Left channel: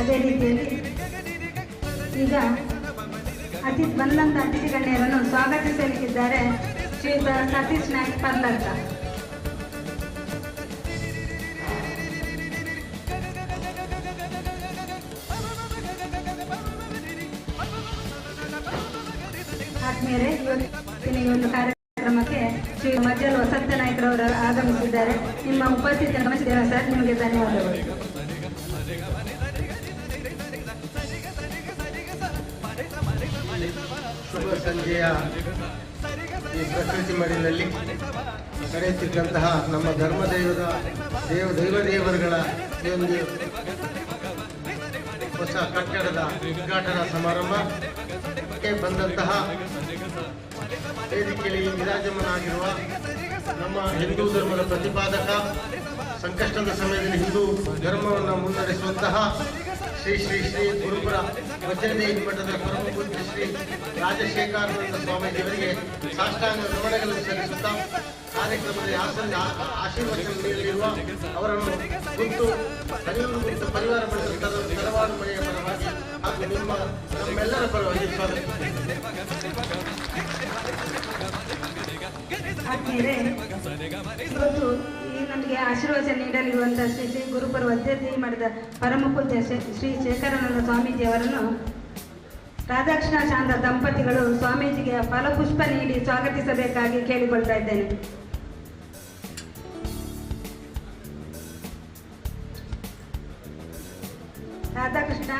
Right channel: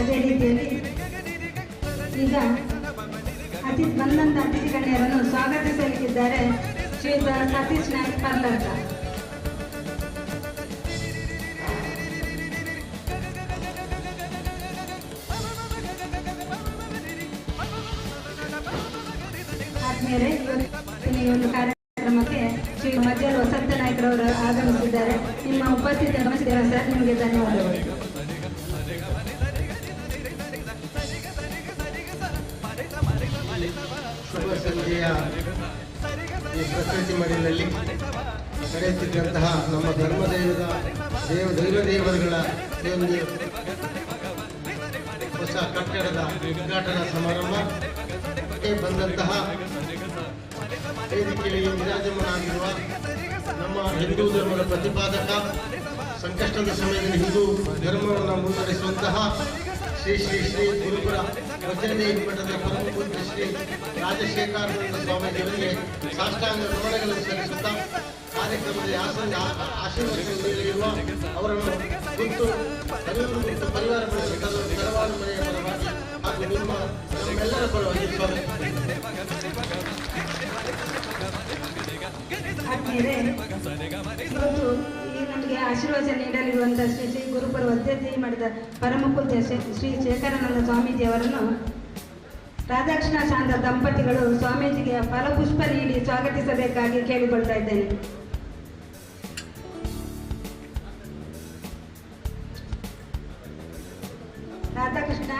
ಅದೇ ರೀತಿಯಲ್ಲಿ ಈಗ ಬಂದಂತ ಅತಿಥಿ ಗಣ್ಯರನ್ನು ಸ್ವಾಗತಿಸಲಿಕ್ಕಿದ್ದಾರೆ ಶ್ರೀಯುತ ಸತೀಶ್ ನಾಯ್ಕ್ ಪರ್ಲರ್ಕ. ಆದ್ಮೇಲೆ ಈ ಒಂದು ಕಾರ್ಯಕ್ರಮಕ್ಕೆ ಶ್ರೀ ಮಜ್ಜಲ್ ವಸಂತ ನಾಯ್ಕರವರು ಆಗಮಿಸಿದ್ದಾರೆ. ನಿಮ್ಮ ಉಪಸ್ಥಿತಿ ಗಮನಿಸಿದ್ದೇವೆ ಸರ್, ನಿಮಗೆ ಧನ್ಯವಾದಗಳು. ಸಂಜೆಯ ಈ ಪ್ರಕೃತಿ ಮಡಿಲಲ್ಲಿ ನಡೆಯುತ್ತಿದ್ದಂತಹ ನಮ್ಮ ದೈವದೇವರುಗಳ ಒಂದು ಹೊಸ ಕಟ್ಟಡದ ಉದ್ಘಾಟನಾ ಸಮಾರಂಭಕ್ಕೆ ಬಂದಂತಹ ವೇದಿಕೆಯಲ್ಲಿ ವಿರಾಜಮಾನಾಗಿರುವ ನಮ್ಮ ಹಿಂದೂ ಧರ್ಮದ ಪ್ರತಿಪಾದಕ, ಸಂಕಷ್ಟದ ಸಮಯದಲ್ಲಿ ಹಿಂದೂ ಧರ್ಮವನ್ನು ಮುನ್ನಡೆಸುವಂತಹ ಶ್ರೀ ಶ್ರೀ ಶ್ರೀ ಗುರುಪುರ ವಜ್ರದೇವಿ ಮಠದ ಪರಮಪೂಜ್ಯ ಶ್ರೀ ರಾಜಶೇಖರಾನಂದ ಸ್ವಾಮೀಜಿಯವರಿಗೆ ಸಾಷ್ಟಾಂಗ ನಮನಗಳನ್ನು ಸಲ್ಲಿಸುತ್ತಾ ಕಾರ್ಯಕ್ರಮದಲ್ಲಿ ಆಶೀರ್ವಚನ ನೀಡಲಿರುವ ಅವರನ್ನು ಕುರಿತು ಪರಿವಾರ ತಲವಾರು ಮನೆಯ ಪರವಾಗಿ ಹಾಗೂ ನಮ್ಮೆಲ್ಲರ ಪರವಾಗಿ ನಮಗೆ ಆಶೀರ್ವಚನ ನೀಡಲಿರುವಂತಹ ಶ್ರೀ ಶ್ರೀ ಗುರುಪುರ ವಜ್ರದೇವಿ ಮಠದ ಪರಮ ಪೂಜ್ಯ ಶ್ರೀ ಶೇಖರಾನಂದ ಸ್ವಾಮೀಜಿ ಅವರನ್ನು ರಾಧಾಕೃಷ್ಣ ಶಾಂತ ದಂಪತಿಗಳು ಸ್ವಾಮೀಜಿಗೆ ಫಲಪುಷ್ಪ ನೀಡಿ ಸ್ವಾಗತಿಸಬೇಕಾಗಿ ಕೇಳಿಕೊಳ್ತಾ ಇದ್ದೇನೆ. ರಾಧಾಕೃಷ್ಣ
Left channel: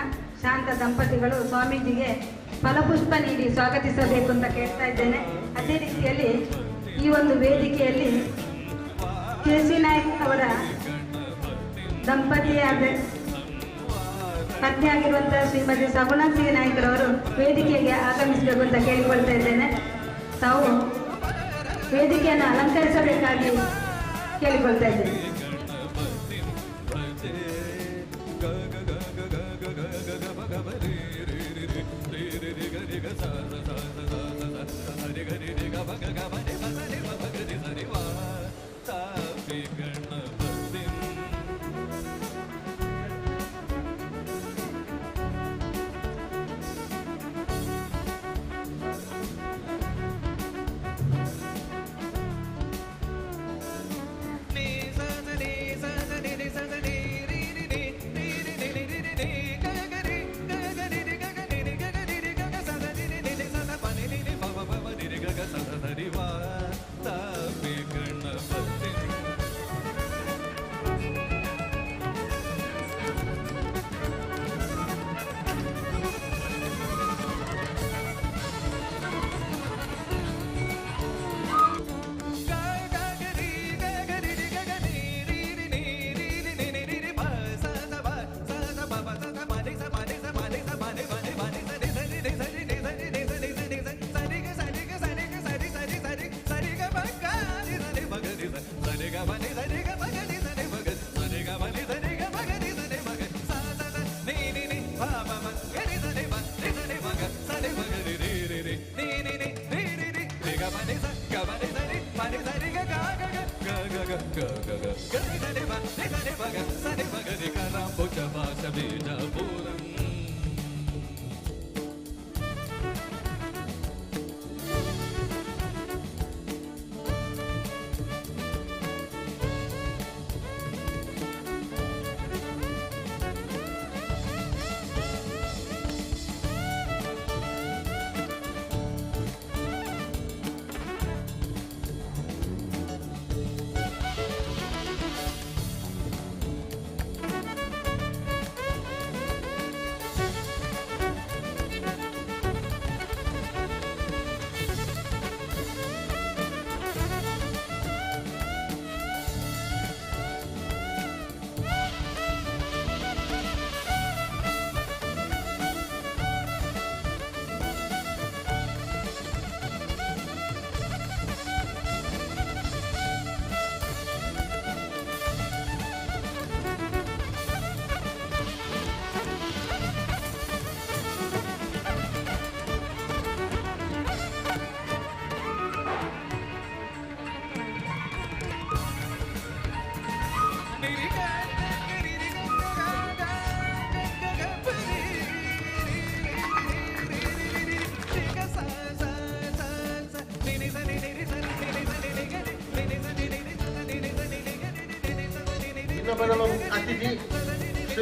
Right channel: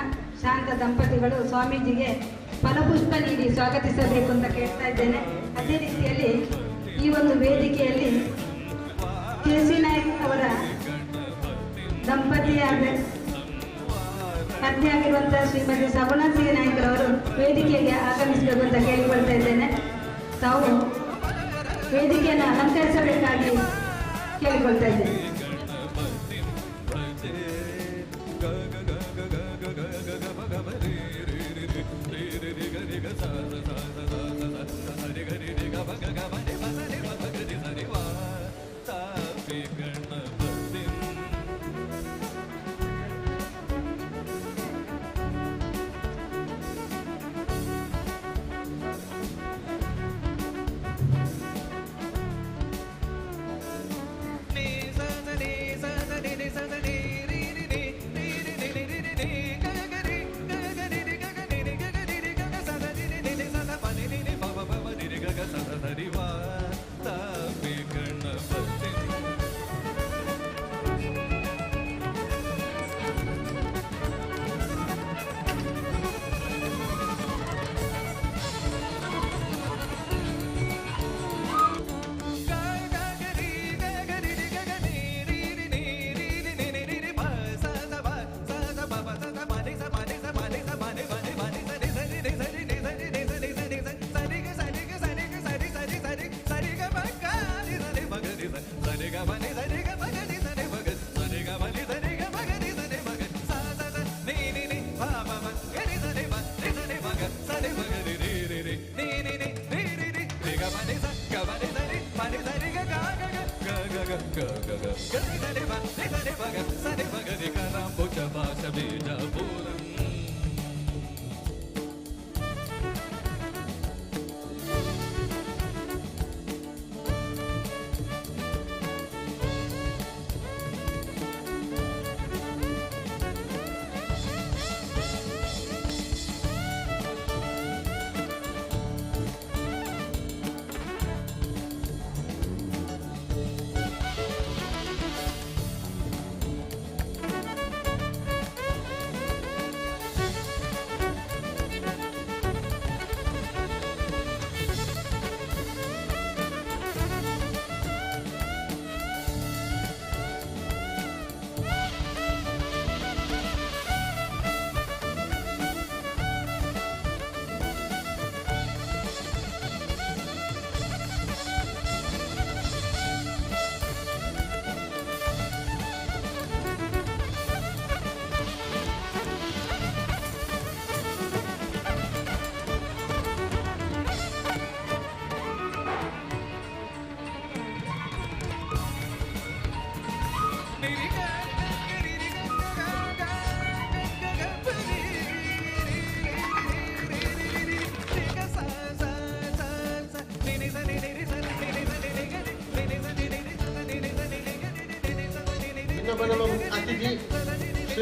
ಶಾಂತ ದಂಪತಿಗಳು ಸ್ವಾಮೀಜಿಗೆ ಫಲಪುಷ್ಪ ನೀಡಿ ಸ್ವಾಗತಿಸಬೇಕು ಅಂತ ಕೇಳ್ತಾ ಇದ್ದೇನೆ. ಅದೇ ರೀತಿಯಲ್ಲಿ ಈ ಒಂದು ವೇದಿಕೆಯಲ್ಲಿ ಕೆಸಿ ನಾಯ್ಕ್ ಅವರ ದಂಪತಿಯಾದ ಪತ್ನಿ ಆಗಿರುವಂತಹ ಶ್ರೀಮತಿ ಸಗುಣಾಸಿ ನಾಯ್ಕರವರು ವೇದಿಕೆಗೆ ಆಗಮಿಸಬೇಕು ಅಂತ ಕೇಳಿಕೊಳ್ತಾ ಇದ್ದೇನೆ. ತಾವು ವೇದಿಕೆಯನ್ನು ಅಲಂಕರಿಸಬೇಕಾಗಿ ಕೇಳಿಕೊಳ್ತಾ ಇದ್ದೇನೆ.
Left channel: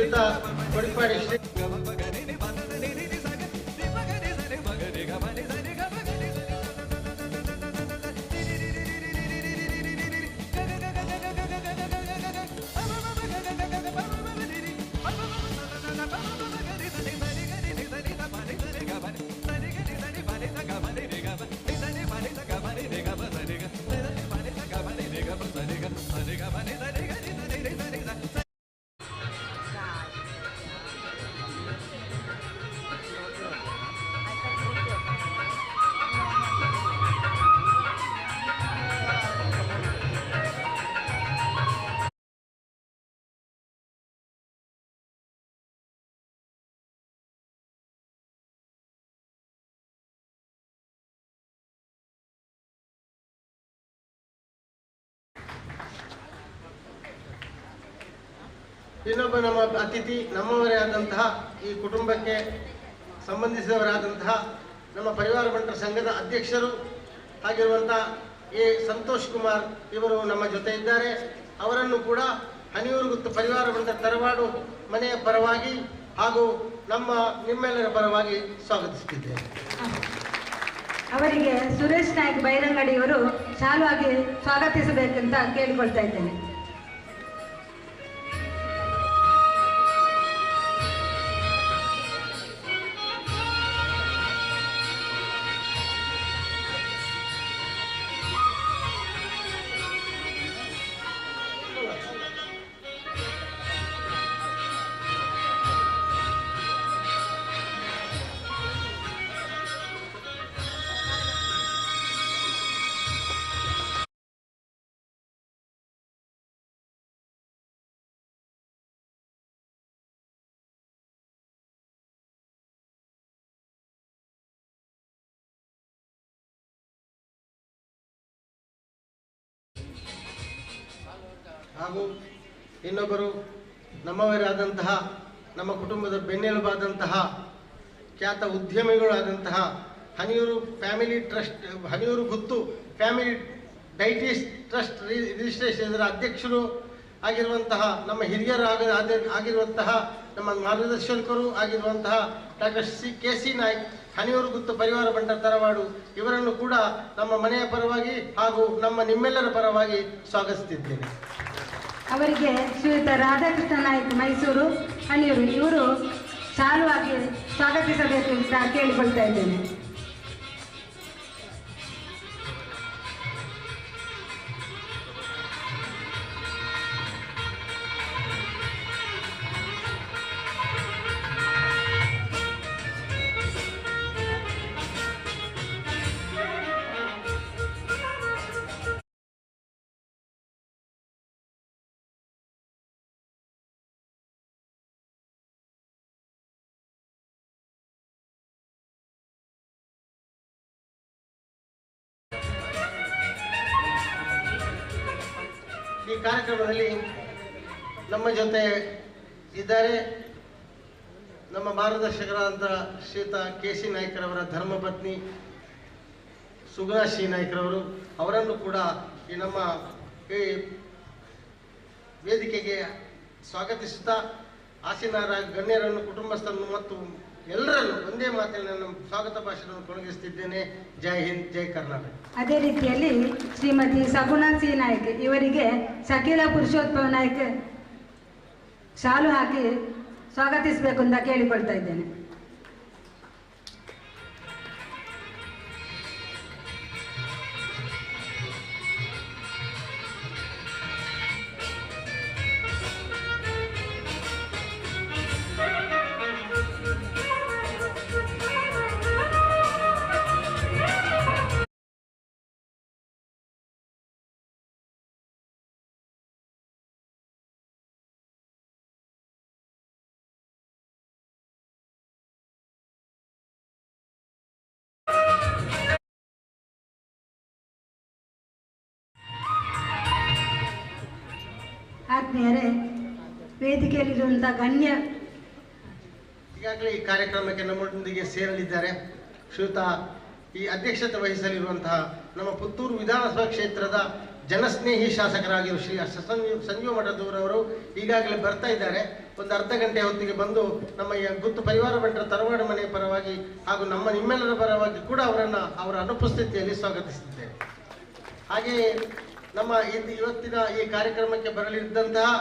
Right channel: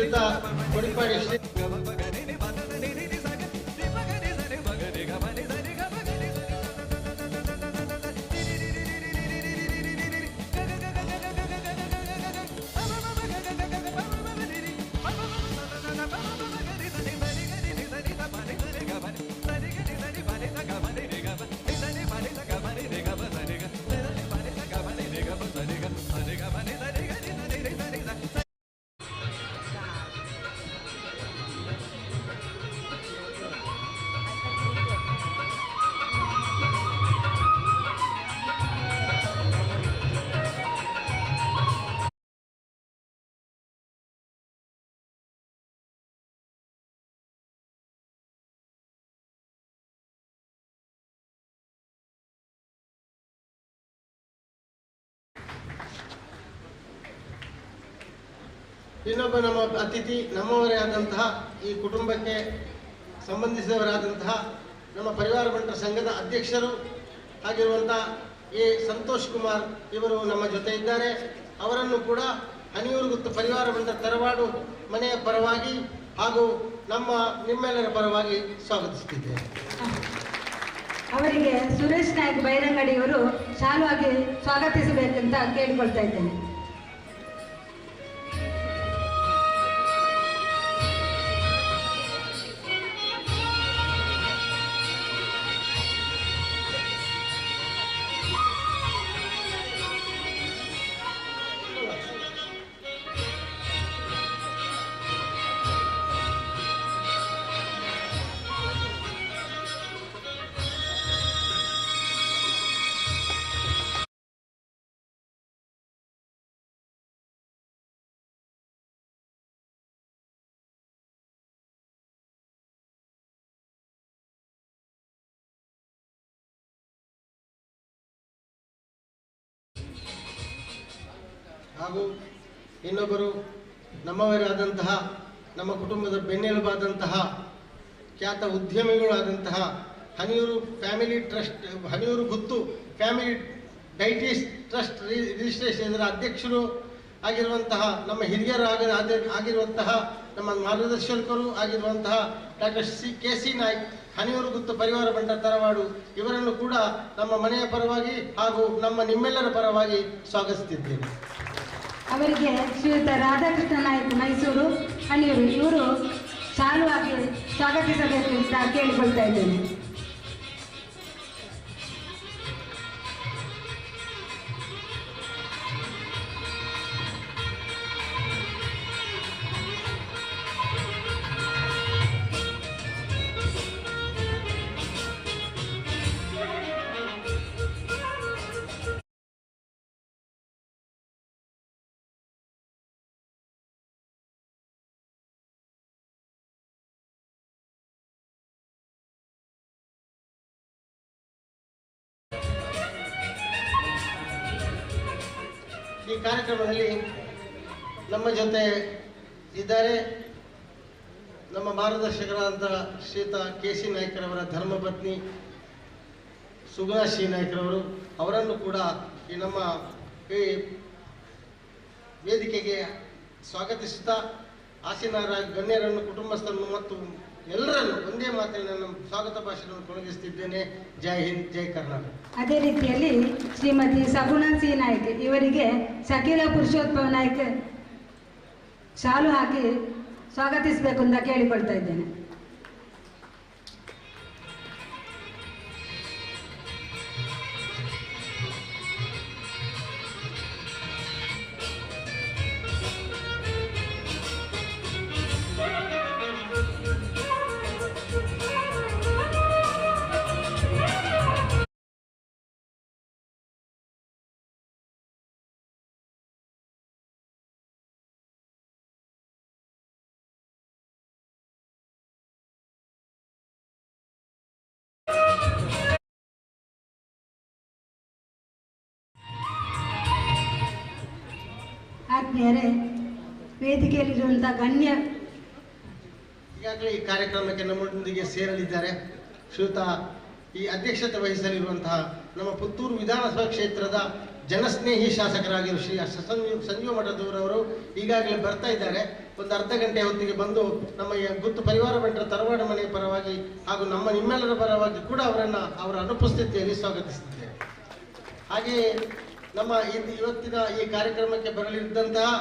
ಶ್ರೀಯುತ ಕೊಡಿಪಾಡಿ ಶ್ರೀ ಇನ್ನೊಬ್ಬ ನಮ್ಮ ಅತಿಥಿ ನಮ್ಮವರೇ ಆದಂತಹ ಈ ಕುಟುಂಬಕ್ಕೆ ಸಂಬಂಧಿಸಿದವರಾದಂತಹ ನಮ್ಮ ಪರಿವಾರ ಬಂಟರ ಸಂಘದ ಅಧ್ಯಕ್ಷರು ಆಗಿರುವಂತಹ ಎ ಸಂತೋಷ್ ಕುಮಾರ್ ಇವರು ನಮ್ಮ ಜೊತೆ ಇದ್ದಾರೆ. ಅವರನ್ನು ಕೂಡ ಹನಿಯೂರು ಗುತ್ತು ಪರಿವಾರ ಬಂಟರ ತರವಾಡು ಮನೆಯ ಪರವಾಗಿ ಹಾಗೂ ನಿಮ್ಮೆಲ್ಲರ ಪರವಾಗಿ ಸ್ವಾಗತಿಸುತ್ತಿದ್ದೇವೆ. ಅವರಿಗೆ ಸುರೇಶ್ ನಾಯ್ಕ್ ಬೈರಂಗಡಿಯವರು ಶಾಲುವಾಗಿ ಸ್ವಾಗತಿಸಬೇಕಂತ ಕೇಳಿಕೊಳ್ತಾ ಇದ್ದೇನೆ. ಹಾಗೂ ಇನ್ನೊಬ್ಬರು ನಮ್ಮವರಾದಂತಹ ನಮ್ಮ ಕುಟುಂಬದ ಬೆನ್ನೆಲುಬಾದಂತಹ ಖ್ಯಾತ ಉದ್ಯಮಿಗಳಾದಂತಹ ಹನಿಯೂರು ಫ್ಯಾಮಿಲಿ ಟ್ರಸ್ಟ್ ಹನಿಯೂರು ಗುತ್ತು ಫ್ಯಾಮಿಲಿ ಡೈಟೀಸ್ ಟ್ರಸ್ಟ್ ರಿಜಿಸ್ಟ್ರೇಷನ್ ಇದರ ಅಧ್ಯಕ್ಷರು ಆಗಿರುವಂತಹ ನಮ್ಮ ಆಗಿರುವಂತಹ ನಮ್ಮ ಮಾರ್ಗದರ್ಶಕರು ಆಗಿರುವಂತಹ ಡಾಕ್ಟರ್ ಕೆ.ಸಿ. ನಾಯ್ಕ್ ಹನಿಯೂರು ಗುತ್ತು ಪರಿವಾರ ಬಂಟರ ತರವಾಡು ಇವರನ್ನು ಕೂಡ ನಮ್ಮ ಮನೆಯ ಪರವಾಗಿ ಹಾಗೂ ನಿಮ್ಮೆಲ್ಲರ ಪರವಾಗಿ ಸ್ವಾಗತಿಸುತ್ತಿದ್ದೇನೆ. ಅವರಿಗೆ ಶ್ರೀಯುತ ರಾಧಾಕೃಷ್ಣ ನಾಯ್ಕ್ ಮೈಸೂರು ಹನಿಯೂರು ಇವರು ಶಾಲುವಾಗಿ ಸ್ವಾಗತಿಸಬೇಕು ಅಂತ ಕೇಳಿಕೊಳ್ತಾ ಇದ್ದೇನೆ. ಈ ಕಾರ್ಯಕ್ರಮದಲ್ಲಿ ನಮ್ಮ ಜೊತೆ ಇದ್ದಾರೆ ನಮ್ಮ ಮಾರ್ಗದರ್ಶಕರಾದ ಶ್ರೀಯುತ ಕೆ.ಸಿ. ನಾಯ್ಕರವರ ಧರ್ಮಪತ್ನಿ ಸುಗುಣಾ ಶ್ರೀ ನಾಯ್ಕರವರು. ಅವರನ್ನು ಕೂಡ ಈ ನಮ್ಮ ಈ ವೇದಿಕೆಗೆ ಸ್ವಾಗತಿಸುತ್ತಾ ಆಸೀನರ ಗಣ್ಯರನ್ನು ಕುಟುಂಬಸ್ಥರನ್ನು ಮತ್ತು ಎಲ್ಲರನ್ನು ಒಂದೇ ಮಾತಿನಲ್ಲಿ ನಾನು ಸ್ವಾಗತ ಭಾಷಣವನ್ನು ಕೊಡಗಿಸುತ್ತಿದ್ದೇನೆ. ಜೈ ಹಿಂದ್, ಜೈ ಕರ್ನಾಟಕ. ಅದೇ ರೀತಿಯಲ್ಲಿ ಶ್ರೀಮತಿ ಸಗುಣಾ ಸಿ ನಾಯ್ಕ್ ಇವರಿಗೆ ಶಕೀಲ ಪುರುಷೋತ್ತಮ ನಾಯ್ಕ್ ಶಾಲು ಹಾಕಿ ಸ್ವಾಗತಿಸಬೇಕು ಅಂತ ಕೇಳಿಕೊಳ್ತಾ ಇದ್ದೇನೆ. ಆತ್ಮೀಯರೇ, ವೇದಿಕೆಯಲ್ಲಿರುವಂತಹ ಗಣ್ಯ ಈಗಾಗಲೇ ಈ ಕಾರ್ಯಕ್ರಮಕ್ಕೆ ನಮ್ಮೊಂದಿಗೆ ಸೇರಲಿದ್ದಾರೆ ಶ್ರೀಯುತ ಈ ಅಧ್ಯಕ್ಷತೆ ವಹಿಸಲಿರುವಂತಹ ನಮ್ಮ ಪುತ್ತೂರು ವಿಧಾನಸಭಾ ಕ್ಷೇತ್ರದ ಜನಸ್ನೇಹಿ ಶಾಸಕರಾಗಿರುವ ಶ್ರೀ ಸಂಜೀವ ಮಠದವರವರು ಈಗಾಗಲೇ ಬರ್ತಾ ಇದ್ದಾರೆ. ಒಂದು ಅರ್ಧ ಗಂಟೆ ಹೊತ್ತಿಗೆ ಬಂದು ನಮ್ಮ ಈ ಗುತ್ತು ಪರಿವಾರ ಬಂಟರ ತರವಾಡು ಮನೆಯ ಪರವಾಗಿ ಹಾಗೂ ನಿಮ್ಮೆಲ್ಲರ ಪರವಾಗಿ ಕೂಡ ಅವರ ಅನುಪಸ್ಥಿತಿಯಲ್ಲಿ ಸ್ವಾಗತಿಸಿದ್ದೇವೆ. ಹಾಗೆಯೇ ನಮ್ಮ ಇವತ್ತಿನ ಈ ಕಾರ್ಯಕ್ರಮಕ್ಕೆ ಬರಲಿದ್ದಂತಹ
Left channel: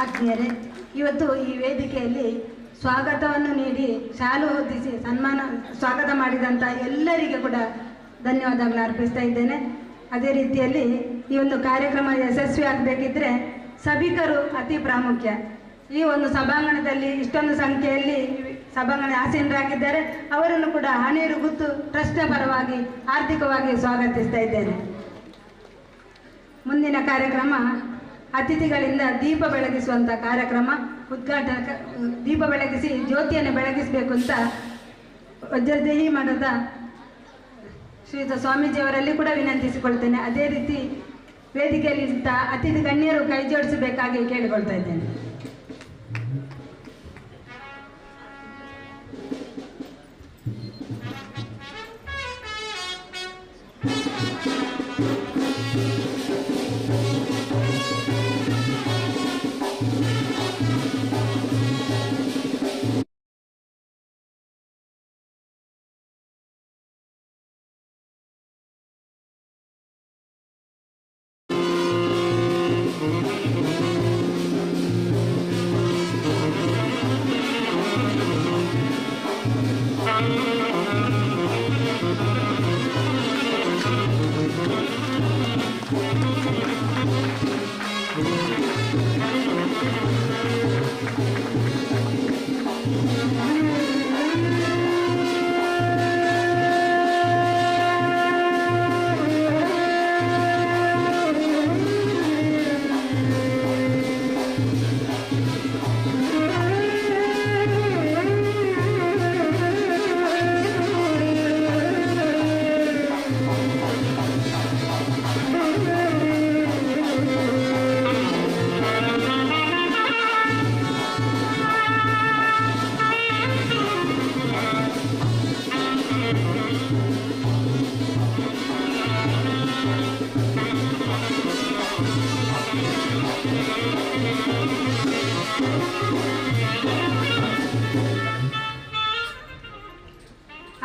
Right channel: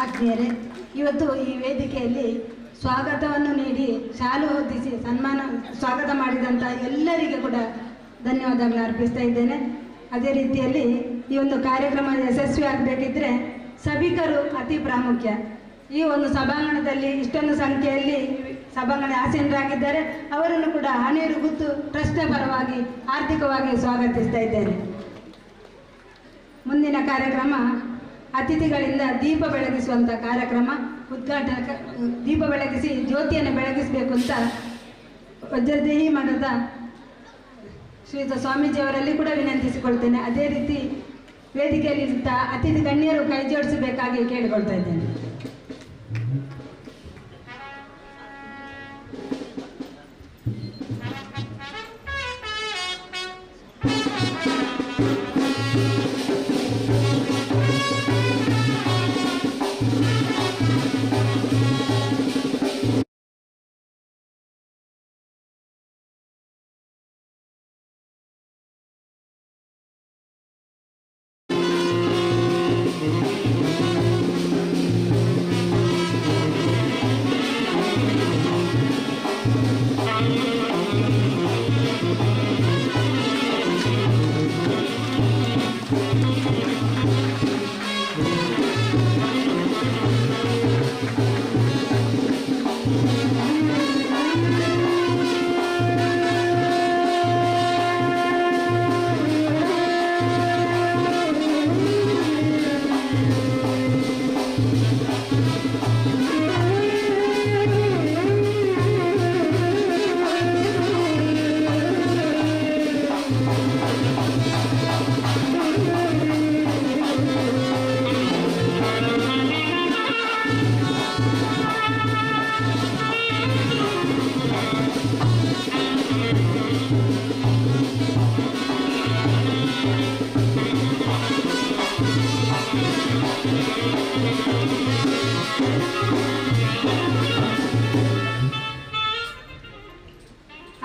ಆತ್ಮೀಯರೇ, ಇವತ್ತು ಈ ವೇದಿಕೆಯಲ್ಲಿ ಸ್ವಾಗತವನ್ನು ನೀಡಿ ಶಾಲು ಹೊದಿಸಿ ಸ್ವಾಗತ ಮಾಡಿದಂಥ ಎಲ್ಲರಿಗೆ ಕೂಡ ಧನ್ಯವಾದಗಳು ಅರ್ಪಿಸ್ತಾ ಇದ್ದೇನೆ. ಅದೇ ರೀತಿಯಲ್ಲಿ ಈ ಒಂದು ಕಾರ್ಯಕ್ರಮ ಯಶಸ್ವಿ ಆಗಬೇಕಿದ್ರೆ ಸಭಿಕರು ಅತಿ ಪ್ರಾಮುಖ್ಯ. ಈ ಒಂದು ಸಭಾಂಗಣದಲ್ಲಿ ಇಷ್ಟೊಂದು ಸಂಖ್ಯೆಯಲ್ಲಿ ಸಭಾಂಗಣ ಆಸೀನರಾಗಿದ್ದಾರೆ. ಅವರನ್ನು ಕೂಡ ಹಣೇರು ಗುತ್ತು ಟ್ರಸ್ಟ್ನ ಪರವಾಗಿ ಆರ್ಥಿಕವಾಗಿ ಸ್ವಾಗತಿಸ್ತಾ ಇದ್ದೇನೆ. ಮುಂದಿನ ಕಾರ್ಯಕ್ರಮ ಅತಿಥಿಗಳಿಂದ ದೀಪ ಬೆಳಗಿಸುವಂಥ ಕಾರ್ಯಕ್ರಮ ದೀಪ ಬೆಳಗಿಸಿ ಜ್ಯೋತಿಯನ್ನು ಬೆಳಗಿಸಬೇಕು ಅಂತ ವಜ್ರದೇಹಿ ಮಠದ ಶ್ರೀಯುತ ಸ್ವಾಮೀಜಿಯವರಲ್ಲಿ ಕೂಡ ವಿನಂತಿಸಿಕೊಳ್ತೇನೆ. ಅದೇ ರೀತಿ ವೇದಿಕೆಯಲ್ಲಿ ಅತಿಥಿ ಗಣ್ಯರು ಕೈ ಜೋಡಿಸಬೇಕಾಗಿ ಕೇಳಿಕೊಳ್ತಾ ಇದ್ದೇನೆ.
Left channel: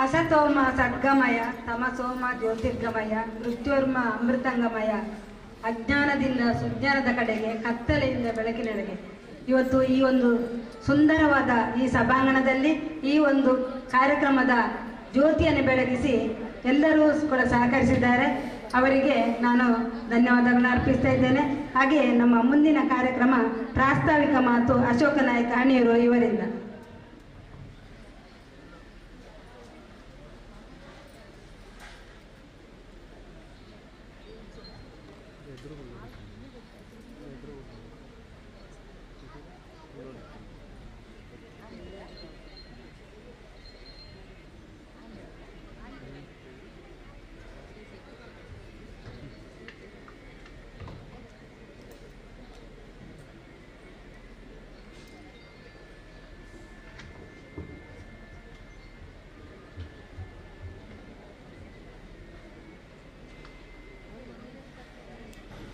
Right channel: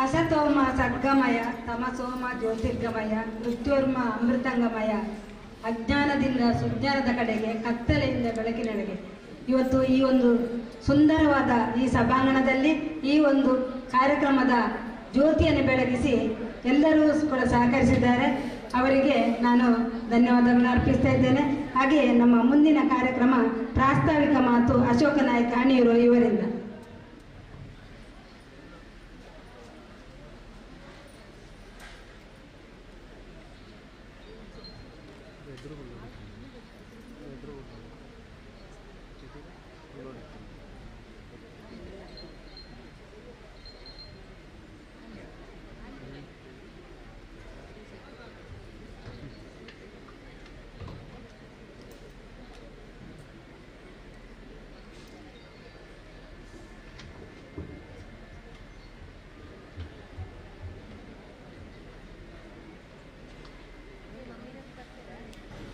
ಅಸತೋಮ ಸದ್ಗಮಯ ತಮಸೋಮ ಜ್ಯೋತಿರ್ಗಮಯ ಮೃತ್ಯೋರ್ಮ ಅಮೃತಂಗಮಯ ಅಜ್ಞಾನದಿಂದ ಸುಜ್ಞಾನದ ಕಡೆಗೆ ಕತ್ತಲೆಯಿಂದ ಬೆಳಕಿನೆಡೆಗೆ. ಇವತ್ತು ಈ ಒಂದು ಸುಂದರವಾದ ಈ ಸಭಾಂಗಣದಲ್ಲಿ ಈ ಒಂದು ಕಾರ್ಯಕ್ರಮದ ಜ್ಯೋತಿಯನ್ನು ಬೆಳಗಿಸಿ ಎಲ್ಲರೂ ಕೂಡ ಸಹಕರಿಸಿದ್ದಾರೆ. ಅವರಿಗೆ ನಾನು ಧನ್ಯವಾದಗಳನ್ನು ಅರ್ಪಿಸ್ತಾ ಇದ್ದೇನೆ. ಹಾಗೆಯೇ ನಮ್ಮ ಮುಂದಿನ ಕಾರ್ಯಕ್ರಮ ಪ್ರಾಸ್ತಾವಿಕ ಮಾತು ಅಶೋಕ ನಾಯ್ಕ ಹಣಿಯೂರು ಇವರಿಂದ.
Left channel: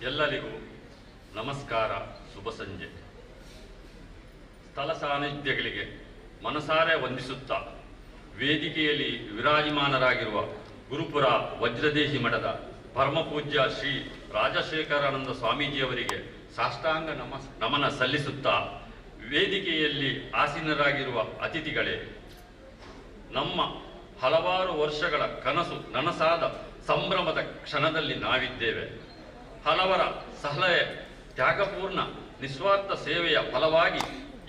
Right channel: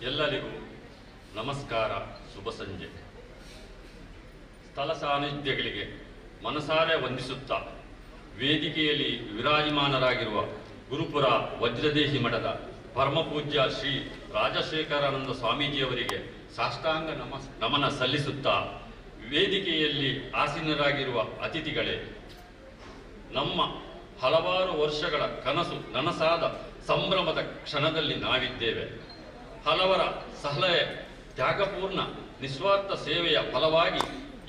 ಎಲ್ಲರಿಗೂ ನಮಸ್ಕಾರ, ಶುಭ ಸಂಜೆ. ಸ್ಥಳ ಸಾನ್ನಿಧ್ಯಗಳಿಗೆ ಮನಸಾರೆ ವಂದಿಸುತ್ತಾ ವೇದಿಕೆಯಲ್ಲಿ ವಿರಾಜಮಾನರಾಗಿರುವ ಗುರುಪುರ ವಜ್ರದೇಹಿ ಮಠದ ಪರಮಪೂಜ್ಯ ಶ್ರೀ ರಾಜಶೇಖರಾನಂದ ಸ್ವಾಮೀಜಿಯವರಿಗೆ ಸಾಷ್ಟಾಂಗ ನಮನ ಸಲ್ಲಿಸುತ್ತಾ, ವೇದಿಕೆಯಲ್ಲಿ ಆಸೀನರಾಗಿರುವ ಅತಿಥಿಗಳೇ, ನಮ್ಮ ಹಲವಾರು ವರ್ಷಗಳ ಕನಸು ನನಸಾದ ಸಂಭ್ರಮದ ಕ್ಷಣದಲ್ಲಿ ನಾವಿದ್ದೇವೆ. ಹಲವರ ಸಲಹೆ, ತ್ಯಾಗಪೂರ್ಣ ನಿಸ್ವಾರ್ಥ ಸೇವೆಯ ಫಲವಾಗಿ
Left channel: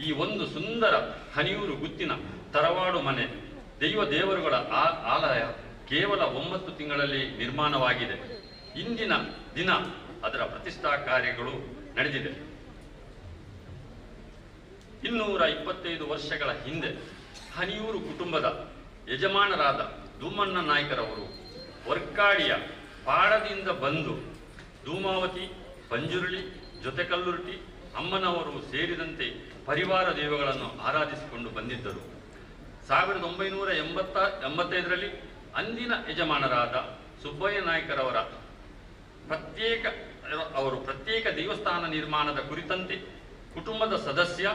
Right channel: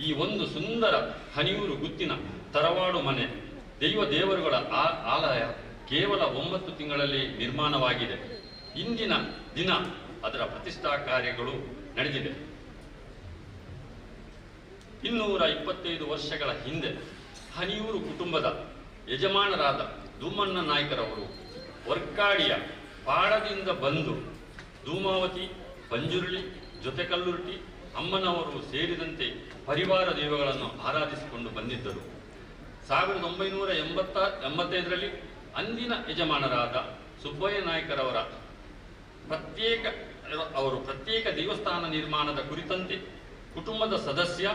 ಈ ಒಂದು ಸುಂದರ ಹಣಿಯೂರು ಗುತ್ತಿನ ತರವಾಡು ಮನೆ ದೇವರುಗಳ ಆಲಯ ಕೇವಲ 9 ತಿಂಗಳಲ್ಲಿ ನಿರ್ಮಾಣವಾಗಿದೆ. ಇಂದಿನ ದಿನ ಅದರ ಪ್ರತಿಷ್ಠಾ ಕಾರ್ಯಗಳು ನಡೆದಿದೆ. 225 ವರ್ಷಗಳ ಹಿಂದೆ ಹನಿಯೂರು ಕುಟುಂಬದ ಯಜಮಾನರಾದ ಧೂಮಣ್ಣ ನಾಯ್ಕರವರು ವರ್ಕಾಡಿಯ ಪಾಡದಿಂದ ಬಂದು ಧೂಮಾವತಿ, ಪಂಜುರುಳಿ, ಜೊತೆಕಲ್ಲುರ್ಟಿ, ಅಮ್ಮನವರು ಸೇರಿದಂತೆ ಪರಿವಾರ ದೈವಗಳನ್ನು ಆರಾಧಿಸಿಕೊಂಡು ಬಂದಿದ್ದರು. 1985ರಲ್ಲಿ ಅಂದಿನ ಯಜಮಾನರಾದ ಸುಬ್ಬಯ್ಯ ನಾಯ್ಕರವರ ಪ್ರತ್ಯೇಕ ದೇವಸ್ಥಾನ ನಿರ್ಮಾಣದ ಕುರಿತಂತೆ ಕುಟುಂಬದ ಸದಸ್ಯ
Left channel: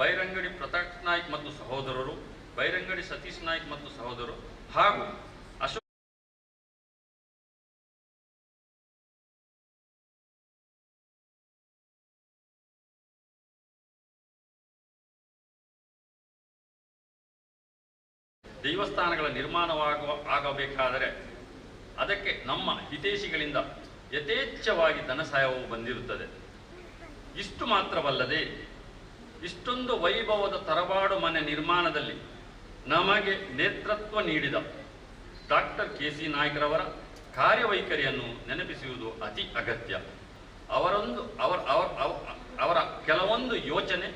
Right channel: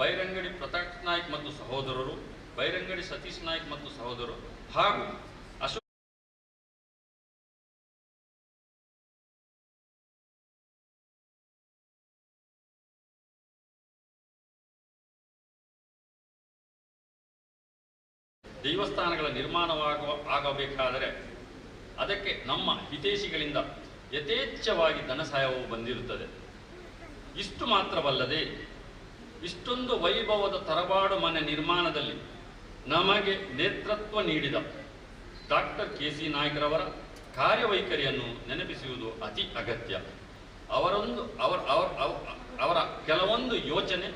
ಬೈರಂಗಡಿ ಪ್ರತಾಪ್ ನಾಯ್ಕ್ ಮತ್ತು ಸಹೋದರರು, ಬೈರಂಗಡಿ ಸತೀಶ್ ನಾಯ್ಕ್ ಮತ್ತು ಸಹೋದರರು ಹಾಗೂ ಅಶೋಕ್ ದೇವಸ್ಥಾನಗಳ ಆಗಬೇಕಾದರೆ ಅದಕ್ಕೆ ನಮ್ಮ ಹಿತೈಷಿಗಳಿಂದ ಯಥೇಚ್ಛವಾಗಿ ಧನ ಸಹಾಯವು ಬಂದಿರುತ್ತದೆ. ಇಷ್ಟು ಮಾತ್ರವಲ್ಲದೆ ಇಷ್ಟೊಂದು ವೈಭವದ ತರವಾಡು ಮನೆ ನಿರ್ಮಾಣದಲ್ಲಿ ನಮಗೆ ನೇತೃತ್ವ ನೀಡಿದ ಡಾಕ್ಟರ್ ಕೆ ಸಿ ನಾಯ್ಕರವರ ಕಾರ್ಯವೈಖರಿಯನ್ನು ನೆನಪಿಸುವುದು ಅತಿ ಅಗತ್ಯ. ಅವರ ಕೆಲವೊಂದು ಯೋಚನೆ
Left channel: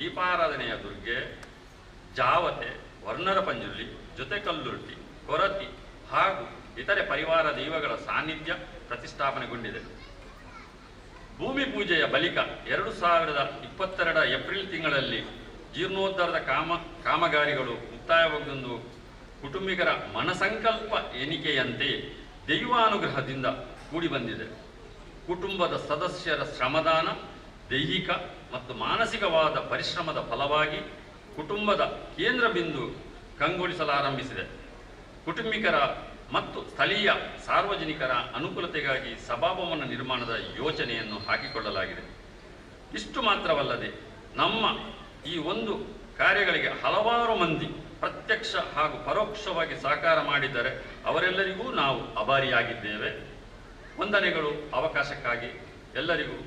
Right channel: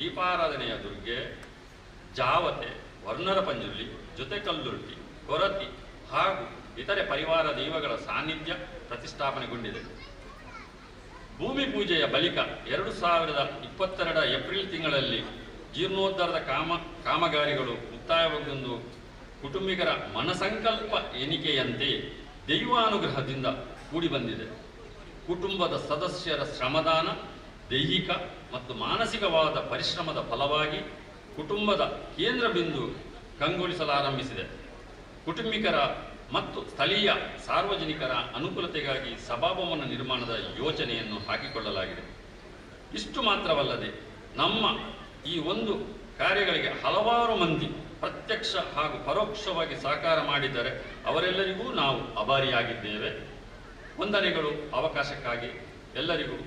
ದೀಪಾರಾಧನೆಯ ದುರ್ಗೆ, ಜಾವತೆ, ವರ್ಣರ ಪಂಜುರ್ಲಿ, ಜೊತೆಕಲ್ಲುರ್ಟಿ, ಕೊರತಿ ಹಾಗೂ ಇತರೆ ಪರಿವಾರ ದೈವಗಳ ಸಾನ್ನಿಧ್ಯ ಪ್ರತಿಷ್ಠಾಪನೆಗೊಂಡಿದೆ. ಭೂಮಿ ಪೂಜೆಯ ಬಳಿಕ 2022 ಏಪ್ರಿಲ್ ತಿಂಗಳಲ್ಲಿ ಜೀರ್ಣೋದ್ಧಾರದ ಕಾಮಗಾರಿಗಳು ಮುಕ್ತಾಯಗೊಂಡು ಕುಟುಂಬಿಗರ ಮನಸಂಕಲ್ಪ ಎಣಿಕೆಯಂತೆ ದೈವಾನುಗ್ರಹದಿಂದ ಕೂಡಿಬಂದಿದೆ. ಕುಟುಂಬದ ಸದಸ್ಯರ ಶ್ರಮದಾನ, ದೈಹಿಕ ಮತ್ತು ಮಾನಸಿಕವಾದ ಪರಿಶ್ರಮದ ಫಲವಾಗಿ ಕುಟುಂಬದ ಕೇಂದ್ರ ಬಿಂದು ಕಂಗೊಳಿಸಲಾರಂಭಿಸಿದೆ. ಕುಟುಂಬಿಕರ ಮತ್ತು ಸ್ಥಳೀಯ ಸಾರ್ವಜನಿಕರ ಅನುಕೂಲತೆಗಾಗಿ ಸಭಾಭವನ ನಿರ್ಮಾಣದ ಯೋಜನೆಯನ್ನು ಹಾಕಿಕೊಳ್ಳಲಾಗಿದೆ. ಇಷ್ಟು ಮಾತ್ರವಲ್ಲದೆ ನಮ್ಮ ಈ ಒಂದು ಕಾರ್ಯಗಳಿಗೆ ಹಲವಾರು ಮಂದಿ ಪ್ರತ್ಯಕ್ಷ ಹಾಗೂ ಪರೋಕ್ಷವಾಗಿ ಸಹಕಾರ ಮಾಡಿದ್ದಾರೆ. ಅವರೆಲ್ಲರಿಗೂ ನಾವು ಅಭಾರಿಯಾಗಿದ್ದೇವೆ. ವಂದನೆಗಳು. ಅವಕಾಶಕ್ಕಾಗಿ ಎಲ್ಲರಿಗೂ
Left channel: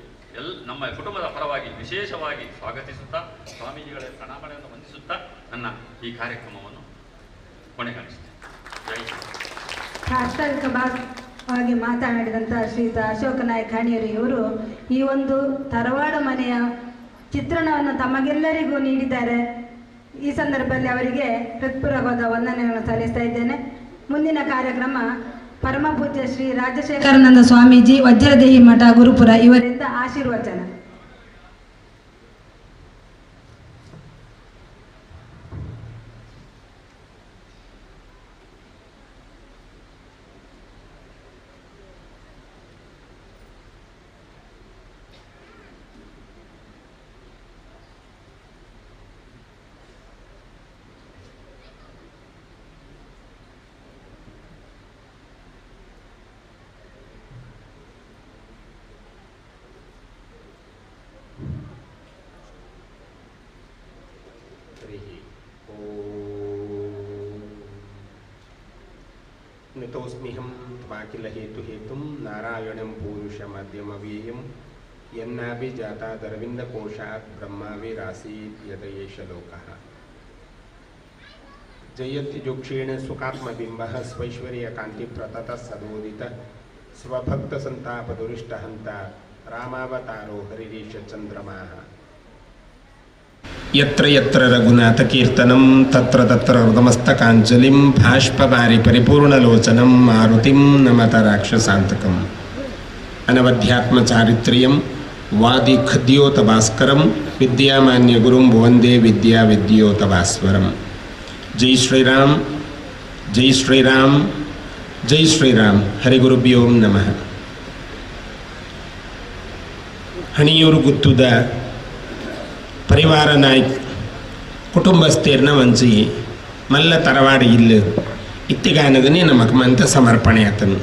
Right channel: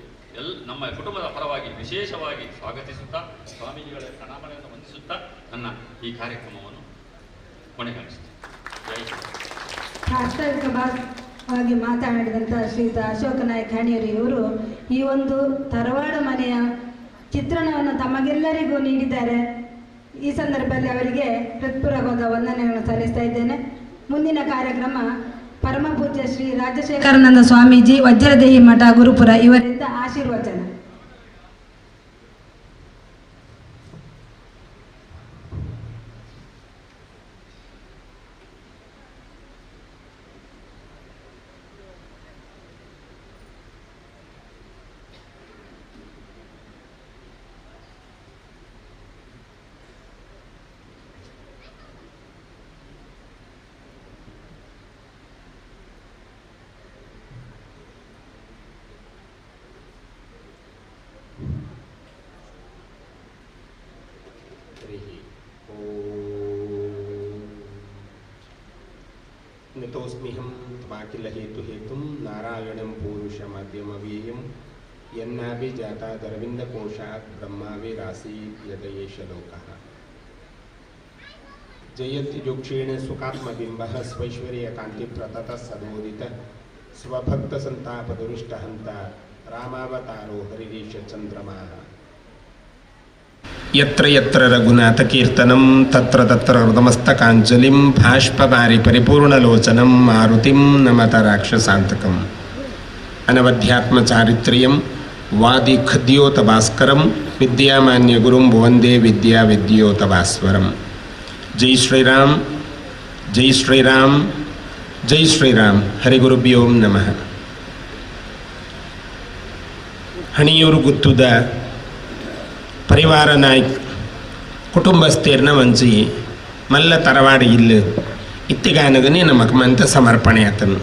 ನಮ್ಮ ಕುಟುಂಬದ ಪರವಾಗಿ ವಿಶೇಷವಾಗಿ ಸ್ವಾಗತಿಸುತ್ತಾ ಸ್ವಾಮೀಜಿಗಳ ಪ್ರಣಾಮಗಳನ್ನು ವಂದಿಸುತ್ತಾ ನನ್ನ ಈ ಕಾರ್ಯಕ್ರಮವನ್ನು ಕೊನೆಗಾಣಿಸುತ್ತೇನೆ. ಜೈ ಶ್ರೀ. ಪ್ರಾಸ್ತಾವಿಕವಾಗಿ ಮಾತನಾಡಿದಂಥ ಶ್ರೀಯುತ ಅಶೋಕ ನಾಯಕ್ ಹಣಿಯೂರಿ ಇವರು ಈ ಒಂದು ತರವಾಡ ಮನೆಯ ಚಿತ್ರಣವನ್ನು ತಮಗೆಲ್ಲರಿಗೂ ನೀಡಿದ್ದಾರೆ. ಈ ಸಂದರ್ಭದಲ್ಲಿ ಅವರಿಗೆ ಹೃತ್ಪೂರ್ವಕವಾದ ವಂದನೆಗಳನ್ನು ಸಲ್ಲಿಸ್ತಾ ಇದ್ದೇನೆ. ಮುಂದಿನ ಕಾರ್ಯಕ್ರಮ ಪರಮ ಪೂಜ್ಯ ಶ್ರೀ ರಾಜಶೇಖರಾನಂದ ಸ್ವಾಮೀಜಿ ವಜ್ರದೇಹಿ ಮಠ ಗುರುಪುರ ಇವರಿಂದ ಆಶೀರ್ವಚನ. नितोस्म्यहं त्वाकिल हेतुहेतुं नारायणं पूरुषमाद्यमव्ययं यन्नाभिजातादरविन्दकोशात् ब्रह्माविरासीत् यदयेष लोकः जयत्युक्षेण सुखात्मबिम्बः स्वैश्वर्यकान्तिप्रततः सदोदितः स्वभक्तसन्तापदुरिष्टहन्ता रामावतारो हरिरीश चन्द्रमाः यत्र यत्र रघुनाथकीर्तनं तत्र तत्र हृदमस्तकाञ्जलिं भाष्पवारि परिपूर्णलोचनं मारुतिं नमत राक्षसान्तकम् अनवध्यात्मचारित्र्यं वादिखद्योतभास्करं विद्यामान्यगुरुं वन्दे विद्याविद्योतभास्वरं. जय श्रीराम, जय श्रीराम, जय श्रीराम. हरिगुरुभ्यो नमः. हणियूरु गुತ್ತುದ ಪರಿವಾರ ನಾಯಕ್ ಕುಟುಂಬಸ್ಥೇರ್ನ ವಂಚಿ ಮಲ್ಲ ತರವಾಡಿ ಇಲ್ಲ ಇತ್ತಿಗಾನಗನೇ ನಮಕಮಂತ ಸಮರ್ಪಣೆ ಆತನು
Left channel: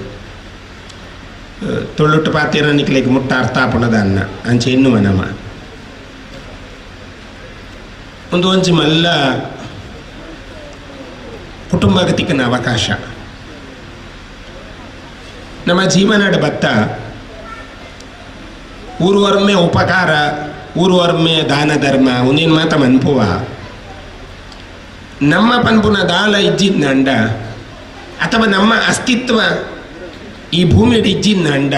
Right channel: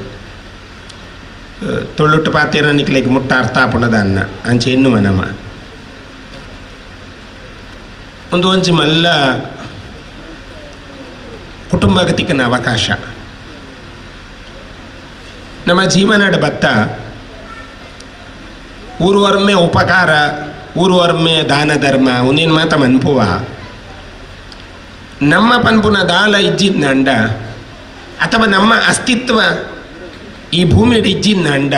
ತೊಳ್ಳುಟ್ಟು ಪಾತೀರ ನಿಕ್ಲಿಕ್ಕೆ ಮುಟ್ಟ ಅರ್ಥಾಪಣದ ಅನ್ನ ಅಂಚೆ ಎನ್ನುವ ನಮ ಒಂದು ಒಂಚಿ ಮಲ್ಲ ಕುಟುಂಬಗತಿಕನ ಅವಕಾಶ ನಮ್ಮ ಜೀವನದ ಬತ್ತ ಊರುವರ್ಮೆ ಉಪಕಾರ ಊರುವರ್ಮೆ ದಾನ ಧರ್ಮ ಉನೇನು ಮಾತ ಮನ್ಪುವ ನಮ್ಮ ಪನ್ಪುನ ದಾಲ ಇಜ್ಜಿದ್ನ ಅಂಡ ಅಥವಾ ನಮ್ಮ ಅಸ್ತಿತ್ವ ಈ ಭೂಮಿಯಲ್ಲಿ ಇಜ್ಜಿದ್ನ ಅಂಡ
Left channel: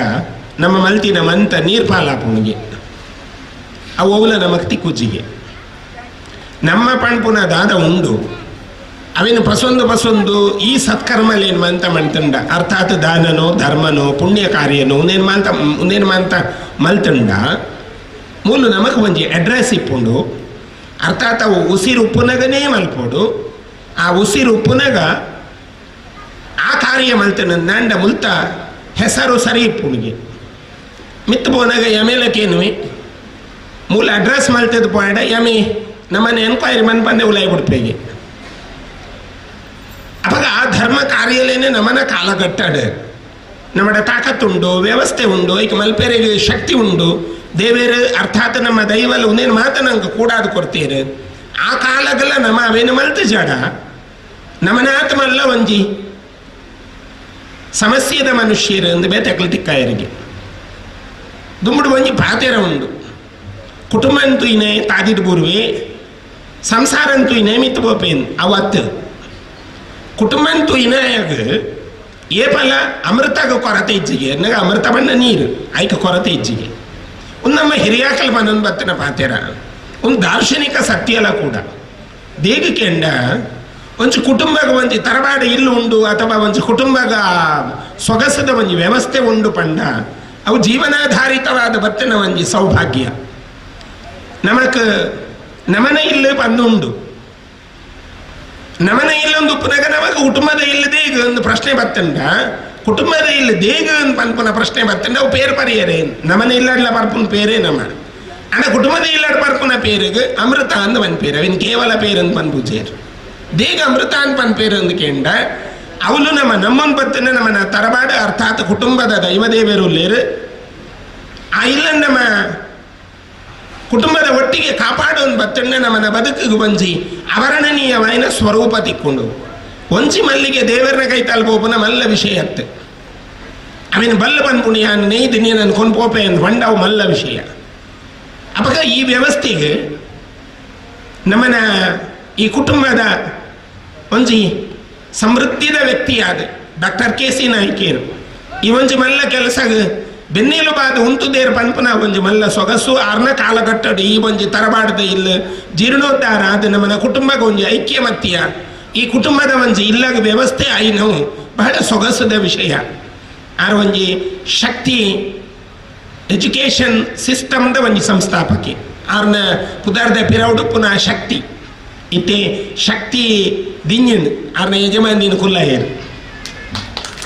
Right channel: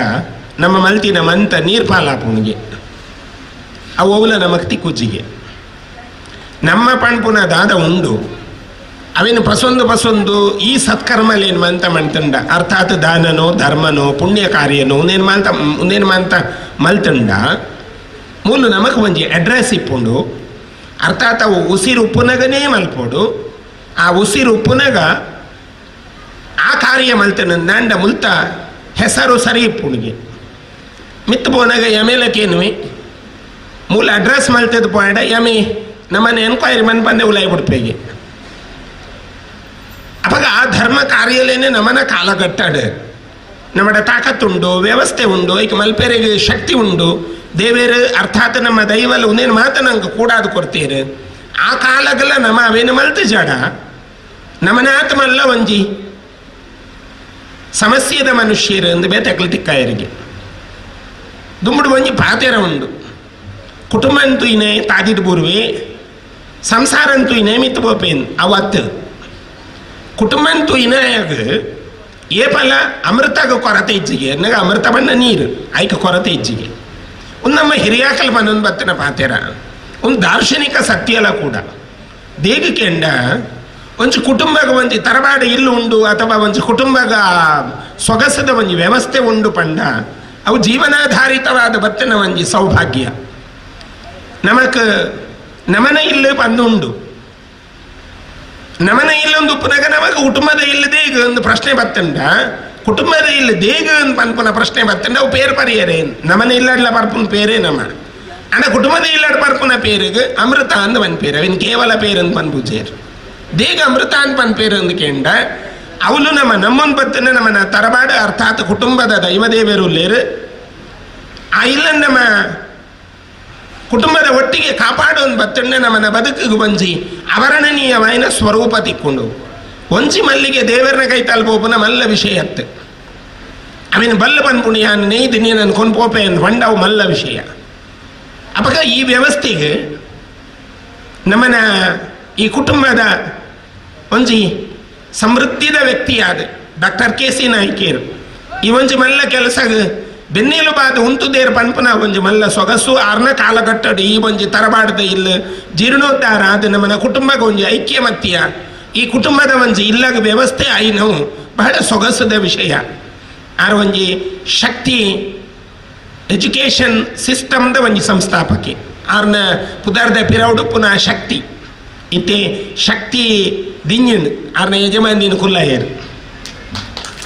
ನಮ್ಮ ಮಲ್ತಿನ ಮಂತ ನೀರು ಪಾಲಾಪುಣಿಗೆ ಅವುಲ ನಮಕ್ ತಿಕ್ಕುಜ್ಜಿಗೆ ನಮ್ಮ ಪಣ್ಪುನ ದಾದ ಉಂಡು ಅವೇನು ಪಸೊಂದು ಈ ಸತ್ಕರ್ಮಲೇನು ಮಂತ ಮಂತಂಡ ಅರ್ಥಾತ್ ದಾನನೋ ಧರ್ಮನೋ ಪುಣ್ಯ ಕಾರ್ಯನೋ ಉನೇನು ಮಂತ ಮಲ್ತಂಡ ಮೂಲು ನಮಕ್ ಒಂಜಿ ಅಡ್ರೆಸ್ ಇಪ್ಪುಂಡು ಅರ್ಥಾತ್ ಅವು ಉಸಿರು ಉಪ್ಪುನಗನೇ ಮಲ್ಪೋಡು ಆ ಉಸಿರು ಉಪ್ಪುನಗ ಆ ಕಾರ್ಯ ಮಲ್ತನ ನಂಡ ಮುಲ್ತ ಹೆಸರು ಸರಿ ಇಪ್ಪುಣಿಗೆ ಮಿತ್ತು ಪೋನಾಗ ಎಮೇಲಕ್ಕೇನುವೆ ಮೂಲ ಅಡ್ರೆಸ್ ಮಲ್ತದ ಪೋಯಡ ಯಮೆ ನಮ್ಮನೆ ಎನ್ಕ್ವೈರಿ ಮನ್ ಬಂದೆ ಉಲಾಯಿ ಬಿಡ್ಪೇಗೆ ಅವಾಗ ಆ ಧರ್ಮ ಕಾರ್ಯಲೇನೆ ನಮ್ಮನ ಕಾಲಗಟ್ಟಾಡ ನಮ್ಮಡ ತಾಕತ್ತುಂಡು ವ್ಯವಸ್ಥೆ ಉಂಡು ಈಗ ಮಲ್ಪೇರಿಗೆ ಶಕ್ತಿ ಉಂಡು ದೇವೇರು ಅರ್ಥಾತ್ ನಮ್ಮ ದೈವಲ್ಲ ಉನೇನು ಮಾತ ನಂಗೆ ಕೂಡಾದು ಕೊಡ್ತೀರಿ ಆ ಕಾಲಗಲ್ಲ ನಮ್ಮ ಅವೇನು ಮಲ್ತು ಜಾಡ ನಮ್ಮನಾಥ ಮಲ್ಲ ಒಂಜಿ ಸಮಸ್ಯೆದ ಮನುಷ್ಯರು ಎಂದು ಬೇತಕ್ಲು ತಿಕ್ಕಾಯರಿಗೆ ದುಂಬುಡು ಒಂಜಿ ಪಾತೆರ ಉಂಡು ಕುಟುಂಬ ಅಂತೂ ಇನೇ ತಾದಿದ ಬೂರ್ವೆ ಸಂಸಾರ ಅಂತೂ ಇನೇ ಮಿತ್ತು ಬೋಪೇನ್ ಅವತ್ತು ಕುಟುಂಬ ಅಂತೂ ಇನಾಯಾಗ ಏ ಫಲ ಅಮೃತಾಗ ಕೊರತೆ ಇಜ್ಜಿಗೆ ಎನ್ನಾಗ ಅಮೃತ ಬಣ್ಣ ನೀರು ಆಯ್ಕೆ ಕೊರತೆ ಇಜ್ಜಿಗೆ ಒಂದು ನಮ್ಮ ಹಿರಿಯಾಕಲ್ ಮನೊಂದು ಬತ್ತಿನ ಪಾತೆರ ಒಂದು ದಾರ್ಶನಿಕ ಸತ್ಯಲ ಕೂಡ ದೇಗಕ್ಕೆಂಡ ಒಂಚು ಕುಟುಂಬಗ ಒಂಜಿ ತರಬಾಡ ಇಲ್ಲು ಉಂಡು ಅಥವಾ ಒಂಚು ಕುಟುಂಬಗ ಸೊಗಸದ ಒಂಜಿ ವ್ಯವಸ್ಥೆ ಉಂಡು ಪಂಡ ಅವು ಜೀವನಾಧಾರಿತವಾದ ಬತ್ತಿನ ಒಂಜಿ ಸೌಭಾಗ್ಯ ನಮಕ್ ನಮನ ಇಲ್ಲ ಪಂದುಂಡು ನಮನ ಇಲ್ಲೊಂದು ಉಪ್ಪುನಾಗ ನಮಗೆ ಕುಟುಂಬದ ಇಲ್ಲದೆ ಈಗ ಒಂದು ಪ್ರಶ್ನೆ ಬತ್ತಂಡ ಕುಟುಂಬದ ಇಲ್ಲ ದೇಗ ಪನ್ಪುನ ಪ್ರಶ್ನೆ ಬತ್ತಂಡ ಅವು ಪೇರು ಪರಿಯರೇ ನಮನ ಇಲ್ಲಡ್ಲ ಪರ್ಪುನ ಪೇರೇ ನಮ್ಮ ಅಣ್ಣ ಕುಟುಂಬದ ಇಲ್ಲಡ್ ಪರ್ಪುನ ಪೇರಿಗೆ ಅಮೃತ ಅಂದ ಪನ್ ಪೇರು ಅವಿನ ಕೇವಲ ಪೇರಂದು ಪನ್ ಪೂಜೇರು ದೇಗ ಅಮೃತ ಅಂತ ಪನ್ ಪೇರು ಅಂದು ಕೇಂಡ ಅವಳು ನಮ್ಮನ್ ಬತ್ತನ ನಮ್ಮನ ತರಬಾಡ ಅರ್ಥಾತ್ ಕುಟುಂಬದ ದೈವದೇವರು ಲೇರು ಆ ಇಲ್ಲ ನಮ್ಮ ಕುಟುಂಬದ ಒಟ್ಟಿಗೆ ಕಾಪಾಡೋನ್ ಬತ್ತಣ್ಣ ನಮ್ಮನ ಬದುಕಿಗೆ ಬಂಜಿ ಅವರ್ಣನೀಯವಾಯಿನ ಸ್ವರೂಪ ತಿಕ್ಕೊಂಡು ಒಂಚಿ ಮಲ್ಲಿಗೆ ದೇವರನ ಕೈ ತಲ್ಪೋಪನ ಮಲ್ಲ ವಿಷಯ ಅತ್ತೆ ಅವಿನ ಬಲ್ಲ ಬಂದ್ಪುಣಿಯ ನೇಯ್ದು ನೀನು ಕೊಂಡ್ಪೋಪೆ ಅಂತ ಹೊಂಡವು ಮಲ್ಲ ವಿಷಯ ಅಪಗ ಈ ವ್ಯವಸ್ಥೆಗೆ ನಮ್ಮನ ಈ ಕುಟುಂಬದ ಒಂಜಿ ಸಮೃದ್ಧಿದ ವ್ಯಕ್ತಿಯಾದ ಡಾಕ್ಟರ್ KC ನಾಯ್ಕೇರು ಈ ಒಂಜಿ ಮಲ್ಲ ಕೆಲಸ ಬೆನ್ನೇಲು ಬಾದ ಉಂಟುದೇರು ಪನ್ಪನ ಒಂಜಿ ಮಲ್ಲ ಸೊಗಸು ಆರ್ನ ಕಾಲಘಟ್ಟಡು ಈ ಒಂಜಿ ತರಬಾರ್ದ ಇಲ್ಲ ಜೀರ್ಣೋದ್ಧಾರ ಅದು ನಮ್ಮನ ಕುಟುಂಬಕ್ಕೆ ಒಂಜಿ ಐಕ್ಯಮತ್ಯ ಈ ಕುಟುಂಬದ ಒಂಜಿ ಇಲ್ಲಾಗ ವ್ಯವಸ್ಥೆ ಐನವು ಬಹಳ ಸೊಗಸದ ವಿಷಯ ಆರು ಒಂಜಿ ಶಕ್ತಿ ಎಜುಕೇಷನ್ ಸಿಸ್ಟಮ್ದ ಒಂಜಿ ಸಂಸ್ಥಾಪಕಿ ಆರ್ನ ಪುದಾರ್ದ ಪಿರೌಡು ಪುನಃ ಶಕ್ತಿ ಇತ್ತೆ ಶಕ್ತಿ ದಿಂಜಂಡು ಆರ್ನ ಯಜಮಾನಿನ ಕುಲ್ಲಾಯರು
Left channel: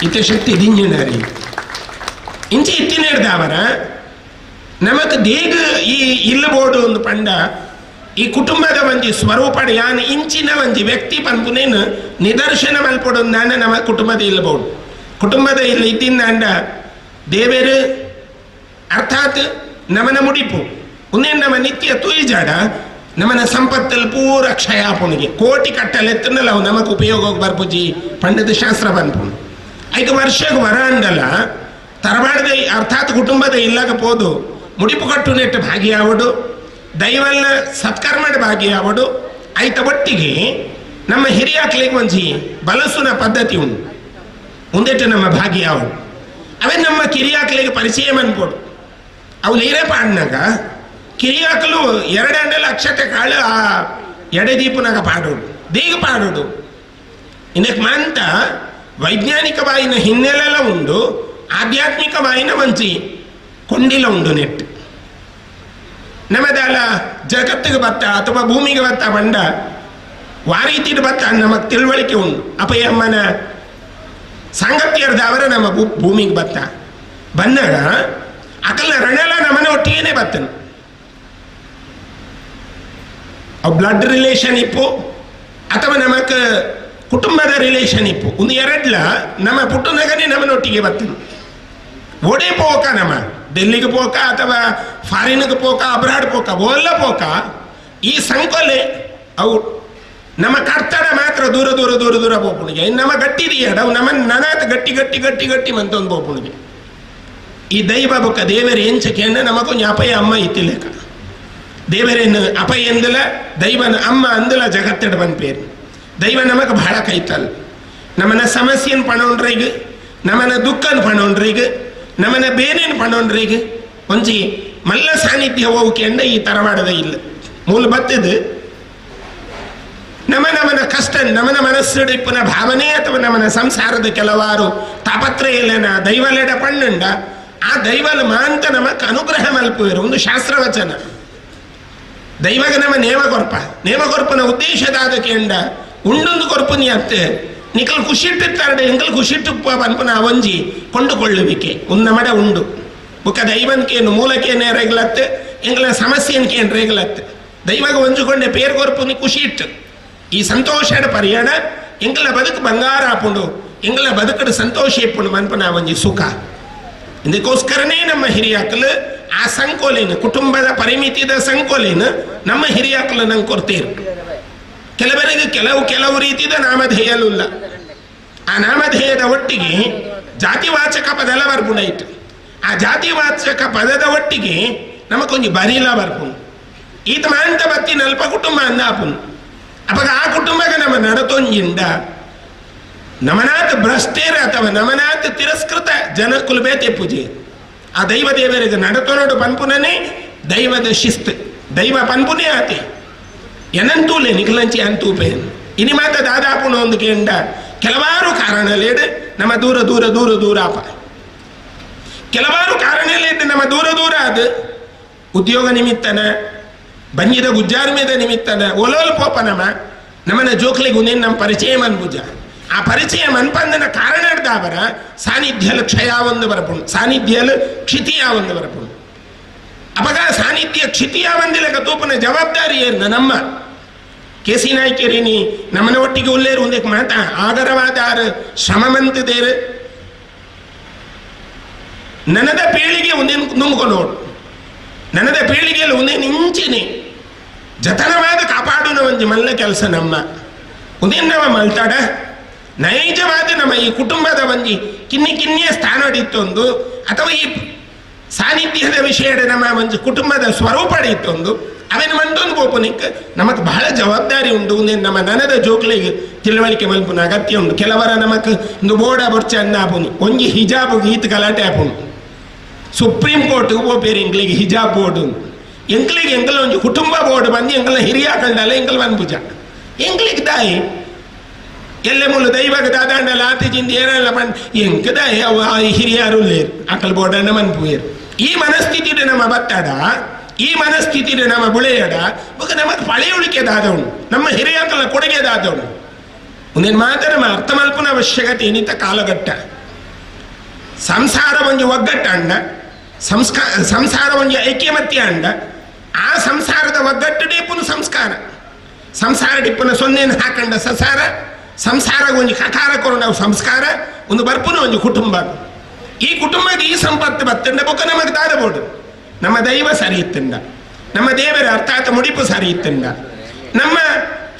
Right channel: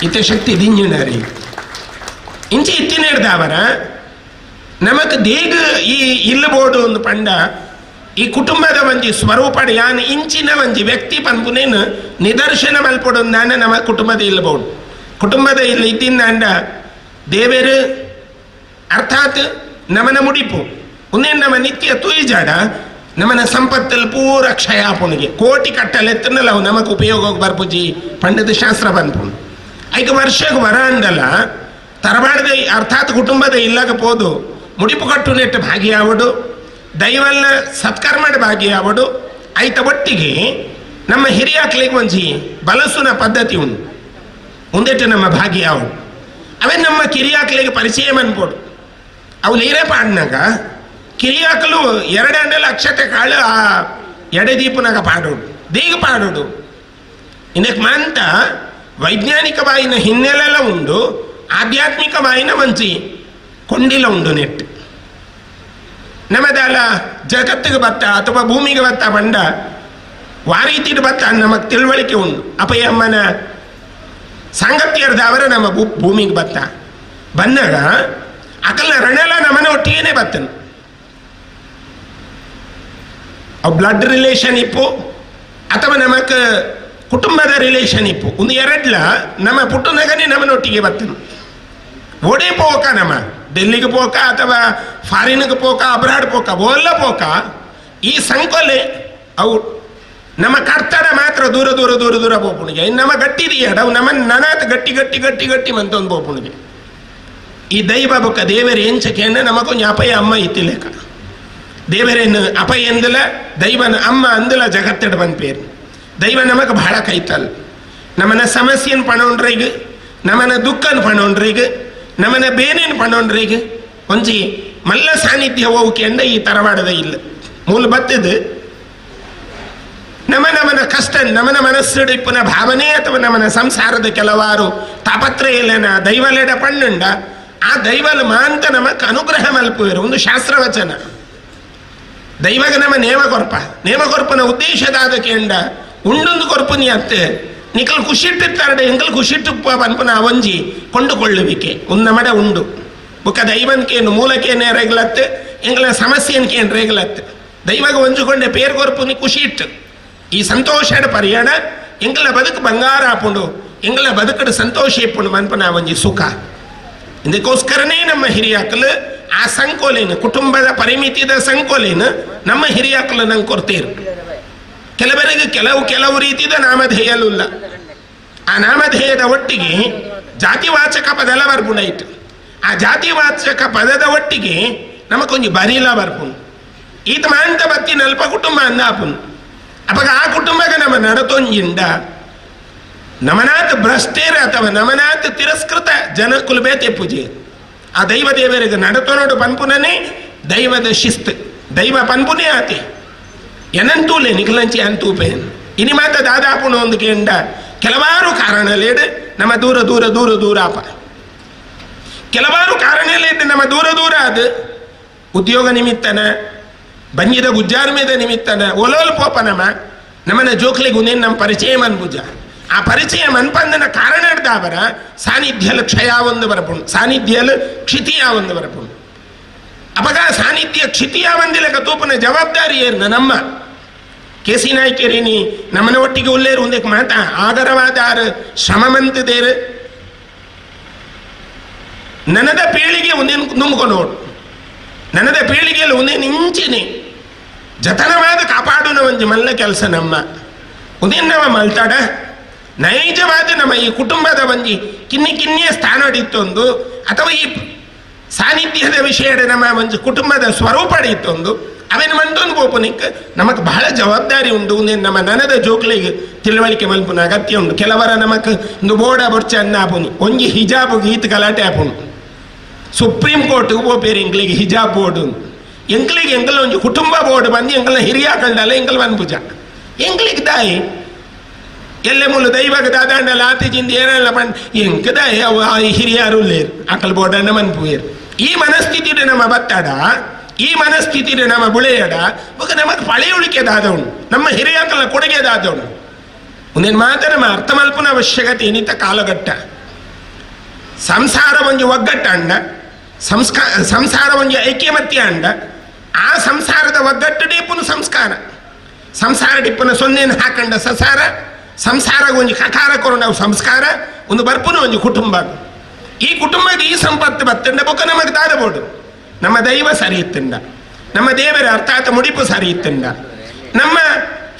ಇತ್ತೆ ಶಕ್ತಿ ದಿಂಜಂಡರಿ ಇಂಚೆ ಇತ್ತಿನ ಹಿಡ್ದವರ ನಮಕ್ ದೇಗ ಈ ಇಲ್ಲಬೋಡು ಒಂದು ಪಂಡ ಈ ಕುಟುಂಬದ ಒಂಜಿ ಸ್ವರೂಪ ಯಾನ್ ಇಂಚಿನ ಒಂಜಿ ವ್ಯಕ್ತಿ ಪಂಪುನೇನು ನಿದರ್ಶನ ಮಲ್ಪಡು ನಾನ ನಮ್ಮ ಕುಟುಂಬದ ಇಲ್ಲಬೋಡು ಕುಟುಂಬದ ಇಲ್ಲ ಇದ್ದಿಂದ ಅಂಡ ದೇವರು ಅರ್ಥಾತ್ ನಮನ ಮುಡಿಪು ಉನ್ನೇನು ನಮ್ಮ ನಿತ್ಯ ತುಯಿಜಾಡ ನಮ್ಮನ ಸಂಪತ್ತಲ್ಲಿ ಪೂರ ಕ್ಷಯಾಪುಣಿಗೆ ಕೋಟಿ ಕಟ್ಟಲೆತ್ತನಲ್ಲ ಅವು ನಮಗೆ ಉಪಯೋಗಕ್ಕೆ ಬರ್ಪುಜಿ ಪಂಡದ ಶಾಸ್ತ್ರ ಬಂದ್ಪು ಐದು ವರ್ಷಕ್ಕೆ ವರ ಅಂದಲ್ಲ ತರಬಾರ್ದ ಅರ್ಥಾತ್ ಕುಟುಂಬದ ಇಲ್ಲಾಗ ಪೋದು ಮುಡಿಪು ಕಟ್ಟು ನೆಟ್ಟು ಭಾಗಿಯಾವಡು ದೈವಲ್ನ ಸತ್ಕರ್ಮದ ಭಾಗಿಯಾವಡು ಐತ ಒಟ್ಟಿಗೆ ನಮ್ಮ ಹಿರಿಯಾಕ್ಲಿಗೆ ಒಂಜಿ ಬಲಸುನ ಪದ್ಧತಿ ಉಂಟು ಮುಂದೆಟ್ಟು ನಮ್ಮ ಭಾಗಿಯಾವಡು ಅವೇ ನಮ್ಮ ಕಿರಿಯಾಕ್ಲಿಗೆ ಪರಿಚಯ ಮನ್ಪೋಡು ಅವು ನೀರೇ ಪಾಡ್ನಾಗ ಕಿರಿಯಾಕಲು ಎರಡಂಡಲ ಅಕ್ಷತೆ ಕಾಳು ಆ ಎಡೆದೀಪನಾಗ ಪಾಡೋಡು ದೀಗ ಪಾಡೋಡು ಇದಕ್ಕೆ ಮಾಂತ ವೈಜ್ಞಾನಿಕವಾಯಿನ ಹಿನ್ನೆಲೆಲ್ಲ ಉಂಡು ಆಧ್ಯಾತ್ಮಿಕವಾಯಿನ ಮಂಚಿ ಕೊಂಡಿಲ ಉಂಡು ನೆಟ್ಟು ನಮ್ಮದಲ್ಲ ಜಗತ್ತಿಗೆ ಬತ್ತ ಅಥವಾ ಭೂಮಿಗೆ ಬತ್ತ ಬಂಡ ವಾರೀತಿಡ್ ಬತ್ತ ನಮಗೆ ತಿಳುವಳಿಕೆ ಉಂಡು ಅಪ್ಪಯ್ಯಮ್ಮನ ಸಂಗತಿಯರ್ದ ಅವರ ನಮ್ಮ ಭೂಮಿಗೆ ಬತ್ತ ಬಂದಾಗ ಅಕಲ್ನ ರಣೆಲ್ಲ ನಮ್ಮನ ಒಟ್ಟಿಗೆನೆ ಬತ್ತನು ಅವು ಬ್ಲಡ್ ರಿಲೇಷನ್ ಇಪ್ಪು ಅಥವಾ ನಮಕ್ ಕುಟುಂಬದ ರಿಲೇಷನ್ ಇಪ್ಪು ಒಂದು ಎರಡ್ಲ ನಮ್ಮ ಪುಟ್ಟನಗನೇ ನಮ್ಮನೊಟ್ಟಿಗೆ ಬರ್ತನು ಓಡೇ ಪೋಕ ನಮ್ಮ ಡೆಲ್ಲಿಗೆ ಪೋಕ ಅಥವಾ ಫಾರಿನ್ಗೆ ಪೋಕ ಅಬ್ರಾಡ್ ಪೋಕ ಓಲ್ಲ ಪೋಕ ಈ ಸಂಕೊಲೆ ಅವು ನಮ್ಮ ಕರ್ತಡ ಮಾತ್ರ ದೂರ ದೂರ ದೂರ ದೂರ ಪೋಪುಣಿಗೆ ನಮ್ಮ ಗಟ್ಟಿದೆಯಡ ಅವು ನಮ್ಮ ನನಾತ್ ಗಟ್ಟಿ ಗಟ್ಟಿ ಗಟ್ಟಿ ಗಟ್ಟಿ ಮಂತೊಂದು ಪೋಪುಣಿಗೆ ಈ ದೈವ ಬೊಕ್ಕ ದೇವರ ಎಂಚಕೆಂಡ ನಮಗೊಂದು ಅಪಯ ಅಮ್ಮ ಇತ್ತಿಲೇಕ ದೇವರೇನು ಅಪ ಎಂದಲ ದೈವನ ಅಮ್ಮ ಅಂದಲ ಜಗತ್ತಡ ಬಂದ ಪೇರು ದೈವ ನಮಗೆ ಬಹಳ ಕೈತಲ್ ನಮ್ಮನ ಸಮಸ್ಯೆನ ಪಣೋಣ್ರೀಗ ನಮ್ಮನ ದುಃಖನ ಪಣೋಣ್ರೀಗ ನಮ್ಮನ ಬೇನೇನು ಪಣೋಣ್ರೀಗ ಒಂಜಿ ಮಲ್ಲ ಸಾನ್ನಿಧ್ಯ ಹೋಗಕ್ಕೆ ಅಂದ ಈ ತರವಾಡದ ಇಲ್ಲ ಮೂಲ ಬತ್ತದು ನಮನ ಕಷ್ಟ ನಮನ ಮನಸ್ಸಿಡಿಪ್ಪನ ಭಾವನೆ ಅಥವಾ ನಮ್ಮನ ಸಂಸಾರದ ಕೆಲವಾರು ತಾಪತ್ರಯಲೆನ ದೈವಲೆಡ ಪಣ್ಣುಂಡ ಆ ದೈವಲ್ ಮಾಂತ ನಮಕ್ ಅನುಗ್ರಹ ಮಲ್ಪುವರು ಒಂದು ಶಾಸ್ತ್ರವಚನ ದೈವಗ ನಮ್ಮ ನೇಮಕೊರ್ಪನ ಉದ್ದೇಶದಾದ ಕೇಂಡ ಉಂಡೊಂದು ಕೊರ್ಪುನಿ ಅತ್ತೆ ನಿಕಲ್ ಖುಷಿಟ್ಟಿತ್ತಾರಡೆ ಎಂಕಲ್ ಖುಷಿಟ್ಟುಪ್ಪ ಪನ್ಪನ ಒಂಜಿ ಕೊಂಡುಕೊಳ್ಳುವಿಕೆ ಒಂದು ಮಡ ಉಂಡು ಬುಕ್ಕ ದೈವನ್ಕೇನು ಮೂಲಕೇನೆ ರೇಗ್ಲತ್ತೆ ಎಂಗಳ ಸಮಸ್ಯೆನ್ಕೇನು ರೇಗ್ಲತ್ತೆ ದೈವಗ ಒಂಜುಕೊಂಡೆ ಪೇರು ಕೊರ್ಪುನಿ ಖುಷಿ ಇಟ್ಟು ಈ ಸಂತೋಷದ ಪರಿಯಾಣ ಎಂಗಳ ಬದುಕು ಬಂಗಾರ ಹಾಪುಂಡು ಎಂಗಳ ಬದುಕಡು ಸಂತೋಷ ಇಪ್ಪುಂಡು ಮನ್ಪನ ಒಂಜಿ ಸುಖ ಇದಕ್ಕೋಸ್ಕರನೇ ನಮ್ಮ ಹಿರಿಯಾಕಲು ಆ ಸಂಕೋಲೇನು ಕುಟುಂಬದ ಪರಿಮಿತಿದ ಸಂಕೋಲೇನು ನಮ್ಮ ಹಿರಿಯಾಕಲು ನಂಗೆ ಕೊಡ್ತೇರು ಕೆಲವರಿಗೆ ಕೆಲವು ರೀತಿಯ ನಾಮಧೇಯಲಿಲ್ಲ ಆ ನಾಮಧೇಯದ ಒಟ್ಟಿಗೆ ಜಾತಿವಾಚಕ ಪದಲ ಬರ್ಪುಂಡಾಯ್ತು ಆ ಜಾತಿವಾಚಕ ಪದದ ಒಟ್ಟಿಗೆ ನಮಕೊಂಜಿ ಬರೀಲ ಬರ್ಪುಂಡು ಈತ ಮಾಂತ ಬತ್ತಿ ನಲ್ಪ ಕುಟುಂಬ ಅಂದ ಆಪುನು ಅವಾಗ ಆ ಕುಟುಂಬಗ ನಮ್ಮ ನಡತೊಂಜಿಂಡ ನಮನಾಥ ಭ್ರಷ್ಟೇರ ಅಥವಾ ನಮನಾಥ ತಿರಸ್ಕೃತ ಜನ ಕುಲಬೇತೆ ಪೂಜೆ ಆ ದೈವ ದೇವರಿಗೆ ನಡತೊನಡು ಪನ್ಪುನನೇ ದೈವದ ಶಿಸ್ತು ದೈವ ಪನ್ಪುನೇ ಆತೆ ಎನಂತೂಲೆ ನಿಖಲಂಚಿ ಅಂತೂಪೆ ಇನಿ ಮಾತ ದಾದಾಪುನ ಒಂದು ಕೇಂಡ ಕೆಲವಾರು ಕಾರಣಲೇಡು ನಮ್ಮ ದೂರ ದೂರ ದೂರ ದೂರಾಪ ಕೆಲವಾರು ಕಾರಣಲೇಡು ನಮ್ಮ ದೂರ ದೂರ ಅದು ಉದ್ಯೋಗ ನಿಮಿತ್ತನ ಬಂಜಿದ ಗುಜ್ಜಾರ ಮೇದ ನಿಮಿತ್ತನ ಒಲೋಲ್ ಪೋಪ ನಮ್ಮನ ಜೋಕ್ಲಿಗೆ ಉನೇನು ನಮ್ಮ ಪರಿಚಯ ಮನ್ಪುಜ ಆ ಪರಿಚಯ ಮನ್ಪಂದನ ಕಾರಣ ಅವರ ಸಾನ್ನಿಧ್ಯಲು ಕ್ಷಯ ಒಂದು ಬರಪುಂಡು ಸಾನ್ನಿಧ್ಯಲು ಕ್ಷಿತಿಯ ಒಂದು ಬರಪುಂಡು ಅಪಗ ಸಾನ್ನಿಧ್ಯ ಕ್ಷಿತಿಯ ಒಂದಿಲಕ ತೂಪನ ಜವಾಬ್ದಾರಿ ಏರ್ನ ನಮ್ಮ KC ನಾಯ್ಕೇರಿನಿ ನಮ್ಮನ ಒಟ್ಟಿಗೆ ಉಲ್ಲೇರು ಒಂದಕ್ಕೆ ಮಾತ ಆದರವಾದಾರ ಶ್ರಮವಂತದೇರು ನನದ ಪೀಳಿಗೆ ಒಂದೇನು ನುಂಗ್ಕೊಂಡು ನನ್ನದ ಪೀಳಿಗೆಯಲ್ಲಿ ಒಂದೇನು ಇಂಚಿನಿ ಜತನವಾದ ಕಾಪಾಡುನ ಒಂಜಿ ಮಲ್ಲ ಕೆಲಸ ನಮ್ಮ ಉದೇನವ ಮಲ್ತಾಡ ನೈಜವಾದ ನಮ್ಮ ಈ ಕುಟುಂಬದ ಒಂಜಿ ಕಿನ್ನಿಯ ಸ್ಥಾನ ಇತ್ತೊಂದು ಅಥವಾ ಈ ಸಾನ್ನಿಧ್ಯದ ವಿಷಯದ ನಮ್ಮ ಒಂಜಿ ಕುಟುಂಬದ ಸ್ವರೂಪ ಇತ್ತೊಂದು ಅವೇನು ಮಂಟೊಂದು ಬೋಪನಿಕ್ ನಮಕ್ ಬಹಳ ಜವಾಬ್ದಾರಿ ಉಂಟು ನಮ್ಮ ನನದ ಜೋಕ್ಲಿಗೆ ತಿಳುವಳಿಕೆ ಮಲ್ಪುನ ಅಗತ್ಯ ಉಂಟು. ಕೆಲವರ ನಮಕ್ ಒಂದು ಬೋರ್ಡ ಬೊರ್ಚ ಅನ್ನ ಆಪುನಿ ಒಂಜಿ ಹಿಜಾಬ್ ಗೀತ್ ಗಲಾಟೆ ಆಪುನು ಸುಪ್ರೀಂ ಕೋರ್ಟ್ ಹೋಗ್ಬೇರು ಎಂಕ್ಲಿಗೆ ಹಿಜಾಬ್ ಬೋರ್ಡು ಎಂಕ್ಲಿಗೆ ಎಂಕಲ ಒಂಜಿ ಕುಟುಂಬ ಬೋರ್ಡ್ ಬಂದು ಎಂಕಲ ಹಿರಿಯಾಕಂಡಲ್ಲ ಎಂಕಲ್ ಅನ್ಪುಜ ಎಂಕ್ಲಿಗೆ ದಾಯಿ ಎಲ್ಲೆ ಮುಳ್ಳು ದೈವಾಗ ದಾದಾಂಡಲ್ಲ ಆತಿಜಿಂದ ಏನೆಲ್ಲ ಬಂದು ಎಂಕ ದಾಯಿ ಅವು ಹಿರಿಯಾರು ಲೇರು ಅಕಲ್ ಬೋರ್ಡನ್ನ ಮನ್ಪುಯರು. ಈ ಮನಸ್ಥಿತಿಡೆ ನಮ್ಮ ಬತ್ತಾಡ ಈ ಮನಸ್ಥಿತಿಡೆ ನಮ್ಮ ಬುಳೆಯಡ ಇವಾಗ ನಮಗೆ ಪಳೆಯುಳಿಕೆದಾದವನು ನಮ್ಮ ಹಿರಿಯಾಕಲ ಕೊಡುಗೆದಾದವನು ಒಂದೇನು ಮಾತ್ರ ನಮ್ಮ ಅರ್ಥ ಮಲ್ಪನ ಅವಶ್ಯಕತೆ ಏನಿತ್ತ ಕಾಲಘಟ್ಟ ಸಂಸಾರ ಒಂಜಿ ಒಗ್ಗಟ್ಟ ಅಂಡ ಸಂಸಾರ ಒಂಜಿ ಐಕ್ಯಮತ್ಯ ಅಂಡ ಆ ಸಂಸಾರದ ಒಗ್ಗಟ್ಟಡೇ ಪುನಃ ಸಂಸಾರ ಡಿಪ್ಪನ ಸೊನ್ನೆಯನ್ನು ಹಾಕಂಡ ಸಸಾರ ಸಂಸಾರ ಒಂಜಿ ಕಕಾರ ಕೊರೊಂಡ ಸಂಸ್ಕಾರ ಒಂದು ಬರ್ಪುನ ಒಂಜಿ ಕುಟುಂಬ ಈ ಕುಟುಂಬಕ್ಕೆ ಈ ಸಂಪತ್ತು ಬತ್ತಂಡ ಬೊಕ್ಕ ನಮಗೆ ದಾದಬೋಡು ನಮ್ಮ ದೈವ ಸರಿ ಇತ್ತಂಡ ನಮ್ಮ ದೇವರ ಅರ್ಥಾತ್ ಮುಡಿಪು ಸರಿ ಇತ್ತಂಡ ನಮ್ಮ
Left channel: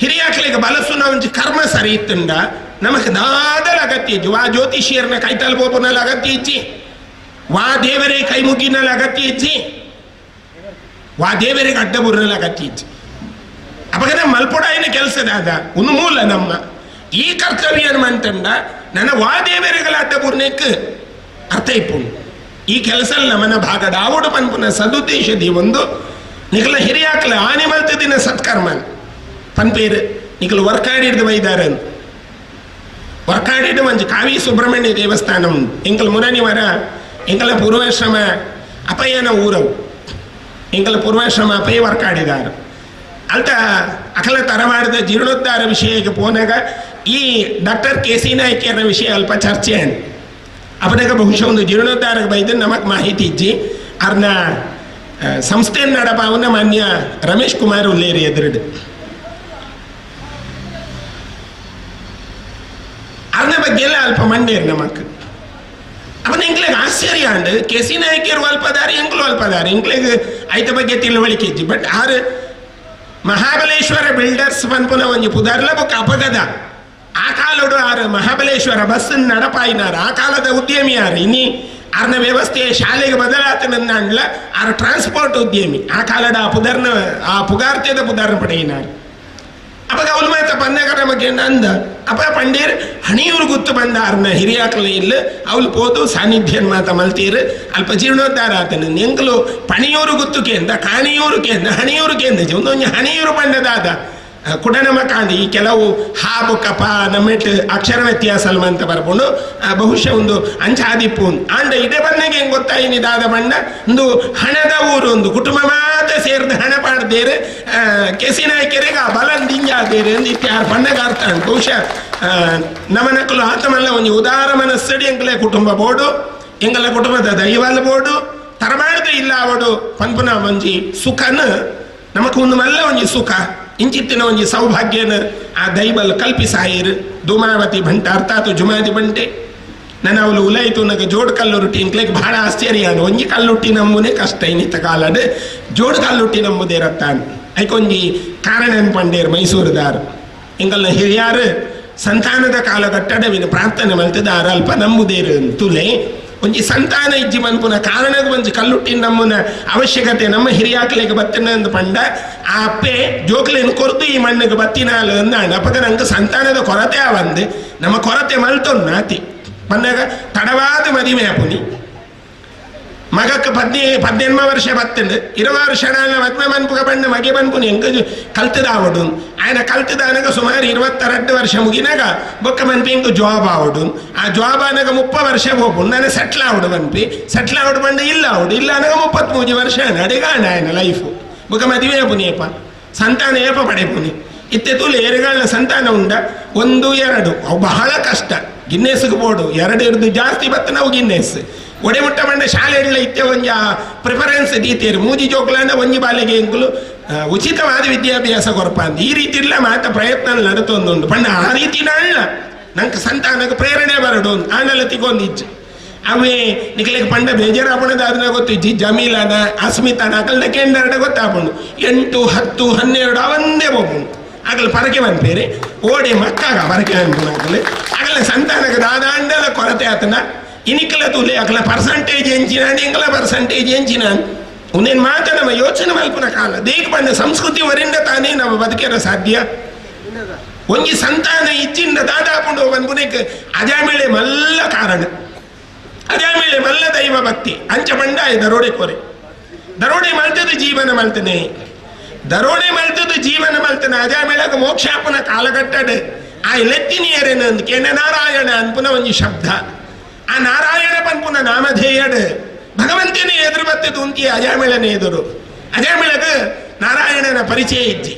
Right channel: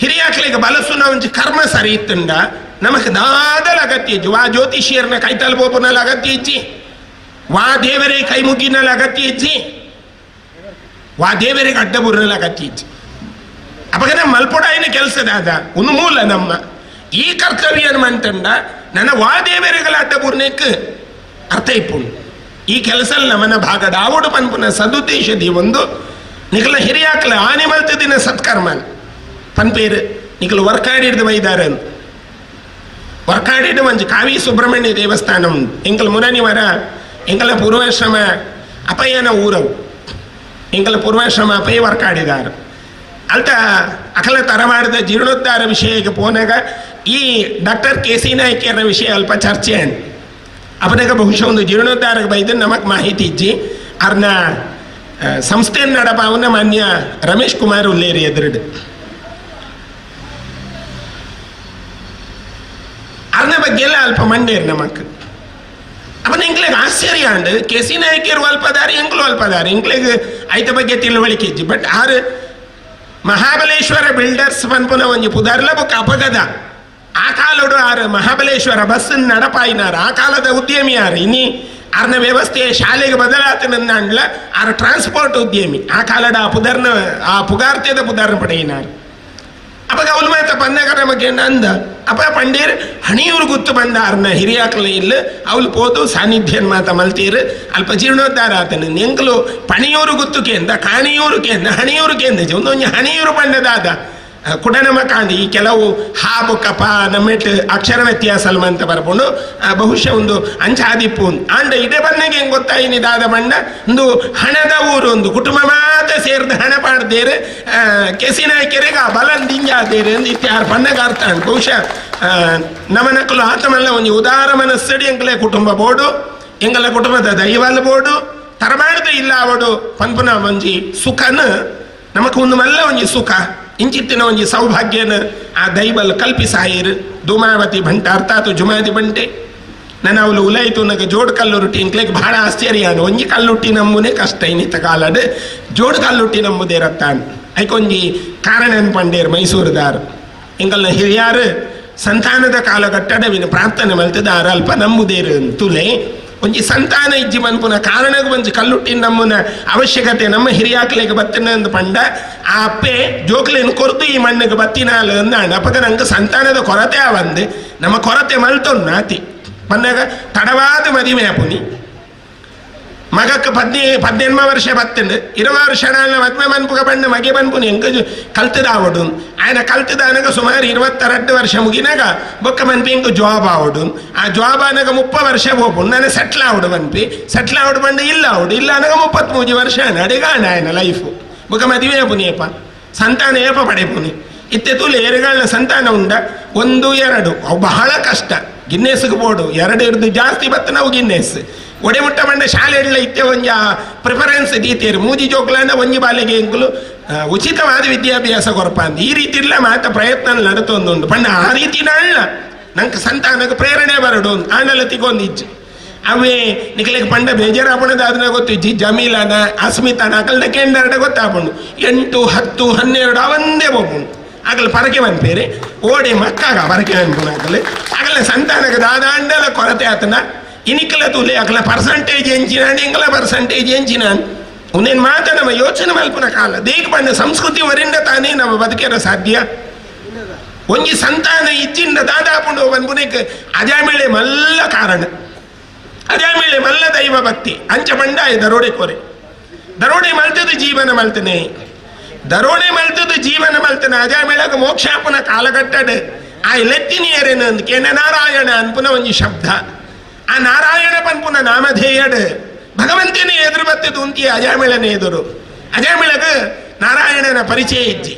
ಹಿರಿಯಾಕ್ಲಿಗೆ ಬಲಸುನ ಒಂಜಿ ಕರ್ಮ ಸರಿ ಇತ್ತಂಡ ನಮಗೆ ದಾದಲ ಅಗತ್ಯ ಇಜ್ಜಿ ವಾ ಜ್ಯೋತಿಷಿಯರ್ನ ಕೈತಲ್ ಬೋಪುನಲ್ಲಿ ಅಗತ್ಯ ಇಜ್ಜಿ ವಾ ದೇವರೇ ಕೈ ಮುಗಿನಲ್ಲಿ ಅಗತ್ಯ ಇಜ್ಜಿ ವಾ ದೇವರಿಗೆ ಅಡ್ಡ ಬುರ್ರಲ್ಲಿ ಅಗತ್ಯ ಇಜ್ಜಿ ಅವಾಗ ನಮ್ಮ ಮಲ್ಪೊಡಾಯಿನ ಕೆಲಸದಾದ ಒಂದು ಮೂಲ ನಮ್ಮ ಈ ಕರ್ತವ್ಯ ಮಂತಂಡ ನನ್ನ ವಾ ದೇವರಿಗಳ ಅಡ್ಡ ಬುರ್ನೆಕ್ ಅರ್ಥ ಇಪ್ಪುಂಡು ಈ ಕೆಲಸ ನಮ್ಮನ ಭಾಗದ ಆವಡು ಪನ್ಪುನ ಸದುದ್ದೇಶದಿ ಒಂದು ನಿಖಲ ಹಿರಿಯಾಕ್ಲ ಆನೆ ಮಲ್ತ ದಿನ ಸತ್ಕರ್ಮನ್ ಪನ್ಪೇರು ನಿಖಲು ವರ್ಕಾಡಿಡ್ದು ವೈದಾರನ್ ವರ್ಕಾಡಿಡು ಮಂಜು ಕಾವಿ ಸುಬ್ರಹ್ಮಣ್ಯ ದೇವಸ್ಥಾನ ಉಂಟು ಎಂಕಲ್ ಮುರನಿವರ ಎಂಕಲ ಪೂರ್ವಾಶ್ರಮ ಅಪಯನ ಊರವು ಎಂಕಲ ಪೂರ್ವಾಶ್ರಮ ಅಪಯ ವರ್ಕಾಡಿದಾರು ಅಲ್ತ ಅಕಲ ತರವಾಡದ ಜೀರ್ಣೋದ್ಧಾರ ವಿಷಯಕ್ಕೆ ಪೋನಾಗ ಈ ಡಾಕ್ಟರ್ ಕೆ.ಸಿ. ನಾಯ್ಕರ ವಿಷಯ ಅಲ್ಪ ಚರ್ಚೆ ಅಂಡ್ ಅವನಾಗ ಬಹುಶಃ ಒಂದು ಜೀರ್ಣೋದ್ಧಾರಕ್ಕೆ ಬೈದು ನಮಗೆ ಮಾಹಿತಿ ಇಜ್ಜಿ ಅವ್ರನ್ನ ಸಂಸ್ಥೆ ನಡಪ ಅವನ ಮಾನ್ಯ ರಮೇಶ್ ಕುಮಾರ್ ಉಲ್ಲೇರಿ ಎದುರುಡು ಅವ್ರನ್ನ ಬಗ್ಗೆ ಎಲ್ಲ ಅಲ್ಪ ಮಂಡೇರು ನಮಕ್ ಅವನ ಎಂಕ್ಲೆಗೆ ಆಶ್ಚರ್ಯ ಅಂಡ್ ಕೆ.ಸಿ. ನಾಯ್ಕರು ಅಲ್ಪದಾರಿ ಎಂಕ್ಲು ಅಲ್ಪದಾರಿ ಎಂಕ್ಲೆಗೆ ಐತ ಬಗ್ಗೆ ತಿಳುವಳಿಕೆ ಇಜ್ಜಿ ಬಟ್ ಆರು ಮಹಾಬಲೇಶ್ವರ ಬಿಲ್ಡರ್ಸ್ ಪನ್ಪುನ ಒಂಜಿ ಪುದರ್ಲ ಬೊಕ್ಕ ಅಪಗದ ಆ ಕಾಲಡು ಆರು ಮಹಾಬಲೇಶ್ವರ ಬಸ್ ನಡಪಾಯಿನಾರ ಆ ಕಾಲದ ಉದ್ಯಮಿ ಯಾರು ಇನ್ನಿ ಆರ್ನ ವ್ಯವಸ್ಥೆ ಶಾಲೆಗೆ ಬದಲಾತನನ್ನ ಅಂಡ್ಲ ಆರು ಟ್ರಾನ್ಸ್ಪೋರ್ಟ್ ಉದ್ಯಮಿ ಆ ಕಾಲದ ಆ ಪುದರ್ನ ಆ ಪುಗಾರ್ತ್ಯದ ಪುದರ್ನ ಪಡೆಯಿನಾರು ಅವಾಗ ಅವಳು ಮಾತ ಬಂದಾಗ ನಮಗೆ ಅಂದ ಅಪ್ಪ ಪಂಡೀರ್ ಹಣಿಯೂರು ಗುತ್ತು ಬಂದ ಆರ್ನ ಹಿರಿಯಾಕಲ ಇಲ್ಲ ಅವಳು ಪೋದು ಸಾನ್ನಿಧ್ಯನ್ ಮಾತ ಮಲ್ತೀರು ಅಲ್ಪ ಜೀರ್ಣೋದ್ಧಾರ ಆತನ ಎಂಕಲು ಪಣಿಯೂರು ಗುತ್ತು ಕೇಂದ್ರ ಕಾಣಿಯೂರು ಕೇಂದ್ರ ಹಣಿಯೂರು ಕೇಂದ್ರ ಒಂದೊಂದು ಹಣಿಯೂರು ಬಂಡದಾದ ಕುಡನಮ ಕಾಂಡಿ ಈ ಕೆಲವು ಹಾಬು ಕಪ ನಮ್ಮೆಟ್ ಅಕ್ಷರ ವ್ಯತ್ಯಾಸ ಅಂತ ಬರ್ಕೊಂಡು ಬಹುಶಃ ಒಂದು ಅಂಚಾದಿಪ್ಪು ಆಂಡ ಇದೇ ಬನ್ನಗೆ ಹೆಂಗೆ ಗೊತ್ತಾಯಿನಿ ದಾದ ಬಣ್ಣ ಒಂದು ಹಣದ ಊರು ಒಂದು ಕುಟುಂಬ ಮಾತ್ರ ಸೇರಿದ ಹಣ ಪಾಡ್ದೇರೆ ಕೆ.ಸಿ. ನಾಯ್ಕರಿಗೆ ಆ ಬಲಂದಿಂಜಾದೇರೆ ಅಂದು ಇತ್ಯಾರು ಬಣ್ಣಗ ಅರ್ಥ ಉಂಟು ಬಹುಶಃ ನಮನಕ್ಕಲು ಆತಮಲ್ಲ ಒಂದು ಉದಾರ ಮನಸ್ಸಡಿ ಎಂಕಲೆ ಕುಟುಂಬ ಬೋಡು ಎಂಗಲ ಕುಟುಂಬದ ದೈವಲ್ ಬೋಡು ತರಮಾಡದ ಇಲ್ಲ ಅವಡು ಪನ್ಪುನ ಒಂಜಿ ಸುಖನ ನಮಕ್ ಒಂದು ಮಲ್ಲ ಒಂಜಿ ಸುಖ ಇಂಚಿತ್ತಿನ ಒಂಜಿ ಸೌಭಾಗ್ಯನ ಆ ದೈವಲ್ ಕಲ್ಪಿಸಾಯಿರು ಧೂಮಾವತಿ ಭಂಟ ಅರ್ಥಾತ್ ಜುಮಾದಿ ಬಂಟೆ ನನ್ನ ಅವಳು ಉಲಾಯಿತು ನಗ ಜೋಡ್ ಕಲ್ಲುರುಟಿ ಇಂಕ್ಲೆಗೆ ಬಹಳ ಆಶ್ಚರ್ಯ ಒಂಜಿ ಕಲ್ಲುಟ್ಟಿ ನಮ್ಮನೆ ಕಷ್ಟ ಇನ್ನಿತ್ತ ಕಾಲಡ್ ಜೋಡ್ ಕಲ್ಲುಟ್ಟಿ ನಮ್ಮದೇ ರತ್ತಾನ್ ಐಕೊಂಜಿ ಕಾರಣ ಪಂಡೇರು ಮೈಸೂರುದಾರು ಇಂಗಲ್ನ ಹಿರಿಯಾರು ಸಂತಾನದ ಕಾಲಘಟ್ಟಡವಿನ ಪ್ರಾರ್ಥನೆ ಮಲ್ತದಾರ ಅಲ್ಪ ನಂಬುದೇರು ತುಲೆ ಒಂಜಿ ಸಂತಾನ ಇಜ್ಜಿ ಮನ್ಪುನ ಕಾರಣದ ಒಂಜಿ ಕಲ್ಲುಟ್ಟಿನ ನಮ್ಮನ ಅವಶ್ಯಕತೆ ನಮ್ಮ ಹಿರಿಯಾಕ್ಲೆಗೆ ಬತ್ತಿನ ಅಂದು ಪಂಡ ಆ ಅಪ್ಪೆ ಜೋಕ್ಲೇನು ಕೊರ್ದು ಈ ಮಣ್ಣಿಗೆ ಬತ್ತಿನಾಲು ಅಂದಾಂಡ ಅಪ್ಪಗ ನಂಗೆ ಸಂತಾನದ ಕೊರತೆ ಅವಂದು ನಮ್ಮ ಕೊರತೆ ಮಲ್ತೊಂದು ನಾತಿ ಬಂದಾಗ ತಡವಾದ ಮದುವೆ ಆಪುನಿ ಮಗಕ್ಕೆ 18 ವರ್ಷ ಬತ್ತಂಡು 20 ವರ್ಷ ನಾಳ ಮದ್ವೆ ಮನ್ಪುಗ ಬಂದು ಮಗೆ ಬನ್ಪುನಿ ಎಂಕ ಕಲ್ತದ ಆವಡು ఆయన ಕಲ್ತದ ಅನಗ ಸುಮಾರು 22 ವರ್ಷ ಮುಗಿನಾಗ ಬೊಕ್ಕ ಮನ್ಪಿ ಎಂಕ ಜಾಬ್ ಆವಡು ಆ ಜಾಬ್ ಅನಗ 30 ವರ್ಷ ಹೋಗ್ಬು ನಾನು ಸೆಟ್ಲ್ ಆವಡು ಮನ್ಪಿ ಸೆಟ್ಲ್ ಆವಡು ಬಂದು ಇಲ್ಲ ಆವಡು ಇಲ್ಲ ಅನಗ 33 ವರ್ಷ ಅಡಿಗಾಂಡ ఆయన ಲೈಫು ಬೊಕ್ಕ ಮದುವೆ ಆಪುನಿ ಏಪ ಸಂತಾನ ಏಪ ಪಡೆಪುನಿ ಇತ್ತೆ ತುಲೆ ಏರುಗಳನ್ನ ಸಂತಾನ ಉಂಡ 1 2 ಅವು ಬಹಳ ಕಷ್ಟ ಗಿನ್ನೆಸ್ಗೆ ಬೋಡು 2 ಇರ್ದು ಜಾಸ್ತಿ ಬತ್ತ ನಾವು ಗಿನ್ನೆಸ್ ಒಡೆ ಮುಟ್ಟ ಬಂಡ ಶಾಲೆಗಳ ಇತ್ತೆ ಒಂಜ ಪ್ರಿಫರೆನ್ಸ್ ದೀತೇರು ಮೂಜಿ ಜೋಕ್ಲಾಂಡ ಒಂಜಿ ಬಾಲೆಗೆ ಎಂಕುಲು ಉಚಿತವಾದ ವಿದ್ಯಾಭ್ಯಾಸ ಕೊರಪಾಂದು ಈ ರೀತಿ ಇಲ್ಲ ಮಾತ ಪ್ರಯತ್ನ ನಡತೊಂದುಂಡು ಪಂಡ ಆ ರೀತಿ ನಾಳ ನಂಗೆ ಸಂತಾನಕ್ಕೆ ಪ್ರೇರಣೆ ಬರಡು ಆನಲ್ಲ ತಿಗೊಂದಿಜ್ಜು ಅವೇ ನಿಖಲಿಗೆ ಪಂಡ ಬೇಜಾರಾಪಣದ ಅದನ್ನ ಗೊತ್ತಿಜ್ಜಿ ಜಮೀಲನ ಅಸ್ಮಿತಾನ ಅಕಲ್ನ ಕೆಂಡರಡ ಗೊತ್ತಾಪುಂಡು 8, 10, 12 ಅವಂದೇ ಹೋಗ್ಬುಂಡು ಆಗಲ ಪರಕೆ ಬಂದ್ಪೇರೆ ಓಡಿ ಮಕ್ಕಾಗ ಪರಕೆ ಬಂದ್ಪುಣ ಆಗಲ ಸಂತಾನಕ್ಕೆ ದಾದಾಂಡಲ ಕೊರತೆ ಆತನ ಇನಿಕಲ ತುಲೆ ಅಕಲ ಪರ್ಸಂಟೇಜ್ ಎಂಚಿನಾಂಡು ಇಂಕಲ ಪರ್ಸಂಟೇಜ್ ಎಂಚಿನಾಂಡು ಉನ್ನೇನು ಮಾತ ನಮ್ಮ ಯೋಚನೆ ಮಲ್ಪುನ ಕಾಲ ದೇಗ ಬಂದ ಸಂಸ್ಕೃತಿ ವರಿಂದ ತಾನೇ ನಮ್ಮ ಬದುಕಿರ ಸಾಧ್ಯ ಒಂಜಿ ಸಂತಾನ ಇಜ್ಜಿಂದ ದಾದಾಪುಂಡು ಬಂದ್ಪುನಕ್ಕೆ ಅಜಾಮೇಳೆ ಮಲ್ಲ ಕಾರಣ ಅಜಾಮೇಳೆ ಮಲ್ಲ ದೈವ ಭಕ್ತಿ ಅಂಚ ಬಂಡಾಯ ದರೋಡೆ ಕೊರೆ ದರೋಡೆ ಮಲ್ತದ ಜೀವನ ಮಲ್ತನೆ ದರೋಡೆ ಮಲ್ತದ ಜೀವನ ಮಲ್ತನೆ ಅಜಾಮೇಳಗ ಮೋಕ್ಷಾಪುನ ಕಾಲಘಟ್ಟಡ್ ಆ ಲೆತ್ತಿನಿಯರೇನು ಕೆನ ನಾರಾಯಣ ಅನ್ಪುನ ಒಂಜಿ ಶಬ್ದ ಆ ನಾರಾಯಣ ಪನ್ಪುನ ನಾಮಧೇಯಡ್ ಭಗವಂತನೇ ಎದುರು ಬತ್ತದು ಉಂತಿ ಅಜಾಮೇಳನೆ ಎದುರು ಅಜಾಮೇಳಗ ನಾರಾಯಣನ ಪರಿಚಯ ಇಜ್ಜಿ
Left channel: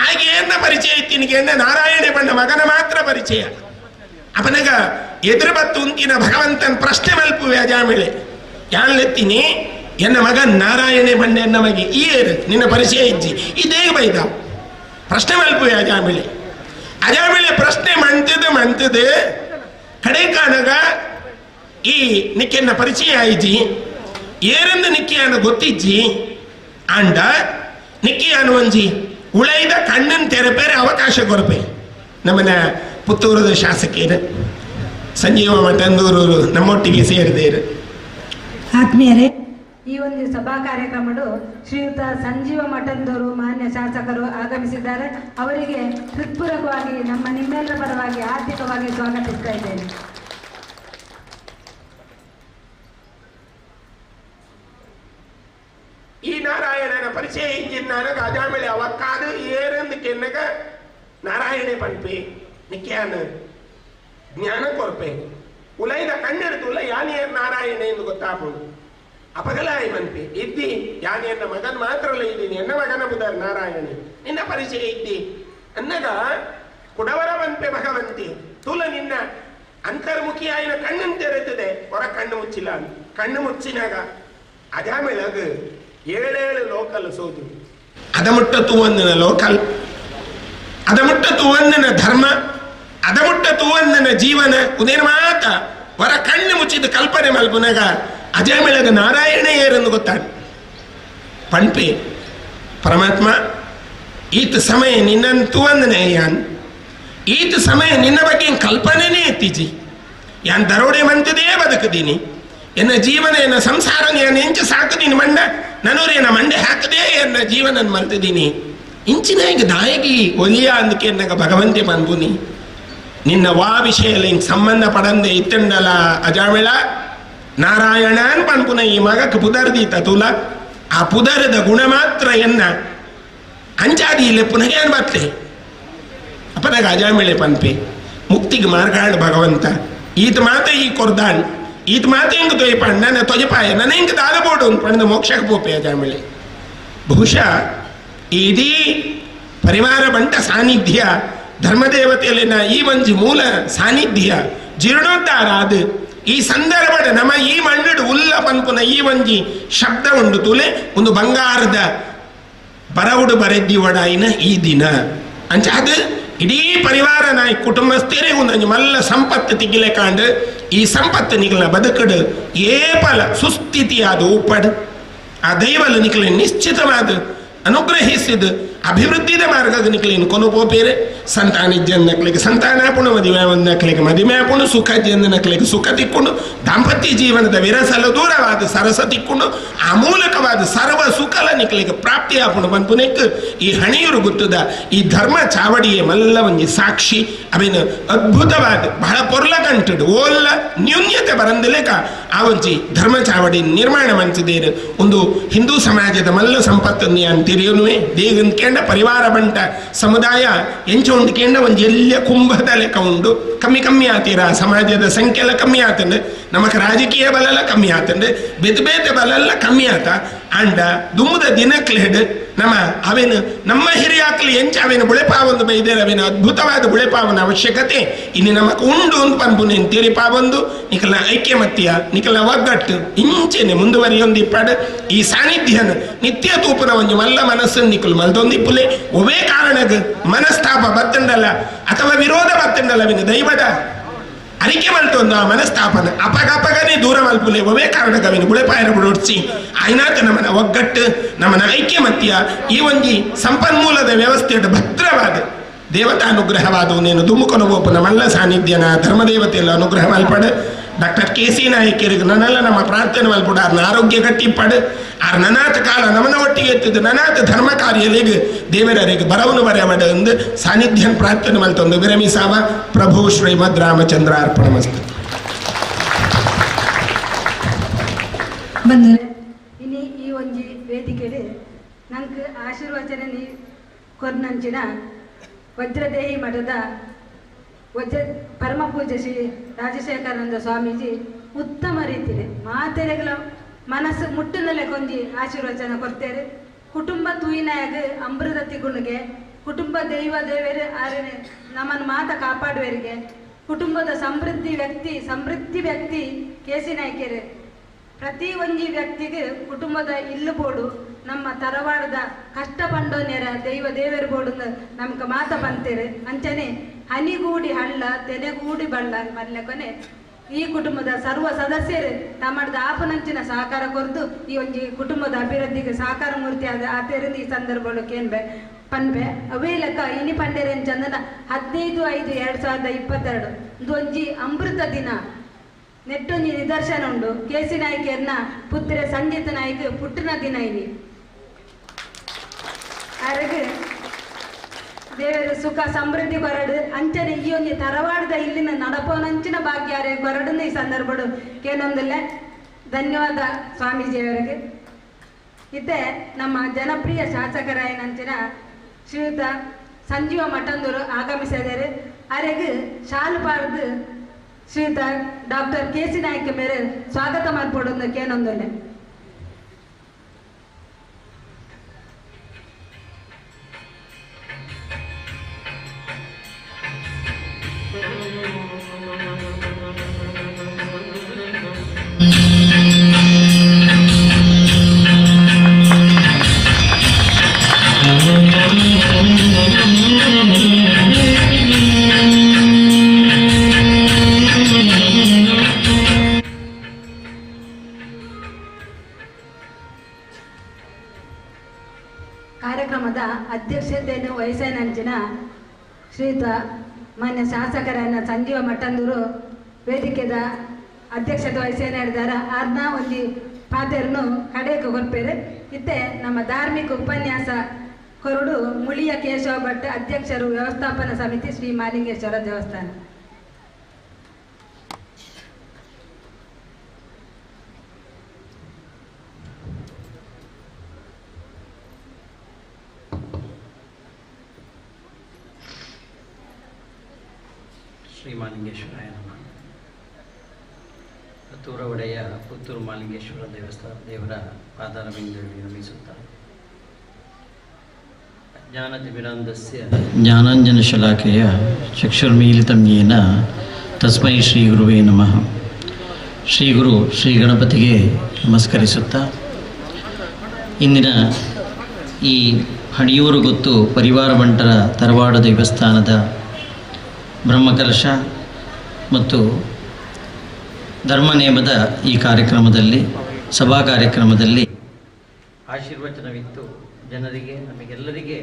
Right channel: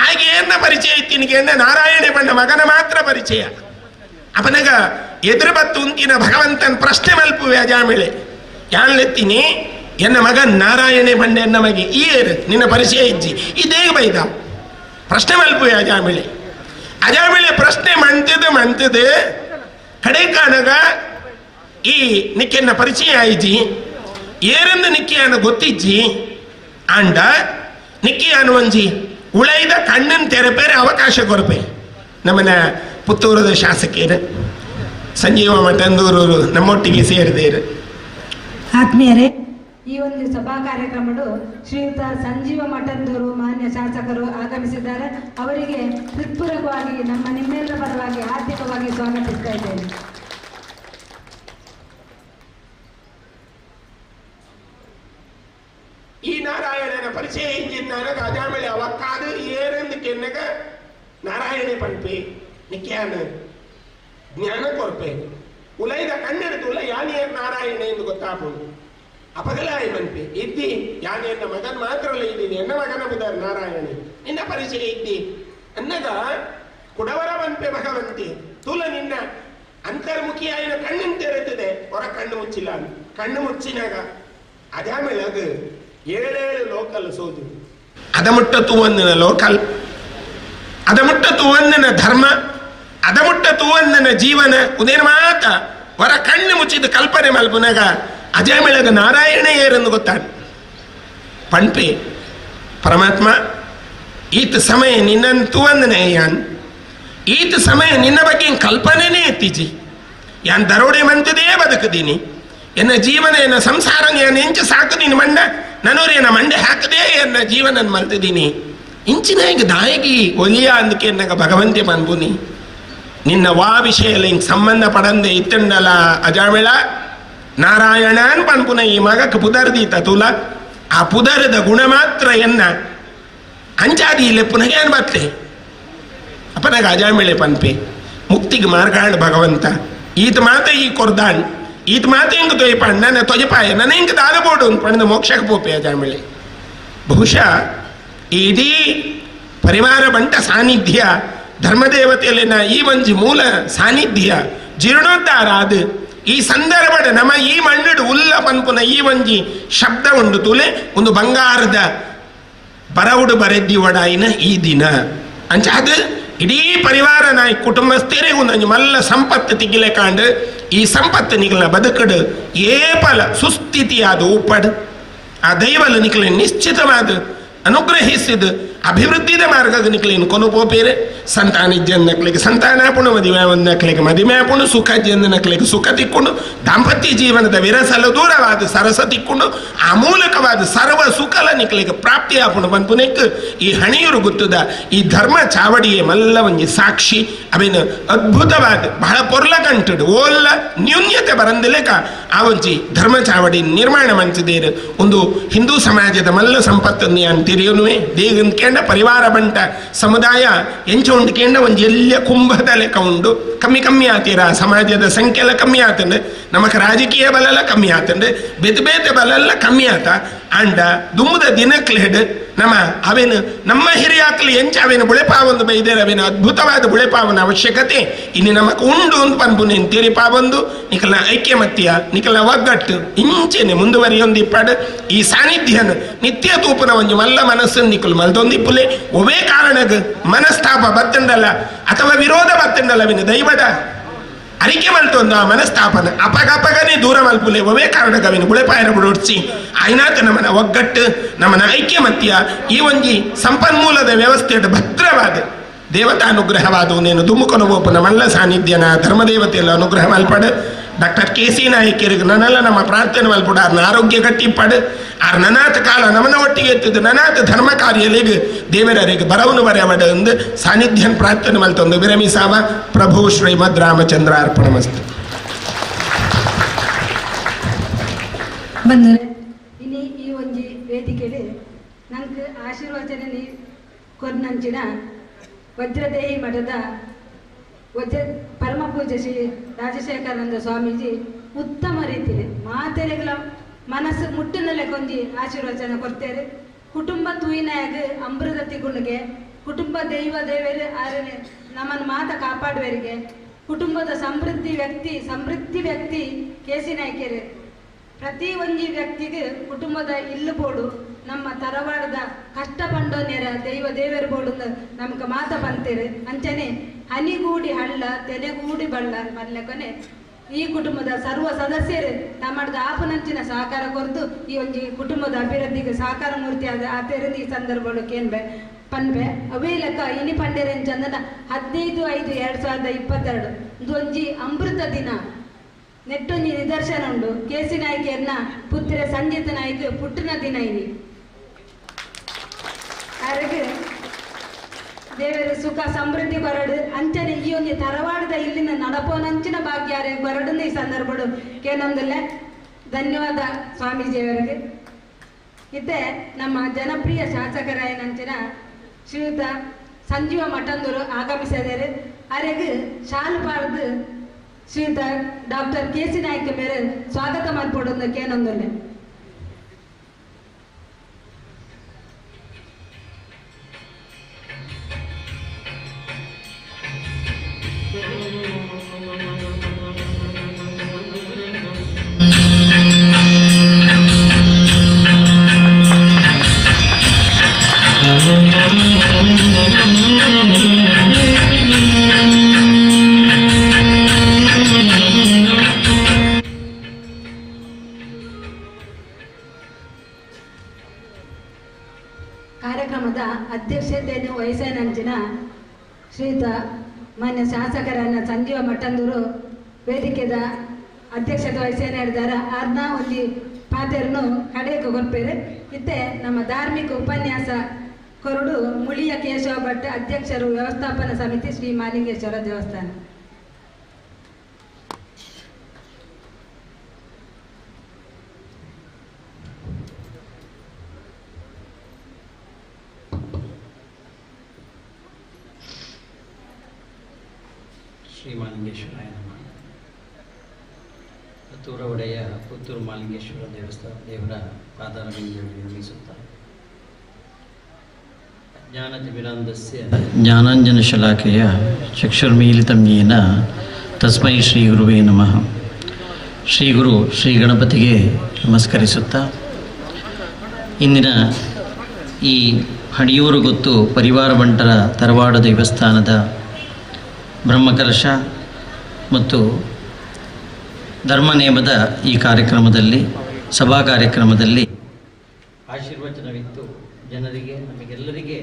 ಹಾಗೆ ಏನ ಪರಿಚಯ ಇತ್ತಿನಿಗೆ ನಾರಾಯಣ ಬಣ್ಣ ಮಗನ ಮಾತ್ರ ಪರಿಚಯ ಅವನಗ ಎದುರು ಬತ್ತು ಉಂತಿನ ಭಗವಂತನ ಪ್ರಶ್ನೆ ಮಲ್ಪುವೆ ಅಜಾಮೇಳೆ ಯಾನ್ಲೆತ್ತೀನಿ ಎನ್ನ ಮಗನ್ ನಾರಾಯಣೆ ಬಂಡೆ ಎನ್ನ ಮಗೆ ಈರ್ ನಿನ್ನ ಪರಿಚಯ ಇಜ್ಜಿ ಇದೇ ಬೈದ ಪ್ರಶ್ನೆ ಮಲ್ಪುವೆ ಅಜಾಮೇಳೆ ಪ್ರಶ್ನೆ ಮಂತದ ಕಡೆ ಕಾಣಗ ಈ ನಿಕ್ಕೆನ್ನ ಪರಿಚಯ ಆಯ್ಜಿ ಏರೆಂದು ನಿಕ್ಕಿಯನ್ನು ಗೊತ್ತಿಜ್ಜಿ ಆಂಡ ನಿಕ್ಕಿಯನ್ನು ಒಂಜಿ ಉಳೈದ ಕಣ್ಣನ್ನು ತೆರಪೇರೆ ಅವಕಾಶ ಕೊರಪೆ ನಮ್ಮನ ಪುತ್ತೂರದ ಶಾಸಕಿಯರು ಸಂಜೀವ ಮಠಂದೂರವರು ನಮ್ಮೊಟ್ಟಿಗೆ ಸೇರಿದೇರು. ಆತ್ಮೀಯರೇ, ಈ ಒಂದು ಸಭಾ ಕಾರ್ಯಕ್ರಮಗಳು ಶ್ರೀಯುತ ಸಂಜೀವ ಮಠಂದೂರು ಮಾನ್ಯ ಶಾಸಕರು ಆಗಮಿಸಿದ್ದಾರೆ. ಅವರಿಗೆ ಹೃತ್ಪೂರ್ವಕವಾಗಿ ನಿಮ್ಮೆಲ್ಲರ ಪರವಾಗಿ ಆರ್ಥಿಕವಾಗಿ ಸ್ವಾಗತಿಸ್ತಾ ಇದ್ದೇನೆ. ಈ ನಾರಾಯಣನ ಪರಿಚಯ ಇಂಜಿನ್ ನನಗ ಅಜಾಮೇಳೆ ಅವಕ್ಕಾದ ಏರೆಂದು ಕೆನ್ನಗ ನಾರಾಯಣೆ ಪಂಪೆ ನಿಕ್ಯಾನ ಜ್ಞಾನ ಕೊರಪೆ ಉಲೈದ ಕಣ್ಣೆಡ್ತುಲ್ಲ ಯಾನಿಯರ್ ನಾರಾಯಣ ಎಂದು ಗೊತ್ತಾಪುಡು ಅಪಗಲಾಯಿ ಪಂಪೆ ಇದ್ದಿ ಯಾನಿಯನ್ನ ಮಗನ್ ಮಾತ್ರ ಇದ್ದೀನಿ ಎನ್ನ ಮಗನ ಬುಧರ್ ನಾರಾಯಣ ನಿನ್ನ ಪರಿಚಯ ಇದ್ದಿ ಅನ್ನಗ ಕುಡವರ ಪಂಪೆ ಭಗವಂತಿ ತುಲ ನಿನ್ನ ಅಂತರ್ಮುಖಿಯಾಯಿನ ಕಣ್ಣನ್ನು ತೆರೆದಿದೆ ಹೊರ ಕಣ್ಣು ಮುಚ್ಚಿಲ್ಲ ಕಣ್ಣು ಮುಚ್ಚಿನಾಗ ಅಜಾಮೇಳಗ 7 ಲೋಕಲ್ ಸೋದು ಅದಮುಟ್ಟ ತೂವನ್ನನ ಲೋಕಲ್ ಅದಮುಟ್ಟ ತೂವನ್ನನ ಧರ್ಮ ಅದಮುಟ್ಟ ತೂವನ್ನನ ಜೀವನ ಉದೇನ ಮಾತ ವರ ಕಣ್ಣು ಮುಚ್ಚಿದ ಕಲ್ಪನೆ ಮಲ್ಪುನಾಗ ಅಜಾಮೇಳಗ ನಾರಾಯಣ ಏರನ್ನು ಗೊತ್ತಾಡ ಪಂಪೆ ಪರಮಾತ್ಮ ಈತ ಸಮಯ ನಿನ್ನನ್ನು ತೂವನ್ನನೆ ಯಾನ್ ಈತ ಸಮಯ ನಿನ್ನ ಬಗ್ಗೆ ಕಲ್ಪನೆನೇ ಎತ್ತಿಜಿ ಯಾನ್ ದರೋಡೆ ಮಂತದೇ ಬದುಕದೀನಿ ಎನ್ನ ಜೀವನ ಎನ್ನ ಸಂಸಾರ ನಾನು ಎಂಚ ಸಾಕದೀನಿ ಮಂಡ ನನೂರೇನ ಮಂಡೆ ಹಾಕದೇ ಎನ್ನ ಜೀವನ ಮಲ್ತಿದ್ದೀನಿ ಇಂಚಿನ ಹಿಂಗೆ ದಾಯಗಿ ಒಲಿಯ ಅಂದಕ್ಕೆ ಎನ್ನಗ ಭಗವಂತೆ ಪನ್ಬುನಿ ನಿನ್ನ ವಾ ವಿಷಯದಲ್ಲಿ ಹಿಂಗೆ ಸಂಬಂಧ ಪಡಂದೆ ಇತ್ತಂಡಲ ಅಜಾಮೇಳ ನಾರಾಯಣನ್ ಪನ್ಪುನ ಈ ಮಗಕ್ಕೆ ಪುದರ್ದೀತ ತುಲ ಆ ಪುದರದ ಗುಣ ಮಾತ್ರ ಎನ್ನ ಅಂಚಾದಿ ಇಲ್ಲೇ ಪುನಗೆ ಅನ್ಬತ್ತೆ ಅಪ್ಪನಾಗ ಅಜಾಮೇಳೆ ಪನ್ಪೆ ಮುಕ್ತಿಗೆ ಮಾರ್ಗಾಂಡ್ ಭಗವಂತ ಈತ ಮಾತ ಈ ಕೊರ್ದಾಂಡ್ ಈತ ಮಾತ ಹಿಂಗೆ ತೊಯ್ಪಾಂಡ್ ನನ್ನ ತೊಜಪಾಯ ನನ್ನ ಹಿಂಗೆ ದಾದಬೋಡು ಅಂದ್ಪಂಡ ಮೋಕ್ಷಕ್ಕೆ ಪೋಪೆ ಅಜಾಮೇಳೆ ಬಹುಶಃ ಇಡೀ ಪರಿವಾರ ಬಂಟ ಸಾನ್ನಿಧ್ಯ ಧರ್ಮದೇವತೆಯಲ್ಲಿನ ಈ ಒಂಜಿ ಮೂಲ ಸಾನ್ನಿಧ್ಯ ಜೀರ್ಣೋದ್ಧಾರ ಅದು ಈ ಸಂದರ್ಭದ ನಮ್ಮ ಈ ಮಣ್ಣಡು ಉಲ್ಲ ಪನ್ಪುನ ಈ ಒಂಜಿ ಶಬ್ದ ಉಂಡು ತುಲೆ ಒಂದು ಬಂಗಾರದ ಬರವುಡು ಬರೆದ್ದಿ ಒಡಾಯಿನ ಈ ದಿನ ಅಂಚ ಅದು ಇಡೀ ಪರಿವಾರ ನಾಯಿ ಕುಟುಂಬಸ್ಥರೇ ಒಂದು ಮಲ್ಲ ಸಂಪತ್ತು ತಿಗಿಲೆ ಕಾಂಡ್ ಈ ಸಂಪತ್ತು ನಿಗಲ ಬದುಕಡು ಏಪಲ ಸುಸ್ಥಿತಿಯಾದ ಉಪ್ಪಡ್ ಆ ದೈವಲು ನಿಖಲೆ ನಿಶ್ಚಿತವಾದ ಅನುಗ್ರಹಿಸಿದ ಅಭಿವೃದ್ಧಿದ ಮಾರ್ಗದ ನಿಖಲೇನು ಕೊನು ಪೋಪೇರೆ ಸಂತಾನಿಜ್ಜನ್ ನಕ್ಲಿಗೆ ಸಂತಾನಾಪುಣ ಮದುವೆ ನಕ್ಲಿಗೆ ಮದುವೆ ಆಪುಣ ಸುಖ ಜಂದ ನಕ್ಲಿಗೆ ಸುಖ ತಿಕ್ಕೊಂಡು ದಾಂಪತ್ಯ ಜೀವನದ ವಿರಸಲ ದೂರವಾದ ಸರಸ ತಿಕ್ಕೊಂಡು ಆ ಮೂಲಕವಾದ ಸರ್ವ ಸುಖಲ ನಿಖಲಿಗೆ ಪ್ರಾಪ್ತಿ ಆಪುಣ ಪನ್ಪುನೆಕ್ ಈ ಹಣಿಯರು ಗೊತ್ತದ ಈ ಧರ್ಮ ಚಾವಡಿಯೇ ಮಲ್ಲ ಒಂಜಿ ಸಾಕ್ಷಿ ಅವೇನು ಅದ್ಭುತವಾದ ಬಹಳ ಪೊರ್ಲ ಕಂಟಡು ಓಲ್ಲ ನ್ಯೂನ್ಯತೆ ಬರಂದಿಲೇಕ ಆ ಒಂಜಿ ಧರ್ಮ ಚಾವಡಿ ನಿರ್ಮಾಣ ಮಂಚಿದೇರು ಒಂದು ಹಿಂದೂ ಸಮಾಜದ ಮಲ್ಲ ಸಂಪತ್ತನ್ನು ಯಾನ್ ತಿರಿಯುನುವೆ ದೇಗಂದ್ಕೇಂಡ ಪರಿವಾರ ಬಂಟ ಸಮುದಾಯ ಎಂಚ ಉಂಡ್ಕೇಂಡ ಒಂದು ಎಲ್ಲ ಕುಂಭದ ಲೆಕ್ಕ ಉಂಡು ಕಮ್ಮಿ ಆತೀರ ಸಮಾಜದ ಸಂಖ್ಯೆ ಎಲ್ಲ ಕಮ್ಮಿ ಆತಂಡು ನಮಕ್ ರಾಜಕೀಯ ಬಲೆಲ್ಲ ಕಮ್ಮಿ ಆತಂಡು ಬೇತೆ ಬಲೆಲ್ಲ ಕಮ್ಮಿ ಆತ ಅಂಡ ದುಮ್ಮದ ದಿನಕ್ಲೆಡ್ ಅವೇನು ನಮ್ಮ ಹಿರಿಯಾಕ್ಲಿ ಎಂಚ ಅವೇನು ಬುಳೆಪಾವೊಂದು ಬೈದೇರು ಅವೇನು ಅದ್ಭುತವಾದ ಬುಳೆಪಾವನ ಅವಶ್ಯಕತೆ ಇನ್ನು ನಮಕ್ ಉಂಡು ಅಂತ ಪನ್ಪುನೇನು ತೆರಿಪಾವೊಂದು ನಿಕಲ ಐಕ್ಯಮತ್ಯ ನಿಕಲ ಒಗ್ಗಟ್ಟು ಇಂಚೆನೆ ಮುಂದುವರಿಯೊಂದು ಇಪ್ಪಡು ಈ ಸಾನ್ನಿಧ್ಯನ ನಿತ್ಯ ತೂಪನ ಒಂದು ಮಲ್ಲ ಮನಸ್ಸನ್ನು ನಿಕಲು ಮಲ್ದೊಂದಿಪ್ಪುಲೆ ಒವೇ ಕಾರಣಗ ಮನಸ್ತಾಪ ಬತ್ತಂಡಲ್ಲ ಅಥವಾ ವಿರೋಧ ಬತ್ತಂಡಲ್ಲ ಅವೇನು ದೈವದ ಅರಿಕೆ ಮಲ್ತೊಂದು ಆ ಮನಸ್ಥಾಪನ ಅಪಗಪಗನೆ ದೂರ ಮಲ್ಪುಲೆ ಒವೇ ಕಾರಣಗವಿನ ಬುಳೆಪಾಯನ ಬಿಡೋಡ್ಸಿ ಆಯ್ನಾತ ನಮ್ಮನ ಒಗ್ಗಟ್ಟು ನಮ್ಮನ ಐಕ್ಯಮತ್ಯ ಈ ಒಂಜಿ ಸಂಪನ್ಮೂಲದ ವ್ಯವಸ್ಥೆಯ ಭದ್ರವಾದ ದೇವತಾನುಗ್ರಹವಾದವು ನೇನು ದುಮ್ಮುಕೊನ ಓಪನ ಮಲ್ಲ ಸಾನ್ನಿಧ್ಯನ ಧರ್ಮದೇವತೆಯಲ್ಲ ಅನುಗ್ರಹ ಮಲ್ಪಡು ಡಾಕ್ಟರ್ ಕೆ.ಸಿ. ನಾಯಕರಿಗೆ ನನ್ನೆಲ್ಲ ನಮ್ಮ ಪ್ರಾರ್ಥನೆ ಮಲ್ಪಡು ಅವ್ರನ್ನ ಆರೋಗ್ಯ ಗಟ್ಟಿಪ್ಪಡು ಆರ್ ನನಾಥ ಕಾಲ ನಮ್ಮನ ಒಟ್ಟಿಗೆ ಎತ್ತಿದ್ದು ನನಾಥ ಧರ್ಮ ಕಾರ್ಯಲಿಗೆ ದೇವರಿಗೆ ಬರವನು ಬರೆಯಮಡ ಎಂದು ಸಾನ್ನಿಧ್ಯನ್ ಪ್ರಾರ್ಥನೆ ಮಲ್ತೊಂದು ವಿರಮಿಸಾವ ಪ್ರಭು ಶ್ರೀಮದ್ ರಾಮಚಂದ್ರ ಅರ್ಪಣಮಸ್ತು. ಬಂದರೆ ಇನಿ ಈ ಒಂಜಿ ವೇದಿಕೆಯಲ್ಲಿ ನಂಗೆ ಆಶೀರ್ವಚನ ನೀ ಕೊರ್ನಂಚಿನ ವಜ್ರದೇಹಿ ಮಠದ ಪರಮ ಪೂಜ್ಯ ಶ್ರೀ ರಾಜಶೇಖರಾನಂದ ಸ್ವಾಮೀಜಿ ಉತ್ತಮ ರೀತಿಯಲ್ಲಿ ಮಾತೆರೆಗಳ ಮನಸ್ಸು ಮುಟ್ಟಿನಲ್ಲೇ ಕೊಂಜಿ ಆಶೀರ್ವಚನ ಕೊಡ್ತೇವೆ. ಕುಟುಂಬ ತೂಯಿನಾಗ ಅಮೃತ ತಿಗುಣಿಗೆ ಕುಟುಂಬ ದೇವರು ಆರನೆ ನಮ್ಮನ್ನು ಮಾತ ಕಾಪಾಡುವರಿಗೆ ಕುಟುಂಬದ ಸಮೃದ್ಧಿ ವ್ಯಕ್ತಿ ಕೆ.ಸಿ. ನಾಯ್ಕರು ಪ್ರತಿ ಒಂಜಿ ವ್ಯಕ್ತಿಗೆ ಕುಟುಂಬದ ಇಲ್ಲು ಬೋಡು ನಮ್ಮ ತರವಾಡದ ಕಷ್ಟ ಪಂಡೋನ್ಯರ ದೇವರು ಬೋಡು ನಮ್ಗೆ ಮಾತ ಬಂತೇವೆ ಅಂಚನೆ ಹನಿಗೂಡಿ ಹಳ್ಳ ತೆನೆಗೂಡಿ ಬಳ್ಳ ಮಲ್ಲೆ ಕೊನೆ ಈ ಕುಟುಂಬದ ಸರ್ವ ಸದಸ್ಯರು ತಮ್ಮದ ಆಪನಂಚಿನ ಸಹಕಾರ ಕೊರತು ಈ ಒಂಜಿ ಕುಟುಂಬದ ಅಭಿವೃದ್ಧಿಗೆ ಸಹಕಾರ ಮೂರ್ತಿ ಆದ ಆತೇರಿಂದ ಈ ಸಂದರ್ಭಗಳು ಕೇನ್ಬೆ ಪನ್ಬೆ ಅವೇ ಲೆಕ್ಕ ಇನಿ ಪಂಡೆರೆಂಚಂದನ 15/5/2022 ಇದು ಒಂಜಿ ಅಮೃತ ದಿನ ನೆಟ್ಟೊಂಜಿ ನಿದರ್ಶನ ಉಂಡು. ಕೆ.ಸಿ. ನಾಯ್ಕರ್ನ ಪುತ್ರೆ ಸಂಜಿತ್ ನಾಯ್ಕ ಪುಟ್ಟಿನ ದಿನ ಇನಿ ಅರಗೆ ದೇವರು ಸುಖ ಸಮೃದ್ಧಿ ಕೊರಡು ಅಂಚನೆ ಈ ಒಂದು ತರವಾಡದ ಇಲ್ಲಿನ ನಡಪೋನಂಚಿನ ಭಾಗ್ಯಾರೆ ಕೊರಡನ್ನ ಈ ಸಂದರ್ಭಡು ಕೇನೊಂದಲ್ಲೇ ಧನ್ಯವಾದ ಸ್ವಾಮೀಜಿಯವರಿಗೆ. ಇತ್ತೆ ನಮ್ಮ ಜನಪ್ರಿಯ ಶಾಸಕರಾಯನಂಚಿನ ಶ್ರೀಯುತ ಸಂಜೀವ ಮಠಂದೂರು ಆಗಮಿಸಿದರೆ ಅರೆಗೆ ಶಾಲು ಪಾಡ್ದು ಶ್ರೀಯುತ ಡಾಕ್ಟರ್ ಕೆ.ಸಿ. ನಾಯ್ಕ ಮೇರೆ ಸ್ವಾಗತ ಮಾಡ್ಕೊಡೋದು ಕೇನೊಂದಲ್ಲೇ. ಕಾರ್ಯಕ್ರಮದ ಅಧ್ಯಕ್ಷತೆಯನ್ನು ವಹಿಸನಂಚಿನ ಶ್ರೀಯುತ ಮಾನ್ಯ ಶಾಸಕರನ್ನ ಸಂಜೀವ ಮಠಂದೂರು ವೇದಿಕೆದ ಅಧ್ಯಕ್ಷತೆ ವಹಿಸೇನೆ ಹೇಳಿದಾರೆ ಅದನ್ನ ಒಂದು ಪಾತೆಯನ್ನು ಕಡೆಗೆ ಕೊರ್ಪೇರೆ. ಇತ್ತೆ ನಮ್ಮ ಧಾರ್ಮಿಕ ಉಪನ್ಯಾಸ ಕೊರಡು ಮುಳಿಯ ಕೇಶವ ಭಟ್ ಅಧ್ಯಕ್ಷರು ವ್ಯವಸ್ಥಾಪನಾ ಸಮಿತಿ ಶ್ರೀ ಮಾಲಿಂಗೇಶ್ವರ ದೇವಸ್ಥಾನ. ಶ್ರೀ ಮಾಲಿಂಗೇಶ್ವರಾಯ ನಮಃ. ಪುತ್ತೂರ ಒಡೆಯ ಪುತ್ತೂರು ಮಾಲಿಂಗೇಶ್ವರ ದೇವರ ಪಾದಾರವಿಂದಗಳಲ್ಲಿ ನಮಿಸುತ್ತಾ ಜ್ಞಾನತಿಮಿರಾಂಧಸ್ಯ ಜ್ಞಾನಾಂಜನಶಲಾಕೆಯ ಚಕ್ಷುರ್ಮೀಲಿತಂ ಯೇನ ತಸ್ಮೈ ಶ್ರೀ ಗುರುವೇ ನಮಃ. ಶ್ರೀ ಗುರು ಶ್ರೀ ಗಣಪತಿಗೆ ನಮಸ್ಕರಿಸುತ್ತಾ ಇಂದಿನ ಈ ಹಣಿಯೂರು ಗೊತ್ತು ಪರಿವಾರ ಬಂಟರ ತರವಾಡ ದೇವಸ್ಥಾನದ ಬ್ರಹ್ಮಕಲಶ ಮತ್ತು ಧರ್ಮನೇಮದ ಈ ಕಾರ್ಯಕ್ರಮದಲ್ಲಿ ಸಭಾ ಕಾರ್ಯಕ್ರಮದಲ್ಲಿ ಆಶೀರ್ವಚನವಿತ್ತು ಜನರಿಗೆ ನಮಗೆಲ್ಲರಿಗೆ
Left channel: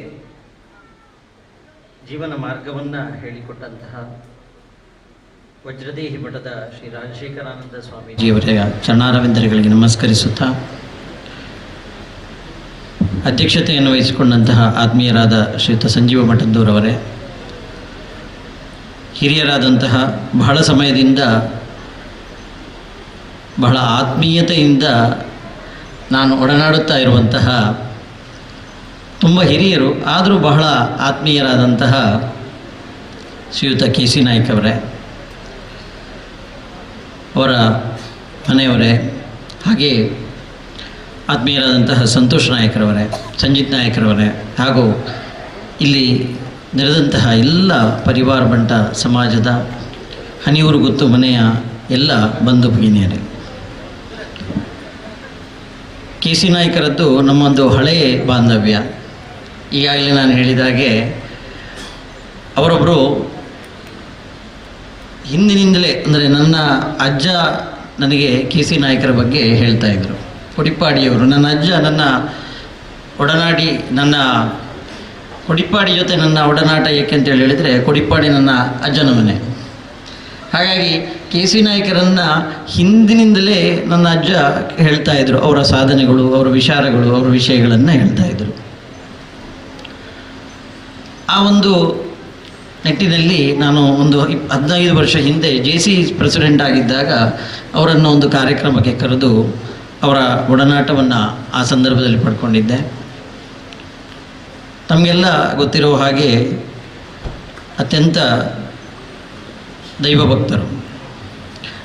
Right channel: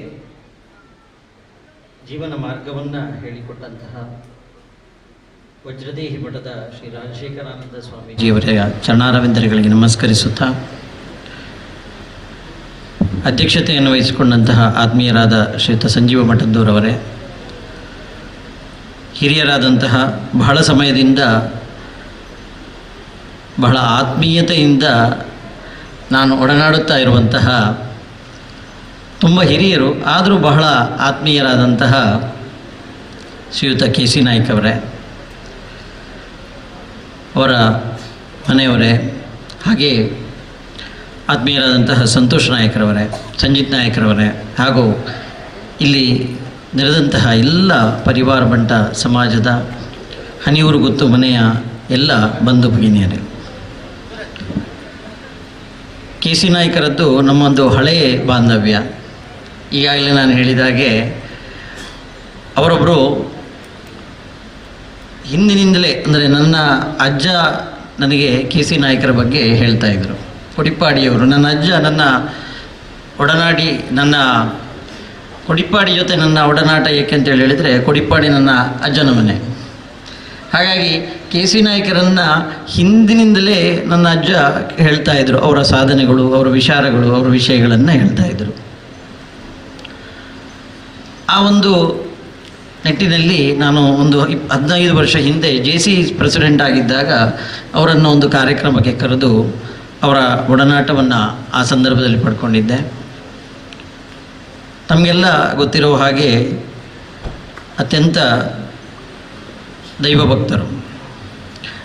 ಜೀವನ ಮಾರ್ಗವನ್ನು ಹೇಳಿಕೊಟ್ಟಂತಹ ವಜ್ರದೇಹಿ ಮಠದ ಶ್ರೀ ರಾಜಶೇಖರಾನಂದ ಸ್ವಾಮೀಜಿಯವರ ಚರಣಾರವಿಂದಗಳಿಗೆ ನಮಸ್ಕರಿಸುತ್ತಾ ಅಧ್ಯಕ್ಷತೆಯನ್ನು ವಹಿಸಿಕೊಂಡಂತಹ ಆತ್ಮೀಯರಾದ ಶ್ರೀಯುತ ಸಂಜೀವ ಮಠದ್ದೂರವರೇ, ಹಿರಿಯರಾದಂತಹ ಬಹಳ ಸಮಯದಿಂದ ಬಹಳ ಆತ್ಮೀಯತೆಯಿಂದ ನಾನು ಒಡನಾಡುತ್ತಾ ಇರುವಂತಹ ತುಂಬ ಹಿರಿಯರು ಆದರೂ ಬಹಳ ಆತ್ಮೀಯರಾದಂತಹ ಶ್ರೀಯುತ ಕೆ.ಸಿ. ನಾಯ್ಕ ಅವರೇ, ಅವರ ಮನೆಯವರೇ, ಹಾಗೆ ಆತ್ಮೀಯರಾದಂತಹ ಸಂತೋಷ್ ನಾಯಕರವರೇ, ಸಂಜಿತ್ ನಾಯಕರವರೇ, ಹಾಗೂ ಇಲ್ಲಿ ನೆರೆದಂತಹ ಎಲ್ಲ ಪರಿವಾರ ಬಂಟ ಸಮಾಜದ ಹನಿಯೂರು ಗೊತ್ತು ಮನೆಯ ಎಲ್ಲ ಬಂಧು ಭಗಿನಿಯರೇ, ಕೆ.ಸಿ. ನಾಯ್ಕರದ್ದು ನಮ್ಮೊಂದು ಹಳೆಯ ಬಾಂಧವ್ಯ. ಈಗಾಗಲೇ ನಾನು ಹೇಳಿದ ಹಾಗೆ ಅವರೊಬ್ಬರು ಹಿಂದಿನಿಂದಲೇ ಅಂದರೆ ನನ್ನ ಅಜ್ಜ ನನಗೆ ಕೆ.ಸಿ. ನಾಯಕರ ಬಗ್ಗೆ ಹೇಳ್ತಾ ಇದ್ದರು. ಕೊಡಿಪ್ಪಾಡಿಯವರು ನನ್ನ ಅಜ್ಜ ನನ್ನ ಒಡನಾಡಿ, ನನ್ನ ಕೊಡಿಪ್ಪಾಡಿ ಜೊತೆ ನನ್ನ ಒಡನಾಟ ಏಕೆಂತೇಳಿ ಹೇಳಿದರೆ ಕೊಡಿಪ್ಪಾಡಿ ನನ್ನ ಅಜ್ಜನ ಮನೆ. ಹಾಗಾಗಿ ಕೆ.ಸಿ. ನಾಯಕರನ್ನು ಹಿಂದಿನಿಂದಲೇ ನನ್ನ ಅಜ್ಜ ಹೇಳ್ತಾ ಇದ್ದರು. ಅವರ ಸಾಧನೆಗಳು, ಅವರ ವಿಚಾರಗಳು, ಅವರ ವಿಷಯಗಳನ್ನು ಹೇಳ್ತಾ ಇದ್ದರು. ಆ ಒಂದು ನಿಟ್ಟಿನಲ್ಲಿ ನಾನು ಒಂದು 15 ವರ್ಷ ಹಿಂದೆ JC ಪ್ರೆಸಿಡೆಂಟ್ ಆಗಿದ್ದಾಗ ಅವರನ್ನು ಒಂದು ಕಾರ್ಯಕ್ರಮಕ್ಕೆ ಕರೆದು ಅವರ ಒಡನಾಟವನ್ನು ಆ ಸಂದರ್ಭದಲ್ಲಿ ಪಡ್ಕೊಂಡಿದ್ದೆ. ತಮಗೆಲ್ಲ ಗೊತ್ತಿರೋ ಹಾಗೆ ಅತ್ಯಂತ ದೈವಭಕ್ತರು.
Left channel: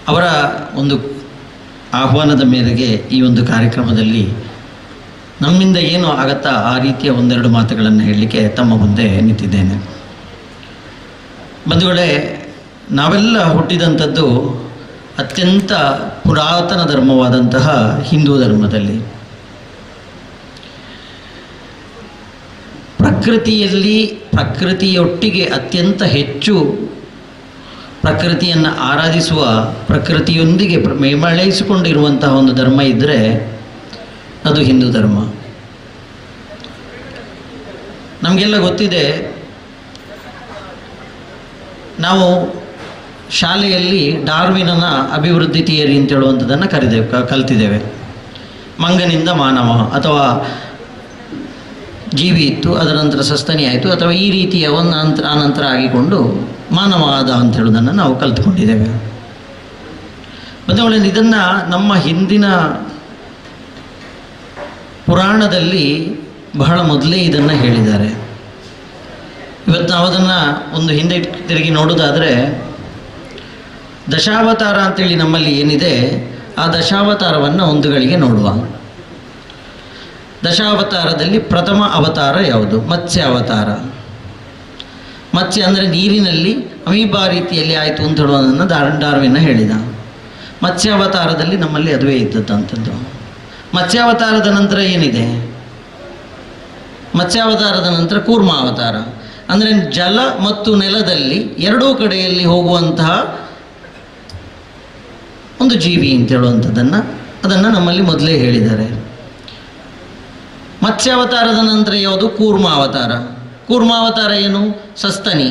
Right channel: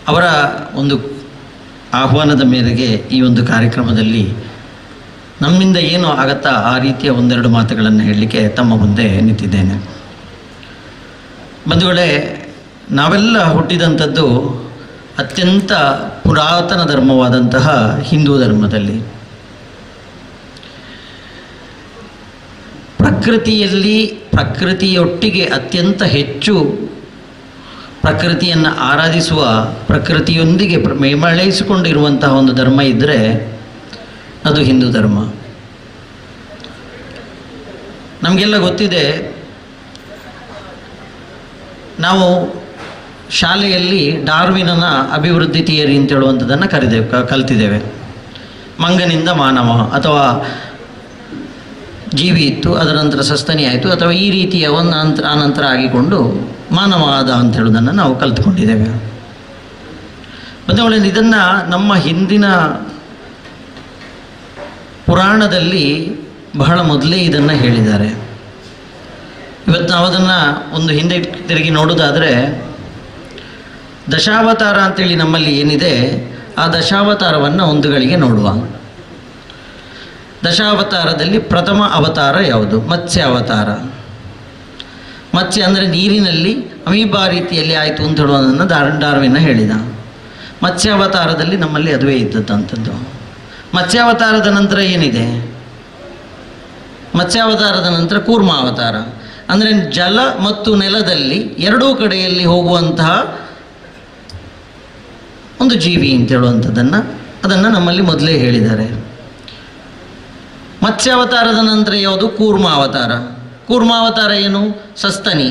ಅವರ ಒಂದು ಆಹ್ವಾನದ ಮೇರೆಗೆ ಈ ಒಂದು ಕಾರ್ಯಕ್ರಮದಲ್ಲಿ ನಮ್ಮಿಂದ ಏನು ಆಗತ್ತಾ ಆ ರೀತಿಯ ಒಂದೆರಡು ಮಾತುಗಳನ್ನು ಹೇಳಲಿಕ್ಕೆ ತಮ್ಮ ಮುಂದೆ ನಿಂತಿದ್ದೇನೆ. ಬಂಧುಗಳೇ, ನಾವೆಲ್ಲ ಹುಟ್ಟಿದಂಥದ್ದು ಅತ್ಯಂತ ಪುರಾತನ ಧರ್ಮವಾದಂತಹ ಹಿಂದೂ ಧರ್ಮದಲ್ಲಿ. ಪ್ರಕೃತಿಯೊಟ್ಟಿಗೆ ಅತ್ಯಂತ ಹೆಚ್ಚು ಪ್ರಕೃತಿಯನ್ನು ಆರಾಧಿಸುವ, ಪ್ರಕೃತಿಯೊಂದಿಗೆ ಮೇಳೈಸಿಕೊಂಡಿರುವಂತಹ ಒಂದು ಧರ್ಮ ಇದ್ದರೆ ಅದು ಹಿಂದೂ ಧರ್ಮ. ನಮಗೆಲ್ಲ ಗೊತ್ತಿದೆ, ನಾವು ಶಾಲೆಯಲ್ಲಿ ಡಾರ್ವಿನನ ಅಭಿವೃದ್ಧಿ ಥಿಯರಿ ಅಂತ ಹೇಳುವಂಥದ್ದನ್ನು ಕಲ್ತಿದ್ದೇವೆ. ಮಂಗನಿಂದ ಮಾನವ ಅಥವಾ ಜೀವಿ ಇತ್ತು, ಅದರ ನಂತರ ಸಸ್ತನಿ ಆಯಿತು, ಅಥವಾ ಈ ರೀತಿಯ ಒಂದು ಆನಂತರ ಆಗಿಕೊಂಡು ಮಾನವ ಆದ ಅಂತ ಹೇಳೋದನ್ನು ನಾವು ಕಲ್ತ್ಕೊಂಡಿದ್ದೇವೆ. ಬಂಧುಗಳೇ, ಇದನ್ನು ನಮ್ಮ ಹಿಂದಿನ ಪುರಾಣದಲ್ಲಿ ಬಹಳ ಮೊದಲೇ ಇದನ್ನು ಹೇಳಿದ್ದಾರೆ. ಇವತ್ತು ನಾವು ಅದನ್ನು ಒಂದು ಹಿಂದೆ ತಿರುಗಿ ನೋಡೋದಾದರೆ, ದಶಾವತಾರ ಅಂತೇಳಿ ನಮ್ಮಲ್ಲಿ ಏನಿದೆ, ಆ ದಶಾವತಾರವನ್ನು ಒಂದು ಗಳಿಗೆ ನೋಡುವ. ದಶಾವತಾರದಲ್ಲಿ ಪ್ರಥಮ ಅವತಾರ ಯಾವುದು? ಮತ್ಸ್ಯ ಅವತಾರ. ಮತ್ಸ್ಯ ಅಂದರೆ ನೀರಿನಲ್ಲಿ ಅಮೀಬಾ ರೀತಿಯಲ್ಲಿ ಆಯಿತು ಅಂತ ಹೇಳುವುದನ್ನು ಡಾರ್ವಿನ್ ಹೇಳಿದ. ಮತ್ಸ್ಯಾವತಾರದಲ್ಲಿ ನಮ್ಮಲ್ಲಿ ಅದುವೇ ಇದ್ದದ್ದಂಥದ್ದು. ಮತ್ಸ್ಯಾವತಾರದ ನಂತರ ಏನಿದೆ? ಮತ್ಸ್ಯಾವತಾರದ ನಂತರ ಕೂರ್ಮಾವತಾರ. ಅಂದರೆ ಜಲ ಮತ್ತು ನೆಲದಲ್ಲಿ ಎರಡೂ ಕಡೆಯಲ್ಲಿ ಹೋಗುವಂತಹ ಒಂದು ಜೀವಿ ಅಂತ ಅದನ್ನು ನಮ್ಮಲ್ಲಿ ಮೊದಲೇ ಹೇಳಿದ್ದಾರೆ. ಮತ್ಸ್ಯಾವತಾರದ ನಂತರ ಯಾವುದು? ಕೂರ್ಮಾವತಾರ. ಕೂರ್ಮಾವತಾರ ಏನು? ಸಸ್ತನಿ,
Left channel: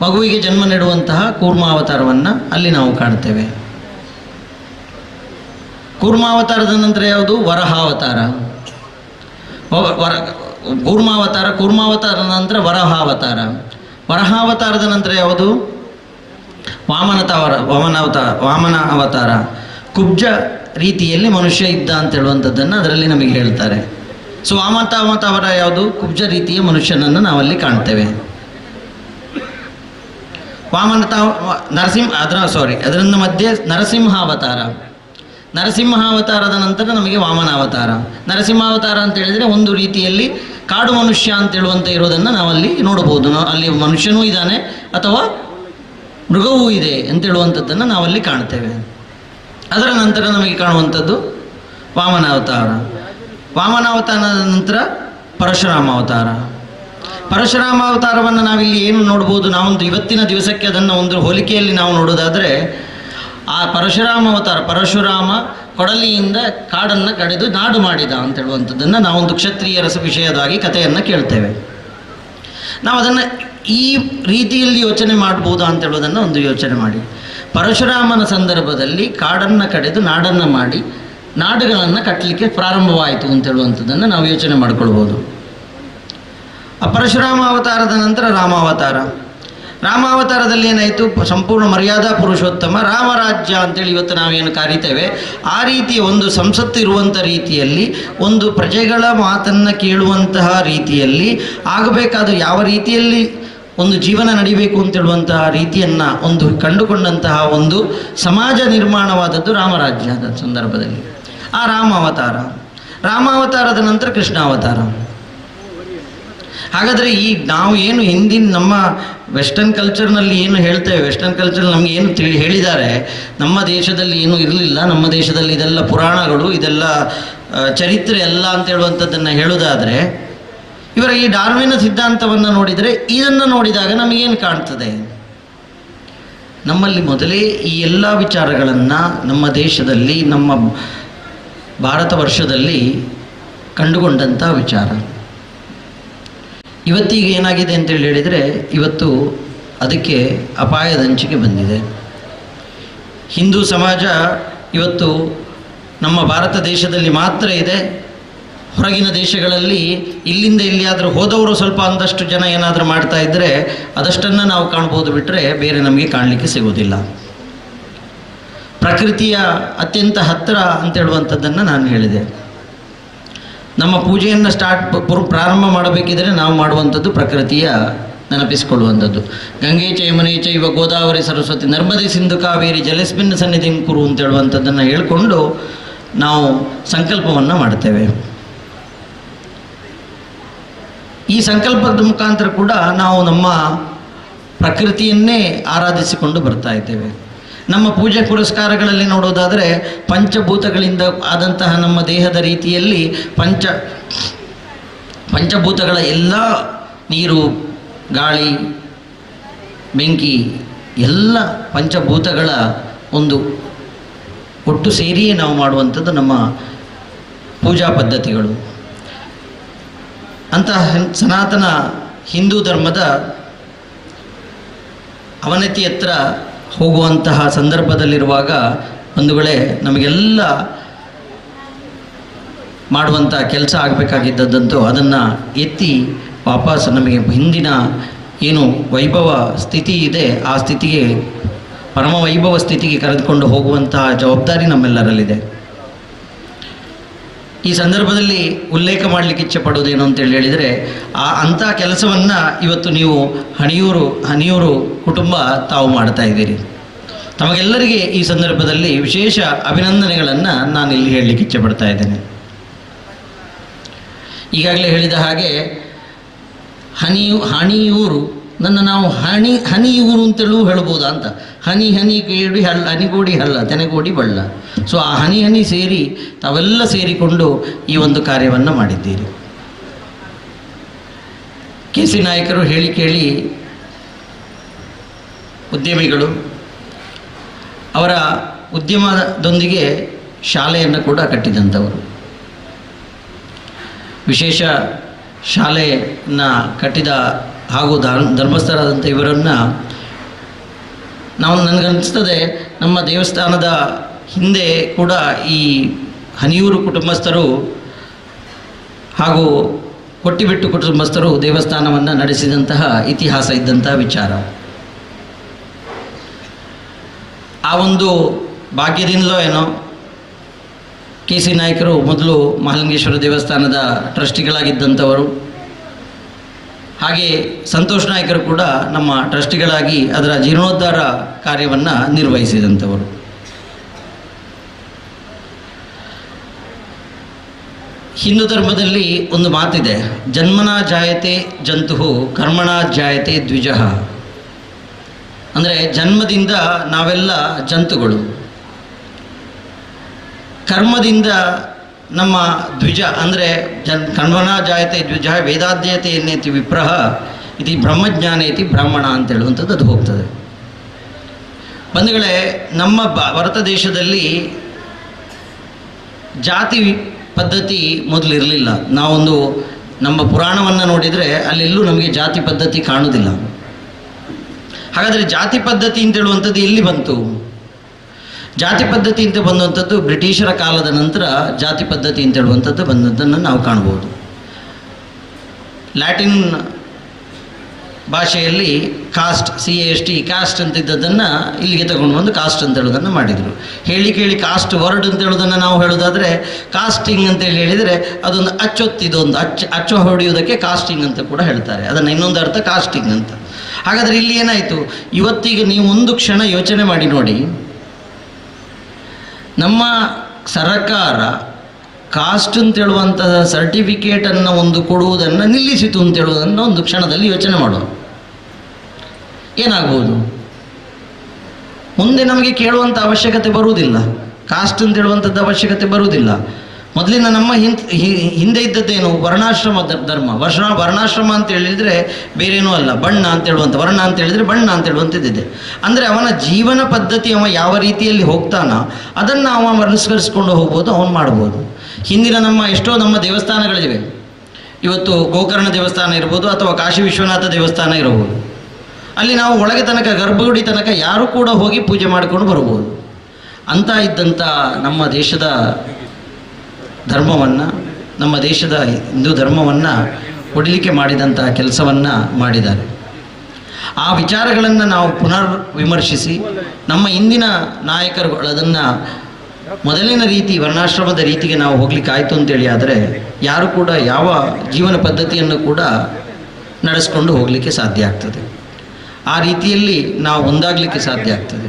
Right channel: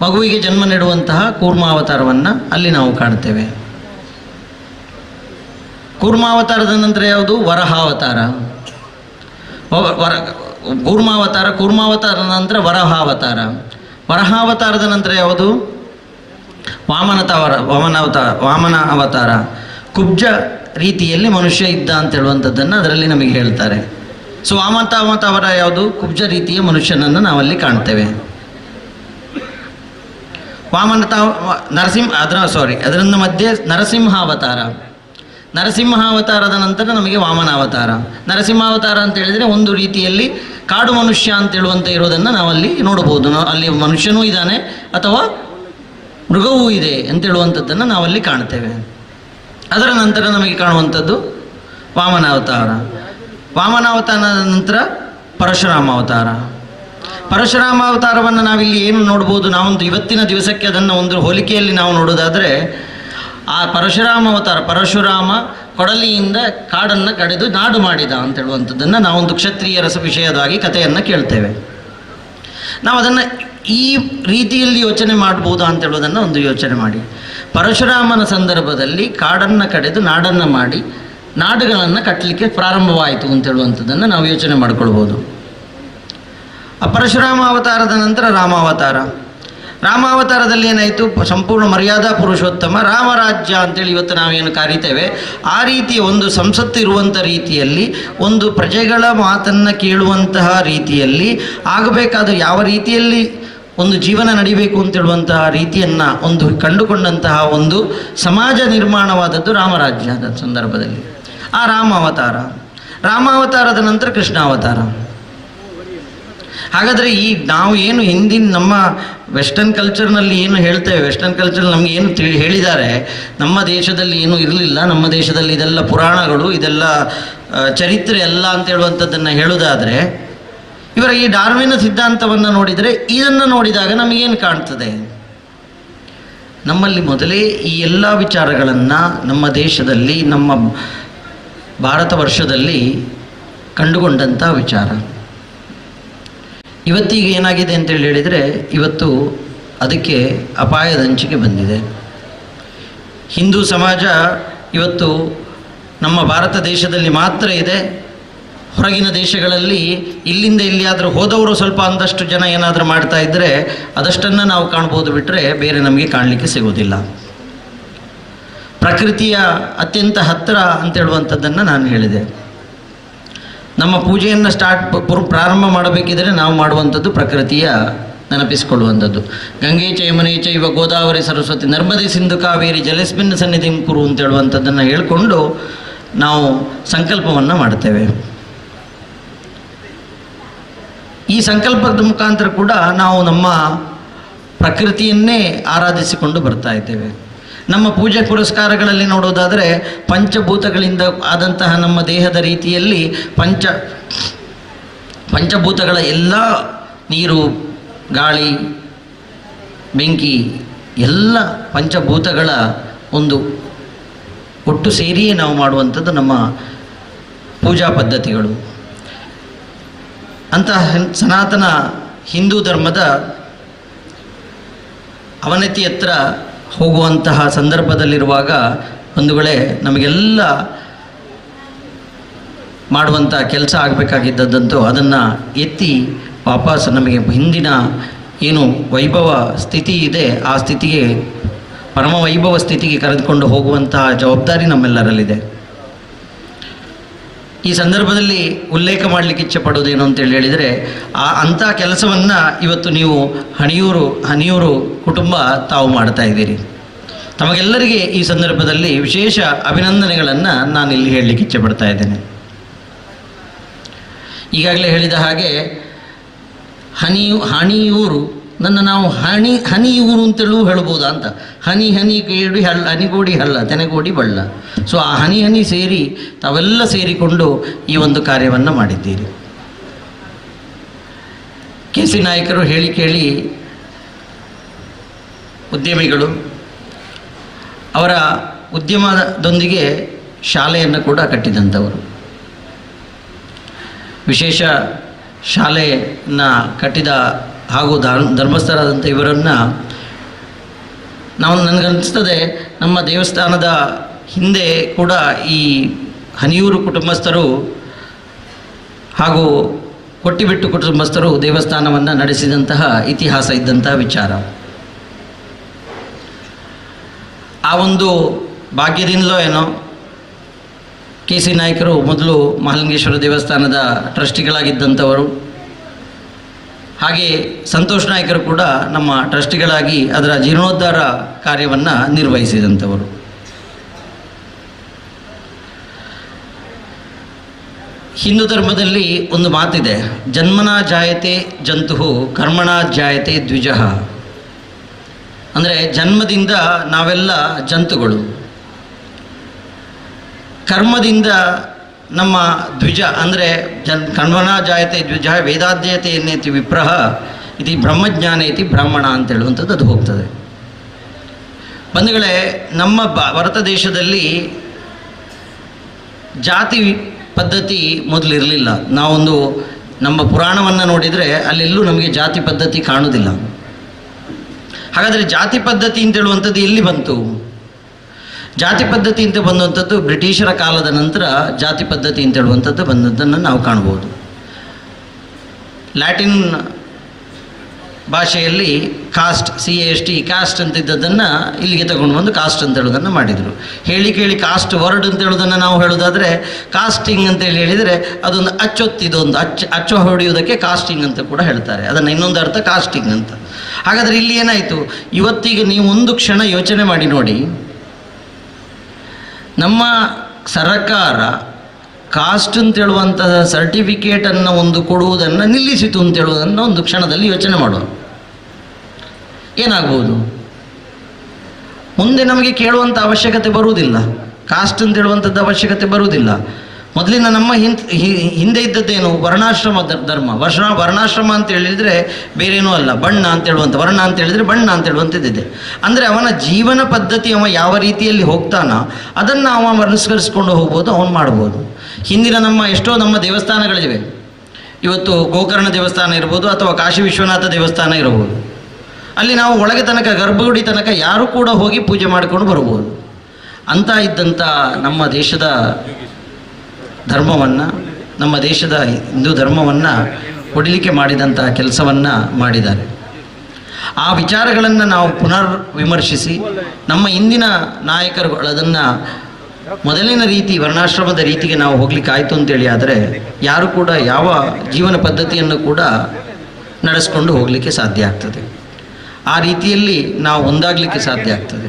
ಮಗುವಿಗೆ ಜನ್ಮ ನೀಡುವಂತಹ ಕೂರ್ಮಾವತಾರವನ್ನು ಅಲ್ಲಿ ನಾವು ಕಾಣ್ತೇವೆ. ಕೂರ್ಮಾವತಾರದ ನಂತರ ಯಾವುದು? ವರಹಾವತಾರ. ಕೂರ್ಮಾವತಾರದ ನಂತರ ವರಹಾವತಾರ. ವರಹಾವತಾರದ ನಂತರ ಯಾವುದು? ವಾಮನ ಅವತಾರ. ಕುಬ್ಜ ರೀತಿಯಲ್ಲಿ ಮನುಷ್ಯ ಇದ್ದ ಅಂತ ಹೇಳುವಂಥದ್ದನ್ನು ಅದರಲ್ಲಿ ನಮಗೆ ಹೇಳ್ತಾರೆ. ಸೊ ವಾಮನಾವತಾರ ಯಾವುದು? ಕುಬ್ಜ ರೀತಿಯ ಮನುಷ್ಯನನ್ನು ನಾವಲ್ಲಿ ಕಾಣ್ತೇವೆ. ಅದರಿಂದ ಮಧ್ಯೆ ನರಸಿಂಹಾವತಾರ. ನರಸಿಂಹಾವತಾರದ ನಂತರ ನಮಗೆ ವಾಮನಾವತಾರ. ನರಸಿಂಹಾವತಾರ ಅಂತ ಹೇಳಿದರೆ ಒಂದು ರೀತಿಯಲ್ಲಿ ಕಾಡು ಮನುಷ್ಯ ಅಂತ ಹೇಳುವಂಥ ಇರೋದನ್ನು ನಾವಲ್ಲಿ ನೋಡಬಹುದು. ಅಲ್ಲಿ ಮನುಷ್ಯನೂ ಇದ್ದಾನೆ ಅಥವಾ ಮೃಗವೂ ಇದೆ ಅಂತ ಹೇಳುವಂಥದ್ದನ್ನು ನಾವಲ್ಲಿ ಕಾಣ್ತೇವೆ. ಅದರ ನಂತರ ನಮಗೆ ಕಾಣುವಂಥದ್ದು ವಾಮನಾವತಾರ. ವಾಮನಾವತಾರದ ನಂತರ ಪರಶುರಾಮಾವತಾರ. ಪರಶುರಾಮಾವತಾರವನ್ನು ನಾವಿಲ್ಲಿ ಏನು ನೋಡ್ಬೋದು? ನಾವೊಂದು ಇವತ್ತಿನ ದಿವಸಕ್ಕೆ ಅದನ್ನು ಒಂದು ಹೋಲಿಕೆಯಲ್ಲಿ ನಾವು ನೋಡೋದಾದರೆ, ಆ ಪರಶುರಾಮ ಕೊಡಲಿಯಿಂದ ಕಾಡನ್ನು ಕಡಿದು ನಾಡು ಮಾಡಿದ ಅಂತ ಹೇಳುವಂಥದ್ದನ್ನು ನಾವೊಂದು ಕ್ಷತ್ರಿಯರ ವಿಷಯದಾಗಿ ಕಥೆಯನ್ನು ಕೇಳ್ತೇವೆ. ನಾವು ಅದನ್ನು ಈ ರೀತಿಯಲ್ಲಿ ಯೋಚನೆ ಮಾಡ್ಬೋದಾ ಅಂತ ಹೇಳೋದನ್ನು ಒಂದು ಯೋಚನೆ ಮಾಡಿ. ಪರಶುರಾಮನ ಸಂದರ್ಭದಲ್ಲಿ ಕಾಡನ್ನು ಕಡಿದು ನಾಡನ್ನು ಮಾಡಿ ನಾಡುಗಳನ್ನು ಕಟ್ಟಲಿಕ್ಕೆ ಪ್ರಾರಂಭವಾಯಿತು ಅಂತ ಹೇಳುವಂಥದ್ದನ್ನು ನಾವು ಯೋಚನೆ ಮಾಡಿಕೊಳ್ಬೋದು. ಆ ಪರಶುರಾಮ ಅವತಾರದ ನಂತರ ರಾಮಾವತಾರ. ರಾಮಾವತಾರದಲ್ಲಿ ಏನಾಯಿತು? ಸಂಪೂರ್ಣ ಮರ್ಯಾದಾ ಪುರುಷೋತ್ತಮ ರಾಮರಾಜ್ಯ ಅಂತೇಳಿ ಇವತ್ತು ನಾವೇನು ಕರೀತೇವೆ, ಆ ರೀತಿಯ ಒಂದು ಸಂಸತ್ತು ಇರುವಂಥ ರೀತಿಯಲ್ಲಿ, ಒಂದು ಪ್ರಜೆಗಳ ಮಾತನ್ನು ಕೇಳುವಂತಹ ರೀತಿಯಲ್ಲಿ ಆಗಬೇಕಾದ, ಯಾವ ರೀತಿಯಲ್ಲಿ ಒಂದು ಜೀವನ ನಡಿಬೇಕು ಅಂತೇಳುವಂತಹ ರೀತಿಯನ್ನು ಒಂದು ಕಂಡುಕೊಂಡಂತಹ ಒಂದು ಸಮಾಜ ನಿರ್ಮಾಣವಾದದ್ದು ರಾಮರಾಜ್ಯದ ಸಂದರ್ಭದಲ್ಲಿ. ಆ ರಾಮಾವತಾರದ ನಂತರ ಕೃಷ್ಣಾವತಾರ. ಹಾಗಾದರೆ ಈ ನಾವು ಏನು ಹಿಂದಿನ ನಮ್ಮ ವೆಸ್ಟರ್ನ್ ಕಲ್ಚರ್ನಲ್ಲಿ ಏನು ಹೇಳ್ತೇವೆ, ವೆಸ್ಟರ್ನ್ ಕಲ್ಚರ್ ನಮಗೆ ಏನು ಹೇಳಿದ್ದಾರೆ, ನಮ್ಮ ದೇಶದಲ್ಲಿ ಏನೂ ಇರಲಿಲ್ಲ, ನಮ್ಮ ದೇಶದಲ್ಲಿ ಇದೆಲ್ಲ ಪುರಾಣಗಳು, ಇದೆಲ್ಲ ಚರಿತ್ರೆ ಎಲ್ಲ ಅಂತ ಹೇಳುವಂಥದ್ದನ್ನು ಹೇಳೋದಾದರೆ, ಇವರ ಈ ಡಾರ್ವಿನ ಸಿದ್ಧಾಂತವನ್ನು ನೋಡಿದರೆ, ಇದನ್ನು ನೋಡಿದಾಗ ನಮಗೇನು ಕಾಣ್ತದೆ? ನಮ್ಮಲ್ಲಿ ಮೊದಲೇ ಈ ಎಲ್ಲ ವಿಚಾರಗಳನ್ನು ನಮ್ಮ ದೇಶದಲ್ಲಿ, ನಮ್ಮ ಭಾರತ ವರ್ಷದಲ್ಲಿ ಕಂಡುಕೊಂಡಂಥ ವಿಚಾರ. ಇವತ್ತಿಗೆ ಏನಾಗಿದೆ ಅಂತೇಳಿ ಹೇಳಿದರೆ, ಇವತ್ತು ಅದಕ್ಕೆ ಅಪಾಯದ ಅಂಚಿಗೆ ಬಂದಿದೆ. ಹಿಂದೂ ಸಮಾಜ ಇವತ್ತು ನಮ್ಮ ಭಾರತ ದೇಶದಲ್ಲಿ ಮಾತ್ರ ಇದೆ. ಹೊರಗಿನ ದೇಶಗಳಲ್ಲಿ ಇಲ್ಲಿಂದ ಎಲ್ಲಿಯಾದರೂ ಹೋದವರು ಸ್ವಲ್ಪ ಒಂದಷ್ಟು ಜನ ಏನಾದರೂ ಮಾಡ್ತಾ ಇದ್ದರೆ ಅದಷ್ಟನ್ನು ನಾವು ಕಾಣ್ಬೋದು, ಬಿಟ್ಟರೆ ಬೇರೆ ನಮಗೆ ಕಾಣಲಿಕ್ಕೆ ಸಿಗೋದಿಲ್ಲ. ಪ್ರಕೃತಿಯ ಅತ್ಯಂತ ಹತ್ತಿರ ಅಂತೇಳುವಂಥದ್ದನ್ನು ನಾನು ಹೇಳಿದೆ. ನಮ್ಮ ಪೂಜೆಯನ್ನು ಪ್ರಾರಂಭ ಮಾಡಬೇಕಿದ್ರೆ ನಾವು ಮಾಡುವಂಥದ್ದು ಪ್ರಕೃತಿಯ ನೆನಪಿಸಿಕೊಳ್ಳುವಂಥದ್ದು. ಗಂಗೆ ಚ ಯಮುನೆ ಚೈವ ಗೋದಾವರಿ ಸರಸ್ವತಿ ನರ್ಮದೆ ಸಿಂಧು ಕಾವೇರಿ ಜಲಸ್ಮಿನ್ ಸನ್ನಿಧಿಂ ಕುರು ಅಂತ ಹೇಳುವಂಥದ್ದನ್ನು ಹೇಳಿಕೊಂಡು ನಾವು ಸಂಕಲ್ಪವನ್ನು ಮಾಡ್ತೇವೆ. ಈ ಸಂಕಲ್ಪದ ಮುಖಾಂತರ ಕೂಡ ನಾವು ನಮ್ಮ ಪ್ರಕೃತಿಯನ್ನೇ ಆರಾಧಿಸಿಕೊಂಡು ಬರ್ತಾ ಇದ್ದೇವೆ. ನಮ್ಮ ಪೂಜೆ ಪುರಸ್ಕಾರಗಳಲ್ಲಿ ನೋಡೋದಾದರೆ ಪಂಚಭೂತಗಳಿಂದ ಆದಂತಹ ನಮ್ಮ ದೇಹದ ರೀತಿಯಲ್ಲಿ ಪಂಚಭೂತಗಳ ಎಲ್ಲ ನೀರು, ಗಾಳಿ, ಬೆಂಕಿ ಎಲ್ಲ ಪಂಚಭೂತಗಳ ಒಂದು ಒಟ್ಟು ಸೇರಿಯೇ ನಾವು ಮಾಡುವಂಥದ್ದು ನಮ್ಮ ಪೂಜಾ ಪದ್ಧತಿಗಳು. ಅಂತಹ ಸನಾತನ ಹಿಂದೂ ಧರ್ಮದ ಅವನತಿ ಹತ್ರ ಹೋಗುವಂತಹ ಸಂದರ್ಭದಲ್ಲಿರುವಾಗ ಬಂಧುಗಳೇ, ನಮಗೆಲ್ಲ ಮಾಡುವಂಥ ಕೆಲಸ ಆಗಬೇಕಾಗಿದ್ದದ್ದಂತೂ ಅದನ್ನು ಎತ್ತಿ ವಾಪಸ್ ನಮಗೆ ಹಿಂದಿನ ಏನು ವೈಭವ ಸ್ಥಿತಿ ಇದೆ ಆ ಸ್ಥಿತಿಗೆ, ಪರಮ ವೈಭವ ಸ್ಥಿತಿಗೆ ಕರೆದುಕೊಂಡು ಹೋಗುವಂತಹ ಜವಾಬ್ದಾರಿ ನಮ್ಮೆಲ್ಲರಲ್ಲಿದೆ. ಈ ಸಂದರ್ಭದಲ್ಲಿ ಉಲ್ಲೇಖ ಮಾಡಲಿಕ್ಕೆ ಇಚ್ಛೆ ಪಡೋದೇನು ಅಂತೇಳಿ ಹೇಳಿದರೆ, ಅಂಥ ಕೆಲಸವನ್ನು ಇವತ್ತು ನೀವು ಹನಿಯೂರು ಕುಟುಂಬ ತಾವು ಮಾಡ್ತಾ ಇದ್ದೀರಿ. ತಮಗೆಲ್ಲರಿಗೆ ಈ ಸಂದರ್ಭದಲ್ಲಿ ವಿಶೇಷ ಅಭಿನಂದನೆಗಳನ್ನು ನಾನಿಲ್ಲಿ ಹೇಳಲಿಕ್ಕೆ ಇಚ್ಛೆ ಪಡ್ತಾ ಇದ್ದೇನೆ. ಈಗಾಗಲೇ ಹೇಳಿದ ಹಾಗೆ ಹನಿಯೂರು ನಾವು ಹನಿಯೂರು ಅಂತಲೂ ಹೇಳ್ಬೋದಾ ಅಂತ. ಹನಿಗೇಡಿ ಹಳ್ಳ, ಹನಿಗೋಡಿ ಹಳ್ಳ, ತೆನೆಗೋಡಿ ಬಳ್ಳ. ಸೊ ಆ ಹನಿ ಸೇರಿ ತಾವೆಲ್ಲ ಸೇರಿಕೊಂಡು ಈ ಒಂದು ಕಾರ್ಯವನ್ನು ಮಾಡಿದ್ದೀರಿ. KC ನಾಯಕರು ಹೇಳಿ ಕೇಳಿ ಉದ್ಯಮಿಗಳು, ಅವರ ಉದ್ಯಮದೊಂದಿಗೆ ಶಾಲೆಯನ್ನು ಕೂಡ ಕಟ್ಟಿದಂಥವರು. ವಿಶೇಷ ಶಾಲೆಯನ್ನು ಕಟ್ಟಿದ ಹಾಗೂ ಧರ್ಮಸ್ಥಳದಂಥ ಇವರನ್ನು ನನಗನ್ನಿಸ್ತದೆ, ನಮ್ಮ ದೇವಸ್ಥಾನದ ಹಿಂದೆ ಕೂಡ ಈ ಹನಿಯೂರು ಕುಟುಂಬಸ್ಥರು ಹಾಗೂ ಕೊಟ್ಟಿಬಿಟ್ಟು ಕುಟುಂಬಸ್ಥರು ದೇವಸ್ಥಾನವನ್ನು ನಡೆಸಿದಂತಹ ಇತಿಹಾಸ ಇದ್ದಂತಹ ವಿಚಾರ. ಆ ಒಂದು ಭಾಗ್ಯದಿಂದಲೋ ಏನೋ KC ನಾಯಕರು ಮೊದಲು ಮಹಾಲಿಂಗೇಶ್ವರ ದೇವಸ್ಥಾನದ ಟ್ರಸ್ಟಿಗಳಾಗಿದ್ದಂಥವರು, ಹಾಗೆ ಸಂತೋಷ್ ನಾಯಕರು ಕೂಡ ನಮ್ಮ ಟ್ರಸ್ಟಿಗಳಾಗಿ ಅದರ ಜೀರ್ಣೋದ್ಧಾರ ಕಾರ್ಯವನ್ನು ನಿರ್ವಹಿಸಿದಂಥವರು. ಹಿಂದೂ ಧರ್ಮದಲ್ಲಿ ಒಂದು ಮಾತಿದೆ, ಜನ್ಮನಾ ಜಾಯತೆ ಜಂತು ಕರ್ಮಣಾ ಜಾಯತೆ ದ್ವಿಜಃ. ಅಂದರೆ ಜನ್ಮದಿಂದ ನಾವೆಲ್ಲ ಜಂತುಗಳು, ಕರ್ಮದಿಂದ ನಮ್ಮ ದ್ವಿಜ. ಅಂದರೆ ಕರ್ಮಣಾ ಜಾಯತೆ ದ್ವಿಜ ವೇದಾಧ್ಯತೆ ಎನ್ನೇತಿ ವಿಪ್ರಹ ಇತಿ ಬ್ರಹ್ಮಜ್ಞಾನ ಇತಿ ಬ್ರಾಹ್ಮಣ ಅಂತ ಹೇಳುವಂಥದ್ದು ಅದು ಹೋಗ್ತದೆ. ಬಂಧುಗಳೇ, ನಮ್ಮ ಭಾರತ ದೇಶದಲ್ಲಿ ಜಾತಿ ಪದ್ಧತಿ ಮೊದಲಿರಲಿಲ್ಲ. ನಾವೊಂದು ನಮ್ಮ ಪುರಾಣವನ್ನು ನೋಡಿದರೆ ಅಲ್ಲೆಲ್ಲೂ ನಮಗೆ ಜಾತಿ ಪದ್ಧತಿ ಕಾಣುವುದಿಲ್ಲ. ಹಾಗಾದರೆ ಜಾತಿ ಪದ್ಧತಿ ಅಂತ ಹೇಳುವಂಥದ್ದು ಎಲ್ಲಿ ಬಂತು? ಜಾತಿ ಪದ್ಧತಿ ಅಂತ ಬಂದಂಥದ್ದು ಬ್ರಿಟಿಷರ ಕಾಲದ ನಂತರ ಜಾತಿ ಪದ್ಧತಿ ಅಂತ ಹೇಳುವಂಥದ್ದು ಬಂದದ್ದನ್ನು ನಾವು ಕಾಣ್ಬೋದು. ಲ್ಯಾಟಿನ್ ಭಾಷೆಯಲ್ಲಿ ಕಾಸ್ಟ್, CAST, ಕಾಸ್ಟ್ ಅಂತಿದ್ದದನ್ನು ಇಲ್ಲಿಗೆ ತಗೊಂಡು ಬಂದು ಕಾಸ್ಟ್ ಅಂತ ಹೇಳೋದನ್ನು ಮಾಡಿದರು. ಹೇಳಿ ಕೇಳಿ ಕಾಸ್ಟ್ ವರ್ಡ್ ಅಂತ ಹೇಳೋದನ್ನು ನಾವು ಹೇಳೋದಾದರೆ ಕಾಸ್ಟಿಂಗ್ ಅಂತೇಳಿ ಹೇಳಿದರೆ ಅದೊಂದು ಅಚ್ಚೊತ್ತಿದೊಂದು ಅಚ್ಚು ಹೊಡೆಯುವುದಕ್ಕೆ ಕಾಸ್ಟಿಂಗ್ ಅಂತ ಕೂಡ ಹೇಳ್ತಾರೆ. ಅದನ್ನು ಇನ್ನೊಂದು ಅರ್ಥ ಕಾಸ್ಟಿಂಗ್ ಅಂತ. ಹಾಗಾದರೆ ಇಲ್ಲಿ ಏನಾಯಿತು? ಇವತ್ತಿಗೆ ನೀವು ಒಂದು ಕ್ಷಣ ಯೋಚನೆ ಮಾಡಿ ನೋಡಿ, ನಮ್ಮ ಸರ್ಕಾರ ಕಾಸ್ಟ್ ಅಂತೇಳುವಂತಹ ಸರ್ಟಿಫಿಕೇಟನ್ನು ಒಂದು ಕೊಡುವುದನ್ನು ನಿಲ್ಲಿಸಿತು ಅಂತೇಳುವುದನ್ನು ಒಂದು ಕ್ಷಣದಲ್ಲಿ ಯೋಚನೆ ಮಾಡುವ. ಏನಾಗ್ಬೋದು? ಮುಂದೆ ನಮಗೆ ಕೇಳುವಂಥ ಅವಶ್ಯಕತೆ ಬರುವುದಿಲ್ಲ, ಕಾಸ್ಟ್ ಅಂತೇಳುವಂಥದ್ದು ಅವಶ್ಯಕತೆ ಬರುವುದಿಲ್ಲ. ಮೊದಲಿನ ನಮ್ಮ ಹಿಂದೆ ಇದ್ದದ್ದೇನು ವರ್ಣಾಶ್ರಮ ಧರ್ಮ. ವರ್ಣಾಶ್ರಮ ಅಂತ ಹೇಳಿದರೆ ಬೇರೇನೂ ಅಲ್ಲ, ಬಣ್ಣ ಅಂತ ಹೇಳುವಂಥ, ವರ್ಣ ಅಂತ ಹೇಳಿದರೆ ಬಣ್ಣ ಅಂತ ಹೇಳುವಂಥದ್ದಿದೆ. ಅಂದರೆ ಅವನ ಜೀವನ ಪದ್ಧತಿ ಅವ ಯಾವ ರೀತಿಯಲ್ಲಿ ಹೋಗ್ತಾನೋ ಅದನ್ನು ಅವ ಅನುಸರಿಸ್ಕೊಂಡು ಹೋಗ್ಬೋದು, ಅವನು ಮಾಡ್ಬೋದು. ಹಿಂದಿನ ಎಷ್ಟೋ ನಮ್ಮ ದೇವಸ್ಥಾನಗಳಿವೆ. ಇವತ್ತು ಗೋಕರ್ಣ ದೇವಸ್ಥಾನ ಇರ್ಬೋದು ಅಥವಾ ಕಾಶಿ ವಿಶ್ವನಾಥ ದೇವಸ್ಥಾನ ಇರಬಹುದು. ಅಲ್ಲಿ ನಾವು ಒಳಗೆ ತನಕ ಗರ್ಭಗುಡಿ ತನಕ ಯಾರೂ ಕೂಡ ಹೋಗಿ ಪೂಜೆ ಮಾಡಿಕೊಂಡು ಬರ್ಬೋದು. ಅಂತ ಇದ್ದಂಥ ನಮ್ಮ ದೇಶದ ಧರ್ಮವನ್ನು, ನಮ್ಮ ದೇಶದ ಹಿಂದೂ ಧರ್ಮವನ್ನು ಕೊಡಲಿಕ್ಕೆ ಮಾಡಿದಂಥ ಕೆಲಸವನ್ನು ಮಾಡಿದ್ದಾರೆ. ಆ ವಿಚಾರಗಳನ್ನು ನಾವು ಪುನರ್ ವಿಮರ್ಶಿಸಿ ನಮ್ಮ ಇಂದಿನ ನಾಯಕರುಗಳು ಅದನ್ನು ಮೊದಲಿನ ರೀತಿ ವರ್ಣಾಶ್ರಮದ ರೀತಿಗೆ ನಾವು ಹೋಗ್ಲಿಕ್ಕೆ ಆಯಿತು ಅಂತೇಳಿ ಆದರೆ ಯಾರು ಕೂಡ ಯಾವ ಜೀವನ ಪದ್ಧತಿಯನ್ನು ಕೂಡ ನಡೆಸ್ಕೊಂಡು ಹೋಗಲಿಕ್ಕೆ ಸಾಧ್ಯ ಆಗ್ತದೆ. ಆ ರೀತಿಯಲ್ಲಿ ನಾವು ಒಂದಾಗಲಿಕ್ಕೆ ಸಾಧ್ಯ ಆಗ್ತದೆ.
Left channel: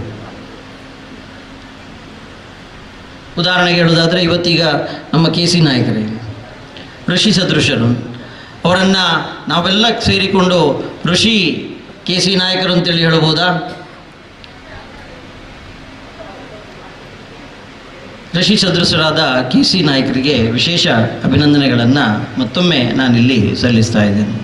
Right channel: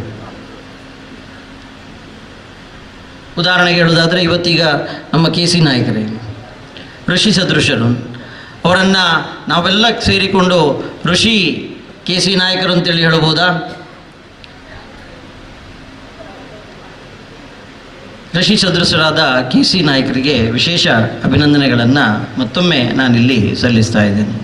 ಉದಾಹರಣೆಗೆ ಹೇಳೋದಾದರೆ ಇವತ್ತೀಗ ನಮ್ಮ KC ನಾಯಕರೇ ಋಷಿ ಸದೃಶರು, ಅವರನ್ನು ನಾವೆಲ್ಲ ಸೇರಿಕೊಂಡು ಋಷಿ KC ನಾಯಕರು ಅಂತೇಳಿ ಹೇಳ್ಬೋದಾ? ಋಷಿ ಸದೃಶರಾದ KC ನಾಯಕರಿಗೆ ವಿಶೇಷ ಅಭಿನಂದನೆಗಳನ್ನು ಮತ್ತೊಮ್ಮೆ ನಾನಿಲ್ಲಿ ಸಲ್ಲಿಸ್ತಾ ಇದ್ದೇನೆ.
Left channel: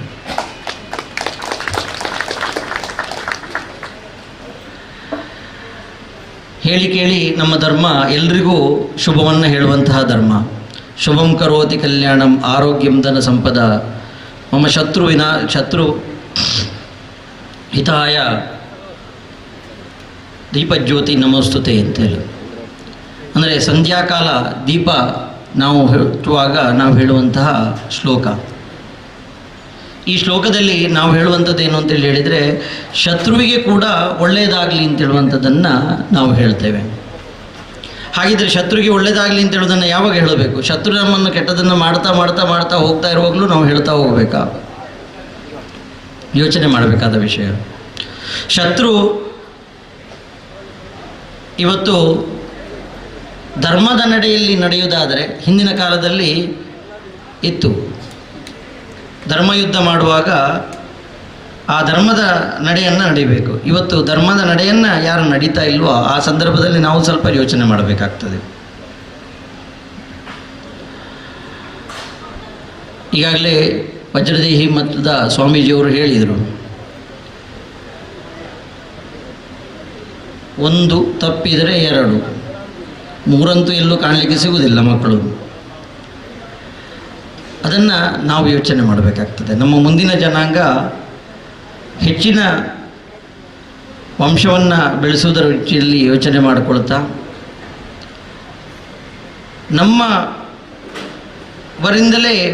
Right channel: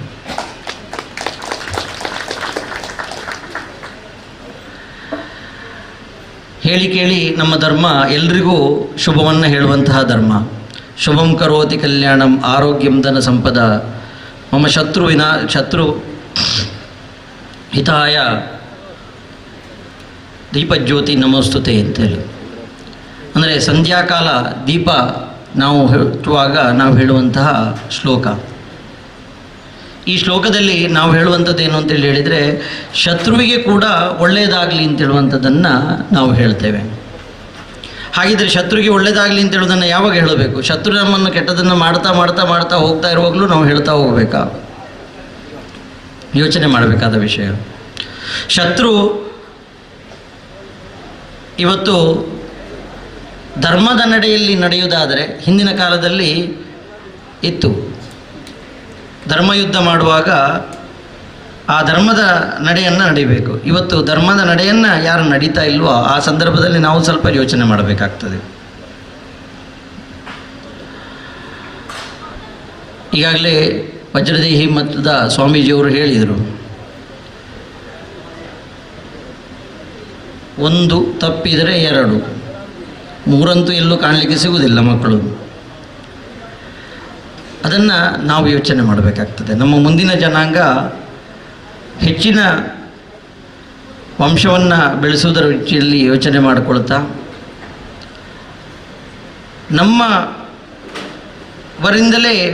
ಹೇಳಿ ಕೇಳಿ ನಮ್ಮ ಧರ್ಮ ಎಲ್ರಿಗೂ ಶುಭವನ್ನು ಹೇಳುವಂತಹ ಧರ್ಮ. ಶುಭಂ ಕರೋತಿ ಕಲ್ಯಾಣಂ ಆರೋಗ್ಯಂ ಧನ ಸಂಪದ ಮಮ ಶತ್ರು ಹಿತಾಯ ದೀಪಜ್ಯೋತಿ ನಮೋಸ್ತುತೆ ಅಂತೇಳಿ. ಅಂದರೆ ಸಂಧ್ಯಾಕಾಲ ದೀಪ ನಾವು ಹಚ್ಚುವಾಗ ನಾವು ಹೇಳುವಂತಹ ಶ್ಲೋಕ. ಈ ಶ್ಲೋಕದಲ್ಲಿ ನಾವು ಹೇಳುವಂಥದ್ದು ಏನು ಅಂತೇಳಿ ಹೇಳಿದರೆ, ಶತ್ರುವಿಗೆ ಕೂಡ ಒಳ್ಳೆಯದಾಗಲಿ ಅಂತ ಹೇಳುವಂಥದ್ದನ್ನು ನಾವು ಹೇಳ್ತೇವೆ. ಹಾಗಿದ್ದರೆ ಶತ್ರುವಿಗೆ ಒಳ್ಳೆಯದಾಗಲಿ ಅಂತ ಹೇಳೋದನ್ನು ಯಾವಾಗ ಹೇಳಬೇಕು? ಶತ್ರು ನಮ್ಮನ್ನು ಕೆಟ್ಟದನ್ನು ಮಾಡ್ತಾ ಮಾಡ್ತಾ ಮಾಡ್ತಾ ಹೋಗ್ತಾ ಇರುವಾಗಲೂ ನಾವು ಹೇಳ್ತಾ ಹೋಗಬೇಕಾ? ಯೋಚನೆ ಮಾಡಬೇಕಾದ ವಿಷಯ. ಶತ್ರು ಇವತ್ತು ಧರ್ಮದ ನಡೆಯಲ್ಲಿ ನಡೆಯುವುದಾದರೆ, ಹಿಂದಿನ ಕಾಲದಲ್ಲಿ ಇತ್ತು, ಧರ್ಮಯುದ್ಧ ಮಾಡುವಾಗ ಆ ಧರ್ಮದ ನಡೆಯನ್ನು ನಡಿಬೇಕು. ಇವತ್ತು ಧರ್ಮದ ನಡೆಯನ್ನು ಯಾರು ನಡೀತಾ ಇಲ್ವೋ ಆ ಸಂದರ್ಭದಲ್ಲಿ ನಾವು ಸ್ವಲ್ಪ ಯೋಚನೆ ಮಾಡಬೇಕಾಗ್ತದೆ. ಈಗಾಗಲೇ ವಜ್ರದೇಹಿ ಮಠದ ಸ್ವಾಮೀಜಿಯವರು ಹೇಳಿದರು, ಒಂದು ತಪ್ಪಿದರೆ ಎರಡು, ಮೂರಂತೂ ಎಲ್ಲೂ ಕಾಣಲಿಕ್ಕೆ ಸಿಗುವುದಿಲ್ಲ ಮಕ್ಕಳು. ಅದನ್ನು ನಾವು ಯೋಚನೆ ಮಾಡಬೇಕಾಗ್ತದೆ. ನಮ್ಮ ಮುಂದಿನ ಜನಾಂಗ ಹೆಚ್ಚಿನ ವಂಶವನ್ನು ಬೆಳೆಸುವುದರ ರೀತಿಯಲ್ಲಿ ಯೋಚನೆ ಮಾಡಿಕೊಳ್ತಾ, ನಮ್ಮವರಿಂದಲೇ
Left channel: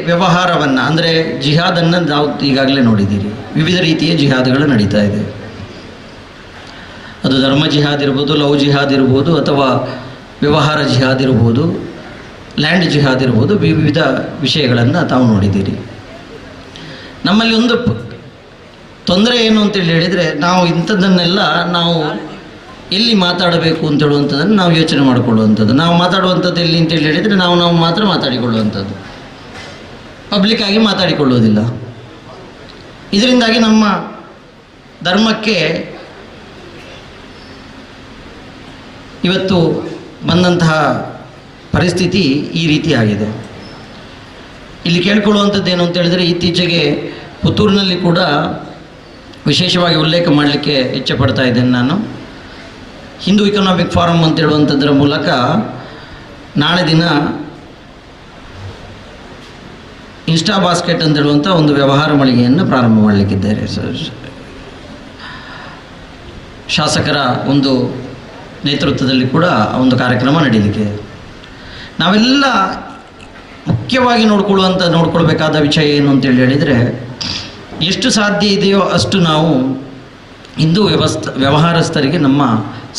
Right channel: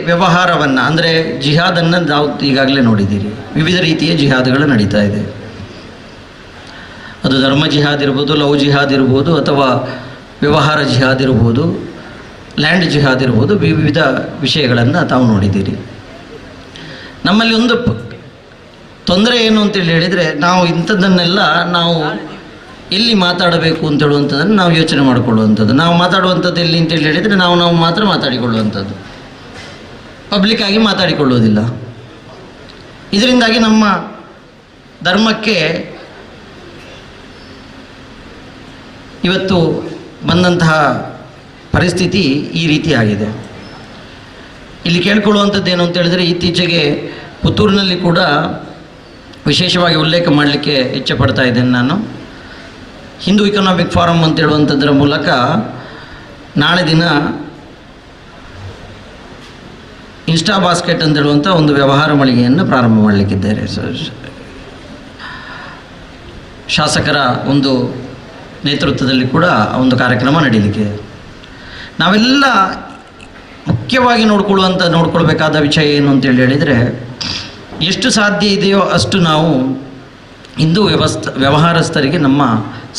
ವ್ಯವಹಾರವನ್ನು, ಅಂದರೆ ಜಿಹಾದನ್ನು ನಾವು ಈಗಾಗಲೇ ನೋಡಿದ್ದೀರಿ. ವಿವಿಧ ರೀತಿಯ ಜಿಹಾದ್ಗಳು ನಡೀತಾ ಇದೆ. ಅದು ಧರ್ಮ ಜಿಹಾದ್ ಇರ್ಬೋದು, ಲವ್ ಜಿಹಾದ್ ಇರ್ಬೋದು, ಅಥವಾ ವ್ಯವಹಾರ ಜಿಹಾದ್ ಇರ್ಬೋದು, ಲ್ಯಾಂಡ್ ಜಿಹಾದ್ ಇರ್ಬೋದು, ವಿವಿಧ ವಿಷಯಗಳನ್ನು ತಾವು ನೋಡಿದ್ದೀರಿ. ನಮ್ಮಲ್ಲಿ ಒಂದು ತೊಂದರೆ ಏನು ಅಂತೇಳಿ ಹೇಳಿದರೆ, ನಾವು ಇಂಥದ್ದನ್ನೆಲ್ಲ ನಾವು ಎಲ್ಲಿ ಮಾತಾಡಬೇಕು ಅಂತ ಹೇಳುವಂಥದ್ದನ್ನು ನಾವು ಯೋಚನೆ ಮಾಡಿಕೊಳ್ಳುವಂಥದ್ದು. ನಾವು ಮಾತಾಡುವಂಥದ್ದು ಎಲ್ಲಿ ಅಂತೇಳಿ ಹೇಳಿದರೆ ನಾವು ಮಾತ್ರ ಮಾತಾಡಿಕೊಳ್ಳುವಂಥದ್ದು, ಪಬ್ಲಿಕ್ಕಾಗಿ ಮಾತಾಡಿಕೊಳ್ಳುವುದಿಲ್ಲ. ಇದರಿಂದಾಗಿ ನಮ್ಮ ಧರ್ಮಕ್ಕೆ ಇವತ್ತು ಬಂದಂತಹ ಪರಿಸ್ಥಿತಿ ಈ ರೀತಿ ಆಗಿದೆ. ಇಲ್ಲಿ ಕೇಳ್ಕೊಳ್ಳುವಂಥದ್ದು ಏನು ಅಂತ ಹೇಳಿದರೆ, ಇತ್ತೀಚೆಗೆ ಪುತ್ತೂರಿನಲ್ಲಿ ಕೂಡ ವಿಶೇಷವಾಗಿ ಉಲ್ಲೇಖ ಮಾಡಲಿಕ್ಕೆ ಇಚ್ಛೆ ಪಡ್ತಾ ಇದ್ದೇನೆ ನಾನು. ಹಿಂದೂ ಇಕನಾಮಿಕ್ ಫಾರಮ್ ಅಂತ ಹೇಳುವಂಥದ್ರ ಮೂಲಕ ನಾಳೆ ದಿನ ಇನ್ಸ್ಟಾ ಬಾಸ್ಕೆಟ್ ಅಂತ ಹೇಳುವಂಥ ಒಂದು ವ್ಯವಹಾರ ಮಳಿಗೆಯನ್ನು ಪ್ರಾರಂಭ ಮಾಡಲಿಕ್ಕಿದ್ದಾರೆ. ಶಾಸಕರ ಒಂದು ನೇತೃತ್ವದಲ್ಲಿ ಕೂಡ ಒಂದು ಕಾರ್ಯಕ್ರಮ ನಡೀಲಿಕ್ಕೆ. ನಾವೆಲ್ಲ ಮುಖ್ಯವಾಗಿ ನೋಡ್ಕೊಳ್ಬೇಕಾದ ವಿಷಯ ಏನು ಅಂತೇಳಿ ಹೇಳಿದರೆ, ಎಷ್ಟು ಸಾಧ್ಯ ಇದೆಯೋ ಅಷ್ಟು ನಾವು ಹಿಂದೂ ವ್ಯವಹಾರಸ್ಥರಿಗೆ ನಮ್ಮ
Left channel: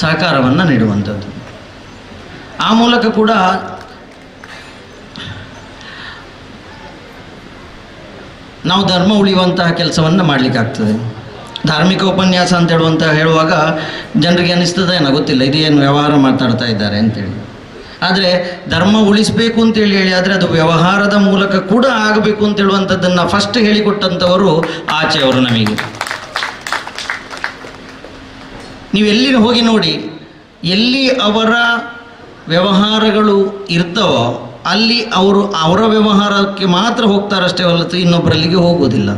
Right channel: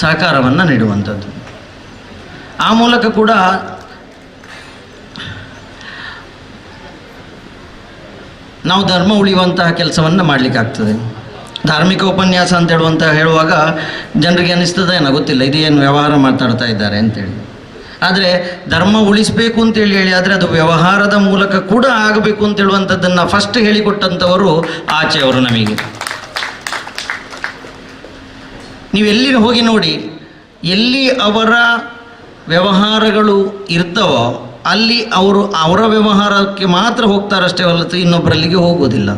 ಸಹಕಾರವನ್ನು ನೀಡುವಂಥದ್ದು. ಆ ಮೂಲಕ ಕೂಡ ನಾವು ಧರ್ಮ ಉಳಿಯುವಂತಹ ಕೆಲಸವನ್ನು ಮಾಡಲಿಕ್ಕಾಗ್ತದೆ. ಧಾರ್ಮಿಕ ಉಪನ್ಯಾಸ ಅಂತ ಹೇಳುವಾಗ ಜನರಿಗೆ ಅನ್ನಿಸ್ತದೆ ಏನೋ ಗೊತ್ತಿಲ್ಲ, ಇದೇನು ವ್ಯವಹಾರ ಮಾತಾಡ್ತಾ ಇದ್ದಾರೆ ಅಂತೇಳಿ. ಆದರೆ ಧರ್ಮ ಉಳಿಸಬೇಕು ಅಂತೇಳಿ ಆದರೆ ಅದು ವ್ಯವಹಾರದ ಮೂಲಕ ಕೂಡ ಆಗಬೇಕು ಅಂತ ಹೇಳುವಂಥದ್ದನ್ನು ಫಸ್ಟ್ ಹೇಳಿಕೊಟ್ಟಂಥವರು ಆಚೆಯವರು ನಮಗೆ. ನೀವು ಎಲ್ಲಿ ಹೋಗಿ ನೋಡಿ, ಎಲ್ಲಿ ಅವರ ವ್ಯವಹಾರಗಳು ಇರ್ತವೋ ಅಲ್ಲಿ ಅವರು ಅವರ ವ್ಯವಹಾರಕ್ಕೆ ಮಾತ್ರ ಹೋಗ್ತಾರಷ್ಟೇ ಹೊರತು ಇನ್ನೊಬ್ಬರಲ್ಲಿಗೆ ಹೋಗೋದಿಲ್ಲ.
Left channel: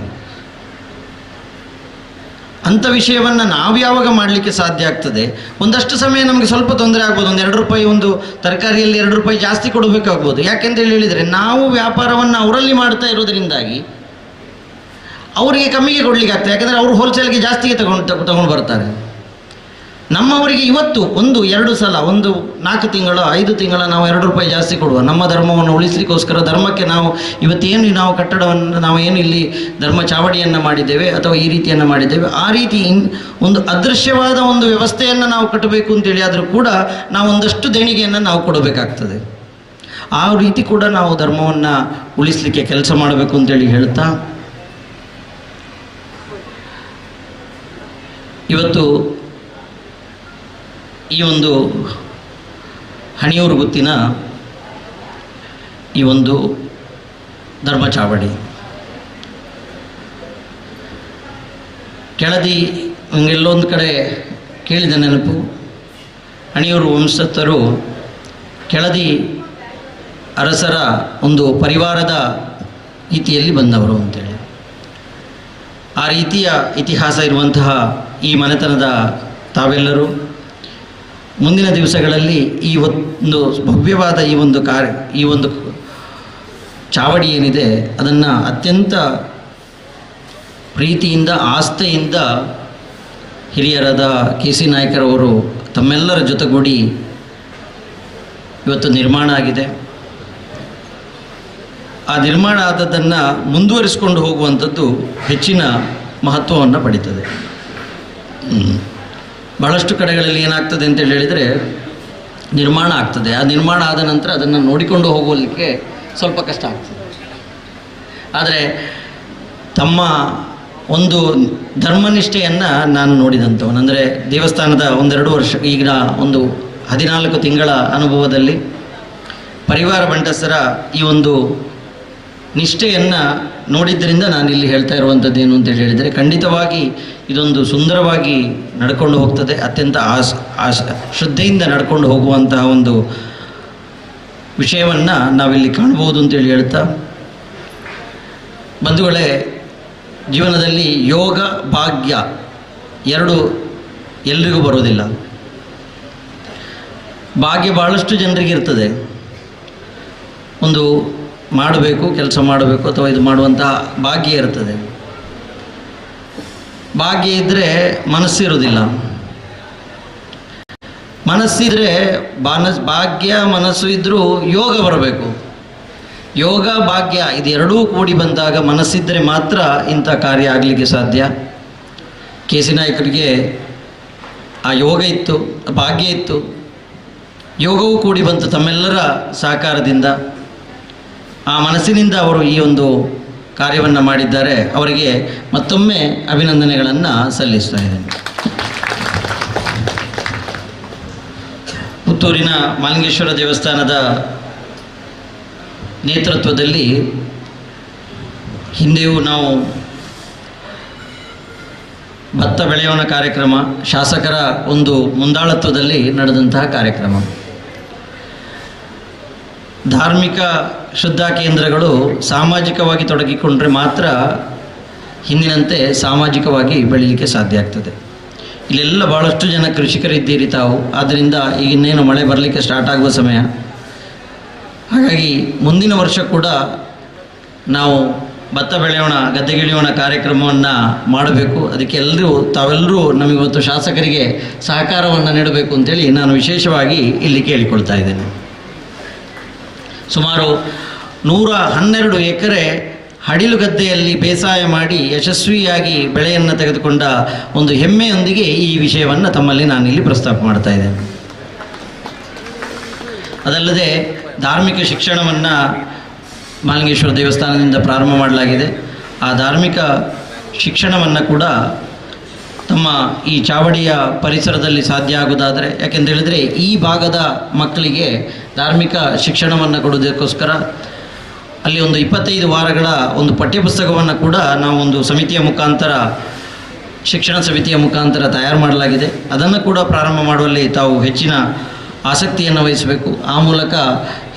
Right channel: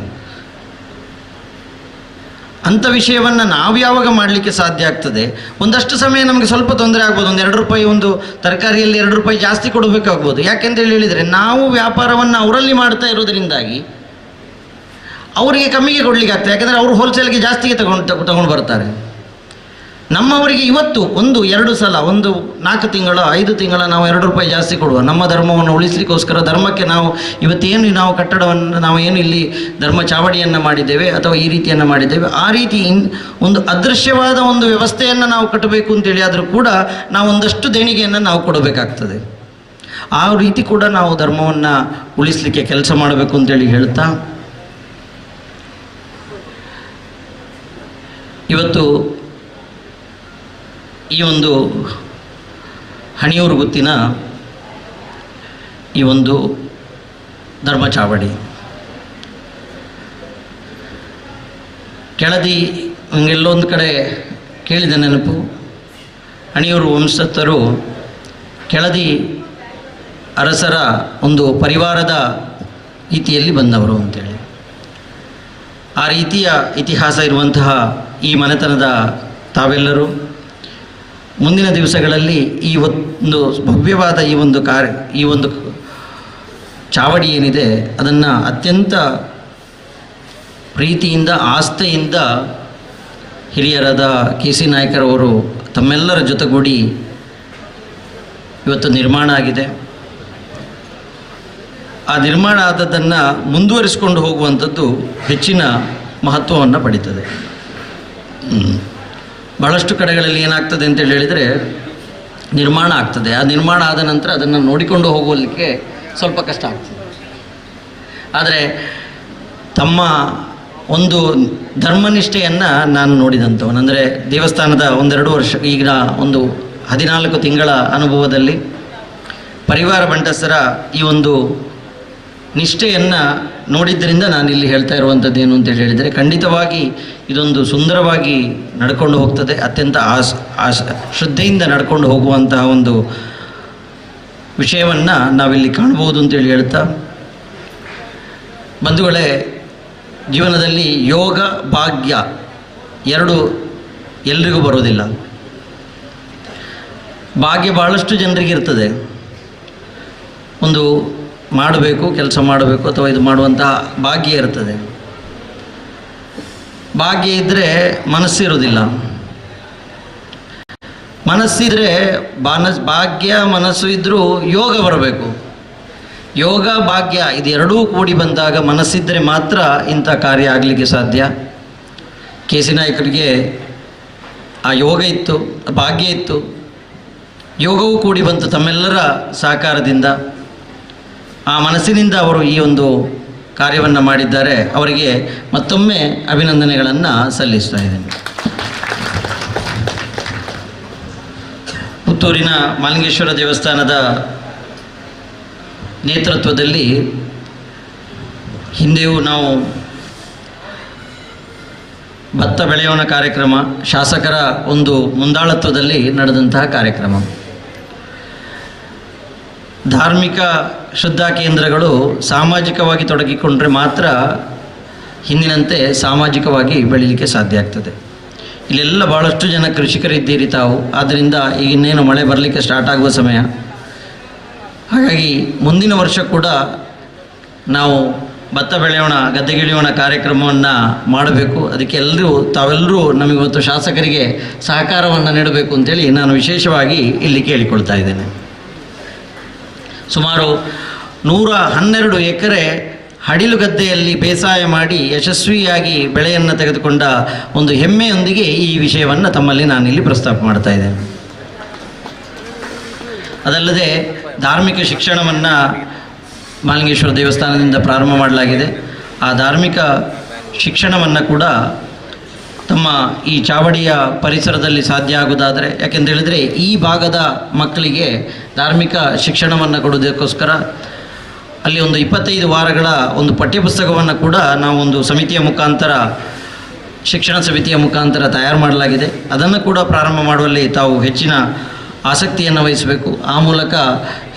ಅಂಥ ವಿಷಯವನ್ನು ನಾವು ಯಾವಾಗ ಮಾಡಲಿಕ್ಕೆ ಸಾಧ್ಯ ಆಗ್ತದೆ? ಒಂದಷ್ಟು ಸಮಯ ನಮಗೆ ಸ್ವಲ್ಪ ತೊಂದರೆ ಆಗ್ಬೋದು, ಒಂದು 2 ರೂಪಾಯಿ ಒಂದು ತರಕಾರಿಯಲ್ಲಿ 2 ರೂಪಾಯಿ ಜಾಸ್ತಿ ಕೊಡಬೇಕಾಗ್ಬೋದು. ಯಾಕೆಂತೇಳಿ ಹೇಳಿದರೆ ನಾವು ವ್ಯಾಪಾರವನ್ನು ಅವರಲ್ಲಿ ಮಾಡ್ತಾ ಇರೋದರಿಂದಾಗಿ ಅವರಿಗೆ ಕಮ್ಮಿಗೆ ಕೊಡಲಿಕ್ಕೆ ಆಗ್ತದೆ. ಯಾಕೆಂದರೆ ಅವರು ಹೋಲ್ಸೇಲ್ಗೆ ಜಾಸ್ತಿಗೆ ತಗೊಂಡು ಬರ್ತಾರೆ. ನಮ್ಮವರಿಗೆ ಇವತ್ತು 1-2 ಸಲ 4 ತಿಂಗಳ 5 ತಿಂಗಳ ನಾವು 2 ರೂಪಾಯಿ ಜಾಸ್ತಿ ಕೊಡುವ, ನಮ್ಮ ಧರ್ಮವನ್ನು ಉಳಿಸಲಿಕ್ಕೋಸ್ಕರ, ಧರ್ಮಕ್ಕೆ ನಾವು ಇವತ್ತೇನು ನಾವು ಕಟ್ಟಡವನ್ನು ನಾವು ಏನು ಇಲ್ಲಿ ಧರ್ಮ ಚಾವಡಿಯನ್ನು ಮಾಡಿದ್ದೇವೆ ಅಥವಾ ಈ ರೀತಿಯನ್ನು ಮಾಡಿದ್ದೇವೆ, ಆ ರೀತಿ ಒಂದು ಅದೃಶ್ಯವಾದ ಒಂದು ವ್ಯವಸ್ಥೆಯನ್ನು ನಾವು ಕಟ್ಟಬೇಕು ಅಂತೇಳಿ ಆದರೂ ಕೂಡ ನಾವು ಒಂದಷ್ಟು ದೇಣಿಗೆಯನ್ನು ನಾವು ಕೊಡಬೇಕಾಗ್ತದೆ. ಆ ರೀತಿ ಕೂಡ ನಾವು ಧರ್ಮವನ್ನು ಉಳಿಸಲಿಕ್ಕೆ ಕೆಲಸ ಮಾಡಬೇಕು ಅಂತೇಳಿ ಹೇಳ್ತಾ, ಇವತ್ತು ಈ ಒಂದು ಹಣಿಯೂರು ಗುತ್ತಿನ ಈ ಒಂದು ಧರ್ಮ ಚಾವಡಿ ಕೆಳದಿ ಎಲ್ಲೊಂದು ಕಡೆ ಕೇಳಿದ ನೆನಪು, ಹಣಿಯೂರು ವಂಶಸ್ಥರು ಕೆಳದಿ ಅರಸರ ಒಂದು ಪರಿವಾರದ ರೀತಿಯಲ್ಲಿ ಬಂದವರು ಅಂತೇಳಿ ಆ ರೀತಿಯ ಇತಿಹಾಸ ಇರುವಂತಹ ಈ ಮನೆತನದ ತಾವೆಲ್ಲರೂ ಮುಂದಿನ ದಿವಸಗಳಲ್ಲಿ ಈ ಒಂದು ಭವ್ಯವಾದ ಈ ಒಂದು ಚಾವಡಿ ಏನಿದೆ ಅದನ್ನು ಅತ್ಯಂತ ಪ್ರೀತಿಯಿಂದ ಆಸ್ಥೆಯಿಂದ ಹಿರಿಯರಾದ ಕೆ ಸಿ ನಾಯಕರವರು ತಮ್ಮೆಲ್ಲರ ಜೊತೆಗೂಡಿ ಇವತ್ತು ನಿರ್ಮಾಣ ಆಗಿದೆ. ಆ ನಿರ್ಮಾಣ ಆದದ್ದನ್ನು ಮುಂದುವರಿಸಿಕೊಂಡು ಹೋಗುವಂಥದ್ದು ಹೆಚ್ಚಿನ ಮಹತ್ವವನ್ನು ಪಡೀತದೆ. ಬಹಳಷ್ಟು ಕಡೆಗಳಲ್ಲಿ ಏನಾಗ್ತದೆ ಅಂತೇಳಿ ಹೇಳಿದರೆ ನಿರ್ಮಾಣ ಆಗ್ತದೆ, ಆ ನಿರ್ಮಾಣ ಆದ ನಂತರ ಅದನ್ನು ನೋಡಿಕೊಂಡು ಹೋಗಲಿಕ್ಕೆ ಸ್ವಲ್ಪ ಕಷ್ಟ ಆಗ್ತದೆ. ಆದರೆ ತಮ್ಮ ಒಂದು ಧರ್ಮನಿಷ್ಠೆಯನ್ನು ನಾನು ನೋಡಿದಂಥವನು, ಅಂದರೆ ದೇವಸ್ಥಾನದ 1-2 ವರ್ಷ, ಈಗ ಒಂದು 14 ತಿಂಗಳ ಅನುಭವದಲ್ಲಿ ಪರಿವಾರ ಬಂಟಸರ ಈ ಒಂದು ನಿಷ್ಠೆಯನ್ನು ನೋಡಿದ್ದರಿಂದ ನಾನಿಲ್ಲಿ ಹೇಳ್ತಾ ಇರುವಂಥದ್ದು ಏನು ಅಂತೇಳಿ ಹೇಳಿದರೆ, ಖಂಡಿತವಾಗಿ ಇದೊಂದು ಸುಂದರವಾಗಿ ನಡ್ಕೊಂಡು ಹೋಗ್ತದೆ. ಅತ್ಯಂತ ಶ್ರದ್ಧೆಯಿಂದ ನಡ್ಕೊಂಡು ಹೋಗುವಂತಹ ಒಂದು ವಿಷಯವನ್ನು ನಾವಿಲ್ಲಿ ಕಾಣ್ಬೋದು ಅಂತೇಳಿ ಹೇಳ್ತಾ, ಬಂಧುಗಳೇ, ಜೀವನದಲ್ಲಿ ಯೋಗ ಭಾಗ್ಯ 2 ಎಲ್ರಿಗೂ ಬರೋದಿಲ್ಲ. ಭಾಗ್ಯ ಭಾಳಷ್ಟು ಜನರಿಗೆ ಇರ್ತದೆ, ಒಂದು ಮಾಡಬೇಕು, ಕೆಲಸ ಮಾಡಬೇಕು ಅಥವಾ ಇದು ಮಾಡುವಂತಹ ಭಾಗ್ಯ ಇರ್ತದೆ. ಭಾಗ್ಯ ಇದ್ದರೆ ಮನಸ್ಸಿರೋದಿಲ್ಲ, ಮನಸ್ಸಿದ್ರೆ ಭಾಗ್ಯ ಮನಸ್ಸು ಇದ್ದರೂ ಯೋಗ ಬರಬೇಕು. ಯೋಗ ಭಾಗ್ಯ ಇದೆರಡೂ ಕೂಡಿ ಬಂದಾಗ ಮನಸ್ಸಿದ್ದರೆ ಮಾತ್ರ ಇಂಥ ಕಾರ್ಯ ಆಗಲಿಕ್ಕೆ ಸಾಧ್ಯ. ಕೆ ಸಿ ನಾಯಕರಿಗೆ ಆ ಯೋಗ ಇತ್ತು, ಭಾಗ್ಯ ಇತ್ತು, ಯೋಗವೂ ಕೂಡಿ ಬಂತು ತಮ್ಮೆಲ್ಲರ ಸಹಕಾರದಿಂದ. ಆ ಮನಸ್ಸಿನಿಂದ ಅವರು ಈ ಒಂದು ಕಾರ್ಯವನ್ನು ಮಾಡಿದ್ದಾರೆ. ಅವರಿಗೆ ಮತ್ತೊಮ್ಮೆ ಅಭಿನಂದನೆಗಳನ್ನು ಸಲ್ಲಿಸ್ತಾ ಇದ್ದೇನೆ. ಪುತ್ತೂರಿನ ಮಾಲಿಂಗೇಶ್ವರ ದೇವಸ್ಥಾನದ ನೇತೃತ್ವದಲ್ಲಿ ಹಿಂದೆಯೂ ನಾವು ಭತ್ತ ಬೆಳೆಯೋಣ ಕಾರ್ಯಕ್ರಮ, ಶಾಸಕರ ಒಂದು ಮುಂದಾಳತ್ವದಲ್ಲಿ ನಡೆದಂತಹ ಕಾರ್ಯಕ್ರಮ. ಧಾರ್ಮಿಕ ಶ್ರದ್ಧಾ ಕೇಂದ್ರಗಳು ಸಾಮಾಜಿಕವಾಗಿ ತೊಡಗಿಕೊಂಡ್ರೆ ಮಾತ್ರ ಹಿಂದಿನಂತೆ ಸಾಮಾಜಿಕವಾಗಿ ಬೆಳೀಲಿಕ್ಕೆ ಸಾಧ್ಯ ಆಗ್ತದೆ. ಇಲ್ಲೆಲ್ಲ ಭಾಳಷ್ಟು ಜನ ಕೃಷಿಕರಿದ್ದೀರಿ ತಾವು, ಆದ್ದರಿಂದ ಈಗ ಇನ್ನೇನು ಮಳೆ ಬರಲಿಕ್ಕೆ ಸ್ಟಾರ್ಟ್ ಆಗುವ ಸಮಯ. ಹಾಗಾಗಿ ಮುಂದಿನ ವರ್ಷ ಕೂಡ ನಾವು ಭತ್ತ ಬೆಳೆಯೋಣ ಗದ್ದೆಗಿಳಿಯೋಣ ಕಾರ್ಯಕ್ರಮವನ್ನು ಮಾಡಬೇಕು. ಅದಕ್ಕೆ ತಾವೆಲ್ಲರೂ ನಮಗಿವತ್ತು ಶಾಸಕರಿಗೆ ಸಹಕಾರವನ್ನು ನೀಡಬೇಕು ಅಂತೇಳಿ ನಾನು ವಿಶೇಷವಾಗಿ ಇಲ್ಲಿ ಕೇಳಿಕೊಳ್ತಾ ಇದ್ದೇನೆ. ಸುಮಾರು 112 ಎಕರೆ ಹಡಿಲು ಗದ್ದೆಯಲ್ಲಿ ಬೇಸಾಯ ಮಾಡಿ ಯಶಸ್ವಿಯಾಗಿ ಬೆಳೆಯನ್ನು ತೆಗೆದುಕೊಂಡ ಒಂದು ಹೆಮ್ಮೆಯೊಂದಿಗೆ ಈ ವಿಷಯವನ್ನು ತಮ್ಮಲ್ಲಿ ನಾನಿಲ್ಲಿ ಪ್ರಸ್ತಾಪ ಮಾಡ್ತಾ ಇದ್ದೇನೆ. ಅದಲ್ಲದೆ ಧಾರ್ಮಿಕ ಶಿಕ್ಷಣವನ್ನು ಮಾಲಿಂಗೇಶ್ವರ ದೇವಸ್ಥಾನದಿಂದ ಪ್ರಾರಂಭ ಮಾಡಲಾಗಿದೆ. ಆ ಧಾರ್ಮಿಕ ಶಿಕ್ಷಣವನ್ನು ಕೂಡ ತಮ್ಮ ಈ ಚಾವಡಿಯ ಪರಿಸರದಲ್ಲಿ ಸಾಧ್ಯ ಆಗುವುದಾದರೆ, ಯಾಕೆಂತೇಳಿದರೆ ಈ ಭಾಗದ ಮಕ್ಕಳಿಗೆ ಧಾರ್ಮಿಕ ಶಿಕ್ಷಣವನ್ನು ಕೊಡೋದಕ್ಕೋಸ್ಕರ ಅಲ್ಲಿ ಒಂದು 25 ವಾರಗಳ ಒಂದು ಪಠ್ಯಪುಸ್ತಕವನ್ನು ಕೂಡ ನಾವು ಒಂದು ಸಮಿತಿಯ ಮುಖಾಂತರ, ಶಿಕ್ಷಣ ಸಮಿತಿಯ ಮುಖಾಂತರ ತಯಾರು ಮಾಡಲಾಗಿದೆ. ಅದನ್ನು ಕೂಡ ಪ್ರಾರಂಭ ಮಾಡುವಲ್ಲಿ ತಾವು ಹೆಚ್ಚಿನ ಆಸಕ್ತಿಯನ್ನು ವಹಿಸಬೇಕು. ಆ ಮೂಲಕ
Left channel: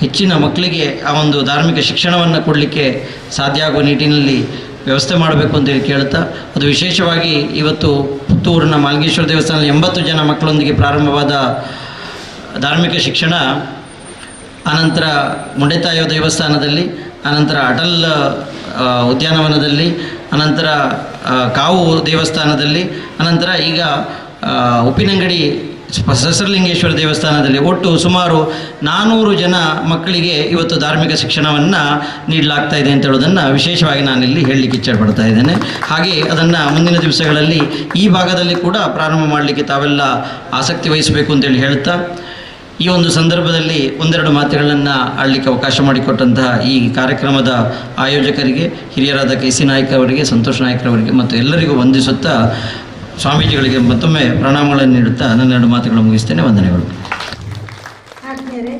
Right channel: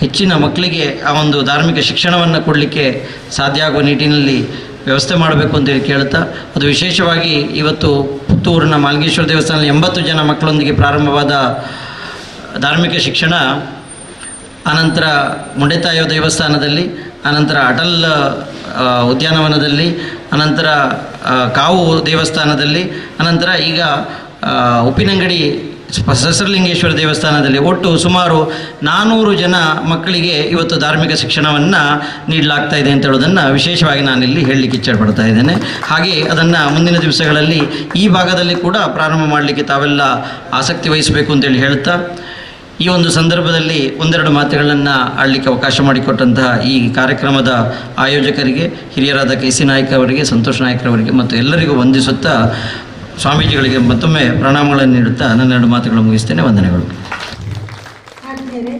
ಹೆಚ್ಚಿನ ಮಕ್ಕಳಿಗೆ ಆ ಒಂದು ಧಾರ್ಮಿಕ ಶಿಕ್ಷಣವನ್ನು ಕೊಡಲಿಕ್ಕೆ ಸಾಧ್ಯ ಆಗುವ ನಿಟ್ಟಿನಲ್ಲಿ ವ್ಯವಸ್ಥೆ ಮಾಡಬೇಕು ಅಂತೇಳಿ ಕೇಳ್ತಾ, ಅದು ವಿಶೇಷವಾಗಿ ಇವತ್ತು ಪುತ್ತೂರಿನ ಮಾಲ್ಗೇಶ್ವರ ದೇವಸ್ಥಾನದಲ್ಲಿ 80 ಜನ ಮಕ್ಕಳೊಂದಿಗೆ ಪ್ರಾರಂಭವಾದ ಧಾರ್ಮಿಕ ಶಿಕ್ಷಣ ಅನಂತರ ಮುಂಡೆತಾಯ ದೇವಸ್ಥಾನದಲ್ಲಿ, ಅನಂತರ ಅಟಲ್ ಉದ್ಯಾನವನದಲ್ಲಿ, ಅನಂತರ ಕಾವು ದೇವಸ್ಥಾನದಲ್ಲಿ, ಅನಂತರ ಈಗ ಉಪ್ಪಿನಂಗಡಿ ಸಹಸ್ರಲಿಂಗೇಶ್ವರ ದೇವಸ್ಥಾನದಲ್ಲಿ ಒಟ್ಟು ಸುಮಾರು 400 ಜನ ಮಕ್ಕಳಿಗೆ ಇವತ್ತು ಧಾರ್ಮಿಕ ಶಿಕ್ಷಣವನ್ನು ನೀಡಲಾಗ್ತಾ ಇದೆ ಅಂತ ಹೇಳೋದನ್ನು ವಿಶೇಷವಾಗಿ ನಾನಿಲ್ಲಿ ಹೇಳಲಿಕ್ಕೆ ಇಚ್ಛೆಪಡ್ತಾ ಇದ್ದೇನೆ. ಹಾಗೆ ಅದನ್ನು ಮುಂದಿನ ದಿವಸಗಳಲ್ಲಿ ಈ ಭಾಗದಲ್ಲಿ ಕೂಡ ಪ್ರಾರಂಭ ಮಾಡಲಿಕ್ಕೆ ತಾವೆಲ್ಲ ಆಸಕ್ತಿ ವಹಿಸಬೇಕು ಅಂತೇಳಿ ಹೇಳ್ತಾ, ಈ ಒಂದು ಸಂದರ್ಭದಲ್ಲಿ ಒಂದೆರಡು ಮಾತುಗಳನ್ನು ಆಡಲಿಕ್ಕೆ ಅವಕಾಶ ಮಾಡಿಕೊಟ್ಟಂತಹ ಈ ಕಾರ್ಯಕ್ರಮದ ಆಯೋಜಕರಿಗೆ, ಹಿರಿಯರಾದ KC ನಾಯ್ಕ ಅವರಿಗೆ, ಸಂತೋಷ್ ನಾಯ್ಕರವರಿಗೆ ಮತ್ತು ಎಲ್ಲರಿಗೂ ವಂದಿಸುತ್ತಾ ಸ್ವಾಮೀಜಿಗಳಿಗೆ ಮತ್ತೊಮ್ಮೆ ಪ್ರಣಾಮಗಳನ್ನು ನೀಡುತ್ತಾ ನನ್ನೆರಡು ಮಾತುಗಳು ಮುಗಿಸ್ತೇನೆ. ವಂದನೆಗಳು. ಆದ್ಮೇಲೆ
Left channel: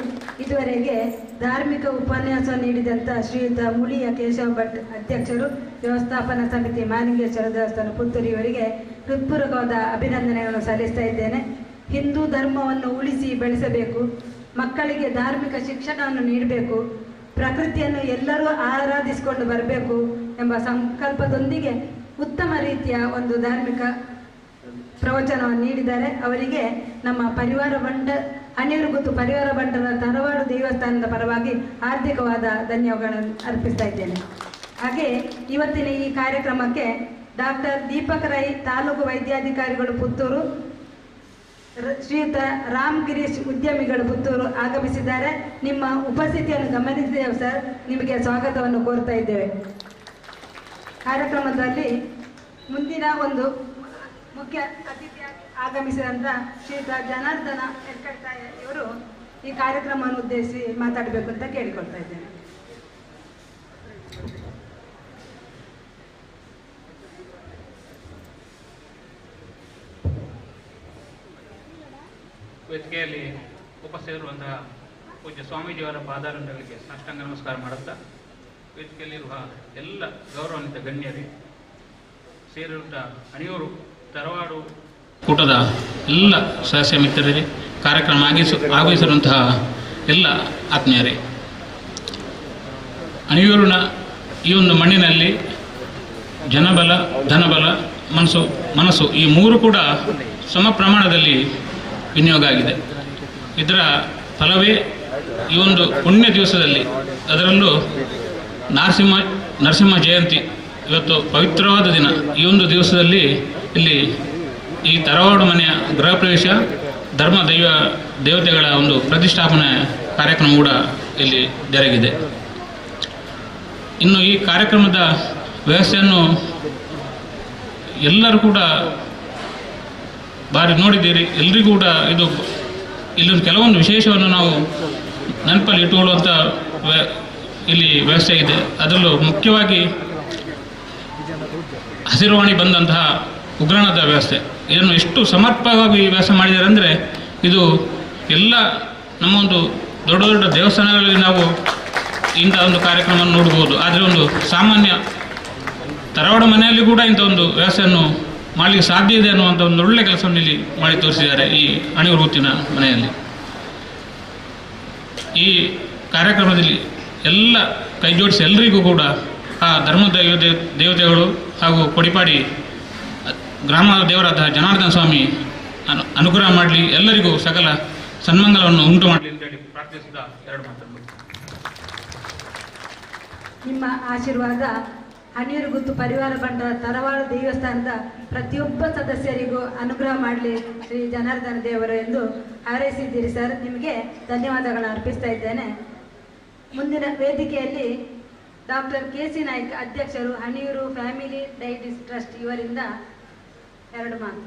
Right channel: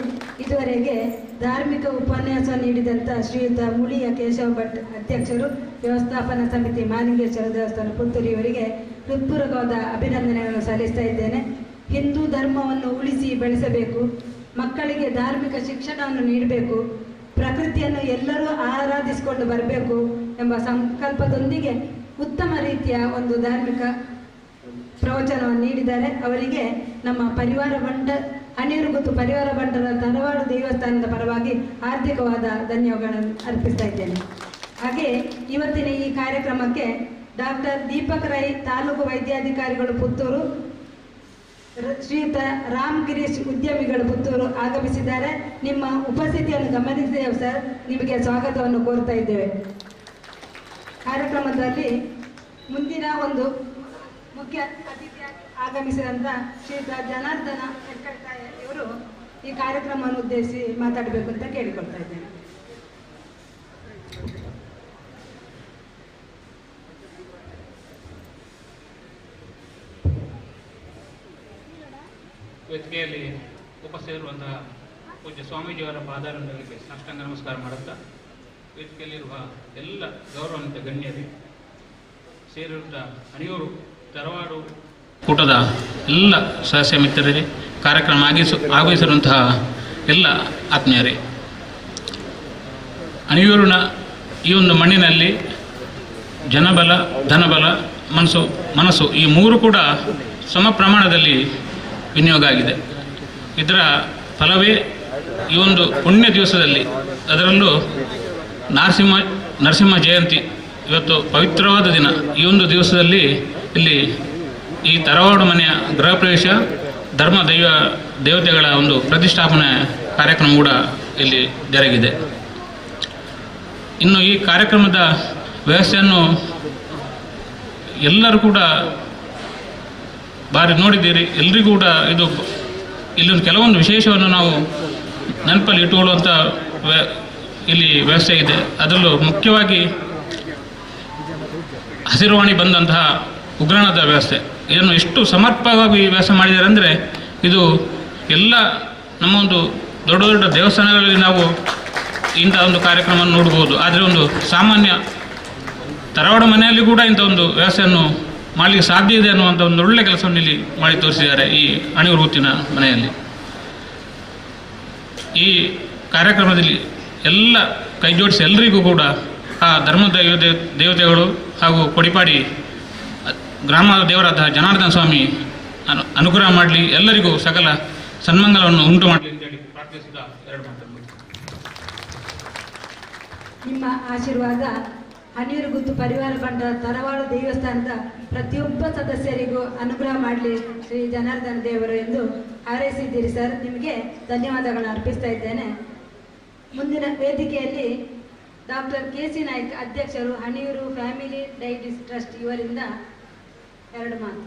ಇದುವರೆಗೆ ಧಾರ್ಮಿಕ ಉಪನ್ಯಾಸ ನೀಡಿದಂಥ ಶ್ರೀಯುತ ಮುಳಿಯ ಕೇಶವ ಭಟ್ ಅಧ್ಯಕ್ಷರು, ವ್ಯವಸ್ಥಾಪನಾ ಸಮಿತಿ ಮಾಲಿಂಗೇಶ್ವರ ದೇವಸ್ಥಾನ ಪುತ್ತೂರು ಇವರಿಗೆ ಹೃತ್ಪೂರ್ವಕವಾದ ಅಭಿನಂದನೆಗಳನ್ನು ಸಲ್ಲಿಸ್ತಾ ಇದ್ದೇನೆ. ಹಿಂದೂ ಧರ್ಮವನ್ನು ಉಳಿಸಿ ಬೆಳೆಸಬೇಕು, ಮಕ್ಕಳಿಗೆ ಧಾರ್ಮಿಕ ಶಿಕ್ಷಣವನ್ನು ನೀಡಬೇಕು, ಪ್ರಕೃತಿಯನ್ನು ಎಲ್ಲರೂ ಆರಾಧಿಸಿಕೊಂಡು ಬರಬೇಕು ಎಂಬ ಸಂಕಲ್ಪದೊಂದಿಗೆ ಉತ್ತಮ ರೀತಿಯ ಒಂದು ಧಾರ್ಮಿಕ ಪ್ರವಚನವನ್ನು ನೀಡಿದ್ದಾರೆ. ಅವರಿಗೆ ನಮ್ಮ ಪರಿವಾರ ಬಂಡ ಅನಿರುಗುತ್ತು ಪರಿವಾರ ಬಂಡರ ತರವಾಡು ದೇವಸ್ಥಾನದ ಪರವಾಗಿ ಹಾರ್ದಿಕವಾದ ಧನ್ಯವಾದಗಳನ್ನು ಅರ್ಪಿಸ್ತಾ ಇದ್ದೇನೆ. ಹಾಗೆ ಇವತ್ತಿನ ಈ ಕಾರ್ಯಕ್ರಮಕ್ಕೆ ಡಾಕ್ಟರ್ ದೀಪಕ್ ರೈ ತಾಲೂಕು ವೈದ್ಯಾಧಿಕಾರಿಗಳು ಪುತ್ತೂರು, ಶ್ರೀಯುತ ರಾಮ್ ಗಿರೀಶ್ ಉದ್ಯಮಿಗಳು ಪುತ್ತೂರು ಆಗಮಿಸಿದ್ದಾರೆ. ನಿಮ್ಮ ಉಪಸ್ಥಿತಿಯನ್ನು ಗಮನಿಸಿದ್ದೇವೆ ಸರ್, ನಿಮಗೆ ಸ್ವಾಗತವನ್ನು ಕೋರ್ತಾ ಇದ್ದೇವೆ. ಕಾರ್ಯಕ್ರಮದಲ್ಲಿ ಮುಂದಿನ ಒಂದು ಮುಖ್ಯ ಅತಿಥಿಯಾಗಿ ಆಗಮಿಸಿದಂಥ ಶ್ರೀಯುತ ಜನಾರ್ದನ ಹೆರ್ಕಟ್ಟಾಯ ಇವರು ಈ ಕಾರ್ಯಕ್ರಮವನ್ನು ಉದ್ದೇಶಿಸಿ ಮಾತಾಡಬೇಕು ಅಂತ ಕೇಳಿಕೊಳ್ತಾ ಇದ್ದೇನೆ. ವೇದಿಕೆಯಲ್ಲಿ ಉಪಸ್ಥಿತರಿರುವಂತಹ ಪೂಜ್ಯ ಸ್ವಾಮೀಜಿಯವರ ಪಾದಾರಗಳಿಗೆ ಸಾಷ್ಟಾಂಗ ನಮಸ್ಕಾರ ಮಾಡುತ್ತಾ, ವೇದಿಕೆಯಲ್ಲಿರುವ ಎಲ್ಲ ಗೌರವಾನ್ವಿತ ಗಣ್ಯರಿ, ಸೇರಿರುವಂಥ ಅಣಿಯೂರು ತರವಾಡು ಕೂಟದ ಎಲ್ಲ ಸದಸ್ಯ ಮಿತ್ರರೇ, ಕಾರ್ಯಕ್ರಮ ಆಗಮಿಸಿರುವಂತಹ ಎಲ್ಲ ಆತ್ಮೀಯರೇ, ಅಣಿಯೂರಿನ ಈ ಒಂದು ಮಣ್ಣಿನಲ್ಲಿ ಜನಬಲ, ಧನಬಲ, ಮನಸ್ಸು ಈ ಮೂರು ಕೂಡ ಸಮ ಪ್ರಮಾಣದಲ್ಲಿ ವಿನಿಯೋಗ ಆಗಿದೆ. ಇದರ ಫಲವೇ ಈ ಒಂದು ಪುಣ್ಯ ದಿವಸದಲ್ಲಿ, ಅದರಲ್ಲೂ ನರಸಿಂಹ ಜಯಂತಿ ಇವತ್ತು ಪವಿತ್ರವಾದ ದಿನ. ಈ ಒಂದು ದಿವಸದಲ್ಲಿ ಇಲ್ಲಿ ಈ ತರವಾಡು ಮನೆಯ ಗೃಹ ಪ್ರವೇಶ, ಧರ್ಮ ದೇವತೆಗಳ ಒಂದು ಪ್ರತಿಷ್ಠಾಪನೆ ಕಾರ್ಯಕ್ರಮ ಕೂಡ ಇಲ್ಲಿ ಜರುಗಿದೆ. ಇನ್ನು ಈ ಕಾರ್ಯಕ್ರಮದ ವ್ಯವಸ್ಥೆಯನ್ನು ಎಲ್ಲರೂ ಕೂಡ ಬಾರಿ ನೋಡಿದ್ದೀರಿ. ಎಲ್ರಿಗೂ ಕೂಡ ಇಲ್ಲೊಂದು ಕೆಲವೊಂದು ವಿಶೇಷವನ್ನು ನಾವು ನೆನಪಲ್ಲಿ ಇಟ್ಟುಕೊಳ್ಳುವಂಥ ಇಲ್ಲಿ ವ್ಯವಸ್ಥೆ ಇದೆ. ಅದರಲ್ಲೂ ಮುಖ್ಯವಾಗಿ ಹಸಿರುವಾಣಿ ಬಂದಂತಹ ಉಗ್ರಾಣದ ವ್ಯವಸ್ಥೆ, ಇದನ್ನು ಎಷ್ಟು ಸಮರ್ಪಕವಾಗಿ ವ್ಯವಸ್ಥೆ ಮಾಡಿದ್ದಾರೆ ಅಂದರೆ, ಇದು ಎಲ್ಲ ನಮ್ಮ ಒಂದು ದೊಡ್ಡ ದೊಡ್ಡ ದೇವಸ್ಥಾನಗಳಲ್ಲಿ ನಾವು ಇಂಥ ಒಂದು ಕಾರ್ಯಕ್ರಮವನ್ನು ನೋಡ್ಬೋದು. ಆದರೆ ಒಂದು ಸಾಮಾನ್ಯ ತರವಾಡು ಮನೆಯಲ್ಲಿ ಕೂಡ ಇಂಥ ಒಂದು ವ್ಯವಸ್ಥೆಯನ್ನು ಮಾಡಲಿಕ್ಕೆ ಸಾಧ್ಯ ಇದೆ ಅನ್ನುವಂಥ ಒಂದು ಒಳ್ಳೆಯ ಕೆಲಸವನ್ನು ಇಲ್ಲಿ ಮಾಡಿ ತೋರಿಸಿದ್ದಾರೆ ಈ ಅಣಿಯೂರು ಗುತ್ತಿನ ಮನೆಯಲ್ಲಿ. ಈ ಕಾರ್ಯಕ್ರಮದಲ್ಲಿ ಎಲ್ಲ ಕೈ ಜೋಡಿಸಿ ಎಲ್ಲರಿಗೂ ಕೂಡ ಆ ಧರ್ಮದ ದೇವತೆಗಳು ಹಾಗೂ ಕೊಡಿಪಾಡಿ ಗ್ರಾಮ ದೇವರಾದ ಜನಾರ್ದನ ಸ್ವಾಮಿ ಅನುಗ್ರಹ ಮಾಡಲಿ, ಎಲ್ಲರಿಗೂ ಸಕಲ ಸನ್ಮಂಗಲವನ್ನು ಉಂಟು ಮಾಡಲಿ ಅಂತೇಳಿ ಪ್ರಾರ್ಥಿಸಿದ ಎರಡು ಮಾತನ್ನು. ನಿಮ್ಮ ಆಶೀರ್ವಾದ ಅನಿರುಗುತ್ತು ಪರಿವಾರ ಬಂಡರ ತರವಾಡು ದೇವಸ್ಥಾನದ ಪ್ರತಿಯೊಬ್ಬ ಸದಸ್ಯರಿಗೂ ಅನುಗ್ರಹ ಮಾಡಲಿ ಶ್ರೀ ಜನಾರ್ದನ ದೇವರು ಎಂದು ಹಾರೈಸಿದ್ದೀರಿ ಸರ್. ನಿಮಗೆ ಧನ್ಯವಾದಗಳನ್ನು ಅರ್ಪಿಸ್ತಾ ಇದ್ದೇನೆ. ಮುಂದಿನ ವೇದಿಕೆಯಲ್ಲಿ ಡಾಕ್ಟರ್ KC ನಾಯ್ಕ ಅಧ್ಯಕ್ಷರು, ಅಣಿಯೂರು ಫ್ಯಾಮಿಲಿ ಡೈಟಿಸ್ ಟ್ರಸ್ಟ್ ಇವರಿಂದ ಎರಡು ಮಾತು.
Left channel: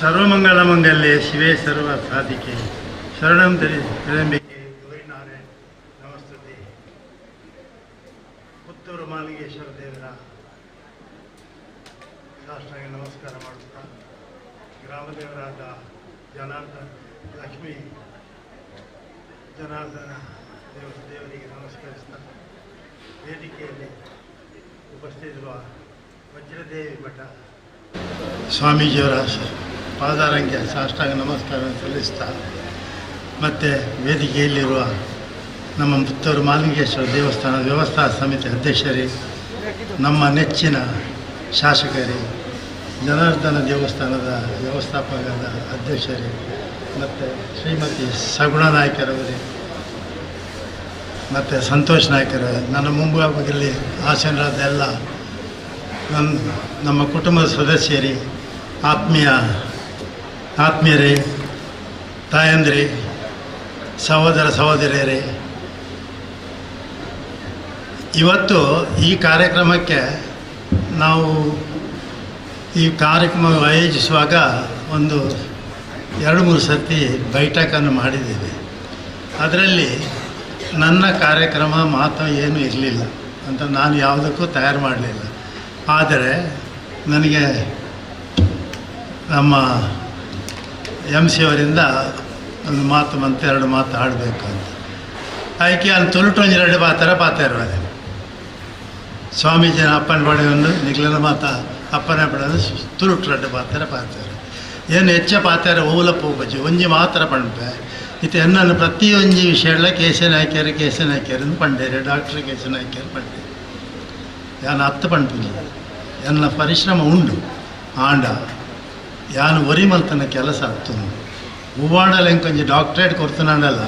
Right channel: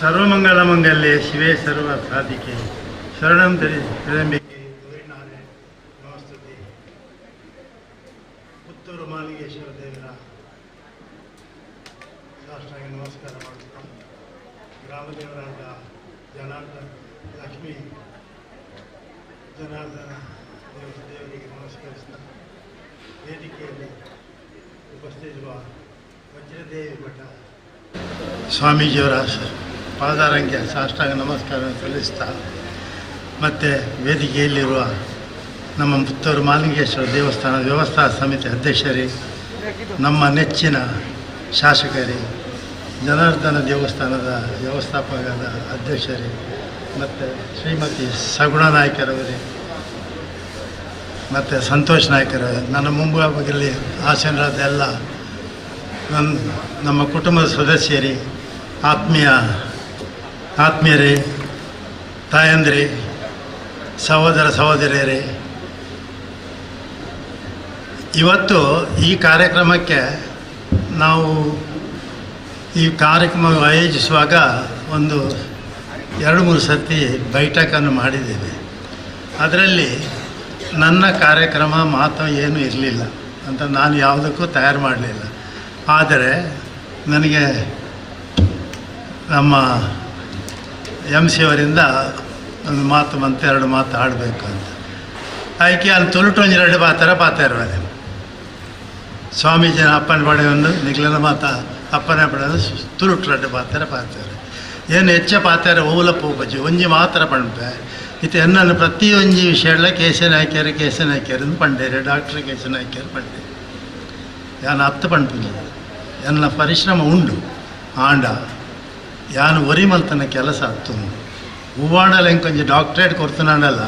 ಸರ್ವಮಂಗಲಮಂಗಲ್ಯೆ ಶಿವೆ ಸರ್ವ ಸಾಧಿಕೆ ಶರಣಂ ತ್ರ್ಯಂಬಕೆ ಗೌರಿ ನಾರಾಯಣ ನಮಸ್ತುತೆ. ಪುತ್ತೂರು ಮಾಲಿಂಗೇಶ್ವರ ದೇವರ ಸಾಷ್ಟಾಂಗ ನಮಸ್ಕಾರ ಮಾಡುತ್ತಾ, ಗ್ರಾಮದೇವರಾದ ಲಕ್ಷ್ಮೀ ಜನಾರ್ದನ ದೇವರಿಗೆ ನಮಸ್ಕರಿಸ್ತಾ ವೇದಿಕೆಯಲ್ಲಿ ಉಪಸ್ಥಿತಿರುವ ವಜ್ರದೇವಿ ಮಠ ಸ್ವಾಮೀಜಿಯವರ ಪಾದಾರಂಗೆ ಸಾಷ್ಟಾಂಗ ನಮಸ್ಕಾರ ಸಲ್ಲಿಸ್ತಾ ಮತ್ತು ವೇದಿಕೆಯಲ್ಲಿರುವ ನಮ್ಮ ಪುತ್ತೂರು ಮಾಲಿಂಗೇಶ್ವರ ದೇವಸ್ಥಾನದ ವ್ಯವಸ್ಥಾ ಸಮಿತಿ ಅಧ್ಯಕ್ಷರೇ, ನಮ್ಮ ನೆಚ್ಚಿನ ಶಾಸಕರೇ, ಜನಾರ್ದನ ದೇವಸ್ಥಾನದ ವ್ಯವಸ್ಥಾಪಕರ ಅಧ್ಯಕ್ಷರೇ ಮತ್ತು ಶ್ರೀಮತಿ ಸಗುಣ ನಾಯ್ಕರವರೇ ಮತ್ತು ಸಂತೋಷ್ ನಾಯ್ಕರವರೇ, ನನ್ನ ಮುಂಭಾಗದಲ್ಲಿ ಆಸೀನರಾದ ಎಲ್ಲ ನಮ್ಮ ಕುಟುಂಬದ ಸದಸ್ಯರೇ, ಆತ್ಮೀಯರೇ, ತಾಯಂದಿರೇ, ಸಹೋದರ ಸಹೋದರಿಯರೇ, ಇವತ್ತು ಈ ಕಾರ್ಯಕ್ರಮಕ್ಕೆ ನಾವು ಈ ಕಾರ್ಯಕ್ರಮ ಆಯೋಜಿಸುವಾಗ ಒಂದು 2-3 ಸರ್ತಿ ಬೈಠಕನ್ನು ಮಾಡಿದ್ದೇವೆ. ಅದರಲ್ಲಿ ನನ್ನ ಕಾರ್ಯಕ್ರಮ ಮಾತ್ರ ಏನೂ ಇರಲಿಲ್ಲ ಅಂತ ನಾನು ಯಾವುದಕ್ಕೂ ತಯಾರು ಮಾಡಲಿಲ್ಲ. ಆದರೆ ನನಗೆ ನಮ್ಮ MC ಅವರಿಂದ ಒಂದು ಮಾತು ಬಂತು, 2 ಮಾತು ಆಡಬೇಕು ಅಂತ. ಆಯ್ಕೆ ಅಲ್ಲಿ ತೊಲಟೊಂಜಿ 2 ಪಾತ್ರ ಪಾತಾಯಿರುವೆ. ಸ್ವಾಮೀಜಿನ ಅಪ್ಪನ ಪಡೆ ಒಂದು ನಿಖಿಲನ ಮಾತ ಅಪ್ಪನ ಪಡೆ ತುಳುಟು 2 ಪಾತಾರೆ ಏನು ಹೆಚ್ಚ ಪಾತಾರೆ ಓಲಪ್ಪ ಹೋಗಜ್ಜಿ ಒಂಜಿ ಮಾತ್ರ ಪಂಪೆ ಇತ್ತು ಎನ್ನನ್ನು ಪ್ರತಿ ಒಂಜಿ ವಿಷಯಗಳ ಕೇಸನ್ ಹಾಕ್ಯಾರು ಪಂಡೇರು ಡಾಕ್ಟ್ರ್ ಕೇಸನ್ ಹಾಕ್ಯಾರು ಪಂಡೇರು ಯಾನು 10 ಪಂಪಿಲ್ಲ ಎನ್ನ ಪರಿಶ್ರಮ ಉಂಡು ಆಂಡ ಯಾನು ಒರಿ ಮಲ್ತನ ಕೆಲಸ ಹತ್ತು ಹೂವಾಡಲ್ಲ ಇಂಕೊಂಚ ಡಾಕ್ಟ್ರೇಟ್ ಕೊಡ್ತಾನಲ್ಲ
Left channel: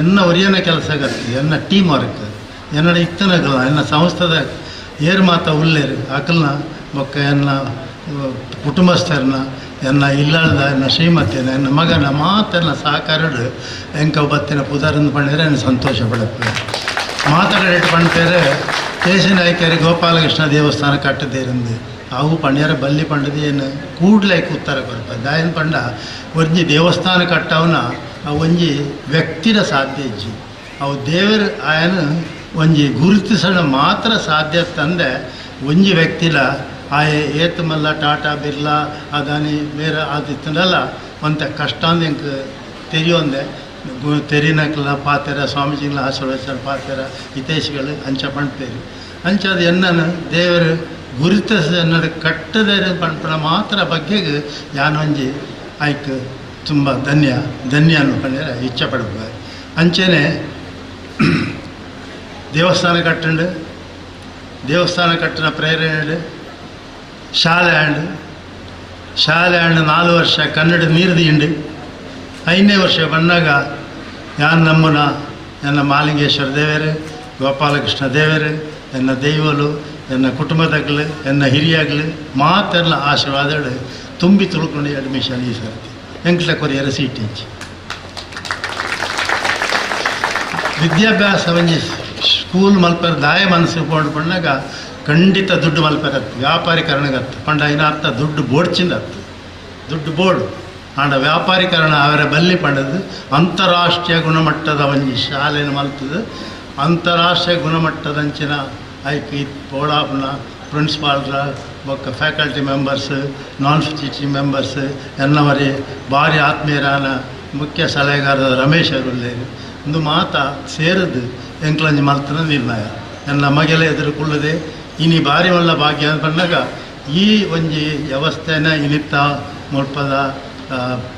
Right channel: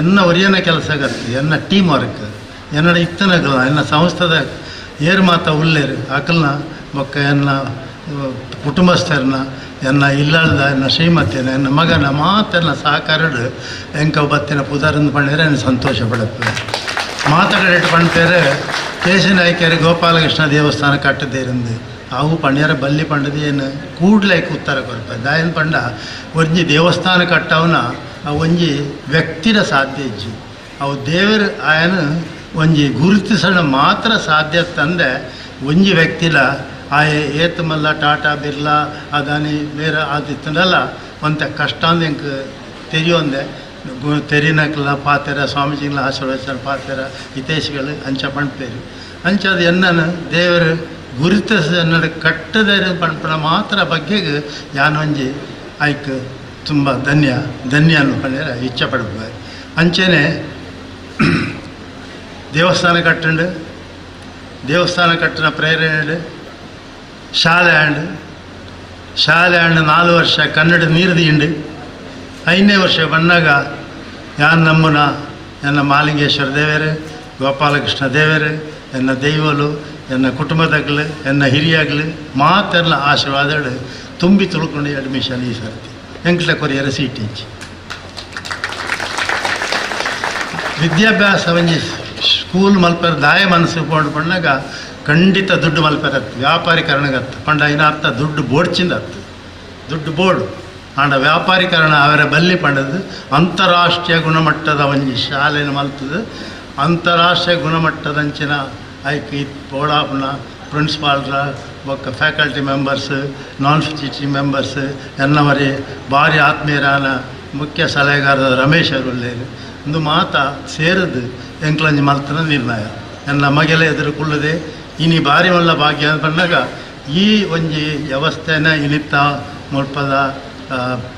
ಎನ್ನ ಒರಿಯನ ಕೆಲಸ ಆಗತ್ತೆ ಎನ್ನ ಟೀಮ್ ವರ್ಕ್ ಎನ್ನ ಇತ್ತನಗಲ್ಲ ಎನ್ನ ಸಂಸ್ಥದ ಏರು ಮಾತ ಉಳ್ಳೇರು ಅಕಲ್ನ ಬೊಕ್ಕ ಎನ್ನ ಕುಟುಂಬಸ್ಥರನ್ನ ಎನ್ನ ಇಲ್ಲಾಳ್ದ ಎನ್ನ ಶ್ರೀಮತಿನ ಎನ್ನ ಮಗನ ಮಾತೆಲ್ಲ ಸಾಕಾರಡು ಎಂಕ ಬತ್ತಿನ ಪುದಾರಂದು ಪಂಡಿದ್ರೆ ಎನ್ನ ಸಂತೋಷ ಪಡತ್ತೆ ಮಾತಾಡಿಟ್ಟು ಪಂಡ್ಪೇರೆ ಕೇಸಿನ ಆಯ್ಕೆರೆ ಗೋಪಾಲಕೃಷ್ಣ ದೇವಸ್ಥಾನ ಕಟ್ಟದೇರಂದು ಅವು ಪಂಡ್ಯಾರ ಬಲ್ಲಿ ಪಂಡದು ಏನು ಕೂಡ್ಲೆ ಉತ್ತರ ಕೊರಪ ದಾಯನ್ ಪಂಡ ಒಂಜಿ ದೇವಸ್ಥಾನ ಕಟ್ಟವನ ಅವು ಒಂಜಿ ವ್ಯಕ್ತಿರ ಸಾಧ್ಯ ಇಜ್ಜಿ ಅವು ದೇವರ ಆಯನ ಒಂಜಿ ಗುರುತಿಸೋಣ ಮಾತ್ರ ಸಾಧ್ಯ ತಂದೆ ಒಂಜಿ ವ್ಯಕ್ತಿಲ ಆಯ ಏತ್ ಮಲ್ಲ ಟಾಟಾ ಬಿರ್ಲಾ ಅದಾನಿ ಬೇರೆ ಆದಿತ್ತನಲ್ಲ ಒಂತ ಕಷ್ಟ ಅಂದ ಎಂಕ್ ತೆರಿಯೊಂದೆ ತೆರಿನಕ್ಲ ಪಾತೆರ ಸ್ವಾಮೀಜಿಗಳ ಆಶೀರ್ವಚನ ಪಾತೆರ ಹಿತೇಶಿಗಳು ಅಂಚ ಪಂಡ್ತೇರಿ ಅಂಚದು ಎನ್ನನು ದೇವರು ಗುರುತಿಸ ಕಟ್ಟದ ಪಂಪನ ಮಾತ್ರ ಬಗ್ಗೆಗೆ ಯಾನೊಂಜಿ ಆಯ್ಕೆ ತುಂಬ ಧನ್ಯ ಅನ್ನು ಪಂಡ್ಯಾರ ಇಚ್ಛೆ ಪಡ್ಬೋದು ಅಂಚೆನೆ ದೇವಸ್ಥಾನ ಕಟ್ಟಿನ ಪ್ರೇರಣೆ ಶಾಲೆ ಆಂಡು 4 ವರ್ಷ ಕನ್ನಡ ನೀರ್ದಿಂಡು 5ನೇ ವರ್ಷ ಬಂದಾಗ ಯಾನು ನಮ್ಮನ ಎನ್ನ ಮಾಲಿಂಗೇಶ್ವರ ದೇವರು ಗೋಪಾಲಕೃಷ್ಣ ದೇವರು ಎನ್ನ ದೈವಲು ಎನ್ನ ಕುಟುಂಬದಗಳು ಎನ್ನ ಹಿರಿಯಾಗಲು ಮಾತೆಲ್ಲ ಆಶೀರ್ವಾದಗಳು ತುಂಬಿ ತುಳ್ಕೊಂಡು ಅಡ್ಮಿಷನ್ ಈ ಸರ್ತಿ ಎಂಕ್ಲ ಕೊರಿಯರ ಸೀಟ್ ಇಚ್ಚಿ ವಿದ್ಯಾಭ್ಯಾಸ ಒಂಜಿ ಸ್ಕೂಲ್ ಮಲ್ಪರ ದಾಯ ಮನಸ್ಸು ಕೊಂಡು ಪಂಡಾಗ ಖಂಡಿತ ದುಡ್ಡು ಮಲ್ಪರತ್ತು ವ್ಯಾಪಾರೀಕರಣಗತ್ತು ಪಂಡ ಇನರ್ಥ ದುಡ್ಡು ಬೋಡ್ಚಿಂದತ್ತು ದುಡ್ಡು ಬೋರ್ಡು ಆಂಡ ವ್ಯಾಪಾರೀಕರಣ ಅವರ ಬಲ್ಲಿ ಪಂಡದು ಅಂತಾರಾಷ್ಟ್ರೀಯ ಗುಣಮಟ್ಟದ ಒಂಜಿ ಶಾಲೆನ ಮಲ್ತದು ಅಂತಾರಾಷ್ಟ್ರೀಯ ಗುಣಮಟ್ಟದಂಚಿನ ಆಯ್ಕೆ ಪೋಡಾಪನ ಪ್ರಿನ್ಸಿಪಾಲ್ರ ಬೊಕ್ಕ faculty members non teaching members ಎನ್ನವರೇ ಭಾರಿ ಆತ್ಮೀಯರಾನ ಮುಖ್ಯ ಸಲಹೆಗಾರರ ರಮೇಶ್ ಅವರುಳ್ಳೇರು ಒಂದು ಮಾತ ಸೇರಿದು ಎಂಕ್ಲಂಜಿ ಮಲ್ತನ ನಿರ್ಣಯ ನನ್ನ ಮಗೆಲ ಎದುರುಕೊಳ್ಳದೆ ಇನಿ ಭಾರಿ ಮಲ್ಲ ಭಾಗ್ಯ ಬಂದಾಗ ಈ ಒಂಜಿ ವ್ಯವಸ್ಥೆನ ಇನಿತ್ತ ಮುಲ್ಪದ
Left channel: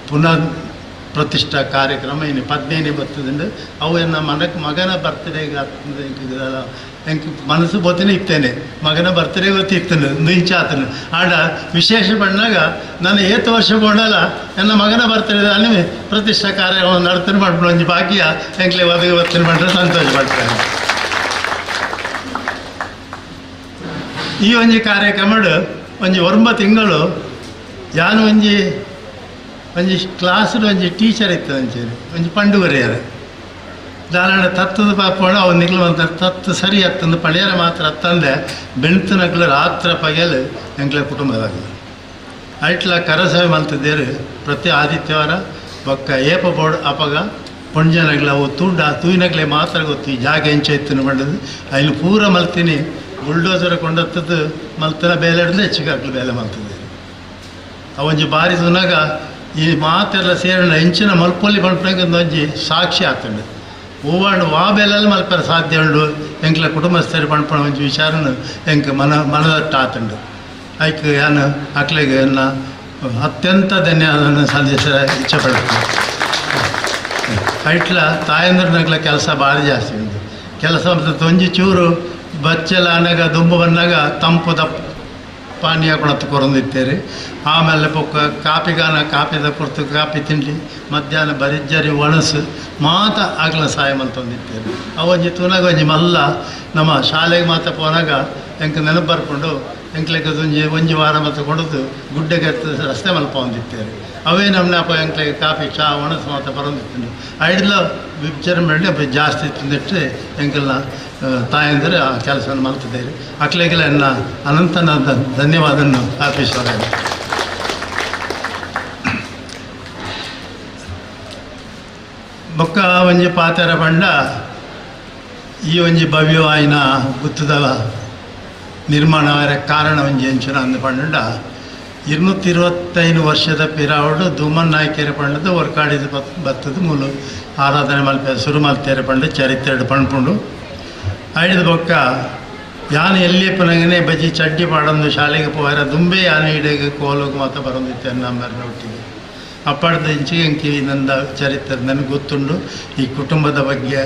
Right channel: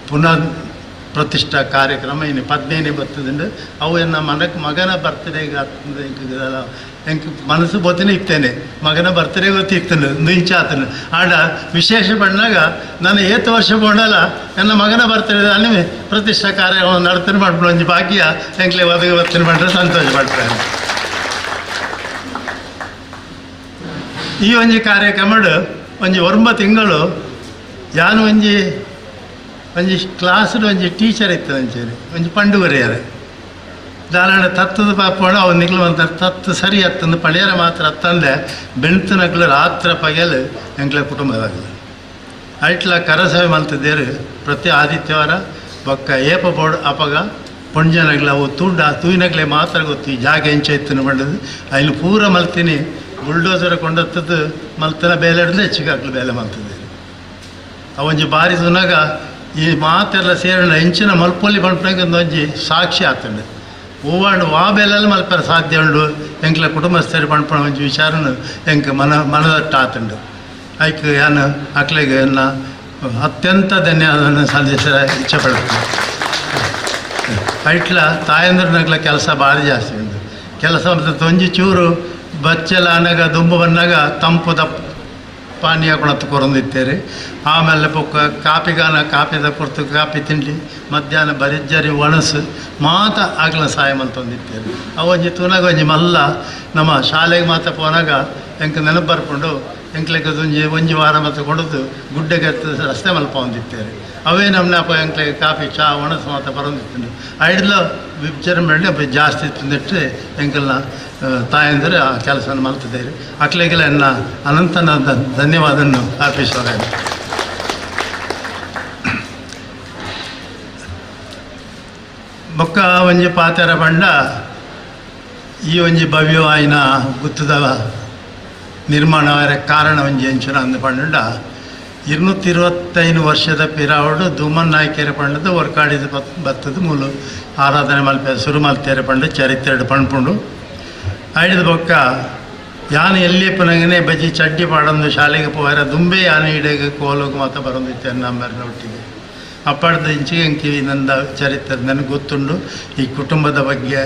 ಪುನರ್ ಪ್ರತಿಷ್ಠಾ ಕಾರ್ಯಕ್ರಮ ಇನ್ನು 15 ಬರ್ತದಂಡು ಅವು ಎನ್ನ ಮಗನ ಬರ್ತ್ಡೇಗೆ ಆಗ್ತದೆ ಎಂಕ್ ಮನಸ್ಸು ಬೋತಿನ ಇತ್ತೇನೆ ಮಗನ ಬರ್ತ್ಡೇ ಗೊತ್ತಿರ್ತೇನೆ ನಿಂಚ ಆತನು ಆಡ ವಿಶೇಷ ಬಂದಾಗ ನಾನು 8 ವರ್ಷ ಬೋಡಲ್ಲ ನನ್ನ ಮಗನ ಬರ್ತ್ಡೇ ಅಲ್ಲಿ ಪ್ರತಿಷ್ಠಾ ಕಾರ್ಯಕ್ರಮ ನಡ್ತಾನೆ ಮಾಡ್ಬಿಡು ಒಂಜಿ ಭಾಗ್ಯ ಎಂಕ್ಲೆ ಒದಗಿ ಬರ್ತಾನೆ ಮಾಡ್ರೆ ಸಂತೋಷ ಪಡ್ತಾರೆ. ಈ ಒಂಜಿ ಕಾರ್ಯಕ್ರಮ ಒಂಜಿ 9 ತಿಂಗಳು ಯಾನು ಒಂಜಿ ಕ್ಲಾಸ್ಡು ಒಂಜಿ ಟೀಚರ್ ಇತ್ತು ಅಂಚೇರಿ ಒಂಜಿ ಪಂಡು ಬರೆಯಾರೆ ದಾರಾಂಡ ತತ್ತದ ಪಾಪೋಣ ಅವು ನಿಗ್ಲು ಅಂತಾರೆ ತತ್ತು ಸರಿ ಹತ್ತಂದು ಪಳೆಯರ ಮಾತ್ರ ಹತ್ತಂದೆ ಬೆಳ್ತನಗ್ಲು ರಾತ್ರ ಪಗೆಲು ಎಂಕ್ಲ ಕುಟುಂಬದಾಗಲಿ ಐಟ್ಲ ಕರಸಭೆ ಮಲ್ತಿದ್ದೇರು ಪ್ರತಿ ಆದಿತ್ಯವಾರ ಬೊಕ್ಕ ಏಪ ಬೋರ್ಡ್ ಅಪಗ ಪುಂಜನಗ್ಲ ಅವು ತೂಯಿನಗ್ಲೆ ಮಾತ್ರ ಗೊತ್ತು ಈ ಜಾಗ ಎಂಚ ಇತ್ತು ಬಂಡದು ಅಲ್ಲಿ ಪೂರ ಮಲ್ತೀನಿ ಬುಲ್ಡೋಸರ್ ಕೊಂಡತ್ತದ್ದು ಮಲ್ತನ ಬೇಲೆ ಹಿಡಿದು ಹೆಚ್ಚಿಗೆ ಬೇಲೆ ಮಲ್ತಿದ್ದೇವೆ ಅವಂಜಿ ಬಾರಿ ತುನಾಗ ಈ ಮಾತೆಲ್ಲ ಸೇರಿನ ಹೆಂಚಿನ ಮಲ್ಪೊಲಿ ಮಲ್ಪನಾಗ ಒಂದೊಂಜಿ ಸಾಕ್ಷಿ ಆತಂಡು ಹೂವಾಂಡು ವಾಬೆಲ್ಲ ಮಲ್ಪರ ಸಾಧ್ಯ ಉಂಡು ಎಂಕ್ಲ ಕುಟುಂಬಸ್ಥರು ಪಣ್ಪಣ ಒಂಜಿ ವಿಚಾರನು ಎಂಕ್ ಮನದಟ್ಟ ಆತಂಡು ಐಕ್ ಯಾನು ಅಕ್ಲೆಗೆ ಎನ್ನ ಅತ್ಯಂತ ಧನ್ಯವಾದ ಸಂದೇಶ ಇಚ್ಛೆ ಪಡ್ತೀನಿ. ಐಟ್ಲ ತಾಯಂದ್ರನಾಗ್ಲ ಕೆಲಸ ಭಾರಿ ಜಾಸ್ತಿ ಉಂಟು. ಕೆಲಸ ಒಂಜಿ ಚೂರು ಬಚ್ಚೆಲ್ಲ ಅನಾಗ ದುಂಬು ಬಂದಾಗ ತಂಪು ಪಾನೀಯ ಕೊಣತ್ತು ಕೊರಂದಿತ್ತೇರಿ. ಆಮೇಲೆ ಪೊಕ್ಕ ಕಾಪಿದ ಕೊರ್ತು ಕಾಪಿ ತಿಂಡಿ ಮಧ್ಯಾಹ್ನ ಬರಿಜ್ಜರಿ ಒಣಸು ಮಾತ ಆಗ್ಲ ಸಹಾಯ ಮಲ್ತೊಂದಿತ್ತೇರಿ. ಅವೊಂಜಿ ತೂನಾಗ ಒಂಜಿ ಮಲ್ಲ ನಮ್ಮ ಶಾಲೆಗೆ ಮಾತ ಪೋನಾಗ ಎಂಕ್ ನೆನಪು ಬರ್ಕೊಂಡು ಎಂಕ್ಲೆಗೆ ಒಂಜಿ ವಾರ ಮತ್ತು ಕೊಡೋದು ಗುಡ್ಡೆಗೆ ರಸ್ತೆ ಮಲ್ಪ ಹೊಂದಿತ್ತೇರಿ. ಅವೇ ನಮ್ಮನಪ್ಪ ಎಂಕ್ಲೆಗೆ ಕಾಫಿ ಚಾ ಒಣಸು ಮಾತ ಬರೋದಿತ್ತು. ಐಡ್ಲ ವಿಚಾರ ಜಾಸ್ತಿ ತಿಂದಿಟ್ಟು ಎಂಕಲ್ನ ತಾಯಂದರೆ ಆ ಕೆಲಸವನ್ನು ಮಲ್ತಿದ್ದೇವೆ. ಅಕ್ಲೆಗೆಲ್ಲ ಎನ್ನ ಅನಂತನ ಧನ್ಯವಾದನ್ನು ಅರ್ಪಿಸೋರೆ. ಬೊಕ್ಕ ಒಂಜಿ ಪಾತೆರ ಪಂಡ ಈ ಒಂಜಿ ಭವ್ಯವಾಯಿನ ಗುತ್ತದ ನಿರ್ಮಾಣ ಕಾರಣ ಒಂಜಿ ಹೆಂಚಿನ ಅಂದು ಪಂಡ 225 ವರ್ಷದ ಪಿರಾವಡು ಧೂಮನ್ ನಾಯ್ಕೆರೆ ಪಂಡದು ಹೊರ್ಕಾಡಿದ ಬತ್ತದ ಮೂಲು ಆರಾಧನೆ ಮಲ್ಪೆ ಶುರು ಮಲ್ತೇರೆ ಪಂಡ ಚರಿತ್ರೆ ಪಣ್ಪುಂಡು ಐಡಿದ ಬೊಕ್ಕ ಯಾನು ಎಲ್ಲಿ ಪುನಗನೆ ಬಜ್ಜಿ ಚಡ್ಡಿ ಪಾಡೊಂದು ಶಾಲೆಗೆ ಪೋಯರ ದುಂಬೆ ಯಾನು ಇಡೆಗೆ ಕೋಲೋಗು ಮಾತ್ರ ಬರೋದಿತ್ತೆ ನಮ್ಮರ ಒಟ್ಟಿಗೆ ಅಪ್ಪಡ್ದ ಇಂಚಿಗೆ ಎಂಕಿ ನಂದ ಚರಿತ್ರೆ ನನಗೆ ಗೊತ್ತುಂಡು. ಈ ಕುಟುಂಬದ ಬಗ್ಗೆ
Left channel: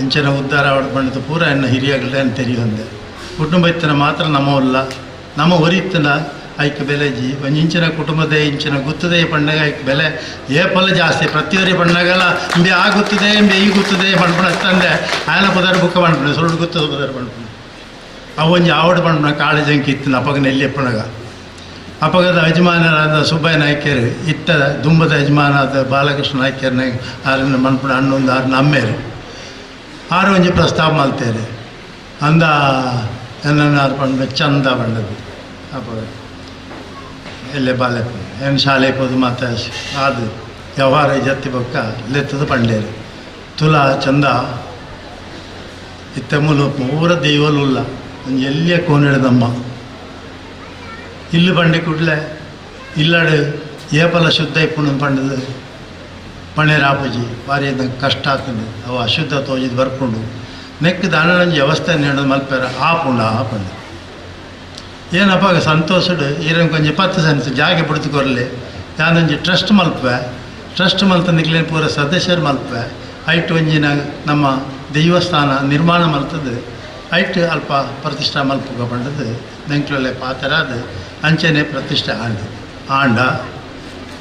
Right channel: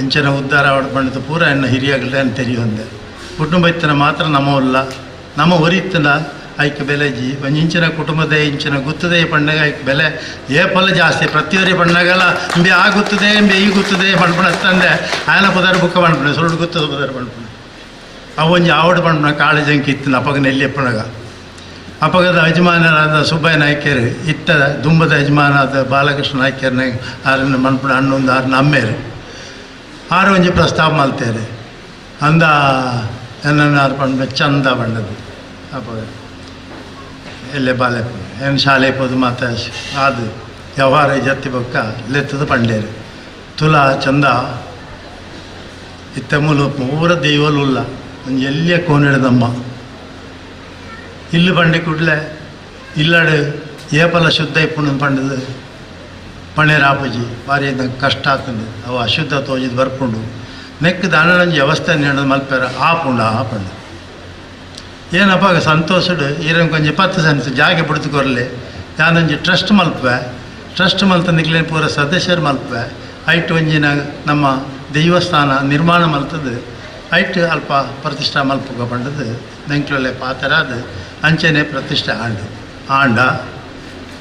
ಎಂಚಿನ ಉದ್ಧಾರ ಪಂಡದು ಪೂರ ಎನ್ನ ಹಿರಿಯಾಗಲೇ ಅಂತ ತೆರೆಯೊಂದೆ. ಕುಟುಂಬ ಇತ್ತನ ಮಾತ್ರ ನಮ್ಮಲ್ಲ ನಮ್ಮ ಹೊರಿತ್ತನ ಐಕ್ ಬೆಲೆಜಿ ಒಂಜಿಂಚಿನ ಕುಟುಂಬದ ಇಂಚಿನ ಗುತ್ತದೆ ಪಂಡಗ ಐಕ್ ಬೆಲೆ ಏಪಲ್ಲ ಜಾಸ್ತಿ ಪ್ರತಿಯೊರಿ ಪಂಡಗಲ್ಲ ಇಂಬೆ ಆ ಗುತ್ತದೆ ಇಂಬೆ ಈ ಗುತ್ತದೆ ಪಂಡ್ಪಣ ತಂದೆ ಆಯನ ಪದಾರ ಬುಕ್ಕ ಪಂಡ್ಪಣೆ ಸುರುಡು ಗುತ್ತದ ಪದಾರ ಪಂಡ್ಪಣೆ ಅವೊಂಜಿ ಆವಡು ಪಂಡ್ಪಣ ಕಾಳು ಜಂಕಿ ಇತ್ತನ ಅಪ್ಪಗನ ಎಲ್ಲಿ ಪಣಗ ಅಪ್ಪಗದ ಯಜಮಾನರಾದ ಸುಬ್ಬಯ್ಯ ನಾಯ್ಕರು ಇತ್ತ ದುಂಬದ ಯಜಮಾನಾದ ಬಾಲಕೃಷ್ಣ ನಾಯ್ಕರ್ನ ಆರನ್ನು ಮಣ್ಪಣ ಹಣ್ಣೊಂದು ಆರನ್ನ ಅಮ್ಮೇರು ಆರು ಒಂಜಿ ಪ್ರಸ್ತಾಪ ಮಲ್ತೇರಿ ಅಂದ ಎನ್ನ ಪಂಡ ಚಂದ ಪಂಡದು ಅಪ್ಪಗ ಎಲ್ಲೇ ಬಾಲೆ ಏನು ಶಾಲೆ ಪೋದು ಮಾತ ಅದು ವ್ಯವಹಾರ ಜತ್ತಿ ಬೊಕ್ಕ ಲೆತ್ತದ ಪಂಡೇರು ತುಲ ಚಂದ ಇತ್ತ ಮೂಲು ಪೂರ ದೈವಲುಲ್ಲ ಒಂದು ಎಲ್ಲಿಯ ಕೋನಿಡದಮ್ಮ ಇಲ್ಲು ಬಂಡೆ ಕುಡ್ಲೆ ಇಲ್ಲಾಡು ಏಪಲ ಶುದ್ಧ ಇಪ್ಪುಣ್ಣದು ಪಂಡದು ಪಣೇರಾಪಜಿ ಭಾರಿ ಕಷ್ಟ ಆಗ್ತದೆ ಅವು ಅಶುದ್ಧ ತೋಜಿದು ಬರ್ಕೊಂಡು ನೆಕ್ ದಾನಂಜಿ ವ್ಯವಸ್ಥೆ ನೀಡೋದು ಮಲ್ಪೇರ ಆಪುಂಡ ಆಪಂಡು ಏನಪ್ಪ ಸಂತೋಷಡು ಇರಂಗೆ ಕೊಂಚ 10 ಸೆನ್ಸ್ ಜಾಗ ಬಿಡ್ತುಕೊರ್ಲಿ ಯಾನೊಂಜಿ ಟ್ರಸ್ಟ್ ಮಲ್ಪೆ ಟ್ರಸ್ಟ್ ಮಲ್ತಂದಿಕ್ಲೆ ಪೂರ ಸದಸ್ಯರು ಮಲ್ಪೆ ಐಟ್ ಒಂಜಿನ ನಮ್ಮ ದೇವಸ್ಥಾನ ನಿರ್ಮಾಣ ಮಲ್ತದ್ದು ಐಟ್ ಅಲ್ಪ ಪ್ರತಿಷ್ಠಾ ಮಲ್ಪಗ ಪಂಡದು ನೆಂಕ್ಲೊಳ್ಳೆ ಪಾತರಾದ ಅಂಚೆನೆ ಪ್ರತಿಷ್ಠೆ ಆಂಡ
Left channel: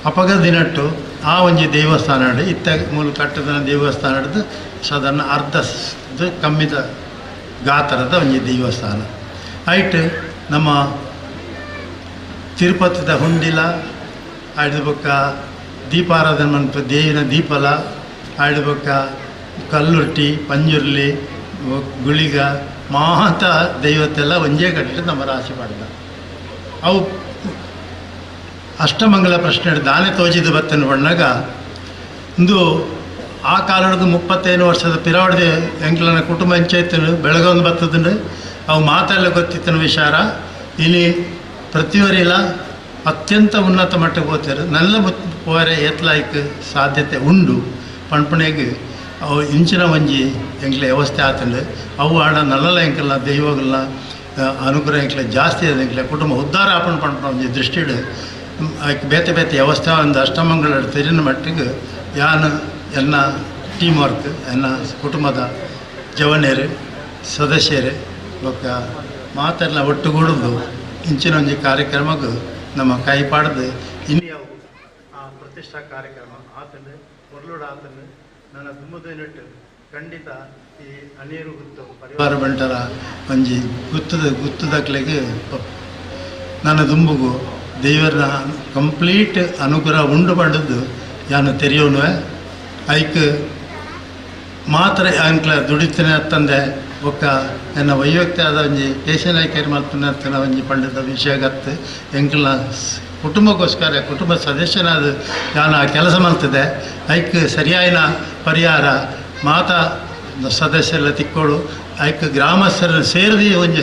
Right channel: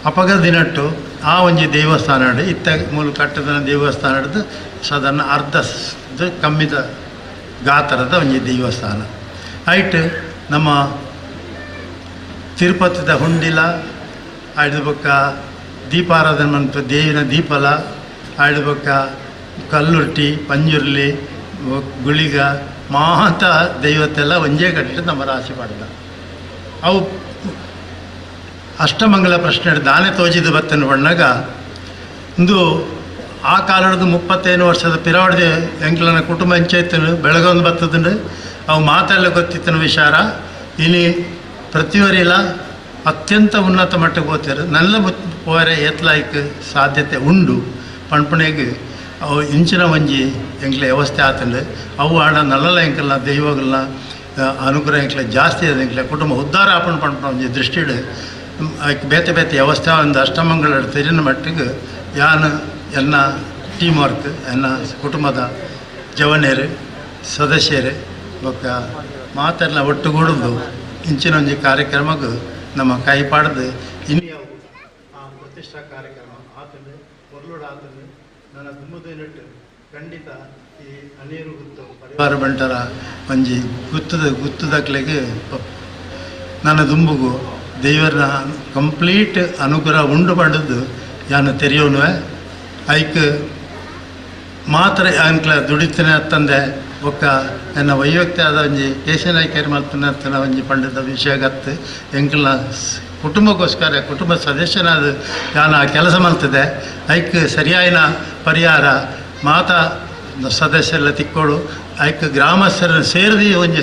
ಅಪಗ ದಿನಟ್ಟು ಆ ಒಂಜಿ ದೇವಸ್ಥಾನ ಇತ್ತ ಮೂಲ ಕಟ್ಟದ ದೇವಸ್ಥಾನ ಸಾಧಾರಣ ಅರ್ಧ ಕಮ್ಮಿದ ಗಾತ್ರದ ಒಂಜಿ ದೇವಸ್ಥಾನ ಐಟ್ ನಮ್ಮ ತಿರುಪತಿದ ಹುಂಡಿಲ ಆಯ್ದ ಬೊಕ್ಕ ದೀಪಾರಾಧನೆ ಮನ್ಪ ದೇವಿನ ದೀಪಲ ಆಯ್ದ ಬೊಕ್ಕ ಕಲ್ಲುರ್ಟಿ ಪಂಜುರ್ಲಿ ಗುಳಿಗ ಮಾತ ದೈವತ್ತೆಲ್ಲ ಒಂಜೇ ಕಟ್ಟಿಟ್ಟು ನಮ್ಮ ರಾಶಿ ಪಡ್ದ ಅವು ಅಷ್ಟಮಂಗಲ ಪ್ರಶ್ನೆ ದಾನೆ ತೋಜಿದ ಬತ್ತನ್ನು ಬಣ್ಣಾಗ ಇಂದು ಆ ಕಾಲದ 35 ವರ್ಷದ ಪಿರಾವಡ್ದೆ ಎಂಕ್ಲನ ಕುಟುಂಬ ಹೆಂಚೈತನು ಬೆಳಗೊಂದು ಬತ್ತದಂಡು ಅವು ಮಾತೆಲ್ಲ ಗೊತ್ತಿತ್ತನ ವಿಚಾರ ಇನಿ ಪ್ರತಿಯೊರಿಲ್ಲ ಅತ್ಯಂತ ಉನ್ನತ ಮಟ್ಟಕ್ಕೆ ಹೋಗ್ತಾರೆ ನಲ್ಲ ಪೋರೆ ಏತ್ಲಾಯ್ಕ ಸಾಧ್ಯತೆ ಉಂಡು ಪಣ್ಪಣೆಗೆ ಅವು ಇಂಚಿನ ಒಂಜಿ ಎಂಕ್ಲೆ ವ್ಯವಸ್ಥೆ ಆತಂಡು ಅವು ಆಡ ನಲ್ಲಲ ಎಂಕಲ್ನ ದೈವಗಳನ್ನ ಅನುಗ್ರಹ ಎಂಕ್ಲೆ ಜಾಸ್ತಿ ಅದ ಎಂಕ್ಲೆ ಕುಟುಂಬ ಉದ್ಧಾರ ಆಪಣ ಪಣ್ಪಣ ಒಂಜಿ ದೃಷ್ಟಿಡು ಆಯ್ಕೆ ಬೇತೆ ಬೇತೆ ವ್ಯವಸ್ಥೆ ಒಂದು ಅಷ್ಟಮಂಗಳ ತೆರಿನ ಮಟ್ಟಿಗೆ ಯಾನು ಎನ್ನ ಟೀಮ್ ವರ್ಕ್ ಎನ್ನ ಕುಟುಂಬದ ಜವನೇರು ಸದಸ್ಯರು ಬೊಕ್ಕ ಮಾತೆಲ್ಲ ಒಟ್ಟುಗೂಡುದು ಇಂಚಿನ ಒಂಜಿ ಕಾರ್ಯಕ್ರಮಕ್ಕೆ ನಮ್ಮ ಕೈ ಪಾಡ್ದು ಇನ್ಯಾವು ಆ ಪ್ರತಿಷ್ಠಾ ಕಾರ್ಯಕ್ರಮ ಆತಂಡು ಹೊರಲೂಡು ಆತಂಡು ನನ್ನ ದುಮ್ಮದಿನಿಟ್ಟು ಖಂಡಿತ ಈ ಅನೀರು ಗುತ್ತು ಪರಿವಾರ ಬಂಟರ ಒಂಜಿ ಗುತ್ತದಕ್ಲೆಗೆ ನನ್ನ ದುಂಬುಗು ದೇವರ ಕಂಪ್ಲೀಟ್ ಅನುಗ್ರಹ ಉಂಡು ಪಡೆದು ಯಾನು ತೆರೆಯೋನುವೆ ಐಕ್ ಮಾತ್ರ ಅಂಕ್ಲ ದುಡಿತನೆ ತಂದೆ ಒಕ್ಕ ನನ್ನ ವೈಯಕ್ತಿಕ ಒಂಜಿ ಕೇಶನಾಯ್ಕೇರಿ ಮಲ್ಪನ ಒಂಜಿ ಪಂಡದ ವಿಷಯ ಗತ್ತು ಎಂಕ್ಲ ಕುಟುಂಬಕ್ಕೋಸ್ಕರ ಕುಟುಂಬ ಸದಸ್ಯನಾದ ಯಾನು ಆ ಕೆಲಸ ಮಲ್ತದೆ ಐಕ್ ಸರಿಯಾಯಿನ ಪರಿಹಾರ ಮಾತಾ ಸದಸ್ಯರೆಲ್ಲ ತಿಕ್ಕೋಡು ಐಕ್ ಗ್ರಾಮಸ್ಥರನ್ನು ಸೇರಿದಿ ಒಂಜಿ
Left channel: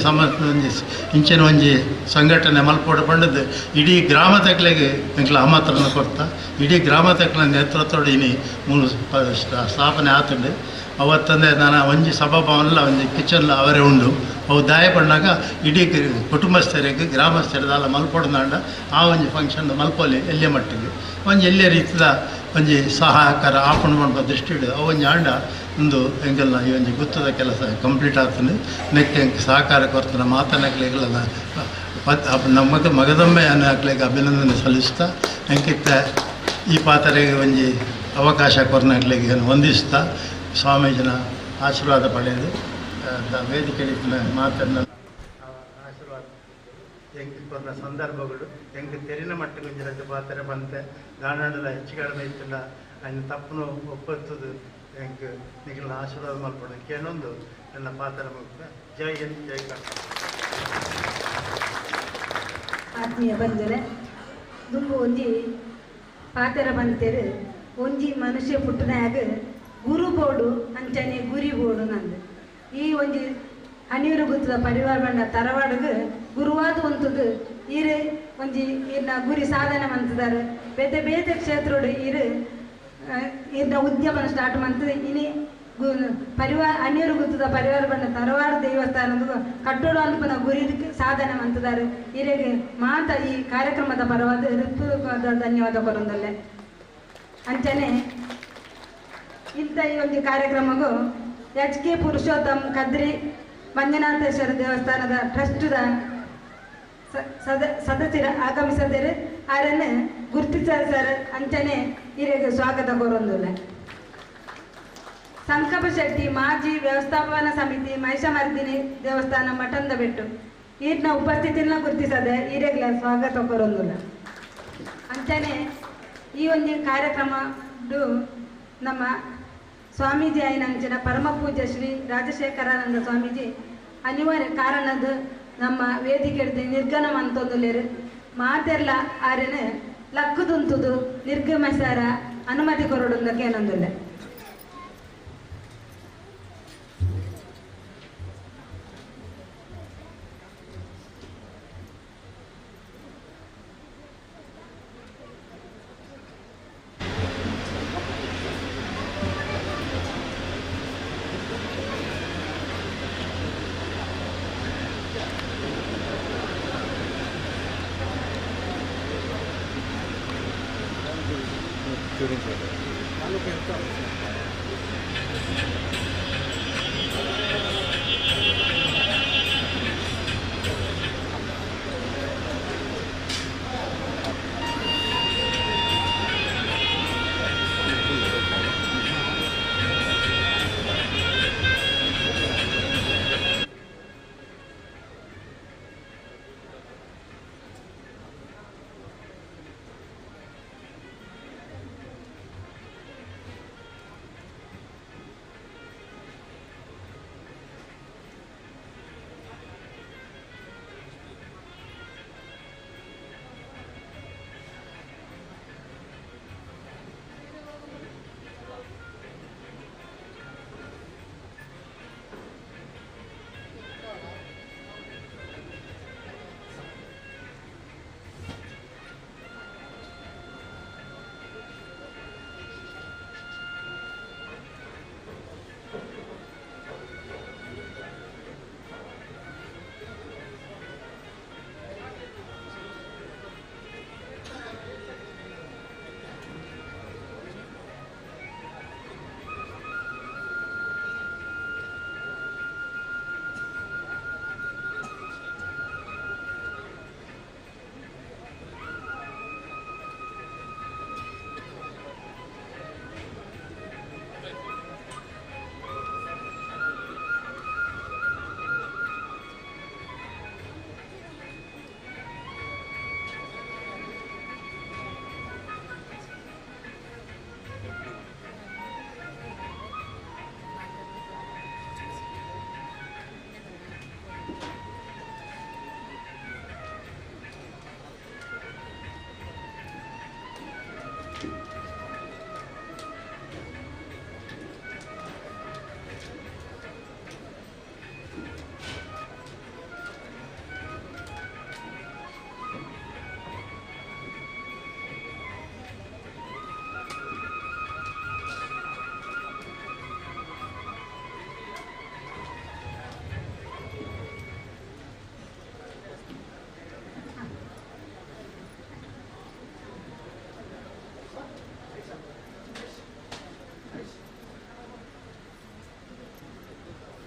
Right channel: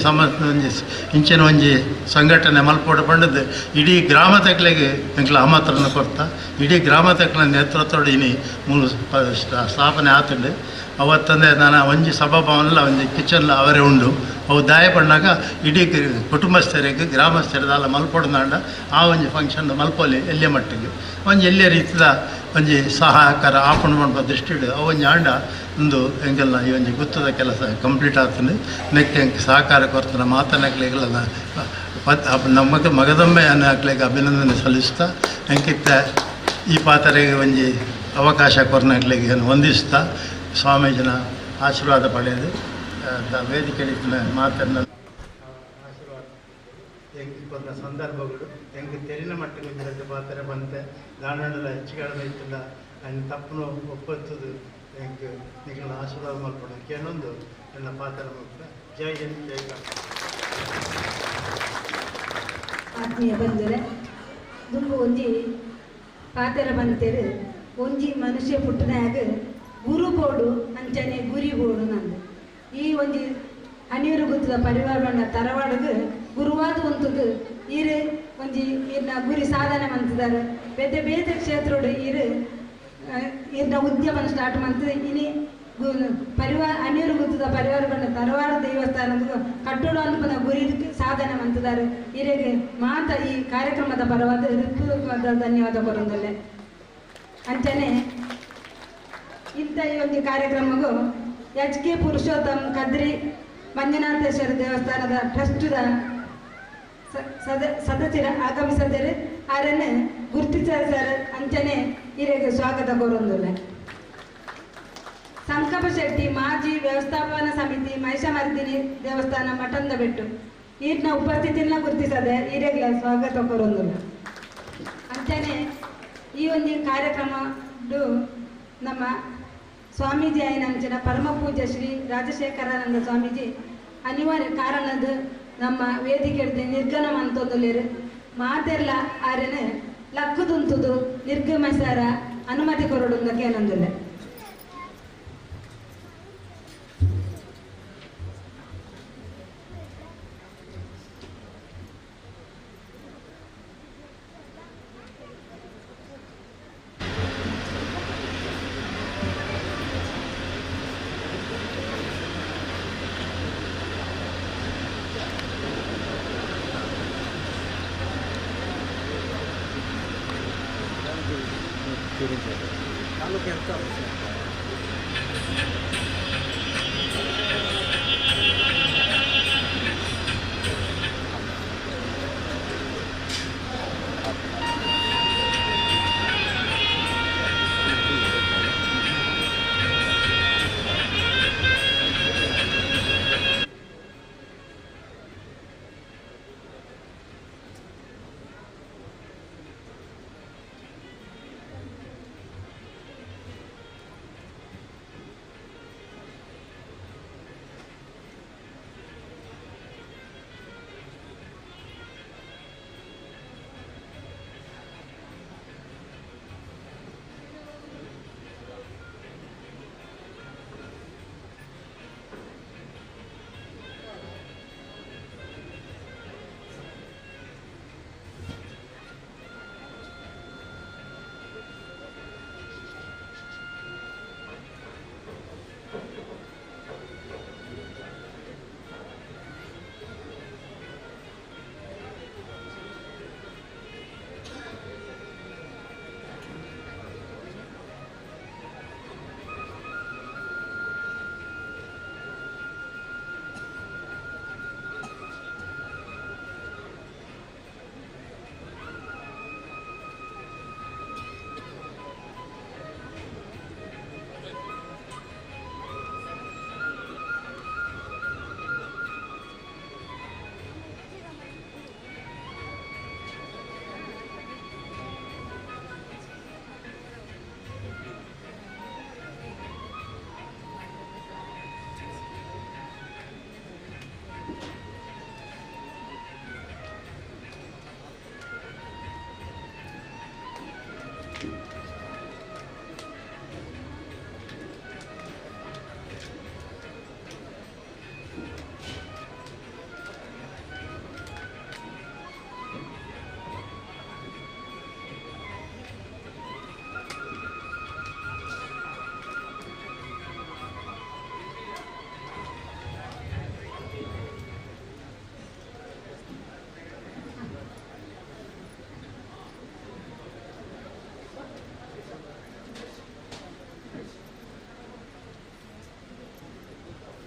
ಒಂಜಿ ಇಂಚಿನ ಒಂಜಿ ಸಂಘಟನೆ ಮಲ್ಪೋಡು ಪಂಡದು ಇಡೀ ಗ್ರಾಮ ತಕ್ಲೆಗೆ ಎಂಕ್ಲ ಆಮಂತ್ರಣ ಕೊಡ್ತಾ ಇಡೀ ಗ್ರಾಮ ತಕ್ಲ ನೇತೃತ್ವಡು ಇನಿ ಮೂಲ ಸ್ಥಾಪನೆ ಆತುಂಡು ಅವತ್ತಂದೆ ನಾನು ಒಂಜಿ ಸಭಾಭವನಲ್ಲ ಒಂಜಿ ಕಿಚನ್ಲ ಅವರೇ ಉಂಡು ಅವು ದಾಯ ಪಣ್ಣಾಗ ಇಡೀ ಕುಟುಂಬಸ್ಥರಿಗೆ ಗ್ರಾಮಸ್ಥರದಲ್ಲ ಮಲ್ಪೊಡ್ದಾಂಡ ಆ ಒಂಜಿ ಫಂಕ್ಷನ್ ಮಲ್ಪೊಲಿ ಎಲ್ಲೆ ಮಟ್ಟಿಗೆ ಒಂಜಿ ಎಲ್ಲೇ ರೀತಿಯ ಒಂಜಿ ಸಹಾಯಕರ ಆಪಣ ಮಾಡುವ ದೃಷ್ಟಿ ಅವೊಂಜಿ ಆಂಡ ಒಂದು ಎಂಗೆಲ್ಲ ಈ ಒಂಜಿ ಗುತ್ತದ ಕೆಲಸ ಕಂಪ್ಲೀಟ್ ಆಗ್ತದೆ ನೆಕ್ ಎಂಗೆ ಸಹಕಾರ ಕೊಡ್ತಾನೆ ಮಾತನಾಕ್ಲಿಗೆಲ್ಲ ನಮ್ಮ ಮಗದೊಮ್ಮೆ ಅನ್ನಕ್ಲಿಗೆ ಅಭಿನಂದನೆ ಸಲ್ಲಿಸ್ತಾ ಎಂಕಿತ್ತ ಈ ಪಾತ್ರೆಗೆ ಒಂಜಿ ಅವಕಾಶ ಕೊರ್ನಾಕ್ಲಿಗೆ ವಂದಿಸ್ತಾ ಸ್ವಾಮೀಜಿನ ಆಶೀರ್ವಾದ ಪಡೆಯೋದು ವೇದಿಕೆ ಮಾತನ್ನ ಆಶೀರ್ವಾದ ಹೆಂಗೆ ಕೊನ್ನ ಸಂದರ್ಭಗಳು ಹೆಂಗೆ ತೆರಿನ ಮಟ್ಟಿಗೆ ಒಂಜಿರದ್ದು ಪಾತ್ರೆ ಬಂತೆ ದಾಂಡಲ ಹೆಚ್ಚುಗಳನ್ನ ಇತ್ತಿಲ್ಲ ಅನ್ನ ತಪ್ಪನು ಒಪ್ಪತ್ತದು ಹೆಂಗೆ ನಿಗಳನ್ನ ಆಶೀರ್ವಾದ ಮಾಡ್ಕೊಂಡು ಕೇಳೊಂದು ನನ್ನ ಪಾತ್ರ ಮುಕ್ತ ಜೈ ಹಿಂದ್ ಜೈ ಕರ್ನಾಟಕ. ಆತ್ಮೀಯ ಬಂದರೆ ದುಂಬು ಒಂಜಿ ಪಾತೆರ ಬಂತೇರು ಒಂಜಿ ಮನುಷ್ಯ ಪುಟ್ಟನಾಗ ಗುರು ಬೋಡು ಅಂಚನೆ ಗುರಿ ಬೋಡು ನಂದು ಈ ಒಂಜಿ ಹನಿಯೂರು ಗುತ್ತದ ಪರಿವಾರ ಬಣ್ಣ ತರವಾಡಗ ಗುರುವಾದ ಒಂತದು ಈರು ಒಂಜಿ ಇರ್ನ ಗುರಿ ಸಾಧನೆ ಮಂತಿದ್ದಾರೆ ಬೇತೆ ಬೇತೆ ಕ್ಷೇತ್ರೋಡು ಇರ್ನ ಉದ್ಯಮನ ಸ್ಟಾರ್ಟ್ ಮಂತದೆ ಇನಿ ಪರಿವಾರ ಹನಿಯೂರು ಗುತ್ತದ ಪರಿವಾರ ಬಣ್ಣ ತರವಾಡ ದೇವಸ್ಥಾನದ ಕಟ್ಟೋಡು ಅನ್ಪನ ಗುರಿ ಸಾಧನೆ ಮಂತಿದ್ದಾರೆ ಇರೆಗೆ ಮಾತ ಈ ಕಾರ್ಯಕ್ರಮದ ಪರವಾದ ಹೃತ್ಪೂರ್ವಕವಾದ ಧನ್ಯವಾದ ಕೊರೊಂದಲ್ಲೆ ಅಂಚನೆ ಇಂಥ ಈ ಒಂದು ಕಾರ್ಯಕ್ರಮಗೂ HK ಪುರುಷೋತ್ತಮ್ ಕದ್ರಿ ಮಂಜುನಾಥೇಶ್ವರ ದೇವಸ್ಥಾನದ ಟ್ರಸ್ಟ್ದ ಸದಸ್ಯರ ಆಗಮಿಸದರೆ ಅವರನ್ನು ಗುರುತಿಸರ್ ಅಂಚನೆ ಹಿರಿಯಗೆ ಸ್ವಾಗತ ಕೋರೊಂದುಲ್ಲ. ಸಂಕಪ್ಪ ಶೆಟ್ಟಿ ಮಾಜಿ ವ್ಯವಸ್ಥಾಪನಾ ಸಮಿತಿ ಮಹಿಷಮರ್ದಿನಿ ದೇವಸ್ಥಾನ ಮಠಂದ ಬೆಟ್ಟು ಈರ್ನ ಉಪಸ್ಥಿತಿನ ಗುರುತಿಸದೆ ಹಿರಿಯಗೆ ಸ್ವಾಗತ ಕೋರೊಂದುಲ್ಲ. ಅಂಚನೆ ಈ ಒಂದು ಕಾರ್ಯಕ್ರಮ ನಮ್ಮ ಸ್ವಾಮೀಜಿ ಆಯ್ನಂಚಿನ ಪರಮ ಪೂಜ್ಯ ಶ್ರೀ ರಾಜಶೇಖರಾನಂದ ಸ್ವಾಮೀಜಿ ಅನಿವಾರ್ಯ ಕಾರಣದ ನಮ್ಮ ವೇದಿಕೆ ನಿರ್ಗಮ ಅಂತಂದುಲೇರು ಮಾತೆಲ್ಲ ಆರೆನ ಲಕ್ಕುದುಂತುದು ನಿರ್ಗಮಿಸಾರ ಅನುಮತಿ ಕೊರಡುಂದಕ್ಕೆ ಏನಂದಿಲ್ಲ.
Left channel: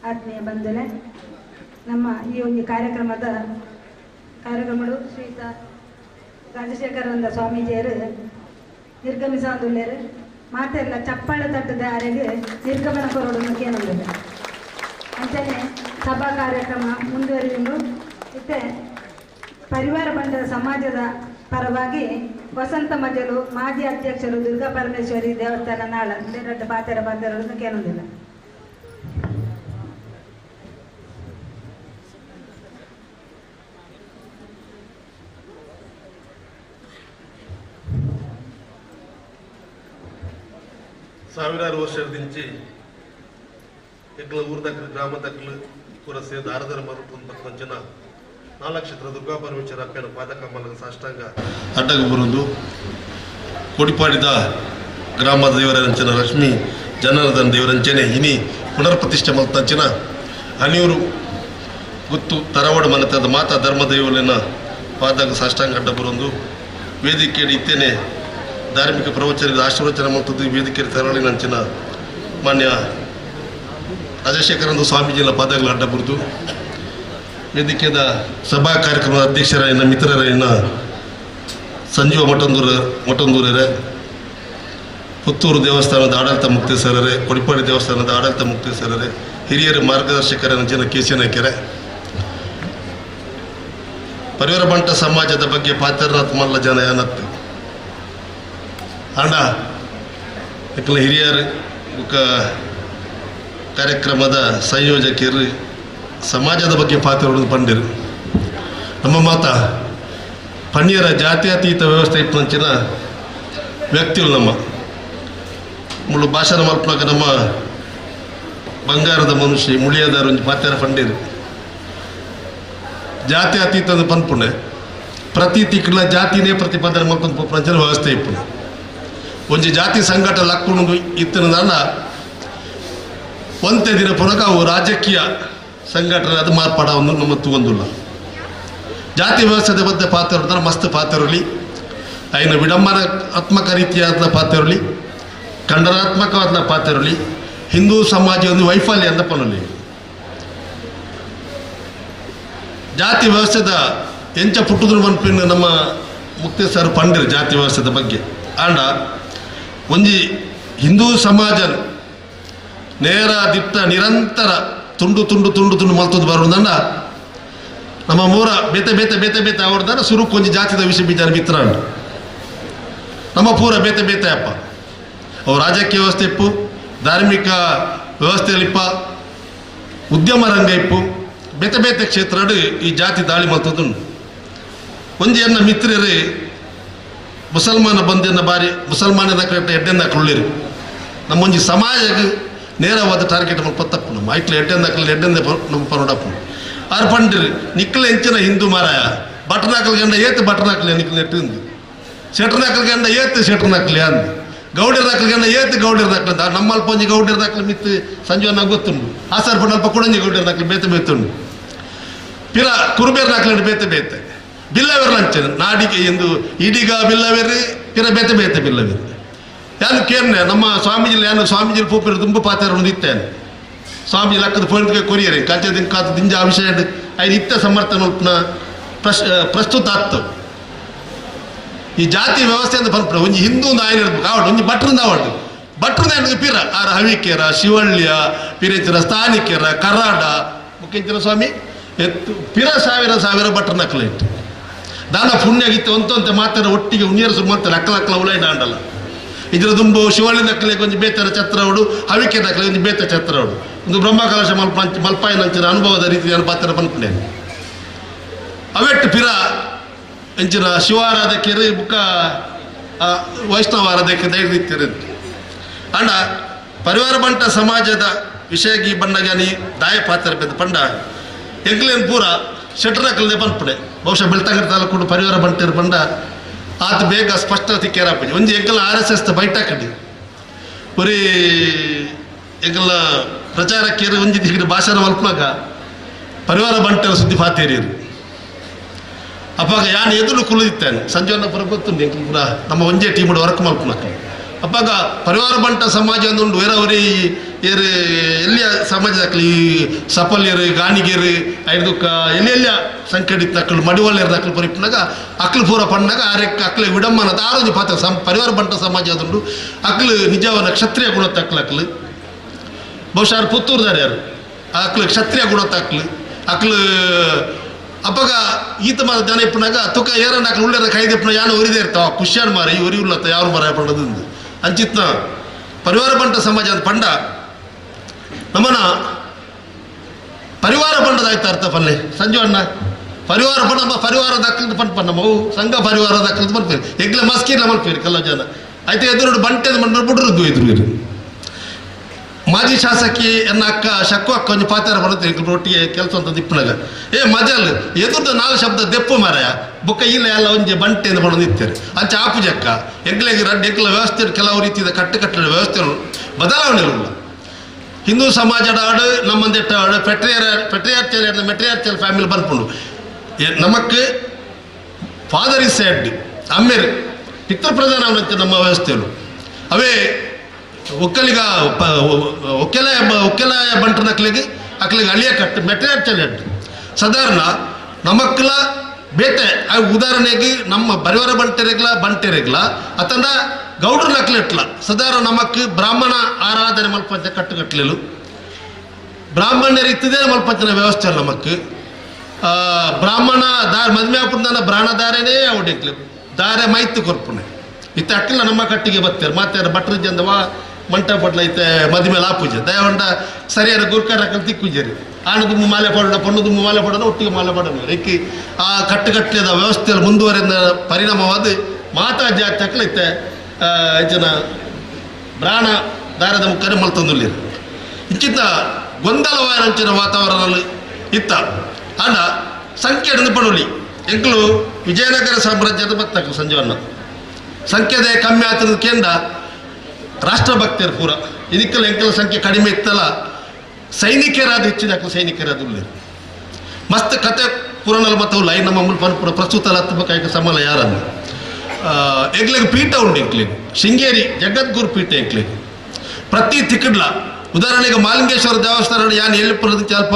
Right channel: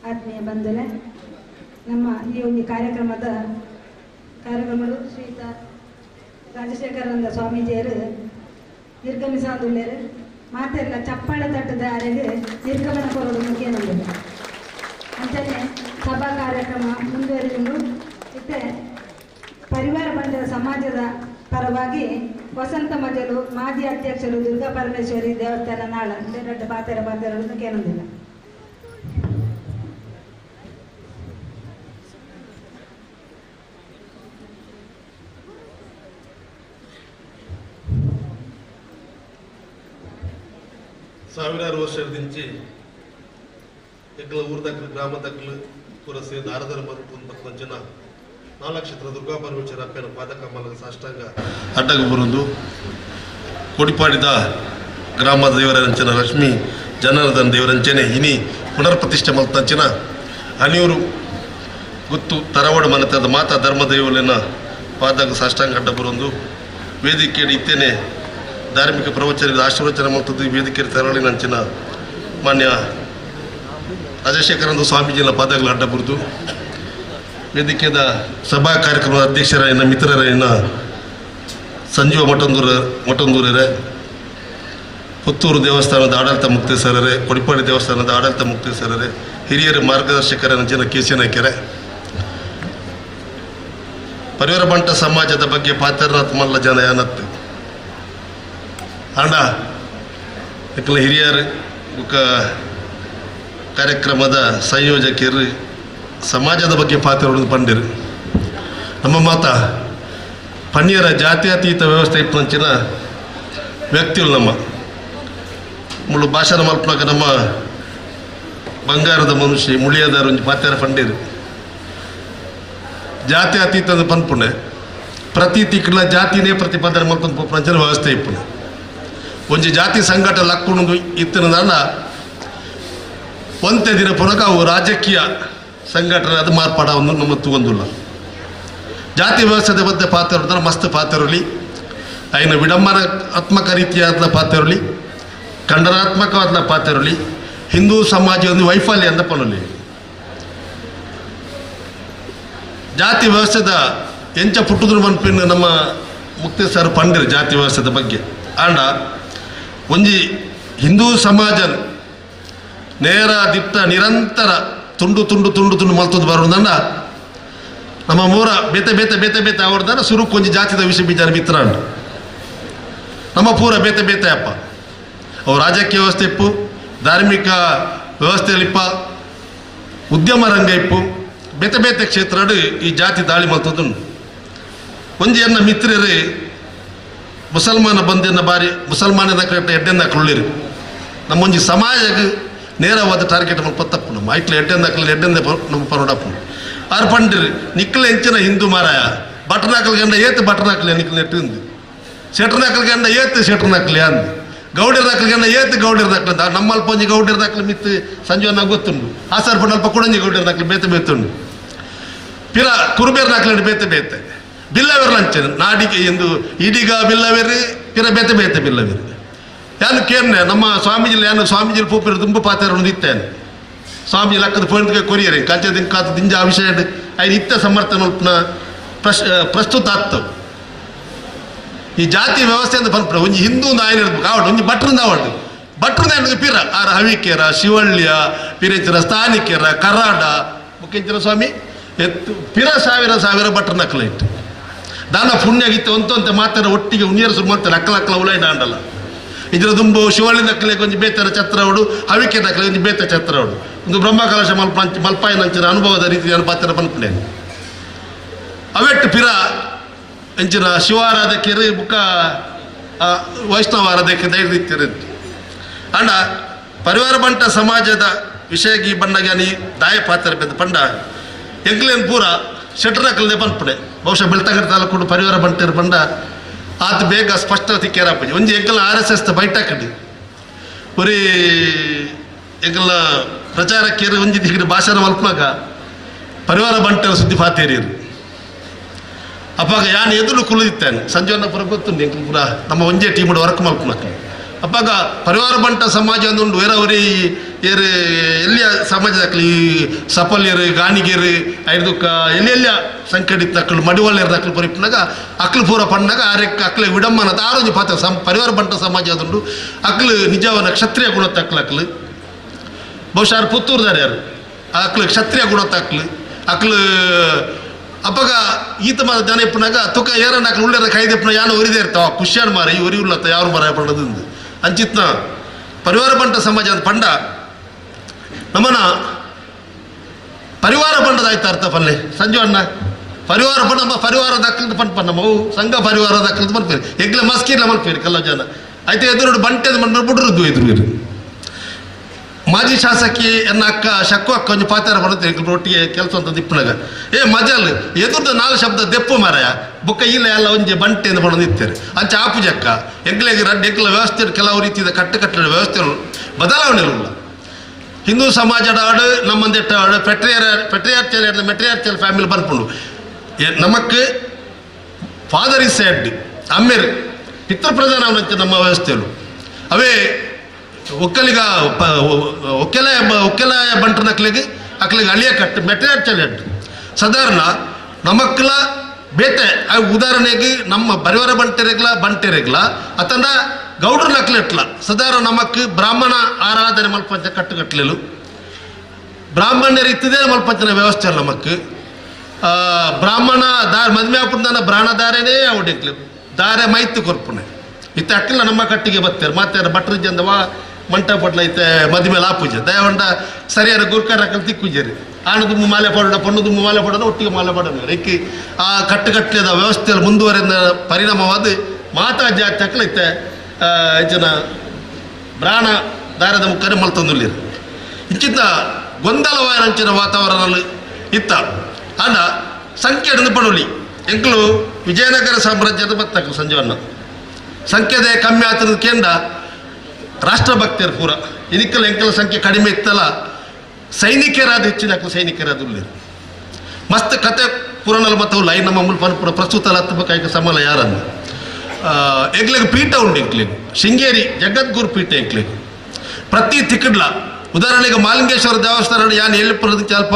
ಆತ್ಮೀಯ ಬಂಧುಗಳೇ, ನಮ್ಮ ಈ ಒಂದು ಕಾರ್ಯಕ್ರಮಗಳು ಶ್ರೀಯುತ ರಾಜಶೇಖರಾನಂದ ಸ್ವಾಮೀಜಿಯರು ನಿರ್ಗಮಿಸುವುದಿಲ್ಲರು ಮಾತೆಲ್ಲ ಚಪ್ಪಾಳೆ ತಟ್ಟದ ಅರೆಗೆ ನಿರ್ಗಮನ ಕೊರೋಡಕ್ಕೆ ನಂದಿದೆ ಅಂತೆಯೇ ಸಭಾ ಕಾರ್ಯಕ್ರಮ ಮುಂದುವರಿದು ಮತ್ತೆ ಪರಿವಾರ ಬಂಧದ ಸಮಾಜದ ಪರವಾಗಿ ವಸಂತ ಮಜಲು ಮಾಜಿ ಅಧ್ಯಕ್ಷರು ದುರ್ಗಾ ಪರಮೇಶ್ವರಿ ದೇವಸ್ಥಾನ ನಾಳ ಎರಡು ಪಾತೆರನ್ನು ಕೇಳೋದಿಲ್ಲ. ಸಾವಿರಾರು ವರ್ಷದಿಂಚಿ ಎಗ್ಲ ಊರ್ದಕ್ಲು ಗ್ರಾಮದಕ್ಲು ಪುರಸೆ ದಾರದರ ಮರುಪುಂದು ಪಕ್ಕಂಚಿನ 4 ನಕ್ಷತ್ರ ದುರ್ಗಾ ಪರಮೇಶ್ವರ ಅಪ್ಪನ ಪಾದಕಮಲದ ಸಾಷ್ಟಾಂಗ ಅಡ್ಡಗ ಬರುವುದು ಕೊಡಿಪಾಡಿದ ಗ್ರಾಮದ ದೇವರಂಚನ ಲಕ್ಷ್ಮೀ ಜನಾರ್ದನ ದೇವರಂಚನೆ ಇನಿ ಪುನರ್ ಪ್ರತಿಷ್ಠೆ ಮಲ್ತಂಚಿನ ಅನಿಯೂರು ಗುತ್ತು ತರವಾಡ ಮನೆತದ ಮಾತಾ ಧರ್ಮದೇವಲಿನ ಪಾದಕ ಸಾಷ್ಟಾಂಗ ಅಡ್ಡ ಬರುವುದು ವೇದಿಕೆ ಇತ್ತೇನೆ ಧಾರ್ಮಿಕ ಪ್ರವಚನದ ಆಶೀರ್ವಚನ ಮತ್ತು ವೇದಿಕೆ ತೆರಳಿನಂಚಿನ ಮಾನ್ಯ ರಾಜಶೇಖರಾನಂದ ಸ್ವಾಮೀಜಿನ ಪಾದಗಳ ಅಡ್ಡ ಬರುದು ವೇದಿಕೆಯ ಸಭಾ ಕಾರ್ಯಕ್ರಮದ ಅಧ್ಯಕ್ಷರ ಮಿತ್ರರ ಸಂಜೀವ ಮಠಂದೂರರೇ, ಪುತ್ತೂರು ದೇವಸ್ಥಾನದ ಆಡಳಿತ ಮುಕ್ತೇಶ್ವರರೇ, ಕೊಡಿಪಾಡಿ ದೇವಸ್ಥಾನದ ಆಡಳಿತ ಮುಕ್ತೇಶ್ವರರೇ, ಹಿರಿಯರ ಮಾರ್ಗದರ್ಶಕರ ನಂಚಿನ ಕೆ.ಸಿ. ನಾಯ್ಕರೇ, ಪರಿವಾರ ಬಂಟ ಸಮಾಜದ ಬಗ್ಗೆ ಪಾತ್ರನಾಥ್ ಮಲ್ಲ ಜನ ಏನತ್ತು ಅಂಡ ಇಕ್ಕಲ ಹಿರಿಯರು ಕಾರ್ಯಕ್ರಮದ ಸಂಯೋಜಕರು ಸಮಾಜದ ಬಗ್ಗೆ ಪಾತ್ರ ಪಂಡಿರು ನಮ್ಮ ಮಾತ ಪಣ್ಯರ ಜಾತ್ಯತೀತ ವ್ಯವಸ್ಥೆ ಇಪ್ಪಂಚಿನ ವ್ಯಕ್ತಿಗಳು ನಮ್ಮ ಮುಳ್ಳು ಭಾಷಣ ಮಲ್ಪನಾಗ ನಮ್ಮ ಬಂಗಾರದ ಮನುಷ್ಯ ಮುಳಿಯದಾರ ಒಂದು ಪಾತ್ರ ಪಂಡಿರು ಜಾತ್ಯತೀತದ ಪನ್ಪುಣೆ ಪ್ರತಿ ತಿಕ್ಕಲ ಜಾತಿನೇ ಪ್ರತಿಪಾದನೆ ಮಲ್ಕೊಂಡು ಪ್ರಪಂಚದ ವ್ಯವಸ್ಥೆ ಇಪ್ಪುಣೆ ಒಂಜಿ ಜಾತಿ ಸಂಘಟ ಲಕ್ಕುಣದು ಇತ್ತಿನ ಒಂದೇ ದಿನ ಪುನಕ ಅವು ರಾಜಕೀಯ ಸಂಘಟನೆ ಅದು ಮಾರ್ಪಾಡವನ್ನು ನಮ್ಮ ತಗೊಂದಿಲ್ಲ. ಜಾತಿ ವ್ಯವಸ್ಥೆದ ಬಗ್ಗೆ ಪಾತ್ರ ಹೊಡೆದ್ರೆ ಮಸ್ತ್ ಪಾತ್ರರಲಿ ಐನ ವಿಡಂಬನಾತ್ಮಕ ರೀತಿಯಾದ ಪಾತ್ರರಲಿ ಖಂಡನಾತ್ಮಕವಾದ ಪಾತ್ರರಲಿ ಹಿಂದೂ ಸಮಾಜ ಒಂದು ವೈಫಲ್ಯ ಅಂತ ಪನಲಿ ಜಾತಿ ವ್ಯವಸ್ಥೆದ ಎಂಚ ಪುಟ್ಟುದ್ರು ಮನ್ಪಿನ ನಮ್ಮ ಮುಕ್ತೇಶ್ವರ ಪಂಡಿರು ಜಾತಿ ವ್ಯವಸ್ಥೆದ ಬಗ್ಗೆ ಆಂಡ ಒಂಜಿ ಹಿಂದೂ ಸಮಾಜ ನೇರ ದಿಟ್ಟ ನಿರಂತರ ತುಂಡು ತುಂಡು ತುಂಡು ತುಂಡು ಮಲ್ತದ್ದು ಬರೋದಂಡ ನಮ್ಮ ಮೂರ ಬೇತೆ ಬೇತೆ ಬೇತೆ ಬೇತೆ ಅವ್ರದಾರ ಸುರು ಕೊಂಚ ಜಾತಿದ ವಿಷಯ ಬಿಚಾರ ಮಿತ್ರ ನಮ್ಮ ಪೂರ ಬೇತೆ ಬೇತೆ ಅಪ್ಪ ಅವು ರಾಜಕೀಯ ವ್ಯವಸ್ಥೆ ಇಪ್ಪು, ಧಾರ್ಮಿಕ ವ್ಯವಸ್ಥೆಯಲ್ಲಿಪ್ಪ, ಉದ್ಯಮ ರಂಗ ಇಪ್ಪು, ಬೇತೆ ಬೇತೆ ಕ್ಷೇತ್ರ ಈ ಜಾತಿ ದಾಳಿ ಮಲ್ತದ್ದು ಒಂಜಿ ಎನ್ನ ಮಿತ್ರರೇ ಮುಸಲ್ಮಾನ ಬಂದೆನ್ನ ಬಾರಿ ಮುಸಲ್ಮಾನದ ಕರೆಕ್ಟ್ ಎಡ್ಡೆಂದಾಕ್ಲಿರಿ ನಮ್ಮೊಂಜಿ ಸಮಾಜಕ್ಕೆ ನೇರವಾದ ಟಾರ್ಗೆಟ್ ತಪ್ಪು ನಮ್ಮ ಐಟ್ಲ ಎಡ್ಡೆಂದಾಕ್ಲಿ ನಮ್ಮ ಪರೋಡಪ್ಪು ಆರು ಪಂಡಿರಿ ನಿಕ್ಕಲ ಎಂಚಿನ ಹಿಂದೂ ಮಾರಾಯ ಬಟರ್ನಾಕಲ್ ಗಂಡ ಏತ್ ಬಟರ್ನಾಕಲಿ ನಿಕ್ಕಲ್ ನೆಟ್ಟಿಂದು ಶೆಟ್ರನಾಕಲ್ ಗಂಡ ಏತ್ ಶೆಟ್ರನಾಕಲಿ ಅಂದು ಗೌಡಿರ್ನಾಕಲ್ ಗಂಡ ಏತ್ ಗೌಡಿರ್ನಾಕಲ್ ಅಂತ ನಮ್ಮಲ್ಪ ಒಂಜಿ ಗೌಡಿರ್ನಾಕಲಿ ಮಿತ್ತು ಸಂಜೀವನ ಗೊತ್ತುಂಡು ಆಸಾರ್ ಪಂಡಲ್ಪ ಕುಡಂಜಿ ಗೌಡಿರ್ನಾಕಲಿ ಬೇತೆ ಬೇತುಂಡು ಪಿರ ಕುರುಬೇರ್ನಾಕಲಿ ಬೇತೆ ಬೇತೆ ಬಿಲ್ಲವೇರು ಅಂಚನೆ ನಾಡಿಗೆ ಎಂದು ಈಡೀಗ ಬಿಲ್ಲವೇರಿ ಪಿರ ಬೇತೆ ಬೇತೆ ಬಿಲ್ಲವೇರಿ ಯಾನು ಕೇರ್ನೆ ನಮ್ಮ ಸ್ವಾಮೀಜಿಲಿ ಯಾನು ಸ್ವಾಮೀಜಿಲಿ ಪೂಪಿರು ತುಂಬ ಪಾತ್ರ ಇತ್ತೇನೆ ಸ್ವಾಮೀಜಿ ಲಕ್ಕದ ಪೋಣಿಗೆ ಕೊರಿಯರಿ ಕಂಚದಿಂದ ಕಾತು ದಿಂಜ ಆ ವಿಷಯ ಐದು ಇತ್ತ ಸಮರ್ಥನ ಪ್ರಸ್ತುತ ಆಗ್ತವೆ ಈ ಜಾತಿ ವ್ಯವಸ್ಥೆ ಅಂತ ಬಂದ್ಬಿಡ ಒಂಜಿ ಹಿಂದೂ ನಾಯನ ಆವಡು ಒಂಜಿ ಭಟ್ರಿಂದ ಆವಡು ಭಟ್ರದ ಪಿರ ಆರ ಹವಿಕೆರ ಶಿವಳ್ಯ ಪಿರಂಚರ ಸ್ಥಾನಿಕೆರ ಕರಾಡ ಮುಖ್ಯಂಚರ ಸ್ವಾಮಿ ಎತ್ತು ಪಿರ ಸಾವಿರ ಸಾವಿರ ಭಟ್ರ ನಕಲ ಇಟ್ಟು ದಾನ ಪುಣ್ಯಗಿತ್ತು ಅಂತ ಮಾತಾಡ ಒಟ್ಟಿಗೆ ಉಣ್ಯರು ಸುಮ್ಮಂತಾರೆ ಅಕ್ಕಲ ಉಳಾಯಿ ದಾಂಡಲ್ಲ ಇದರ ದುಂಬು ಶಿವಳ್ಳಿ ನಕ್ಕಲೆ ಕೊಂಚ ಬೇತರ ಛತ್ರವಡು ಹವಿಕೆ ನಕ್ಕಲೆ ಒಂದು ಬೇತ ಛತ್ರವಡು ಒಂದು ಬ್ರಹ್ಮಕಲಶ ಮಲ್ಪಾಯಿ ನಂಚಿನ ಅನುಭವದ ರೀತಿಯ ಪಾತ್ರ ಬಂದ್ಕೊಂಡೆ ಅವೆಟ್ಟು ಪಿರ ಎಂಚಿನ ಶಿವಾರಾಧಕರು ಬುಕ್ಕ ವೈಷ್ಣವ ಆರಾಧಕ್ಕೆ ದೈರ್ಯ ಅಂಡ ಪರಿವಾರ ಬಂಟ ಸಮಾಜದ ವಿಷಯಗಿ ಬಣ್ಣಗಾನಿ ದಾಯ ಪಾತ್ರ ಬೆದ್ದು ಪಂಡ ಎಂಕ್ಲೇನ್ ಪೂರ ಶೆಟ್ರಕಲ್ದೆ ಬಂದ್ಪಡೆ ಬಹುಶಃ ಬೆಳ್ತಂಗಡ ತಾಲೂಕು ಪರಿವಾರ ಬಂಟರು ಬಂಡ ಆತ ಬೇಗ ಸ್ಪಷ್ಟತೆ ಕೇರಾಪಜಿ ಒಂಜಿ ಎಂಕಲ RSS ಬೈಟಾಕಡಿ ಒರಿ ಎಂಕಲ ಪ್ರಚಾರಕ್ಕೆ ಒಂಜಿ ದಿಗಡಿ ಭಾಷಣ ಮಲ್ಪನಾಗ ಪರಿವಾರ ಬಂಟರ ಸುದ್ದಿ ಪಾತೇರಿಯರು ಅಪ್ಪಾಗ ಯಾನು ಎದುರು ಕುಳಿದಿತ್ತಾನೆ ಸಂಜೆವನ್ನ ಪುರ ಗೊತ್ತುಂಡು ಎಂಕಲ್ ಪುರ ನಮ್ಮ ಒಂಜೇ ಟೀಮ್ ವರ್ಕ್ ಮಲ್ಪನಾಕ ಅಪ್ಪಾಗ ಪರಿವಾರ ಬಂಟ ಸಮಾಜ ಅಂದುಂಡು ಬೇರೆಯವರಿ ಏರು ಎಲ್ಲಿಯ ಸಮಾಜದಾಕ್ಲಿ ಸಫಲ್ಯರು ಗಾಣಿಗೆರು ಐದಕ್ಕ ಎಲ್ಲೆಲ್ಲ ಸಂಕಡಿತ ಅಕ್ಕಳು ಮಡಿವಳ್ಳಿರದ ಅಕ್ಕಳು ಪರಿಪನಾಗ ಅಕ್ಕಳು ಪೂರ ಪಣ್ಣಾಗ ಆರೆಕ್ಕ ಅಕ್ಕಳು ವಿಡಂಬನದ ಆರೋಗ್ಯ ಪಾತ್ರ ಪರಿವಾರ ಬಂಟ ಸಮಾಜ ಅದುಂಡು ಅಕ್ಕಳು ನಿಜವನ್ನ ಕ್ಷತ್ರಿಯ ಗುಣತ ಅಕ್ಕಳು ಬಹುಶಃ ಪುತ್ತೂರ್ದಾರೆ ಯಾರು ಅಕ್ಕಳು ಕ್ಷತ್ರಿಯ ಗುಣತ ಅಕ್ಕಳು ಅಪ್ಪಗ ಈತ ಮಾರ ಜನ ಇಪ್ಪನಾಗ ತುಕ ಏರನ್ನ ಅಕ್ಕಳು ಉಳ್ಳೆರ ಕೈದಿಪ್ಪನ ಯಾನು ಒರಿದೇ ಇರ್ತಾವ ಖುಷಿಯಾನ್ ಮಾರ ಈ ಒರಿ ಉಳ್ಳತ್ತ ಯಾರು ಮರ ಪಣ್ಣದಿಂದ ಅಂಚಿತ್ನ ಪರಿವಾರ ಬಂಟ ಸಮಾಜ ಅಂತ ಪಂಡ ನಮ್ಮನ ಪರಿವಾರ ಬಂಡದ ಆಯ್ತಾ ಅರ್ಥ ಪಲ್ಲೆ ಸಂಜು ಅಣ್ಣ ಪರಿವಾರ ಬಂಡ ಪರಿವಾರ ದಕ್ಕಲ್ದು ಪಂಡ್ ಪಣ್ಣ ಮೌ ಸಂಘ ಪರಿವಾರ ದಕ್ಕಲ್ದು ಮಲ್ಪೇರಿ ಎಗ್ಲ ಮಸ್ಕಿರ್ಲ ಮಲ್ಪೇರಿ ಕಲ್ಲ ಜನ ಆಯ್ತು ಎದುರು ಬಂಟೆದು ಮಂಡ ಬಿಡ್ರದ್ದು ಎದುರು ಮಾಜಿ ಶಾಸಕಿ ಎನ್ನ ಅಕ್ಕ ಶಕ್ಕು ಅಕ್ಕ ಒಂದು ಪಾತ್ರ ಬರುತ್ತೆ ಒಟ್ಟಿಗೆ ಕೆಲಸ ಅಂತ ದಿಪ್ಪನಾಗ ಮಜಲ್ ಎದುರ್ದ 4 ಶಬ್ದ ದೆಪ್ಪು ಮಾರಾಯ ಬುಕ್ಕ ಇಲ್ಲ ಎಲ್ಲ ಒಂಜಿ ಬಂಟೆಯಿಂದ ಬಣ್ಣದ ಇರ್ತಾರೆ ಅಂಚ ಆಪುಜಕ್ಕ ಎಗ್ಲೆಗೆ ರಡ್ಡು ಎಗ್ಲ ವ್ಯವಸ್ಥೆ ಕೆಲವು ರೀತಿಯ ಕಟ್ಟುಕಟ್ಟಡ ವ್ಯವಸ್ಥೆ ಬದಲಾವಣೆ ಇಲ್ಲ ಹಿಂದೂ ಸಮಾಜದ ಆಡು ನಮ್ಮಂದೆಟ್ಟ ಆಡು ಪೆಟ್ರಿಯಾರ್ಚಲ್ ಮೆಟ್ರಿಯಾರ್ಚಲ್ ಫ್ಯಾಮಿಲಿ ಬಂದ್ಕೊಂಡು ನಮಕ್ ಫಾದರ್ ಇಸ್ ಸೆಡ್ ಅಮ್ಮೇರು ಪಿತೃಪ್ರಧಾನ ಅನ್ನೋಂಥ ನಮ್ಮ ವ್ಯವಸ್ಥೆಯಲ್ಲೂ ಅವೇ ಒಕ್ಕಲಿಗ ಒಕ್ಕಲಾಯ ಬಂಟನ ಅಕ್ಲಿಗೆ ಅಳಿಯ ಕಟ್ಟು ಮೆಟ್ರಿಯಾರ್ಚಲ್ ಹೆಡ್ ಸಾಧಾರಣ ನಮಕ್ಲ ಬೇಟೆ ಉದಾಹರಣೆಗೆ ನಮ್ಮ ಪರಿವಾರ ಬಂಟೆರೆಗ್ಲ ಅತಂದ ಗೌಡ್ರ ನಕ್ಲೆಟ್ಲ ಸಾಧಾರಣ ನಮಕ್ ಬ್ರಾಹ್ಮಣ ಆರಾಧನೆ ಮಲ್ಪಂಚ ಕಟ್ಟುಕಟ್ಲೆಲು ಬ್ರಾಹ್ಮಣ್ಯರು ಇತ್ತದೇ ಮಲ್ಪಂಚನ ವ್ಯವಸ್ಥೆ ಅಲ್ಲ ನಮಕ್ ಬ್ರಾಹ್ಮಣ ಮದ್ಮೆ ಹಾಪುದಾನ ಬ್ರಾಹ್ಮಣದಾರೇನೇ ಅವಡಿಕ್ಲಿ ದಾರೆ ಮೈತು ಕೊರ್ಪುಣೆ ಇತ್ತ ಅಕ್ಕಿಲ್ಲ ನಮ್ಮ ಕಟ್ಟಿಗೆ ಬರ್ತೇವೆ ಮತ್ತೆ ಭಟ್ರ ಜಂದವ ಮಂಟಪ ಪಡ್ಲ ಐತೆ ಮದುವೆ ಲಾಪೂಜೆ ದಯವಂಡ ಸರಿಯಾದ ಗುರ್ಕಾರ ತಿಕ್ಕುಜರಿ ಆಣದು ಮಾಲೆ ಪಡೋಣ ಪಣ್ಣದು ಮಾಲೆ ಪಡೋಣ ಒಟ್ಟಿಗೆ ಮಾಲೆ ಪಡೋಣ ರೆಕ್ಕಿ ಆ ಕಟ್ಟುಕಟ್ಟದ ವ್ಯವಸ್ಥೆಯಲ್ಲಿ ಮುಂದುವರೆದ ಪರಿಣಾಮವಾದ ಮಾತಾ ಜಾತಿ ಅಕ್ಕಲೈತೆ ಜನ ಬ್ರಾಣ ದಾರದ ಮುಖನೇ ಮಲ್ತಂದುಲ್ಲಿರು ಇಂಚಿತ ಗೊಂದಲವಾದಂಚಿನ ವಾತಾವರಣದಲ್ಲಿ ಇತ್ತ ಆಂಡ ಸಂಖ್ಯೆ ಪಡೋಲಿ ಎಂಕ್ಲು ವಿಜಯನಗರ ಸಾಮ್ರಾಜ್ಯದ ಬತ್ತಕ್ಲು ಸಂಜೀವನ್ನ ಸಂಖ್ಯೆದೆ ಕಮ್ಮಿ ಆಗ್ತದ ಕೇಂದ್ರ ರಾಷ್ಟ್ರಭಕ್ತರು ಪೂರ ಇದಕ್ಕೆಲ್ಲ ಎಂಕೆಲ್ಲ ಸಂಖ್ಯೆ ಕಡಿಮೆ ಇತ್ತಲ್ಲ ಸೈನಿಕರಾದ ಹೆಚ್ಚಿನ ಸೈನಿಕರಾದ ಮಸ್ತ್ ಕತೆ ಪುರಾಣಲ್ಲಿ ಮತ್ತು ಲೈನ್ ನಮ್ಮ ಪನ್ಪುರ ಪ್ರಸ್ತುತ ಹತ್ತಬೇಕಾಗಿ ಸಮಲ ಯಾರನ್ನು ಎಗ್ಲಿಗೆ ಪೀಠ ಉಂಡು ಎಂಕ್ಲಿಗೆ ಶೃಂಗೇರಿ ಜಗದ್ಗುರು ಪೀಠ ಎಂಕ್ಲಿಗೆ ಪ್ರತಿ ತಿಕ್ಕಡ್ಲ ಉದಾಹರಣೆಗೆ ಮಾಲಿಂಗೇಶ್ವರ ದೇವಸ್ಥಾನ ಯಾನು ಎಲ್ಲಿಪುರದ ಸ್ವಲ್ಪ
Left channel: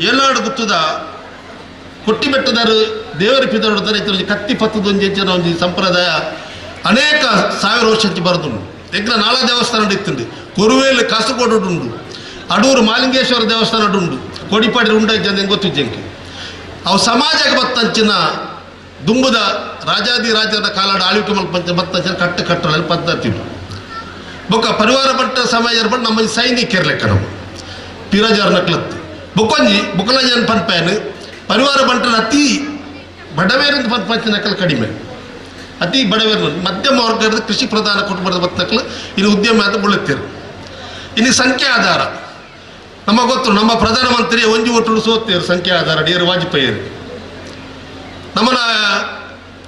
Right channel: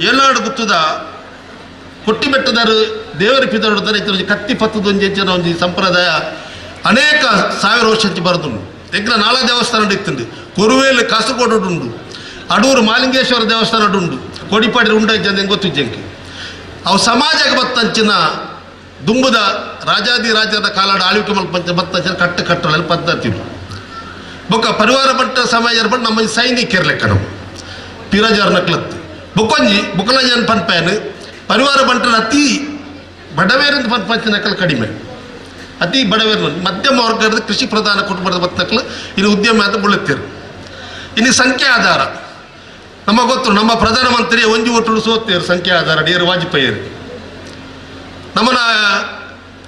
ಏನಾಡು ಗುತ್ತದ ಕೊಟ್ಟಿ ಬೆಟ್ಟದಾರು ದೇವರ ಪಿದೋಡ್ತಾರೆ ಇತರ ಕತ್ತಿ ಪತ್ತದೊಂದು ಜನ ಒಂದು ಸಂಪ್ರದಾಯ ಅನೇಕ ಸಾವಿರ ವರ್ಷಕ್ಕೆ ಬರೆದುಂಡು ಎಗ್ಲ ನಾಳ ದೇವಸ್ಥಾನ ಇತ್ತುಂಡು ಕೊರುವೇಲು ಕಾಸರಗೋಡು ಉಂಡು ಅಡೂರು ಮಾಲಿಂಗೇಶ್ವರ ದೇವಸ್ಥಾನ ಉಂಡು ಕೊಡಿಪಾಡಿ ಉಂಡ ಜನ ಗೊತ್ತಿಜ್ಜಂಕೆ ಅವು ಸಮಾಜಕ್ಕೆ ಬತ್ತಂಚಿನ ದುಂಬುದ ರಾಜಾದ ಕಾಲಾಡ ಆಳ್ವಿಕೆ ಮಲ್ಪಂಚ ಬತ್ತಂಚಿನ ಕಟ್ಟಲ್ಲಿ ಪದ್ಧತಿ ಬೊಕ್ಕ ಪರಿವಾರ ಬಂಟ ಸಮಾಜ ಬಂದು ನಮ್ಮ ಸೈನಿಕರ ಲೆಕ್ಕ ನಮ್ಮ ಪಿರಜಾರ ನಕ್ಲತ್ತು ಬೊಕ್ಕೊಂಜಿ ಬುಕ್ಕಲಂಜನ್ ಪನ್ಪೇನು ಪರಿವಾರ ಬಂಟನ ಅತಿ ಬಡವೇರಿಂದ ಪಂಚ ನಕಲು ಕಡಿಮೆ ಅತಿ ಬಡವೇರು ಮಧ್ಯಮ ವರ್ಗದ ಕೃಷಿ ಪ್ರಧಾನ ಕುಟುಂಬದ ಬತ್ತಕ್ಲು ಇದು ಉದ್ಯಮ ಅಂತ ಬೀಳುತ್ತೀರು ಇನ್ನು ಸಂಖ್ಯೆ ಆಧಾರ ನಮಗೆ ಗೊತ್ತು ನಮ್ಮ ಪ್ರಧಾನಮಂತ್ರಿ ಒಂಜಿ ಒಟ್ಟು ಸೋತ್ತೇರು ಸಂಖ್ಯೆ ಆಧಾರ ಡಿಯರ್ ವಾಜಪೇಯಿ ನಮ್ಮ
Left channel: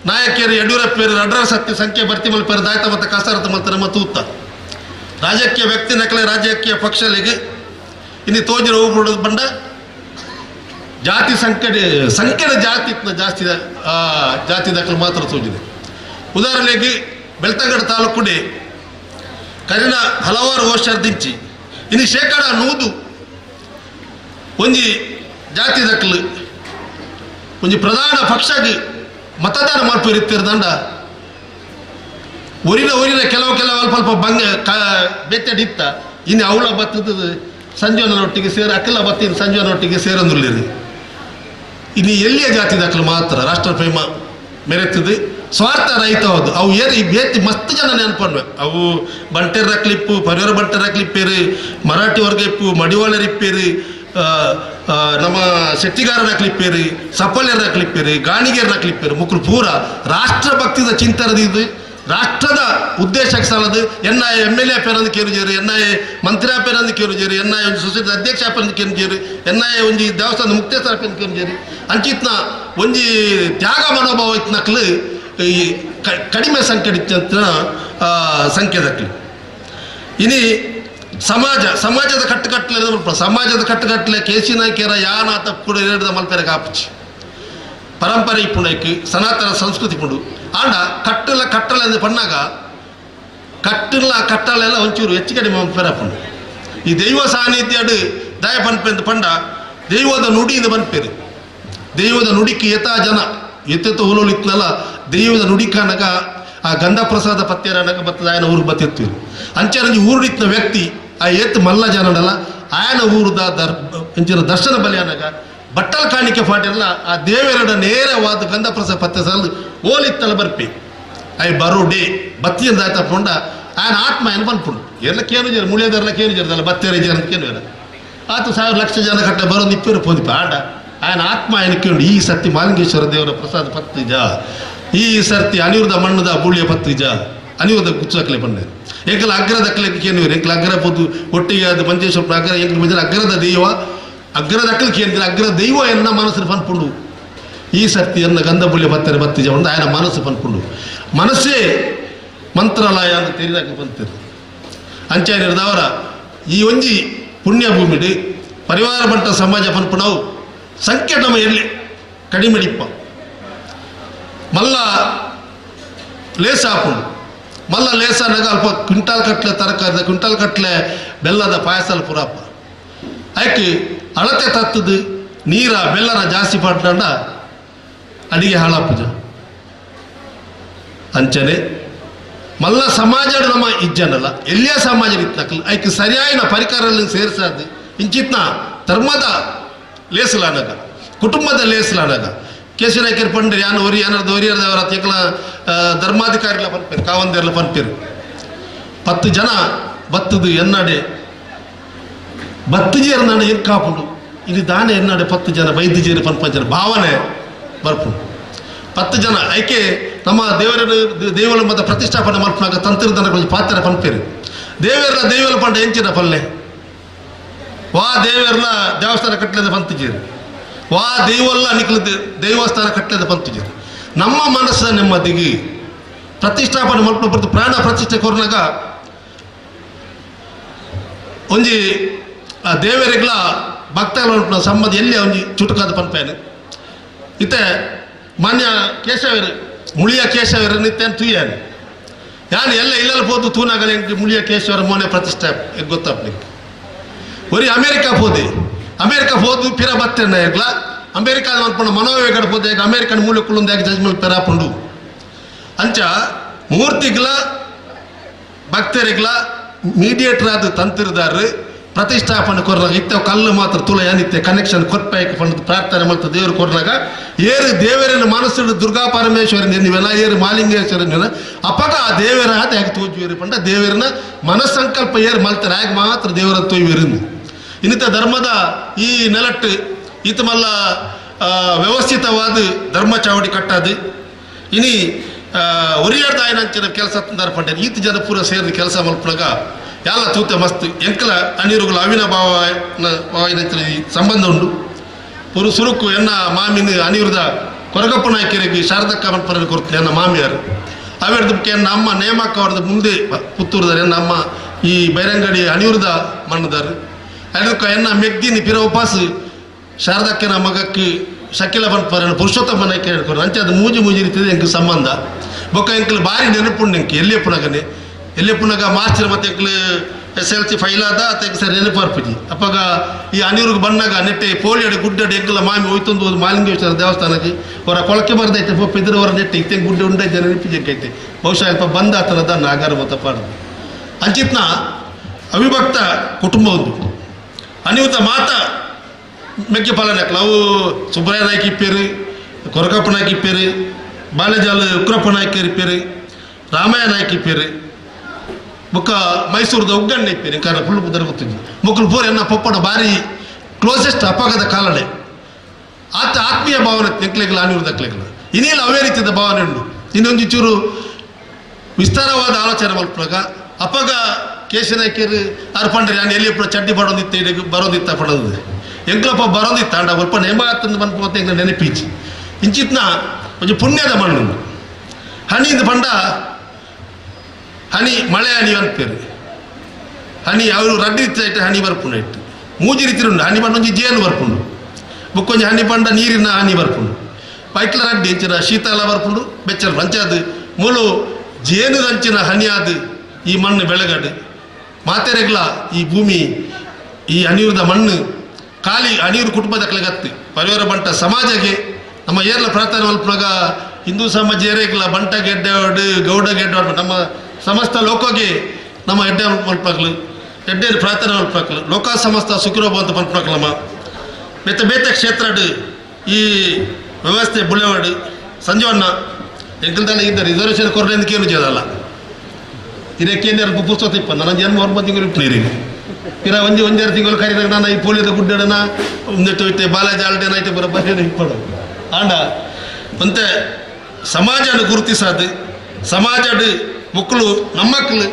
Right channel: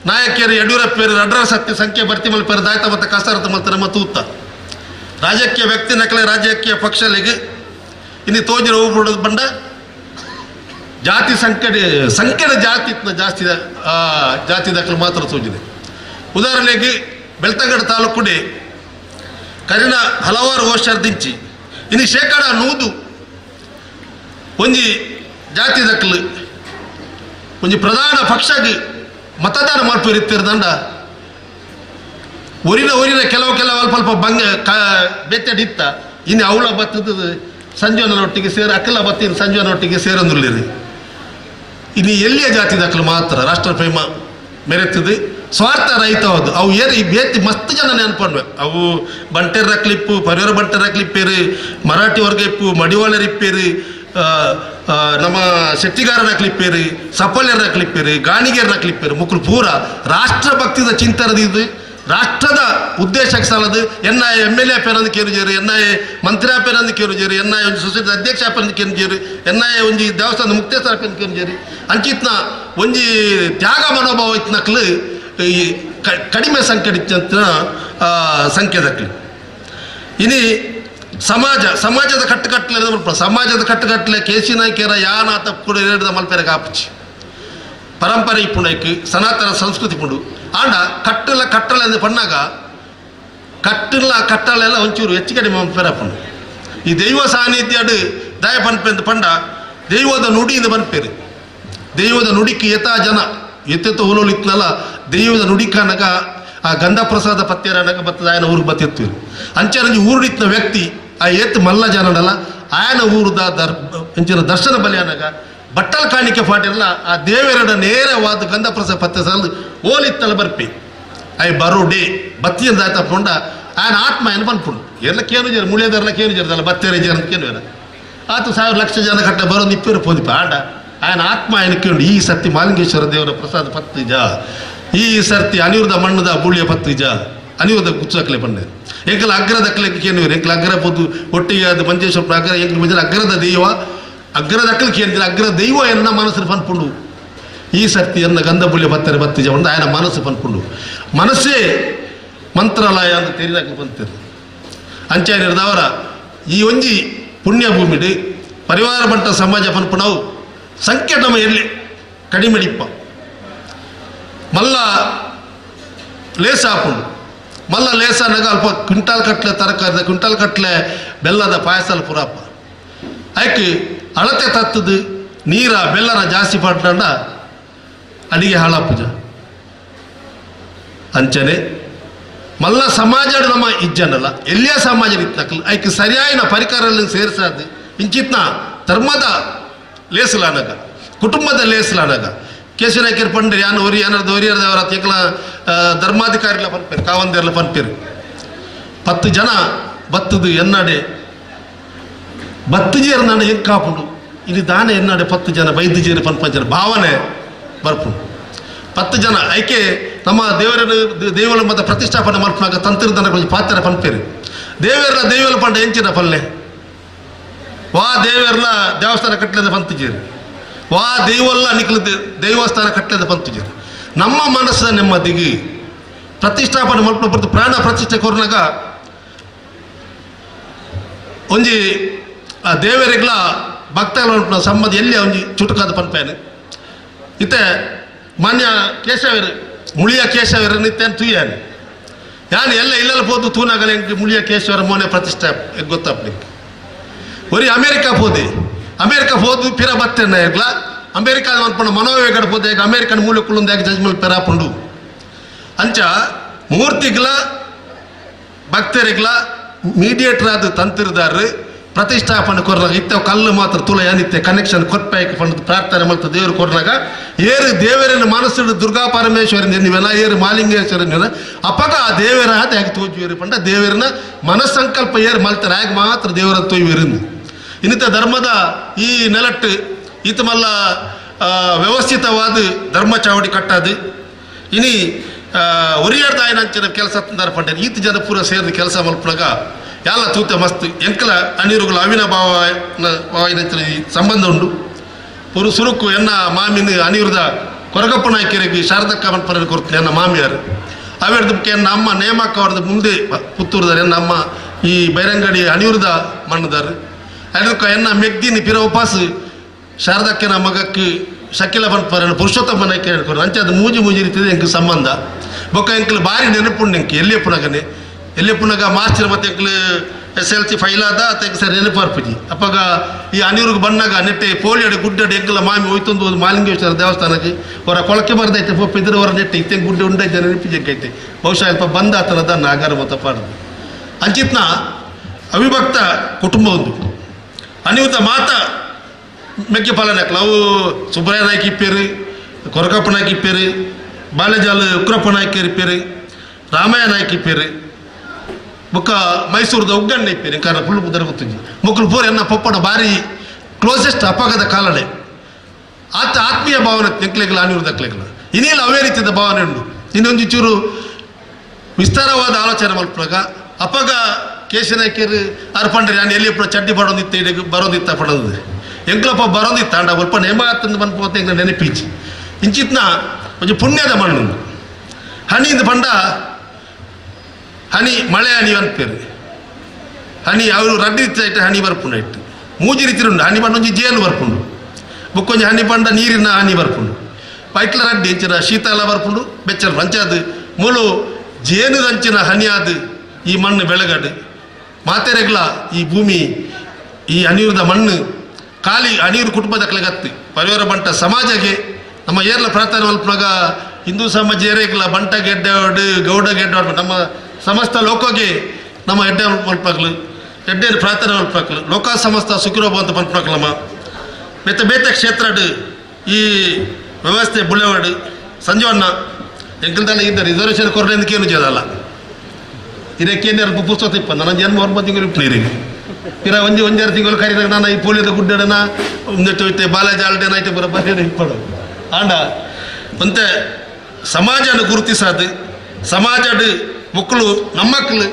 ನಾಯಕಿಯರು ಯಡಿಯೂರಪ್ಪರು ಅಡ್ರ ಸತ್ಯ ಸಂಖ್ಯೆ ಭರ್ತಿ ಮಲ್ಪೇರು ದಾಯ್ತ ಮತ್ತು ಕಸರತ್ತು ಮಲ್ತಾರೆ ಮತ್ತು ಉತ್ತ ರಾಜಕೀಯ ವ್ಯಕ್ತಿ ನಕಲೆ ರಾಜಕೀಯ ಪಕ್ಷಗಳಿಗೆ ಇನ್ನು ತೋಜಿನ ಹೋಗ್ಬಿಡೋದು ಬಂಡ ಜಾತಿ ಸಂಖ್ಯೆದ ಜಾಸ್ತಿ ಜಾತಿ ದಾಖಲೆ ಮಾತ್ರ ತೋಜಿದೆ ಉದಾಹರಣೆಗೆ ಬೆಳ್ತಂಗಡ ತಾಲೂಕುಡೆ ಕರಿನ ಹಲವಾರು ವರ್ಷ ದಿಂಚಿ ಇನ್ನು ಶೇಕಡ 100 ಒಂಜಿ ಜಾತಿ ದಾಖಲೆ ಒಂಜಿ ಪ್ರಧಾನ ಪಕ್ಷಗೆ ಮತದಾನ ಮಲ್ಪೇರಿತ್ತಿರದಂಡ ಒರಿನ ಕೆಲವು ಅಲ್ಪ ಬಂಗ ಬೆತ್ತಡಿತ್ತ ಇನ್ನು ಅವಳ ಬತ್ತದ ಸಂಜೀವನೊಟ್ಟಿಗೆ ಅಕ್ಕಲ ಬತ್ತಿನ ಸಂಜೀವನೊಟ್ಟಿಗೆ ಸೇರೊಂದುಲ್ಲಿರಿ ಇನ್ನು ಎಲ್ಲಿಯ ಜಾತಿ ದಾಖಲೆ ಮಾತ್ರ ರಾಷ್ಟ್ರಪ್ರೇಮ ಮೆರೆತದೆ ಸ್ವಾರ್ಥ ರಹಿತ ಹೌದು ಅವು ಬೇತಿ ಮಸ್ತ್ ಜನ ನೆನಪನ್ವೆ ಅವು ಬಂಟೆರ್ ರಕ್ಲಿಪ್ಪು ಪರಿವಾರ ಬಂಟೆರ್ ರಕ್ಲಿಪ್ಪೇರು ಮರಾಠಿ ವರ್ಗ ಇಪ್ಪು ಮಡಿವಾಳರ್ ಇಪ್ಪೇರು ನಮ್ಮ ಶೆಟ್ಟಿಗಾರರ ಕ್ಲಿಪ್ಪೇರು ಸಫಲ್ಯರ ಕ್ಲಿಪ್ಪೇರು ಗಾಣಿಗೆಯರ ಕ್ಲಿಪ್ಪೇರು ಮುಕ್ಕಳು ಪೂರ ರಾಷ್ಟ್ರಭಕ್ತಿದ ಚಿಂತನದಿದ್ದು ರಾಷ್ಟ್ರದ ಉದ್ದೇಶಕ್ಕೆ ಸಾಲದು ಎನ್ಐ MLA ಪೇರಂದು ಕೇರುಜೇರು ಎನ್ಐ ಮಂತ್ರಿ ಪೇರಂದು ಕೇರುಜೇರು ಎನ್ಐ ಒಂದು ಸೊಸೈಟಿ ಅಧ್ಯಕ್ಷ ಪೇರಂದು ಕೇರುಜೇರು ಎನ್ಐ ಒಂಜಿ ದೇವಸ್ಥಾನ ಮುಕ್ತೇಶ್ವರ ಪೇರಂದು ಕೇರುಜೇರು ಅಂಚಿತ್ನ ಒಂಜಿ ತ್ಯಾಗ ಮನೋಭಾವ ಇತ್ನಕ್ಲು ಈ ಕಡಿಮೆ ಸಂಖ್ಯೆ ಸಂಖ್ಯೆದಕ್ಲಿ ಇನಿ ಸಮಾಜದ ಕಟ್ಟುಕಟ್ಟಲೆ ಕೇಸಿ ನಾಯ್ಕೆರ ಯಾನ ತಪ್ಪು ಕೂಡ ಹೇಳಿದ ಮಲ್ಪೆರೆ ಕಾಪುಚಿ ಪರಂಪರೆ ಇಪ್ಪುಂಡೈಕ್ ಸನಾತನ ಸಂಸ್ಕೃತಿ ಪುಂಡು ಆಂಡ ಕಟ್ಟಲೆ ಎಂದು ಪಣ್ಣಾಗ ಕಟ್ಟಳೆಲ್ಲ ಒಂಚೂರು ಹೆಚ್ಚು ಕಡಿಮೆ ಪೆರಪುಂಡು ಈ ದೈವ ಸಾನ್ನಿಧ್ಯ ದಯ ಪನ್ಪೆಂದು ಪಂಡ ದೈವದ ನುಡಿಯಿಂದ ಪನ್ಪೇರು ದೈವದ ನುಡಿಕ್ಕೆ ಯಥಾ ಜನ ಎತ್ತೆತ್ತ ಉಲೋಲಿತ್ನಲ್ಲ ದೈವದ ನುಡಿಕನಗ ಆ ಗಂಧ ಪ್ರಸಾದ ಪತ್ಯರನಗ ಬತ್ತದ ಆಯನ ಊರಿಗೆ ಬತ್ತಿರ್ತೀವಿ ಅಂಚರಂಜಿ ಊರಿನ ವ್ಯಕ್ತಿ ಆ ಎತ್ತು ಮಲ್ಲ ಜನನಲ್ಲ ಆಯನ ಊರದ ಅಂಚಿನ ದರ್ಶನ ಬಲಿಯನಗ ಬಟ್ಟಲ್ ಕಾಣಿಕೆ ಪಾಟಿರಲ್ಲ ಆ ದೇವರಡ ನೇರವಾದ ಗಂಧ ಪ್ರಸಾದ ಪತ್ಯ ಸಾಲ ಓಲಿತ್ತಲ್ಲ ಬರ್ಪಿ ಅಯ್ಯ ಬರೋ ಡೇ ಬತ್ತಿಯಿಂದ ತಗೊಂಡ ಆಯನ ಆತ್ಮ ಏನು ಬಂದ್ಪುಂಡು ಎಲ್ಲ ಕೇನು ಜರ ಮುಳಿಯದರ್ಲ ಕೇನು ಜರದಲ್ಲ ಬತ್ತೇರೆ ಜನ ಕೇನು ಆತು 1,000 ಲಕ್ಷ ಜನ ಕಟ್ಟ ಬರೋದು ಇಪ್ಪರು ಪೋದಿಪ್ಪ ಆಡ ಆಯನ ಆತ್ಮ ಏನಕ್ಕೊಂಡು ಈ ಸರ್ತಿ ಮಾಲಿಂಗೇಶ್ವರ ದೇವರ ಪ್ರಸಾದ ಪತ್ರಿಜ ಈ ಸರ್ತಿ ಅನಿರುದ್ಧ ಮಣ್ಣದ ಬುಳಿಯ ಪತ್ರಿಜ ಅನಿರುದ್ಧ ಗುಚ್ಚಕ್ಲೆ ಬಂದೆ ಎಂಕಲ ಅಗ್ರದಕ್ಲೆಗೆ ಕೇನುವರು ಎಂಕಲ ಅಗ್ರ ಪೋದು ಒಟ್ಟಿಗೆ ಅದು ಮಂಜೇಶ್ವರ ಅಗ್ರ ಎಂಕಲ ಮಧ್ಯ ಅಗ್ರದ ದೈವ ಅಗ್ರದಕ್ಲಿಗೆ ಕೇಂದ್ರ ಅಗ್ರ ದೈವ ಎನ್ನ ಮನಸ್ಸು ಪನ್ಪುಂಡು ಈ ಸರ್ತಿ ಎನ್ನ ಗಂಧ ಬುಳಿಯ ಪತ್ತರ ಪತ್ರಿಜ ಒಂದು ಆಯನ ಮನಸ್ಸು ಪನ್ಪುಂಡು ಮನಸ್ಸೇ ಮಂತ್ರಾಲಯ ಅಂತ ತೆರಿದಾಕಿ ಬಂತಿರು ಅಂಚಾನಿರದವರ ಈ ಒಂಜಿ ಪುಣ್ಯ ಭೂಮಿಡು ಪರಿವಾರ ಬಂಟ ಸಮಾಜ ಪನ್ಪುಣವು ಸಂಖ್ಯೆ ನಮ್ಮ ಎಲ್ಲಿ ಕಡಿಮೆಡಿಪ್ಪ ಮಲ್ಲ ಲೇಸ ಹಾಕೊಂಡು ಮಲ್ಲ ಲೇಸ ನಗ ಅಲ್ಪ ಕ್ವಿಂಟಾಲ್ ಕಟ್ಲೆ ತರಕಾರಿದ ಕ್ವಿಂಟಾಲ್ ಕಟ್ಲೆ ಬೆಲ್ಲದ ಪಾಯಸಲ್ ಪುರಪ್ಪ ಆಯ್ಕೆ ಅಳತೆ ತತ್ತದು ನೀರ ಬೆಲ್ಲನ ಜಾಸ್ತಿ ಪಟ್ಟ ಅಡಿಗೆ ಹಾಳಪ್ಪುಜ ಅಂಚನೆ ಮಲ್ಲ ಸಮಾಜ ನಮ್ಮ ಇಜ್ಜನಲ್ಲ ಎಲ್ಲಿಯ ಸಮಾಜ ಇತ್ತಕಲ್ ಆಯ್ಕೆ ಸರಿಯಾಯಿನ ಪರಿಕರಗಳನ್ನು ಸೇರಿಸಾದು ಇಂಚಿತ್ನ ಧರ್ಮದ ಲೇಸಲಾನಗ ಕುಟುಂಬದ ಲೇಸಲಾನಗ ಕೇಶನಾಯ್ಕರ್ ಪಂಡ್ರಿ ಯಾನು ಒರಿ ಏನಾರ್ದು ಒರಿಯರ್ದವರ ತೆಕ್ಕಲ ಧರ್ಮಾಧಿಕಾರಿಗಳ ಪನ್ಪೇರು ಕಾವಂದಿರ್ಲ ಪನ್ಪೇರು 10 ಜನ ಬತ್ತದು ಎನ್ನಡೆ ಬತ್ತುಜೇರು ನಾನು ಹೆಂಗೆ ಕಾಪುಂಡು ಇದು ದಾನ ಎನ್ನಡೆ 10 ಜನ ಬೈದ್ಯಜೇರು ಪನ್ಪಂಜನ ಭಾವನೆ ಬರ್ಪುಂಡು 10 ಜನ ಐಕೆ ನಮ್ಮ ದೇವರ ಮತ ಪ್ರತಿಷ್ಠಾಪನೆ ಮಲ್ಪನಾಗ ತಂತ್ರದನ ಪಾತ್ರ ಪನ್ಪೇರು ದೇವರ ಪಂಡ ಎಂಚಿನ ಪಲ್ಲೆ ವಾ ದೇವರ್ನ ದೇವಸ್ಥಾನ ಕಟ್ಟಲೆದ ಪಂತುಜೇರು ವಾ ದೈವಲ್ಲ ನಿಖಲ ದೇವಸ್ಥಾನ ಕಟ್ಟಲೆದ ಪಂತುಜೇರು ನಮ್ಮ ಮನಸ್ಸಿನ ನೆಮ್ಮದಿಗೆ ಪ್ರತಿಷ್ಠಾಪನೆ ಮಲ್ಪನ ಬರ್ತು ಪ್ರಾಣ ಪ್ರತಿಷ್ಠೆ ಕೊರ್ನಾಗ ಒಂಜಿ ಆ ದೇವರಿಗಳ ಭಕ್ತಗಳ ಸಂಬಂಧ ಎಲ್ಲಿ ಒಂಜಿ ಚುಟುಕಾದ ಪನ್ಪೇನು ಇತ್ತೆ ಮಾನ್ಯ ಕೇಶವರು ಮುಳಿಯ ಕೇಶವರು ನಿತ್ಯನ್ ತುಯ್ಯಾನು ಯಾನು ಎಲ್ಲ ಇಲ್ಲೆಲ್ಲ ಹೋದು ತೂನಾಗಲಿ ಎಂಗೆ ಮುಳಿಯ ಕೇಶವರ ಮೋನೆ ಪ್ರತಿಷ್ಠೆ ಗೊತ್ತಪ್ಪಲಿಕ್ಕೆ ಒರಿ ಅಮೇರಿಕಾ ಹೋದು ಪಿರ ಬತ್ತೇನ ಇರ್ಲ ಅಮೇರಿಕಾದ ಮನ್ಪಣ ಮನೋವೇಗಡ ಹೋದೆ ಈಗ ಅಮೇರಿಕನ್ ಮೂಲಕುಳುಂದಾಗ ಜಜ್ಮಲ್ ಪೆರಾಪುಂಡು ಅಂಚ ಮೂರ್ತಿಗಳ ಭಕ್ತರಿಗಳ ಮೀಡಿಯೇಟರ್ ಆದ ತಂತ್ರದಾರರು ಪ್ರತಿಷ್ಠಾಪನೆ ಕೊರ್ನಾಗ ಇತ್ತ ಕಲ್ಲು ಮಾತ್ರ ತುಲ ಏನಿತ್ತೆ ಕನೆಕ್ಷನ್ ಕೊರ್ಪಾಯಕ್ಕೆ ಪಂಡ ಪ್ರಾರ್ಥನೆ ಮಾಡ್ತಾ ದೇವರು ಕೊರ್ನಾಗ ಏರು ದೇವರನ್ನು ಮನಸ್ಸಿಡು ದುರ್ಗಾ ಪರಮೇಶ್ವರನ ನೀವೆಲ್ಲ ಏರು ಮಾಲಿಂಗೇಶ್ವರನ ಅಪಗ ಆ ದೇವರ ಹಾತ ಹೇಗೆ ತೋಜುವೇರು ಪಂಡ ದೇವರನ್ನ ಮನಸ್ಸಂಕಲ್ಪ ಏರು ಮಲ್ತಾರೆ ಹೇಗೆ ಮಾತ್ರ ದೇವರ ತೊಯ್ವೇರಿಂದ ಇನ್ನಿತ ಧರ್ಮದ ಈ ನೆಲಟ್ಟು ಈತ ಮಲ್ಲ ವ್ಯವಸ್ಥಿತವಾದ ಧರ್ಮ ಚಾವಡಿ ಕಟ್ಟದು ಇನಿ ಒರಿಯರ್ದಾಯನಂಚಿನ ಕೆಲಸ ತಂದಾರ ಪಂಡ ಈತ ಜನ ಪೂರ ಸೇರಿದ ಕೆಲಸ ಮಲ್ಪನಾಗ ಎಲ್ಲ ತೂತ ಮಸ್ತ್ ಎಂಕಲ ಅನಿರುಗಳ ಅವಿನಾಭಾವ ಸಂಬಂಧ ಉಂಡು ಪುರು ಸುರುಕು ಎನ್ನ ಮಾಮಿನ ಅನಿರುದ ಕೊರಗಪ್ಪ ನಾಯ್ಕರಿಗೆ ಶಾರದಕ್ಕ ಮನ್ಪರ ಕೊಡ್ತೀನಿ ಎನ್ನ ಮಾಮಿಯಾರು ಅವಿರ್ದಕ್ಕೆ ಎನ್ನ ಅಮ್ಮ ನೇಮಕ್ಕ ಅವ್ರದ್ದು ಮುಂದೆ ಪುತ್ತೂರ್ದಾರೆ ಎನ್ನ ಅಮ್ಮ ಈ ಬೈರಂಗಡಿ ಅನಿರುದ ಮಣ್ಣದಾರು ಅದಕ್ಕೆ ಎನ್ನ ಮೆಗ್ದಿನಿ ಪಿರ ಉಪಾಸ ಶಾರದಕ್ಕನ ಮಗಕ್ಕೆ ಶಕಿಲ ಮನ್ಪರ ಪುರುಷೋತ್ತಮ ನಾಯ್ಕ ಹೇಳ್ಕೊಡ್ರು ಅಂಚೆ ಅದು ಮೂಜಿ ಇರ್ತದೆ ಎಂಕ ಸಂಬಂಧ ಬೊಕ್ಕ ಎಂಕಲು ಭಾರಿ ನೆನಪುಂಡು ಎಂಕೆ ಎಲ್ಲಿಯಪ್ಪನಾಗ ಮಾರ್ಚ್ ಮತ್ತೆ ಎಂಕಲು SLC ಫೈಲ್ ಆದ ತೆಗೆ ಸರಿ ನೆನಪರ್ಪಿಜಿ ಅಪ್ಪಾಗ ಈ ಅನಿರುಗೆ ಬಣ್ಣಾಗ ನೆಟ್ಟೆ ಪೋಲಿಯಡೆ ಗುಡ್ಡಡೆ ಎಂಕಲ ಮಾಮಿ ಹೋಯ್ತೊಂದು ಮಾಲಿಂಗೇಶ್ವರ ದೇವಸ್ಥಾನಕ್ಕೆ ಅವರ ಕೊಳಕೆ ಬರದೈತೆ ಪಪ್ಪ ಇದ್ರ ಹೊರ ನೆಟ್ಟೆ ಇತ್ತೆ ಗುಡ್ಡೆ ಉಂಡೈತೆ ನೆನಪಿಜಕ್ಕೈತೆ ಬಹುಶಃ ಅಲ್ಪ ಬಂದ ಆತನದ ನಾಗಾರ ಮತ ಪಾಡ್ದು ಅಂಚಿತ್ನ ಅವಿಭಕ್ತ ಕುಟುಂಬ ಒಂದು ಅನಿರುದ್ಧ ಮಾತ ಮೆಕ್ಕೆ ಪಾಲನಕ್ಲ ಅವು ಸುಬ್ರಾಯ ನಾಯ್ಕ ಇಪ್ಪೇರು ಕೊರಗಪ್ಪ ನಾಯ್ಕ ಇಪ್ಪೇರು ಬಾಲೆಜಾಲ ಉಗ್ರಪ್ಪ ನಾಯ್ಕ ಇಪ್ಪೇರು ರಾಮಯ್ಯ ನಾಯ್ಕ ಇಪ್ಪೇರು ಬೊಕ್ಕ ಮೈಸೂರದ ಉಗ್ಗಣ್ಣ ಇಪ್ಪೇರು ಕಾರಣ ಫುಲ್ ಬುದ್ಧರ ಗೊತ್ತಿದ್ವಿ ಮುಕ್ಕಳು ಪೂರ ಎನ್ನ ಪಪ್ಪನ ಭಾರಿ ಕ್ಲೋಸೆಸ್ಟ್ ಅಪಘಾತ ಕಾಲನೆ ಆತ ಆತ್ಮೀಯ ಭಾವನೆ ನೆಕ್ಲೆಗಳ ಅನಿರುದ್ಧಕ್ಲೆಗಳ ಇನ್ನೇನು ಅವೇ ರೀತಿಯ ಭಾವನೆ ಉಂಟು ಇನ್ನೊಂದು ಚೂರು ವಿಸ್ತಾರವಾದ ಆಲೋಚನೆ ಮಲ್ಪನಾಗ ಅಪ್ಪಗ ಕೇಶನಾಯ್ಕರು ಅರ್ಪಂಡ್ರಿ ನಾನು ಎಲ್ಲಿ ಚಡ್ಡಿ ಬರೋದಿತ್ತ ಪಡೋದು ಎಂಕ್ಲಪ್ಪ ಬರೋದಿತ್ತ ಅಂಡ ಸ್ವಲ್ಪ ನೇಮ ತಂದು ಬಂದ್ಪೋತೆ ಎಂಗ ನೆನಪಿಲ್ಚಿ ಇಂಚಿತ್ನ ಒಂದು ಪುಣ್ಯದ ಮಣ್ಣು ಹಣಿಯಿಂದ ಪಂಡ ಹನಿ ಮಳೆ ಹನಿ ಅನ್ಪೇರು ಹನಿ ಅವರು ರಡ್ಡಿ ಇತ್ತ ಹನಿ ಬರ್ಪುಂಡು ಇಟ್ಟು ಮೂಜಿ ರೀತಿ ಉಂಡು ಹನಿ ಪಂಡ ಒಂಜಿ ಜೇನು ಬರ್ಪುಂಡು ಬೊಕ್ಕೊಂಜಿ ಹನಿ ಪಂಡ ನೀರಿನ ಹನಿ ಬರ್ಪುಂಡು ಪೈಟ್ಲ ರಡ್ಡಿ ಇಂಚಿನ ಶೀತ ಎಲ್ಲ ಬರ್ಪುಂಡು ಬೆಚ್ಚರ ಅಂಚಾದು ಮೂಲು ಜೇನುದಂಚಿನ ಹನಿ ಆದು ಈ ಮಣ್ಣು ಬೆಳಗಡು ಮಾತೆರೆಗ್ಲ ಈ ಭೂಮಿ ಈ ಅನಿರುದ್ಧ ಮಣ್ಣು ಖಾಲಿ ಅನಿರು ಕುಟುಂಬದ ಕಲೆಗತ್ತು ಪರಿವಾರ ಬಂಟ ಸಮಾಜಕ್ಕೆ ನಮ್ಮ ಏರ್ಲ ಪ್ರಾರ್ಥನೆ ಮಲ್ಪನಾಗ ಹಿಂದೂ ಸಮಾಜ ಏರೆಗ್ಲ ಬಂಟ ಗೆಡ್ಡೆ ಗೌಡ ಗೆಡ್ಡೆ ನಮ್ಮ ಸಮಸ್ತ ಲೋಕಗೆ ನಮ್ಮ ಎಡ್ಡೆ ಮಲ್ಪಕ್ಲು ಎಡ್ಡೆ ಪ್ರಾರ್ಥನೆ ಮಲ್ಪಕ್ಲು ಲೋಕ ಸಮಸ್ತ ಸುಖಿರೋಬ ಅಂತ ಮಲ್ಪಕ್ಲಮ್ಮ ಬೇತೆ ಕ್ಷೇತ್ರಡು ಈ ವ್ಯವಸ್ಥೆ ಬುಳೆವಾಡು ಸಂಜೀವಣ್ಣ ಎಂಕಲ್ದಲ್ಲ ಇದ್ದ ರಿಸರ್ವೇಷನ್ ಕೊರಲೆಂದಕ್ಕೇನು ಜೇದಲ್ಲ ಇದಕ್ಕೇನು ಪುಸ್ತಕ ಇಪ್ಪ ನನ್ನ ಜನ್ಮ 9 ತಿಂಗಳು ಇಪ್ಪೀರಿಗೆ ಇರ ಒಂಜಾರು ತಿಂಗಳು ಕರೀದಾಗ ನಾನು ಈ ಪೋಲಿಯೋದ ಗುಡ್ಡನ ಒಂದಿಟ್ಟು ಬಾಲಾಜಿ ಆಲ್ಡೇನ ಐತೆ ಬರ ಇಪ್ಪಡು ಆಂಡ ಮತ್ತೆ ಸಮಾಜನ ಗುರುತಿಸೋದು ಸಮಾಜಡು ಮಕ್ಕಳು ನಮ್ಮಕ್ಕಳು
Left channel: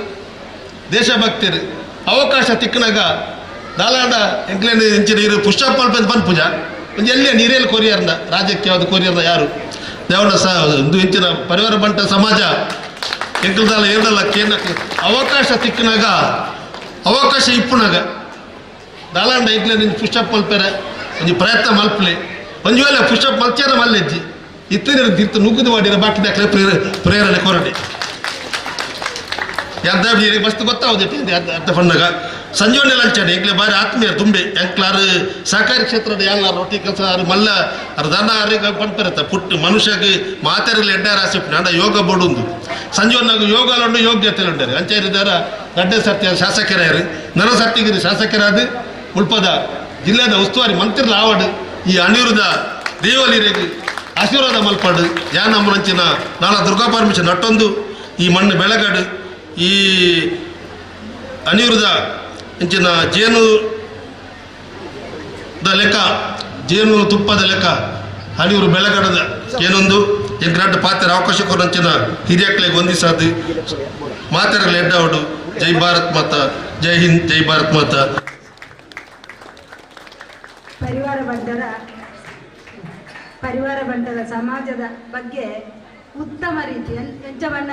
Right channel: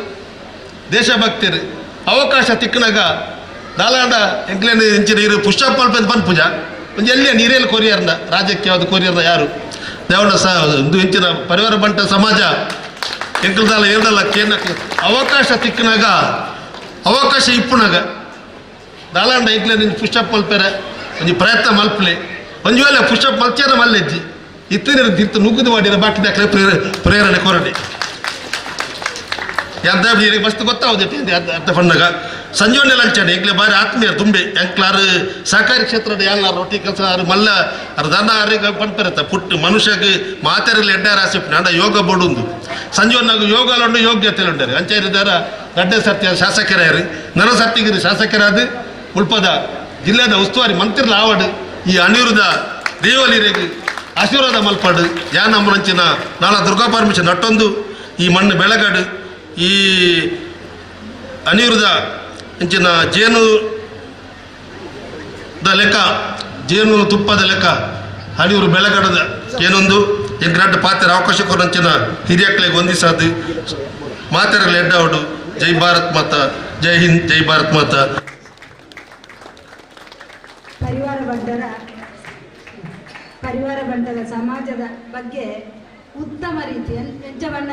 ದೇಶಭಕ್ತರು ಅವಕಾಶ ತಿಕ್ಕನಾಗ ದಾಲಾಂಡ ಎಂಕ್ಲೇನು ಇಂಚಿನ ಇರು ಪುಷ್ಟಪ್ ಮಲ್ಪದ ಬಂದು ಪೂಜಾ ಒಂದು ಎಲ್ಲಿಯ ನೀರೇನು ಕೊರಿಯರ್ನ ರಾಜ್ಯಕ್ಕೆ ಯಾವುದು ಕೊರಿಯರ್ನ ಯಾರು ದೇವನ ಒಂದು ಇಂಚಿನ ಪರಿವಾರ ಬಂಟ ಸಮಾಜ ಎಂಕಲ್ದಾಲ ಎರಡಲ್ಲ ಕೇನಕ್ಕೆ ಅವಕಾಶ ತಿಕ್ಕನಾಗ ಅವಕಾಶ ಇಪ್ಪುನಾಗ ದಾಲಾಂಡ ಎಂಕ್ಲೇನು ಪುಷ್ಟಪ್ ಮಲ್ಪೇರೆ ಒಂದು ಪ್ರಯತ್ನ ಮಲ್ಪಲೆ ಒಂದು ವೇಳೆ ಪುಷ್ಟಪ್ ಮಲ್ಚಾರ ಮಲ್ಲೆಜ್ಜಿ ಇತ್ತಿನ ತಿರ್ತು ನುಗ್ಗುದು ಮಾಡಿರೋ ಬಾಕಿ ದಾಖಲೆ ಪ್ರೇರಣೆ ಕೊರಡೆ ಎಂತ ಮಸ್ತ್ ಗೊತ್ತಾವುದೇ ಅರ್ಥ ಫಂಡಾಗ ಸಂಜೋನೆ ಲಂಚನೆ ಈಗಲೇ ಬಾರಿ ಆತ್ಮೀಯ ತುಂಬೆ ಎಂಕ್ಲಾರು ಸಹಕಾರಿ ಕ್ಷೇತ್ರದ ಯಾರು ರೊಟ್ಟಿ ಕೆಲಸ ಅವ್ರು ಮಲ್ಲ ಅವ್ರ ದನ ಅವ್ರಿಗೆ ಪಂಪಿರತ್ತೆ ಪುಟ್ಟು ಮನುಷ್ಯಗೆ ಮಾತಾಡಲಿ ಎಡ್ಡ ರಾಶಿ ಅಂಡ ಯೋಗ ಬೋಡುಂದು ಸಂಜೋನಾಗ ಯೋಗಲುಂಡು ಯೋಗ್ಯತೆ ಉಂಟಾರೆ ಅಂಚಾರಿದಾರ ಗಡ್ಡೆ ಸರ್ತಿ ಶಾಸಕರಾರು ನರ ಸರ್ತಿಗಿರಿ ಶಾಸಕರಾದ ಉಳ್ಪದ ಜಿಲ್ಲೆದ ಉಸ್ತುವಾರಿ ಮಂತ್ರಿಲ ಆವಡು ಈ ಅನಿರುದ್ಧ ದೇವಲಿರೆಗೆ ಆಶೀರ್ವಾದ ಮಲ್ಪಾಡು ಯಾನಮ್ಮನಂಚಿನ ನಾಳ ದುರ್ಗಾ ಪರಮೇಶ್ವರ ನಟ್ಟೊಂದು ಈ ಮಣ್ಣು ಬೆಳಗಡು ಈ ಅನಿರುದ್ಧ ಇಂಚಿನ ಜೇನುದ ಲೆಕ್ಕ ಜೇನು ತುಪ್ಪದ ಲೆಕ್ಕ ಹಣಿಯೂರು ಬೆಳಗಡದ ಏನೊಂದು ಎಂಗ್ರಾಡ್ ಪಾತ್ರ ಅವಕಾಶ ಕೊರಂಚಿನ ಹಿರಿಯಕ್ಕಳಿಗೆ ಹೊಂದಿಸಾದು ಮಾತಾಡಲು ಎಡ್ಡವಡು ಜೈ ಭಾರತ್ ಮಾತಾ ಜೈ ಹಿಂದ್ ಜೈ ಭಾರತ್ ಮಾತಾ. ಪರಿವಾರ ಬಂಟದ ಸಮಾಜದ ಬಗ್ಗೆ ಉತ್ತಮ ರೀತಿ ಎಂಚವಣ್ಣ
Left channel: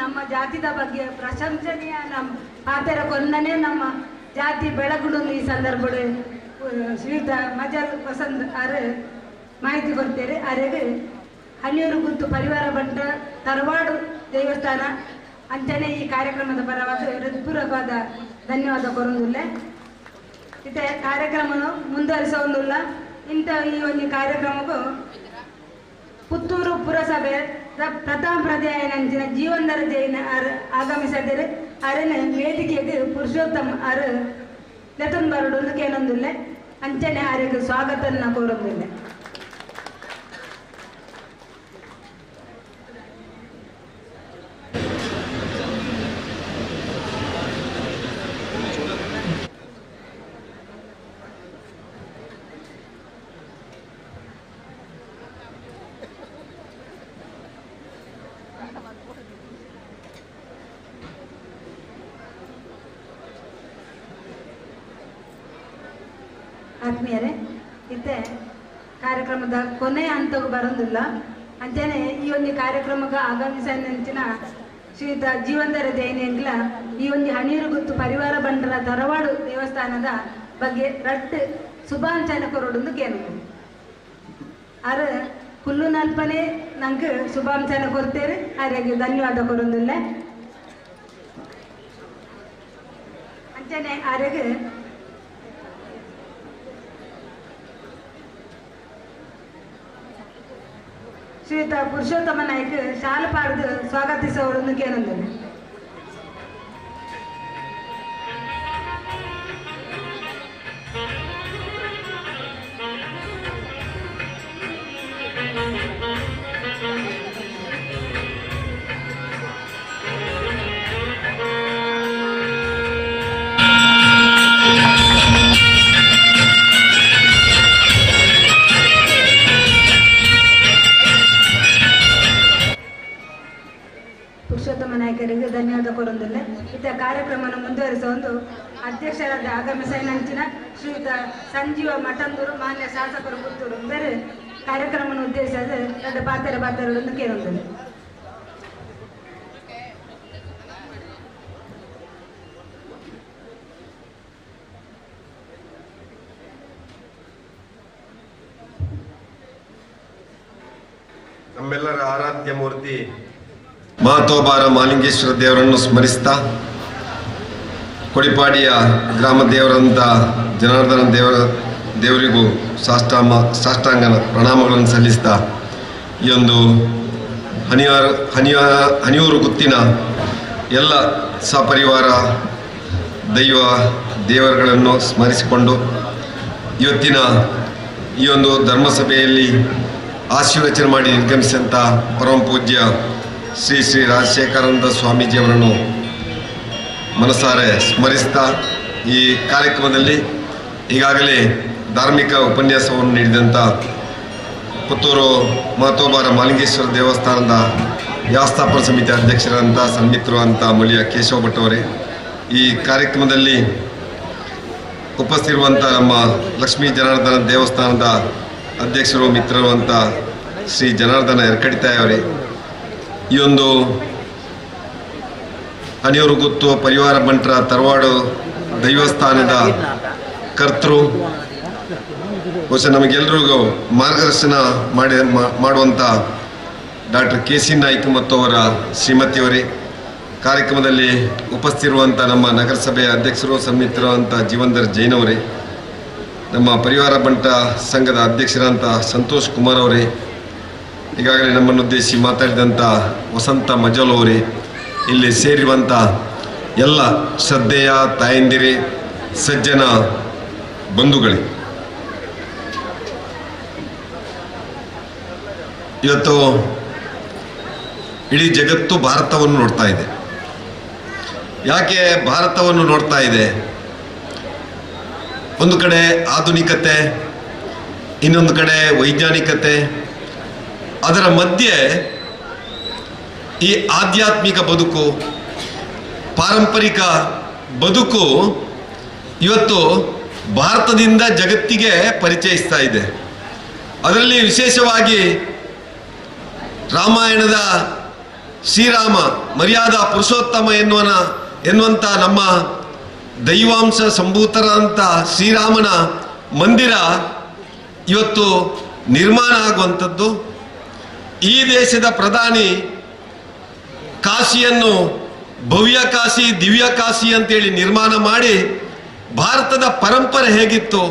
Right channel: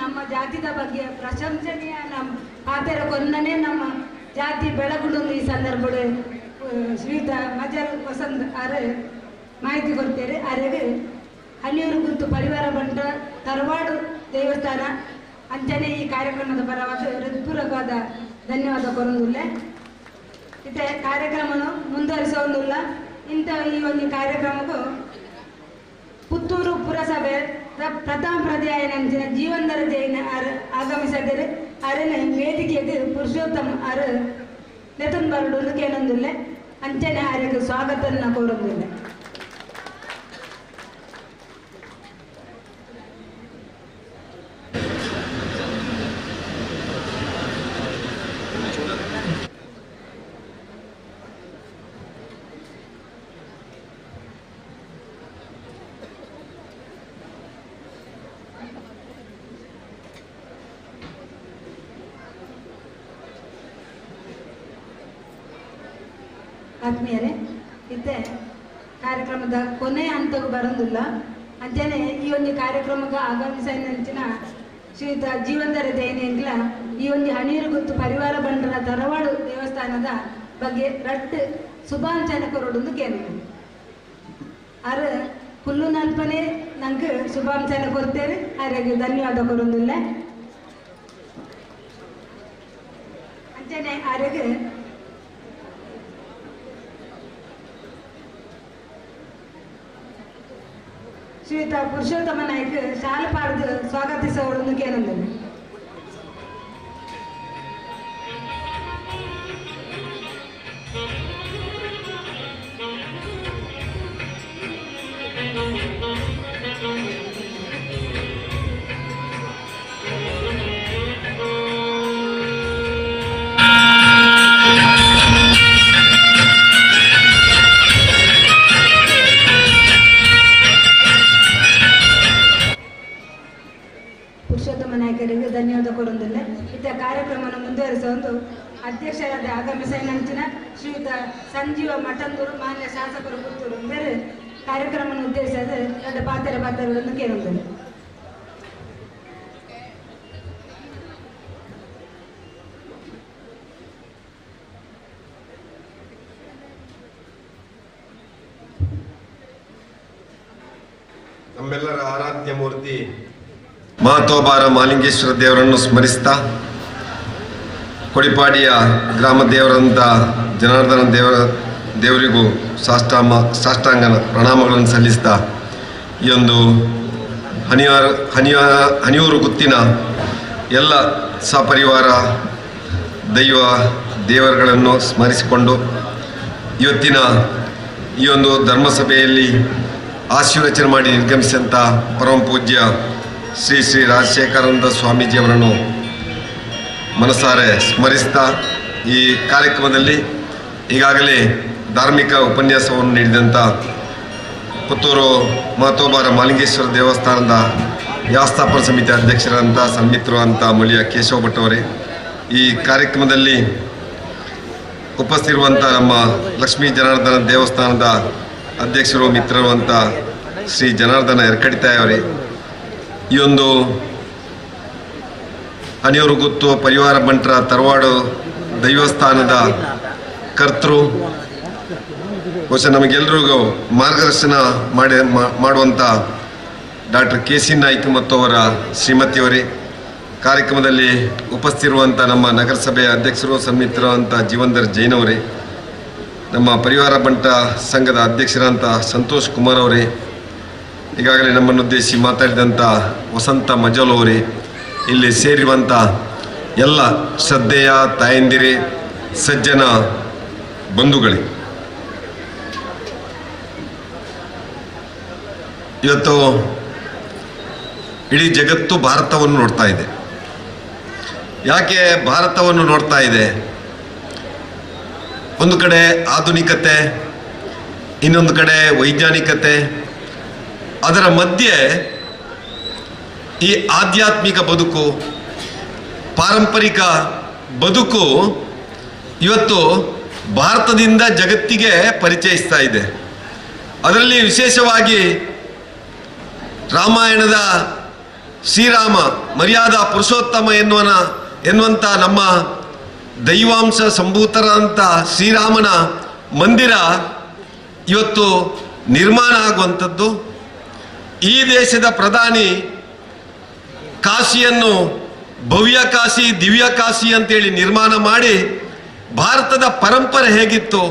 ನಮ್ಮ ಜಾತಿದ ಬಗ್ಗೆ ಪ್ರಶಂಸನೀಯ ನಮ್ಮ ಆತರ ಕೊನ್ನನೇ ನಮ್ಮ ಜಾತಿ ಬೆಳಗುಡು ಈ ಸಂದರ್ಭ ಶ್ರೀಯುತ ಮಜಲ್ ವಸಂತ್ ಅರೆ ಮಾಹಿತಿ ಕೊಡ್ತೇವೆ ಅರೆಗೆ ಹಳ್ಳಿಯೂರು ಗುತ್ತು ಪರಿವಾರ ಬಂಟ ತರವಾಡು ದೇವಸ್ಥಾನ ಅಂಚನೆ ಈ ಕಾರ್ಯಕ್ರಮದ ಪರವಾದ ಹೃತ್ಪೂರ್ವಕವಾದ ಧನ್ಯವಾದ ಕೊರೊಂದಿಲ್ಲ ಇತ್ತೆ ಕಾರ್ಯಕ್ರಮವನ್ನು ಮುಂದುವರಿಸೋದಿಲ್ಲ ಇಂಥ ಈ ಒಂದು ಕಾರ್ಯಕ್ರಮಕ್ಕೂ ಪುತ್ತೂರು ಪುರಸಭೆ ಪ್ರಥಮ ಪ್ರಧ್ಯಾಯನಂಚಿನ ಜೀವನದರ ಜೈನ ಆಗಮಿಸಿದರೆ ಅರನ ವೇದಿಕೆಗೆ ಪುರುಷೋತ್ತಮ ಅರ ಲೆತನ್ ಬರಡು ಕೇಳೊಂದಿಲ್ಲ ಅಂಚನೆ ಅರೆಗೆ ಸ್ವಾಗತನ ಕೋರೊಂದಿಲ್ಲ. ಆತ್ಮೀಯರೇ ಇತ್ತೆ ಕಾರ್ಯಕ್ರಮದ ಕೊನೆಯ ಹಂತಕ್ಕೂ ಬರೋದಿಲ್ಲ ಅಂಚನೆ ಈ ಒಂದು ಕಾರ್ಯಕ್ರಮಕ್ಕೆ ಆಗಮಿಸಿನ ಶ್ರೀಯುತ ಜೀವಂದರ ಜೈನಿಂಗ್ಲ ಈ ಒಂದು ಹಣೀರು ಗುತ್ತು ಪರಿವಾರ ಬಂಡರ ತರವಾಡು ದೇವಸ್ಥಾನದ ಬಗ್ಗೆ ರಟ್ಟು ಶುಭಾಂಚನೆ ಕೊರೊಡು ಕೇಳಿದೆ ಅರ ಹುಲ್ಲು ನಲ್ಪನೆ ನಂಗೆ ಶುಭಾಂಚನೆ ಕೊಡ್ತೇವೆ ಅವರಿಗೆ ಧನ್ಯವಾದ ಕೊರೊಂದಿಲ್ಲ ಅಂಚನೆ ಅವರಿಗೆ ಶ್ರೀಯುತ ಪುರುಷೋತ್ತಮ ನಾಯ್ಕ ಶಾಲೆ ಪಾಡ್ದು ಸ್ವಾಗತಿಸೋರನ್ನು ಕೇಳಂದೇನೆ. ಪುರುಷೋತ್ತಮ ನಾಯಕರಿಗೆ ಧನ್ಯವಾದ ಕೊರೊಂದಿಲ್ಲ ಇತ್ತ ಕಾರ್ಯಕ್ರಮವನ್ನು ಮುಂದುವರಿಸುವ ಒಂದು ಅಧ್ಯಕ್ಷರಾದ ಆಗಮಿಸಿನ ಶ್ರೀಯುತ ಸಂಜೀವ ಮಠಂದೂರು ಮಾನ್ಯ ಶಾಸಕರು ಪುತ್ತೂರು ಬೇರೆ ಕಾರ್ಯಕ್ರಮವನ್ನು ಉದ್ದೇಶಿಸಿದ ಎರಡು ಪಾತ್ರಗಳನ್ನು ಕೇಳೊಂದಿಲ್ಲ. ನಮ್ಮೆಲ್ಲರ ಆರಾಧ್ಯ ಮೂರ್ತಿ ಮಹತೋಬಾರ ಮಾಲಿಂಗೇಶ್ವರ ದೇವರನ್ನು ಸ್ಮರಿಸ್ತಾ, ಕೊಡಿಪಾಡಿಯ ಗ್ರಾಮ ದೇವರಂಥ ಜನಾರ್ದನ ದೇವರಿಗೂ ಸಾಷ್ಟಾಂಗ ಪ್ರಣಾಮಗಳನ್ನು ಸಲ್ಲಿಸ್ತಾ, ಈ ಒಂದು ಹನಿಯೂರು ಗುತ್ತಿನ ಎಲ್ಲ ಸಪರಿವಾರ ದೇವರುಗಳನ್ನು ಸ್ಮರಿಸಿಕೊಂಡು ಇವತ್ತಿನ ಈ ಒಂದು ಧರ್ಮಸಭೆಯಲ್ಲಿ ಆಶೀರ್ವಚನೆ ಮಾಡಿ ನಿರ್ಗಮಿಸಿದಂಥ ಪರಮ ಪೂಜ್ಯ ಶ್ರೀ ಶ್ರೀ ರಾಜಶೇಖರಾನಂದ ಸ್ವಾಮೀಜಿಯವರನ್ನು ಮನಸಾರೆ ಸ್ಮರಿಸ್ತಾ, ಈ ಕಾರ್ಯಕ್ರಮದಲ್ಲಿ ಈಗಾಗಲೇ ಧಾರ್ಮಿಕ ಉಪನ್ಯಾಸವನ್ನು ನೀಡಿದಂಥ ಪುತ್ತೂರು ಮಹತೋಬಾರ ಮಾಲಿಂಗೇಶ್ವರ ದೇವಸ್ಥಾನದ ವ್ಯವಸ್ಥಾಪನಾ ಸಮಿತಿ ಅಧ್ಯಕ್ಷರಂಥ ಸನ್ಮಿತ್ರರು ಅಂತ ಮಳಿಯ ಕೇಶವ ಭಟ್ ಅವರೇ, ಈ ಕಾರ್ಯಕ್ರಮದಲ್ಲಿ ಉಪಸ್ಥಿತಿರುವಂಥ ನಮ್ಮ ಲಕ್ಷ್ಮೀ ಜನಾರ್ದನ ದೇವಸ್ಥಾನದ ಅಧ್ಯಕ್ಷರು ಮಿತ್ರರು ಅಂತ ಶ್ರೀ ಜನಾರ್ದನ ಎರಕಡಿತಾಯಿ ಅವರೇ, ಈ ಒಂದು ಹನಿಯೂರು ಗುತ್ತು ಪರಿವಾರ ಬಂಟರ ತರವಾಡು ದೈವಸ್ಥಾನದ ಕರ್ತೃ, ಬಹುಶಃ ನಮಗೆಲ್ಲರಿಗೂ ಮಾರ್ಗದರ್ಶನ ಮಾಡುವಂಥ ಡಾಕ್ಟರ್ KC ನಾಯ್ಕ ಮತ್ತು ಅವರ ಶ್ರೀಮತಿಯವರೇ, ಕಾರ್ಯಕ್ರಮದಲ್ಲಿ ಉಪಸ್ಥಿತಿರುವಂಥ ನಮ್ಮ ನಗರಸಭೆಯ ಅಧ್ಯಕ್ಷರು ಸನ್ಮಿತ್ರರು ಅಂತ ಜೀವಂದರ್ ಜೈನ್ ಅವರೇ, ನಮ್ಮ ಪರಿವಾರ ಬಂಟ ಸಂಘದ ಅಧ್ಯಕ್ಷರಂಥ ಸಂತೋಷ್ ಕುಮಾರ್ ಅವರೇ, ಈಗಾಗಲೇ ನಮ್ಮನ್ನು ಉದ್ದೇಶಿಸಿ ಮಾತಾಡಿದಂಥ ವಸಂತ ಮಜೋಲ್ ಅವರೇ, ಇಲ್ಲಿ ಸೇರಿರುವಂಥ ಎಲ್ಲ ಶ್ರದ್ಧೆಯ ತಾಯಂದಿರೇ, ಸಜ್ಜನ ಬಂಧುಗಳೇ, ಇವತ್ತು ಇಡೀ ಜಗತ್ತು ಭಾರತವನ್ನು ನೋಡ್ತಾ ಇದೆ. ಯಾಕೆ ಭಾರತವನ್ನು ನೋಡ್ತಾ ಇದೆ? ಒಂದು ಕಡೆ ಆಧುನಿಕತೆ, ಇನ್ನೊಂದು ಕಡೆ ವೈಜ್ಞಾನಿಕತೆ, ಅದರ ಮಧ್ಯೆ ಈ ಆಧ್ಯಾತ್ಮಿಕ ಬದುಕು, ಪಾರಂಪರಿಕ ಬದುಕು ಇವತ್ತು ಭಾರತದಿಂದ ಜಗತ್ತಿಗೆ ಪರಿಚಯಿಸ್ತಾ ಇದೆ. ಅದರಲ್ಲಿ ವಿಶೇಷವಾಗಿ ರಾಮಾಯಣದ ಶ್ರೀರಾಮ ಮರ್ಯಾದಾ ಪುರುಷೋತ್ತಮ ಎನ್ನುವಂಥ ನಮ್ಮ ದೈವಾಂಶ ಸಂಭೂತರಾದಂಥ ಶ್ರೀರಾಮನ ಮಂದಿರ ಇವತ್ತು ನಿರ್ಮಾಣ ಆಗುವಂಥದ್ದು. ಈ ದೇಶದ ಪ್ರಧಾನಿ ಕಾಶಿಯನ್ನು ಭವ್ಯ ಕಾಶಿ, ದಿವ್ಯ ಕಾಶಿ ಅಂತೇಳಿ ನಿರ್ಮಾಣ ಮಾಡಿ ಭಾರತದ ಪರಂಪರೆ ಹೇಗಿತ್ತು,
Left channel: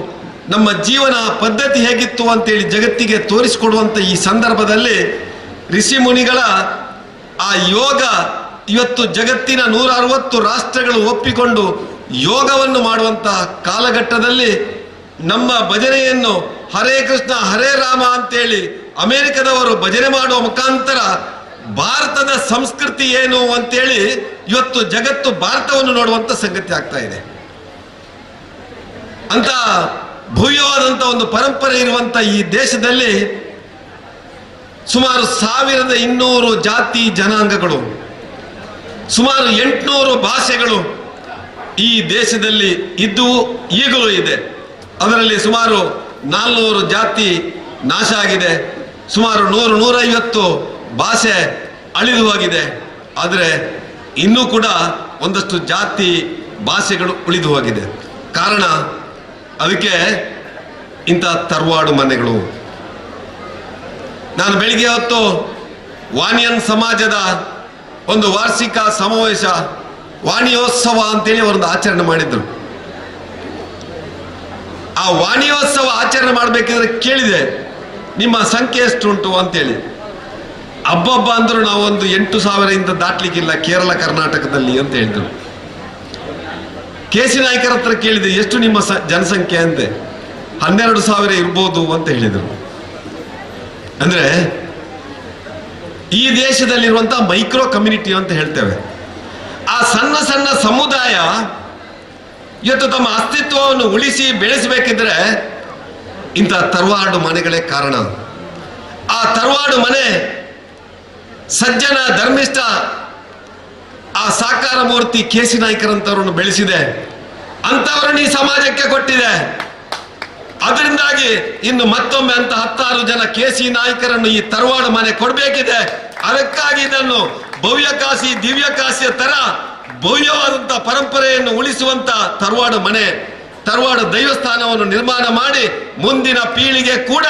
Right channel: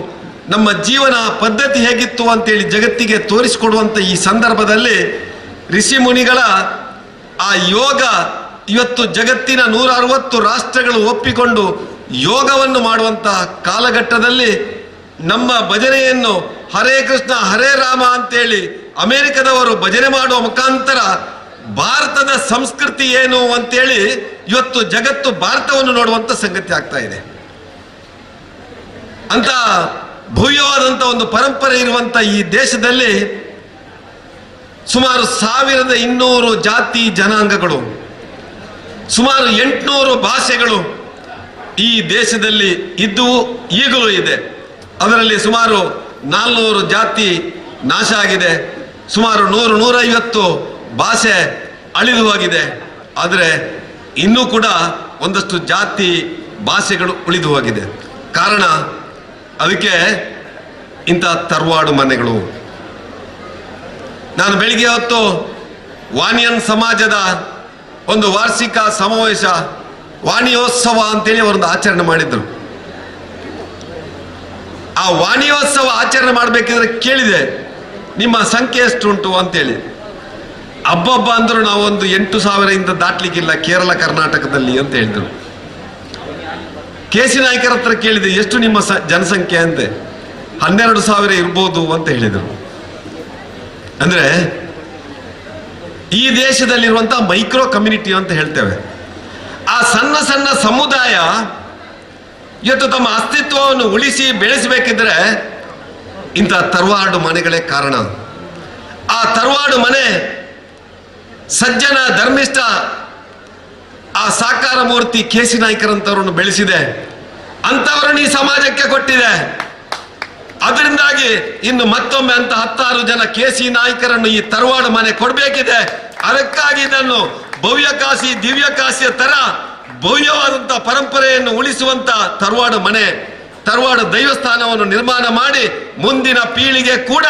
ನಮ್ಮ ಜೀವನ ಪದ್ಧತಿ ಹೇಗಿತ್ತು ಅಂತೇಳಿ ಜಗತ್ತಿಗೆ ತೋರಿಸಿಕೊಡುವಂಥ ಈ ಸಂದರ್ಭದಲ್ಲಿ ಋಷಿ ಮುನಿಗಳ ಆ ಯೋಗ ಇವತ್ತು ಜಗತ್ತಿನ 160 ರಾಷ್ಟ್ರಗಳು ಒಪ್ಪಿಕೊಂಡು ಯೋಗವನ್ನು ಮಾಡುವಂಥ ಕಾಲಘಟ್ಟದಲ್ಲಿ ನಮ್ಮ ಭಜನೆಯನ್ನು ಹರೇ ಕೃಷ್ಣ ಹರೇ ರಾಮ ಅಂತೇಳಿ ಅಮೆರಿಕದವರು ಭಜನೆ ಮಾಡುವ ಮುಖಾಂತರ ಭಾರತದ ಸಂಸ್ಕೃತಿ ಏನು ಅಂತೇಳಿ ಇವತ್ತು ಜಗತ್ತು ಭಾರತವನ್ನು ನೋಡುವಂಥ ಸಂಗತಿ ಆಗ್ತಾ ಇದೆ. ಅಂತ ಭವ್ಯವಾದಂಥ ಒಂದು ಪರಂಪರೆ ಇರುವಂಥ ಈ ದೇಶದಲ್ಲಿ ಸುಮಾರು 1200 ಜಾತಿ ಜನಾಂಗಗಳು, ಸುಮಾರು 800 ಭಾಷೆಗಳು ಈ ದೇಶದಲ್ಲಿ ಇದ್ದು ಈಗಲೂ ಇದೆ. ಅದರಲ್ಲಿ ಸುಮಾರು 400 ಜಾತಿ ನಾಶ ಆಗಿದೆ, ಸುಮಾರು 100-150 ಭಾಷೆ ಅಳಿದು ಹೋಗಿದೆ. ಆದರೆ ಇನ್ನೂ ಕೂಡ ಒಂದಷ್ಟು ಜಾತಿ ಭಾಷೆಗಳು ಉಳಿದು ಹೋಗಿದೆ. ಕಾರಣ ಅದಕ್ಕೆ ಇಂಥ ತರವಾಡು ಮನೆಗಳು. ನಾನು ಬೆಳಿಗ್ಗೆ ಹೊತ್ತು ವಾಣಿಯನ್ ಸಮಾಜದ ಒಂದು ವಾರ್ಷಿಕ ಸಮಾವೇಶ, ವಾಣಿಯೋತ್ಸವ ಅಂತೇಳಿ ಅವರೊಂದು ಆಚರಣೆ ಮಾಡಿದ್ರು. ಆ ವಾಣಿಯೋತ್ಸವ ಆಚರಣೆ ಮಾಡಬೇಕಿದ್ರೆ ಕೇಳಿದೆ, ನಿಮ್ಮ ಸಂಖ್ಯೆ ಎಷ್ಟುಂಟು ಅಂತೇಳಿ. ಹಬ್ಬ ಅಂದ್ರು ನಾವು ಒಂದು 8,000 ದಾಟ್ಲಿಕ್ಕಿಲ್ಲ ಕೇರಳ ಕರ್ನಾಟಕದಲ್ಲಿ ಅಂತ ಹೇಳಿದ್ರು. KC ನಾಯ್ಕರ ಹತ್ರ ಕೇಳಿದೆ, ಎಷ್ಟು ನಿಮ್ಮ ಜನಸಂಖ್ಯೆ ಅಂತೆ. 12,000 ಇರ್ಬೋದು ಅಂತ ಹೇಳಿದರು. ಅಂದ್ರೆ ಈ ದೇಶದಲ್ಲಿರುವಂತಹ ಮೈಕ್ರೋ ಕಮ್ಯುನಿಟಿ ಅಂತ ಹೇಳ್ತೇವೆ. ಆ ಸಣ್ಣ ಸಣ್ಣ ಸಮುದಾಯ ಇವತ್ತು ತಮ್ಮ ಅಸ್ತಿತ್ವವನ್ನು ಉಳಿಸಿ ಬೆಳೆಸಬೇಕಿದ್ರೆ ಇಂಥ ತರವಾಡು ಮನೆಗಳೇ ಕಾರಣ. ಆ ತರವಾಡು ಮನೆ ಸಜ್ಜನ ಧರ್ಮಿಷ್ಠ ಆ ಸಾಕಾರ ಮೂರ್ತಿ KC ನಾಯ್ಕರಂತವರನ್ನು ಬೆಳೆಸಿದೆ, ಅಂಥವರನ್ನು ಈ ಸಮಾಜಕ್ಕೆ ಕೊಟ್ಟಿದೆ. ಅದರಿಂದಾಗಿ ಇನ್ನು ಮತ್ತೊಮ್ಮೆ ಅಂತ 10 ಜನ KC ನಾಯ್ಕರನ್ನು ಈ ತರವಾಡು ಮನೆ ಕೊಡಬೇಕಿದೆ. ಅದಕ್ಕಾಗಿ ಇದನ್ನು ಭವ್ಯ ಕಾಶಿ ದಿವ್ಯ ಕಾಶಿಯ ತರ ಭವ್ಯವಾದಂತಹ ಪರಂಪರೆಯನ್ನು ಉಳಿಸುವಂತ ತರವಾಡು ಮನೆ, ತರವಾಡು ದೈವಸ್ಥಾನವನ್ನು ನಿರ್ಮಾಣ ಮಾಡಿ ಮುಂದಿನ ಪೀಳಿಗೆ ಕೂಡ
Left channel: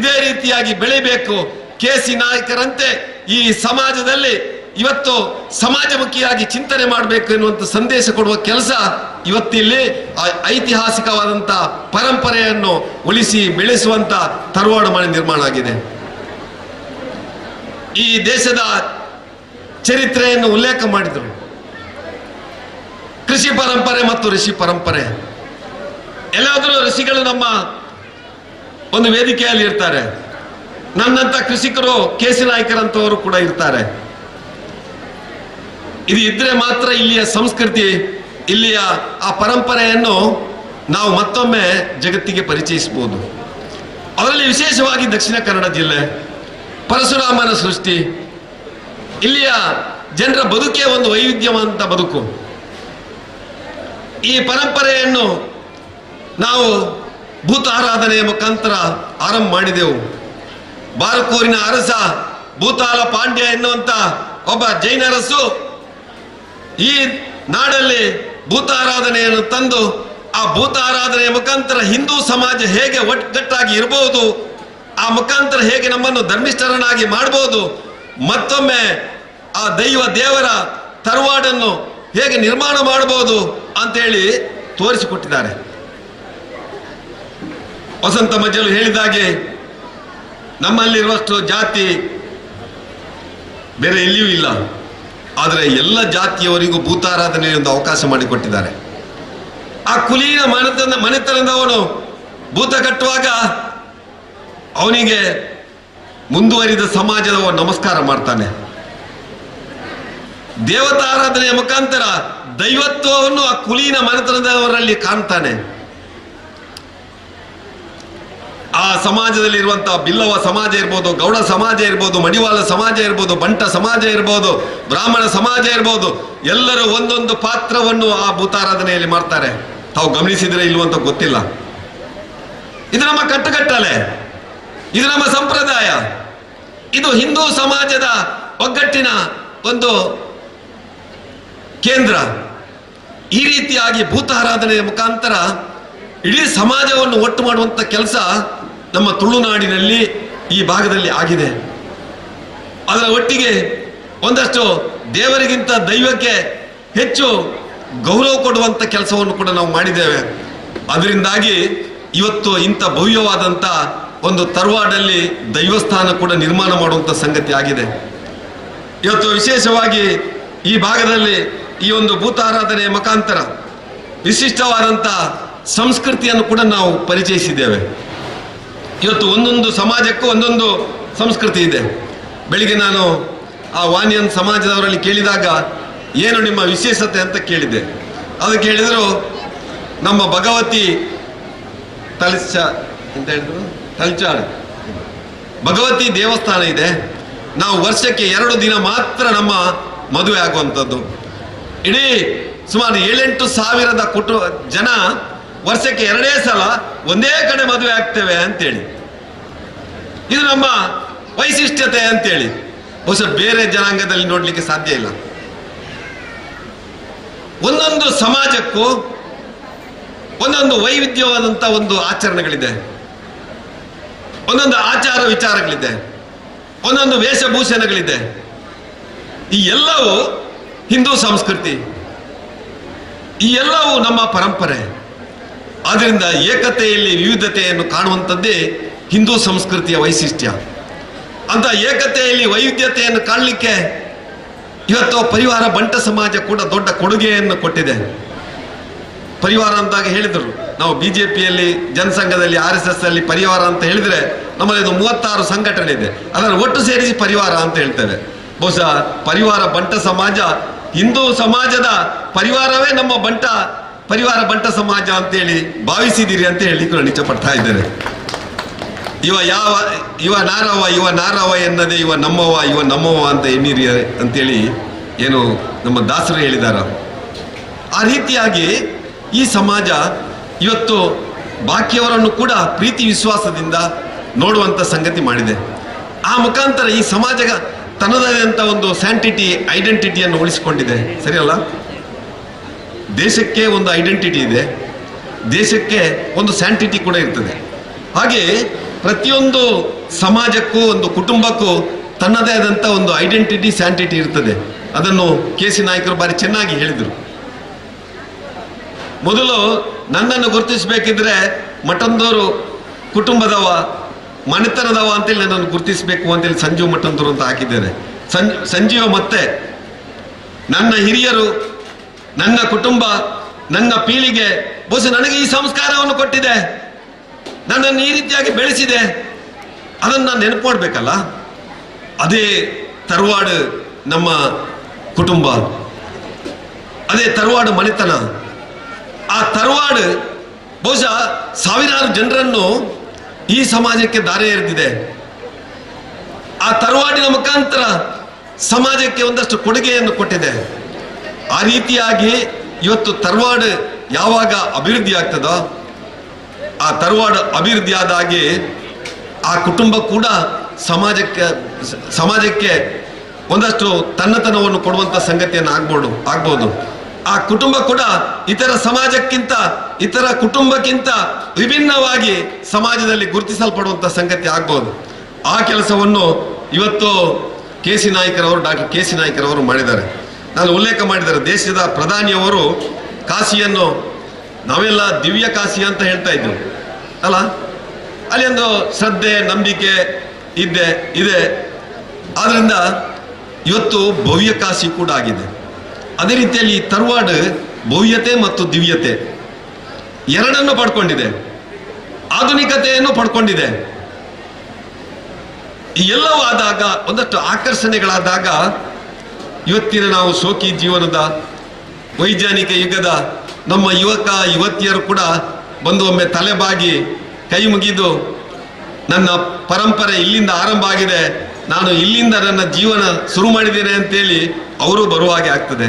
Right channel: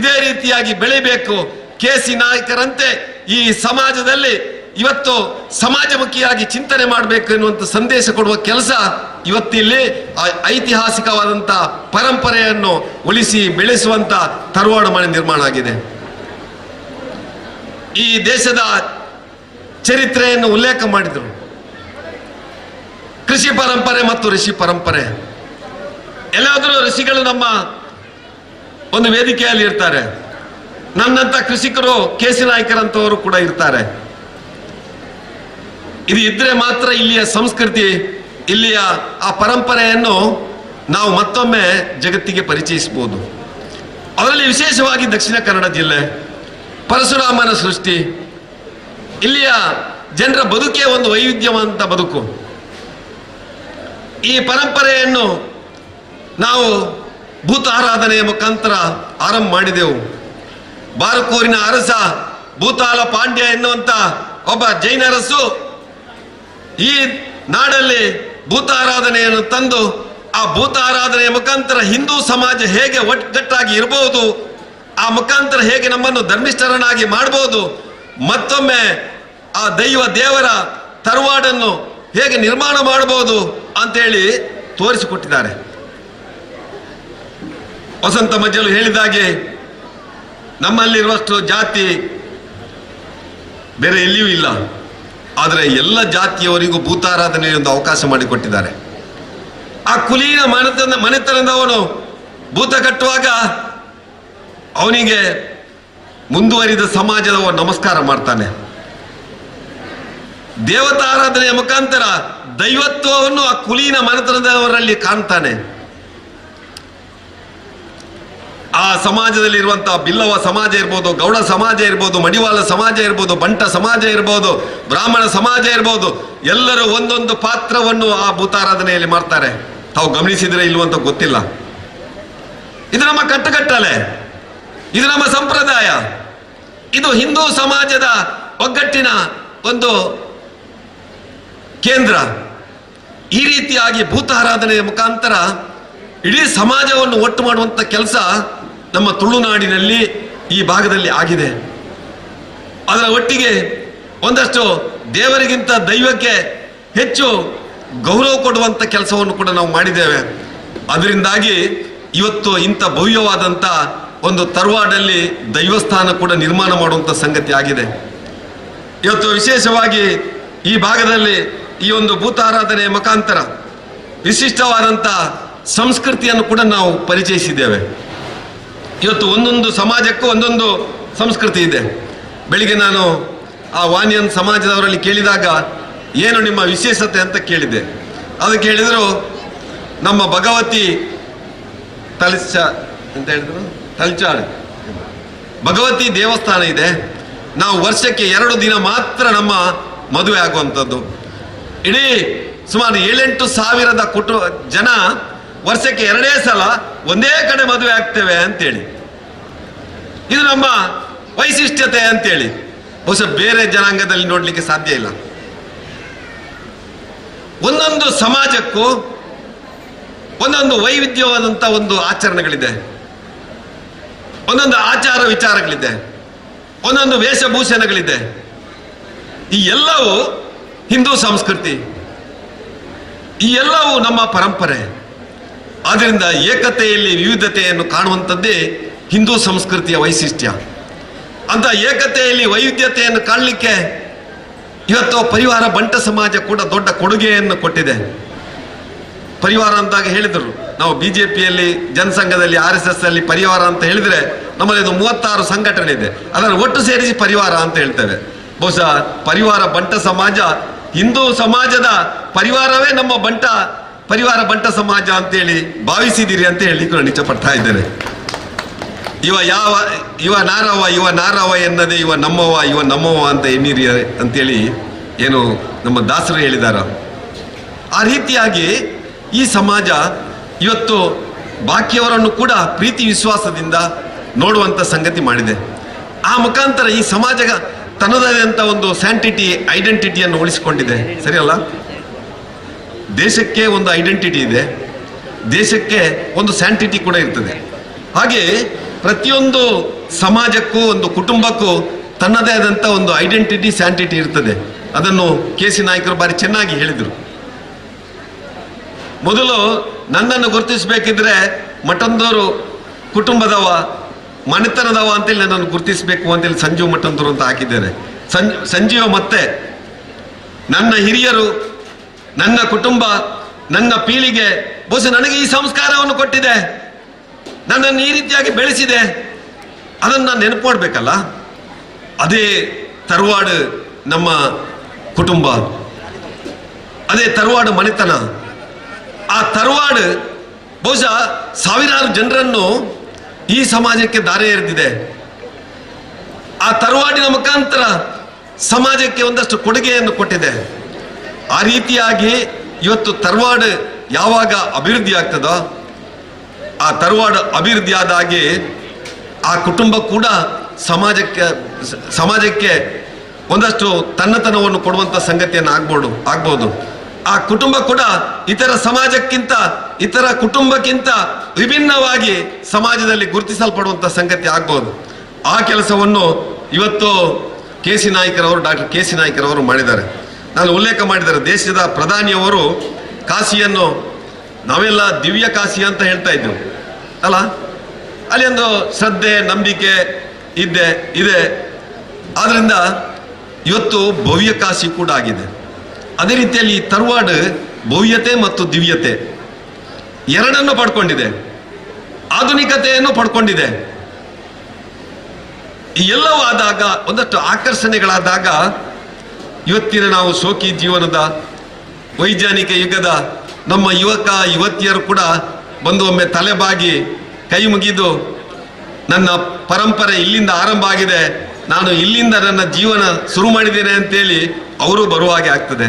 ಇದೇ ರೀತಿಯಾಗಿ ಬೆಳಿಬೇಕು. KC ನಾಯ್ಕರಂತೆ ಈ ಸಮಾಜದಲ್ಲಿ ಇವತ್ತು ಸಮಾಜಮುಖಿಯಾಗಿ ಚಿಂತನೆ ಮಾಡಬೇಕು ಎನ್ನುವಂಥ ಸಂದೇಶ ಕೊಡುವ ಕೆಲಸ ಇವತ್ತಿಲ್ಲಿ ಐತಿಹಾಸಿಕವಾದಂಥ ಪರಂಪರೆಯನ್ನು ಉಳಿಸಿ ಬೆಳೆಸುವಂಥ ತರವಾಡ ಮನೆ ನಿರ್ಮಾಣ ಆಗಿದೆ. ಈ ದೇಶದ ಚರಿತ್ರೆಯನ್ನು ಉಲ್ಲೇಖ ಮಾಡಿದರು. ಕೃಷಿ ಪರಂಪರೆ ಮತ್ತು ಋಷಿ ಪರಂಪರೆ. ಎಲ್ಲಾದರೂ ಋಷಿಗಳು ನಮ್ಮ ಒಂದು ವೇದಿಕೆಯಲ್ಲಿ ಇರ್ತಾರೆ. ನನ್ನಂತ ಕೃಷಿಕರು ಕೇಸಿ ನಾಯಕರಂತವರು ಕೂಡ ಇರ್ತಾರೆ. ಇದು ಇದ್ರೆ ಮಾತ್ರ ಇಲ್ಲಿಯ ಸಂಸ್ಕೃತಿ, ಇಲ್ಲಿಯ ಆ ಪರಂಪರೆಯನ್ನು ನಾವು ಮತ್ತೊಮ್ಮೆ ಜಗತ್ತಿಗೆ ಪರಿಚಯಿಸಬಹುದು. ಅದರಲ್ಲಿ ವಿಶೇಷವಾಗಿ ದಕ್ಷಿಣ ಕನ್ನಡ ಜಿಲ್ಲೆ, ಪರಶುರಾಮನ ಸೃಷ್ಟಿ, ಇಲ್ಲಿಯ ಜನರ ಬದುಕೇ ಒಂದು ವೈವಿಧ್ಯವಂತ ಬದುಕು. ಈ ಪರಂಪರೆಯನ್ನು ನಾವು ಭೂತ ಆರಾಧನೆಯ ಮುಖಾಂತರ ಆರಂಭ ಮಾಡಿದೆವು. ಬಾರಕೂರಿನ ಅರಸ ಭೂತಾಲ ಪಾಂಡ್ಯ ಎನ್ನುವಂತ ಒಬ್ಬ ಜೈನ ಅರಸು ಈ ನಾಡಲ್ಲಿ ಭೂತ ಆರಾಧನೆಯನ್ನು ತಂದು ಆ ಭೂತ ಆರಾಧನೆಯ ಮುಖಾಂತರ ಹಿಂದೂ ಸಮಾಜ ಹೇಗೆ ಒಟ್ಟುಗಟ್ಟಾಗಿ ಇರಬಹುದು, ಆ ಮುಖಾಂತರ ಹೇಗೆ ನಮ್ಮನ್ನು ಧರ್ಮಿಷ್ಠರನ್ನಾಗಿ ಮಾಡಬಹುದು, ಮತ್ತೊಮ್ಮೆ ಆ ದೇವರ ತರವಾಡನ್ನು ಹೇಗೆ ನಿರ್ಮಾಣ ಮಾಡಬಹುದು ಅಂತೇಳಿ ತೋರಿಸಿಕೊಟ್ಟಿದ್ದಾರೆ. ವಸಂತ ಮಜ್ಜಲು ಹೇಳಿದಾಗೆ ನಮ್ಮಲ್ಲಿರುವಷ್ಟು ಜಾತಿ ಬೇರೆ ಎಲ್ಲಿಯೂ ಇಲ್ಲ. ಆದರೆ ಎಲ್ಲ ಜಾತಿಯವರಿಗೂ ಭೂತಾರಾಧನೆ ಒಂದು ಅವಕಾಶ ಮಾಡಿಕೊಟ್ಟಿದ್ದಾರೆ. ಆ ಕುಲೀನ ಮನೆತನದವನು ಭೂತ ಕಟ್ಟುವಾಗ ಅವನಿಗೆ ಮುಂದುವರಿದ ಸಮಾಜದವ ನಮಸ್ಕಾರ ಮಾಡ್ತಾನೆ. ದೇವತಾರಾಧನೆಯ ಮುಖಾಂತರ ದೈವತ್ವವನ್ನು ಆ ಕುಲೀನ ಮನೆತನದವರಲ್ಲಿ ಕಾಣ್ತಾನೆ. ಆ ಸಮಾಜದಲ್ಲಿ ಇರುವಂತಹ ಬಿಲ್ಲವ ಸಮಾಜ ಇರ್ಬೋದು, ಗೌಡ ಸಮಾಜ ಇರ್ಬೋದು, ಮಡಿವಾಳ ಸಮಾಜ ಇರ್ಬೋದು, ಬಂಟ ಸಮಾಜ ಇರ್ಬೋದು, ಬ್ರಾಹ್ಮಣ ಸಮಾಜ ಇರ್ಬೋದು, ಎಲ್ಲರೂ ಒಂದೊಂದು ಪಾತ್ರವನ್ನು ಆ ಭೂತಾರಾಧನೆಯಲ್ಲಿ ಮಾಡ್ತಾರೆ. ತಾವು ಗಮನಿಸಿದ್ರೆ ಇಲ್ವಂತ ಗೊತ್ತಿಲ್ಲ. ಇದು ನಮ್ಮ ಕಟ್ಟುಕಟ್ಟಲೆ, ಇದು ನಮ್ಮ ಸಂಪ್ರದಾಯ, ಇದು ಹಿಂದೂ ಸಮಾಜದ ಒಗ್ಗಟ್ಟಿನ ಒಂದು ಕೇಂದ್ರ. ಈ ರೀತಿಯಾಗಿ ಭೂತಾರಾಧನೆಯ ಮುಖಾಂತರ ಇಡೀ ಸಮಾಜವನ್ನು ಒಟ್ಟು ಮಾಡುವಂಥ ಕೆಲಸ ನಮ್ಮ ತುಳುನಾಡಿನಲ್ಲಿ ಈ ಭಾಗದಲ್ಲಿ ಆಗಿದೆ. ಅದರ ಒಟ್ಟಿಗೆ ಒಂದಷ್ಟು ದೇವರಿಗಿಂತ ದೈವಕ್ಕೆ ಹೆಚ್ಚು ಗೌರವ ಕೊಡುವಂಥ ಕೆಲಸವನ್ನು ಕೂಡ ನಾವು ಮಾಡಿದ್ದೇವೆ. ಅದರಿಂದಾಗಿ ಇವತ್ತು ಇಂಥ ಭವ್ಯವಾದಂಥ ಒಂದು ತರವಾಡಲ್ಲಿ ದೈವಸ್ಥಾನ ಕೂಡ ನಿರ್ಮಾಣ ಮಾಡುವಂಥ ಸಂಗತಿ ಆಗಿದೆ. ಇವತ್ತು ವಿಶೇಷವಾಗಿ ಈ ಭಾಗದಲ್ಲಿ ಈ ಒಂದು ಭೂತಾರಾಧನೆಯ ಮುಖಾಂತರ ವಿಶಿಷ್ಟವಾದಂಥ ಸಂಸ್ಕೃತಿಯನ್ನು ಕೂಡ ನಾವು ಪರಿಚಯಿಸಿದ್ದೇವೆ. ಇವತ್ತು ಒಂದೊಂದು ಸಮಾಜಕ್ಕೂ ಒಂದೊಂದು ಸಂಸ್ಕೃತಿ ಇದೆ. ಬೆಳಿಗ್ಗೆ ನಾನು ಆ ವಾಣಿಯನ್ ಸಮಾಜದವರಲ್ಲಿ ಕೇಳಿದಾಗ ಏನು ನಿಮ್ಮ ವಿಶೇಷತೆ ಅಂತ ಕೇಳಿದ್ದೆ. ಅದಕ್ಕೆ ಹೇಳಿದರು, ನಮ್ಮ ಭಗವತಿ ಅಂತ ಹೇಳಿದ್ರು, ತಲ್ಚಾಡ್ ಭಗವತಿ ದೇವಸ್ಥಾನ ಇದೆ. ನಾವು ವರ್ಷಕ್ಕೆ 2 ದಿನ ಮಾತ್ರ ನಮ್ಮ ಮದುವೆ ಆಗುವಂಥದ್ದು. ಇಡೀ ಸುಮಾರು 7-8 ಸಾವಿರದ ಜನ ವರ್ಷಕ್ಕೆ 2 ಸಲ ಒಂದೇ ಕಡೆ ಮದುವೆ ಆಗ್ತೇವೆ ಅಂತೇಳಿ. ಇದು ನಮ್ಮ ವೈಶಿಷ್ಟ್ಯತೆ ಅಂತೇಳಿ ಬಹುಶಃ ಬೇರೆ ಜನಾಂಗದಲ್ಲಿ ನೋಡ್ಲಿಕ್ಕೆ ಸಾಧ್ಯ ಇಲ್ಲ. ಒಂದೊಂದು ಸಮಾಜಕ್ಕೂ ಒಂದೊಂದು ವೈವಿಧ್ಯವಾದಂಥ ಒಂದು ಆಚರಣೆಗಳಿದೆ, ಒಂದೊಂದು ಆಚಾರ ವಿಚಾರಗಳಿದೆ, ಒಂದೊಂದು ವೇಷಭೂಷಣಗಳಿದೆ. ಈ ಎಲ್ಲವೂ ಹಿಂದೂ ಸಂಸ್ಕೃತಿ, ಈ ಎಲ್ಲವೂ ನಮ್ಮ ಪರಂಪರೆ. ಆದ್ದರಿಂದ ಏಕತೆಯಲ್ಲಿ ವಿವಿಧತೆಯನ್ನು ಕಾಣುವಂಥದ್ದೇ ಹಿಂದೂ ಸಂಸ್ಕೃತಿಯ ವೈಶಿಷ್ಟ್ಯ. ಅಂತ ಏಕತೆಯಲ್ಲಿ ವೈವಿಧ್ಯತೆಯನ್ನು ಕಾಣಲಿಕ್ಕೆ ಇವತ್ತು ಪರಿವಾರ ಬಂಟ ಸಮಾಜ ಕೂಡ ದೊಡ್ಡ ಕೊಡುಗೆಯನ್ನು ಕೊಟ್ಟಿದೆ. ಪರಿವಾರ ಅಂತಾಗ ಹೇಳಿದರು, ನಾವು BJPಯಲ್ಲಿ ಜನಸಂಘದಲ್ಲಿ RSS ಅಲ್ಲಿ ಪರಿವಾರ ಅಂತ ಹೇಳಿದರೆ ನಮ್ಮಲ್ಲಿ ಇದು 36 ಸಂಘಟನೆ ಇದೆ, ಅದನ್ನು ಒಟ್ಟು ಸೇರಿಸಿ ಪರಿವಾರ ಅಂತ ಹೇಳ್ತೇವೆ. ಬಹುಶಃ ಪರಿವಾರ ಬಂಟ ಸಮಾಜ ಹಿಂದೂ ಸಮಾಜದ ಪರಿವಾರವೇ ನಮ್ಮ ಪರಿವಾರ ಬಂಟ ಸಮಾಜ ಅಂತೇಳಿ ಭಾವಿಸಿದ್ದೀರಿ ಅಂತ ಹೇಳಲಿಕ್ಕೆ ನಿಜ ಪಡ್ತಾ ಇದ್ದೇನೆ. ಇವ ನಾರವ ಎನ್ನದೆ ಇವ ನಮ್ಮವ ಅಂತ ಎನ್ನಿರಿ ಅಂತೇಳಿ ಏನು ನಮ್ಮ ದಾಸರು ಹೇಳಿದಾರ. ಆ ರೀತಿಯಾಗಿ ಈ ಸಮಾಜ ಇವತ್ತು ಬಾಕಿಯವರನ್ನು ಕೂಡ ಪ್ರೀತಿ ವಿಶ್ವಾಸದಿಂದ ನೋಡುವಂಥ ಸಂಗತಿ ಮಾಡಿದೆ. ಆ ಮುಖಾಂತರ ಈ ಸಮಾಜ ತನ್ನದಾದಂಥ ಒಂದು ಐಡೆಂಟಿಟಿಯನ್ನು ಉಳಿಸಿಕೊಂಡಿದೆ. ಸರಿಯಲ್ಲ? ದೇಶಕ್ಕೆ ಒಂದು ಐಡೆಂಟಿಟಿ ಇದೆ, ದೇಶಕ್ಕೆ ಒಂದು ಸ್ಯಾಂಟಿಟಿ ಕೂಡ ಇರ್ತದೆ. ಹಾಗೆ ಪ್ರತಿಯೊಂದು ಸಮಾಜಕ್ಕೂ ಒಂದು ಕುಟುಂಬಕ್ಕೂ ತನ್ನದೇ ಆದಂಥ ಒಂದು ಐಡೆಂಟಿಟಿ ಸ್ಯಾಂಟಿಟಿ ಇರ್ತದೆ. ಅದನ್ನು ಕೆ.ಸಿ. ನಾಯ್ಕರು ಬಾರಿ ಚೆನ್ನಾಗಿ ಹೇಳಿದರು. ಮೊದಲು ನನ್ನನ್ನು ಗುರುತಿಸಬೇಕಿದ್ರೆ ಮಠಂದೂರು ಕುಟುಂಬದವ, ಮನೆತನದವ ಅಂತೇಳಿ ನನ್ನನ್ನು ಗುರುತಿಸಬೇಕು ಅಂತೇಳಿ ಸಂಜೀವ ಮಠಂದೂರು ಅಂತ ಹಾಕಿದ್ದೇನೆ. ಸಂಜೀವ ಮತ್ತೆ ನನ್ನ ಹಿರಿಯರು, ನನ್ನ ಕುಟುಂಬ, ನನ್ನ ಪೀಳಿಗೆ ಬಹುಶಃ ನನಗೆ ಈ ಸಂಸ್ಕಾರವನ್ನು ಕೊಟ್ಟಿದೆ, ನನ್ನನ್ನು ಈ ರೀತಿಯಾಗಿ ಬೆಳೆಸಿದೆ. ಅದನ್ನು ನಾನು ನೆನಪು ಮಾಡಬೇಕಲ್ಲ. ಅದೇ ತರವಾಡು ನಮ್ಮ ಕುಟುಂಬ, ಅದೇ ತರವಾಡು ಮನೆತನ. ಆ ತರವಾಡು ಬಹುಶಃ ಸಾವಿರಾರು ಜನರನ್ನು ಈ ಸಮಾಜಕ್ಕೆ ದಾರಿ ಎರೆದಿದೆ. ಆ ತರವಾಡಿನ ಮುಖಾಂತರ ಸಮಾಜಕ್ಕೆ ಒಂದಷ್ಟು ಕೊಡುಗೆಯನ್ನು ಕೊಟ್ಟಿದೆ. ಆ ರೀತಿಯಾಗಿ ಇವತ್ತು ತರವಾಡು ಯಾವಾಗ ಅಭಿವೃದ್ಧಿ ಆಗ್ತದೋ, ಆ ತರವಾಡು ಅಭಿವೃದ್ಧಿ ಆದಾಗೆ ಆ ಕುಟುಂಬ ಕೂಡ ಸಮಾಜಕ್ಕೆ ಒಂದಷ್ಟು ತನ್ನತನವನ್ನು ಕೊಡುವಂಥ ಸಂಗತಿಯನ್ನು ಆಗ್ಬೋದು. ಆ ಕುಟುಂಬ ಕೂಡ ಇತರ ಸಮಾಜಕ್ಕಿಂತ, ಇತರ ಕುಟುಂಬಕ್ಕಿಂತ ವಿಭಿನ್ನವಾಗಿ ಸಮಾಜದಲ್ಲಿ ಗುರುತಿಸಲ್ಪಡುವಂಥ ಸಂಗತಿ ಆಗ್ಬೋದು. ಆ ಕೆಲಸವನ್ನು ಇವತ್ತು ಕೆ.ಸಿ. ನಾಯ್ಕರವರು, ಡಾಕ್ಟರ್ ಕೆ.ಸಿ. ನಾಯ್ಕರವರು ಮಾಡಿದ್ದಾರೆ. ನಾನು ಉಲ್ಲೇಖ ಮಾಡಿದ್ದಾರೆ, ದೇಶದ ಪ್ರಧಾನಿಯವರು ಕಾಶಿಯನ್ನು ನಾವೆಲ್ಲ ದಿವ್ಯ ಕಾಶಿ ಅಂತ ಹೇಳ್ತಾ ಇದ್ದರು ಅಲ್ಲ. ಅಲ್ಲಿ ಒಂದು ಶ್ರದ್ಧೆ, ನಂಬಿಕೆ ಇದೆ. ಆದ್ರಿಂದ ಇವತ್ತು ಭವ್ಯ ಕಾಶಿ ಕೂಡ ಆಗಿದೆ. ಅದೇ ರೀತಿಯಲ್ಲಿ ತರವಾಡು ಭವ್ಯತೆ ಮತ್ತು ದಿವ್ಯತೆ ಎರಡನ್ನು ಪಡ್ಕೊಂಡಿದೆ, ಆಧುನಿಕತೆಯನ್ನು ಪಡ್ಕೊಂಡಿದೆ. ಎಲ್ಲವೂ ಆದಾಗ, ಒಂದಷ್ಟು ಆಕರ್ಷಣೆಗಳಾದಾಗ ಇವತ್ತಿನ ನಾವು ಶೋಕಿ ಜೀವನದ ವೈಜ್ಞಾನಿಕ ಯುಗದ ನಮ್ಮ ಯುವಕ ಯುವತಿಯರು ಕೂಡ ಬಂದು ಒಮ್ಮೆ ತಲೆಬಾಗಿ ಕೈ ಮುಗಿದು ನನ್ನ ಪರಂಪರೆ ಇಲ್ಲಿಂದ ಆರಂಭ ಆಗಿದೆ, ನಾನು ಇಲ್ಲಿಂದ ನನ್ನ ಜೀವನ ಶುರು ಮಾಡಿದ್ದೇನೆ ಅಂತೇಳಿ ಅವರು ಬರುವ ಹಾಗೆ ಆಗ್ತದೆ.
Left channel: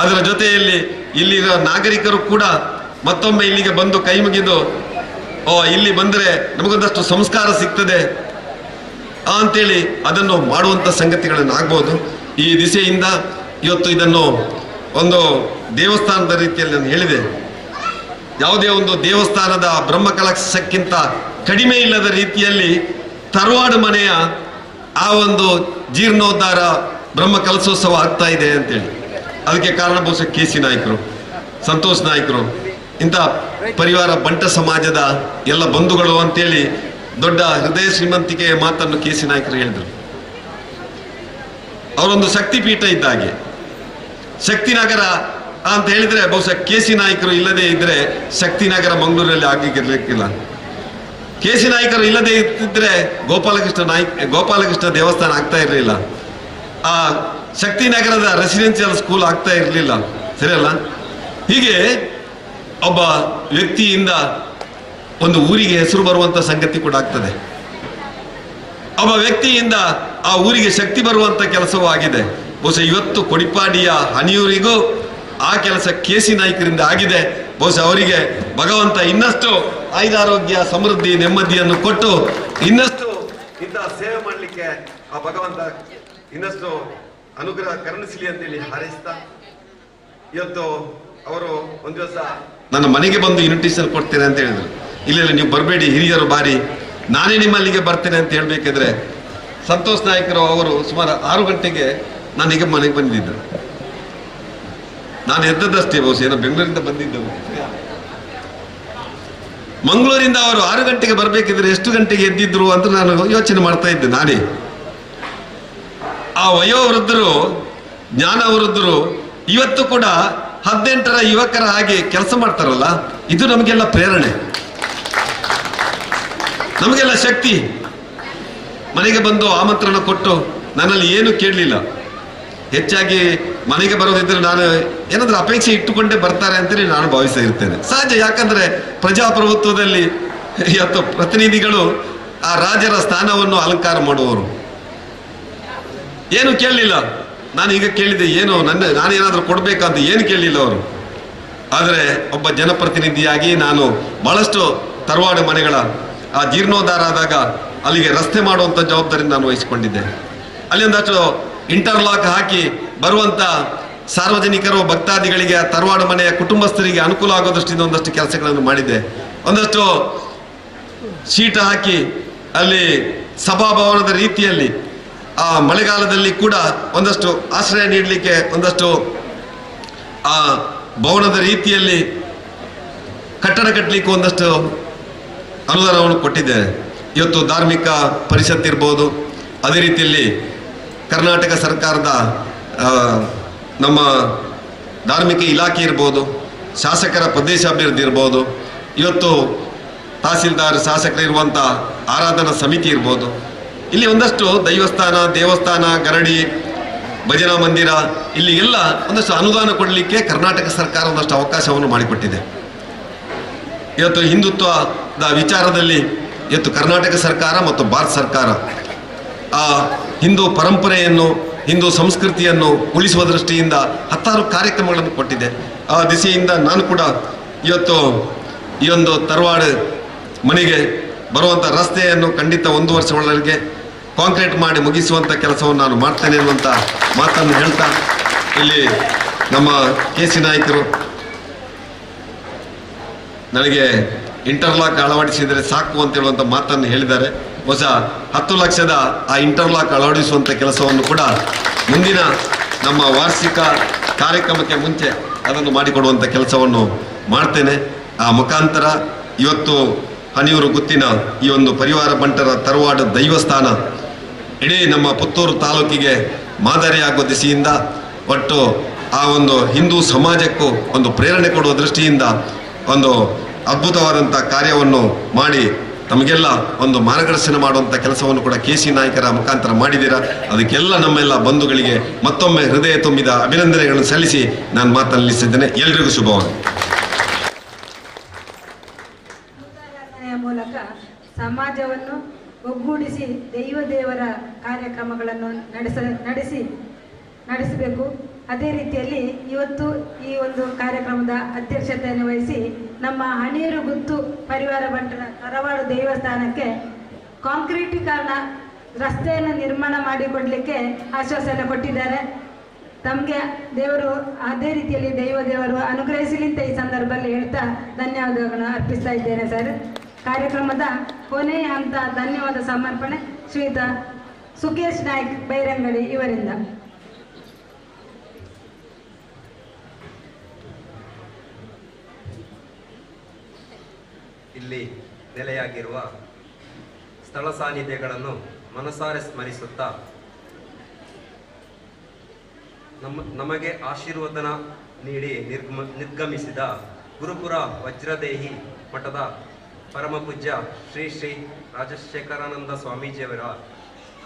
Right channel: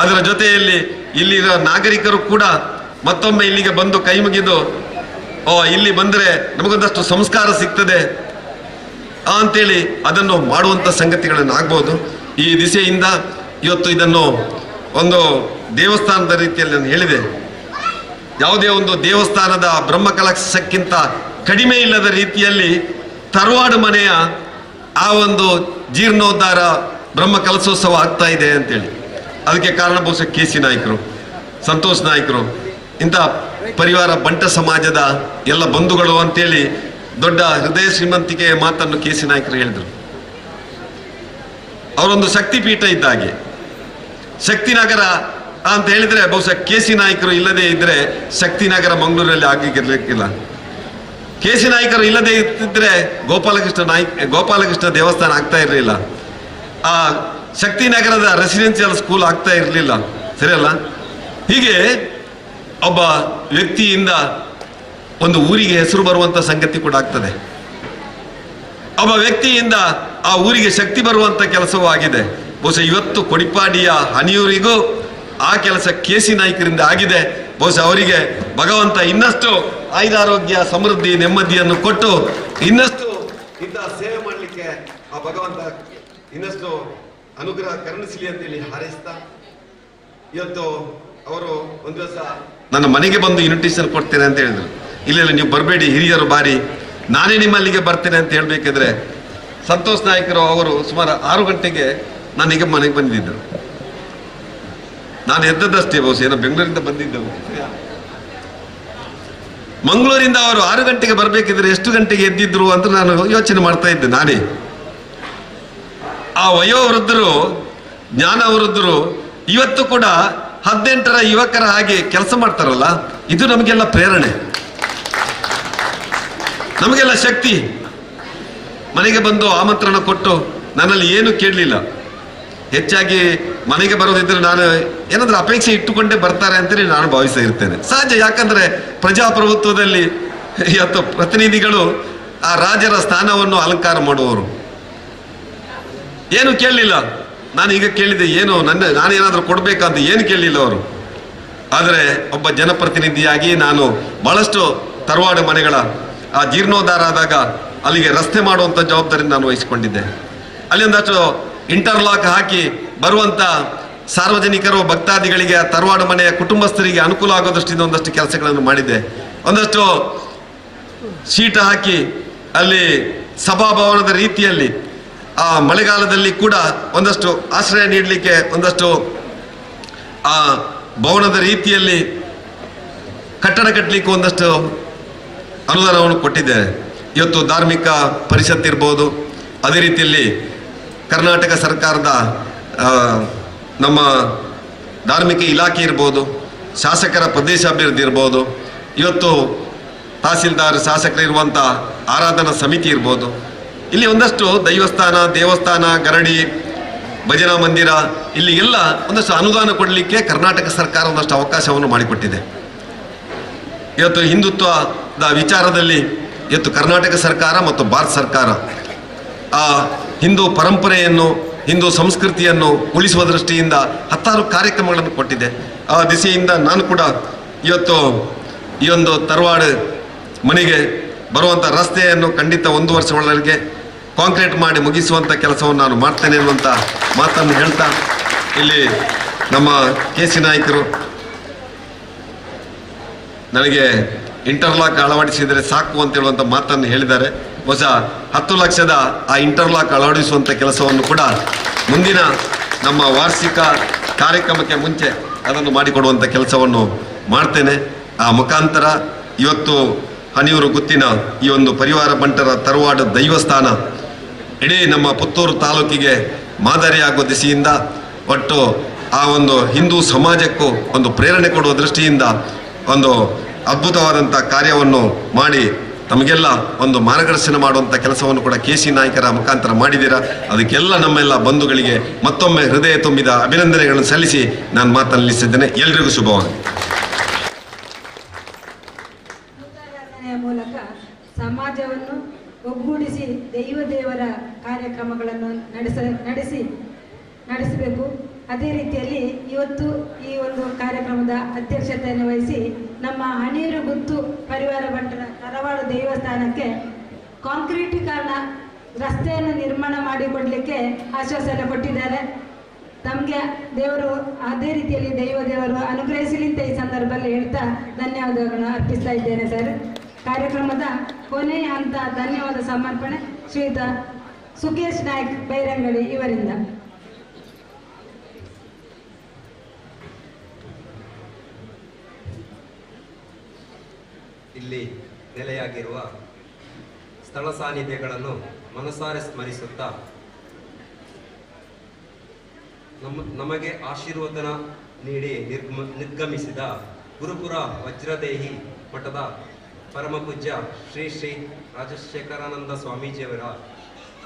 ಅದರ ಜೊತೆಯಲ್ಲಿ ಇಲ್ಲಿರೋ ನಾಗರಿಕರು ಕೂಡ ಮತ್ತೊಮ್ಮೆ ಇಲ್ಲಿಗೆ ಬಂದು ಕೈ ಮುಗಿದು ಇಲ್ಲಿ ಬಂದರೆ ನಮಗೊಂದಷ್ಟು ಸಂಸ್ಕಾರ ಸಿಗ್ತದೆ ಅಂತೇಳಿ ಅದನ್ನು ಮಾಡುವಂಥ ಸಂಗತಿಗಳನ್ನು ಆಗ್ಬೋದು. ಈ ದಿಸೆಯಿಂದ ಇವತ್ತು ಇದನ್ನು ಒಂದು ದೇವಸ್ಥಾನದ ರೀತಿಯಲ್ಲಿ ನಾನು ಹೇಳಿದೆ. ಯಾವುದೇ ಒಂದು ದೇವಸ್ಥಾನದ ಬ್ರಹ್ಮಕಲಶಕ್ಕಿಂತ ಕಡಿಮೆ ಇಲ್ಲದ ರೀತಿಯಲ್ಲಿ ತರವಾಡು ಮನೆಯ ಆ ಒಂದು ಜೀರ್ಣೋದ್ಧಾರ ಬ್ರಹ್ಮಕಲಶೋತ್ಸವ ಆಗ್ತಾ ಇದೆ ಅಂತೇಳಿ. ಅದಕ್ಕೆ ಕಾರಣ ಬಹುಶಃ ಕೆ.ಸಿ. ನಾಯ್ಕರು, ಸಂತೋಷ್ ನಾಯ್ಕರು, ಇಂಥ ಪರಿವಾರ ಬಂಟ ಸಮಾಜದ ಎಲ್ಲ ಬಂಧುಗಳು ಅಂತೇಳಿ ದೊಡ್ಡ ಹೃದಯ ಶ್ರೀಮಂತಿಕೆಯ ಮಾತನ್ನು ಕೆ.ಸಿ. ನಾಯ್ಕರು ಹೇಳಿದರು. ಅವರೊಂದು ಶಕ್ತಿಪೀಠ ಇದ್ದಾಗೆ. ಶಕ್ತಿನಗರ ಅಂತ ಹೇಳಿದ್ರೆ ಬಹುಶಃ ಕೆ.ಸಿ. ನಾಯ್ಕರು ಇಲ್ಲದೆ ಇದ್ರೆ ಶಕ್ತಿನಗರ ಮಂಗಳೂರಲ್ಲಿ ಆಗಿರ್ಲಿಕ್ಕಿಲ್ಲ. ಕೆ.ಸಿ. ನಾಯ್ಕರು ಇಲ್ಲದೆ ಇದ್ದಿದ್ರೆ ಗೋಪಾಲಕೃಷ್ಣ ದೇವಸ್ಥಾನ ಆಗ್ತಾ ಇರಲಿಲ್ಲ. ಆ ಶಕ್ತಿನಗರದ ರೆಸಿಡೆನ್ಸಿಯಲ್ ಸ್ಕೂಲ್ ಆಗ್ತಾ ಇರಲಿಲ್ಲ. ಸರಿಯಲ್ಲ? ಹೀಗೆ ಒಬ್ಬ ವ್ಯಕ್ತಿಯಿಂದ ಒಂದು ಊರಿಗೆ ಹೆಸರು ಬರುವಂಥ ಸಂಗತಿ ಕೂಡ ಆಗ್ತದೆ. ಒಬ್ಬ ವ್ಯಕ್ತಿಯಿಂದ ಆ ಊರಿಗೆ ಶಕ್ತಿ ಬರುವಂಥ ಕೆಲಸವೂ ಆಗಿದೆ. ಬಹುಶಃ ಇವತ್ತು ಕೊಡಿಪಾಡಿಯ ಹನಿಯೂರಿಗೂ ಆ ಕೆಲಸ ಕೆ.ಸಿ. ನಾಯ್ಕರಿಂದ ಆಗಿದೆ. ಬಹುಶಃ ಅವರಿಗೆ ಭಗವಂತ ಇನ್ನಷ್ಟು ಆಯುರಾರೋಗ್ಯ, ಸಮೃದ್ಧಿ, ನೆಮ್ಮದಿಯನ್ನು ಕೊಟ್ಟು ಇನ್ನಷ್ಟು ಇಂತಹ ಸೇವೆ ಮಾಡಲಿಕ್ಕೆ ಆ ಭಗವಂತ ಇನ್ನಷ್ಟು ಅನುಗ್ರಹ ಕರುಣಿಸಲಿ ಅಂತೇಳಿ ಹಾರೈಸ್ತಾ, ಇವತ್ತು ಅವರು ಒಂದು ದಿವಸ ನನ್ನ ಮನೆಗೆ ಬಂದು ಇನ್ವಿಟೇಷನ್ ಕೊಡ್ತೇನೆ ಅಂತ ಹೇಳಿದ್ರು. ಇಲ್ಲ ನೀವು ಬರಬೇಡಿ, ಹಿರಿಯರು ಬಾರಿ, ನಾನೇ ನಿಮ್ಮಲ್ಲಿಗೆ ಬರ್ತೇನೆ ಅಂತ ಹೇಳ್ಬೇಕಿದ್ರೆ ಸಂತೋಷ್ ನಾಯ್ಕರು ಅವರು ಸುಮಾರು 6 ಗಂಟೆಗೆ ನಾನೀಗ ಮನೆಗೆ ಬಂದಿದ್ದರು. ನಾನು ಎದ್ದದಷ್ಟೇ, ಬಹುಶಃ ಏನೋ ಬೆಂಗಳೂರಿಂದ ಬಂದಿದ್ದವು. ಮಂಗಳೂರಿಂದ ಅವರು 6 ಗಂಟೆಗೆ ಬರಬೇಕಿದ್ರೆ ಎಷ್ಟು ಗಂಟೆಗೆ ಎದ್ದಿದ್ರು ಅಂತ ನಾನು ಯೋಚನೆ ಮಾಡ್ತಾ ಇದ್ದೆ ನಾನೇ. ಆ ವಯೋವೃದ್ಧರು, ಜ್ಞಾನ ವೃದ್ಧರು ಇವತ್ತು ಕೂಡ 18ರ ಯುವಕರ ಹಾಗೆ ಕೆಲಸ ಮಾಡ್ತಾರಲ್ಲ, ಇದು ನಮಗೆಲ್ಲ ಪ್ರೇರಣೆ, ನಮಗೆಲ್ಲ ಶಕ್ತಿ. ಮನೆಗೆ ಬಂದು ಆಮಂತ್ರಣ ಕೊಟ್ಟು ನನ್ನಲ್ಲಿ ಏನು ಕೇಳಲಿಲ್ಲ. ಹೆಚ್ಚಾಗಿ ಮನೆಗೆ ಬರೋದಿದ್ರೆ ನಾನು ಏನಾದ್ರೂ ಅಪೇಕ್ಷೆ ಇಟ್ಟುಕೊಂಡೇ ಬರ್ತಾರೆ ಅಂತೇಳಿ ನಾನು ಭಾವಿಸ್ತಾ ಇರ್ತೇನೆ. ಸಹಜ, ಯಾಕಂದ್ರೆ ಪ್ರಜಾಪ್ರಭುತ್ವದಲ್ಲಿ ಇವತ್ತು ಪ್ರತಿನಿಧಿಗಳು ಆ ರಾಜರ ಸ್ಥಾನವನ್ನು ಅಲಂಕಾರ ಮಾಡುವವರು. ಏನು ಕೇಳಲಿಲ್ಲ. ನಾನು ಈಗ ಕೇಳಿದೆ, ಏನು ನಾನೇನಾದರೂ ಕೊಡಬೇಕಂತ ಏನು ಕೇಳಲಿಲ್ಲ ಅವರು. ಆದರೆ ಒಬ್ಬ ಜನಪ್ರತಿನಿಧಿಯಾಗಿ ನಾನು ಬಹಳಷ್ಟು ತರವಾಡು ಮನೆಗಳ ಆ ಜೀರ್ಣೋದ್ಧಾರ ಆದಾಗ ಅಲ್ಲಿಗೆ ರಸ್ತೆ ಮಾಡುವಂಥ ಜವಾಬ್ದಾರಿ ನಾನು ವಹಿಸಿಕೊಂಡಿದ್ದೆ. ಅಲ್ಲಿ ಒಂದಷ್ಟು ಇಂಟರ್ಲಾಕ್ ಹಾಕಿ ಬರುವಂಥ ಸಾರ್ವಜನಿಕರು, ಭಕ್ತಾದಿಗಳಿಗೆ, ಆ ತರವಾಡು ಮನೆಯ ಕುಟುಂಬಸ್ಥರಿಗೆ ಅನುಕೂಲ ಆಗೋ ದೃಷ್ಟಿಯಿಂದ ಒಂದಷ್ಟು ಕೆಲಸಗಳನ್ನು ಮಾಡಿದ್ದೆ. ಒಂದಷ್ಟು ಶೀಟ್ ಹಾಕಿ ಅಲ್ಲಿ ಸಭಾಭವನದ ರೀತಿಯಲ್ಲಿ ಆ ಮಳೆಗಾಲದಲ್ಲಿ ಕೂಡ ಒಂದಷ್ಟು ಆಶ್ರಯ ನೀಡಲಿಕ್ಕೆ ಒಂದಷ್ಟು ಆ ಭವನದ ರೀತಿಯಲ್ಲಿ ಕಟ್ಟಡ ಕಟ್ಟಲಿಕ್ಕೆ ಒಂದಷ್ಟು ಅನುದಾನವನ್ನು ಕೊಟ್ಟಿದ್ದೇನೆ. ಇವತ್ತು ಧಾರ್ಮಿಕ ಪರಿಷತ್ ಇರ್ಬೋದು, ಅದೇ ರೀತಿಯಲ್ಲಿ ಕರ್ನಾಟಕ ಸರ್ಕಾರದ ನಮ್ಮ ಧಾರ್ಮಿಕ ಇಲಾಖೆ ಇರ್ಬೋದು, ಶಾಸಕರ ಪ್ರದೇಶಾಭಿವೃದ್ಧಿ ಇರ್ಬೋದು, ಇವತ್ತು ತಹಸೀಲ್ದಾರ್ ಶಾಸಕರಿರುವಂಥ ಆರಾಧನಾ ಸಮಿತಿ ಇರ್ಬೋದು, ಇಲ್ಲಿ ಒಂದಷ್ಟು ದೇವಸ್ಥಾನ ಗರಡಿ ಭಜನಾ ಮಂದಿರ ಇಲ್ಲಿ ಎಲ್ಲ ಒಂದಷ್ಟು ಅನುದಾನ ಕೊಡಲಿಕ್ಕೆ ಕರ್ನಾಟಕ ಸರ್ಕಾರ ಒಂದಷ್ಟು ಅವಕಾಶವನ್ನು ಮಾಡಿಕೊಟ್ಟಿದೆ. ಇವತ್ತು ಹಿಂದುತ್ವದ ವಿಚಾರದಲ್ಲಿ ಇವತ್ತು ಕರ್ನಾಟಕ ಸರ್ಕಾರ ಮತ್ತು ಭಾರತ ಸರ್ಕಾರ ಆ ಹಿಂದೂ ಪರಂಪರೆಯನ್ನು, ಹಿಂದೂ ಸಂಸ್ಕೃತಿಯನ್ನು ಉಳಿಸುವ ದೃಷ್ಟಿಯಿಂದ ಹತ್ತಾರು ಕಾರ್ಯಕ್ರಮಗಳನ್ನು ಕೊಟ್ಟಿದೆ. ಆ ದಿಸೆಯಿಂದ ನಾನು ಕೂಡ ಇವತ್ತು ಈ ಒಂದು ತರವಾಡ ಮನೆಗೆ ಬರುವಂಥ ರಸ್ತೆಯನ್ನು ಖಂಡಿತ 1 ವರ್ಷ ಒಳಗೆ ಕಾಂಕ್ರೀಟ್ ಮಾಡಿ ಮುಗಿಸುವಂಥ ಕೆಲಸವನ್ನು ನಾನು ಮಾಡ್ತೇನೆ ಅನ್ನುವಂಥ ಮಾತನ್ನು ಹೇಳ್ತಾ, ಇಲ್ಲಿ ನಮ್ಮ KC ನಾಯಕರು ನನಗೆ ಇಂಟರ್ಲಾಕ್ ಅಳವಡಿಸಿದರೆ ಸಾಕು ಅಂತ ಹೇಳುವಂಥ ಮಾತನ್ನು ಹೇಳಿದ್ದಾರೆ. ಹೊಸ 10 ಲಕ್ಷದ ಆ ಇಂಟರ್ಲಾಕ್ ಅಳವಡಿಸುವಂಥ ಕೆಲಸವನ್ನು ಕೂಡ ಮುಂದಿನ ನಮ್ಮ ವಾರ್ಷಿಕ ಕಾರ್ಯಕ್ರಮಕ್ಕೆ ಮುಂಚೆ ಅದನ್ನು ಮಾಡಿಕೊಡುವಂಥ ಕೆಲಸವನ್ನು ಮಾಡ್ತೇನೆ. ಆ ಮುಖಾಂತರ ಇವತ್ತು ಹನಿಯೂರು ಗುತ್ತಿನ ಈ ಒಂದು ಪರಿವಾರ ಬಂಟರ ತರವಾಡ ದೈವಸ್ಥಾನ ಇಡೀ ನಮ್ಮ ಪುತ್ತೂರು ತಾಲೂಕಿಗೆ ಮಾದರಿಯಾಗುವ ದಿಸೆಯಿಂದ ಒಟ್ಟು ಆ ಒಂದು ಹಿಂದೂ ಸಮಾಜಕ್ಕೂ ಒಂದು ಪ್ರೇರಣೆ ಕೊಡುವ ದೃಷ್ಟಿಯಿಂದ ಒಂದು ಅದ್ಭುತವಾದಂಥ ಕಾರ್ಯವನ್ನು ಮಾಡಿ ತಮಗೆಲ್ಲ ಒಂದು ಮಾರ್ಗದರ್ಶನ ಮಾಡುವಂಥ ಕೆಲಸವನ್ನು ಕೂಡ KC ನಾಯಕರ ಮುಖಾಂತರ ಮಾಡಿದ್ದೀರಾ. ಅದಕ್ಕೆಲ್ಲ ನಮ್ಮೆಲ್ಲ ಬಂಧುಗಳಿಗೆ ಮತ್ತೊಮ್ಮೆ ಹೃದಯ ತುಂಬಿದ ಅಭಿನಂದನೆಗಳನ್ನು ಸಲ್ಲಿಸಿ ನಾನು ಮಾತನಾಡಿಸಿದ್ದೇನೆ. ಎಲ್ರಿಗೂ ಶುಭವಾಗಲಿ. ಮೂಲಕ ಸಮಾಜವನ್ನು ಒಗ್ಗೂಡಿಸಿ ದೇವರ ಕಾರ್ಯಕ್ರಮಗಳನ್ನು ನಡೆಸಬೇಕು. ಅದೇ ರೀತಿಯಲ್ಲಿ ಇವತ್ತು ಈ ಒಂದು ಕಾರ್ಯಕ್ರಮದ ಅಧ್ಯಕ್ಷತೆಯನ್ನು ವಹಿಸಿ ನಮ್ಮ ಹನಿಯೂರು ಗುತ್ತು ಪರಿವಾರ ಬಂಟರ ತರವಾಡ ದೇವಸ್ಥಾನಕ್ಕೆ ಕಾಂಕ್ರೀಟೀಕರಣ ರಸ್ತೆಯನ್ನು ನಿರ್ಮಾಣ ಮಾಡಿಕೊಡಲಿಕ್ಕೆ ಆಶ್ವಾಸನೆ ಕೊಟ್ಟಿದ್ದಾರೆ. ತಮಗೆ ದೇವರು ಅದೇ ರೀತಿಯಲ್ಲಿ ದೇವರು ಅನುಗ್ರಹಿಸಲಿ ಅಂತ ಈ ಸಂದರ್ಭದಲ್ಲಿ ಹೇಳ್ತಾ ಧನ್ಯವಾದಗಳನ್ನು ಅರ್ಪಿಸ್ತಾ ಇದ್ದೇನೆ ಸರ್. ಕಾರ್ಯಕ್ರಮದ ಕೊನೆಯ ಹಂತ ಧನ್ಯವಾದ ಸಮರ್ಪಣೆ ಶ್ರೀಯುತ ಸುಖೇಶ್ ನಾಯ್ಕ್ ಬೈರಂಗಡಿ ಇವರಿಂದ. ಇಲ್ಲಿ ನೆಲೆಯಾಗಿರುವ ಸ್ಥಳ ಸಾನ್ನಿಧ್ಯಗಳನ್ನು ಮನಸಾರೆ ಸ್ಮರಿಸುತ್ತಾ ನಮಗೆ ಆಶೀರ್ವಾದನ ನೀಡಿ ನಿರ್ಗಮಿಸಿದ ಗುರುಪುರ ವಜ್ರದೇಹಿ ಮಠದ ಪರಮಪೂಜ್ಯ ಶ್ರೀ ರಾಜಶೇಖರಾನಂದ ಸ್ವಾಮೀಜಿಯವರ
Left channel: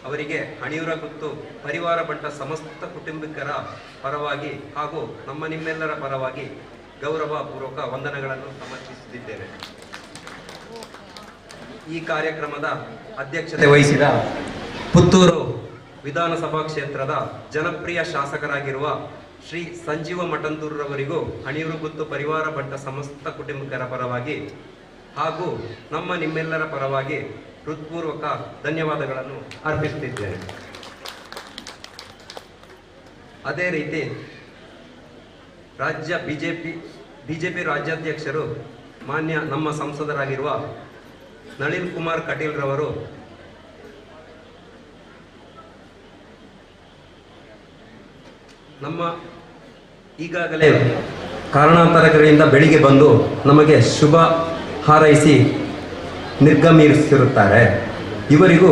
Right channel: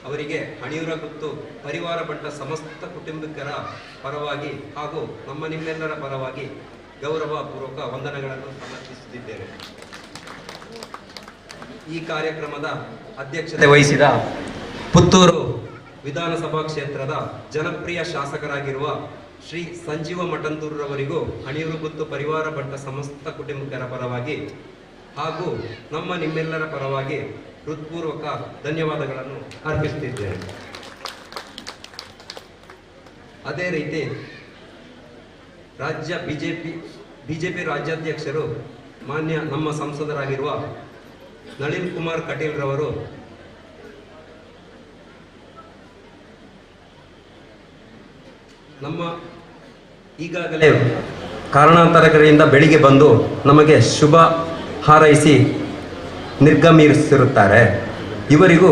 ಅವರಿಗೆ ಹಣಿಯೂರ ಗುತ್ತು ಪರಿವಾರ ಬಂಟ ಸಮಸ್ತ ಕುಟುಂಬಿಕರ ಪರವಾಗಿ ಹಾಗೂ ನಿಮ್ಮೆಲ್ಲರ ಪರವಾಗಿ ಗೌರವಪೂರ್ವಕ ವಂದನೆಗಳನ್ನು ಸಮರ್ಪಿಸುತ್ತಿದ್ದೇನೆ. ಈ ಕಾರ್ಯಕ್ರಮದ ಅಧ್ಯಕ್ಷತೆ ವಹಿಸಿದ ಪುತ್ತೂರು ವಿಧಾನಸಭಾ ಕ್ಷೇತ್ರದ ಜನಪ್ರಿಯ ಶಾಸಕರಾಗಿರುವ ಶ್ರೀ ಸಂಜೀವ ಮಠಂದೂರವರಿಗೂ ಹಣಿಯೂರು ಗುತ್ತು ಪರಿವಾರ ಬಂಟ ಸಮಸ್ತ ಕುಟುಂಬಿಕರ ಪರವಾಗಿ ಹಾಗೂ ನಿಮ್ಮೆಲ್ಲರ ಪರವಾಗಿ ಹೃತ್ಪೂರ್ವಕ ಧನ್ಯವಾದಗಳನ್ನು ಅರ್ಪಿಸುತ್ತಿದ್ದೇನೆ. ಅದೇ ರೀತಿ ರಾಜ್ಯ ಬಿಜೆಪಿ ರಾಜ್ಯಾಧ್ಯಕ್ಷರು ಮಾನ್ಯ ನಮ್ಮ ಸಂಸದರಾಗಿರುವ ನಳಿನ್ ಕುಮಾರ್ ಕಟೀಲ್ ರವರು ಈಗಾಗಲೇ ಕಾರಣಾಂತರಗಳಿಂದ ಬೆಳಿಗ್ಗೆ ಬಂದು ನಮಗೆ ಶುಭ ಹಾರೈಸಿ ನಿರ್ಗಮಿಸಿರುತ್ತಾರೆ. ಇವರಿಗೂ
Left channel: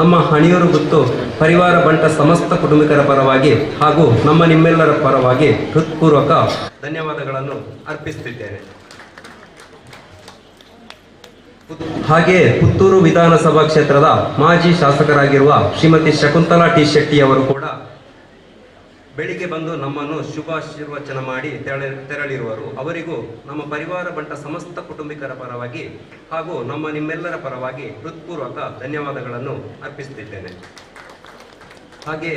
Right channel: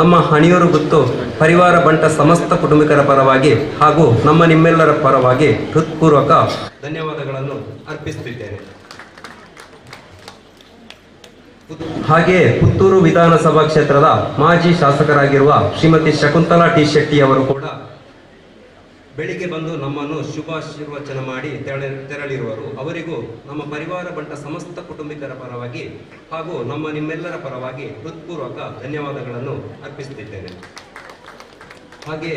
ನಮ್ಮ ಹಣಿಯೂರು ಗುತ್ತು ಪರಿವಾರ ಬಂಟ ಸಮಸ್ತ ಕುಟುಂಬಿಕರ ಪರವಾಗಿ ಹಾಗೂ ನಿಮ್ಮೆಲ್ಲರ ಪರವಾಗಿ ಹೃತ್ಪೂರ್ವಕ ಧನ್ಯವಾದಗಳನ್ನು ಅರ್ಪಿಸುತ್ತಿದ್ದೇನೆ. ಹಾಗೆ ಪುತ್ತೂರು ವಿಧಾನಸಭಾ ಕ್ಷೇತ್ರದ ಮಾಜಿ ಶಾಸಕರಾಗಿರುವ ಶ್ರೀಮತಿ ಶಕುಂತಲಾ ಟಿ ಶೆಟ್ಟಿ ಅವರು ಕೂಡ ಬೆಳಿಗ್ಗೆ ಬಂದು ನಮ್ಮನ್ನು ಶುಭಾಶೀರ್ವಚನ ಮಾಡಿ ತೆರಳಿರುವರು. ಅವರಿಗೂ ನಮ್ಮ ಪರಿವಾರ ಬಂಟ ಸಮಸ್ತ ಕುಟುಂಬಿಕರ ಪರವಾಗಿ ಹಾಗೂ ನಿಮ್ಮೆಲ್ಲರ ಪರವಾಗಿ ಹೃತ್ಪೂರ್ವಕ ಧನ್ಯವಾದಗಳನ್ನು ಅರ್ಪಿಸುತ್ತಿದ್ದೇನೆ. ಹಾಗೆ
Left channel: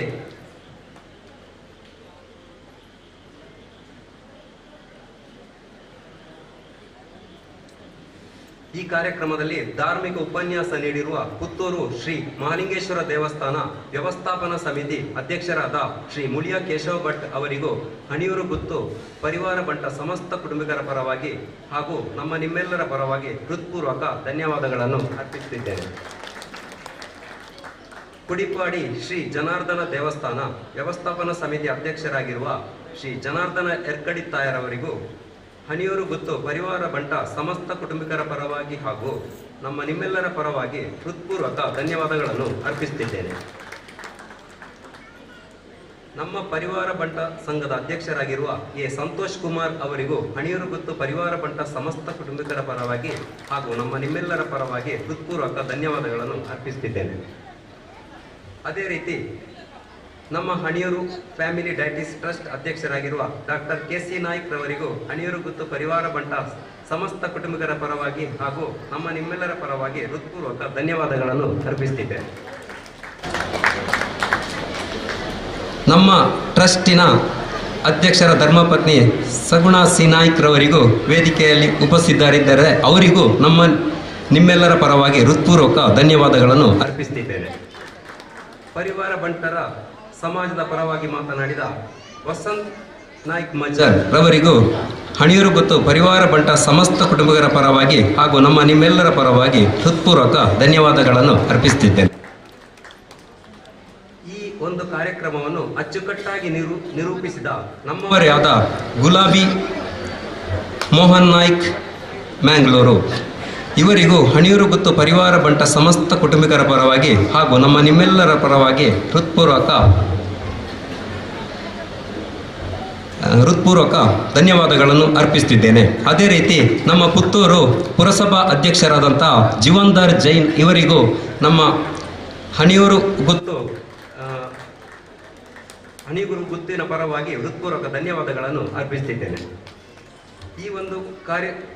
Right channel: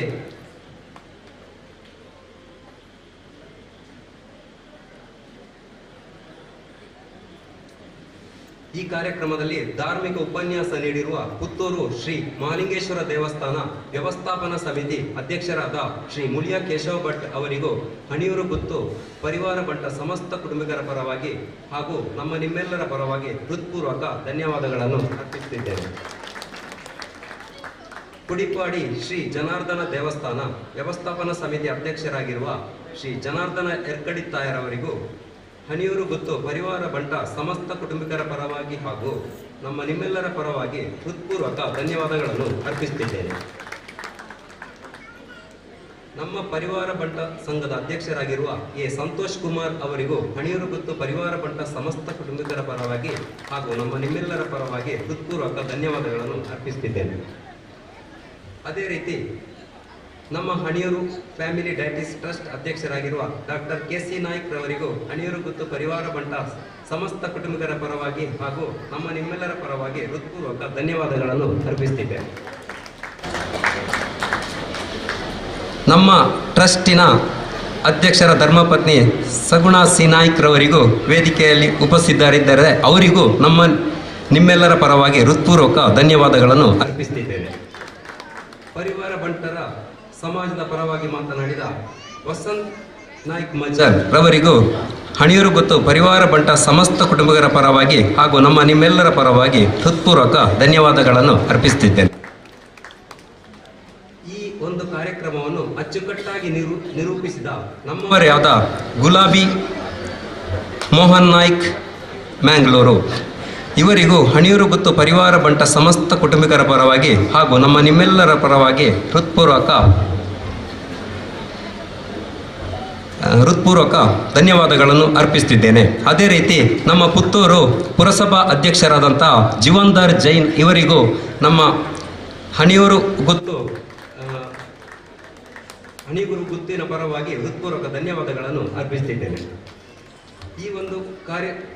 ಈ ಕಾರ್ಯಕ್ರಮದಲ್ಲಿ ಧಾರ್ಮಿಕ ಉಪನ್ಯಾಸ ನೀಡಿರುವ ಪುತ್ತೂರು ಶ್ರೀ ಮಹಾಲಿಂಗೇಶ್ವರ ದೇವಸ್ಥಾನ ವ್ಯವಸ್ಥಾಪನಾ ಸಮಿತಿ ಅಧ್ಯಕ್ಷರಾದ ಶ್ರೀ ಮುಳಿಯ ಕೇಶವ ಭಟ್ ಅವರಿಗೂ ಹಣಿಯೂರು ಗುತ್ತು ಪರಿವಾರ ಬಂಟ ಸಮಸ್ತ ಕುಟುಂಬಿಕರ ಪರವಾಗಿ ಹಾಗೂ ನಿಮ್ಮೆಲ್ಲರ ಪರವಾಗಿ ಹೃತ್ಪೂರ್ವಕ ಧನ್ಯವಾದಗಳನ್ನು ಅರ್ಪಿಸುತ್ತಿದ್ದೇನೆ. ಕುಡಿಪಾಡಿ ಶ್ರೀ ಜನಾರ್ದನ ದೇವಸ್ಥಾನ ವ್ಯವಸ್ಥಾಪನಾ ಸಮಿತಿ ಅಧ್ಯಕ್ಷರಾಗಿರುವ ಶ್ರೀ ಜನಾರ್ದನ ಎರ್ಕಡಿತ್ತಾಯರವರಿಗೂ ಹನಿಯೂರು ಗುತ್ತು ಪರಿವಾರ ಬಂಟ ಸಮಸ್ತ ಕುಟುಂಬಿಕರ ಪರವಾಗಿ ಹಾಗೂ ನಿಮ್ಮೆಲ್ಲರ ಪರವಾಗಿ ಹೃತ್ಪೂರ್ವಕ ಧನ್ಯವಾದಗಳನ್ನು ಅರ್ಪಿಸುತ್ತಿದ್ದೇನೆ. ನಮ್ಮ ಪರಿವಾರ ಬಂಟ ಸಂಘದ ಅಧ್ಯಕ್ಷರಾಗಿರುವ ಎ ಸಂತೋಷ್ ಕುಮಾರ್ ಅವರಿಗೂ ಹಣಿಯೂರು ಗುತ್ತು ಪರಿವಾರ ಬಂಟ ಸಮಸ್ತ ಕುಟುಂಬಿಕರ ಪರವಾಗಿ ಹಾಗೂ ನಿಮ್ಮೆಲ್ಲರ ಪರವಾಗಿ ಹೃತ್ಪೂರ್ವಕ ಧನ್ಯವಾದಗಳನ್ನು ಅರ್ಪಿಸುತ್ತಿದ್ದೇನೆ. ಅದೇ ರೀತಿ ನಮ್ಮ ಹಣಿಯೂರು ಫ್ಯಾಮಿಲಿ ಡಯಾಟಿಸ್ ಟ್ರಸ್ಟ್ ಅಧ್ಯಕ್ಷರಾಗಿರುವ ಡಾಕ್ಟರ್ ಕೆ.ಸಿ. ನಾಯ್ಕ್ ರವರಿಗೂ ಹಣಿಯೂರು ಗುತ್ತು ಪರಿವಾರ ಬಂಟ ಸಮಸ್ತ ಕುಟುಂಬಿಕರ ಪರವಾಗಿ ಹಾಗೂ ನಿಮ್ಮೆಲ್ಲರ ಪರವಾಗಿ ಹೃತ್ಪೂರ್ವಕ ಧನ್ಯವಾದಗಳನ್ನು ಅರ್ಪಿಸುತ್ತಿದ್ದೇನೆ. ನಮ್ಮ ಟ್ರಸ್ಟಿನ ಅಧ್ಯಕ್ಷರ ಧರ್ಮಪತ್ನಿ ಸಗುಣ ಸಿ ನಾಯ್ಕ್ ರವರಿಗೂ ವೇದಿಕೆಯಲ್ಲಿ ಉಪಸ್ಥಿತರಿದ್ದಾರೆ. ಅವರಿಗೂ ನಿಮ್ಮೆಲ್ಲರ ಪರವಾಗಿ ಹೃತ್ಪೂರ್ವಕ ಧನ್ಯವಾದಗಳನ್ನು ಅರ್ಪಿಸುತ್ತಿದ್ದೇನೆ. ಪರಿವಾರ ಬಂಟರ ಸಮಾಜದ ಪರವಾಗಿ ಮಾತನಾಡಿದ ವಸಂತ್ ನಾಯ್ಕ್ ಮಜಲ್ ರವರಿಗೂ ಹಣಿಯೂರು ಗುತ್ತು ಪರಿವಾರ ಬಂಟ ಸಮಸ್ತ ಕುಟುಂಬಿಕರ ಪರವಾಗಿ ಹಾಗೂ ನಿಮ್ಮೆಲ್ಲರ ಪರವಾಗಿ ಹೃತ್ಪೂರ್ವಕ ಧನ್ಯವಾದಗಳನ್ನು ಅರ್ಪಿಸುತ್ತಿದ್ದೇನೆ. ಈ ಒಂದು ಕಾರ್ಯಕ್ರಮವನ್ನು ಅಚ್ಚುಕಟ್ಟಾಗಿ ನಿರೂಪಿಸಿದ ನಮ್ಮವರೇ ಆದ ಗುಲಾಬಿ ಮೋಹನ್ ನಾಯ್ಕ್ ಮ್ಯಾಂಗ್ಳೂರು ಇವರಿಗೂ ಹಣಿಯೂರು ಗುತ್ತು ಪರಿವಾರ ಬಂಟ ಸಮಸ್ತ ಕುಟುಂಬಿಕರ ಪರವಾಗಿ ಹಾಗೂ ನಿಮ್ಮೆಲ್ಲರ ಪರವಾಗಿ ಹೃತ್ಪೂರ್ವಕ ಧನ್ಯವಾದಗಳನ್ನು ಅರ್ಪಿಸುತ್ತಿದ್ದೇನೆ. ಅದೇ ರೀತಿ ನಮ್ಮ ಪುತ್ತೂರು ಪುರಸಭಾ ಅಧ್ಯಕ್ಷರಾದಂಥ ಜೀವನ್ದಾರ್ ಜೈನ್ ಇವರಿಗೂ ಹಣಿಯೂರು ಗುತ್ತಿನ ಪರವಾಗಿ ಹೃತ್ಪೂರ್ವಕ ಧನ್ಯವಾದಗಳನ್ನು ಅರ್ಪಿಸುತ್ತಿದ್ದೇನೆ. ಈ ಒಂದು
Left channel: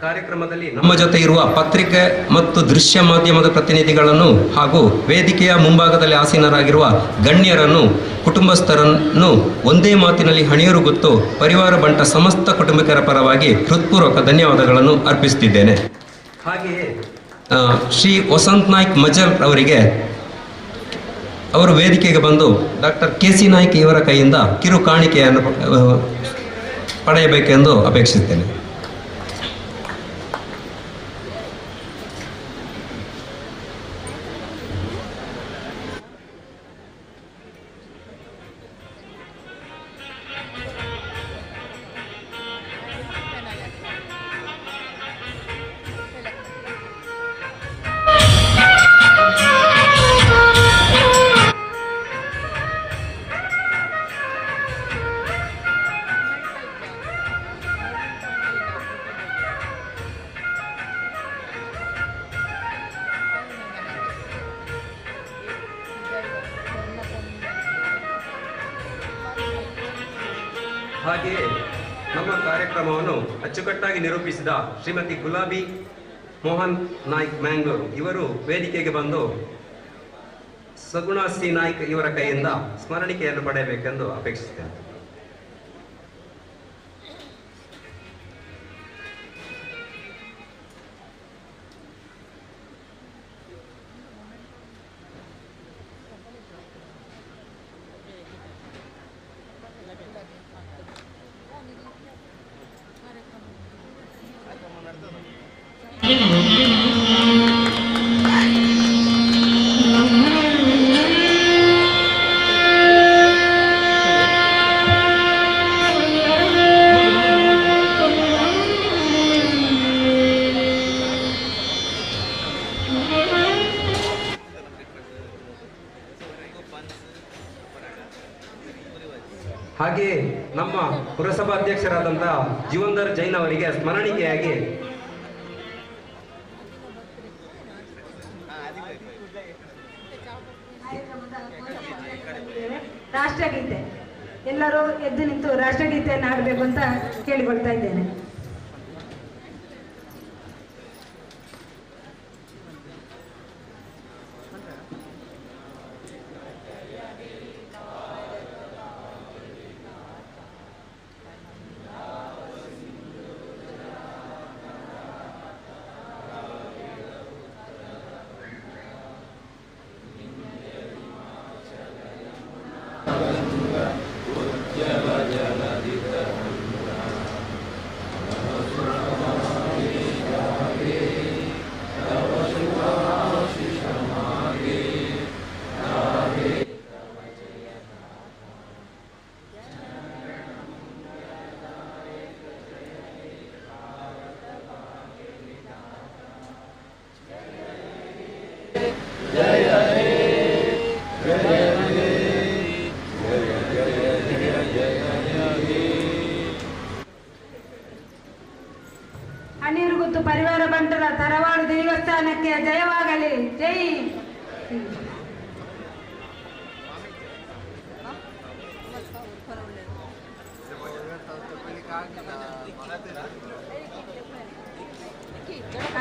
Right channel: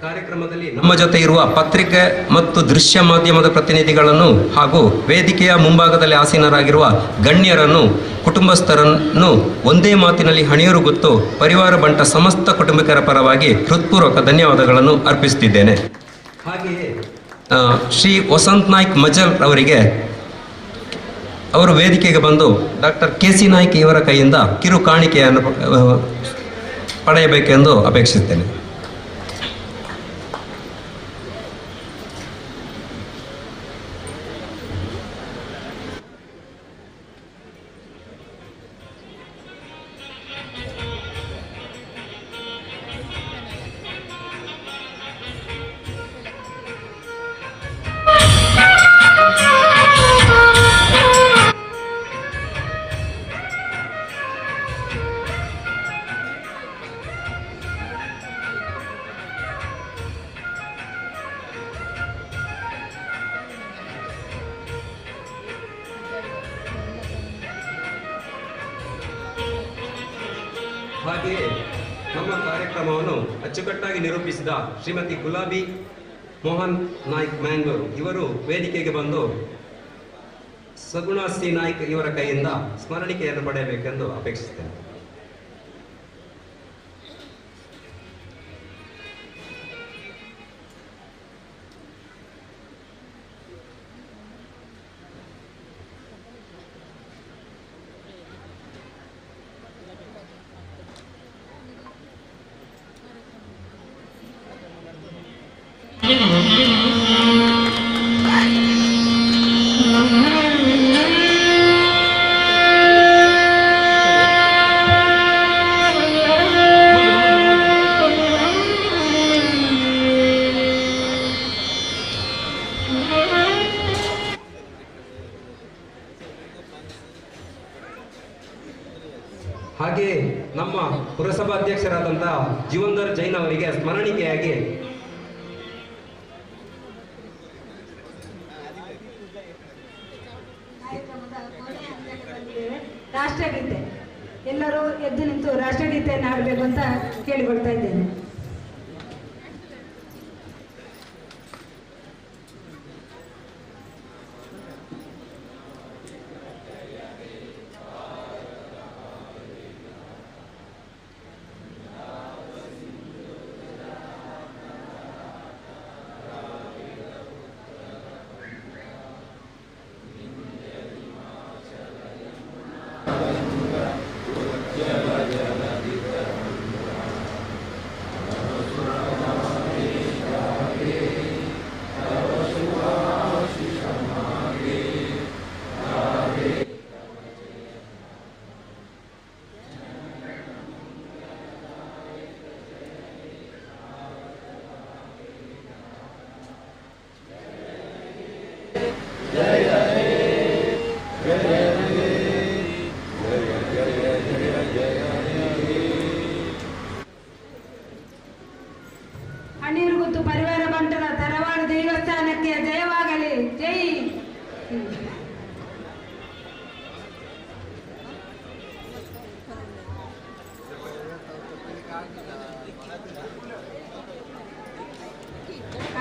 ಕಾರ್ಯಕ್ರಮದಲ್ಲಿ ನಮ್ಮ ಜೊತೆ ಇರುವ ಪತ್ರಿಕೆ ಮತ್ತು ದೃಶ್ಯ ಮಾಧ್ಯಮದ ಪ್ರತಿನಿಧಿಗಳನ್ನು ಹಾಗೂ ವೇದಿಕೆಯ ಮುಂಭಾಗದಲ್ಲಿ ಆಸೀನರಾಗಿರುವ ಗಣ್ಯರನ್ನು ಕುಟುಂಬಸ್ಥರನ್ನು ಒಂದೇ ಮಾತಿನಲ್ಲಿ ಹಣಿಯೂರು ಗುತ್ತು ಪರಿವಾರ ಬಂಟ ಸಮಸ್ತ ಕುಟುಂಬಿಕರ ಪರವಾಗಿ ಹೃತ್ಪೂರ್ವಕ ಧನ್ಯವಾದಗಳನ್ನು ಅರ್ಪಿಸುತ್ತಿದ್ದೇನೆ. ಹಾಗೆಯೇ ಶ್ರೀ ವಸಂತ್ ನಾಯ್ಕ್ ಮಜಲ್ ಅವರಿಗೆ ಅವರು ವೇದಿಕೆಗೆ ಬಂದು ಡಾಕ್ಟರ್ ಕೆ.ಸಿ. ನಾಯ್ಕ್ ಇವರ ಕೈಯಿಂದ ಕಿರು ಕಾಣಿಕೆಯನ್ನು ಪಡೆಯಬೇಕೆಂದು ಅಪೇಕ್ಷಿಸುತ್ತೇನೆ. ಹಾಗೆಯೇ ನಮ್ಮ ಕಾರ್ಯಕ್ರಮವನ್ನು ಅಚ್ಚುಕಟ್ಟಾಗಿ ನಿರೂಪಿಸಿದ ಶ್ರೀಮತಿ ಗುಲಾಬಿ ಮೋಹನ್ ನಾಯ್ಕ್ ಮ್ಯಾಂಗ್ಳೂರು ಇವರು ವೇದಿಕೆಗೆ ಬಂದು ಸಗುಣ ಸಿ ನಾಯ್ಕ್ ಇವರ ಕೈಯಿಂದ ಸ್ಮರಣಿಕೆಯನ್ನು ಪಡೆಯಬೇಕೆಂದು ಅಪೇಕ್ಷಿಸುತ್ತೇನೆ. ಹಾಗೆಯೇ ನಮ್ಮ ಪುರಸಭಾಧ್ಯಕ್ಷರಾದಂತಹ ಜೀವನ್ದಾರ್ ಜೈನ್ ಅವರಿಗೆ ಸ್ಮರಣಿಕೆಯಾಗಿ ರಾಷ್ಟ್ರಗೀತೆ ಎಲ್ಲರೂ ಎದ್ದು ನಿಂತು ರಾಷ್ಟ್ರಗೀತೆಯನ್ನು ಹಾಡಬೇಕು ಅಂತ ಕೇಳಿಕೊಳ್ತಾ ಇದ್ದೇನೆ.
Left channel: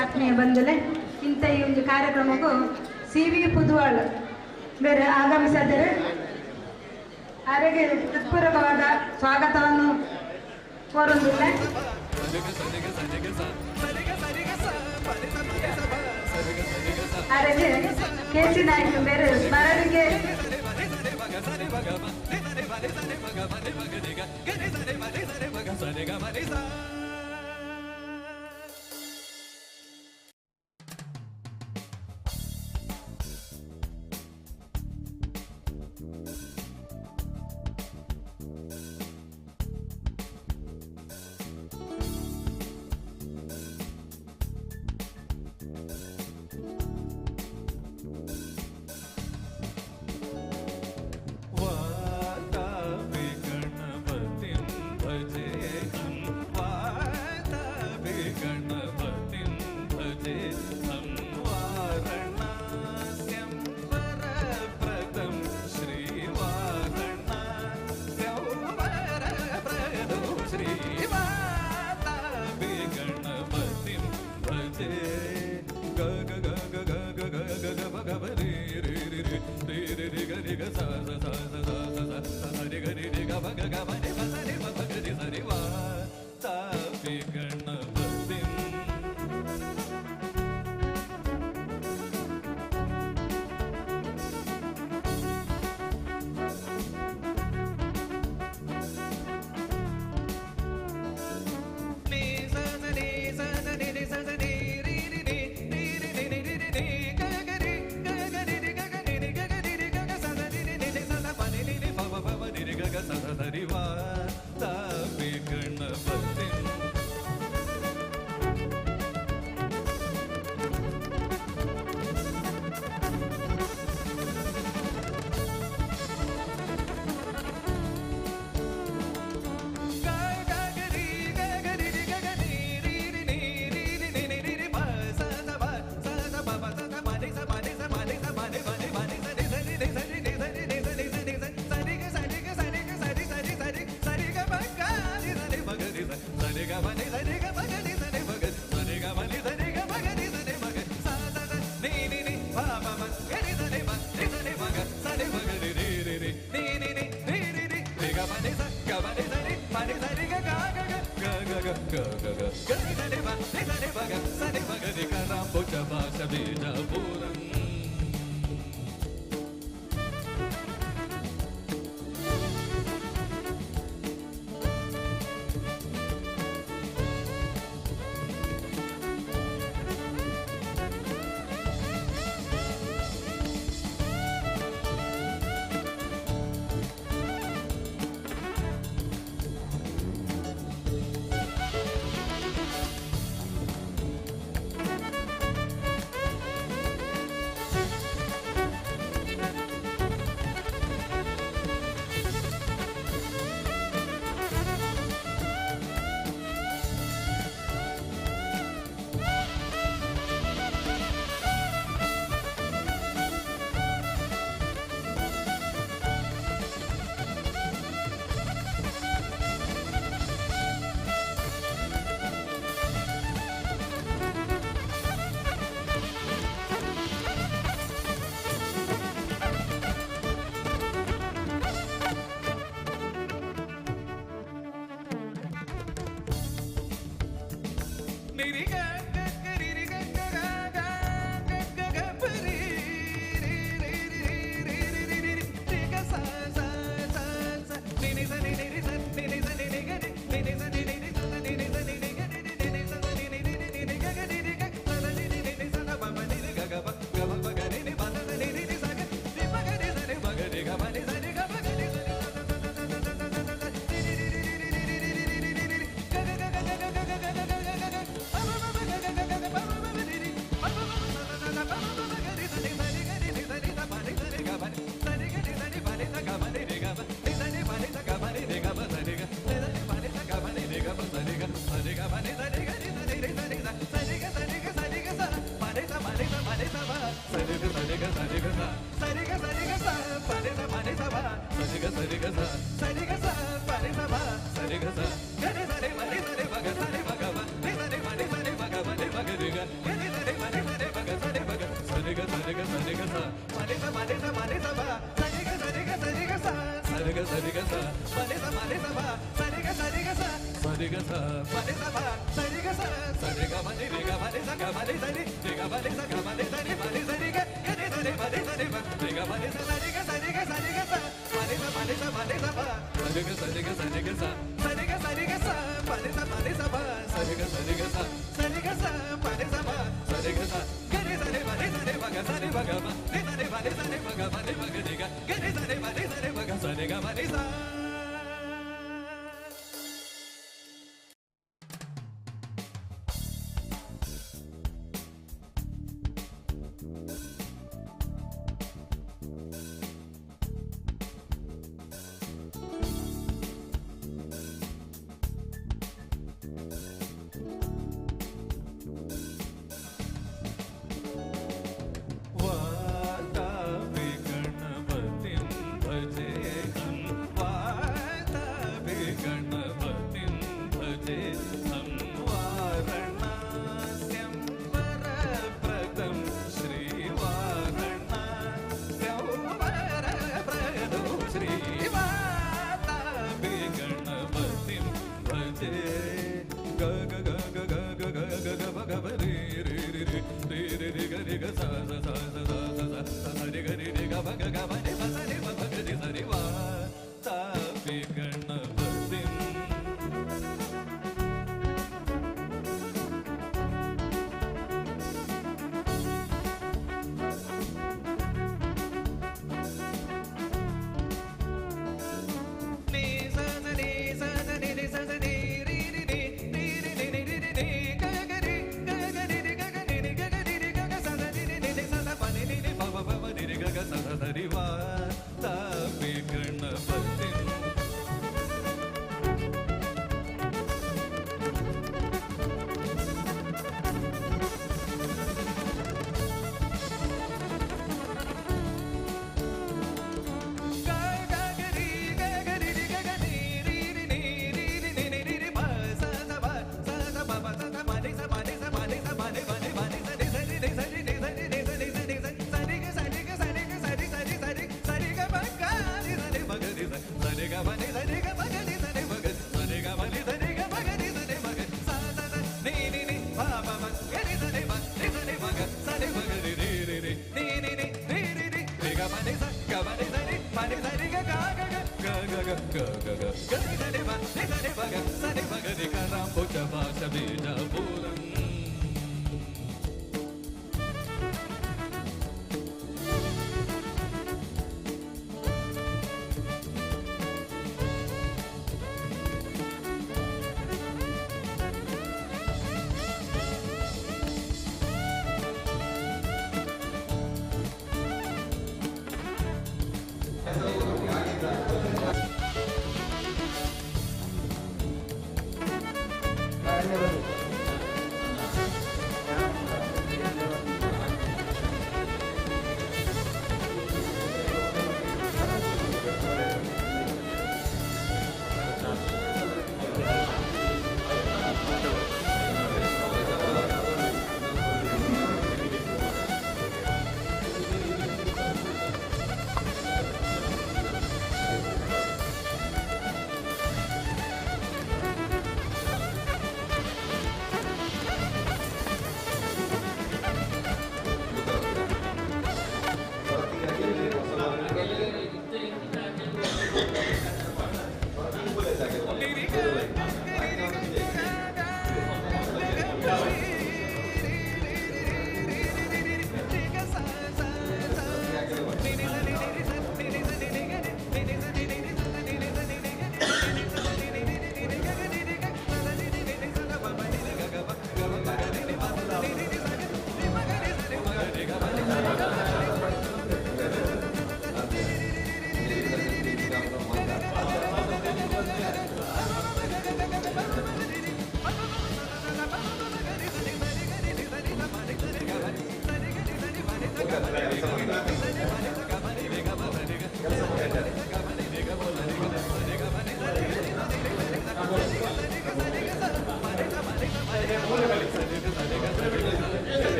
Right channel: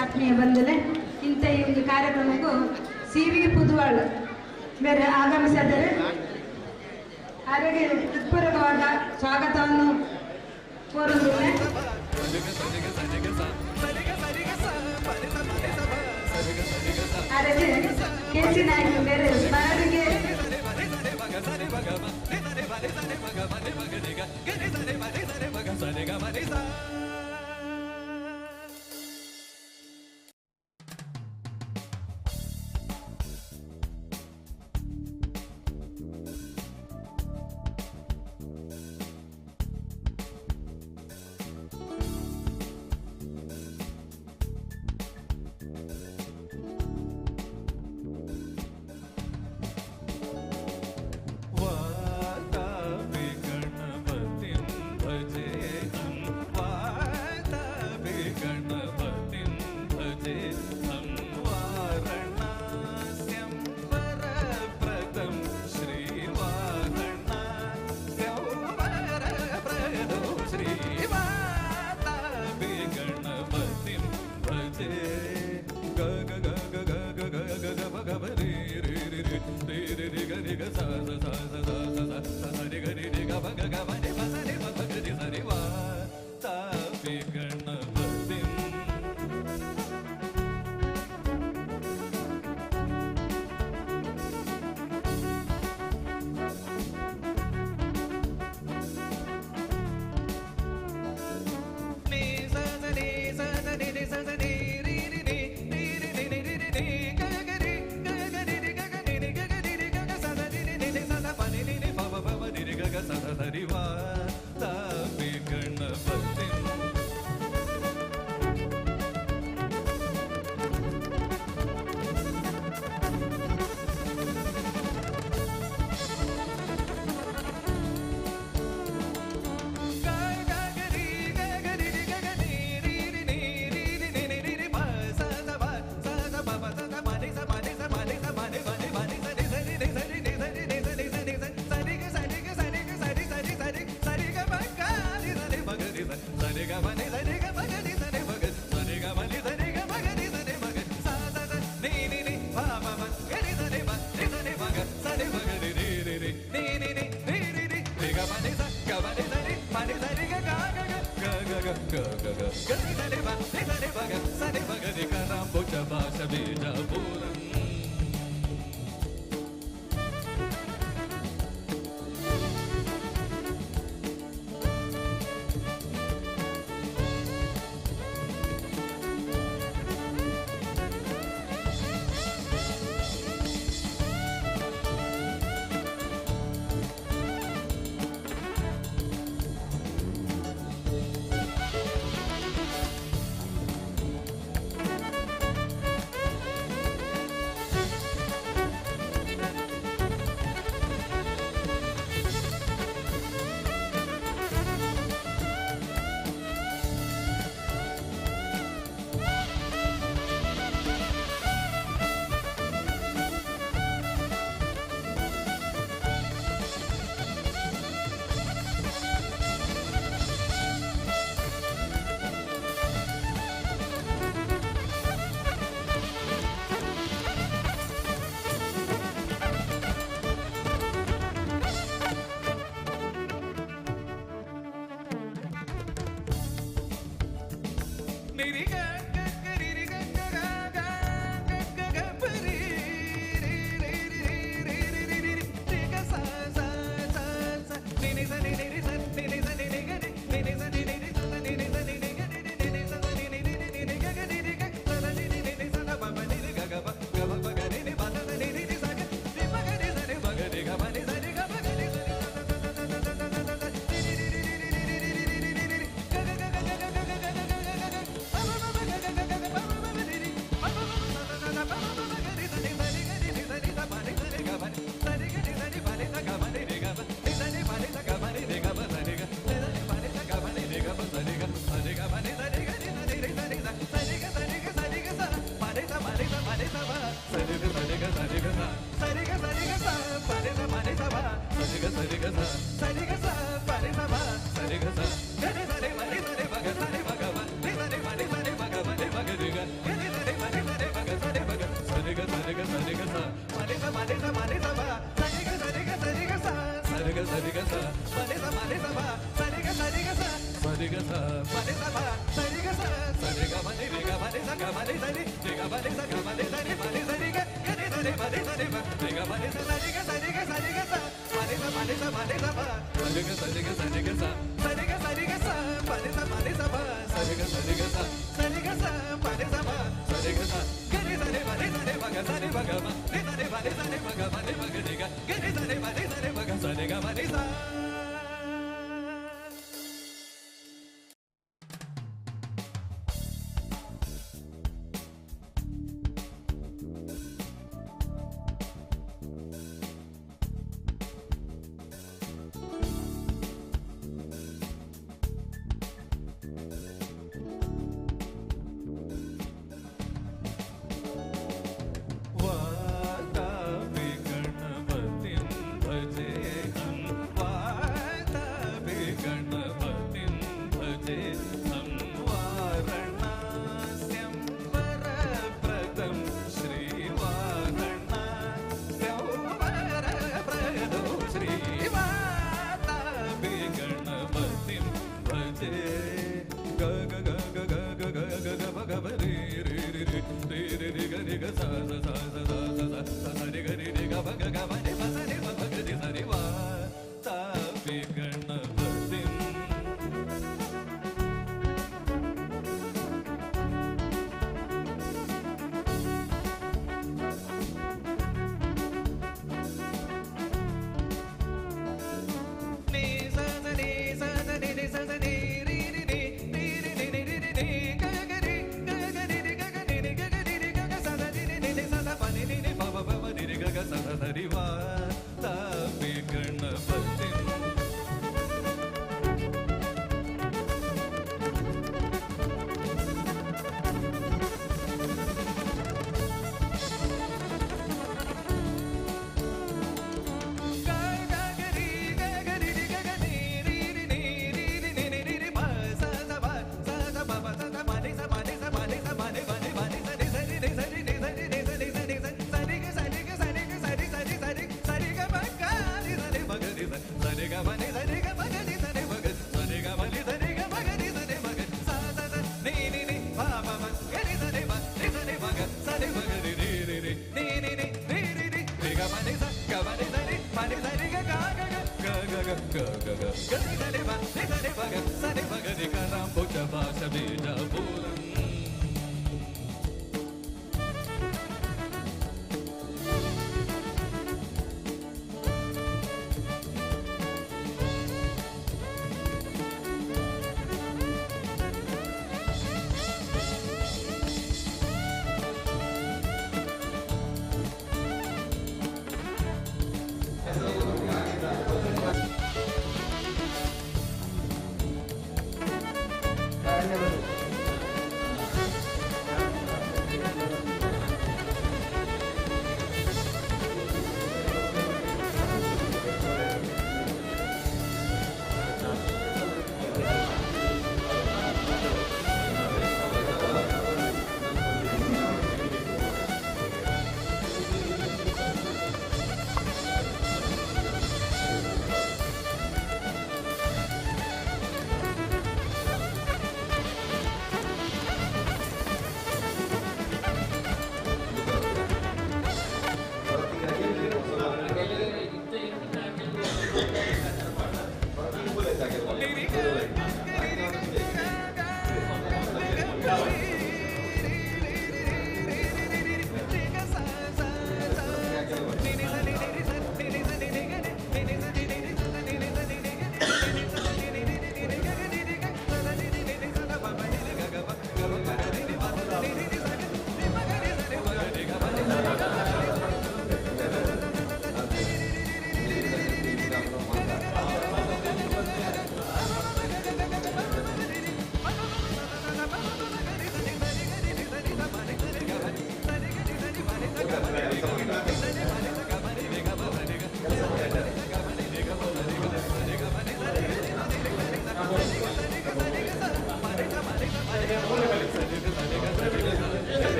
ಆತ್ಮೀಯ ಬಂಧುಗಳೇ, ಇಂಥ ಈ ಒಂದು ಕಾರ್ಯಕ್ರಮಕ್ಕೂ ಸಿ.ವಿ. ಪುದುವಾಳ್ ಬೇರೆ ಆಗಮಿಸಿದರೆ ಅವರಿಗೆ ಹೃತ್ಪೂರ್ವಕವಾದ ಸ್ವಾಗತವನ್ನು ಕೋರುತ್ತೇನೆ. ಅವರಿಗೆ ಕೆ.ಸಿ. ನಾಯಕ್ ಬೇರೆ ಸ್ಮರಣೆಗೆ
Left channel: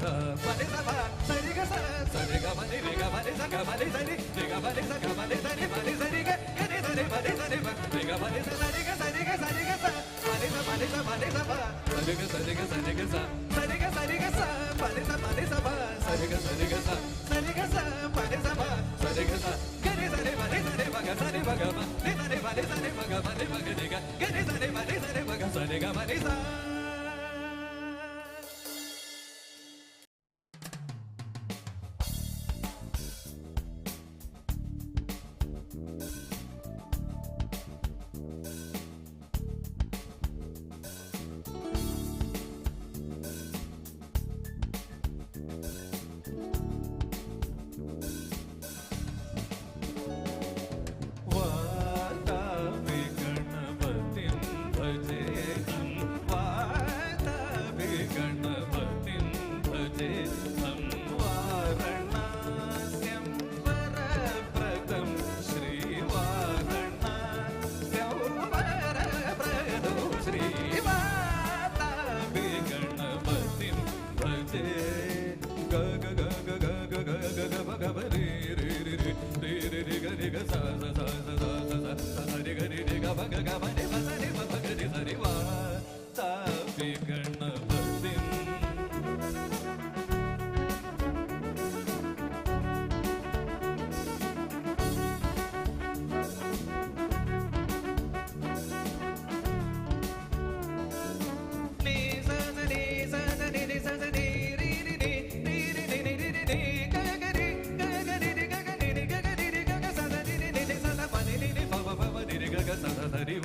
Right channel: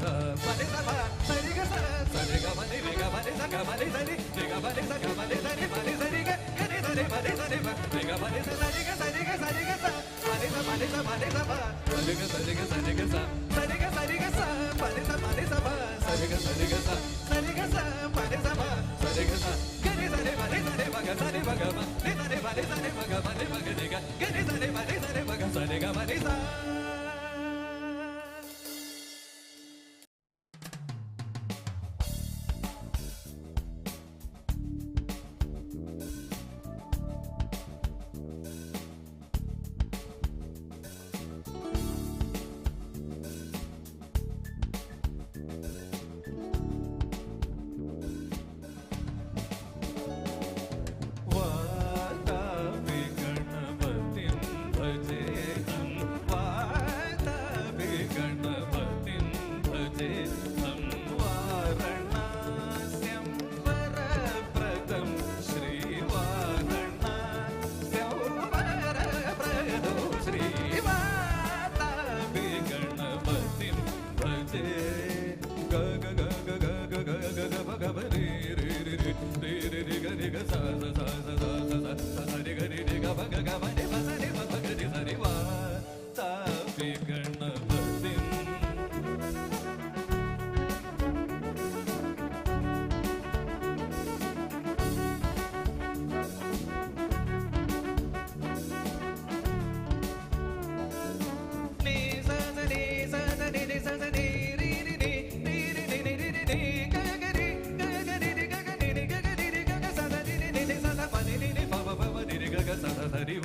sa pa ni sa pa sa ri ga sa ri ga ma ni ri ga ma ni sa ga ma ni sa ri ga ma ni sa ga ma ni sa ri ma ni sa ri ga ni sa ri ma ni sa ri ma ri ga ma ni sa ri ga sa ri ga sa ri ga sa ma ni sa ma ni sa ma ni sa pa sa ri ga sa ri ga sa ri ga sa sa ri ga sa ri ga sa pa ni sa pa sa ri ga sa ri ga sa sa ri ga sa pa ni sa pa sa ri ga sa ga ni sa ri ma ni sa ri ma ga sa ri ma ga ma ni sa ri ma ni sa ri ma ga ma ni ma ga ni ga ga ni sa ri ma ni sa ri ma ga sa ri ga ma ni sa. Sari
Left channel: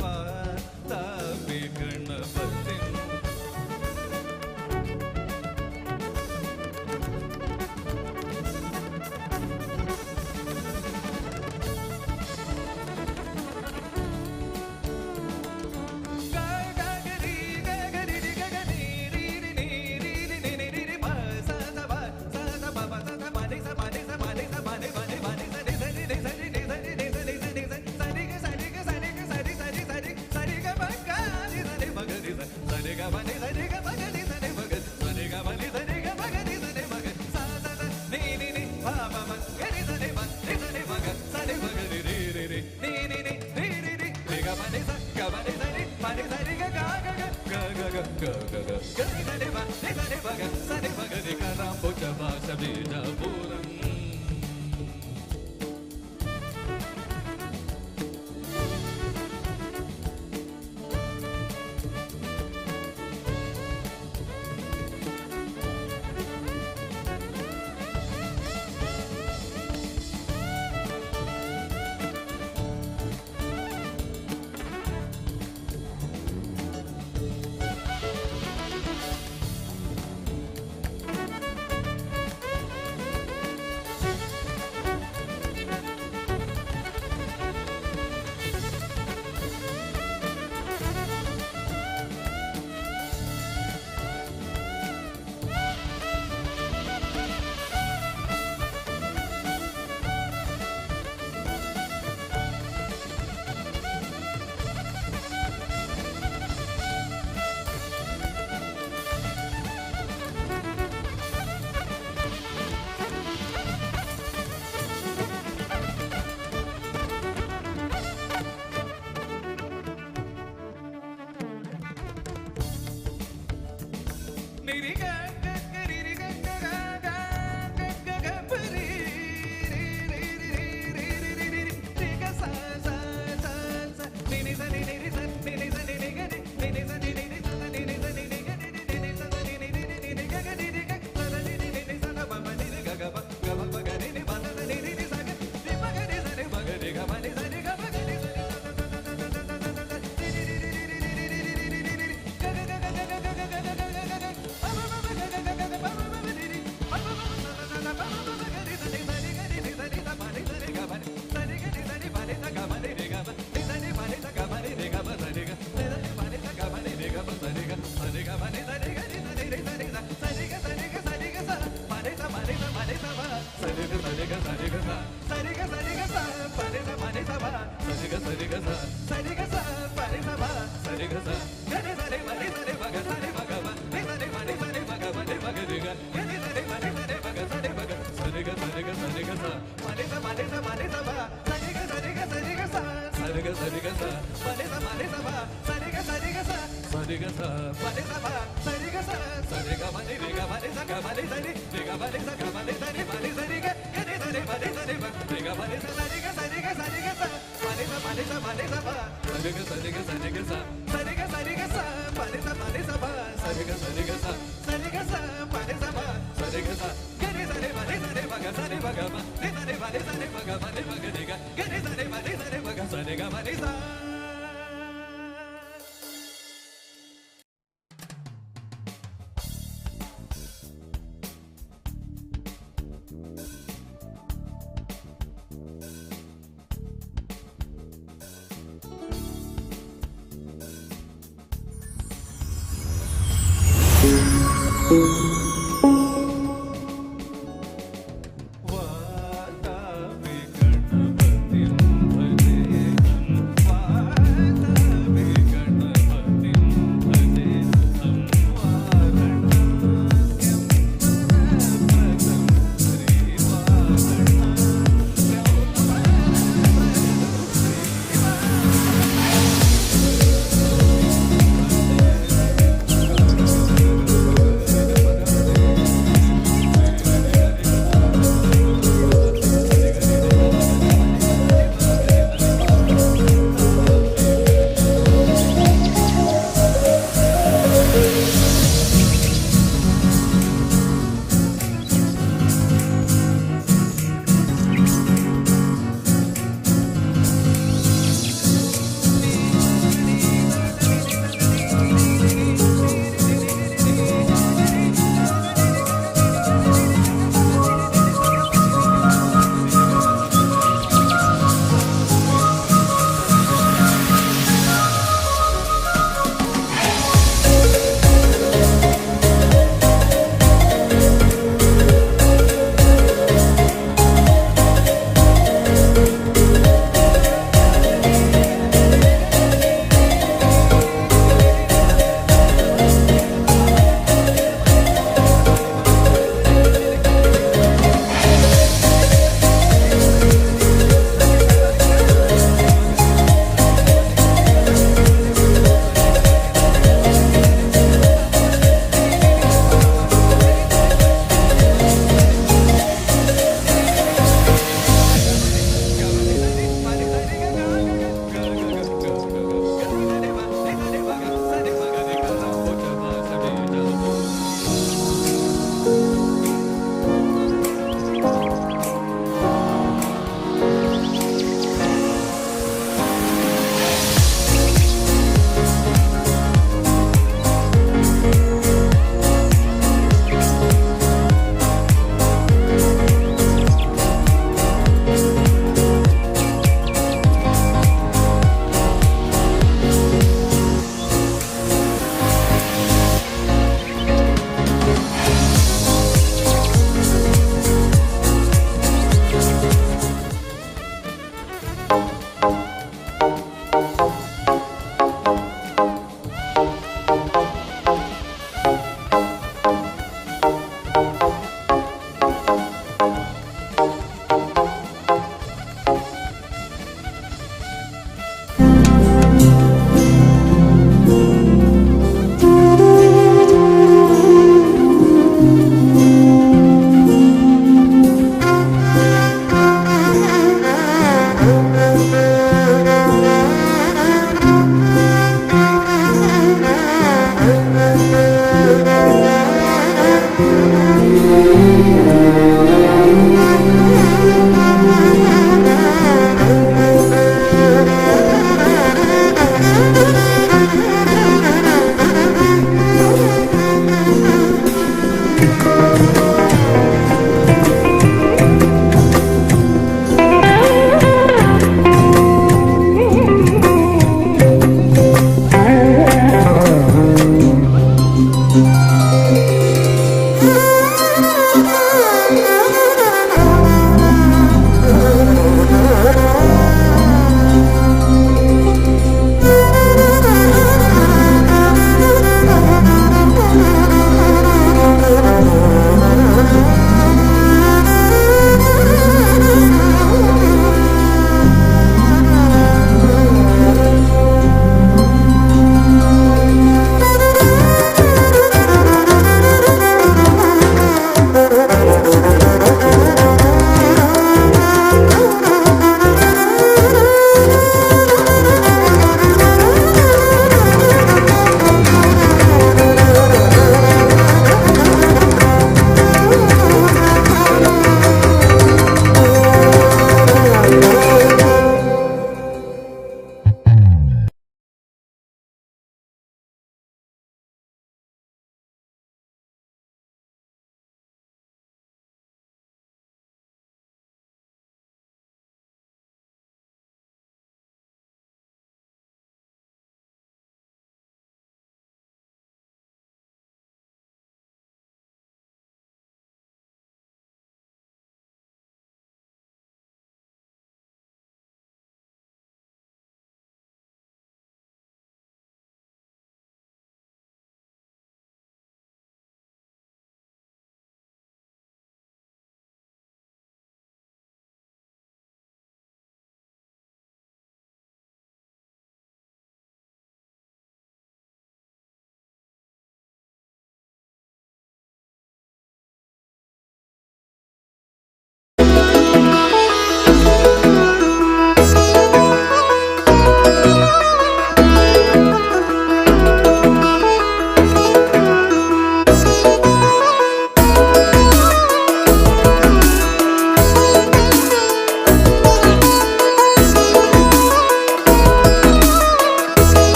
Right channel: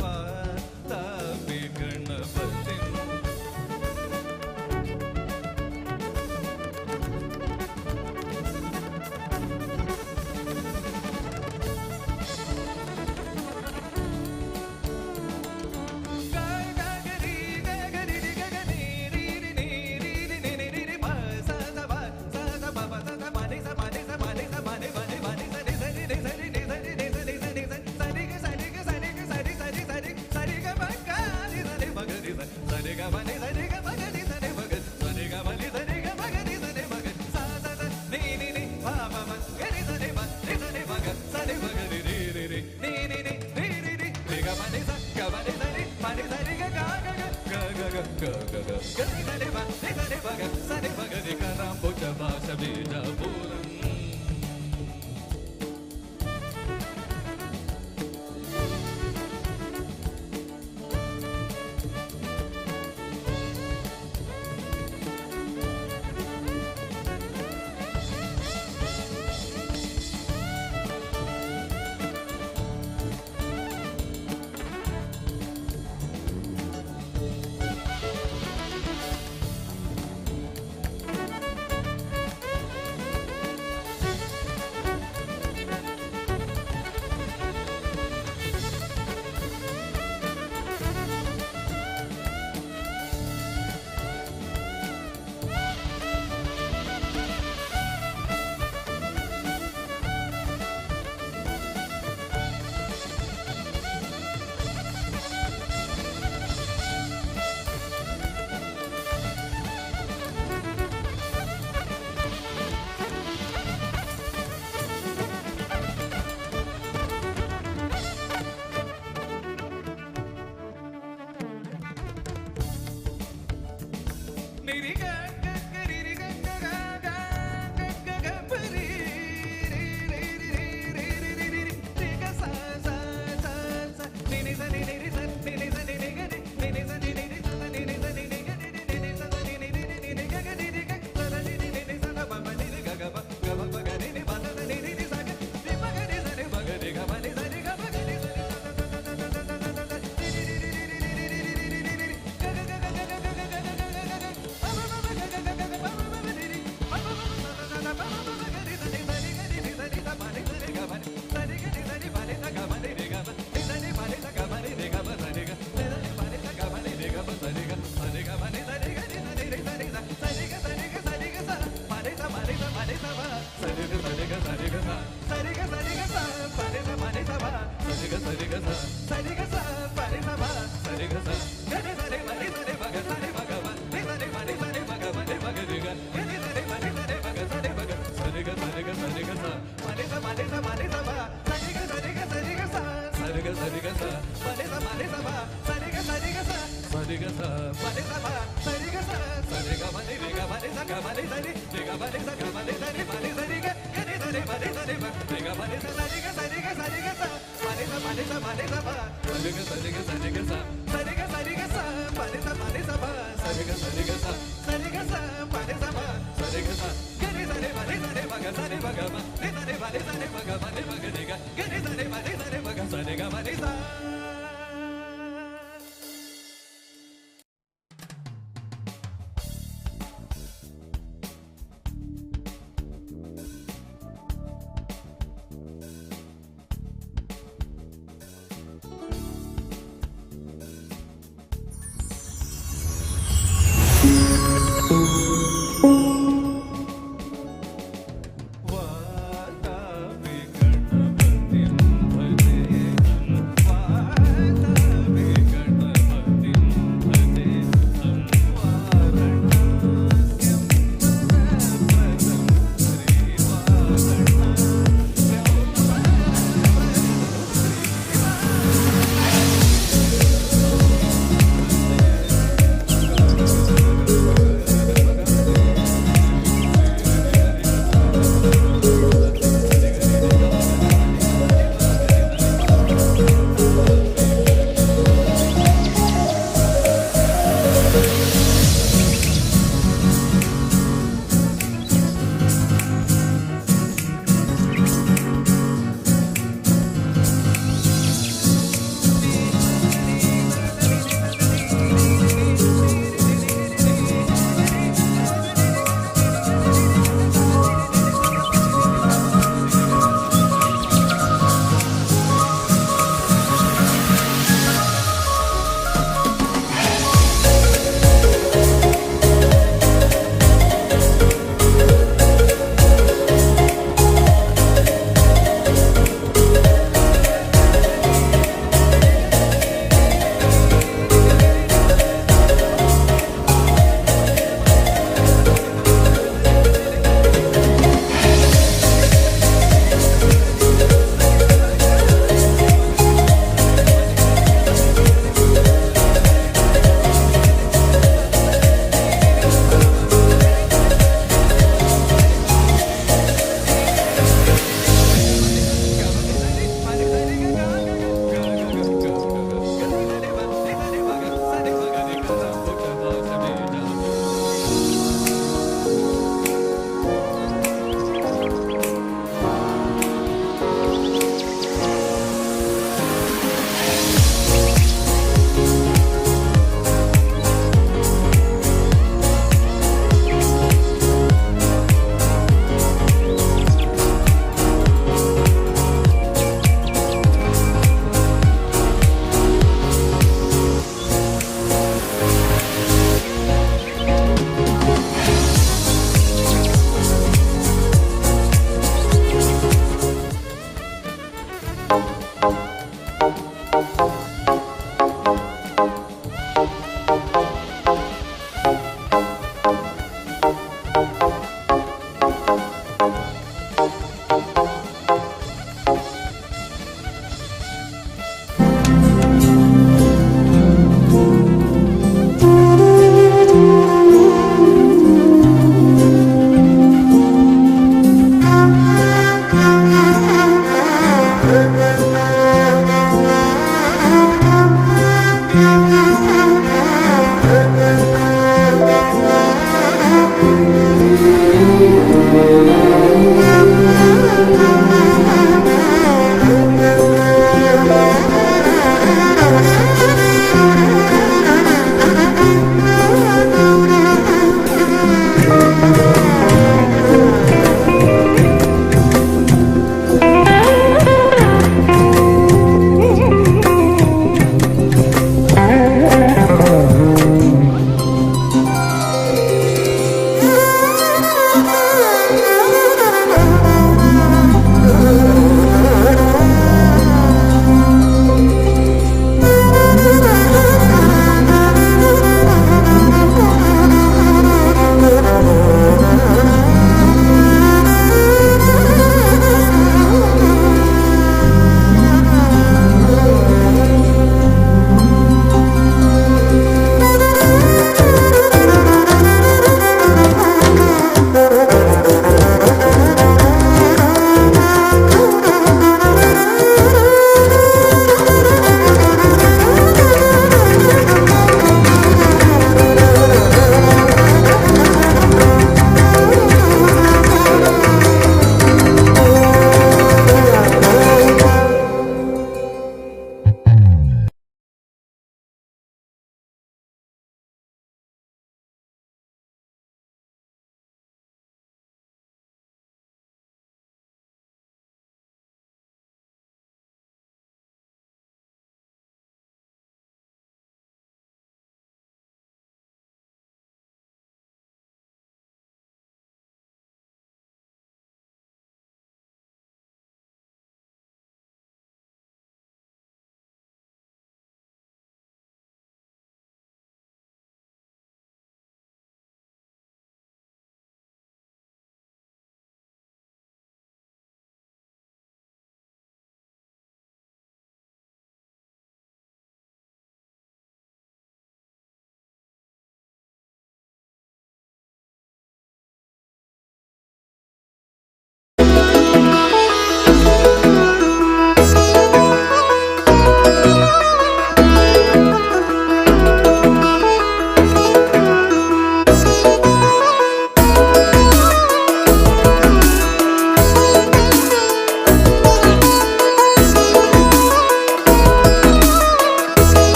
रे ब रे ग रे सा रे ग सा रे ग सा रे ग सा मा रे सा मा रे सा मा रे सा ब सा रे ग सा रे ग सा रे ग सा सा रे ग सा रे ग सा मा रे सा ब सा रे ग सा रे ग सा सा रे ग सा मा रे सा ब सा रे ग सा ग रे सा रे मा रे सा रे ब ग सा रे ब ग म रे सा रे मा रे सा रे ब ग म रे ब ग रे ग ग रे सा रे मा रे सा रे ब ग सा रे ग मा रे सा ವಾತಾಪಿ ಗಣಪತಿ ಭಜೆ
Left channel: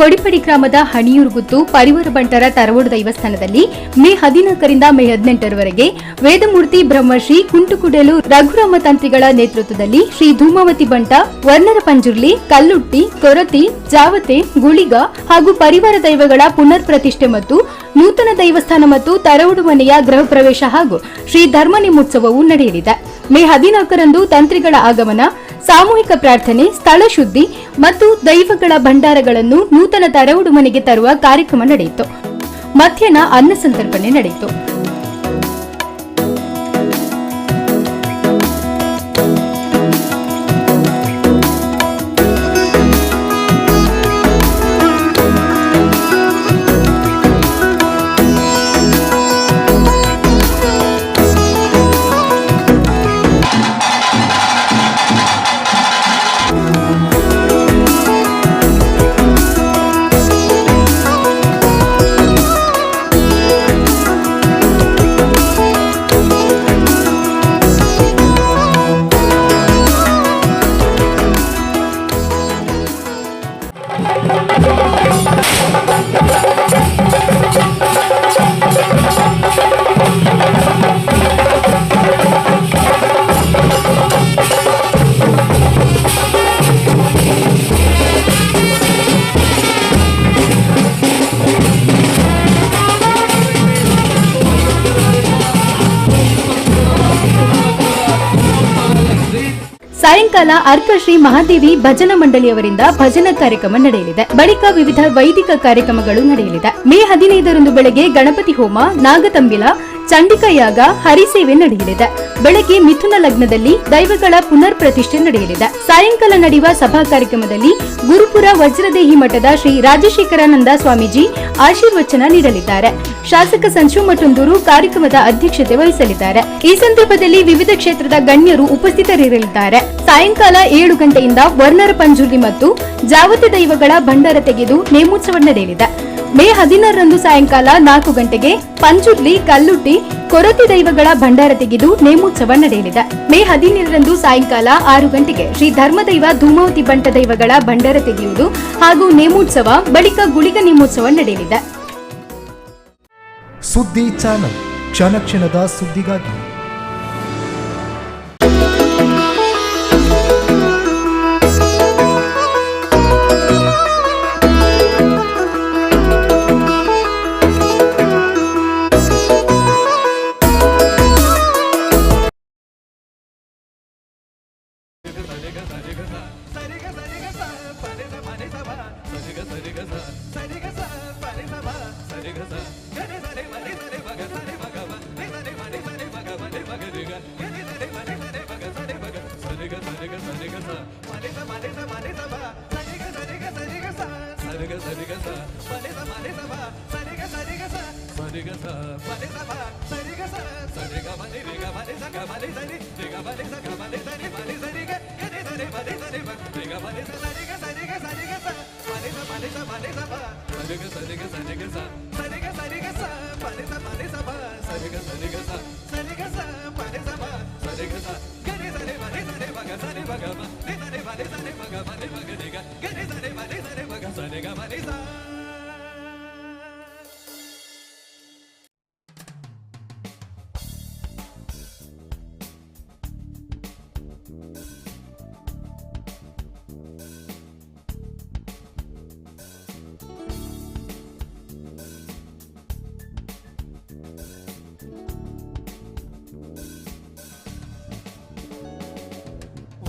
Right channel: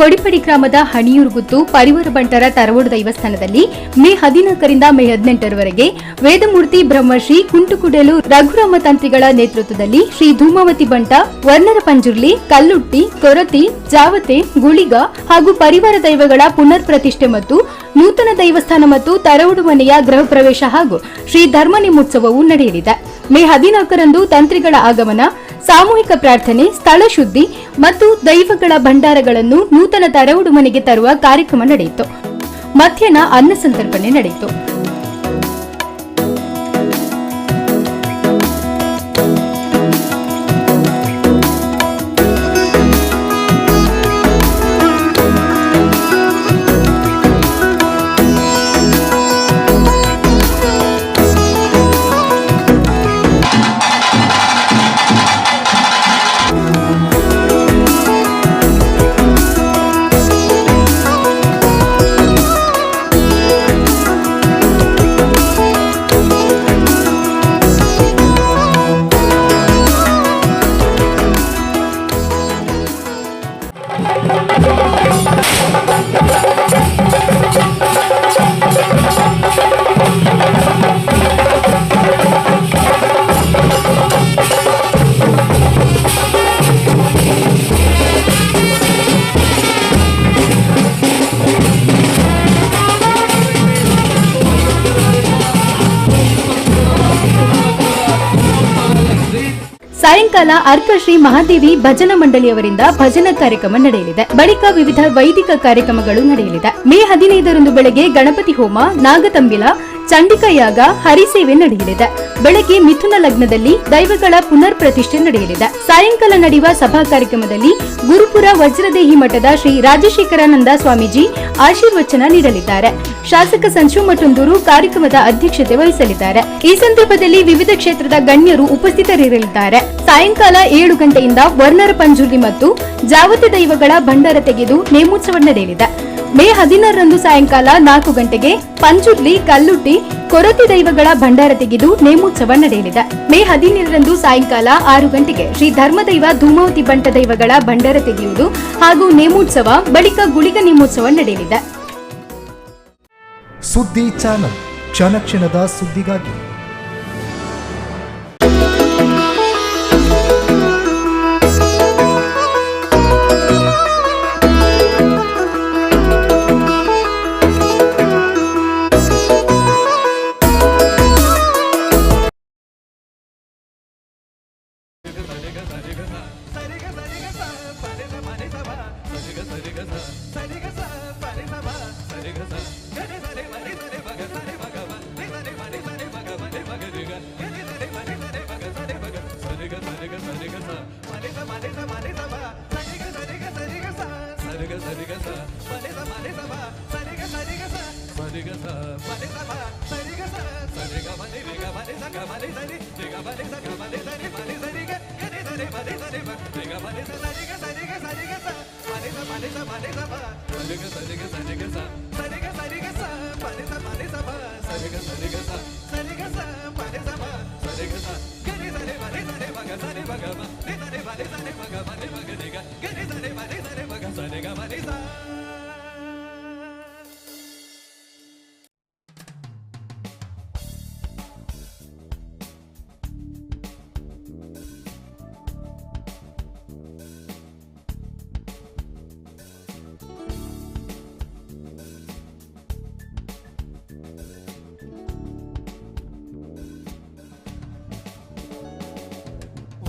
ಕೊಡಿಪಡಿ ಗ್ರಾಮದ ಹಣಿಯೂರುಗುತ್ತು ಪರಿವಾರ ಬಂಟರ ತರವಡು ದೇವಸ್ಥಾನದಲ್ಲಿ ಮೇ 14ರಿಂದ ಮೇ 18ರವರೆಗೆ ವೇದಮೂರ್ತಿ ಬ್ರಹ್ಮಶ್ರೀ ಕುಂಟುಕುಡೇಲು ರಘುರಾಮ ತಂತ್ರಿಗಳ ನೇತೃತ್ವದಲ್ಲಿ ಶ್ರೀ ಧೂಮಾವತಿ ಬಂಟ, ವರ್ಣರ ಪಂಜುರ್ಲಿ, ಕಲ್ಲುಟ್ಟಿ, ಕೊರತಿ, ಜಾವತೆ, ಗುಳಿಗ ಹಾಗೂ ಪರಿವಾರ ದೈವಗಳ ಪುನರ್ ಪ್ರತಿಷ್ಠೆ ಮತ್ತು ನೂತನ ದೇವಸ್ಥಾನ ಮತ್ತು ತರವಡು ಮನೆಯ ಗೃಹ ಪ್ರವೇಶ ಹಾಗೂ ಶ್ರೀ ಧರ್ಮ ನೇಮೋತ್ಸವವು ನಡೆಯಲಿದೆ. ಮೇ 14ರಂದು ತಂತ್ರಿಗಳ ಆಗಮನ, ಸಾಮೂಹಿಕ ಪ್ರಾರ್ಥನೆ, ಸ್ಥಳ ಶುದ್ಧಿ ಮತ್ತು ದೈವಗಳ ಭಂಡಾರಗಳನ್ನು ನೂತನ ತರವಡು ಮನೆಗೆ ತರುವ ಕಾರ್ಯಕ್ರಮ ನಡೆಯಿತು. ಮಧ್ಯಾಹ್ನ ಅನ್ನ ಸಂತರ್ಪಣೆ ನಡೆಯಿತು. ಸಾಯಂಕಾಲ ಅರ್ಕ ಶ್ರೀ ಮಹಾದೇವಿ ಭಜನಾ ಮಂಡಳಿಯವರಿಂದ ಭಜನಾ ಕಾರ್ಯಕ್ರಮ ನಡೆಯಲಿದೆ. ಬಳಿಕ ವಿವಿಧ ವೈದಿಕ ಕಾರ್ಯಕ್ರಮಗಳು ನಡೆಯಲಿದೆ. ಮೇ 15ರಂದು ಬೆಳಗ್ಗೆ ಗಣಪತಿ ಹೋಮ, ನಾಗತಂಬಿಲ, ಚಂಡಿಕಾ ಯಾಗ, ಹರಿಸೇವೆ ನಡೆಯಲಿದೆ. ಬೆಳಗ್ಗೆ ಮಿಥುನ ಲಗ್ನದಲ್ಲಿ ದೈವಗಳ ಪುನರ್ ಪ್ರತಿಷ್ಠೆ ನಡೆಯಲಿದೆ. ಸಾಯಂಕಾಲ ನಡೆಯುವ ಸಭಾ ಕಾರ್ಯಕ್ರಮದಲ್ಲಿ ಗುರುಪುರ ವಜ್ರದೇಹಿ ಮಠದ ಶ್ರೀ ರಾಜಶೇಖರಾನಂದ ಸ್ವಾಮೀಜಿ ಆಶೀರ್ವಚನ ನೀಡಲಿದ್ದಾರೆ. ಶಾಸಕ ಸಂಶು ಮಠಂದೂರು ಕಾರ್ಯಕ್ರಮದ ಅಧ್ಯಕ್ಷತೆ ವಹಿಸಲಿದ್ದಾರೆ. ಈ ಸಂದರ್ಭದಲ್ಲಿ ವಿವಿಧ ಕ್ಷೇತ್ರದ ಗಣ್ಯರು ಉಪಸ್ಥಿತರಿರಲಿದ್ದಾರೆ. ಸಾಯಂಕಾಲ 7 ಗಂಟೆಯಿಂದ ವರ್ಣರ ಪಂಜುರ್ಲಿ ಮತ್ತು ಜಾವತಿ ದೈವಗಳ ಭಂಡಾರ ತೆಗೆದು ನೇಮೋತ್ಸವ ನಡೆಯಲಿದೆ. ಮೇ 16ರಂದು ಸಾಯಂಕಾಲ 4 ಗಂಟೆಗೆ ಪಂಜುರ್ಲಿ, ಕಲ್ಲುಟ್ಟಿ, ಕೊರತಿ ದೈವಗಳ ಭಂಡಾರ ತೆಗೆದು ನೇಮೋತ್ಸವ ನಡೆಯಲಿದೆ. ಮೇ 17ರಂದು ಸಾಯಂಕಾಲ 6 ಗಂಟೆಗೆ ಶ್ರೀ ಧರ್ಮದೈವ ಧೂಮಾವತಿ ಬಂಟ ದೈವಗಳ ಭಂಡಾರ ತೆಗೆಯುವುದು ಹಾಗೂ ನೇಮೋತ್ಸವ, ಬಳಿಕ ಗುಳಿಗ ನೇಮೋತ್ಸವ ನಡೆಯಲಿದೆ. ಸುದ್ದಿ ಚಾನಲ್, ಕ್ಷಣ ಕ್ಷಣದ ಸುದ್ದಿಗಾಗಿ.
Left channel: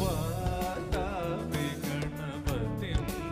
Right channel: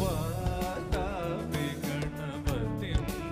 ವಾತಾಪಿ ಗಣಪತಿಂ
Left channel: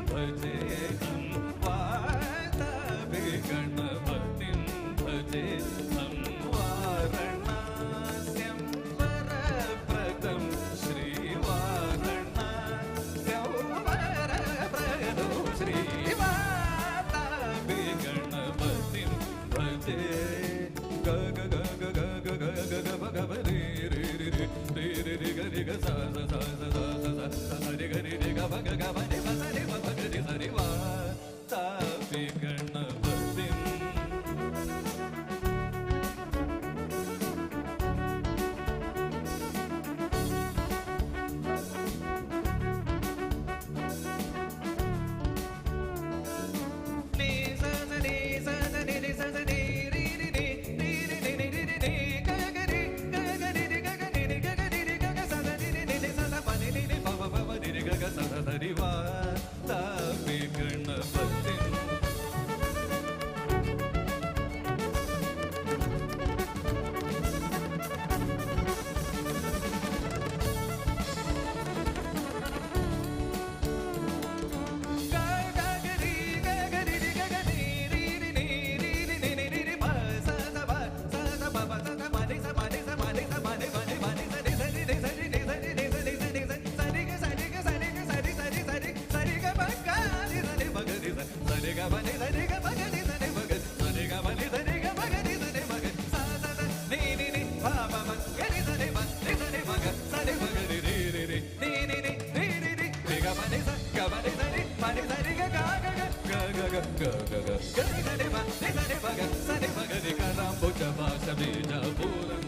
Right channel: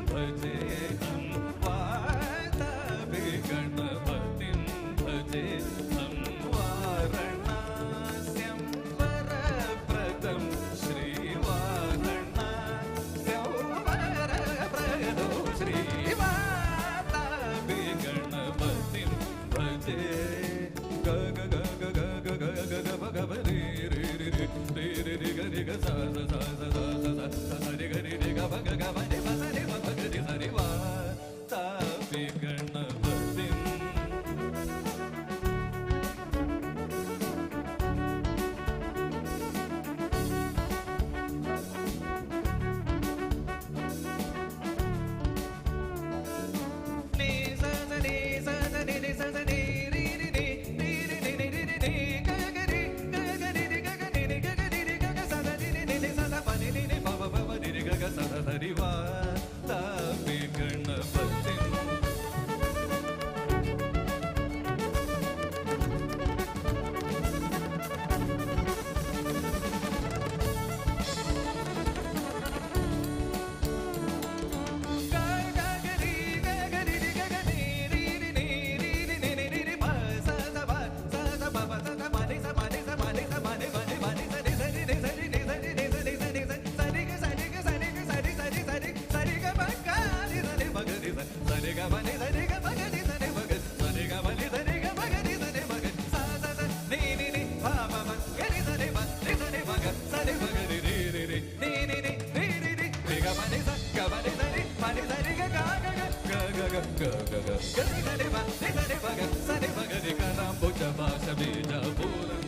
నిసరి మగ సరి మగరి కరాంబుజ భాష బీజాపురం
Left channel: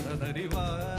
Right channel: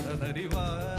ಸದರಿವಾ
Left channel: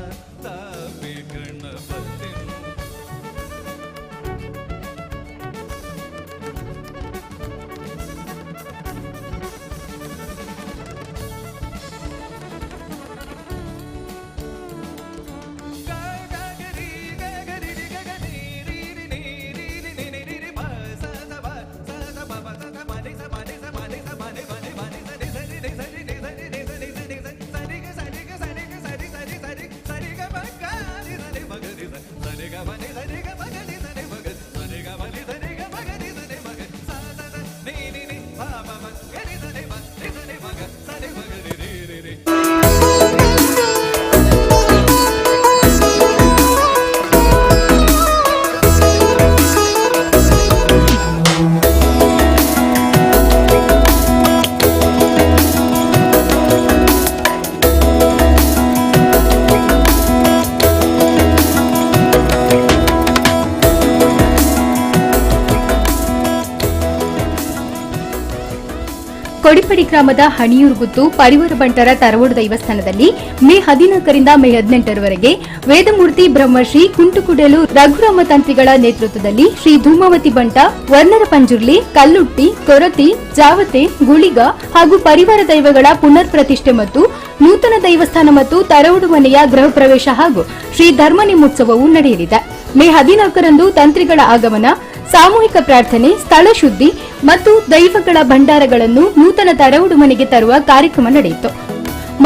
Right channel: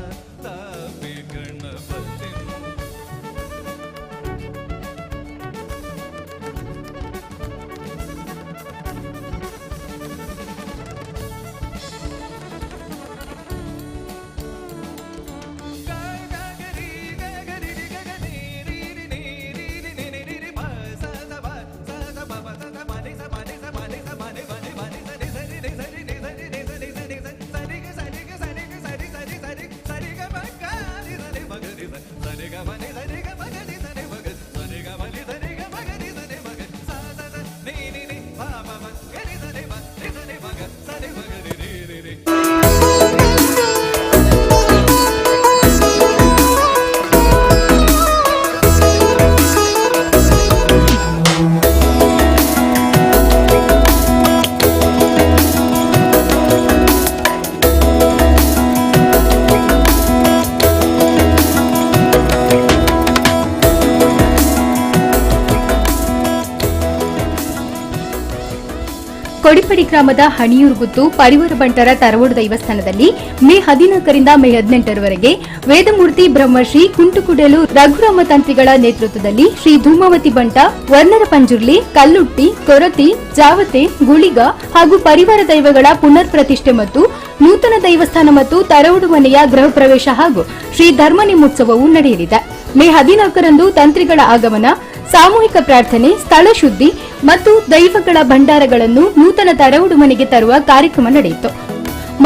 ಕೊಡಿಪಡಿ ಗ್ರಾಮದ ಹಣಿಯೂರುಗುತ್ತು ಪರಿವಾರ ಬಂಟರ ತರವಡು ದೇವಸ್ಥಾನದಲ್ಲಿ ಮೇ 14ರಿಂದ ಮೇ 18ರವರೆಗೆ ವೇದಮೂರ್ತಿ ಬ್ರಹ್ಮಶ್ರೀ ಕುಂಟುಕುಡೆಲು ರಘುರಾಮ ತಂತ್ರಿಗಳ ನೇತೃತ್ವದಲ್ಲಿ ಶ್ರೀ ಧೂಮಾವತಿ ಬಂಟ ವರ್ಣರ ಪಂಜುರ್ಲಿ ಕಲ್ಲುಟ್ಟಿ ಕೊರತಿ ಜಾವತೆ ಗುಳಿಗ ಹಾಗೂ ಪರಿವಾರ ದೈವಗಳ ಪುನರ್ ಪ್ರತಿಷ್ಠೆ ಮತ್ತು ನೂತನ ದೇವಸ್ಥಾನ ಮತ್ತು ತರವಡು ಮನೆಯ ಗೃಹ ಪ್ರವೇಶ ಹಾಗೂ ಶ್ರೀ ಧರ್ಮನಿಮೋತ್ಸವವು ನಡೆಯಲಿದೆ. ಮೇ 14ರಂದು ತಂತ್ರಿಗಳ ಆಗಮನ, ಸಾಮೂಹಿಕ ಪ್ರಾರ್ಥನೆ, ಸ್ಥಳ ಶುದ್ಧಿ ಮತ್ತು ದೈವಗಳ ಭಂಡಾರಗಳನ್ನು ನೂತನ ತರವಡು ಮನೆಗೆ ತರುವ ಕಾರ್ಯಕ್ರಮ ನಡೆಯಿತು.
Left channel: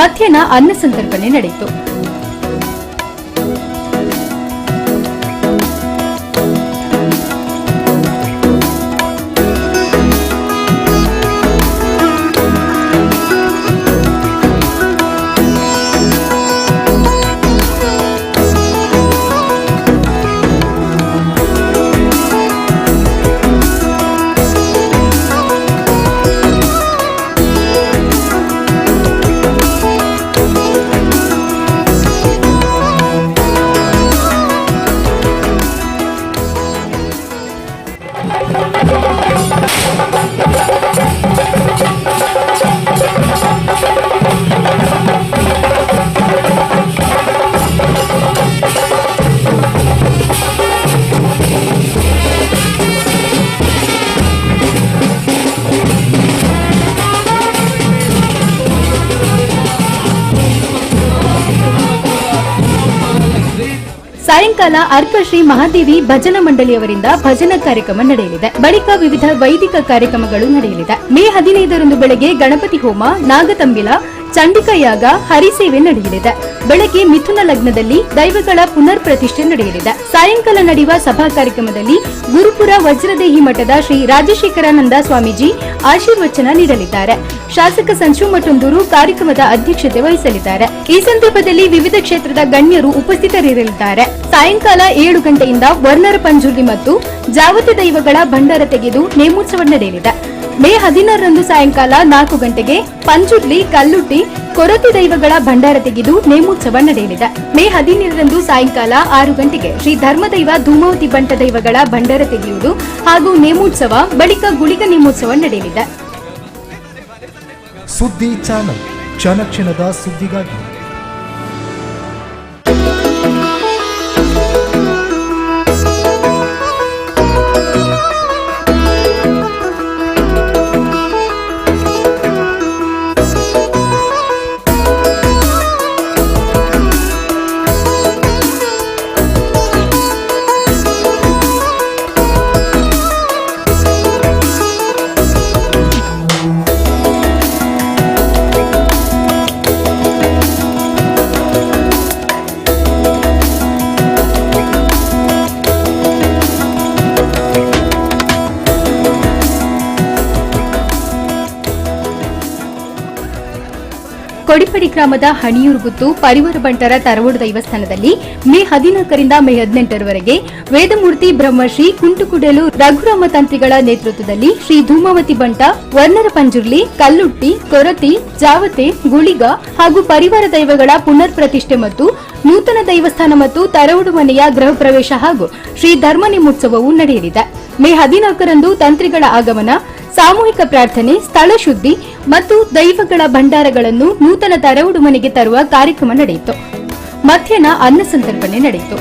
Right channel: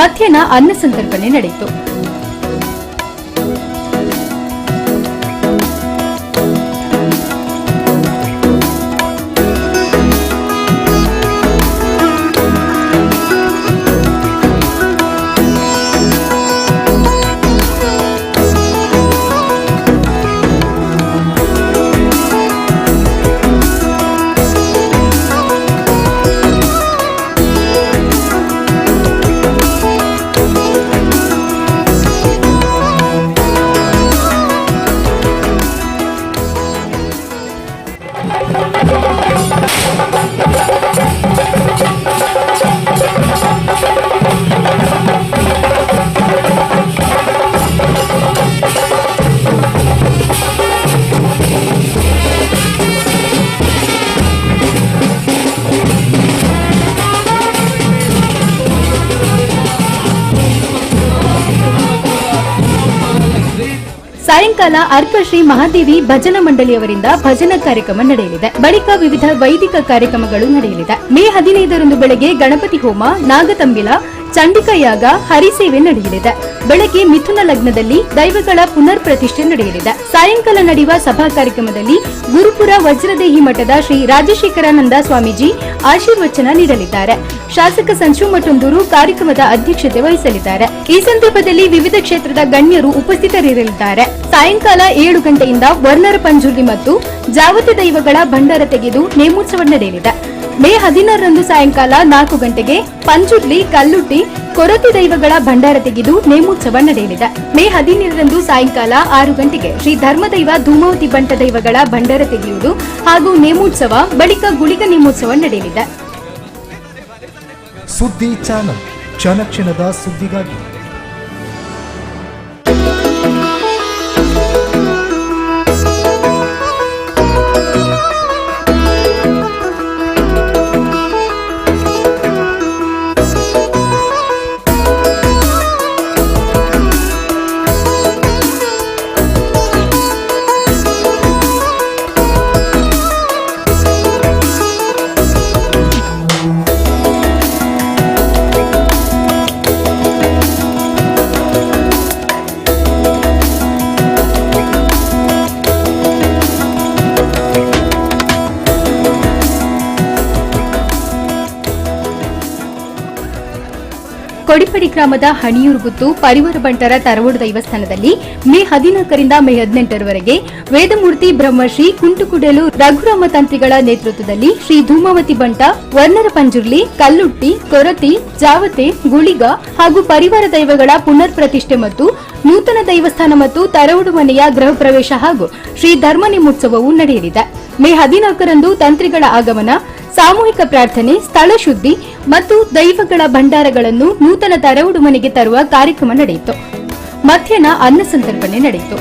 ಮಧ್ಯಾಹ್ನ ಅನ್ನ ಸಂತರ್ಪಣೆ ನಡೆಯಿತು. ಸಾಯಂಕಾಲ ಅರ್ಕ ಶ್ರೀ ಮಹಾದೇವಿ ಭಜನಾ ಮಂಡಳಿಯವರಿಂದ ಭಜನಾ ಕಾರ್ಯಕ್ರಮ ನಡೆಯಲಿದೆ. ಬಳಿಕ ವಿವಿಧ ವೈದಿಕ ಕಾರ್ಯಕ್ರಮಗಳು ನಡೆಯಲಿದೆ. ಮೇ 15ರಂದು ಬೆಳಗ್ಗೆ ಗಣಪತಿ ಹೋಮ, ನಾಗತಂಬಿಲ, ಚಂಡಿಕಾ ಯಾಗ, ಹರಿಸೇವೆ ನಡೆಯಲಿದೆ. ಬೆಳಗ್ಗೆ ಮಿಥುನ ಲಗ್ನದಲ್ಲಿ ದೈವಗಳ ಪುನರ್ ಪ್ರತಿಷ್ಠೆ ನಡೆಯಲಿದೆ. ಸಾಯಂಕಾಲ ನಡೆಯುವ ಸಭಾ ಕಾರ್ಯಕ್ರಮದಲ್ಲಿ ಗುರುಪುರ ವಜ್ರದೇಹಿ ಮಠದ ಶ್ರೀ ರಾಜಶೇಖರಾನಂದ ಸ್ವಾಮೀಜಿ ಆಶೀರ್ವಚನ ನೀಡಲಿದ್ದಾರೆ. ಶಾಸಕ ಸಂಚು ಮಠಂದೂರು ಕಾರ್ಯಕ್ರಮದ ಅಧ್ಯಕ್ಷತೆ ವಹಿಸಲಿದ್ದಾರೆ. ಈ ಸಂದರ್ಭದಲ್ಲಿ ವಿವಿಧ ಕ್ಷೇತ್ರದ ಗಣ್ಯರು ಉಪಸ್ಥಿತರಿರಲಿದ್ದಾರೆ. ಸಾಯಂಕಾಲ 7 ಗಂಟೆಯಿಂದ ವರ್ಣರ ಪಂಜುರ್ಲಿ ಮತ್ತು ಜಾವತಿ ದೈವಗಳ ಭಂಡಾರ ತೆಗೆದು ನೇಮೋತ್ಸವ ನಡೆಯಲಿದೆ. ಮೇ 16ರಂದು ಸಾಯಂಕಾಲ 4 ಗಂಟೆಗೆ ಪಂಜುರ್ಲಿ, ಕಲ್ಲುಟ್ಟಿ, ಕೊರತಿ ದೈವಗಳ ಭಂಡಾರ ತೆಗೆದು ನೇಮೋತ್ಸವ ನಡೆಯಲಿದೆ. ಮೇ 17ರಂದು ಸಾಯಂಕಾಲ 6 ಗಂಟೆಗೆ ಶ್ರೀ ಧರ್ಮದೈವ ಧೂಮಾವತಿ ಬಂಟ ದೈವಗಳ ಭಂಡಾರ ತೆಗೆಯುವುದು ಹಾಗೂ ನೇಮೋತ್ಸವ, ಬಳಿಕ ಗುಳಿಗ ನೇಮೋತ್ಸವ ನಡೆಯಲಿದೆ. ಸುದ್ದಿ ಚಾನಲ್, ಕ್ಷಣ ಕ್ಷಣದ ಸುದ್ದಿಗಾಗಿ. ಕೊಡಿಪಡಿ ಗ್ರಾಮದ ಹಣಿಯೂರುಗುತ್ತು ಪರಿವಾರ ಬಂಟರ ತರವಡು ದೇವಸ್ಥಾನದಲ್ಲಿ ಮೇ 14ರಿಂದ ಮೇ 18ರವರೆಗೆ ವೇದಮೂರ್ತಿ ಬ್ರಹ್ಮಶ್ರೀ ಕುಂಟುಕುಡೆಲು ರಘುರಾಮ ತಂತ್ರಿಗಳ ನೇತೃತ್ವದಲ್ಲಿ ಶ್ರೀ ಧೂಮಾವತಿ ಬಂಟ ವರ್ಣರ ಪಂಜುರ್ಲಿ, ಕಲ್ಲುಟ್ಟಿ, ಕೊರತಿ, ಜಾವತೆ, ಗುಳಿಗ ಹಾಗೂ ಪರಿವಾರ ದೈವಗಳ ಪುನರ್ ಪ್ರತಿಷ್ಠೆ ಮತ್ತು ನೂತನ ದೇವಸ್ಥಾನ ಮತ್ತು ತರವಡು ಮನೆಯ ಗೃಹ ಪ್ರವೇಶ ಹಾಗೂ ಶ್ರೀ ಧರ್ಮನಿಮೋತ್ಸವವು ನಡೆಯಲಿದೆ. ಮೇ 14ರಂದು ತಂತ್ರಿಗಳ ಆಗಮನ, ಸಾಮೂಹಿಕ ಪ್ರಾರ್ಥನೆ, ಸ್ಥಳ ಶುದ್ಧಿ ಮತ್ತು ದೈವಗಳ ಭಂಡಾರಗಳನ್ನು ನೂತನ ತರವಡು ಮನೆಗೆ ತರುವ ಕಾರ್ಯಕ್ರಮ ನಡೆಯಿತು. ಮಧ್ಯಾಹ್ನ ಅನ್ನ ಸಂತರ್ಪಣೆ ನಡೆಯಿತು.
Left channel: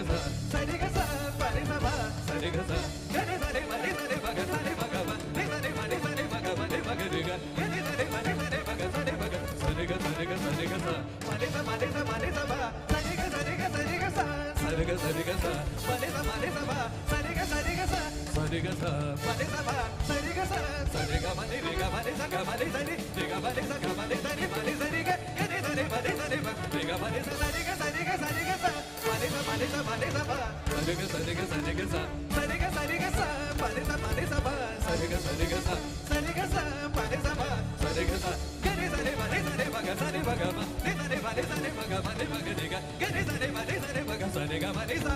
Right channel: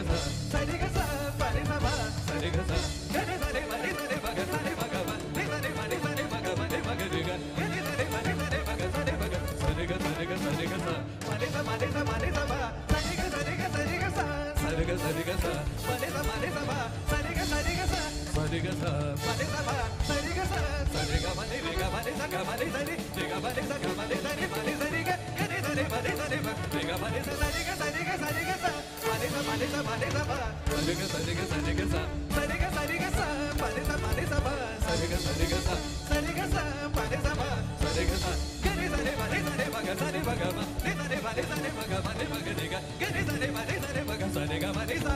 ಸ ಸರಿ ಗ ಸ ಪರಿ ಸ ಬ ಸರಿ ಗ ಸ ಗರಿ ಸರಿ ಮರಿ ಸರಿ ಮಗ ಸರಿ ಮಗ ಮ ನಿ ಸರಿ ಮರಿ ಸರಿ ಮಗ ಮರಿ ಮಗ ರಿ ಗ ಗರಿ ಸರಿ ಮರಿ ಸರಿ ಮಗ ಸರಿ ಮಗ ಸರಿ ಗ ಸರಿ ಗ ಸರಿ ಗ ಸ ಮರಿ ಸ ಮರಿ ಸ ಮರಿ ಸ ಬ ಸರಿ ಗ ಸರಿ ಗ ಸರಿ ಗ ಸ ಸರಿ ಗ ಸರಿ ಗ ಸ ಮರಿ ಸ ಬ ಸರಿ ಗ ಸರಿ ಗ ಸ ಸರಿ ಗ ಸ ಮರಿ ಸ ಬ ಸರಿ ಗ ಸ ಸರಿ ಗ ಮರಿ ರಿ ಗ ಮರಿ ಸ ಗ ಮರಿ ಸರಿ ರಿ ಗ ಮರಿ ಸ ಗ ಮರಿ ಸರಿ ಮರಿ ಸರಿ ಗ ಗರಿ ಸರಿ ಮರಿ ಸರಿ ಮ ರಿ ಗ ಮರಿ ಸ ಸರಿ ಗ ಸರಿ ಗ ಸರಿ ಗ ಸ ಮರಿ ಸ ಬ ಸರಿ ಗ ಸರಿ ಗ ಸರಿ ಗ ಸ ಸರಿ ಗ ಸರಿ ಗ ಸ ಮರಿ ಸ ಬ ಸರಿ ಗ ಸರಿ ಗ ಸ ಸರಿ ಗ ಸ ಮರಿ ಸ ಬ ಸರಿ ಗ ಸ ಗರಿ ಸರಿ ಮರಿ ಸರಿ ಮಗ ಸರಿ ಮಗ ಮ ನಿ ಸರಿ ಮರಿ ಸರಿ ಮಗ ಮರಿ ಮಗ ರಿ ಗ ಗರಿ ಸರಿ ಮರಿ ಸರಿ ಮಗ ಸರಿ ಗ ಮರಿ ಸ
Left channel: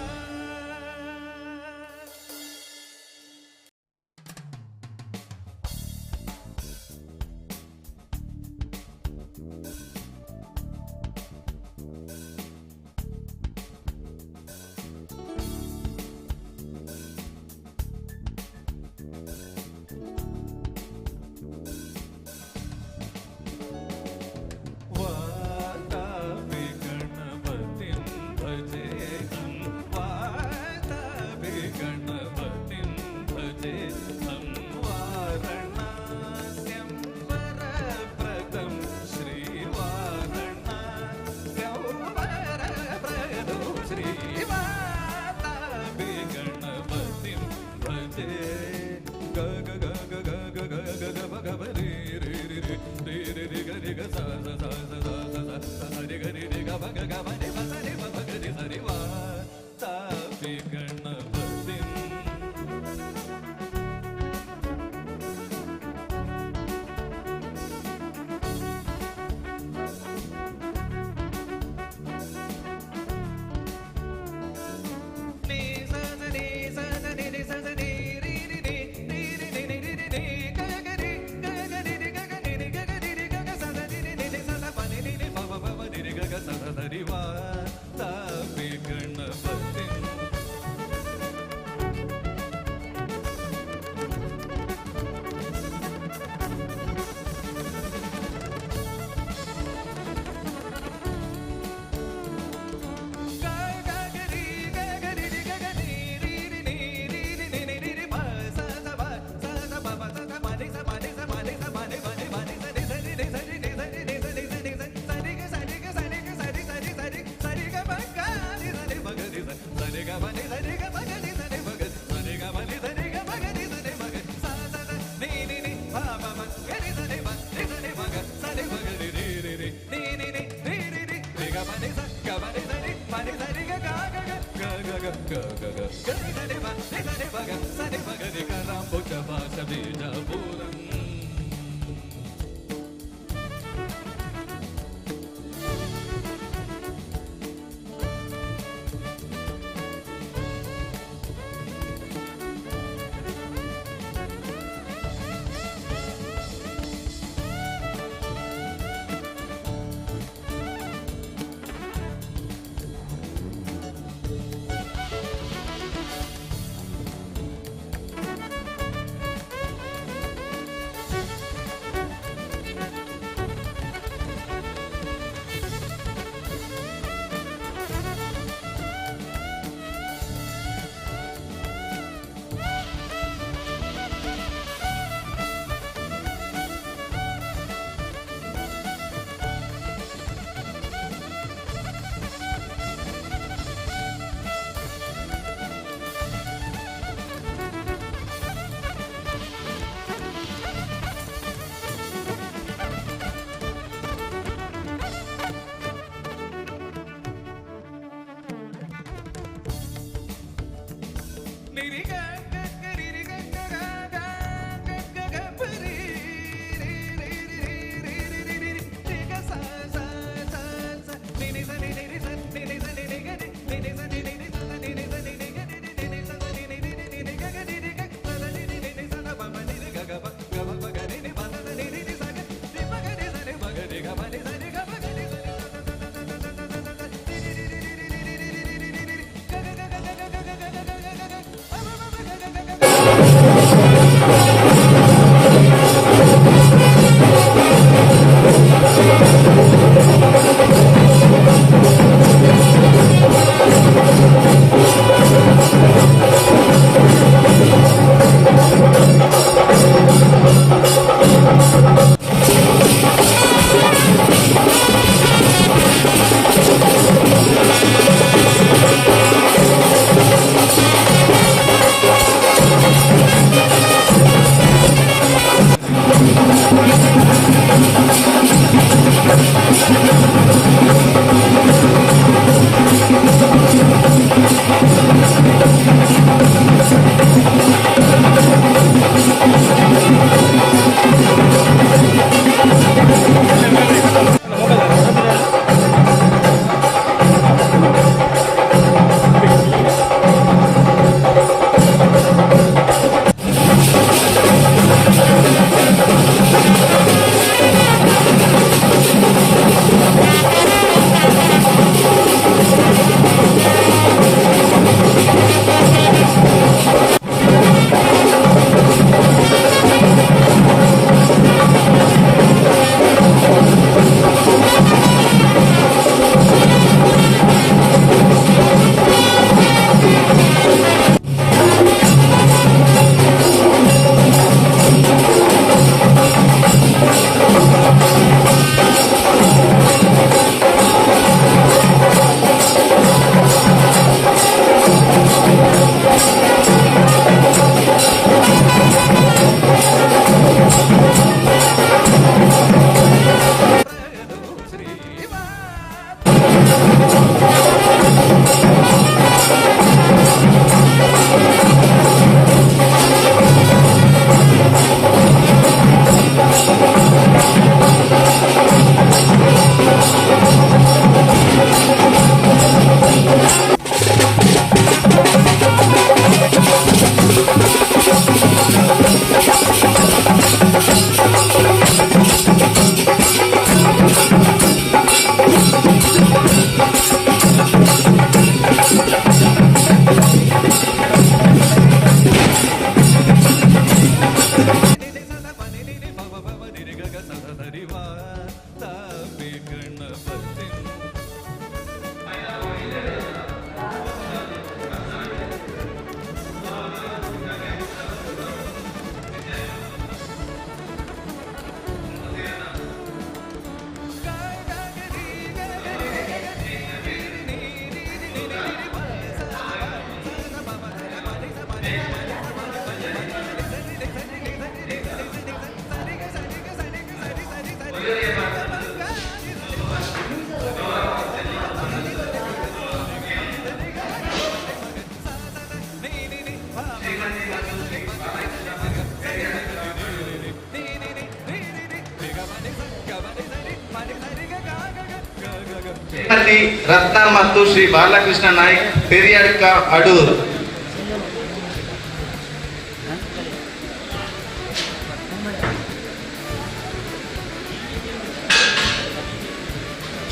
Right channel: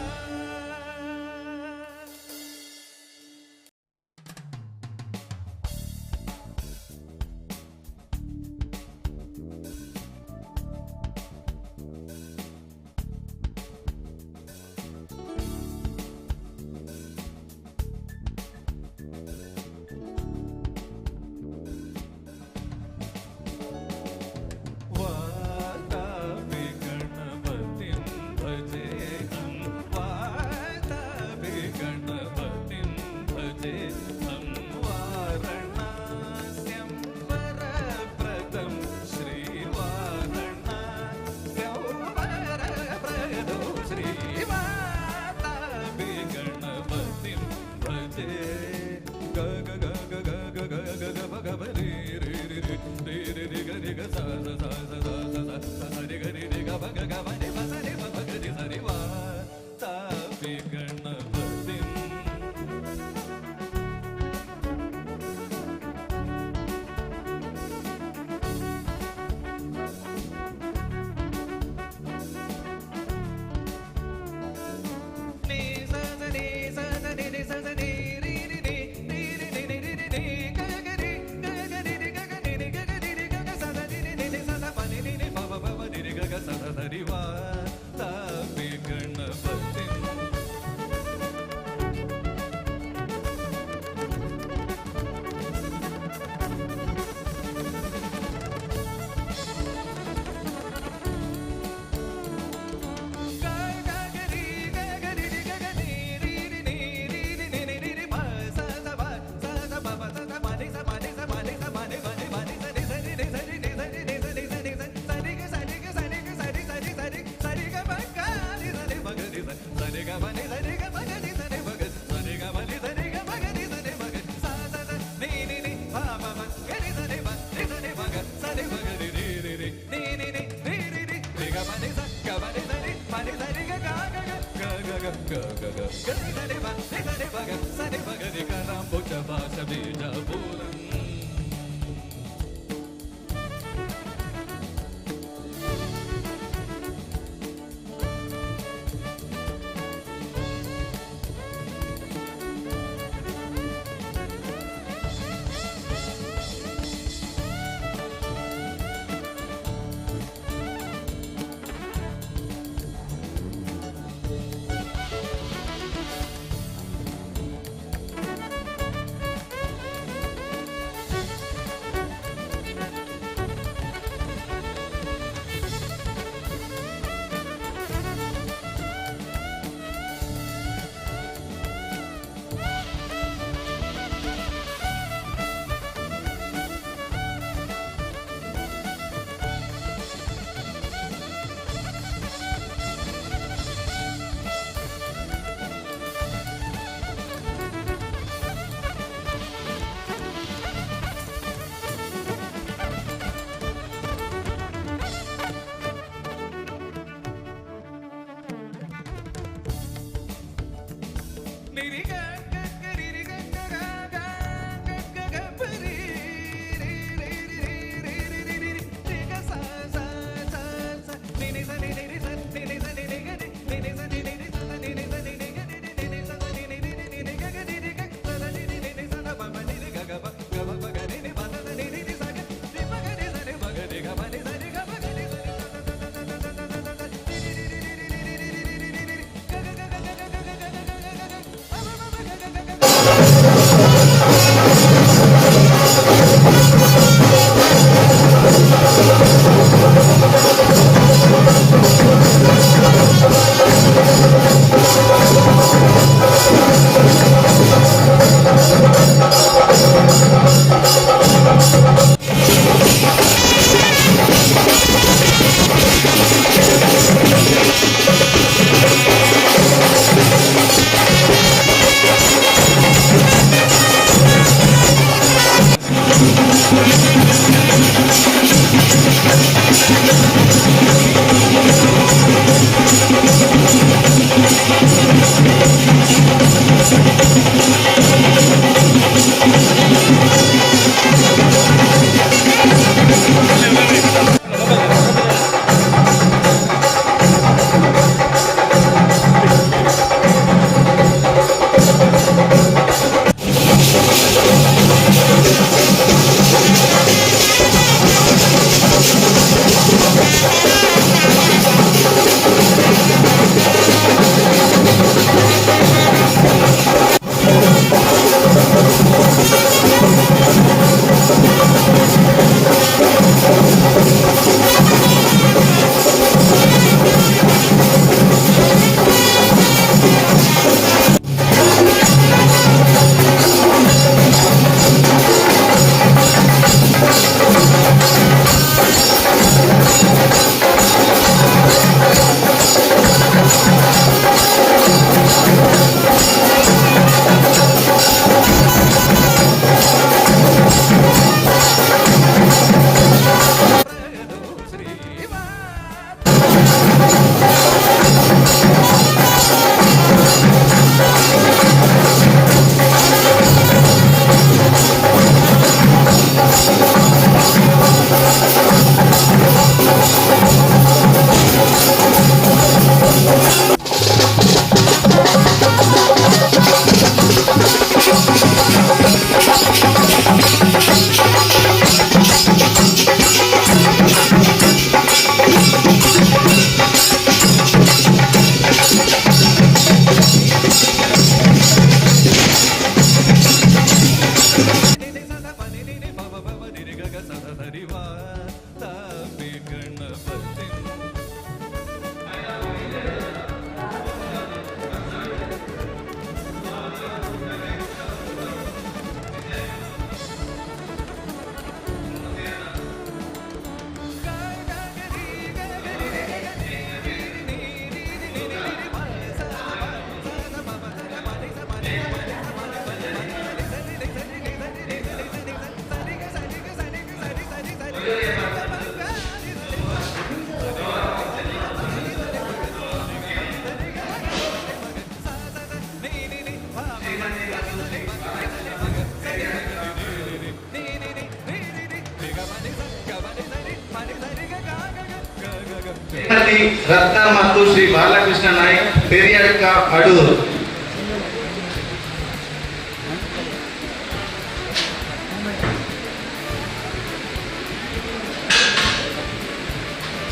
ಶ್ರೀಮತಿ ರತ್ನ ಮತ್ತು ಶ್ರೀ ಬಾಲಕೃಷ್ಣ ನಾಯ್ಕ್ ಪೆರಿಯಡ್ಕ ಅಡೂರು.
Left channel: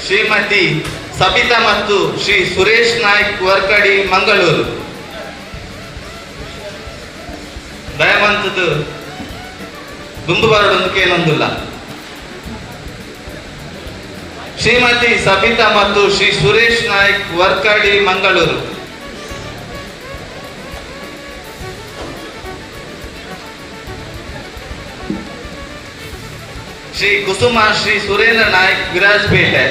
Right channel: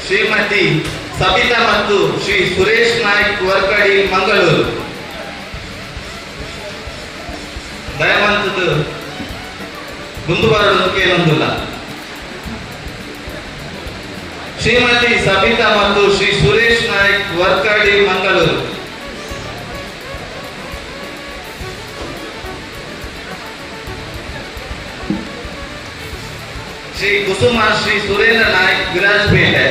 ಶ್ರೀಮತಿ ಸಬಿತಾ ಮತ್ತು ಶ್ರೀ ಸುರೇಶ್ ನಾಯ್ಕ್ ವರ್ಕಡಿ ಮಂಗಳೂರು. ದಯವಂತದ್ದು ಮುಂದು ಬರೋದಕ್ಕೆ ಏನೊಂದಿಲ್ಲ. ಶ್ರೀಮತಿ ಸಬಿತಾ ಮತ್ತು ಶ್ರೀ ಸುರೇಶ್ ನಾಯ್ಕ್ ವರ್ಕಡಿ ಮಂಗಳೂರು. ಶ್ರೀ ಕುಸುಮ ಶ್ರೀ ಸುರೇಂದ್ರ ನಾಯ್ಕ್ ವಿರಾಜಪೇಟೆ.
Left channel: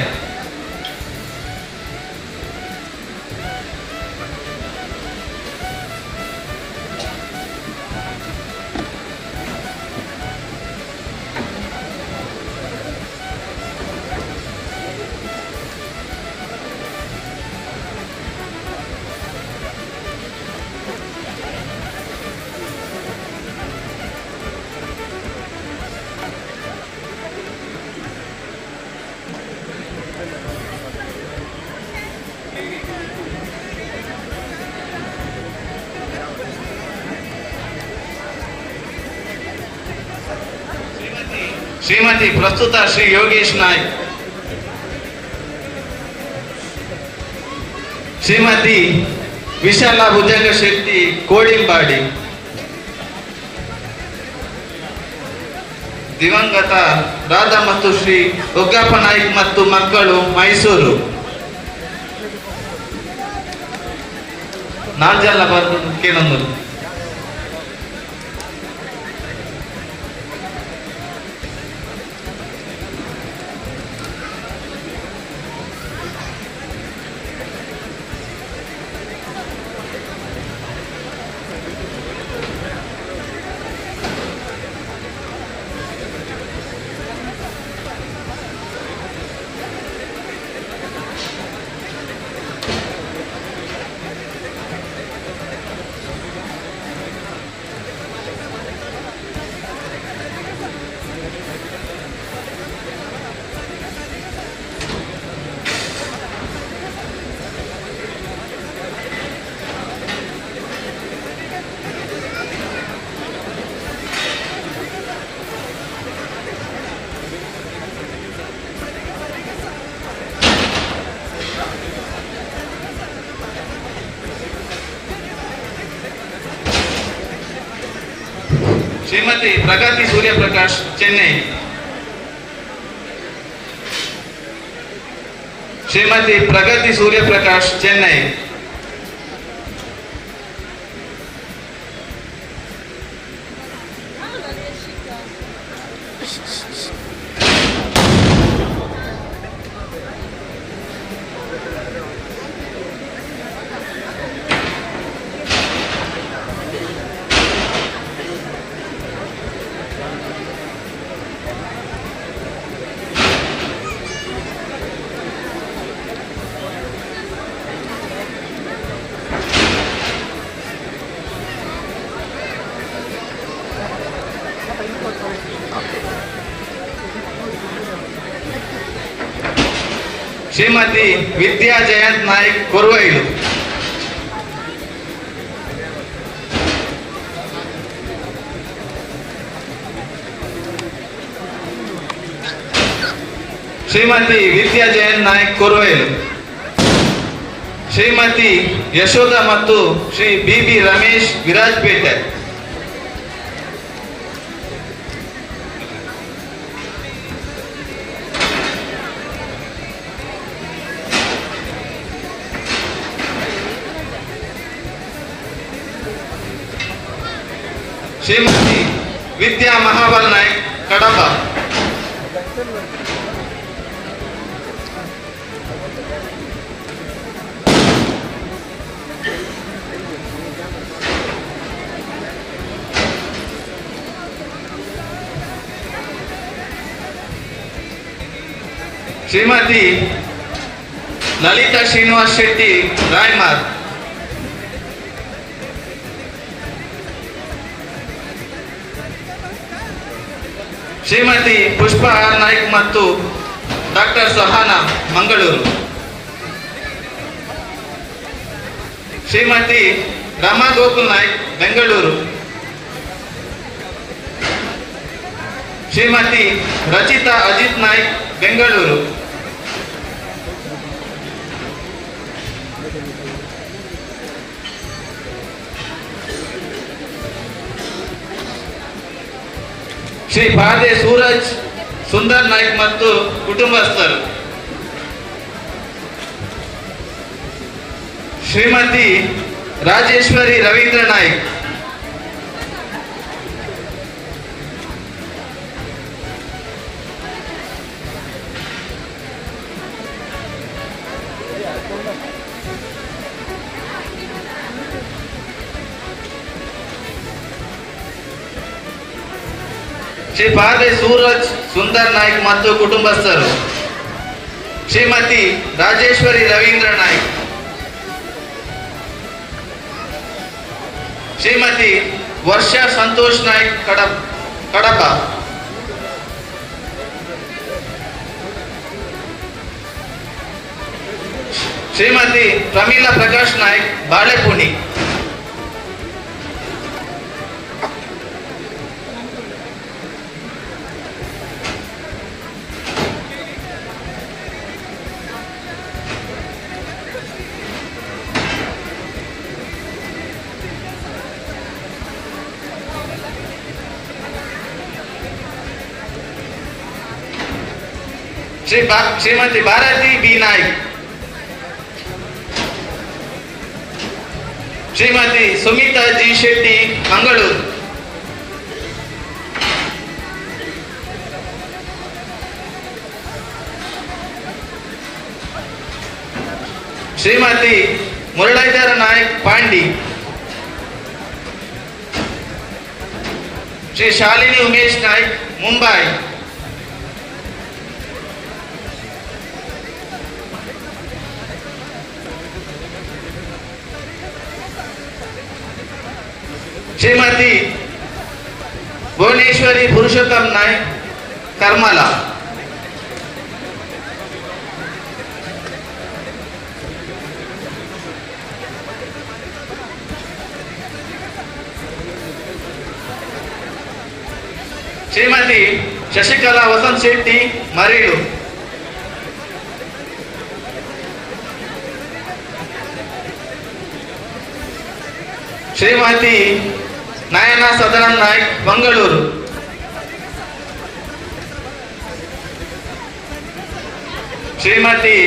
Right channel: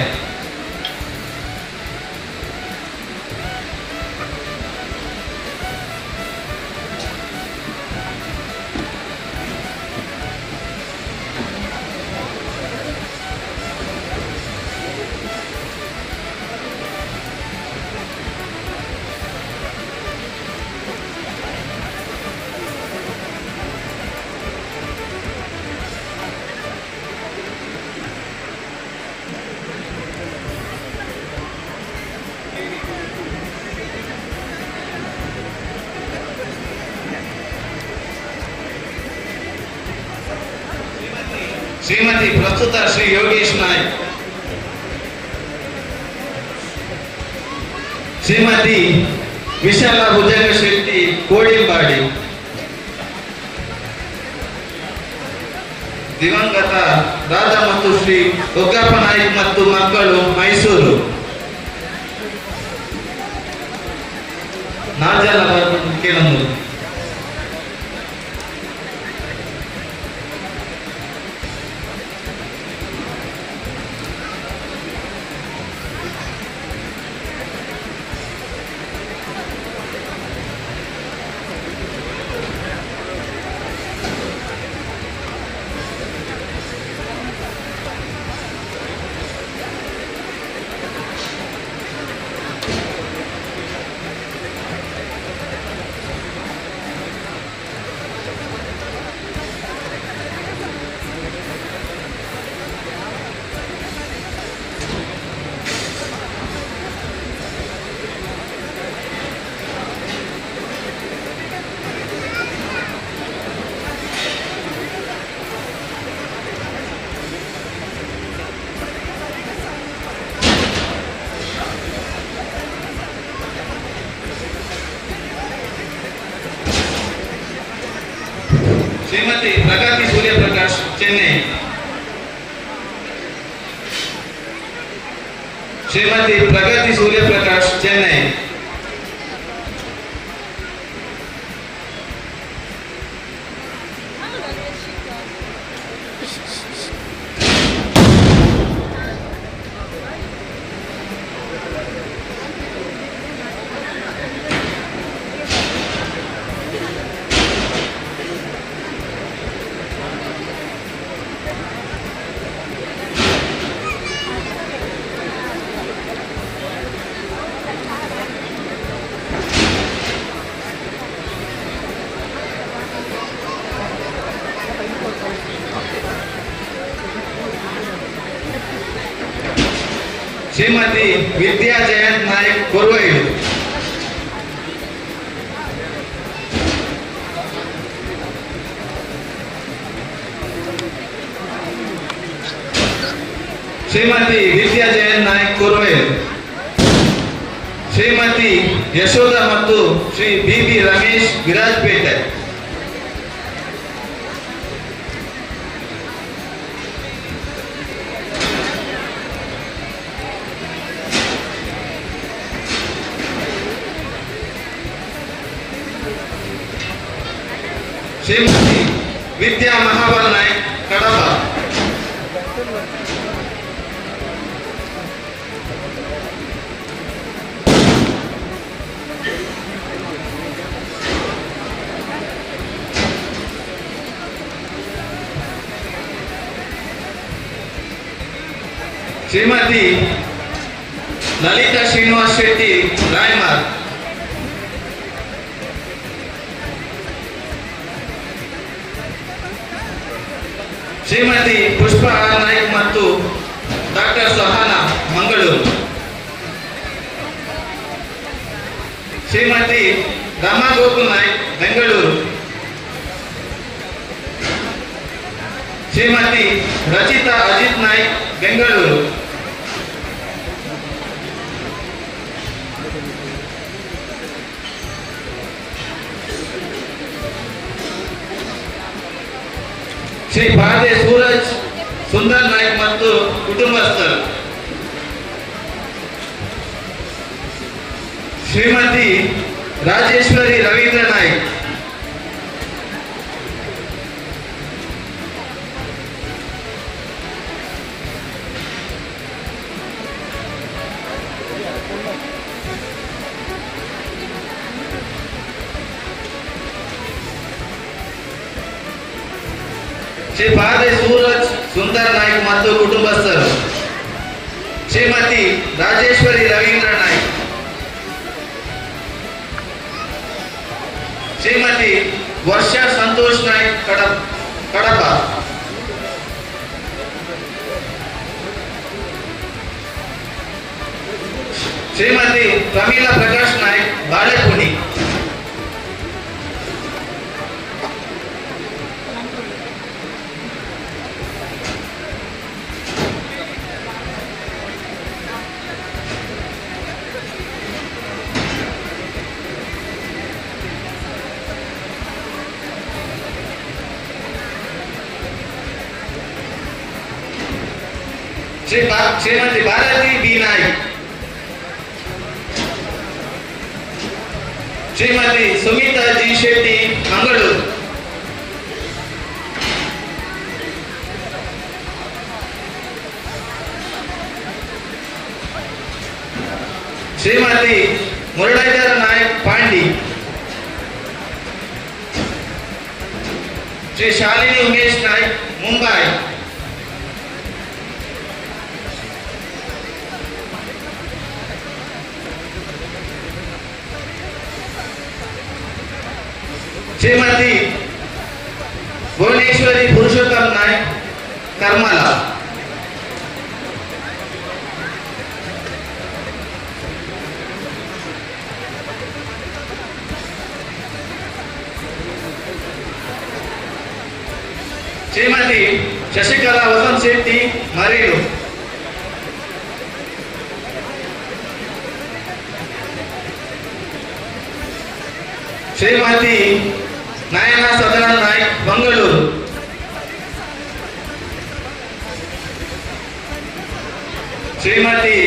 ಶ್ರೀಮತಿ ಪ್ರಸ್ತುತ ಶ್ರೀ ಯೋಗೇಶ್ ನಾಯ್ಕ್. ಶ್ರೀಮತಿ ವಿಶಾಲ ಭುಜಂಗ ಶೆಟ್ಟಿ ಕೋಡಿಂಬಾಡಿ. ದಿವಂಗತ ರಾಧಾ ಮತ್ತು ಶ್ರೀ ಒಗ್ಗಪ್ಪ ನಾಯ್ಕ್ ಮತ್ತು ಮಕ್ಕಳು ಮೈಸೂರು. ನಾಜಲ ಕೇಳಂಬರು. ಶ್ರೀಮತಿ ಪ್ರಗತಿ ಸೂರ್ಯಪ್ರಕಾಶ್ ಚೆನ್ನೈ. ಶ್ರೀಮತಿ ಪ್ರಗತಿ ಸೂರ್ಯಪ್ರಕಾಶ್ ಚೆನ್ನೈ. ಶ್ರೀಮತಿ ವಿದ್ಯಾ ಜಯಂತ್ ನಾಯ್ಕ್ ಕೊರವೈಲು. ಶ್ರೀಮತಿ ವಿದ್ಯಾ ಜಯಂತ್ ನಾಯ್ಕ್ ಕೊರವೈಲು. ಶ್ರೀಮತಿ ಯಶೋಧ ಮತ್ತು ಶ್ರೀ ಬಿ ರಮೇಶ್ ವಿರಾಜಪೇಟೆ. ಶ್ರೀಮತಿ ವಿದ್ಯಾ ಮಹಾಬಲ್ ನಾಯ್ಕ್ ಕಡಬ. ಶ್ರೀಮತಿ ಲಲಿತಾ ಶ್ರೀನಿವಾಸ್ ಶೆಟ್ಟಿ ರಾಯ್ಮಾರ್, ಶ್ರೀಮತಿ ಪುಷ್ಪ ಆರ್ ನಾಯ್ಕ್ ಮತ್ತು ಡಾಕ್ಟರ್ ಸಹಾನ ಮಂಗಳೂರು, ಶ್ರೀಮತಿ ರಮಾ ಗೋಕುಲ್ ನಾಯ್ಕ್ ಬೆಂಗಳೂರು, ಶ್ರೀಮತಿ ರಚಿತಾ ಅಜಿತ್ ನಾಯ್ಕ್ ಬೆಂಗಳೂರು, ಶ್ರೀ ಪಾದೆ ಸೂರಜ್ ಸುಂದರ್ ನಾಯ್ಕ್ ಮತ್ತು ಕುಟುಂಬಸ್ಥರು, ಶ್ರೀಮತಿ ರಾಜೇಶ್ವರಿ ರವೀಂದ್ರ ನಾಯ್ಕ್, ಶ್ರೀ ಪಾದೆ ಸೂರಜ್ ಸುಂದರ್ ನಾಯ್ಕ್ ಮತ್ತು ಕುಟುಂಬಸ್ಥರು, ಶ್ರೀಮತಿ ರಾಜೇಶ್ವರಿ ರವೀಂದ್ರ ನಾಯ್ಕ್, ಶ್ರೀಮತಿ ವರ್ಷಾ ಸಂತೋಷ್ ನಾಯ್ಕ್ ಕಡಪ, ಶ್ರೀಮತಿ ಪ್ರಮೀಲಾ ಪ್ರಕಾಶ್ ನಾಯ್ಕ್ ಬಾಳೆಪುಣಿ, ಶ್ರೀಮತಿ ಭಾರತಿ ಬಿ ನಾಯ್ಕ್, ಶ್ರೀಮತಿ ಸುಮಿತಾ ಜಿ ಶೆಟ್ಟಿ ಮಂಗಳೂರು, ಶ್ರೀಮತಿ ಮುರಳೀಧರ ನಾಯ್ಕ್ ಪಾಂಡಿ, ಶ್ರೀ ಶಾಲಿನಿ ಉಮೇಶ್ ನಾಯ್ಕ್ ಮುಂಬೈ, ಶ್ರೀಮತಿ ಭುವನೇಶ್ವರಿ ಪುರುಷೋತ್ತಮ್ ನಾಯ್ಕ್ ಕರ್ಮಲ, ಶ್ರೀಮತಿ ಶಶಿಕಲಾ ವಸಂತ್ ಶೆಟ್ಟಿ ಮರೀಡು, ಶ್ರೀಮತಿ ನಯನ ಸದಾನಂದ ನಾಯ್ಕ್ ಮಂಗಳೂರು, ಶ್ರೀಮತಿ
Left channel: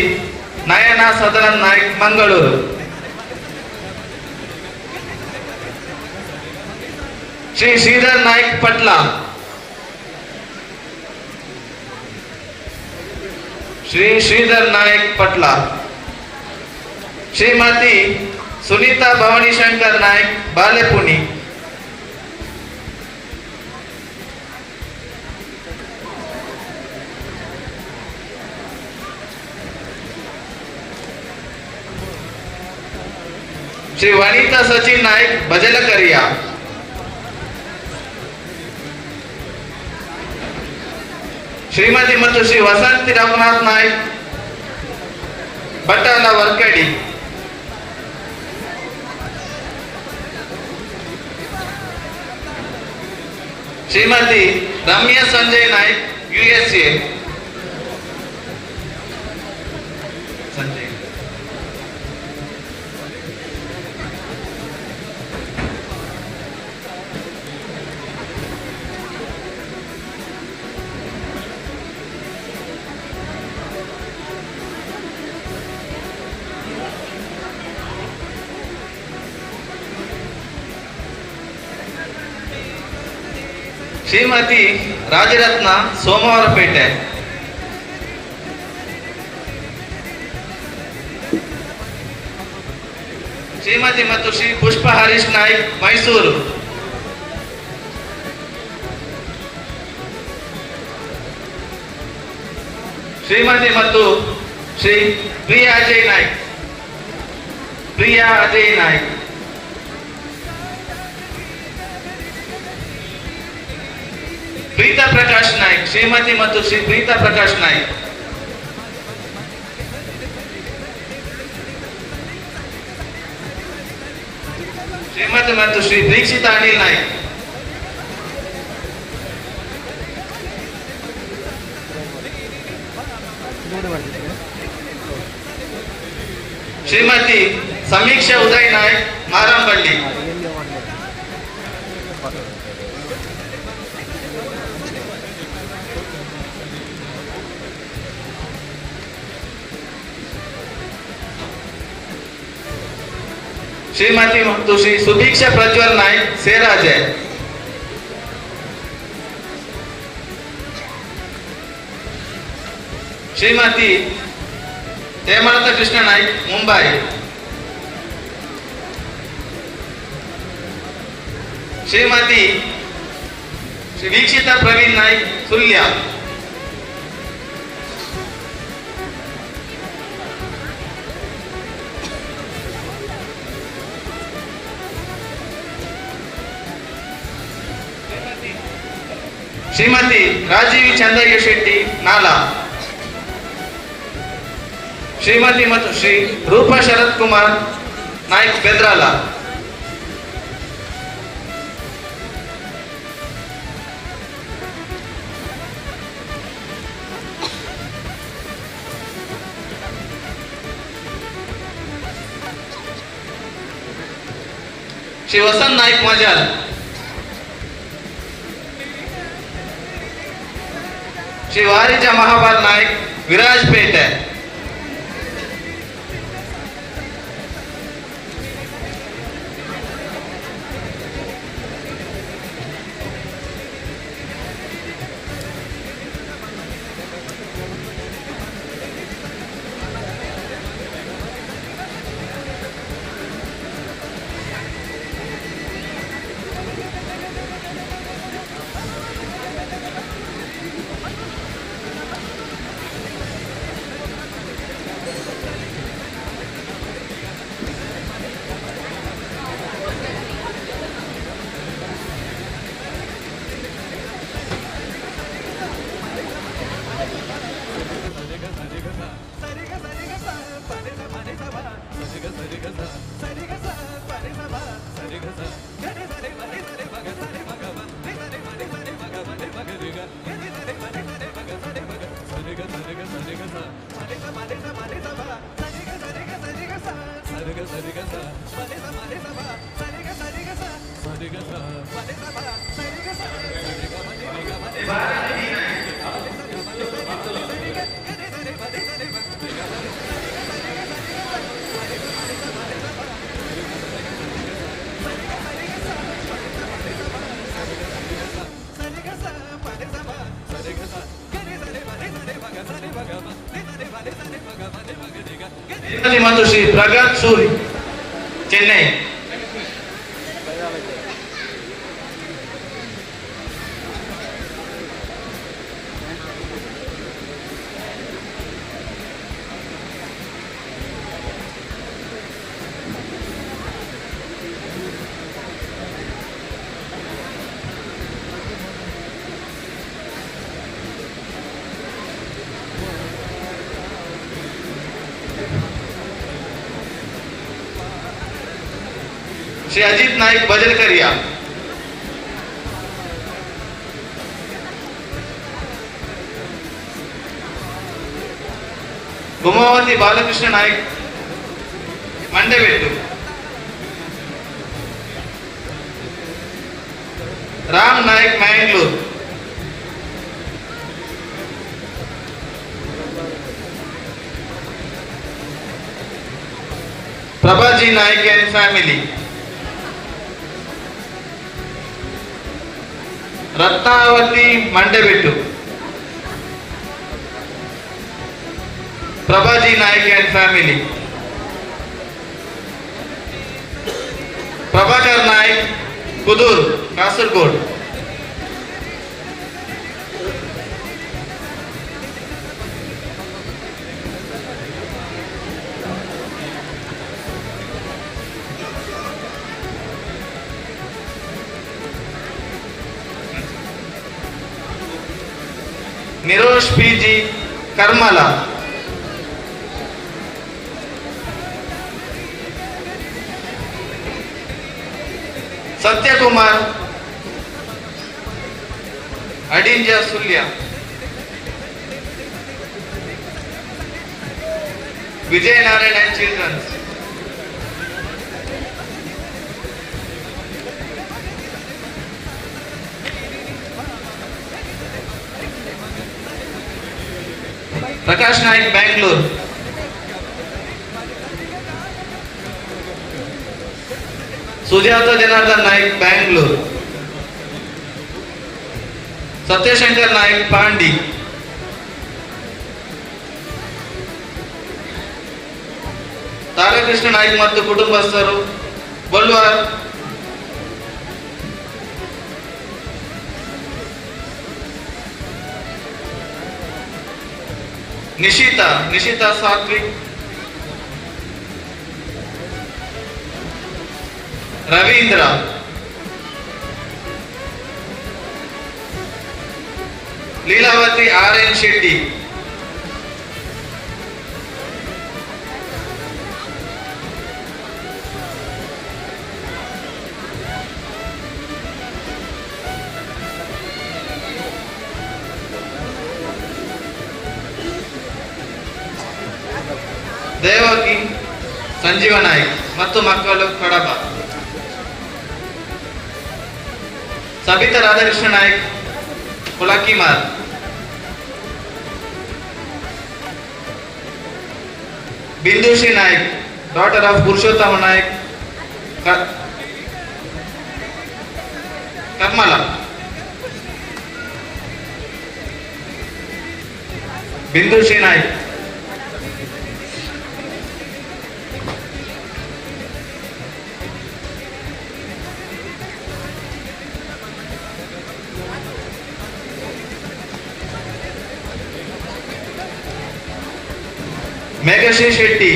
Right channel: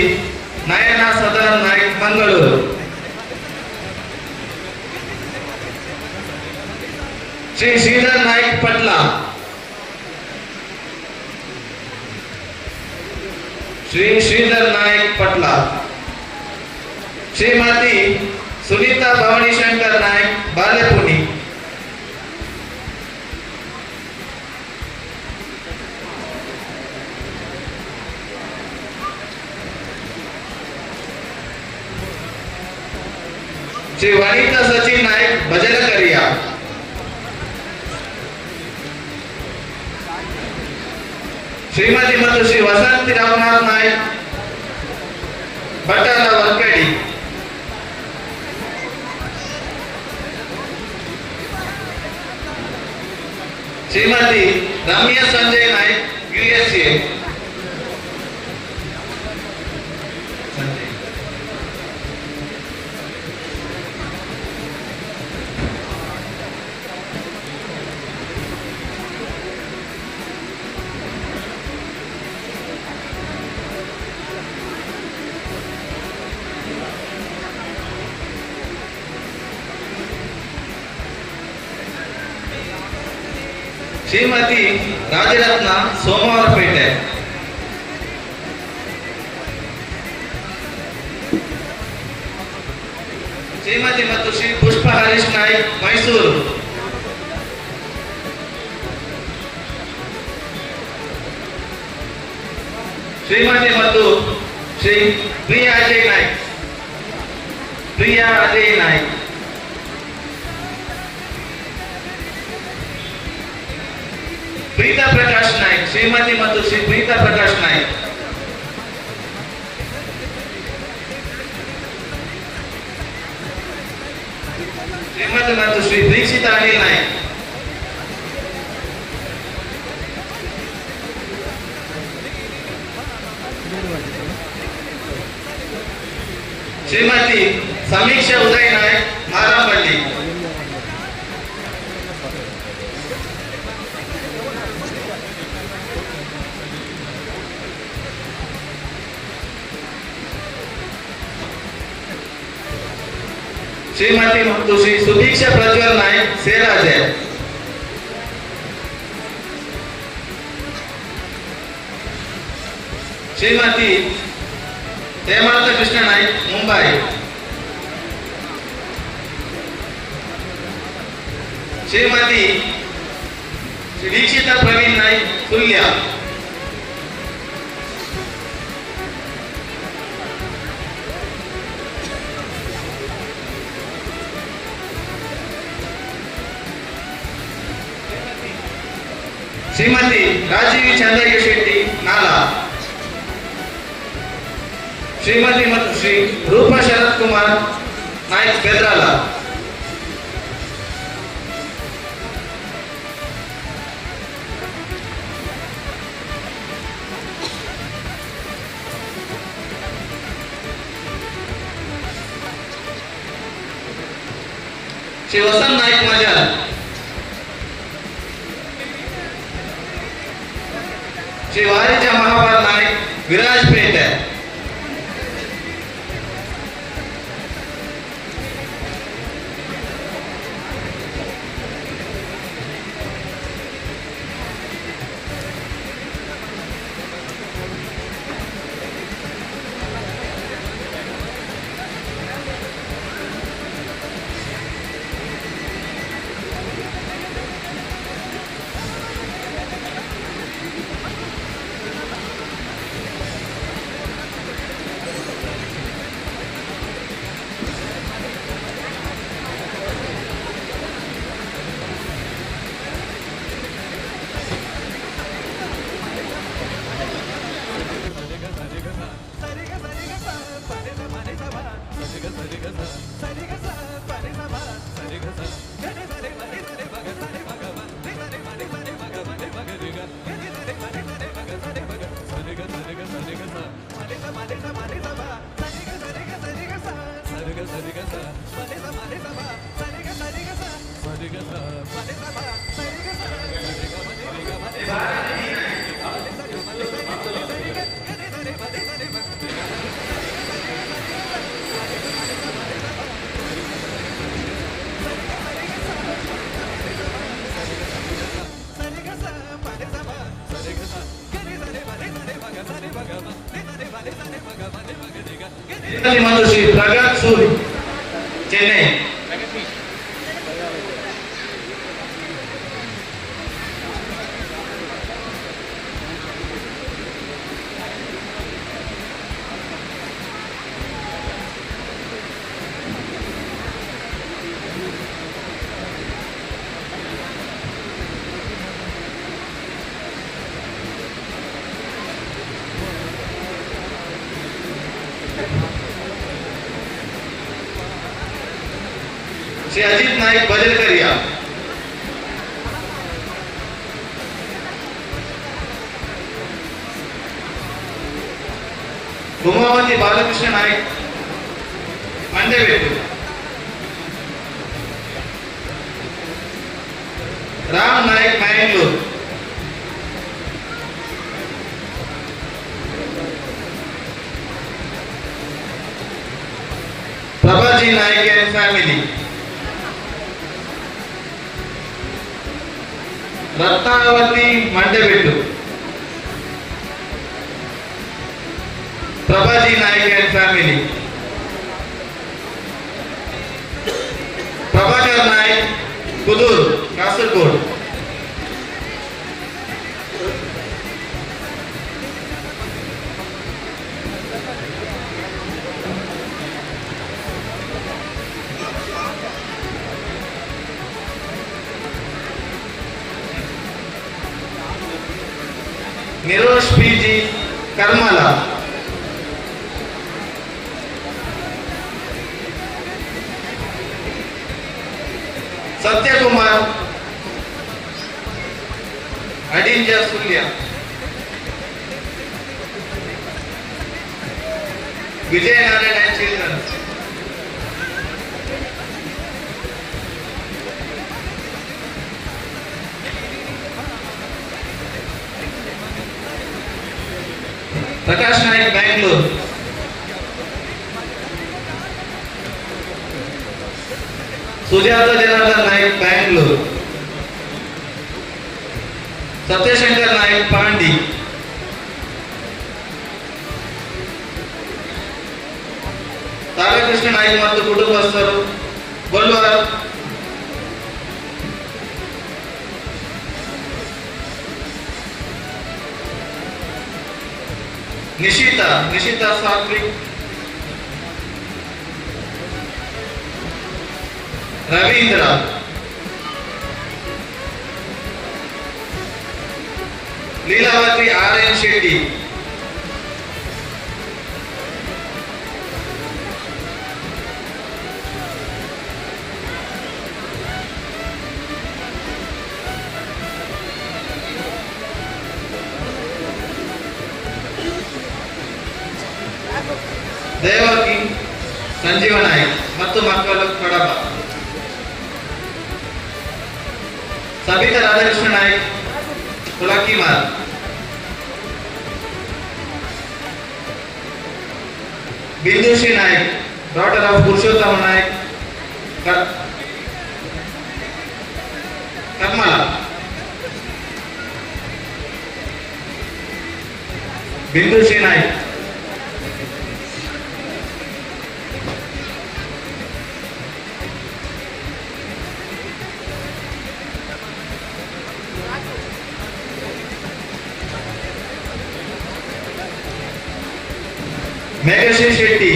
ನಯನ ಸದಾನಂದ ನಾಯ್ಕ್ ಮಂಗಳೂರು, ಶ್ರೀ ಶ್ರೀಧರ್ ನಾಯ್ಕ್ ಪಟ್ಲ, ಶ್ರೀ ಶ್ರೀಧರ್ ನಾಯ್ಕ್ ಪಟ್ಲ, ಶ್ರೀಮತಿ ಸುನೀತಾ ಭವಾನಿ ಶಂಕರ್ ನಾಯ್ಕ್ ಬಾಲೆಪುಣಿ, ಶ್ರೀ ವನಿತಾ ಸಚಿನ್ ನಾಯ್ಕ್ ಬಜಲಕರಿಯ, ಶ್ರೀಮತಿ ಮತ್ತು ಶ್ರೀ ವಸಂತಿ ರಘುನಾಥ್ ನಾಯ್ಕ್ ಬಟ್ಟಾಲ ವರ್ಕಡಿ, ಶ್ರೀಮತಿ ರಮ್ಯಾ ಸಂಜಯ್ ನಾಯ್ಕ್ USA, ಶ್ರೀಮತಿ ರಾಜರತ್ನ ಸೋಮವಾರಪೇಟೆ, ಶ್ರೀಮತಿ ಮತ್ತು ಶ್ರೀ ಪುಷ್ಪ ಹರೀಶ್ ನಾಯ್ಕ್ ಮೈಸೂರು, ಶ್ರೀಮತಿ ಮತ್ತು ಶ್ರೀ ಪ್ರಿಯಾ ಅಜಯ್ ನಾಯ್ಕ್. ಪ್ರಿಯಾ ಅಜಯ್ ನಾಯ್ಕ್. ಪ್ರೀತಾ ಪ್ರಕಾಶ್ ನಾಯ್ಕ್. ಶ್ರೀಮತಿ ಮತ್ತು ಶ್ರೀ ಪ್ರೀತಾ ಪ್ರಕಾಶ್ ನಾಯ್ಕ್. ಶ್ರೀಮತಿ ಮತ್ತು ಶ್ರೀ ದೀಕ್ಷಿತಾ ಅನಿಲ್ ನಾಯ್ಕ್. ಶ್ರೀಮತಿ ಸಮೀಕ್ಷಾ ಉದಯ್ ನಾಯ್ಕ್ ಮಾರಂಪಳ್ಳಿ. ಶ್ರೀಮತಿ ಮತ್ತು ಶ್ರೀ ಸುದೀಕ್ಷಾ ಪ್ರಜ್ವಲ್ ನಾಯ್ಕ್ ಸೇರಾಜೆ. ಶ್ರೀಮತಿ ಹೇಮಂತ ಕೃಷ್ಣ ನಾಯ್ಕ್ ಮುಂಬೈ. ಶ್ರೀಮತಿ ಶ್ರೀ ವೀಕ್ಷಿತಾ ಪ್ರವೀಣ್ ನಾಯ್ಕ್ ಸುಳ್ಯ. ಶ್ರೀಮತಿ ರಾಜೀವಿ ಚಂದ್ರಯ್ಯ ಶೆಟ್ಟಿ ನಾಲಾ. ಶ್ರೀಮತಿ ಮತ್ತು ಶ್ರೀ ರೂಪಾ ಶರತ್ ಕುಮಾರ್ ನಾಯ್ಕ್ ಬೆದ್ರಾಲ. ಶ್ರೀ ವಸಂತ್ ನಾಯ್ಕ್ ಮಜಾಲ್. ಶ್ರೀ ವಾರಿಜ ಮಹಾಬಾಲ್ ನಾಯ್ಕ್ ವಿರಾಜ್ಪೇಟೆ. ಮತ್ತು Shri Pragath Suri Chennai. Shri Ajit Naik Bajalkariya. Gumavati Balakrishna Naik Mandevettu. Ram Naik Mangalore. Prabhaji Naik and family. Ratnavati Mandebettu. Prabhaji Naik and family. Prabhakar Naik Kudur Kasaragod. Nirosh P G Karmala, Satyakumar Adinja Sullia, Vijay Narayan and childrens, Prakash Naik Bangalore, Sujatha Janardhan Naik Bangalore, Satyashankar Naik Pandi, Tarakrishna Naik ಮತ್ತು ಕುಟುಂಬಸ್ಥರು ಬಲ್ವಾರ್, निशिता सात्विक, रवींद्र, लीलावती RN शेट्टी, देवकी संजीव नायक ಮತ್ತು ಮಕ್ಕಳು Kadaba, Sabita Radhakrishna Nayak Pulkimar, Bindushree Nayak daughter of Purushottam Nayak Karmala, Bindushree Nayak, Meghashree Shetty,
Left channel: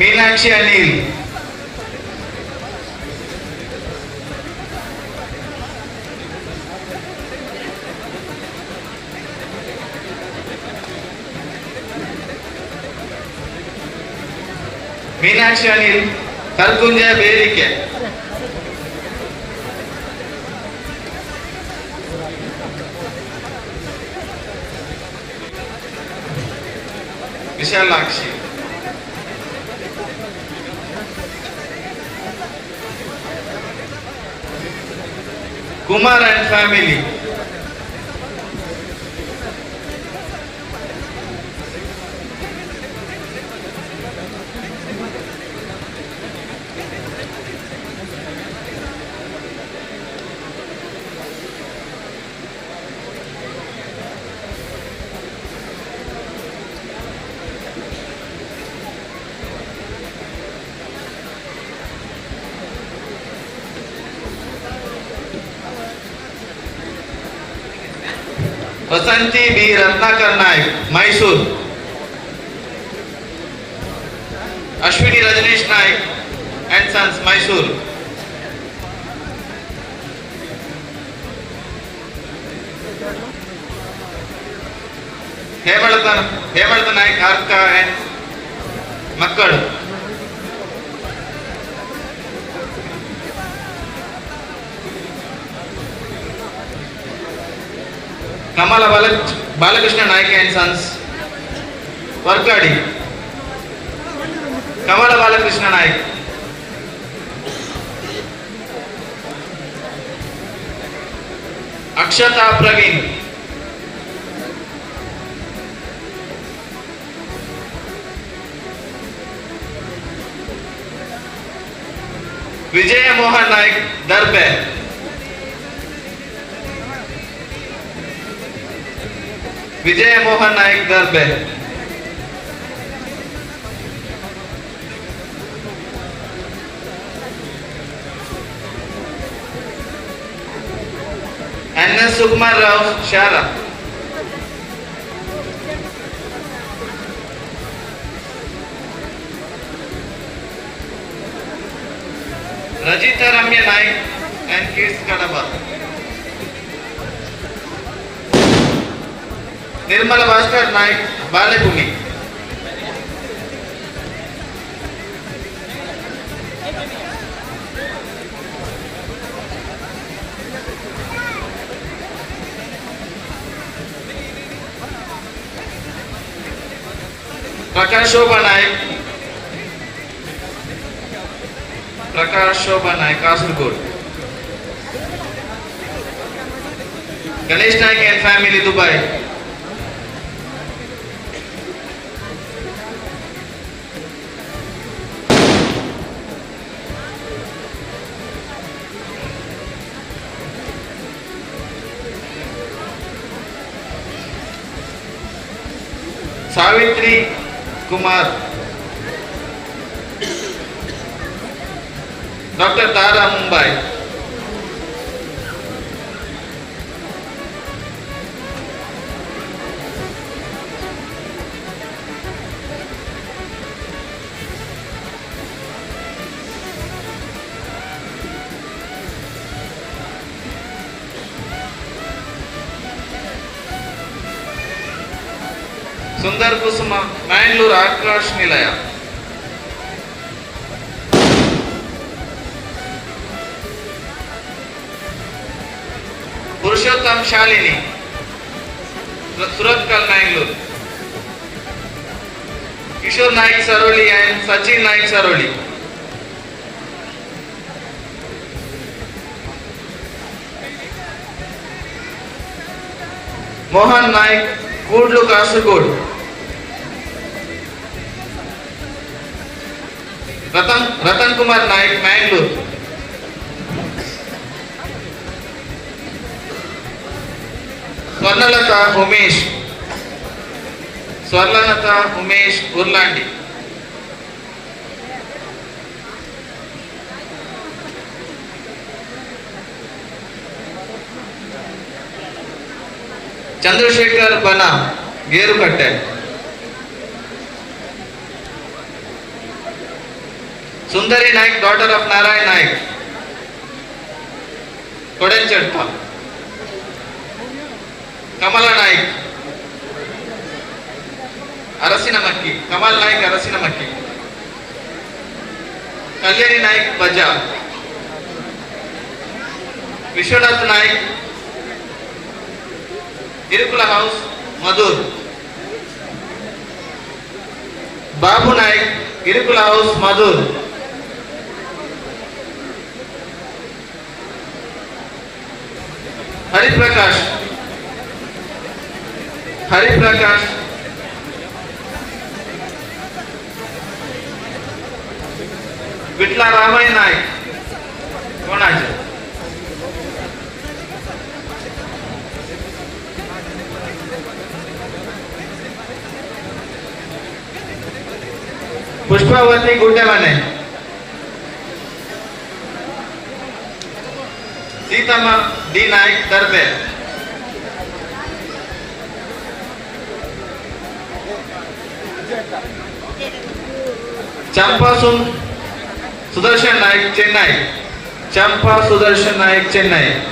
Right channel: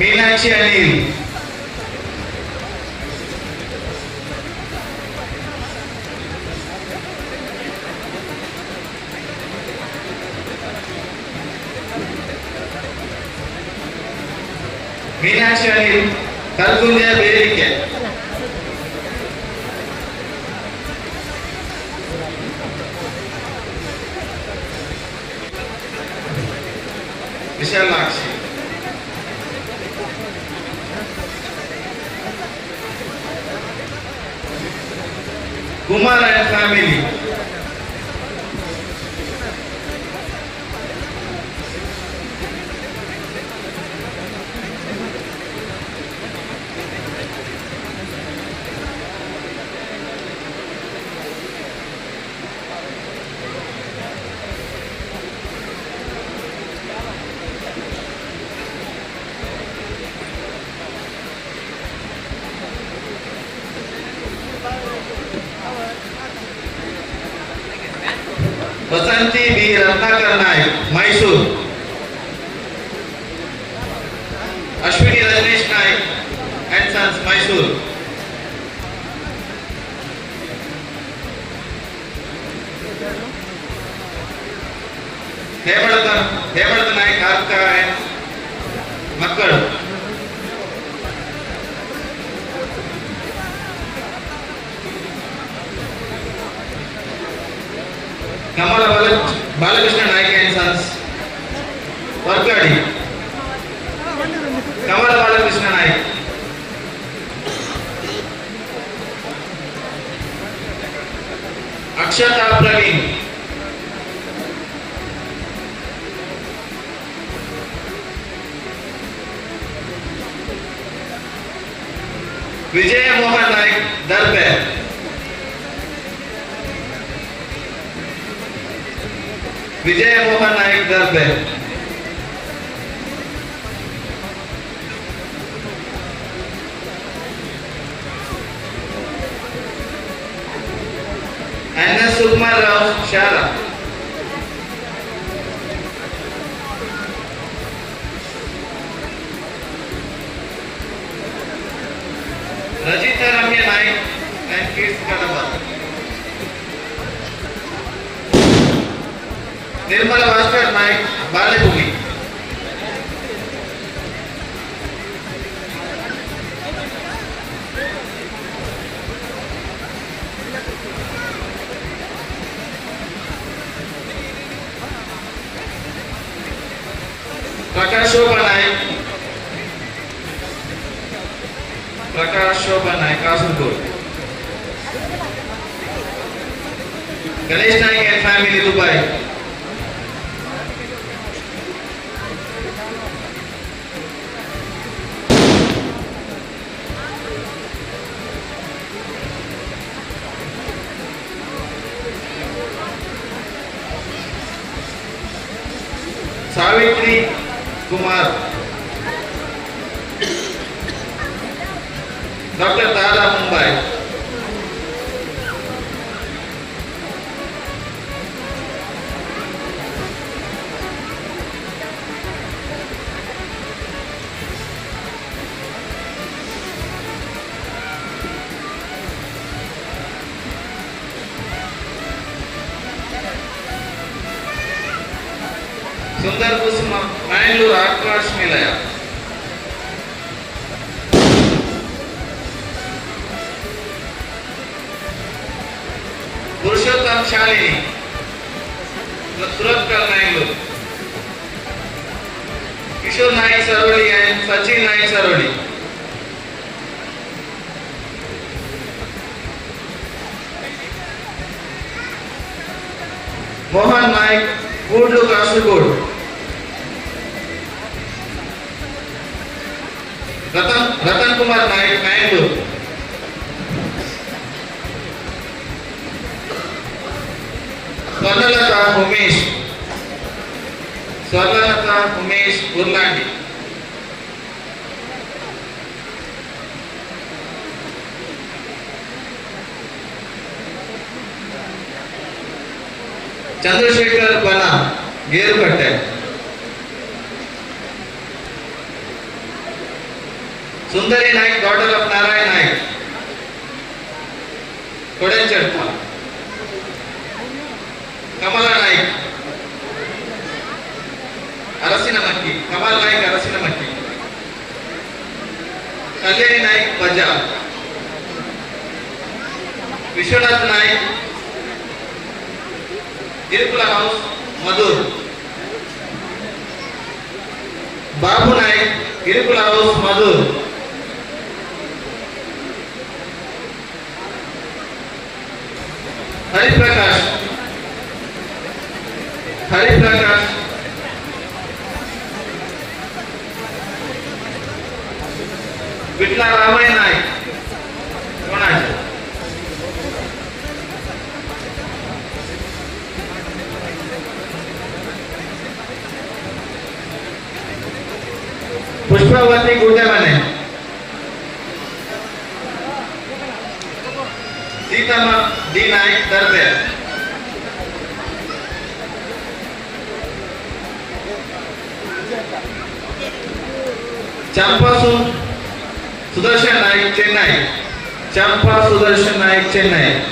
Meenakshi Anil, Meenakshi Anil Kalkunj Berike, Vishalakshi, Kumar and family, Vasanti B Ratnakar Nayak Mysore, Ashwini Rajneesh Nayak and sons Mysore, Hemalata Nayak Arka and मक्कड़, Kamala Balakrishna Nayak and sons Varkadi, Kamala Balakrishna Nayak, Akshata Praveen, Vijay Mohan Nayak Darbe, Vijay Mohan Nayak Darbe, Ramarao Shara. Rajita Ramya Naik and Kids Kadaba. Nirmala Bhaskar Naik, Balebhumi. Prakash Shobha Naik, Kasaragod. Ganesh Naik and family, Dubai. Savitri Kumar, Dr. Tara Mumbai. Sundar Kusuma, Mangalore Akash Nilaya. Purushottam Shalini, Suratkal Mangalore. Kishore Naik Saroli and Sachin Naik Saroli. Mohan Naik, Kudlu Kasaragod. Ratan Kumar Naik, Mangalore. Swarnalata Umesh, Urlandi. Chandrasekhar Bana, Gerukatte. Sundari Naik, daughter of Narayan Naik, Kodenchatta. Kamala Naik, Arasinamakki, Kamal Naik, Arasinamakki. Kalyani Naik, Baja. Vishwanath Naik, Irkula House, Madur. Babu Naik, Irkula House, Madur. Hari Prakash, Vitla Ramay Naik, Konaj. Pushpavati Gudemane, Sitama D. Naik, Darbe. Champa Sudarshan Naik, Chennai. Champa Sudarshan Naik, Chennai.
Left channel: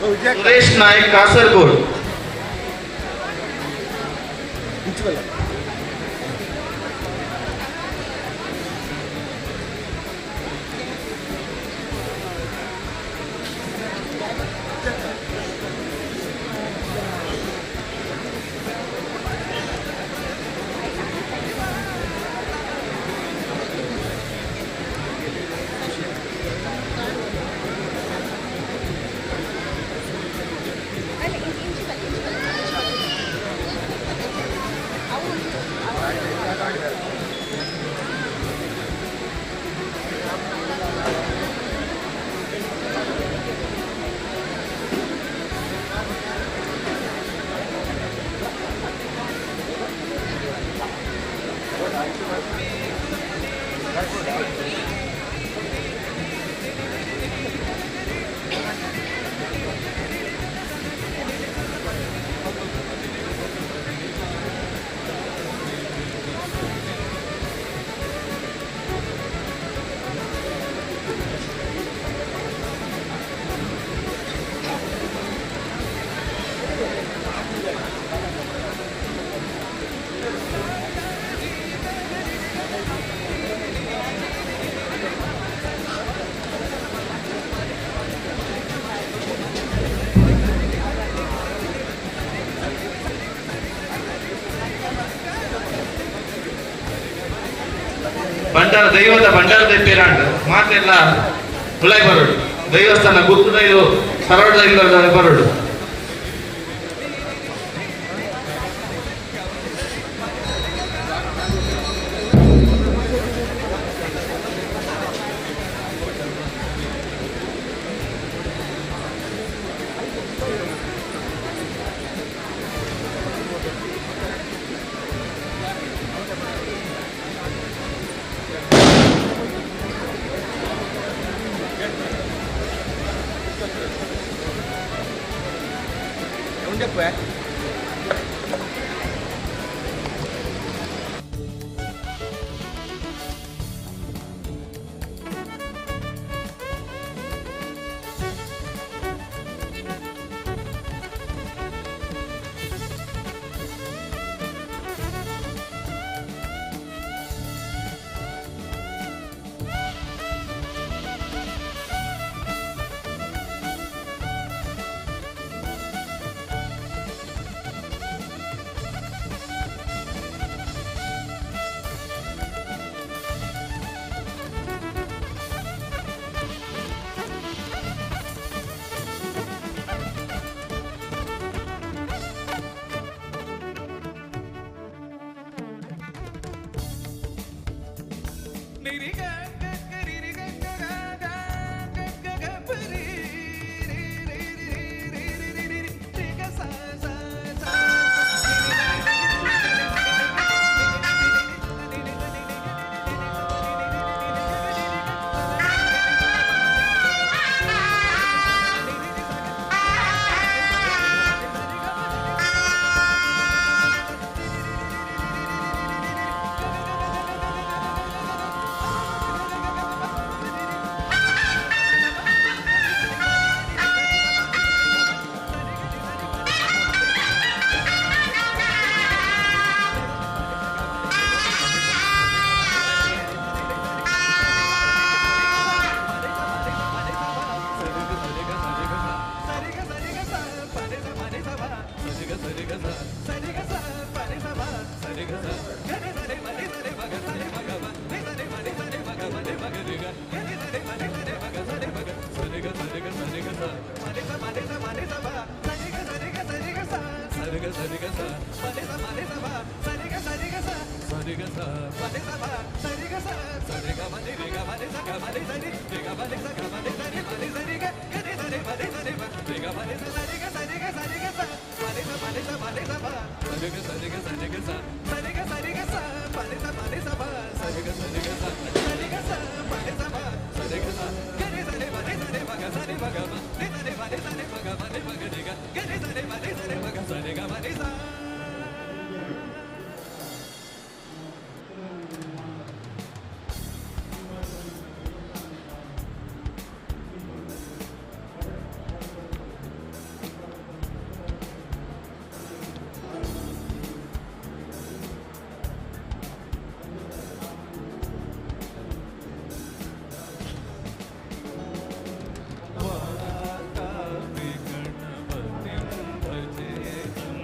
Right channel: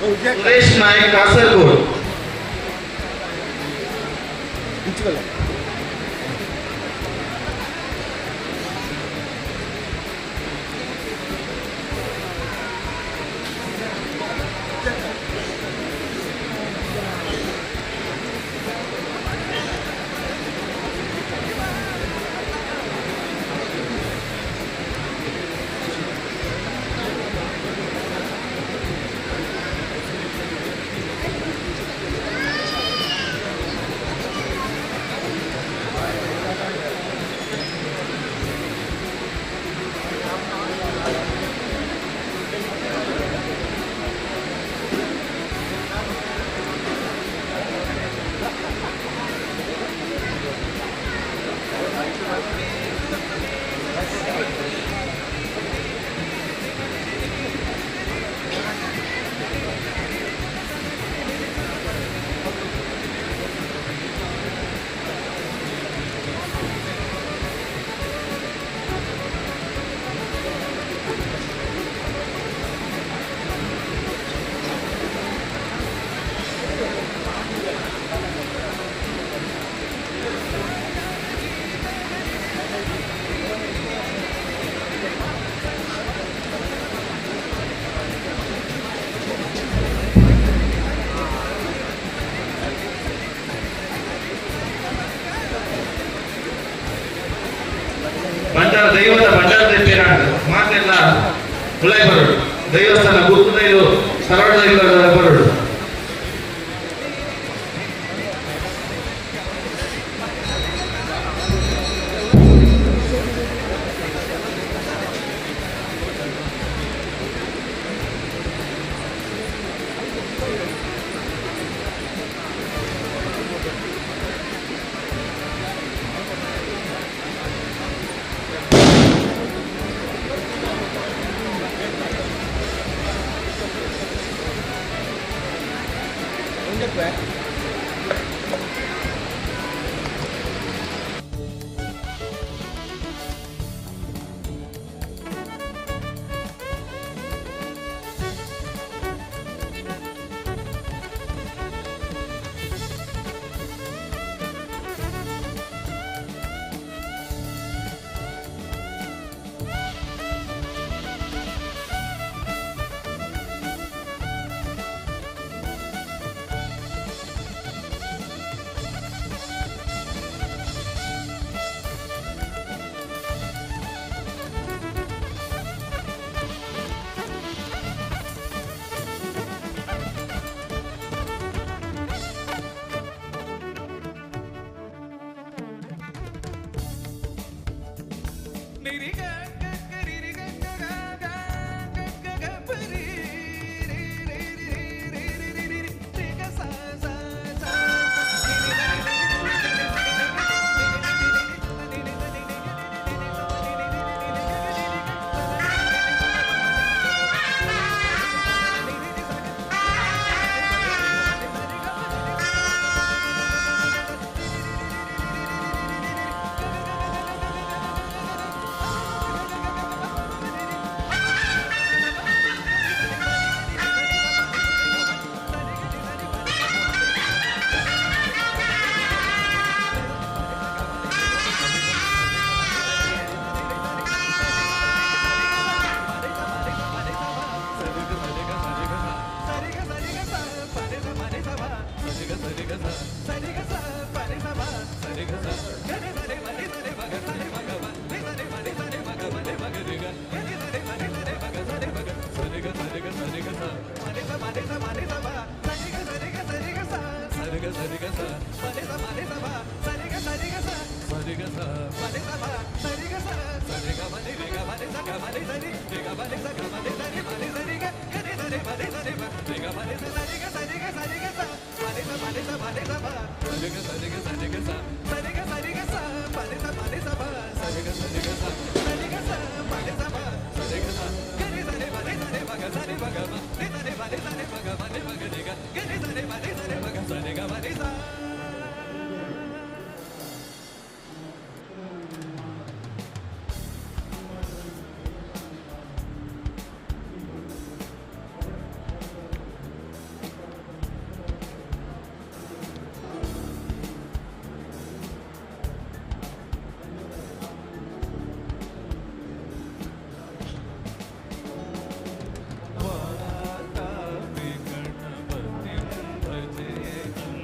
Suresh Naik, Kasaragod. ದೈವದ ಬಂಡಾರದ ಪೇರಾಂಡ್ ಮಾತೆಲ್ಲ ಹುಳೈ ಬರೋಡು ದೈವಸ್ಥಾನ ಗುರುದೈವ ಸರಳ ಇಲ್ಲದ ಬರೋಡು वातापि गणपतिं भजेऽहं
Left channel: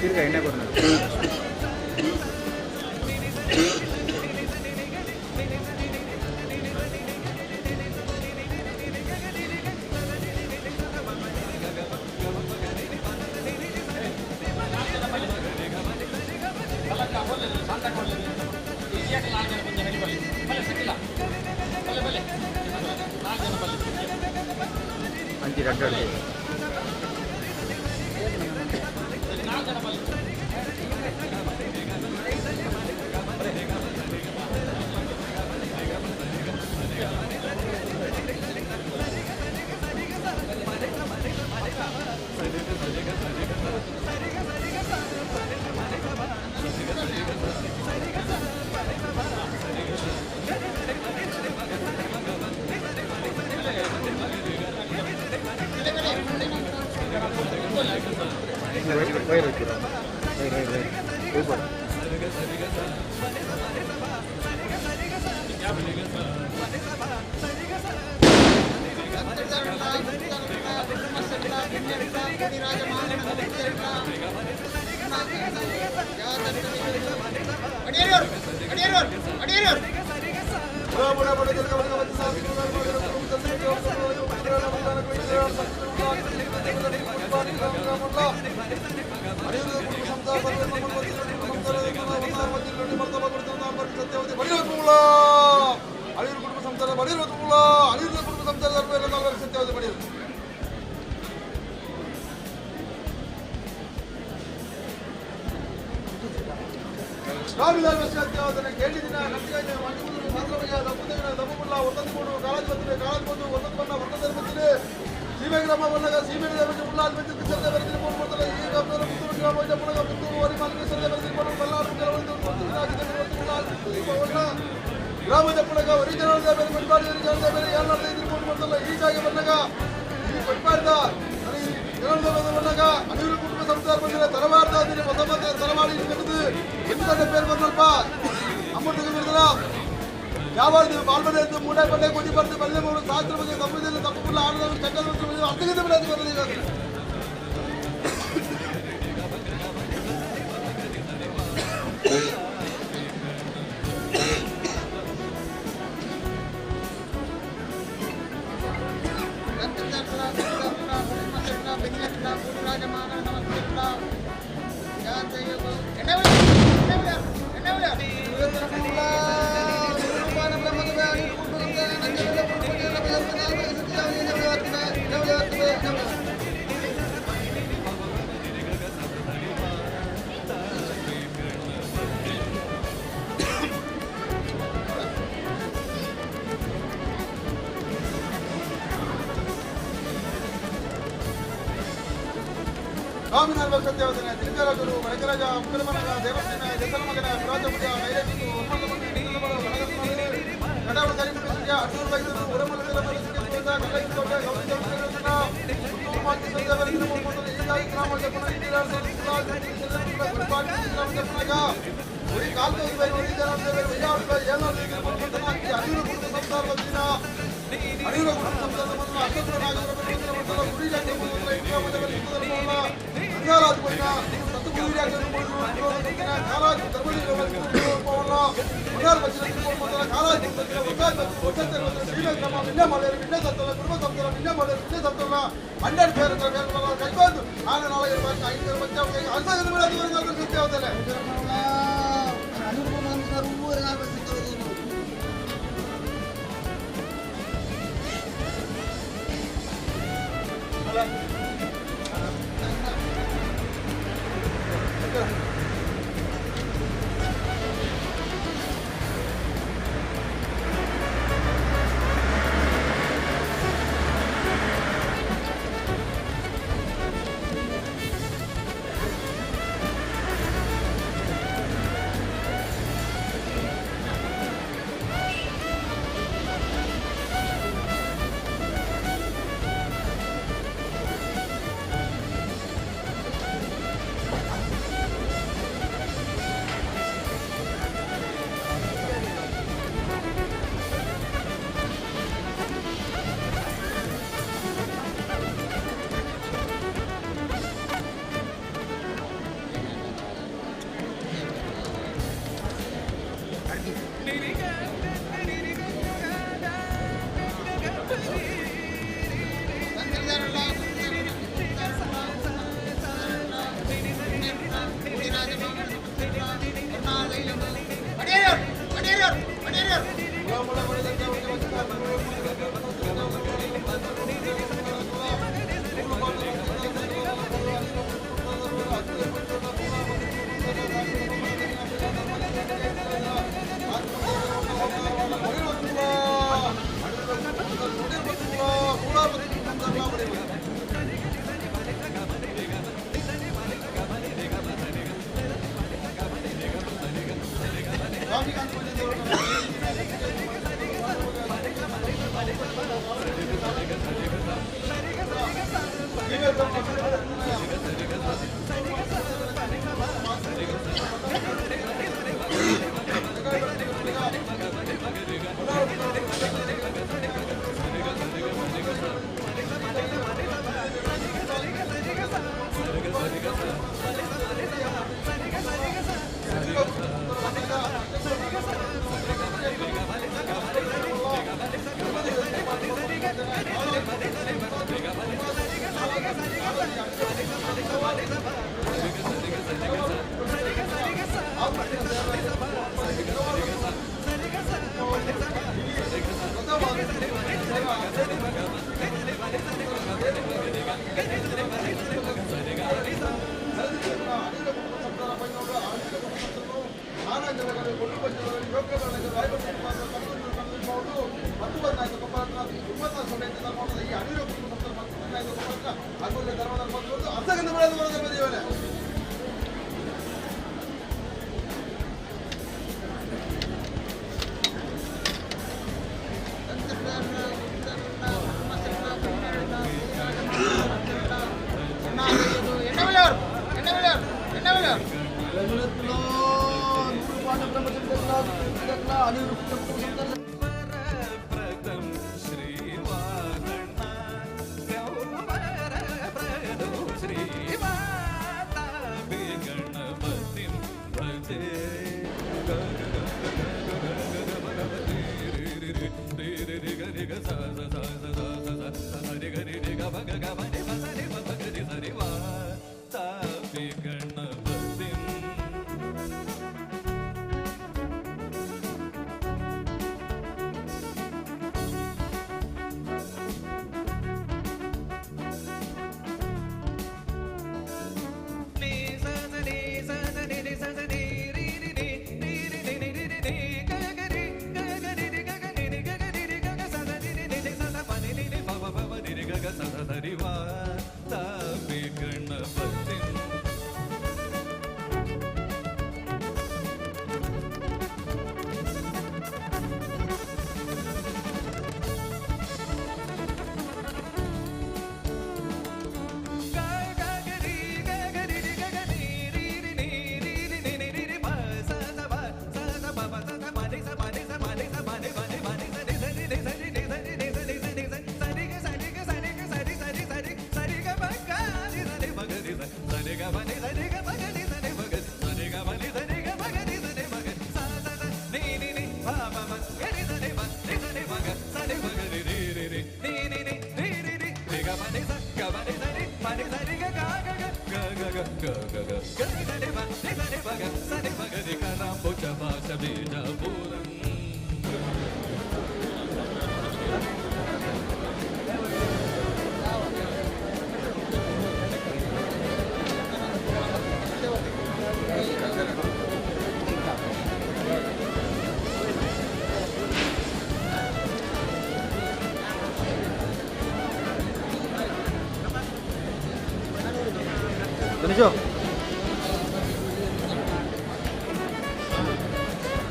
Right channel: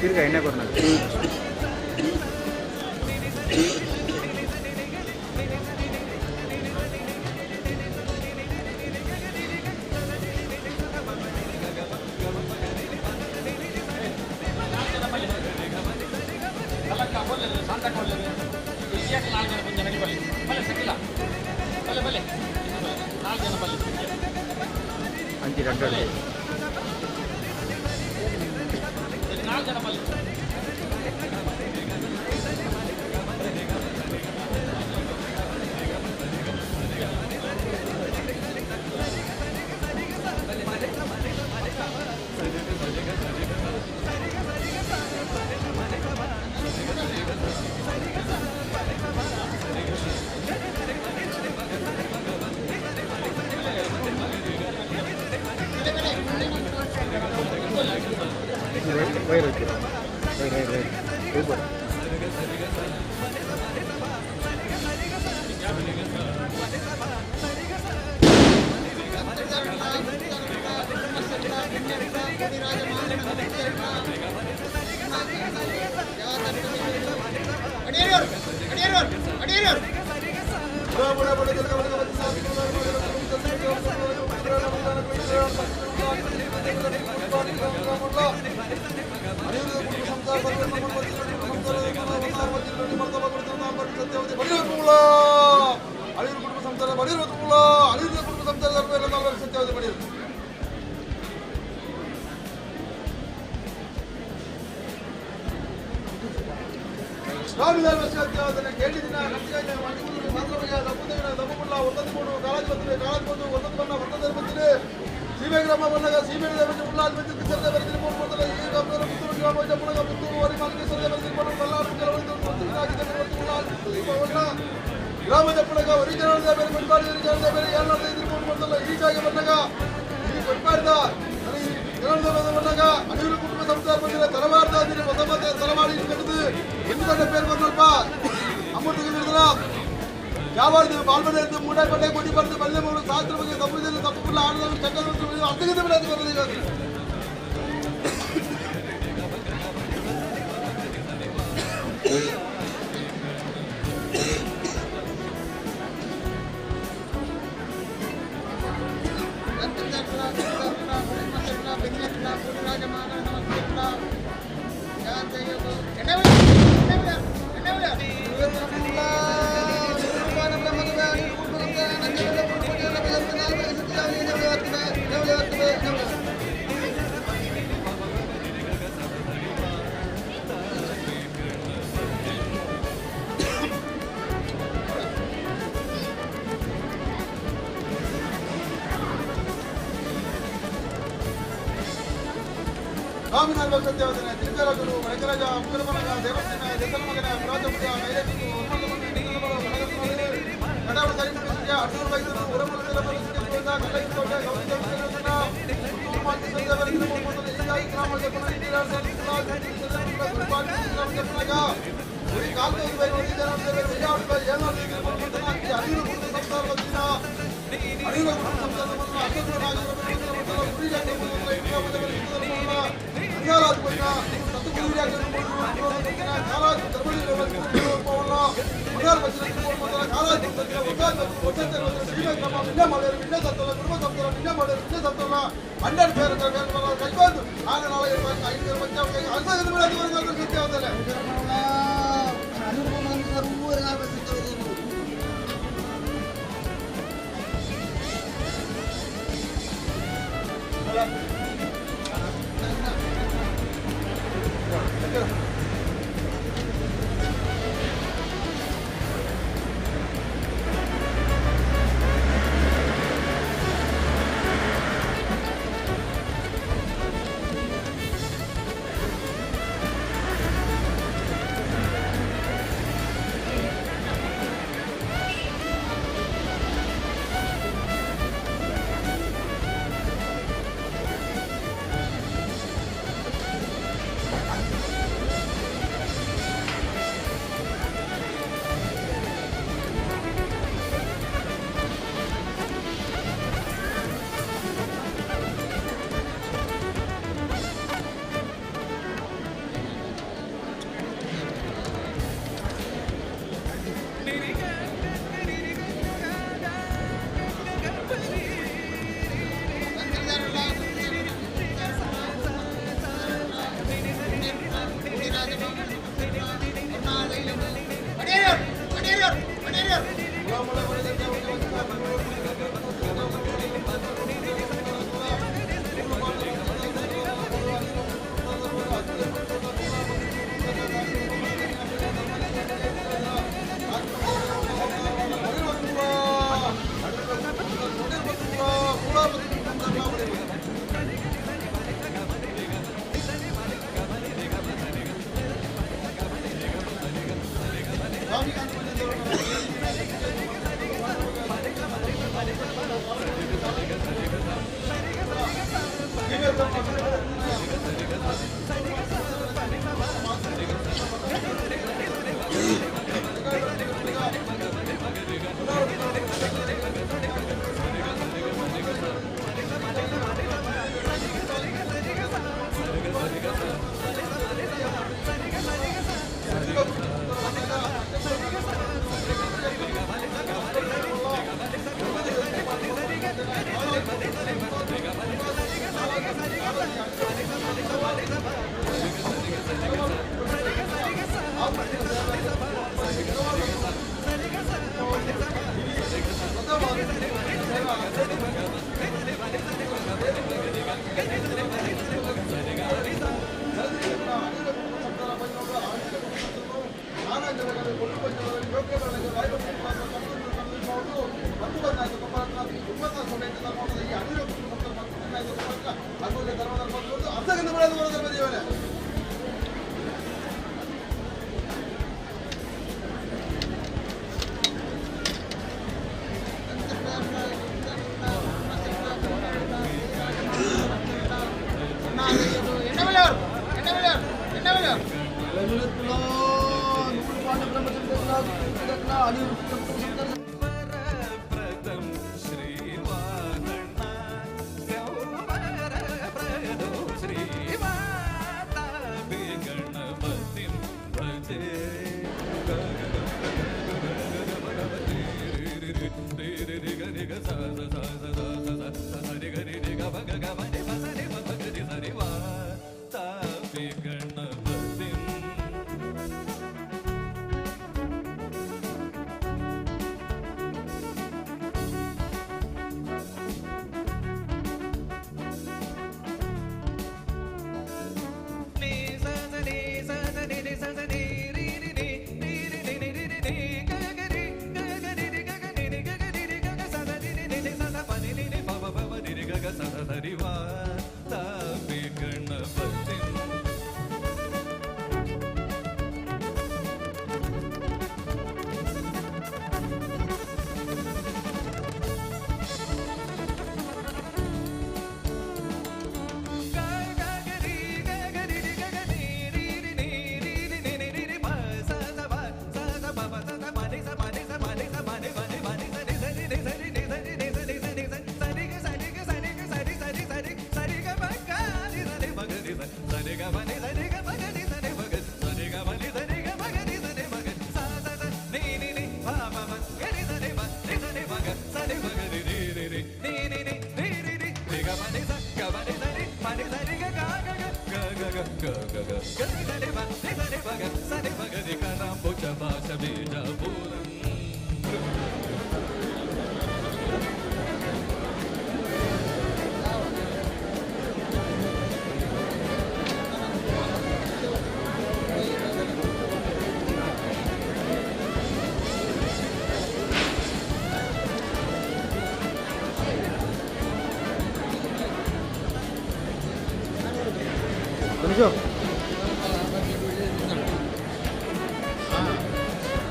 ತಿರ್ಗಾ ಎಣ್ಣೆ ಕೊಡ್ತಾರೆ. ಅಂಚಿ ರಡ್ಡ ಸ್ವಾಮಿನಾರಾಯಣ ಸತ್ಯವದನೆ ತಿರುಗಲಗುರು ಮೈಕರಾಜ ಉಗ್ರಮನಗ ದೇವಸ್ಥಾನ ದೇಸಲಮಗನ Rajapur mileage ಕಡಾವ ಸರಿಪಡಿಸಿದ Arjuna ವೈದ್ಯರು ಉರಮಲದ ಪರಿಸ್ಥಿತಿ ಕಲೈಕೋಟ ಗೌರವ ಮಾತಿ ಸಂದರ್ಭದಲ್ಲಿ ಮೊದಲ ಈಗಾಯಿ ಗ್ರಾಮದ ಪುನಃ ಗುರುಪಾಠ ಈ ಕಾಲದಲ್ಲಿ ಬೈರೋಡಿ ಜನತೆ ವಿಜಯವಾಡ ಏನಾದರೂ ಅರಿವು ಕುರಿತು ಸಂಸಾರದಿಂದ ಅರಿವು ಕುರಿತು ಸಂಸಾರವನ್ನು ಅರ್ಥರಾಜರ ಗುರಿಜಾತಿ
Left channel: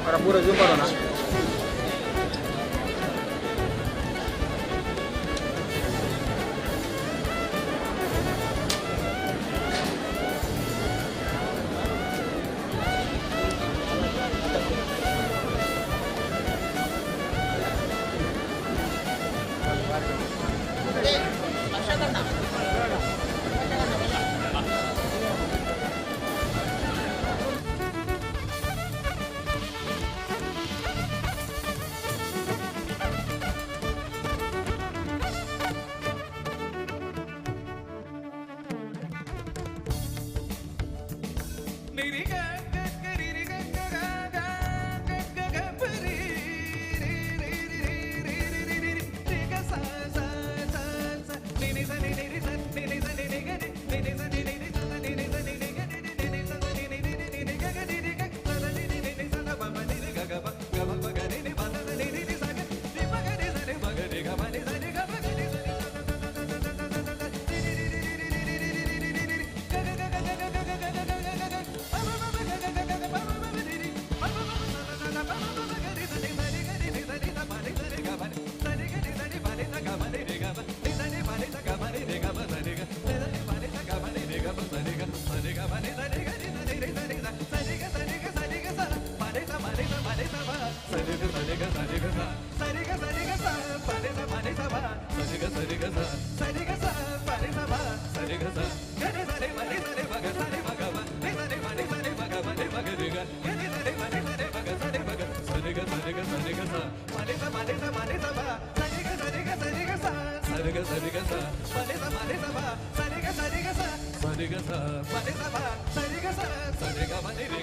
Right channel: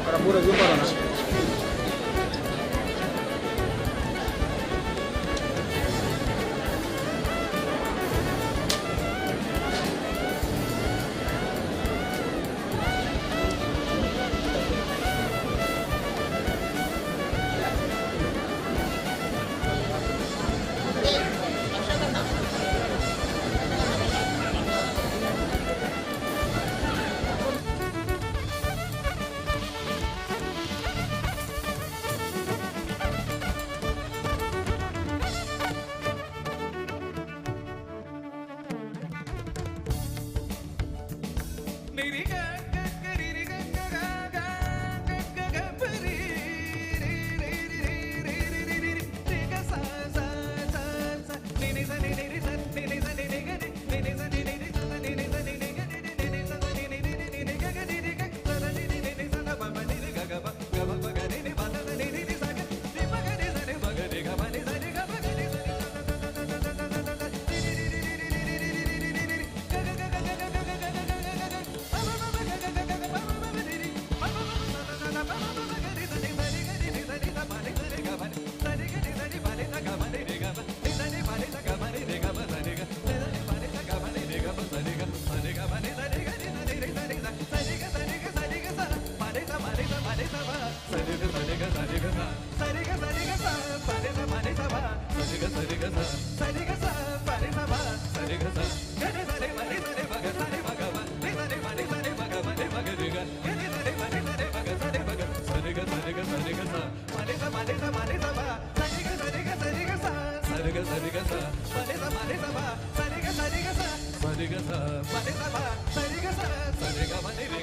Para pura jumpa na. Ga ga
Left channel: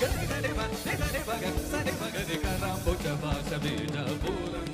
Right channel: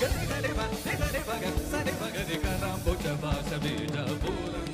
ಗರಿ ಗರಿ ಮ ನಿ ಬಗ ಸರಿ ಬಗ ರಿ ಕರಾಂಬುಜ ಭಾಷ ಬೀಜಾಪುರಂ.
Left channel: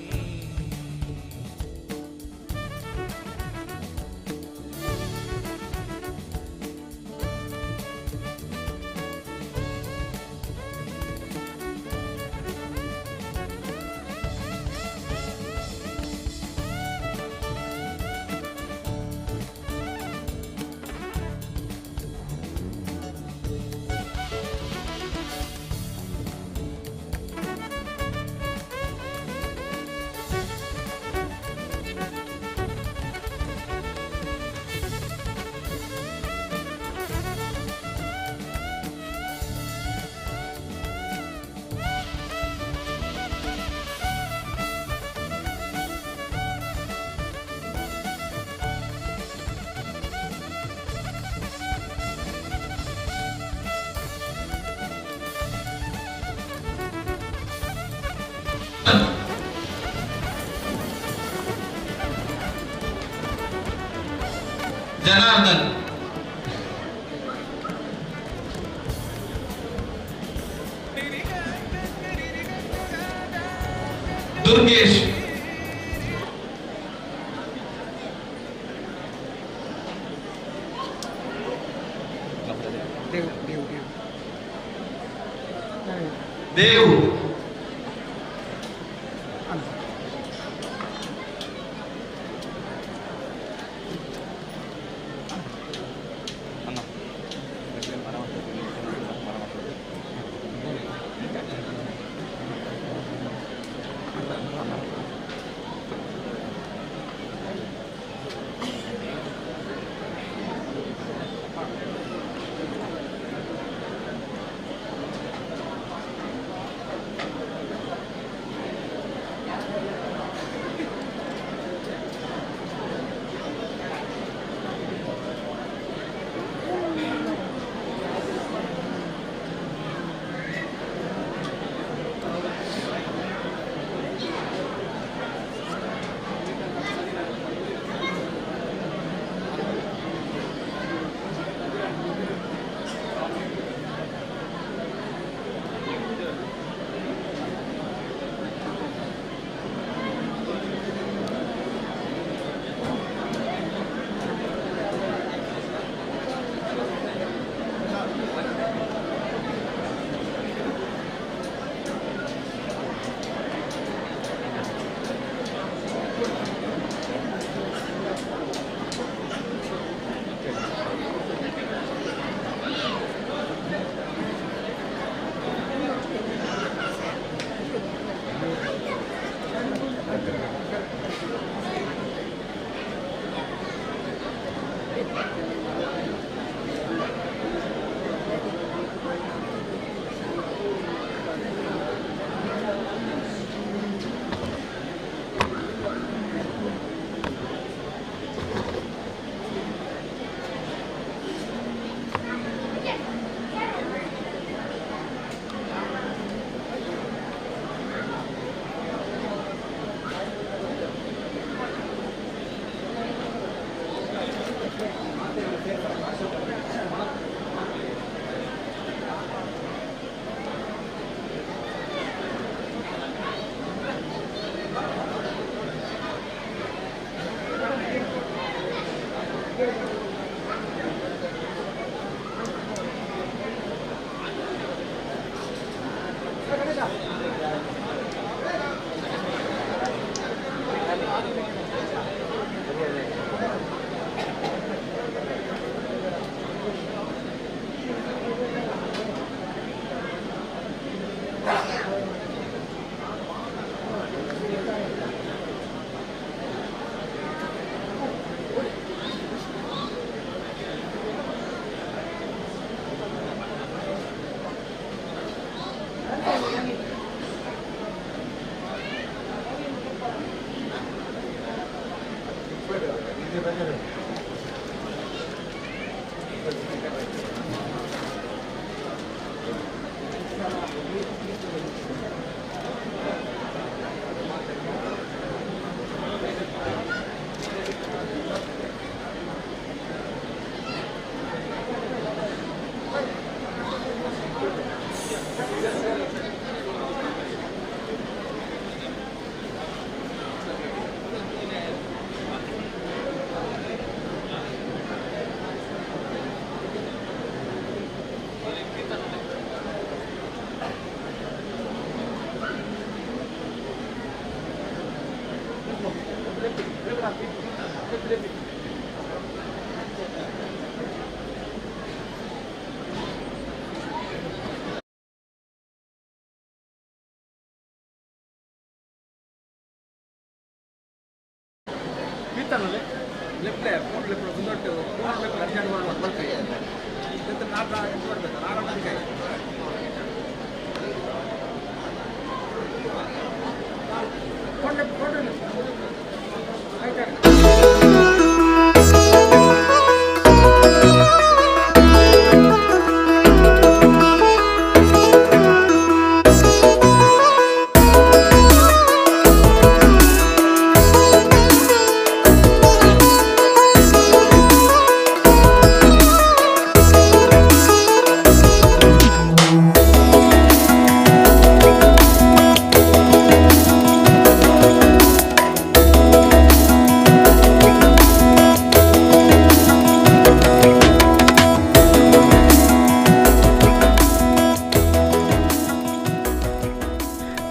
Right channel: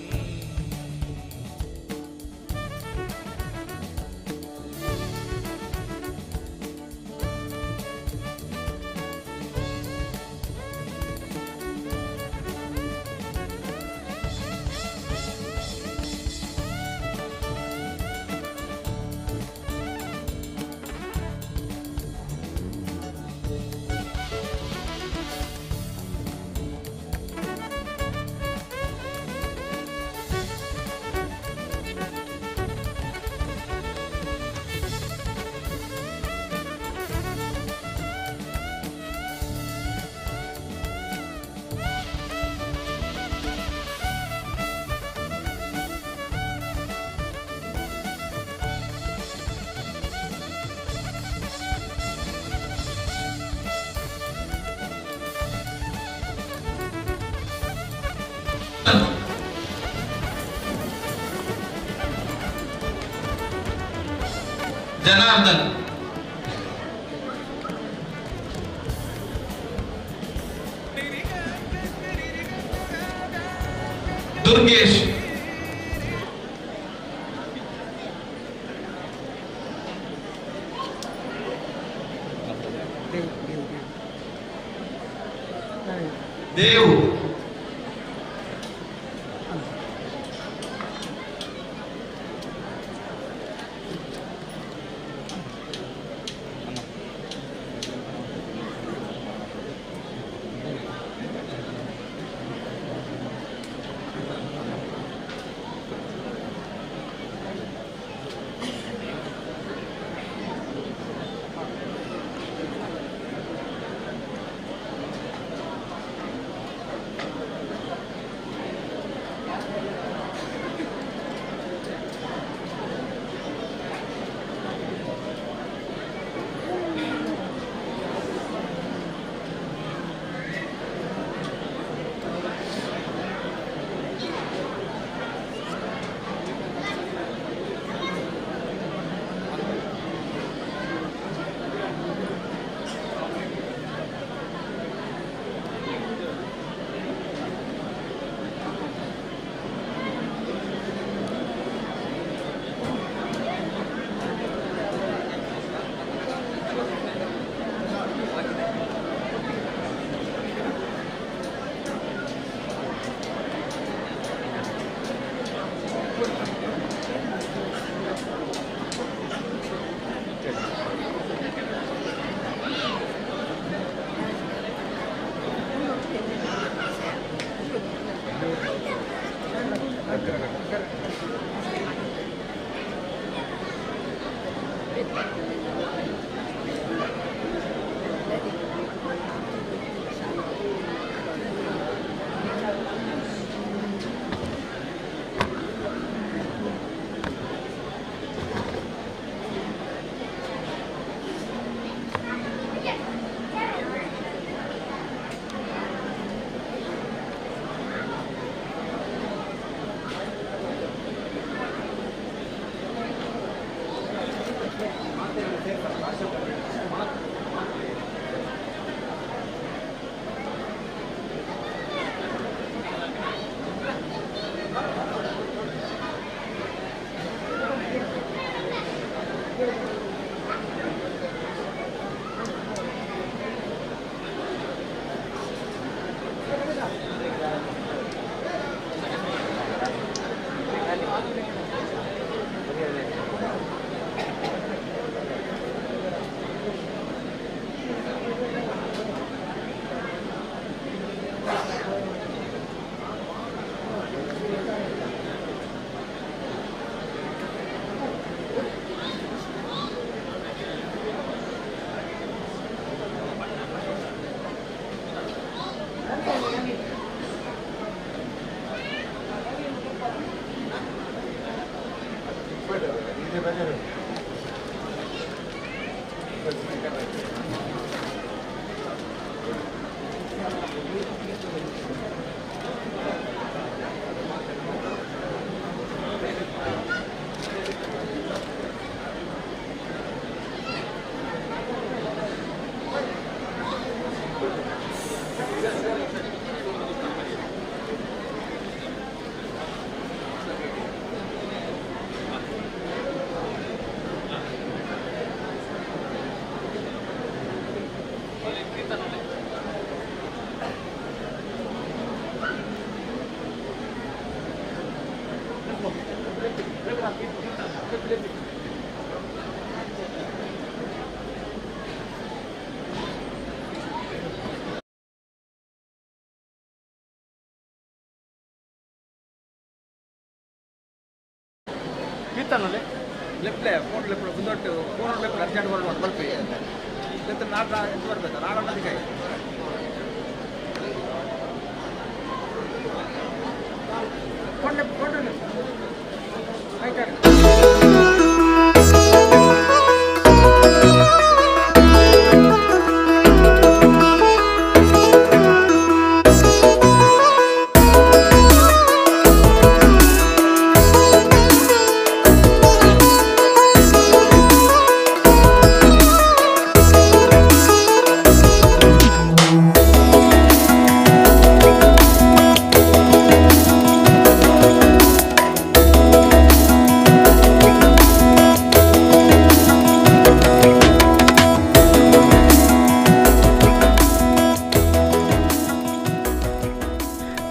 ಜನಾರ್ದನ್, ದುರ್ಗೇಶ್, ದೇವು, ದೇವಸ್ಥಾನದಲ್ಲಿ ಲೆಫ್ಟ್ಲೆ ಫೋನ್ ಲೆಫ್ಟ್ ಮುಂದೊಟ್ಟು ಫೋನ್ ಲೆಫ್ಟ್ ಅರ್ಜೆಂಟ್ ಬರೋದು ಬಲ್ಪಿ ಮತ್ತು ನಾಲ್ಕು ಎಂಟು ಬರಬೇಕು 4 ಗಂಟೆಗೆ ಫೋನ್ ಲೆಫ್ಟ್ ಆಯ್ತು.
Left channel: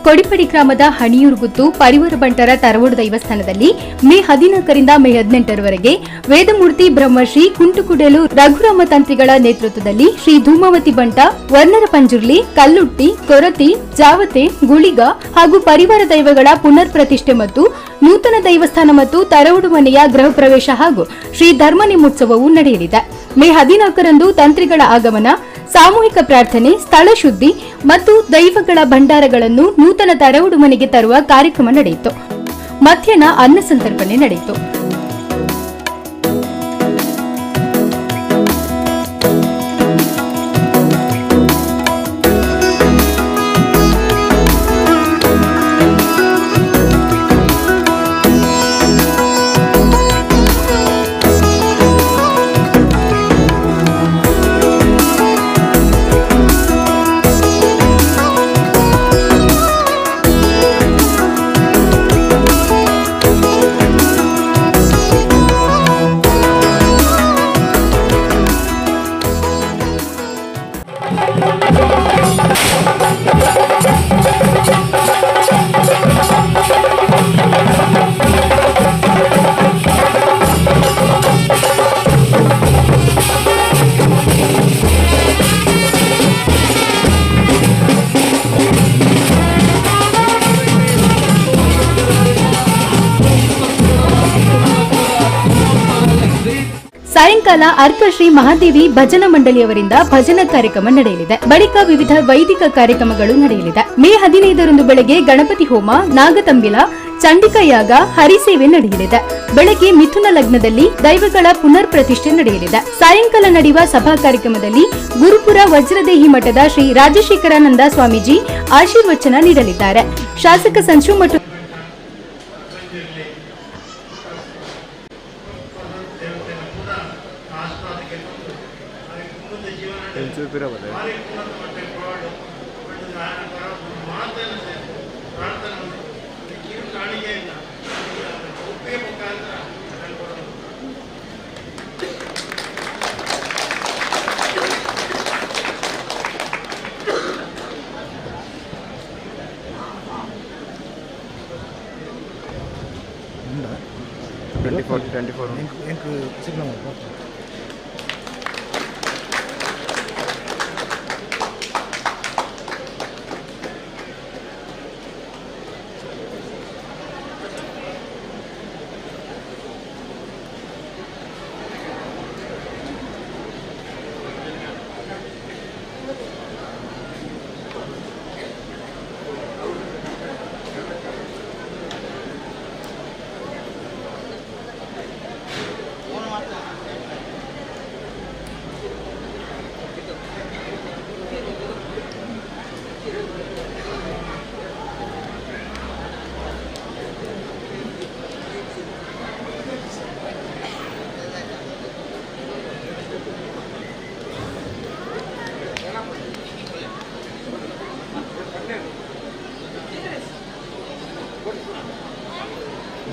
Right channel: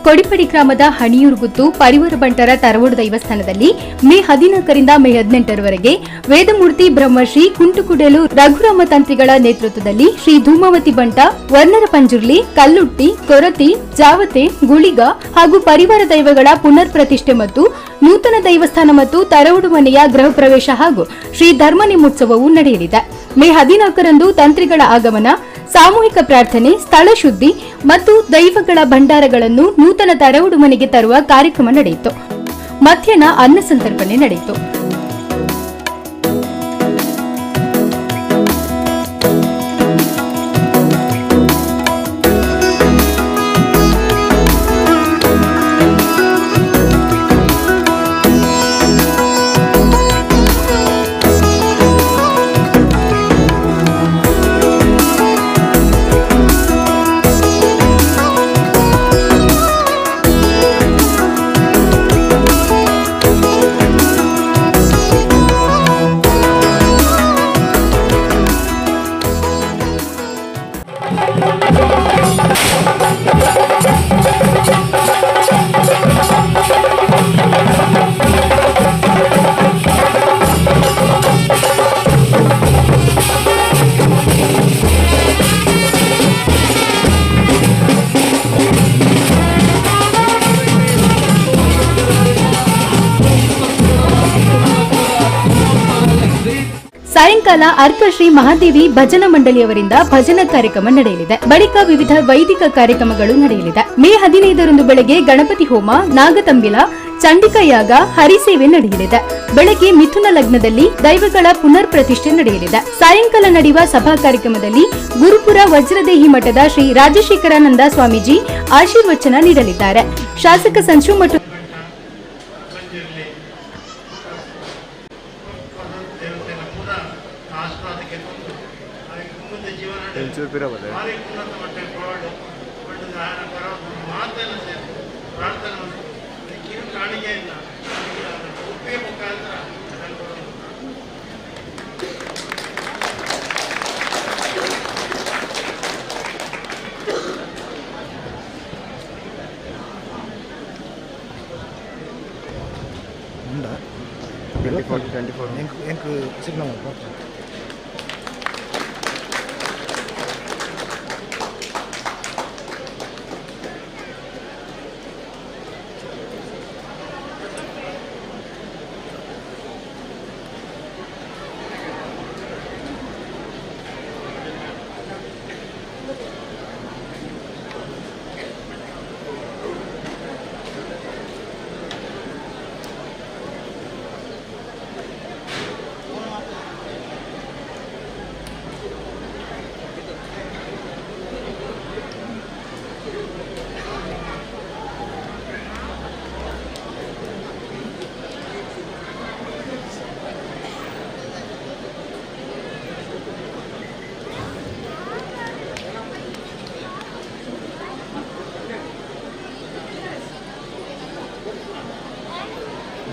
ಕೊಡಿಪಡಿ ಗ್ರಾಮದ ಹಣಿಯೂರುಗುತ್ತು ಪರಿವಾರ ಬಂಟರ ತರವಡು ದೇವಸ್ಥಾನದಲ್ಲಿ ಮೇ 14ರಿಂದ ಮೇ 18ರವರೆಗೆ ವೇದಮೂರ್ತಿ ಬ್ರಹ್ಮಶ್ರೀ ಕುಂಟುಕುಡಲು ರಘುರಾಮ ತಂತ್ರಿಗಳ ನೇತೃತ್ವದಲ್ಲಿ ಶ್ರೀ ಧೂಮಾವತಿ ಬಂಟ, ವರ್ಣರ ಪಂಜುರ್ಲಿ, ಕಲ್ಲುಟ್ಟಿ, ಕೊರತಿ, ಜಾವತೆ, ಗುಳಿಗ ಹಾಗೂ ಪರಿವಾರ ದೈವಗಳ ಪುನರ್ ಪ್ರತಿಷ್ಠೆ ಮತ್ತು ನೂತನ ದೇವಸ್ಥಾನ ಮತ್ತು ತರವಡು ಮನೆಯ ಗೃಹ ಪ್ರವೇಶ ಹಾಗೂ ಶ್ರೀ ಧರ್ಮ ನೇಮೋತ್ಸವವು ನಡೆಯಲಿದೆ. ಮೇ 14ರಂದು ತಂತ್ರಿಗಳ ಆಗಮನ, ಸಾಮೂಹಿಕ ಪ್ರಾರ್ಥನೆ, ಸ್ಥಳ ಶುದ್ಧಿ ಮತ್ತು ದೈವಗಳ ಭಂಡಾರಗಳನ್ನು ನೂತನ ತರವಡು ಮನೆಗೆ ತರುವ ಕಾರ್ಯಕ್ರಮ ನಡೆಯಿತು. ಮಧ್ಯಾಹ್ನ ಅನ್ನ ಸಂತರ್ಪಣೆ ನಡೆಯಿತು. ಸಾಯಂಕಾಲ ಅರ್ಕ ಶ್ರೀ ಮಹಾದೇವಿ ಭಜನಾ ಮಂಡಳಿಯವರಿಂದ ಭಜನಾ ಕಾರ್ಯಕ್ರಮ ನಡೆಯಲಿದೆ. ಬಳಿಕ ವಿವಿಧ ವೈದಿಕ ಕಾರ್ಯಕ್ರಮಗಳು ನಡೆಯಲಿದೆ. ಮೇ 15ರಂದು ಬೆಳಗ್ಗೆ ಗಣಪತಿ ಹೋಮ, ನಾಗತಂಬಿಲ, ಚಂಡಿಕಾ ಯಾಗ, ಹರಿಸೇವೆ ನಡೆಯಲಿದೆ. ಬೆಳಗ್ಗೆ ಮಿಥುನ ಲಗ್ನದಲ್ಲಿ ದೈವಗಳ ಪುನರ್ ಪ್ರತಿಷ್ಠೆ ನಡೆಯಲಿದೆ. ಸಾಯಂಕಾಲ ನಡೆಯುವ ಸಭಾ ಕಾರ್ಯಕ್ರಮದಲ್ಲಿ ಗುರುಪುರ ವಜ್ರದೇಹಿ ಮಠದ ಶ್ರೀ ರಾಜಶೇಖರಾನಂದ ಸ್ವಾಮೀಜಿ ಆಶೀರ್ವಚನ ನೀಡಲಿದ್ದಾರೆ. ಶಾಸಕ ಸಂಶು ಮಠ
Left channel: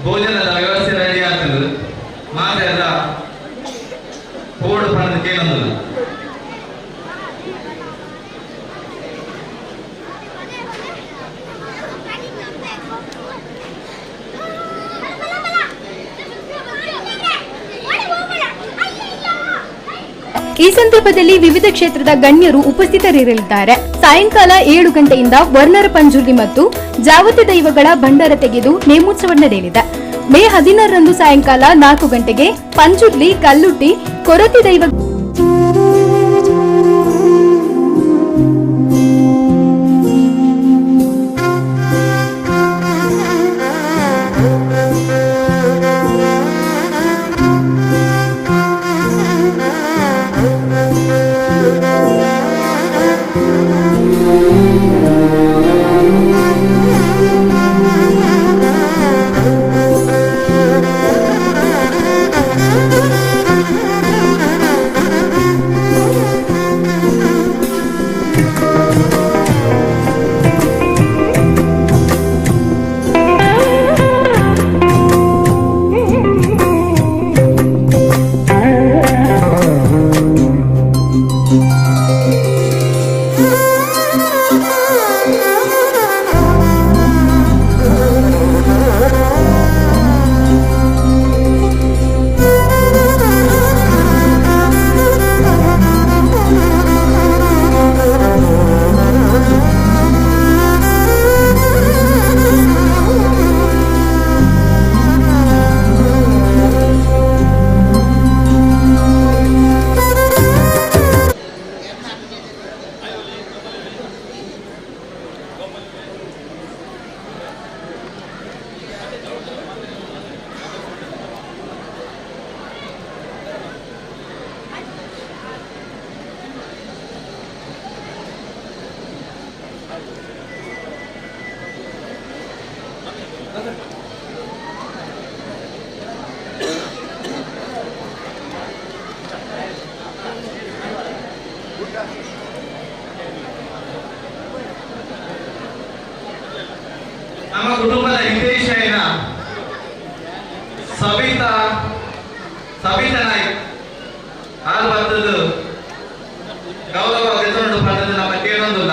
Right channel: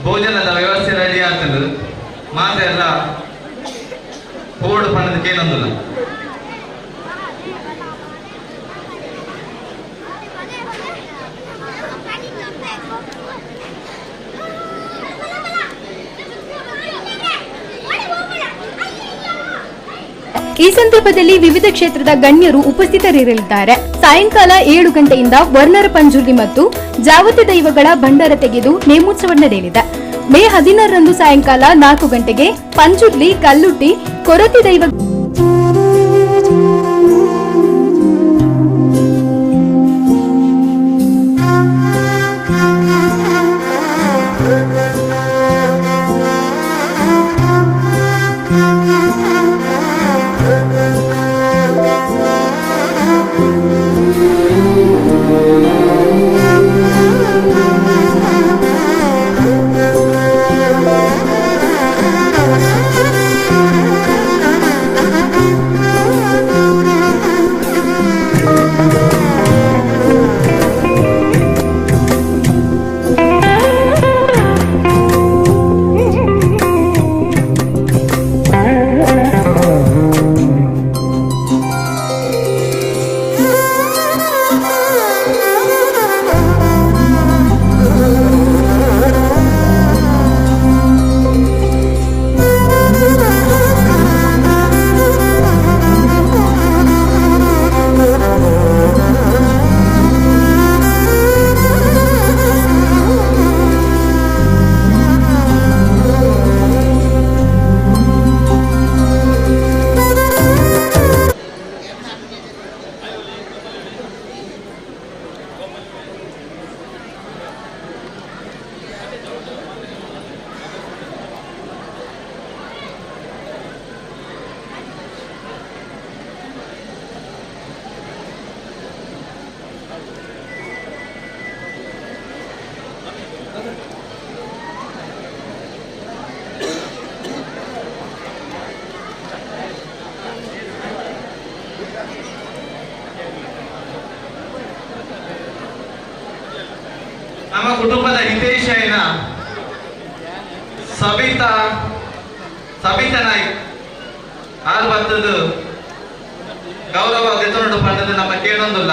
ಭೋಜನದ ವ್ಯವಸ್ಥೆ ರೆಡಿ ಆಗ್ತದೆ ಮಾತ್ರ ಎಲ್ಲ ಹೋಡು ಪಣದ ಕೇಳಂದಿಲ್ಲ. ಈ ಸಂದರ್ಭದಲ್ಲಿ ವಿವಿಧ ಕ್ಷೇತ್ರದ ಗಣ್ಯರು ಉಪಸ್ಥಿತರಿರಲಿದ್ದಾರೆ. ಸಾಯಂಕಾಲ 7 ಗಂಟೆಯಿಂದ ವರ್ಣರ ಪಂಜುರ್ಲಿ ಮತ್ತು ಜಾವತಿ ದೈವಗಳ ಭಂಡಾರ ತೆಗೆದು ನೇಮೋತ್ಸವ ನಡೆಯಲಿದೆ. ಮೇ 16ರಂದು ಸಾಯಂಕಾಲ 4 ಗಂಟೆಗೆ ಪಂಜುರ್ಲಿ ಕಲ್ಲುಟ್ಟಿ ಕೊರತಿ ದೈವ ನಮ್ಮ ಕುಟುಂಬದ ಹಿತೈಷಿಯಾಗಿನ ಸಬಿತಾ ನಾಯ್ಕ್ ಆರು ಬರ್ತದ್ದು ಗೌರವ ಗೆದ್ದು ಪಡೆದು ನಮ್ಮ ಕೇಳೊಂದಿಲ್ಲ.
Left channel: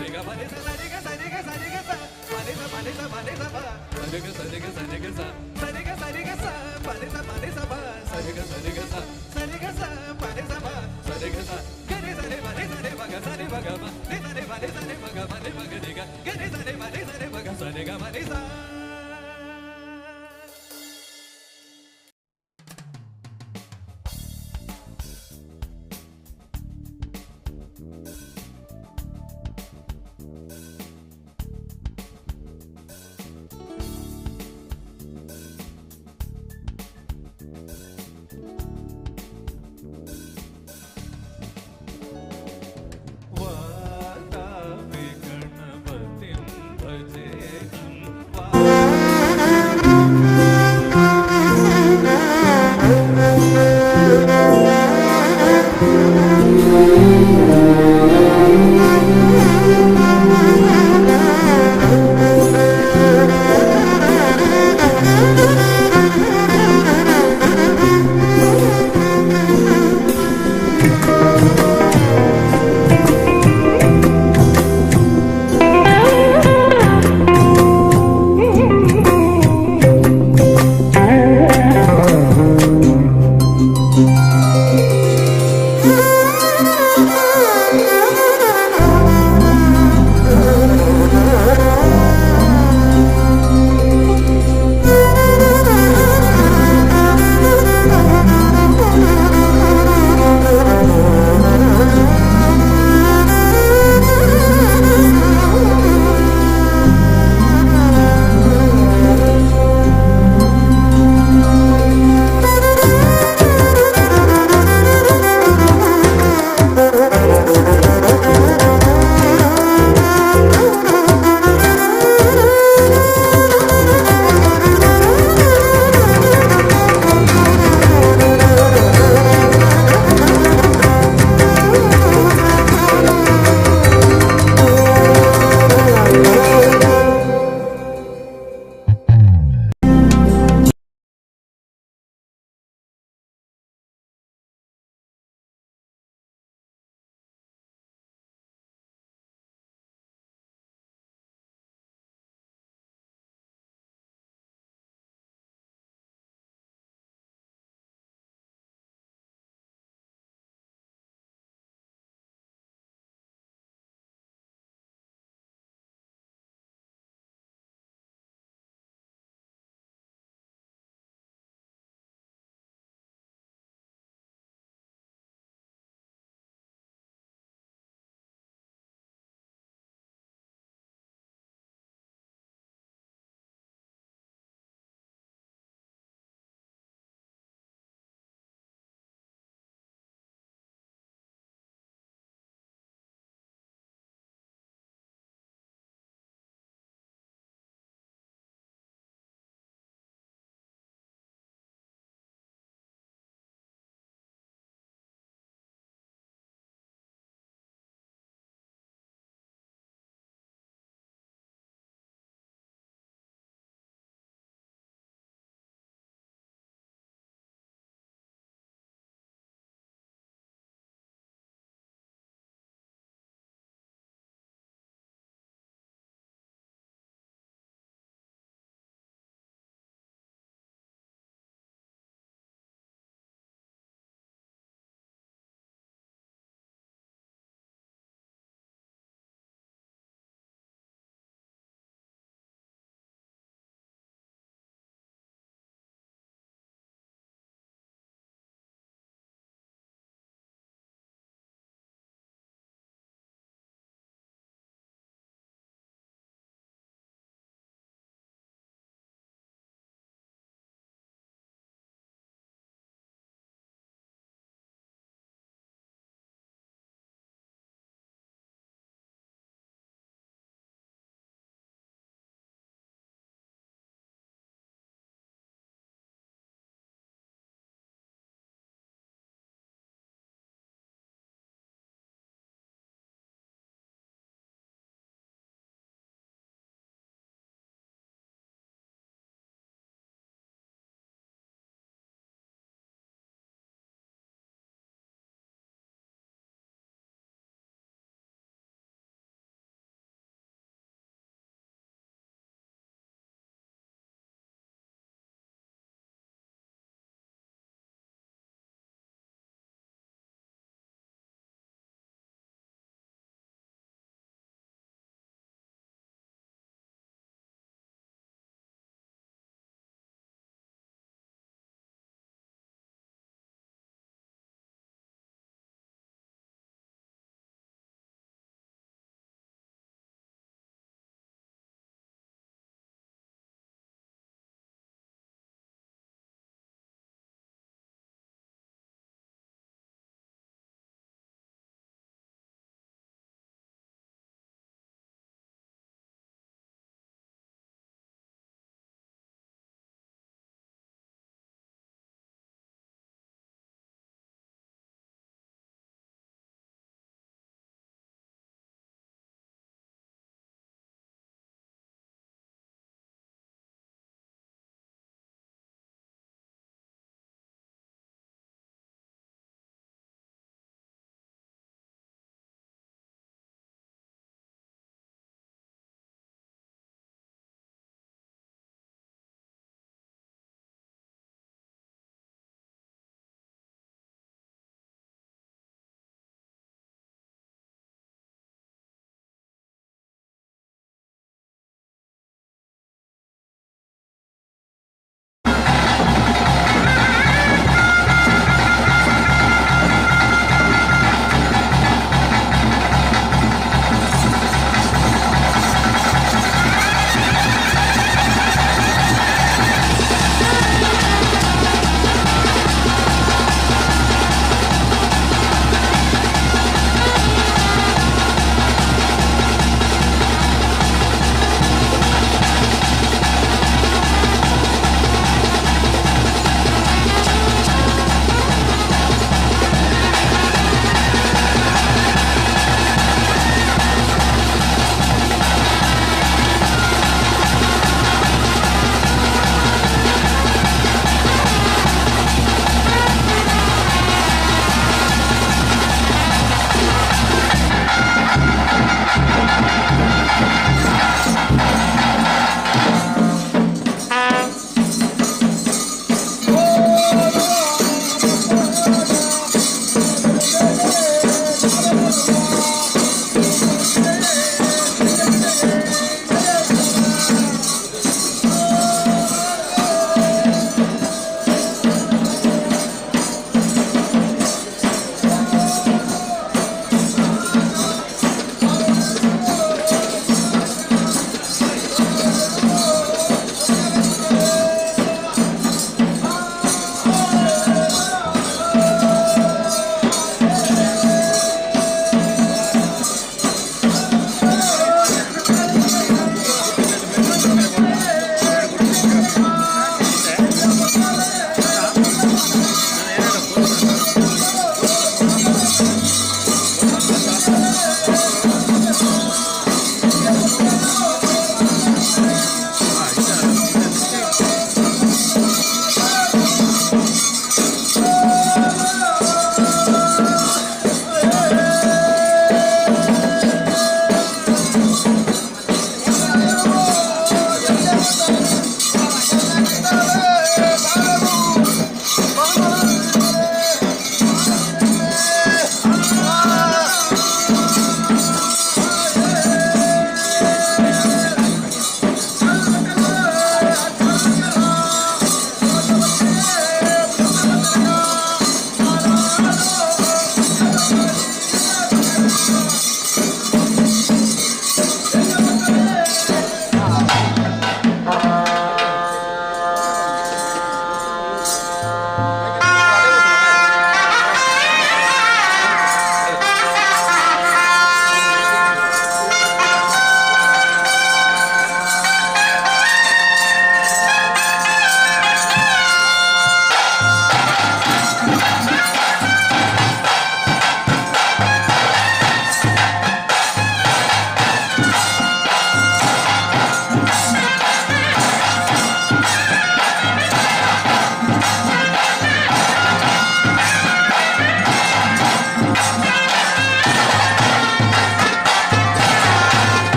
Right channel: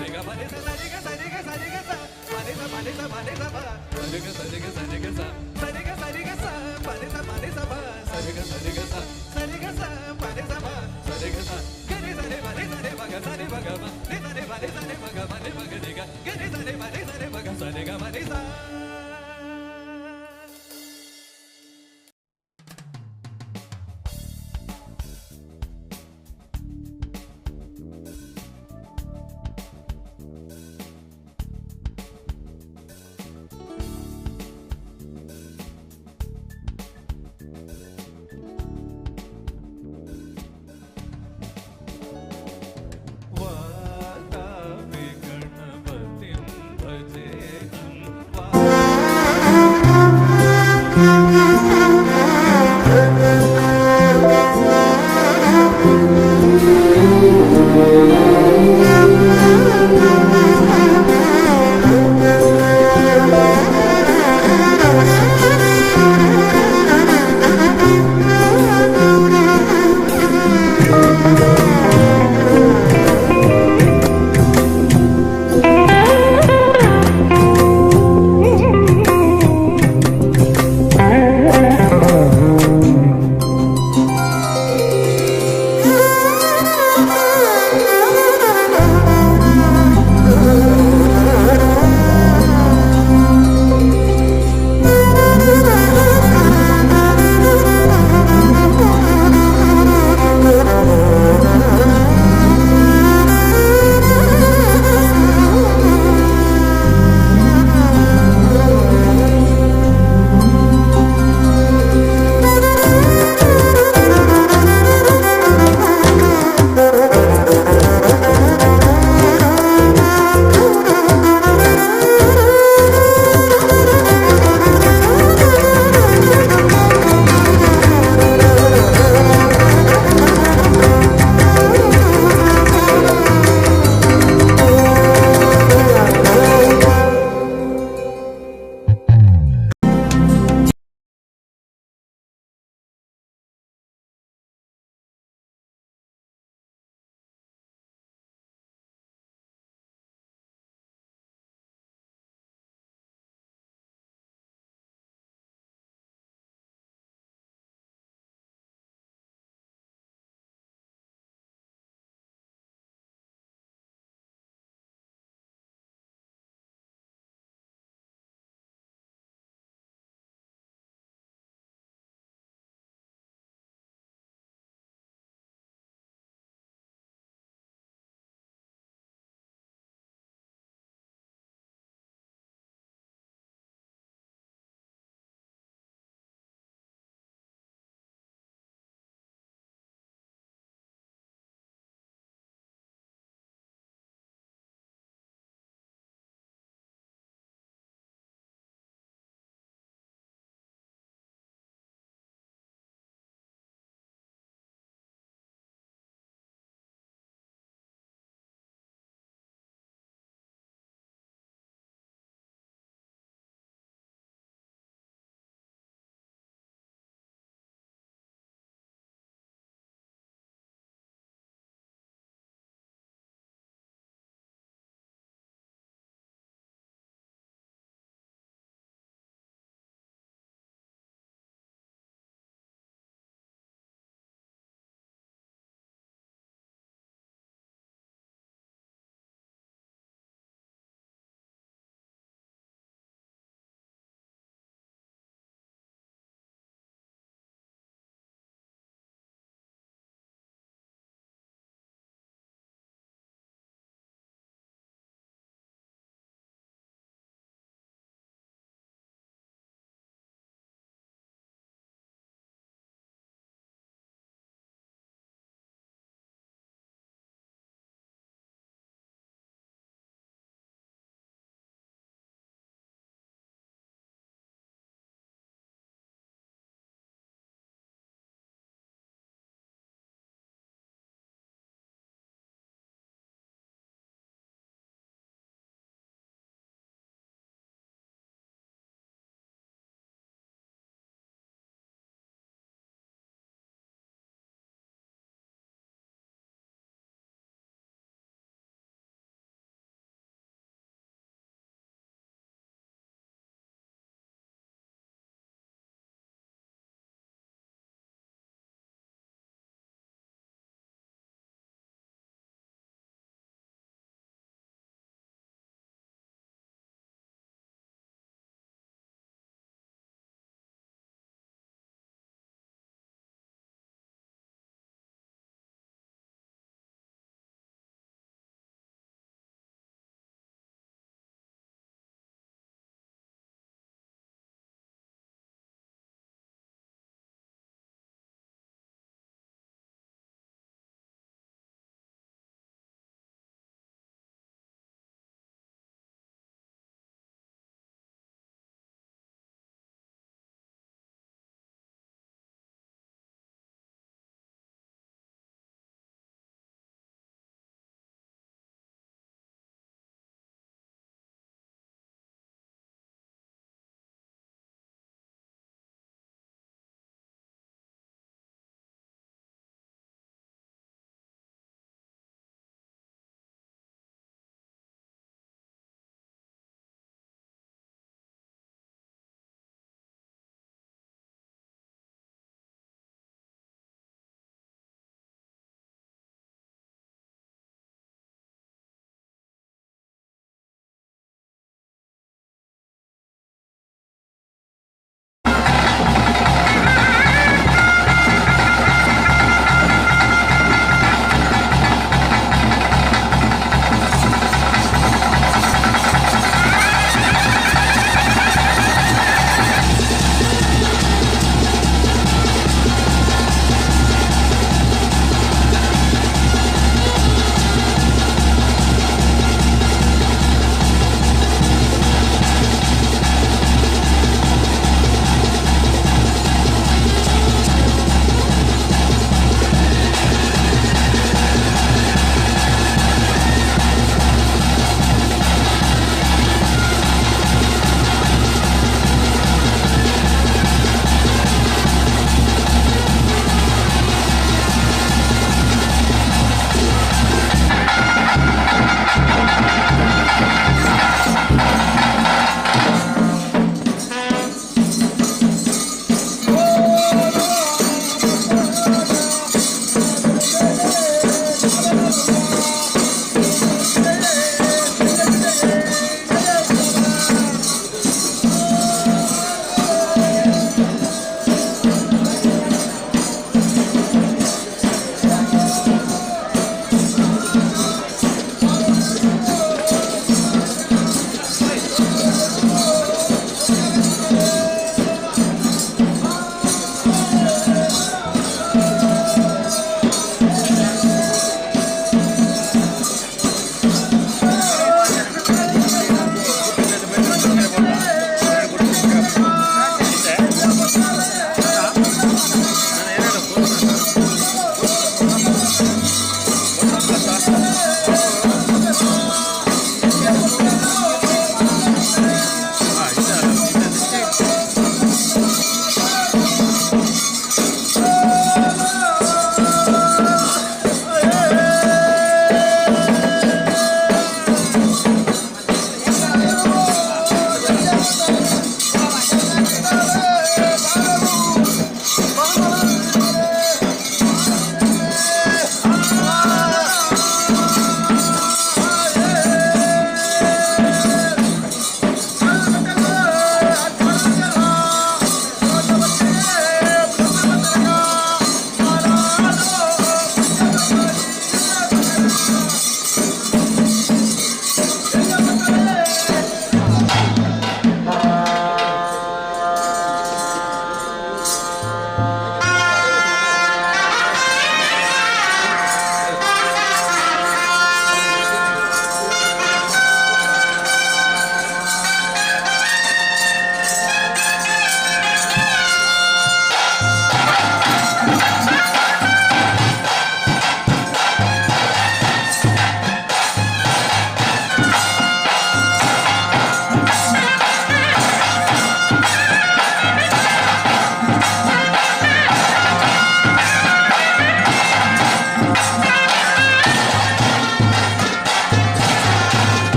ರಿಗ ಬನಿ ಸ ಸರಿಗ ಸರಿಗ ಸರಿಗ ಸ ಬನಿ ಸ ಬನಿ ಸ ಬನಿ ಸ ಬ ಸರಿಗ ಸರಿಗ ಸರಿಗ ಸ ಸರಿಗ ಸರಿಗ ಸ ಬನಿ ಸ ಬ ಸರಿಗ ಸರಿಗ ಸ ಸರಿಗ ಸ ಬನಿ ಸ ಬ ಸರಿಗ ಸ ಗರಿ ಸರಿ ಬನಿ ಸರಿ ಮಗ ಸರಿ ಮಗ ಮ ನಿ ಸರಿ ಬನಿ ಸರಿ ಮಗ ಬನಿ ಮಗ ನಿಗ ಗರಿ ಸರಿ ಬನಿ ಸರಿ ಮಗ ಸರಿಗ ಬನಿ ಸ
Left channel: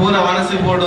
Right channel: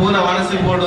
ಪೂರ ಮನಸ್ಸಿ ಬೋರ್ಡ್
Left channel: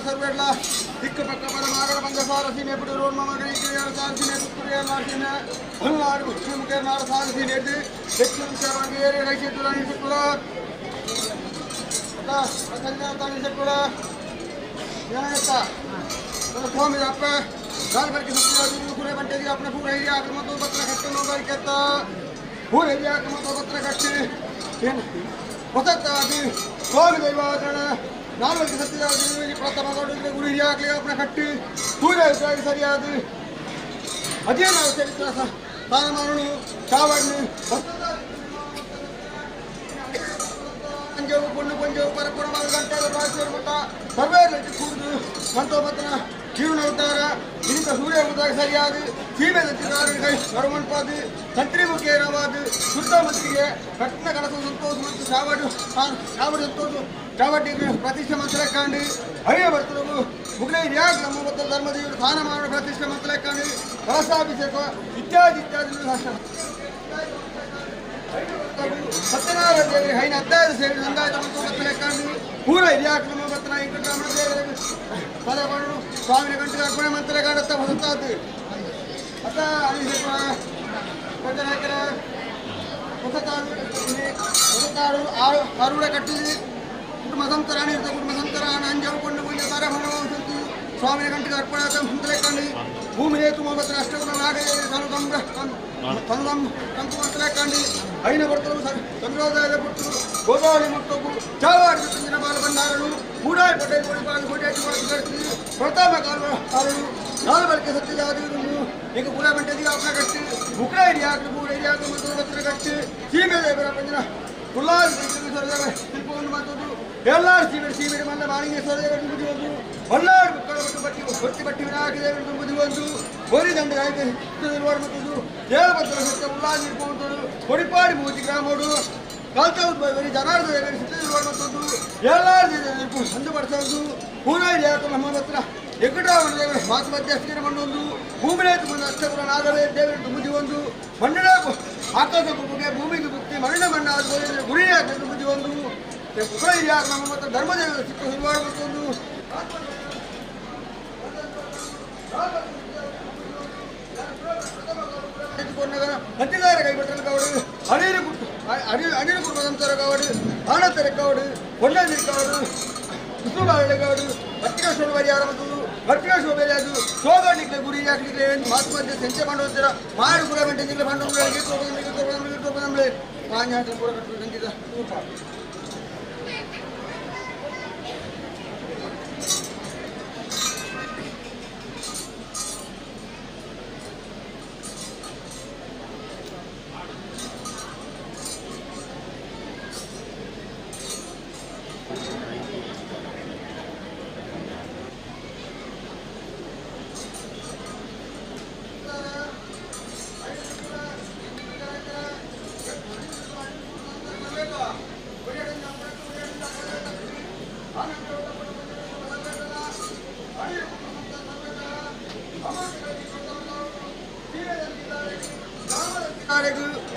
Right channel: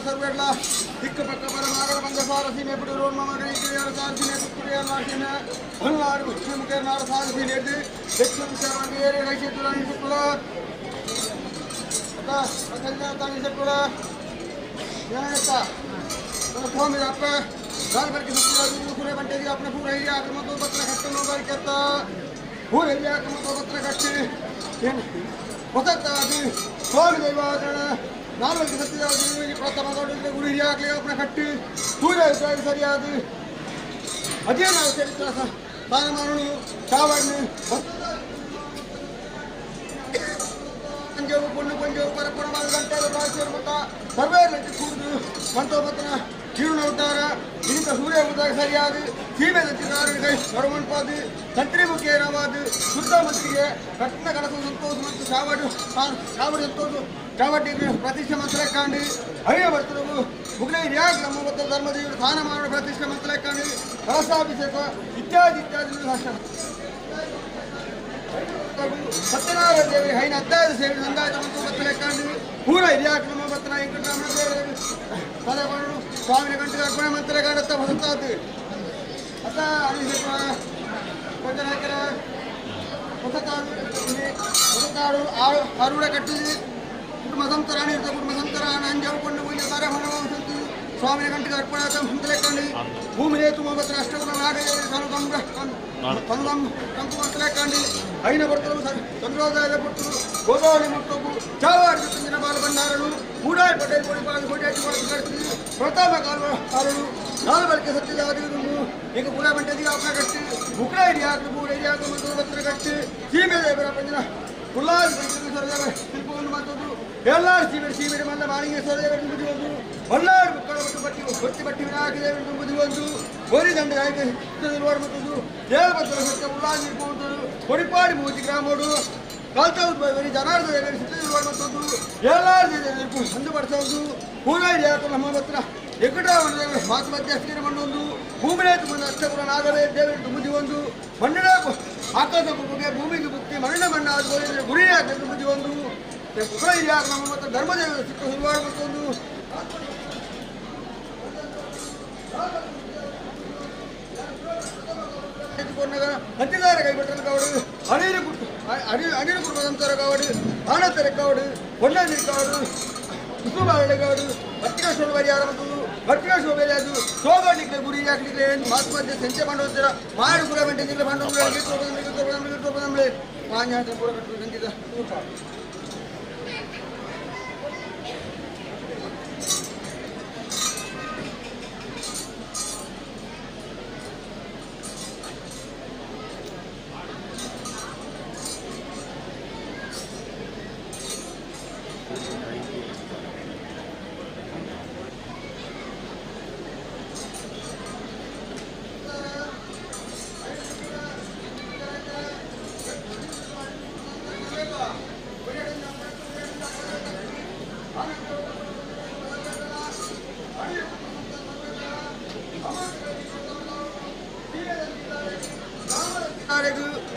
ಸರ್ವೇಡ್ಲ ದಿಕ್ಕ ಪಕ್ಕ ಪರ ಮಾಗಡ ಬಂದ ಸಾರ ಸೀಮೆ ಬಿಡು ಮಗನಿ ಸಾರ ಸೀಮೆ ಪುತ್ರಿಯ ನಾಶಿನ ಹೊಲ್ನಾಡು ಮುಖ್ಯ ನಾಡು ಸಾರ ಸೀನೆ ಎದ್ದು ದಕ್ಷಿಣ ವಿಚಾರವಾಗಿ ಏರಿ ರೈಸಿಟ್ಟು ರಾಣಿಸಿಟ್ಟುಳ ತಾಣಿಸಿಟ್ಟುಳ ಏನಾಗತ್ತ ಸ್ವಾಮಿ ಅಪ್ಪ ದಾಲ್ ಬರ್ಕೆ ಸುತ್ತಿದ ಪೂರೆ ಬಂಟೆಗೆ अपने पूरा एरिया आक्रमण तो पत्र खट्टे नो बार कहता पूरे एरिया आक्रमण तो पत्र खट्टे होता अभी स्वामी दैवाचरण नाल वर्ग सत्य प्रथम गुरु हिरिया अपने खट्टी पूरे सरियाद अದೇ ನಾವು ಚರಿತ್ರ ಸ್ಥಾನಮಾನಗಳು ಚಾವಣ್ಣು ಪಂಜವು ಪುಣ್ಯ ಪಂಜವು ಪರಪುರ ಗಂಟೆ ಬಾಳಿಸಿರು ಮಟ್ಟ ಸರ್ವೇ ಕೂಡುದು ಮಂಟೋಪತ್ತನ ಕೀಳು ಉದ್ದಾರ ಇಂಥ ಸೂರ್ಯ ಉದ್ದಾಗ ಸರಿಯಾದ ಸೀಮೆ ಕೈ ನಡುಮಂಟಪಾದು ಸಂತ್ರಿ ಮುಖೇನವಾದ ಸುತ್ತಮುತ್ತಿಗೆ ಕಟ್ಟಿನ ಕನಸು ಸಂತೋಷ ಮತ್ತು ಚಾವಡು ಸಂತೋಷ ಚಾವಟಿ ಪ್ರತಿಷ್ಠೆ ಮಂತ್ರ ಕಾಂಡಿ ಹರಿಯ ಬರ್ತರು ಮುಗ್ಲೈ ಯಾಗ ನಮ್ಮ ಮತ್ತು ಧರ್ಮದೇವರು ಸ್ನಾನ ಮಾಡೋ ಪ್ರತಿಷ್ಠೆ ಮಂತ್ರ ಕಾಂಡಿ ಕಳಸಾಭಿಷೇಕ ಇತ್ಯಾದಿ ಸತ್ಯನಾರಾಯಣ ದೇವಿ ಹೈನ ಅಧ್ಯಾಯ ಸೇರಿ ಸಂಗಾಯ ಮತ್ತು ಬತ್ತಲೆ ಕಾಂಡಿ ಪೂರ ಹಿರಿಯಾಕ ನಮ್ಮ ಬತ್ತನ ವೆಂಕಟರಮಣ ದೇವರ ಪದಗಳು ಸ್ವಾಮಿನ ಗಂಟೆ ಅರ್ಪಣೆ ಮಂತ್ರ ಕಾಡುತ್ತಾ ಹೊಸತಾದು ಅತ್ತ ಅಭಿಷೇಕ ಭಜನಾಯಕರ ಹೊಸತಾಡು ಆರುಡ ಕಟ್ಟಿದೆ ಕುಟುಂಬ ಸಂತರಾಣಿ ಇರ್ತ ಕುಟುಂಬ ಸಂತರಾಣ ಅಂಜಕೊಂಡು ಮುಂದೆ ಬರ ಹೊಣವಂತು ಸ್ವಾಮಿನ ಗಂಟೆಗೆ ಅರ್ಪಣೆ ಮುಂದಲೆಕ್ಕಂಡು ಭೂಮಿ ನೇತು ಮೊಬತ್ರ ಅಷ್ಟಗುಣ ನಾಡೆ ಕಂಡು ಐನ ಬರ್ತರು ಚಂದ್ರೋದಯದ ಬಿಟ್ಟು ಗೋದಾವರಿ ಮತ್ತೊಬ್ಬರು ಚಾವಾಡಿ ತಂದಿನ ಬಾಲ ಬಂಡಾರರು ಮೂಡಾಯಿ ಪಟೇಲ್ ಕೋಡಿಪಾಲು ಕೋಟ್ಯಾಟಿ ಮಾಡ್ತಿರ್ತೀವಿ ಪ್ರತಾಪ ಕಾಲರು ನಾಲ್ ಬಳಿಕೆ ಸತ್ಯಜಾದಿಗಳು ಈಗ ಪುರ ಗಂಟೆಗೆ ಅಪ್ಪ ಕಟ್ಟಿ ಬುಕ್ರ ಹಿಡಿಯಾಕಲು ಮೂರು ಹಿಡಿಯಾಕಲು ಮತ್ತು ಬತ್ರ ಕಟ್ಟಿ ಸೀಮೆ ದೇವರ ಪಂಜನ ಉಲ್ಲಾಸ ಶಿಲ್ಪವನ್ನು ಮತ್ತೊಂದು ಎಲ್ಲಾರು ಸೀಮೆಡಿ ಮಲ್ಲ ಮಾಲಿಂಗೇಶ್ವರ ದೇವರು ತುಂಬುದಿ ಒಂದು ಮಲ್ಲಾರು ಬುಕ್ಕಳ ಮತ್ತು ಬಟ್ಟಿ ಬಟ್ಟಿ ವಿನಾಯಕ ದೇವರು ತುಂಬುದಿ ಒಂದು ಗೋರಿ ದಂಡ ಮತ್ತೊಂದು ದೇವಭದ್ರ ಸತ್ಯ ಉಲ್ಲಾಸ ಇರ್ಬೋದು ಕೊಡಿಪಾಡಿ ಮೂತಿ ಗ್ರಾಮೋಡು ಕಾಲ್ತವರಿ ಜನಾರ್ದ ದೇವರು ಸಿದ್ಧದಿರುವ ಮತ್ತೊಂದು ಎಲ್ಲಾರು ಸಂದು ಪಡಿಸೋದು ಪೂರ ಹಿಡಿಯಾಕ ನಮ್ಮ ಹತ್ರ ಎಕ್ಕಟಾವಣ ದೇವರು ಮಾತು ಮಧ್ಯಸ್ಥಿನ ಮಣ್ಣೊಂದು ಭೂಮಿನೇ ತುಂಬ ಅಷ್ಟಪುರ ನಾಗವೇ ದೇವರು ತುಂಬುದಿ ಒಂದು ಮಣ್ಣಿನ ಆಕಾಶ ಬುಗ್ಗೆ ಭೂಮಿಗೆ ಬುಕ್ತಿ ಮಣ್ಣಾದ ಗುರಿಯಾಕ ತುಂಬುದಿ ಒಂದು ಹಿರಿಯಾಕ ನಮ್ಮ ಮತ್ತು ಧರ್ಮದೇವರ ಚಿಕ್ಕ ಹಿರುವಾಡ ಮತ್ತೊಂದು ಹತ್ತಿದಾರ ಕೈಬಟ್ಟಲು ಕಾವಡು ಅನಿರು ಕುಟುಂಬದಂತರ ಕಾವಡು ಆನತರ ಕಾವಡು ಹೊನ್ನದಿರಿ ಕಾವಡು ಕುಸುಮಾರಳೆ ಕಾವಡು ಪತ್ರಿಕಾ ಶೋಭರಿಯಾರ ಮತ್ತು ಪತ್ರಿಕಾ ಶೋಭೆ ಅದು ಶೋಭಾಡ್ಲಿಕ್ಕೆ ಗುರಿ ಹಾಕ್ಲಿಕ್ಕೆ ಮಾತು ಮಧ್ಯೆ ಸಂಚೆ ಮಾಡುವಂತರ ಮಾಡಿ ಕೂಡ ಗಂಟೆ ಬಂಡೋಬಳೆ ಮಾನ್ಯ ಪೂರ ಕಟ್ಟು ಸಂಗೀತ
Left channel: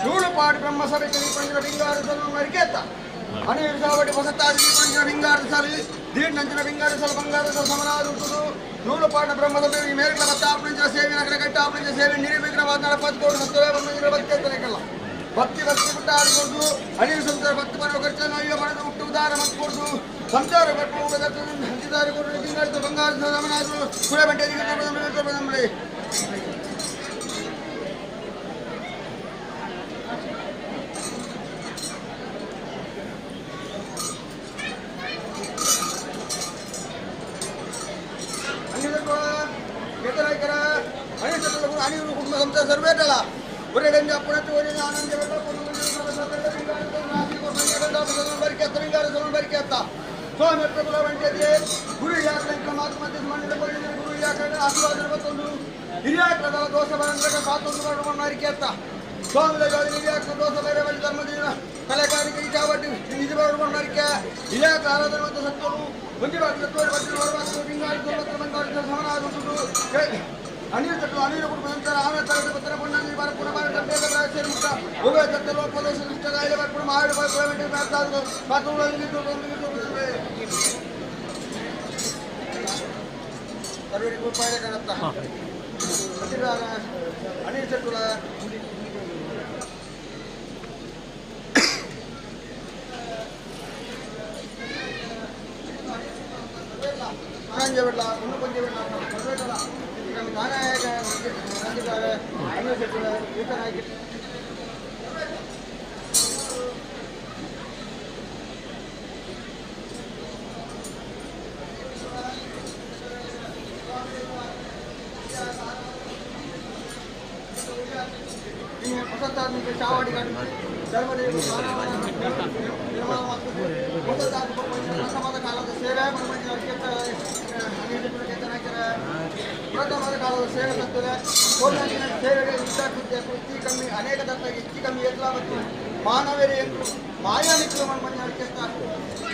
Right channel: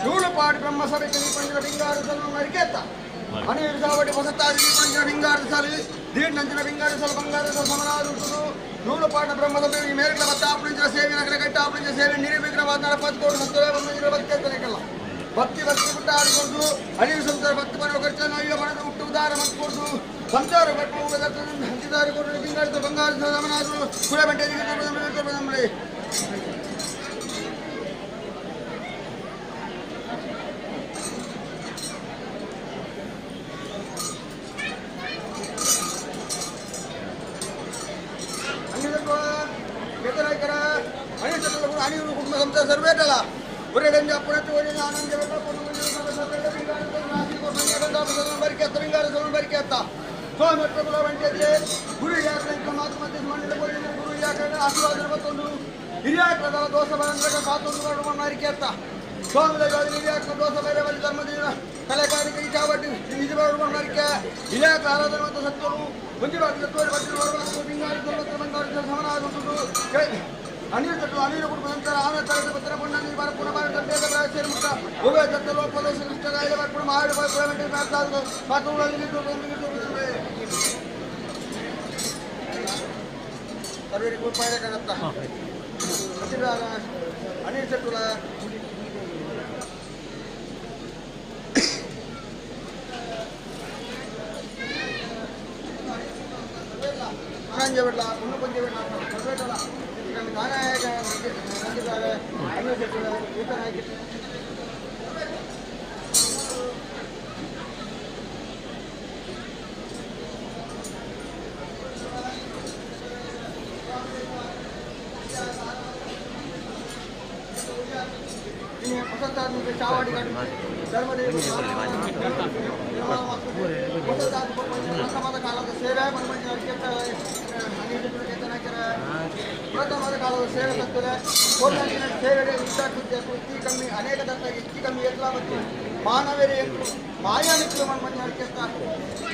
ನೂರುಪಾಡು ಬ್ರಹ್ಮಸಭೆಗೆ ಪಂಜರ ಬಿಂಗಾರು ಸಲ ಮರಿಕೆತ್ತ ಅನಿರು ಸಾವಟಿ ಹೊಸತಾಗಿ ಪಂಜರ ಬಿಂಗಾರು ಸಲಿ ದೀರ್ಘಂಚಿನ ಬಿಂಗಾರು ಸಲ ಬಂಗಾರ ಸಲ ಸಮನಾದುಂಟು ನೂರುಪಾಡು ಬ್ರಹ್ಮಸಭೆ ಮೇರೆಗಳ ಬತ್ತ ಆಪಣಿಂಚ ಸೇವೆ ನಗರ ಕಟ್ಟ ಆಪಣಿಂಚ ಸೇವೆ ನಿರ್ವಿಘ್ನವಾದ ನಡಪತ್ಕೋಡು ಸತ್ತವೇ ಬಂದಿರ ಬತ್ತೇತನೆಕಲ್ಲ ಭಕ್ತಿ ಬಿಟ್ಟ ಆಡಿಕೊಂಡು ಅನಿರು ಸಂತರ ಭಕ್ತಿ ಬರುವ ಖರ್ಚು ನಾವೀಗ ಮನದ ಹುಟ್ಟು ಉದಾರ ಮತ್ಕೊಡ್ದು ಸಂಚಾರ ಕಟ್ಟು ಹಂಚಿದಾರಿ ಕೊಟ್ಟು ಬಿಂಗಾರು ಬಂಗಾರ ಸಲ ಸಮನಾದ್ರು ಕುಳೆ ಬೆಂಟೆಗೆ ಬಂದ್ರೆ ಅನಿರು ಕುಟುಂಬ ಸಂಸ್ಥೆ ಸರ್ವೇಟಲ್ಲ ಒರೆಗಂಜ ಅಪ್ಪಣೆ ಒರೆ ಆನಂದ ಬರಿಕೆ ಹತ್ತ ಬಿಂಗಾರ ಬರಿಕೆ ಹತ್ತ ಸ್ವಾಮಿ ಬಂಟೆ ಗುರು ಯಾಕ ಮಾತು ಮಧ್ಯ ಮಂಡಲ ಗುರು ಯಾಕ ಆಶೀರ್ವಾದ ಮತ್ತೊಂದು ಹಿರಿಯಾಕದ ದೋಷ ಬರಂದ್ರೆ ಮಾತೊಂದು ಮಾಡುವ ಮಾರಿಕೆ ಹತ್ತ ಸ್ವಾಮಿ ಹಿರಿಯಾಕ ದೋಷ ಬೇರೆ ಬಳಿ ಧರ್ಮದೇವ ಕಲೆಕಾರಿಕೆ ಚಾವಟಿ ನಿಜ ಮಾಡುವ ಮಾರಿಕೆ ಹಿರಿಯಾಕ ಆರಾಧನೆ ಮತ್ತು ಸತ್ಯವು ಮುಂಜಿ ಬಾಗಿ ಸತ್ವರು ಬಂಗಾರ ಸಮನಾಗುವುದು ಅನಿಲ ತಟ್ಟು ಅನಿಲ ಕುಟುಂಬ ನಂತರ ಆಮೇಲೆ ತರದ ಪತ್ರ ಪುಣ್ಯ ಬಾರ ಪುನಃ ಬಾರ ತಂದೆಯ ಸೇರಿ ಮುಕ್ತ ಉಭಯ ತತ್ತ ಲೋಕದೋಷ ಇಷ್ಟಗಾಯಿಲೆ ಪುನಃ ಮಾಡಿ ಪೇಮೆಂಟ್ ಮಾಡ್ತಾದ್ರು ಮಾತುಗಳಲ್ಲಿ ಸರ್ವರಿಗೂ ಉಪಾಯ ಕಾಣುತ್ತಾ ಅನಿಲ ತಟ್ಟುಲ ಪಂಚ ಬಿಡ್ಲ ಒಂದು ಪಂಚ ಬಿಡ್ಲ ಬರ್ಬೇಕಲ್ಲ ನಾನೇ ನಂದಿದ್ದಾರೆ ಅನಿಲ ತಟ್ಟುಲ ಈ ಥರ ಆಗಿ ವಸಂತಾತ್ಮಿಕ ಚಾವಾಡಿ ಪ್ರಥಮದ ಕಾಲದ ಸೇವೆ ಪ್ರಥಮದ ಕಾಲದ ಸೇವೆ ತತ್ತದೆ ಕೋಲಾರಿನ ಸೇವೆಗೆ ವಿದ್ಯಾರ್ಥಿ ಹೆಚ್ಚು ಕಮ್ಮಿ ಅನೇಕ ತತ್ವಕ್ಕೆ ಹೆಚ್ಚು ಕಮ್ಮಿ ಎಲ್ಲ ಮತ್ತು ಮಾನವರೇ ಎಂದು ಮಾಯಾನಿಕ್ಕಲು ಮಣ್ಣು ಅಡಿಕೆತ್ತಾರೆ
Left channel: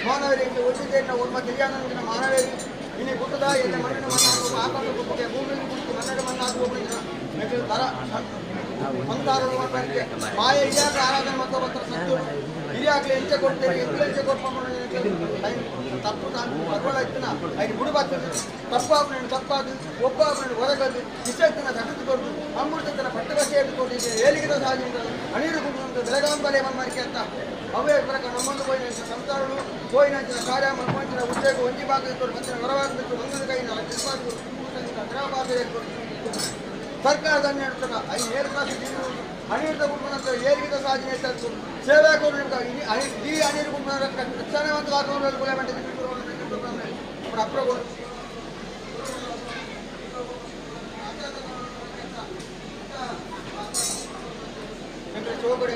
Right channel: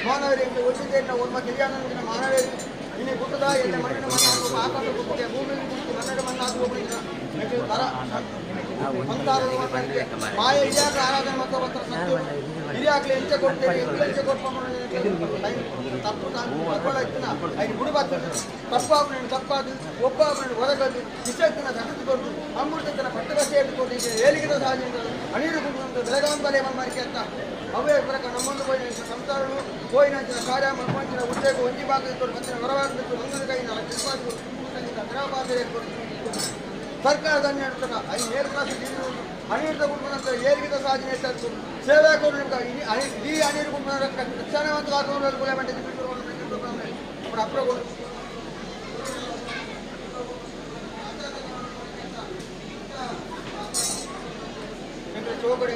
ಮಾನವರೇ ಎಂದು ಒಟ್ಟಿಗೆಯನ್ನು ಒಮ್ಮ ತಿಳಿಯಾನಂದಿನ ಮಾನವೇರಿ ಇನ್ನು ಗುಟ್ಟದ ಎಣ್ಣೆ ಮಣ್ಣಿನ ಮಣ್ಣಾಗುವ ಆಕಾಶ ಗುಟ್ಟಿಗೆ ಭೂಮಿಯಲ್ಲಿ ಕುರಿತು ಮಣ್ಣಿನ ಮಣ್ಣಾಗುವ ತರ ಮಂತಾರಕ್ಕೆ ಮಾಯ ಇದ್ಯಾಕ ಆರಾಧನೆ ಮತ್ತು ಅವತ್ತರ ಸತ್ತು ಹಿರಿಯಾಗಲಿ ಎಂಚೆ ಕೊಡ್ತೇವೆ ಎಂಚೆ ಕೊಡ್ಕೊಂಡು ತಪ್ಪು ತಗೊಳ್ಳ ಇತ್ತಿನ ಐದು ಬುಡುಬಾತ ತಪ್ಪಾದ ಒಬ್ಬ ಹೊರಗದ್ದು ಇಷ್ಟೆತ್ತಿನ ತಡೆದುಕೊಂಡು ಅಮೃತನ ಪಟ್ಟಗಟ್ಟೆ ಎದ್ದುಕೊಂಡು ಏಳಿಗೆ ಸಾಧಿಸಿದ ಅಣಿರು ಕುಟುಂಬ ಬೆಳಗಾಂಬಲೆ ಮನ್ಮರಿಕೆ ಅಂತ ಅವೇ ಪ್ರಕಾರ ನಮ್ಮನ್ನು ಹೋಯಿನ ಸಂಸಾರಗಳು ಹೋಯಿನ ಕಾರ್ಯ ಮನ್ಮಂಚಿನ ಉದ್ಯೋಗ ಒಂಜಿ ಭಾಗ ಇಟ್ಟು ಮತ್ತಿನ ಹೊರವಾಗಬೇಕು ಮಂಗನ ಕೈನ ಗ್ರಹಪಾತ್ರ ಸರ್ಕಾರದ ನೀಡುತ್ತಾಗ ಐದು ಏಳು ಕ್ಲಾಸ್ ಅನಿರುದ್ಧ ಕುಟುಂಬ ಏರಿಗಿದ ಸಾಧನೆ ಹೆಚ್ಚು ಸೇವಾ ಕೊಡು ಈ ಅನಿರು ಕುಟುಂಬ ರಕ್ಷಣೆ ಮತ್ತು ಆತ್ಮಗಳು ಕೊಲೆ ಮಾಡಿದ್ದು ಅಪ್ರಗಳು ಚೋಗಡೆ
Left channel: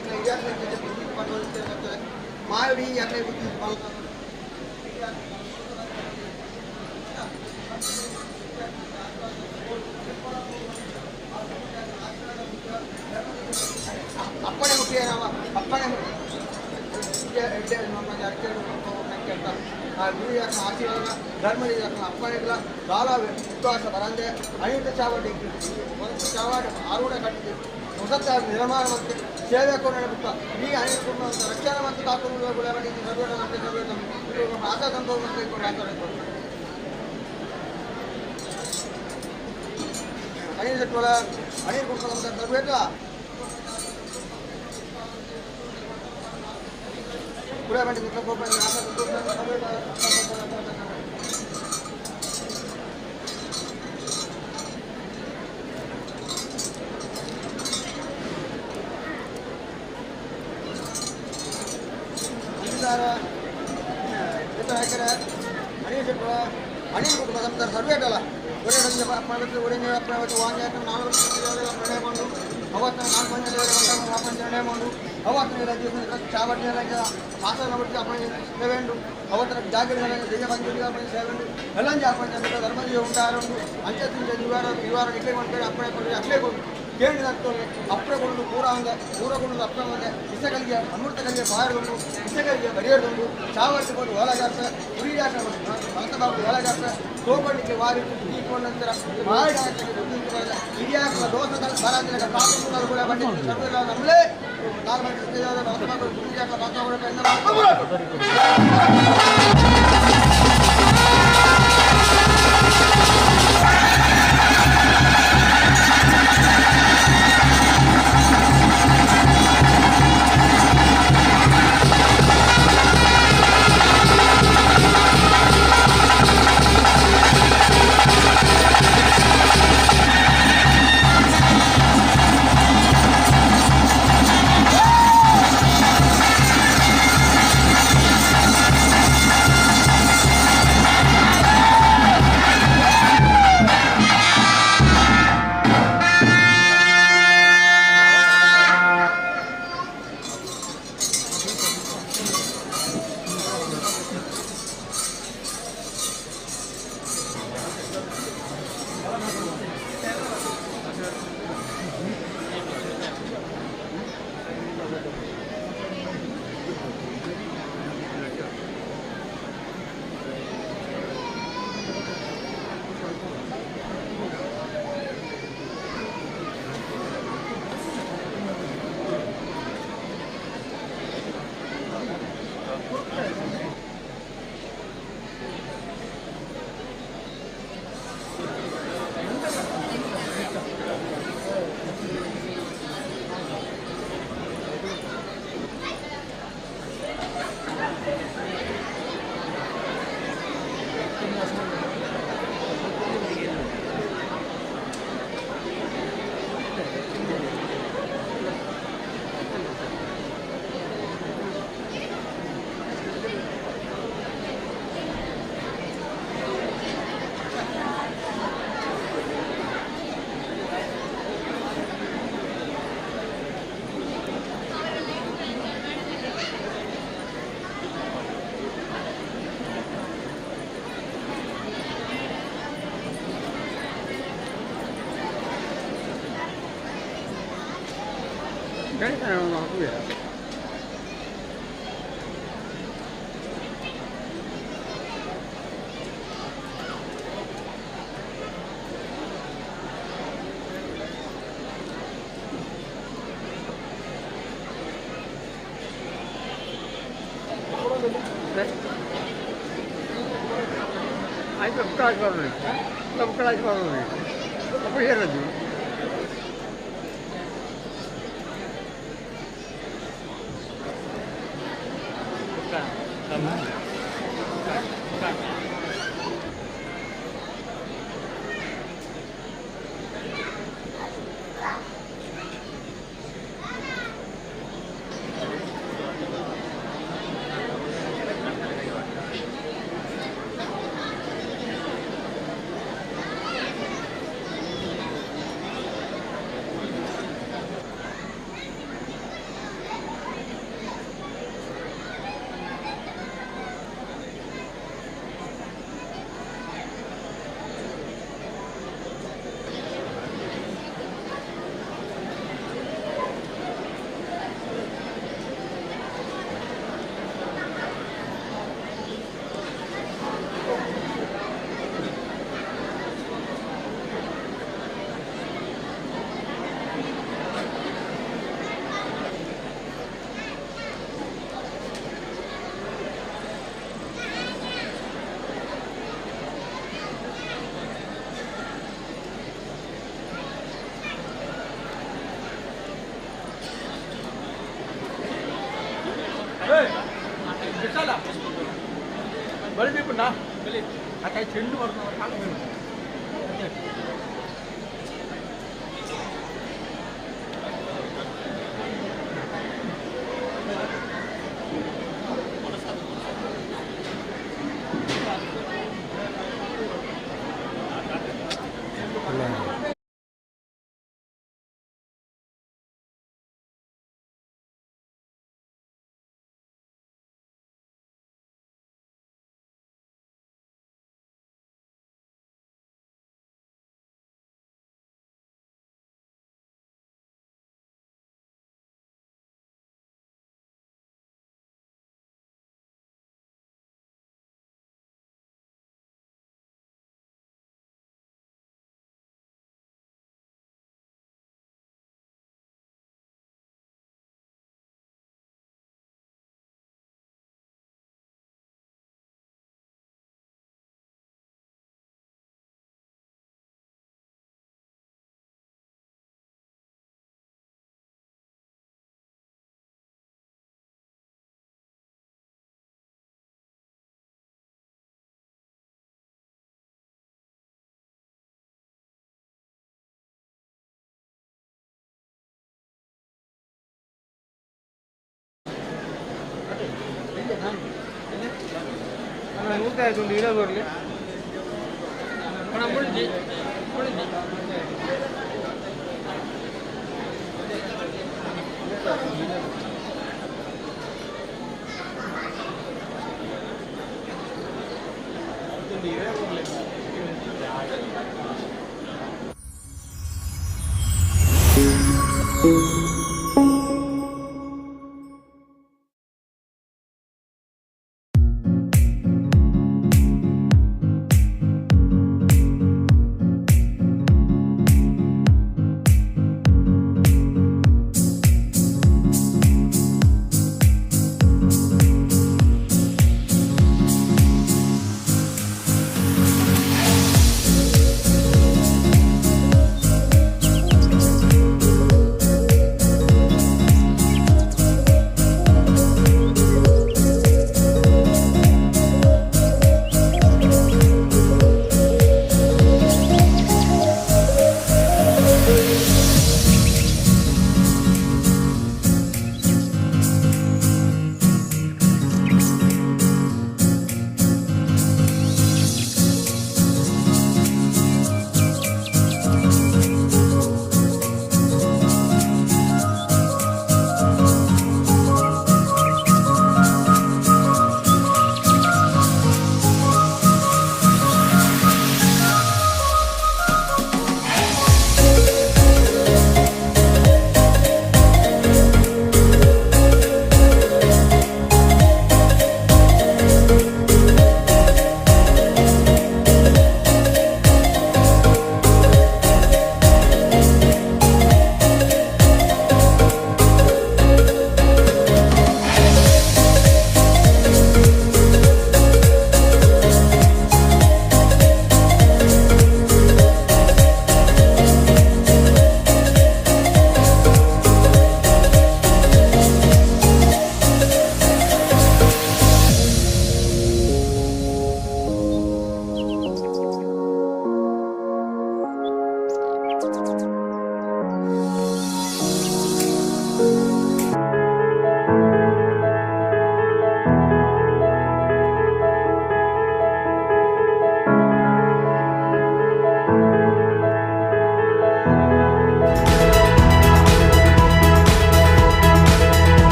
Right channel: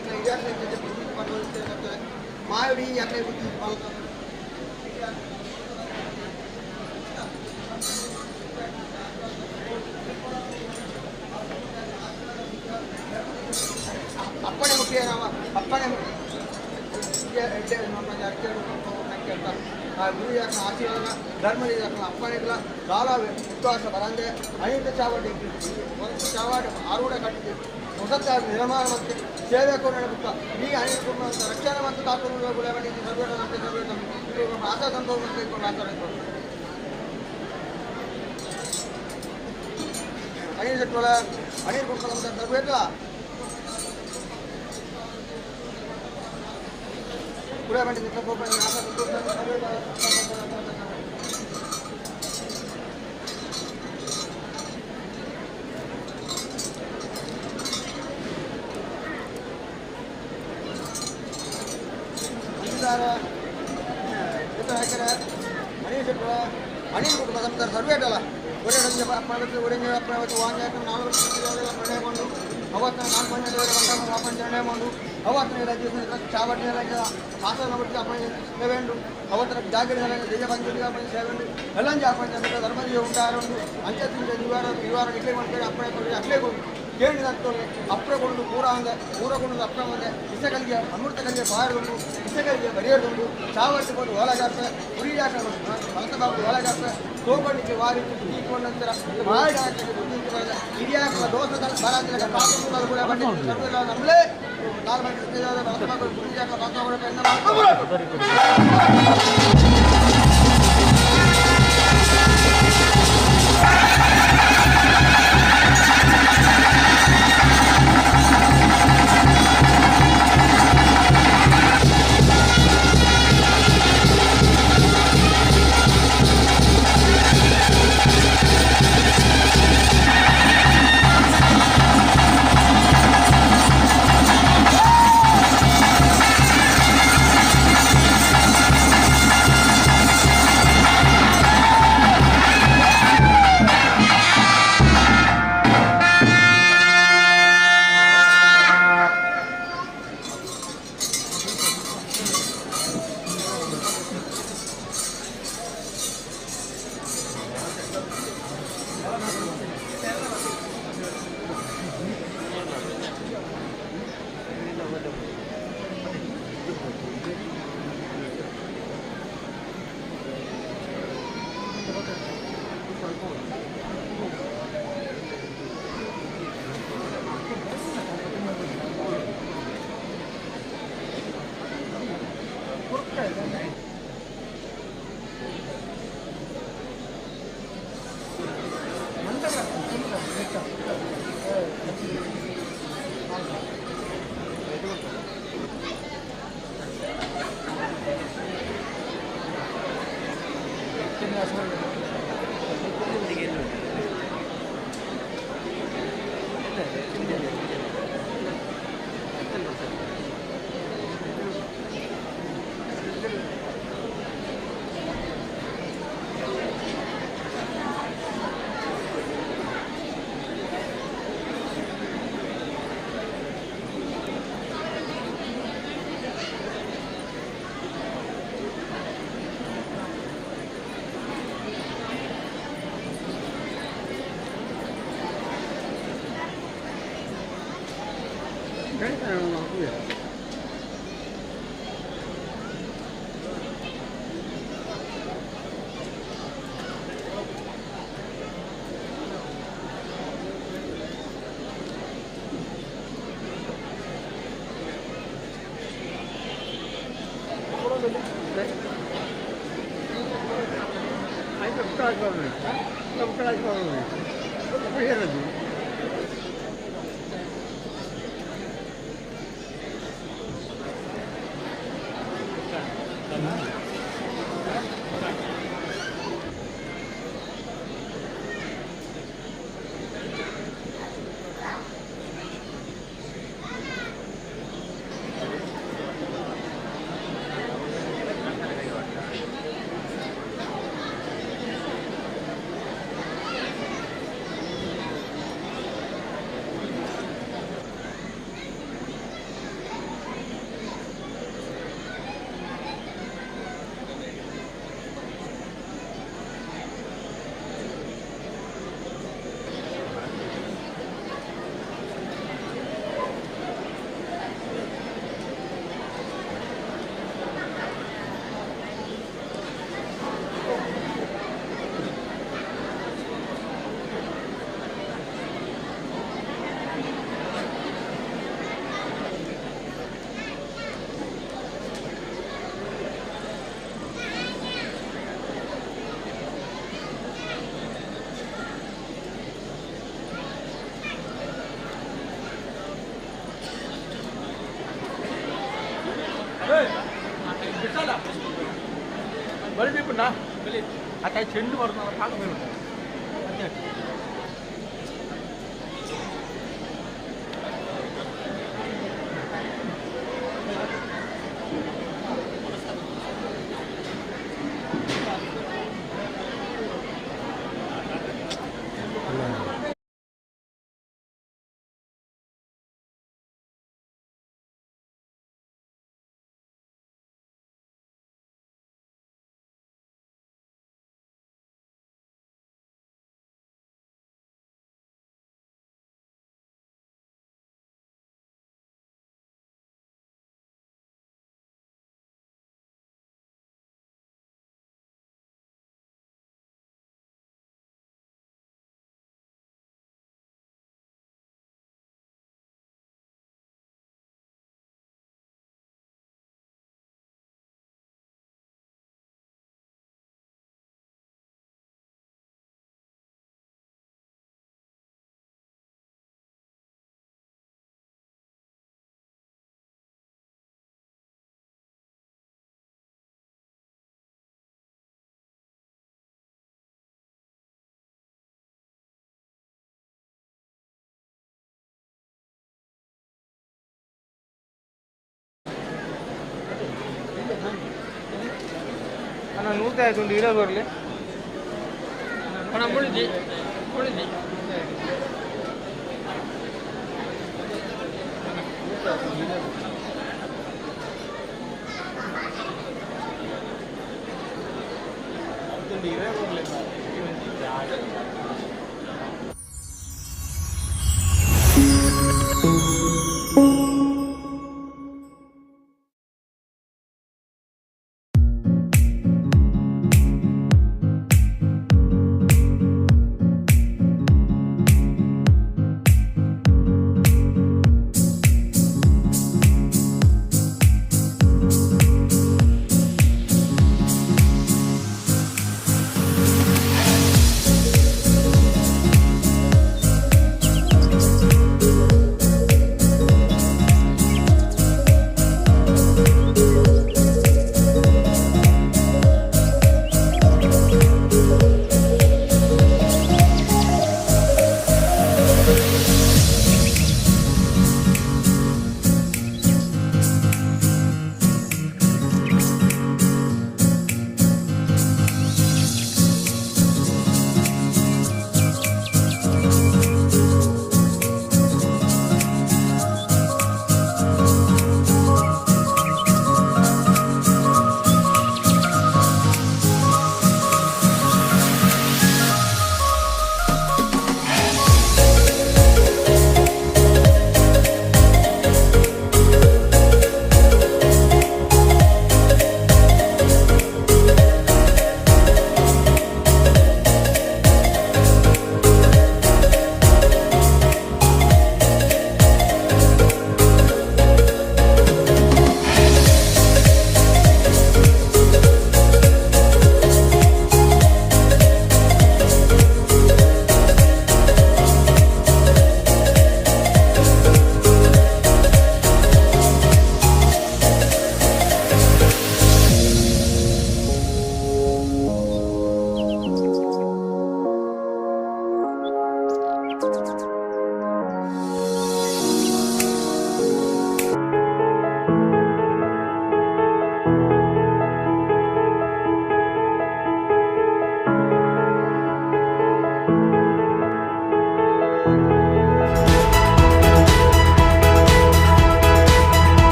ಮಾಯಡಿ ಯಾಕೆ ಅಪ್ಪಣೆ ಮುಖ್ಯ ನಾವು ಅಪ್ಪಣೆ ಗುರು ಆಶೀರ್ವಾದ ಧರ್ಮದ ಅಪ್ಪಣೆಗಳ ಕಾಲ ವಿಶ್ವಾಸ ಬರಂದೆ ಅನೇಕ ಚಾವಡಿ ಒಂದು ಚಾವಾಡ ಆರೂಢ ಕಟ್ಟಿದೆ ಹೊಸ ನಿರ್ಮಾಣ ಮತ್ತು ಸೇವೆ ಕೊಡುತ್ತ ಈ ಅನೇಕ ಕುಟುಂಬ ರಕ್ಷಣೆ ಮತ್ತು ಕಾಪಾಡುವ ಆಶಾ ಸಂಭವ ಅನಿಲ್ ಶೆಟ್ಟೋಳ ಅನಿಲ್ ಕುಟುಂಬ ತರಬೇಕಲ್ಲ ಕೂಡ ಬಂದಿದ್ದ ಅನಿಲ್ ಕುಟುಂಬ ಸಂಸ್ಥೆ ಸರ್ವೇಟಲ್ಲ ಒಳ್ಳೆ ಒಳ್ಳೆ ವಾಂಗ್ಯ ನಾಲ್ಕು ನಿರ್ಣಯ ಮಾಡು ಅವತ್ತು ನಾಲ್ಕು ಮಂದಿ ವಾಪಸ್ ನಿರ್ಣಯ ಮಾಡು ಅವತ್ತು ಚಾವಟಿ ಆಸನ ಬಿಟ್ಟು ಅಪ್ಪಣೆ ಸೇವೆಂಡು ಅವತ್ತರ ಜಾಗೃತಿ ದೇಶ ಪಂಚಾಯತಿ ಅಪ್ಪಣೆ ಸೇವೆಂಡು ಎಲ್ಲಂಜಿ ಅಪ್ಪಣೆ ಧರ್ಮದಿ ಉಂಟಾರು ಅಂಚೆ ಇವಾರ ಇಟ್ಲೆ ಮಾಡ್ತಾರೆ ಅಪ್ಪಣೆ ಕೊಡಿ ಅಪ್ಲೇ ಕೊಡು ಕೇಳಿ ನಡ್ತೋಳೆ ಅಪ್ಪೆ ಕೊಡು ಪೂರಗೊಂಡು ಅಪ್ಪ ಮುಂದೆ ಇಸಕಲಿಗೆ ಅಮೃತ ಕಲಿಗೆ ಬಾರಗೊಂಡು ಇಸಕಲಿಗೆ ಬರೆಯೋದು ಚಾವಟಿ ಕೊಟ್ಟು ಒಳಗಾಕ ಉರಿ ಜಾಕ ಭಕ್ತ ಬಾಬು ಒಳಗಾಕ ತೋಕೊಂಡಿಗೆ ವಾರಿ ತೀಕೊಂಡು ನಂತರ ಮಾಡಿ ಹಿರಿಯಾಕ ದೋಷದ ಬರಾದಿನ ಕಾಪುಗಳು ಕೂಡ ಬಂದಿದ್ದು ನಮ್ಮಲೇ ಕಾಲು ಮಾಡಿ ಭಕ್ತ ಬಾಬು ಉರಿ ಜಾಕ ಭಕ್ತ बळी पण आता ಚೆಂಡು ಬರ್ತಾವ ಕಾಲು ನೂರ್ತಾ ಆಯ್ತು ಒಂದು ಇರೋ ಬರಲಿ ಮುಳಿದಿ ಮುಳಿದಿ ಇರೇ ಬರಲಿ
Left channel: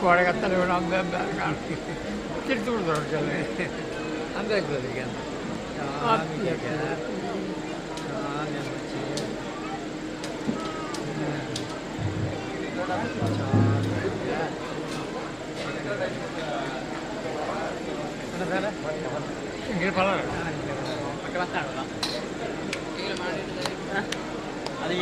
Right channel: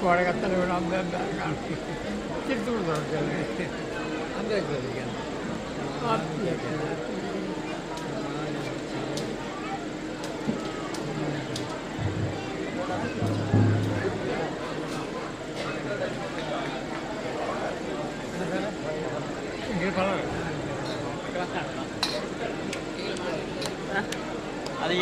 కూడగత్తలు కూడా తిడుతూ ఉంటారు అంతే అది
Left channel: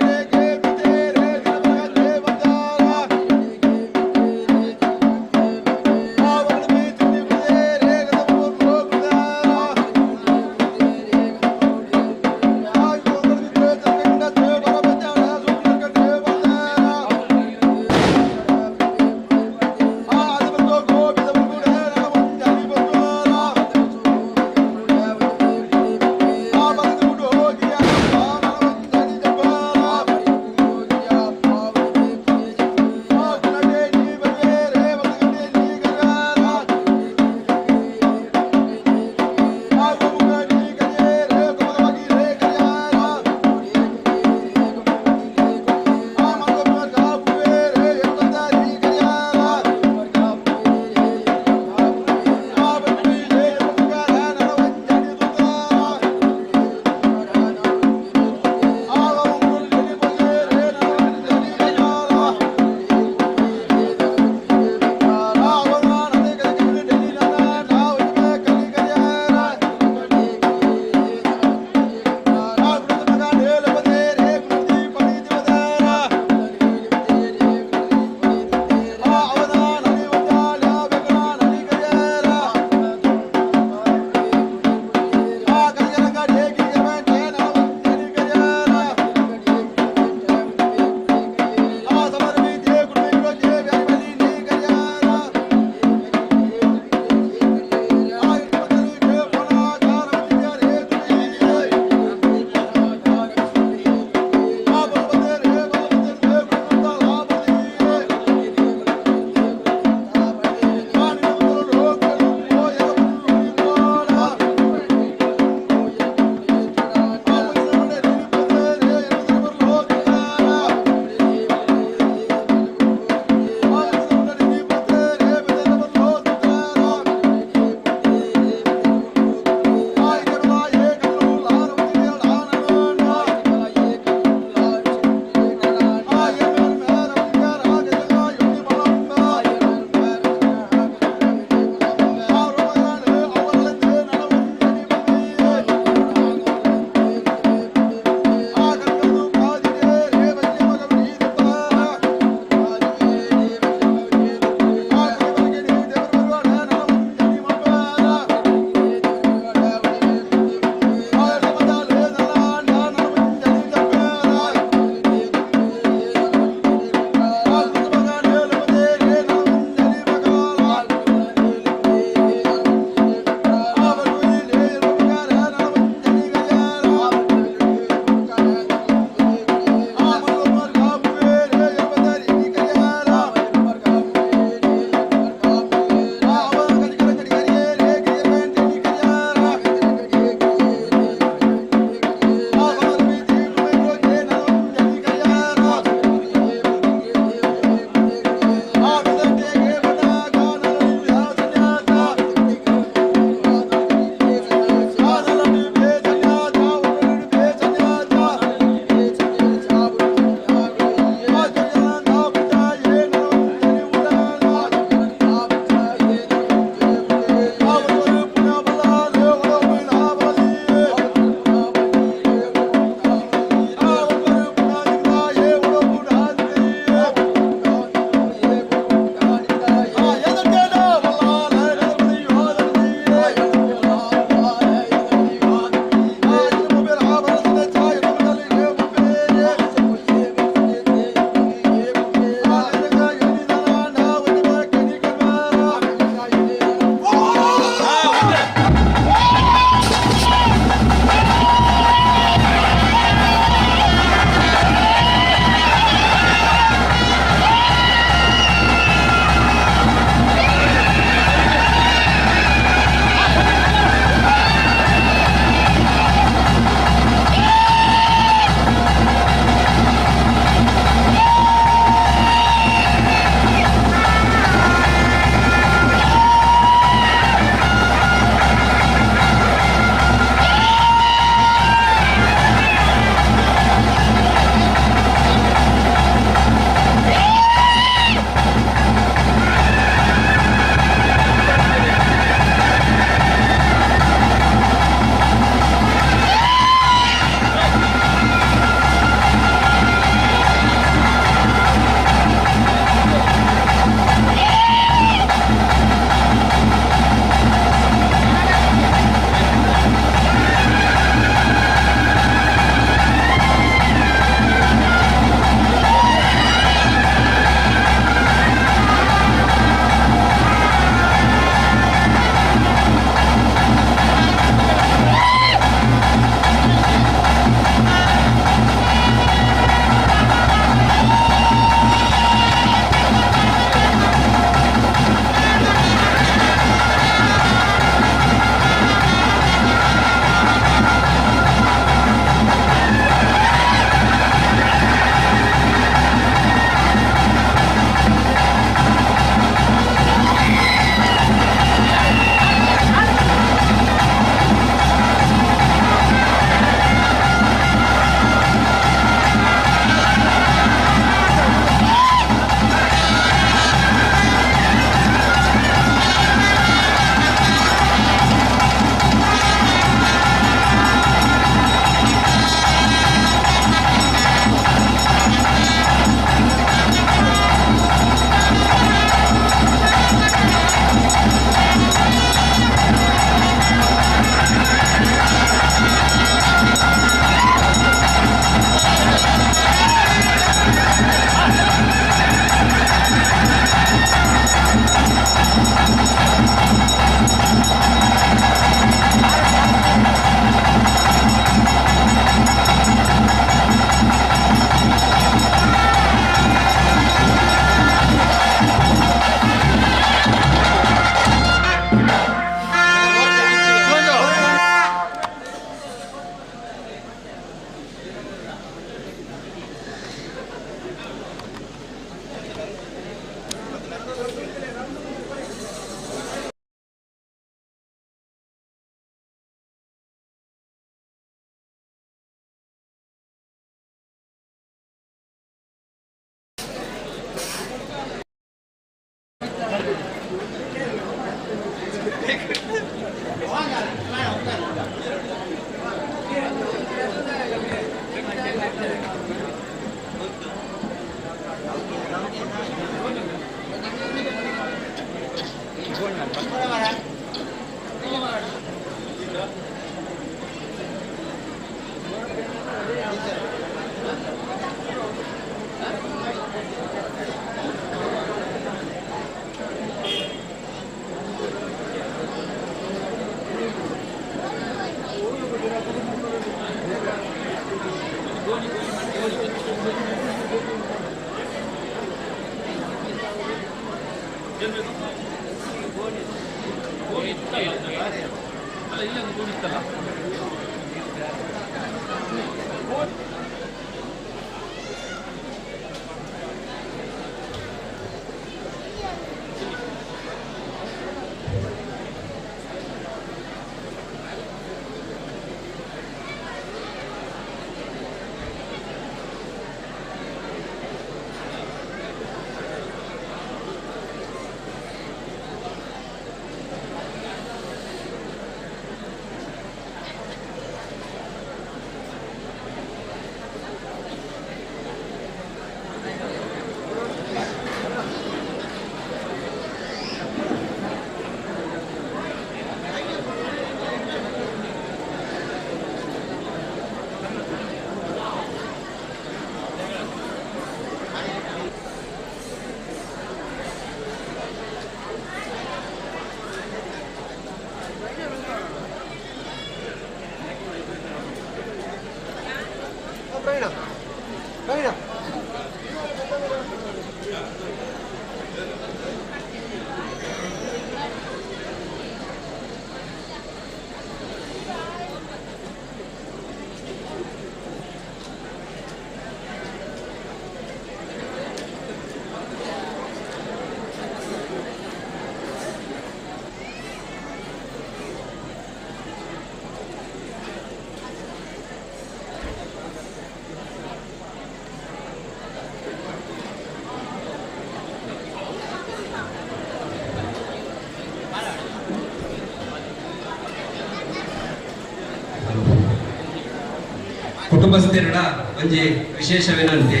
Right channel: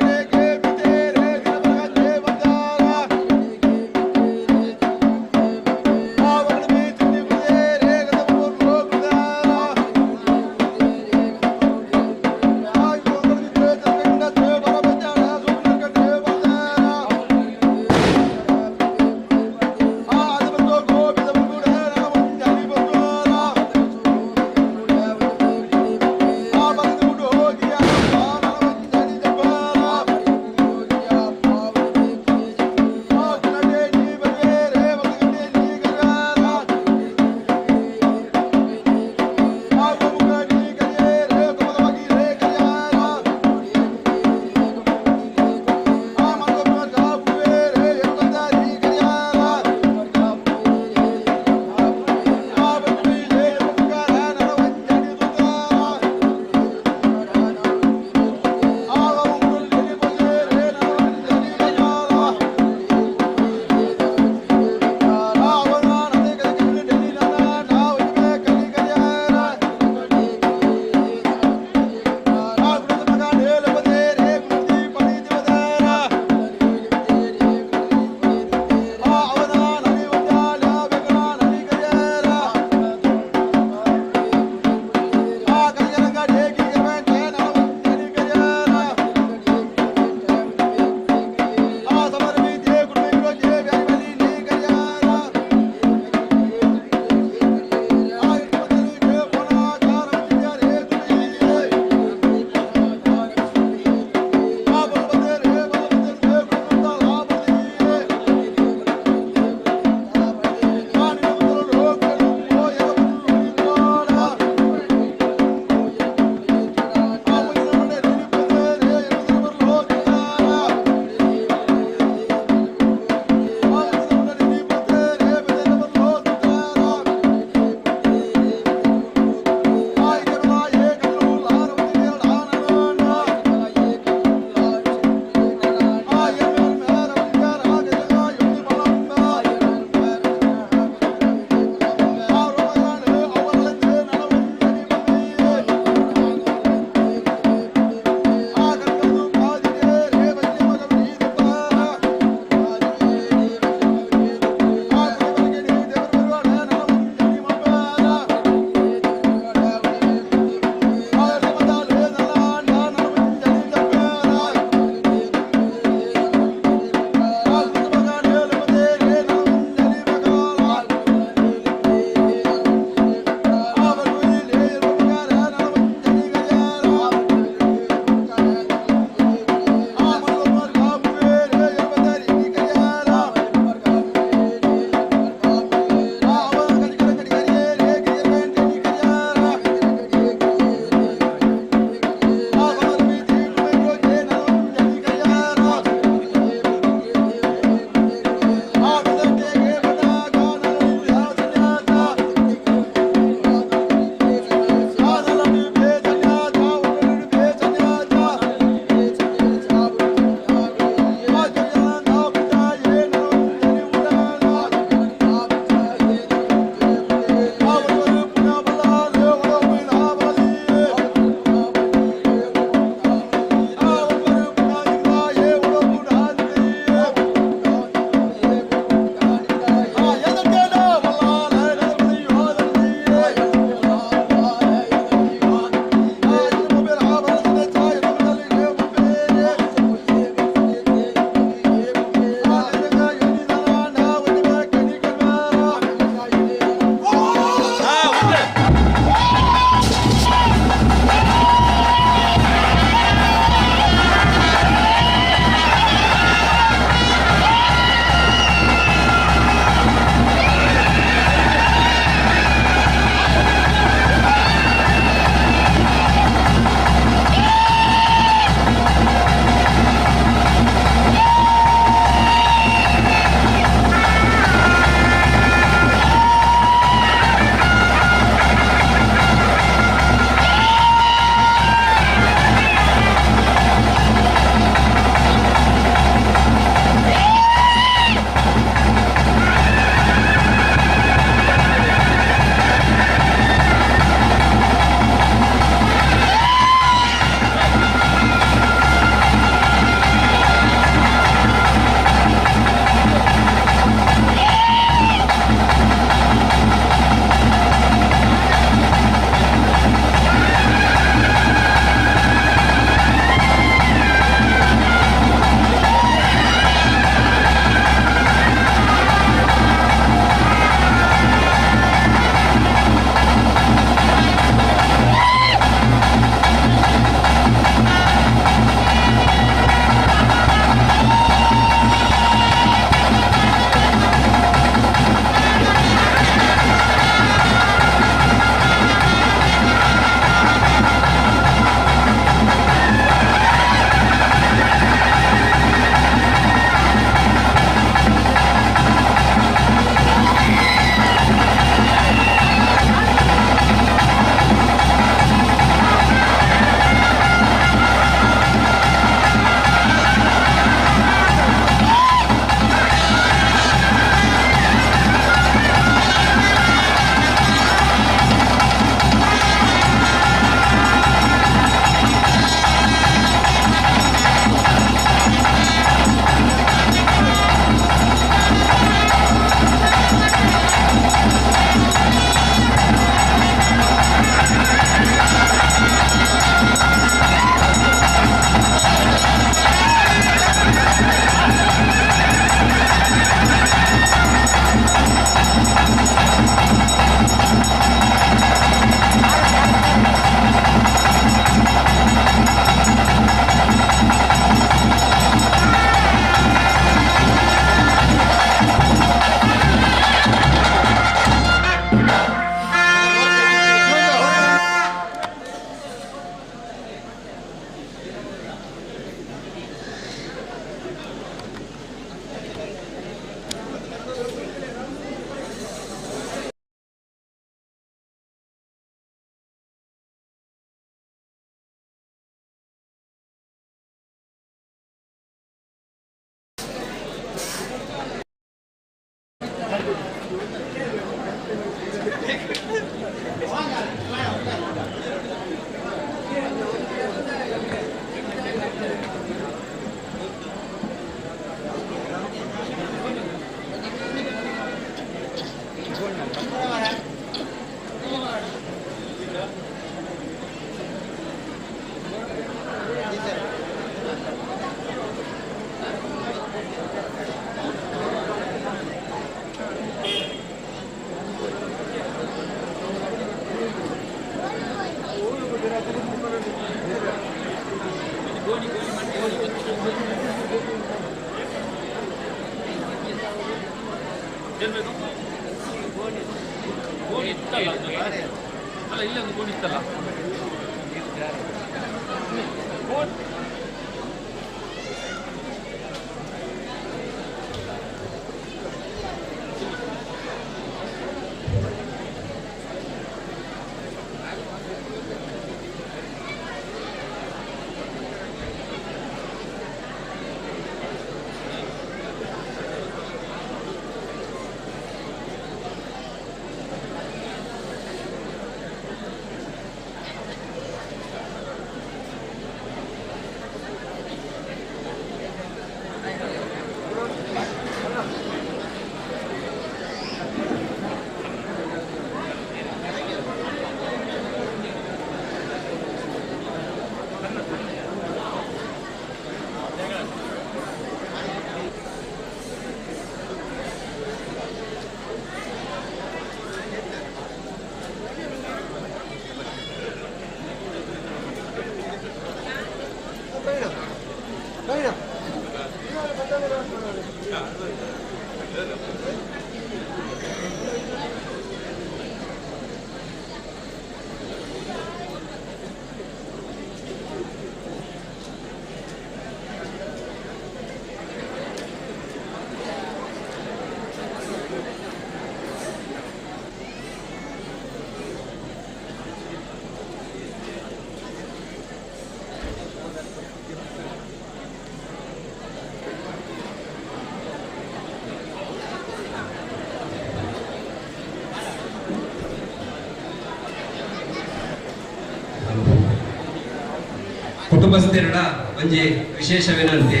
ಕುಟುಂಬಸ್ಥರ ಒಂಜಿ ವಿಶೇಷ ವಿನಂತಿ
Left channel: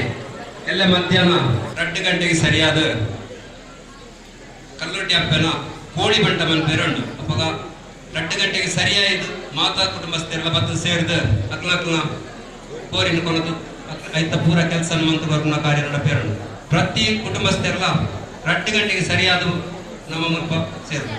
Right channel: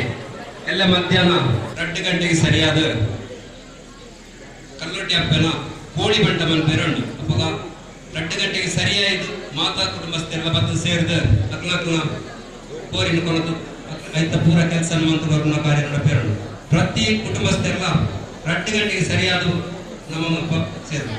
ಎಲ್ಲ ಮಧ್ಯಾಹ್ನ 2 ಗಂಟೆಗೆ ಸರಿಯಾದ ಕಲ್ಲೊಟ್ಟಿ ಅಪ್ಪನ ಕೋಳಿ ಬಂಟ ಮನ್ಪೇರುಂಡು ಅಪ್ಪಗ 2 ಗಂಟೆಗೆ ಸರಿಯಾಯಿತು ಮಾತಾ ಕುಟುಂಬಸ್ಥರೆಲ್ಲ ಬತ್ತು ಸೇರಿದ ಅಕ್ಲಕ್ನ ಕೋರಿನ ಕೊನದು ಐತ ಪೂರ ಕೆಲಸ ಮಂತ್ರನ ಕಾರ್ಯ ನಡಪೇರುಂಡು ಪ್ರತಿ ಕುಟುಂಬಸ್ಥರೆಲ್ಲ 2 ಗಂಟೆಗೆ ಸರಿಯಾದ ನಮ್ಮ ಮುಲ್ಪ ಸೇರಿದ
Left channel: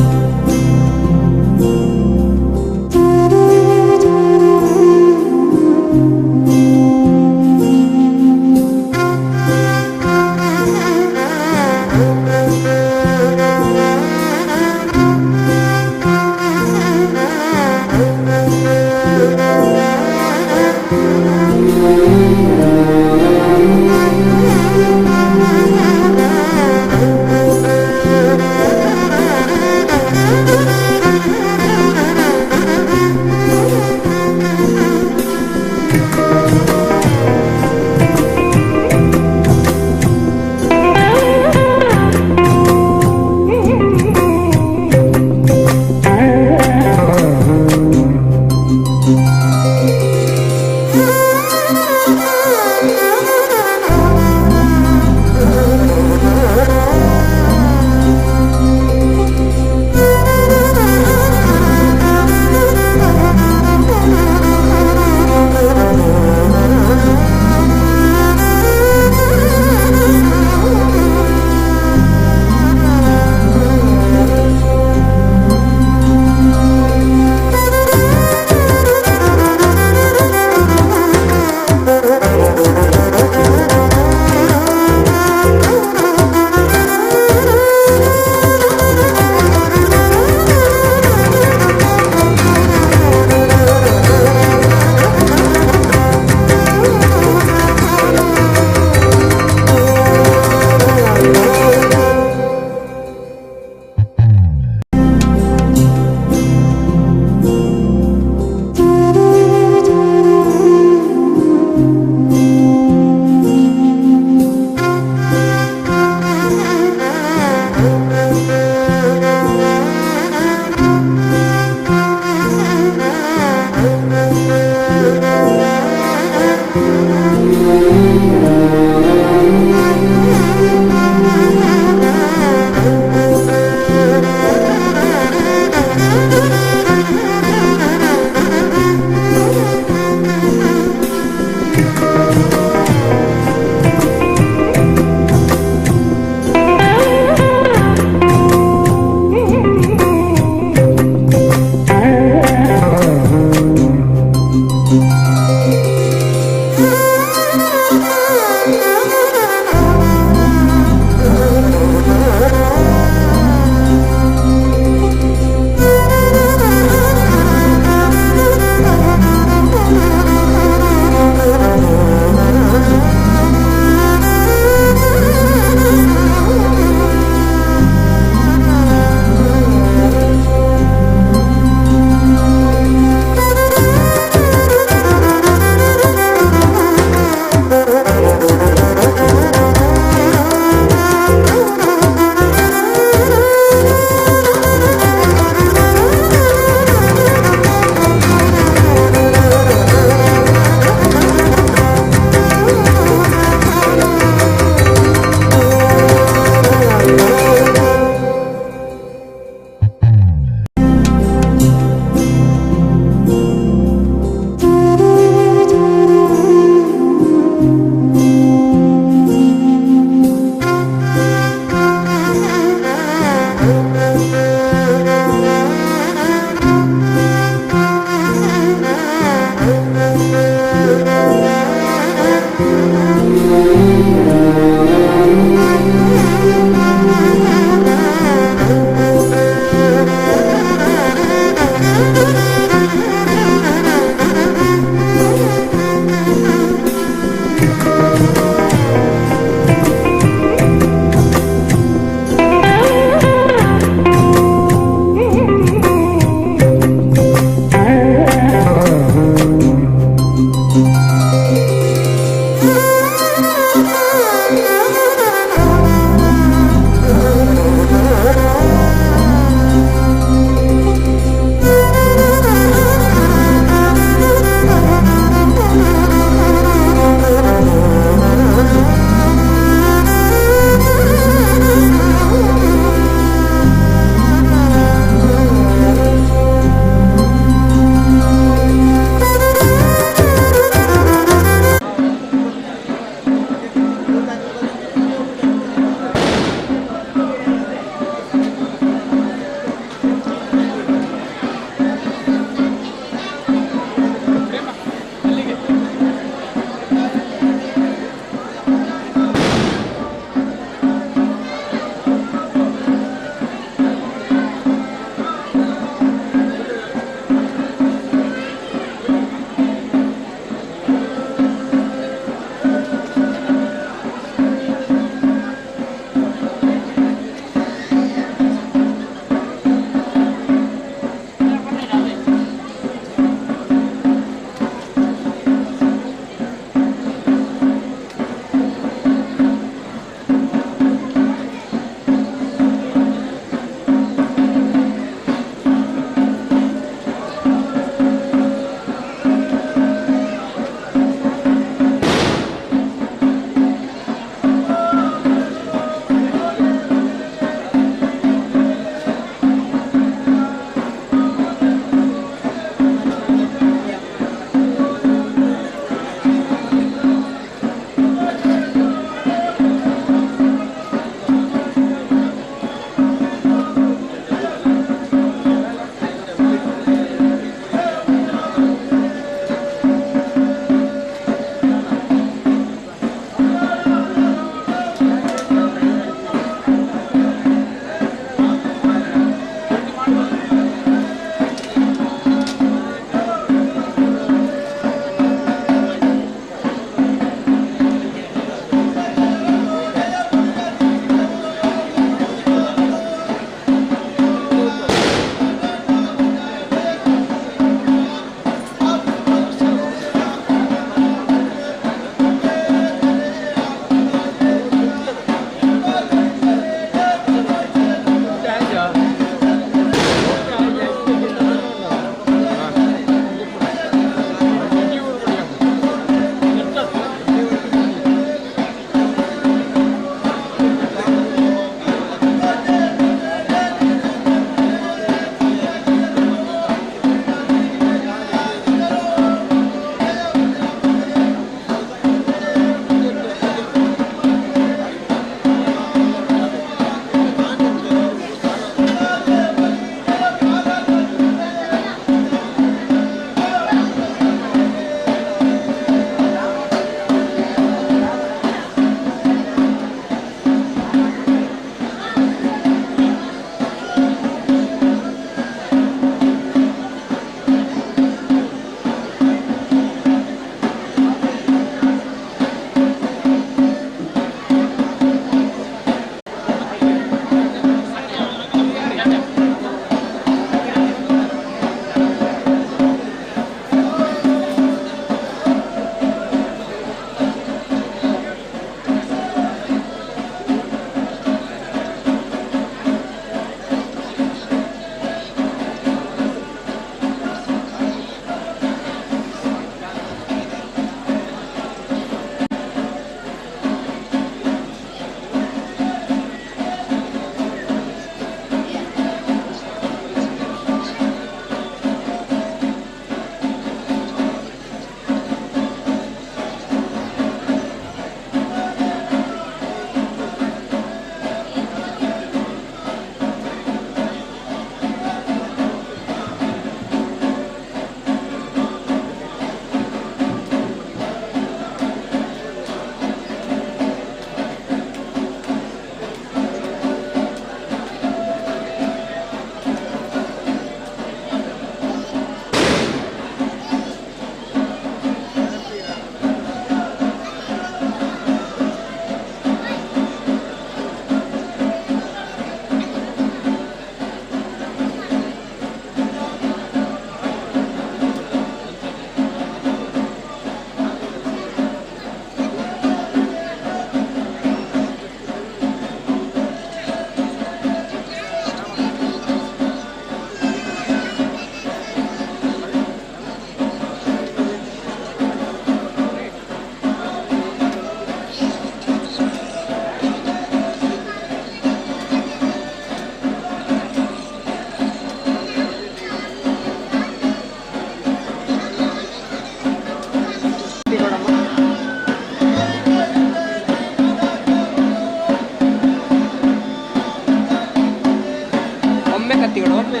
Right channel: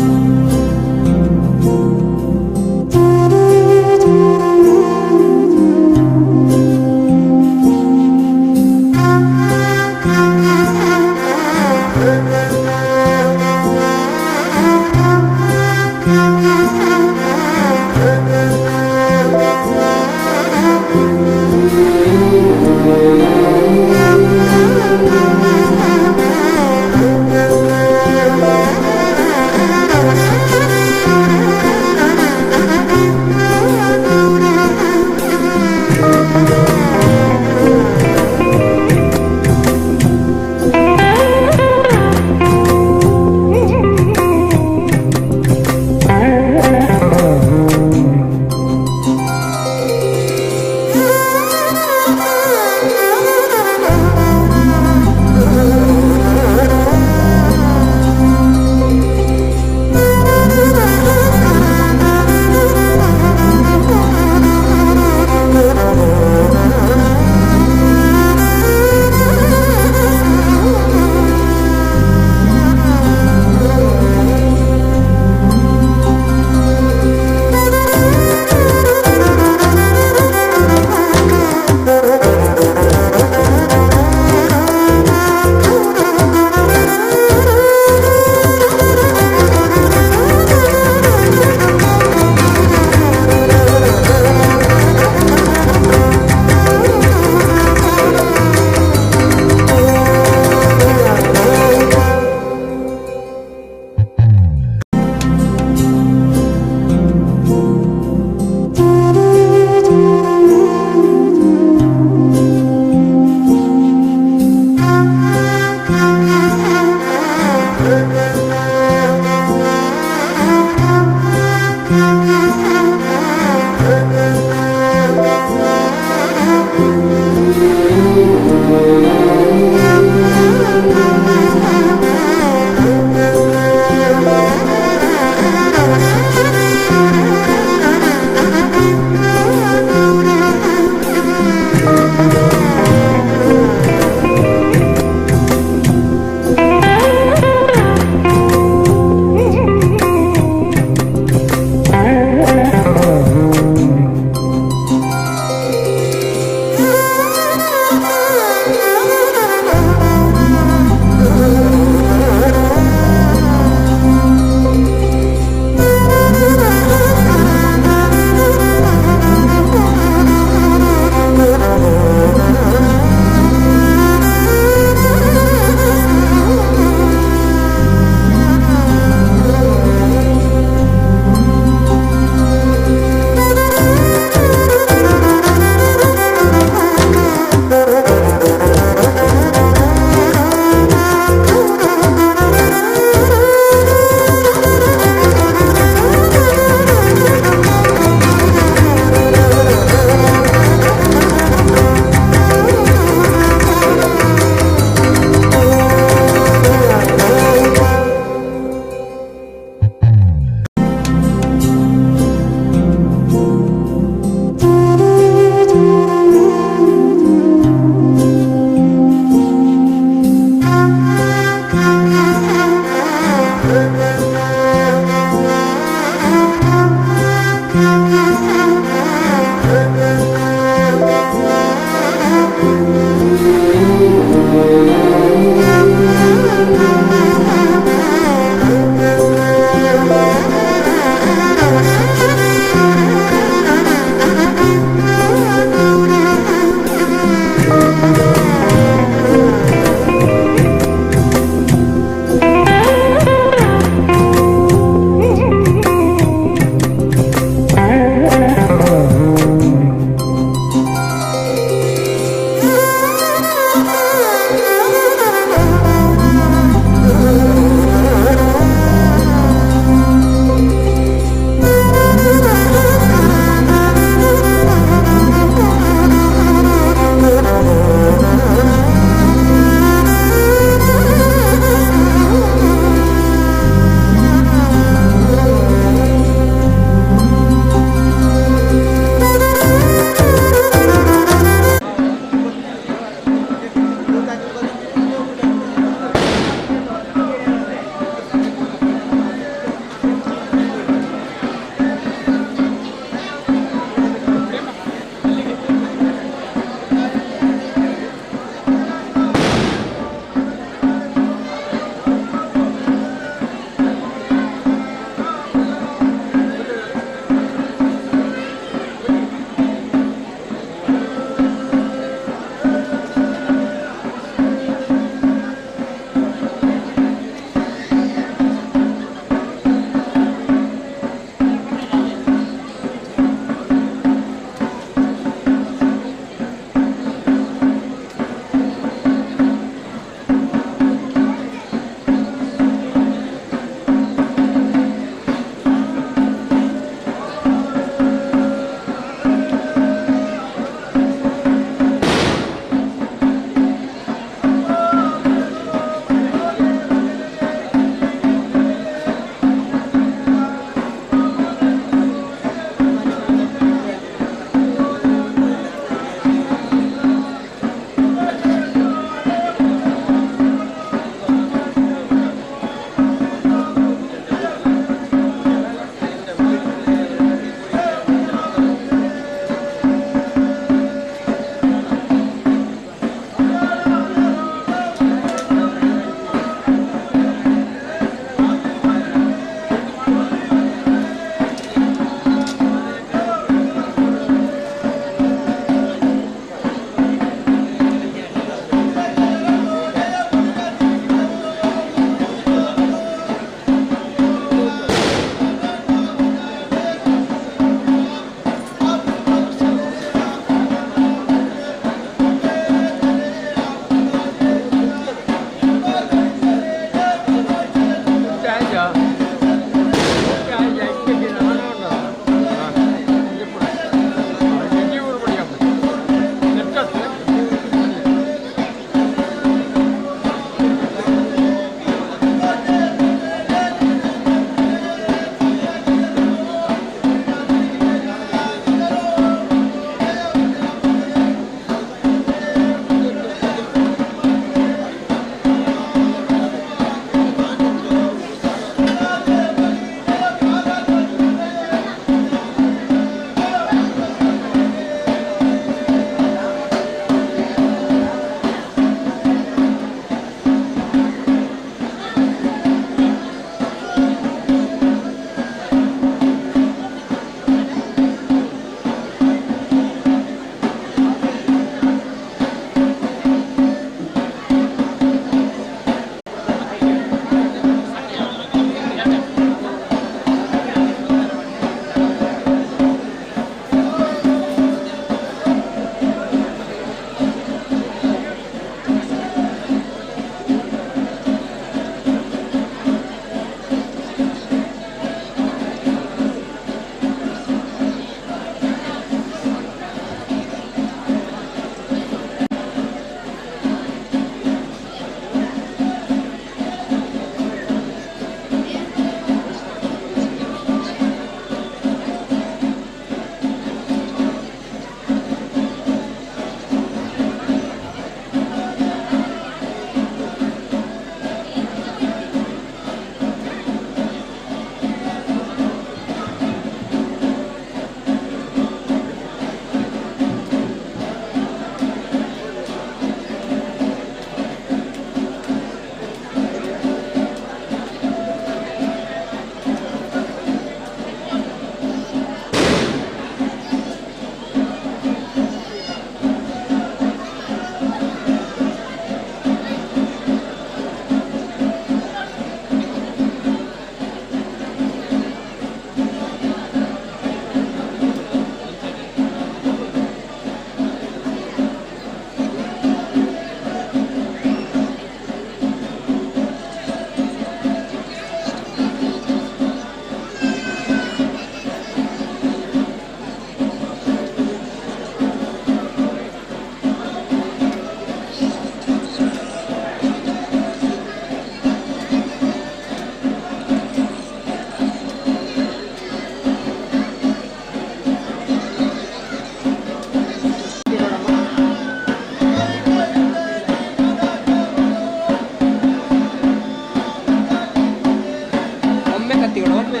ಮೂರ್ತಿಗಳು ಒಮ್ಮೆ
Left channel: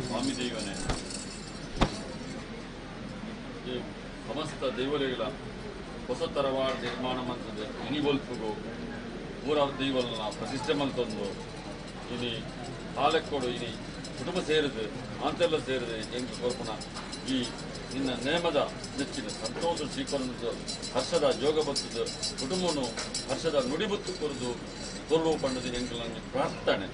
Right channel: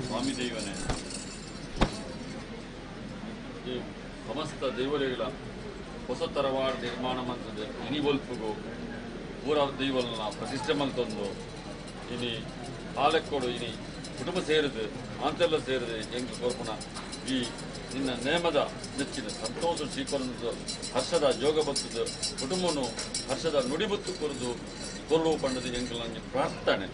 ಸ್ವಾಮಿ ದೈವನೇ ಈ ಸಮಸ್ತ ದೈವಲೆಗಳ ಹೊಸ ತರವಾದ ನಿರ್ಮಾಣ ಮಂತ್ರದ ಇನಿಗೊಲ್ಪಿಗೂ ಊರ ದೈವಲನ ಪ್ರತಿಷ್ಠೆ ಮಂತೊಂದು ಇನಿ ಹಾಲೆಕ್ಕೊಡು ಇನಿ ಕುಟುಂಬ ಸೇರಿದು ಅಂತೆಲ್ಲ ಸೇರಿದೆ ಹೆಂಗೆ ಕೋರ್ಪಣ ಈ ನಿನ್ನ ನೇಮದ ನೆಚ್ಚಿನ ಸಂತೋಷ ಸ್ವೀಕರಣದ ಹರ್ಷದ ಜೋಗ ಬತ್ತದ ಕುಟುಂಬನು ಹರ್ಷದ ನುಡಿಬತ್ತು ಕೊರದು ಕೊರಲು ಪಂಡದ ಹೆಂಗೆ ನನಗೆ ಪ್ರಾರ್ಥನೆ.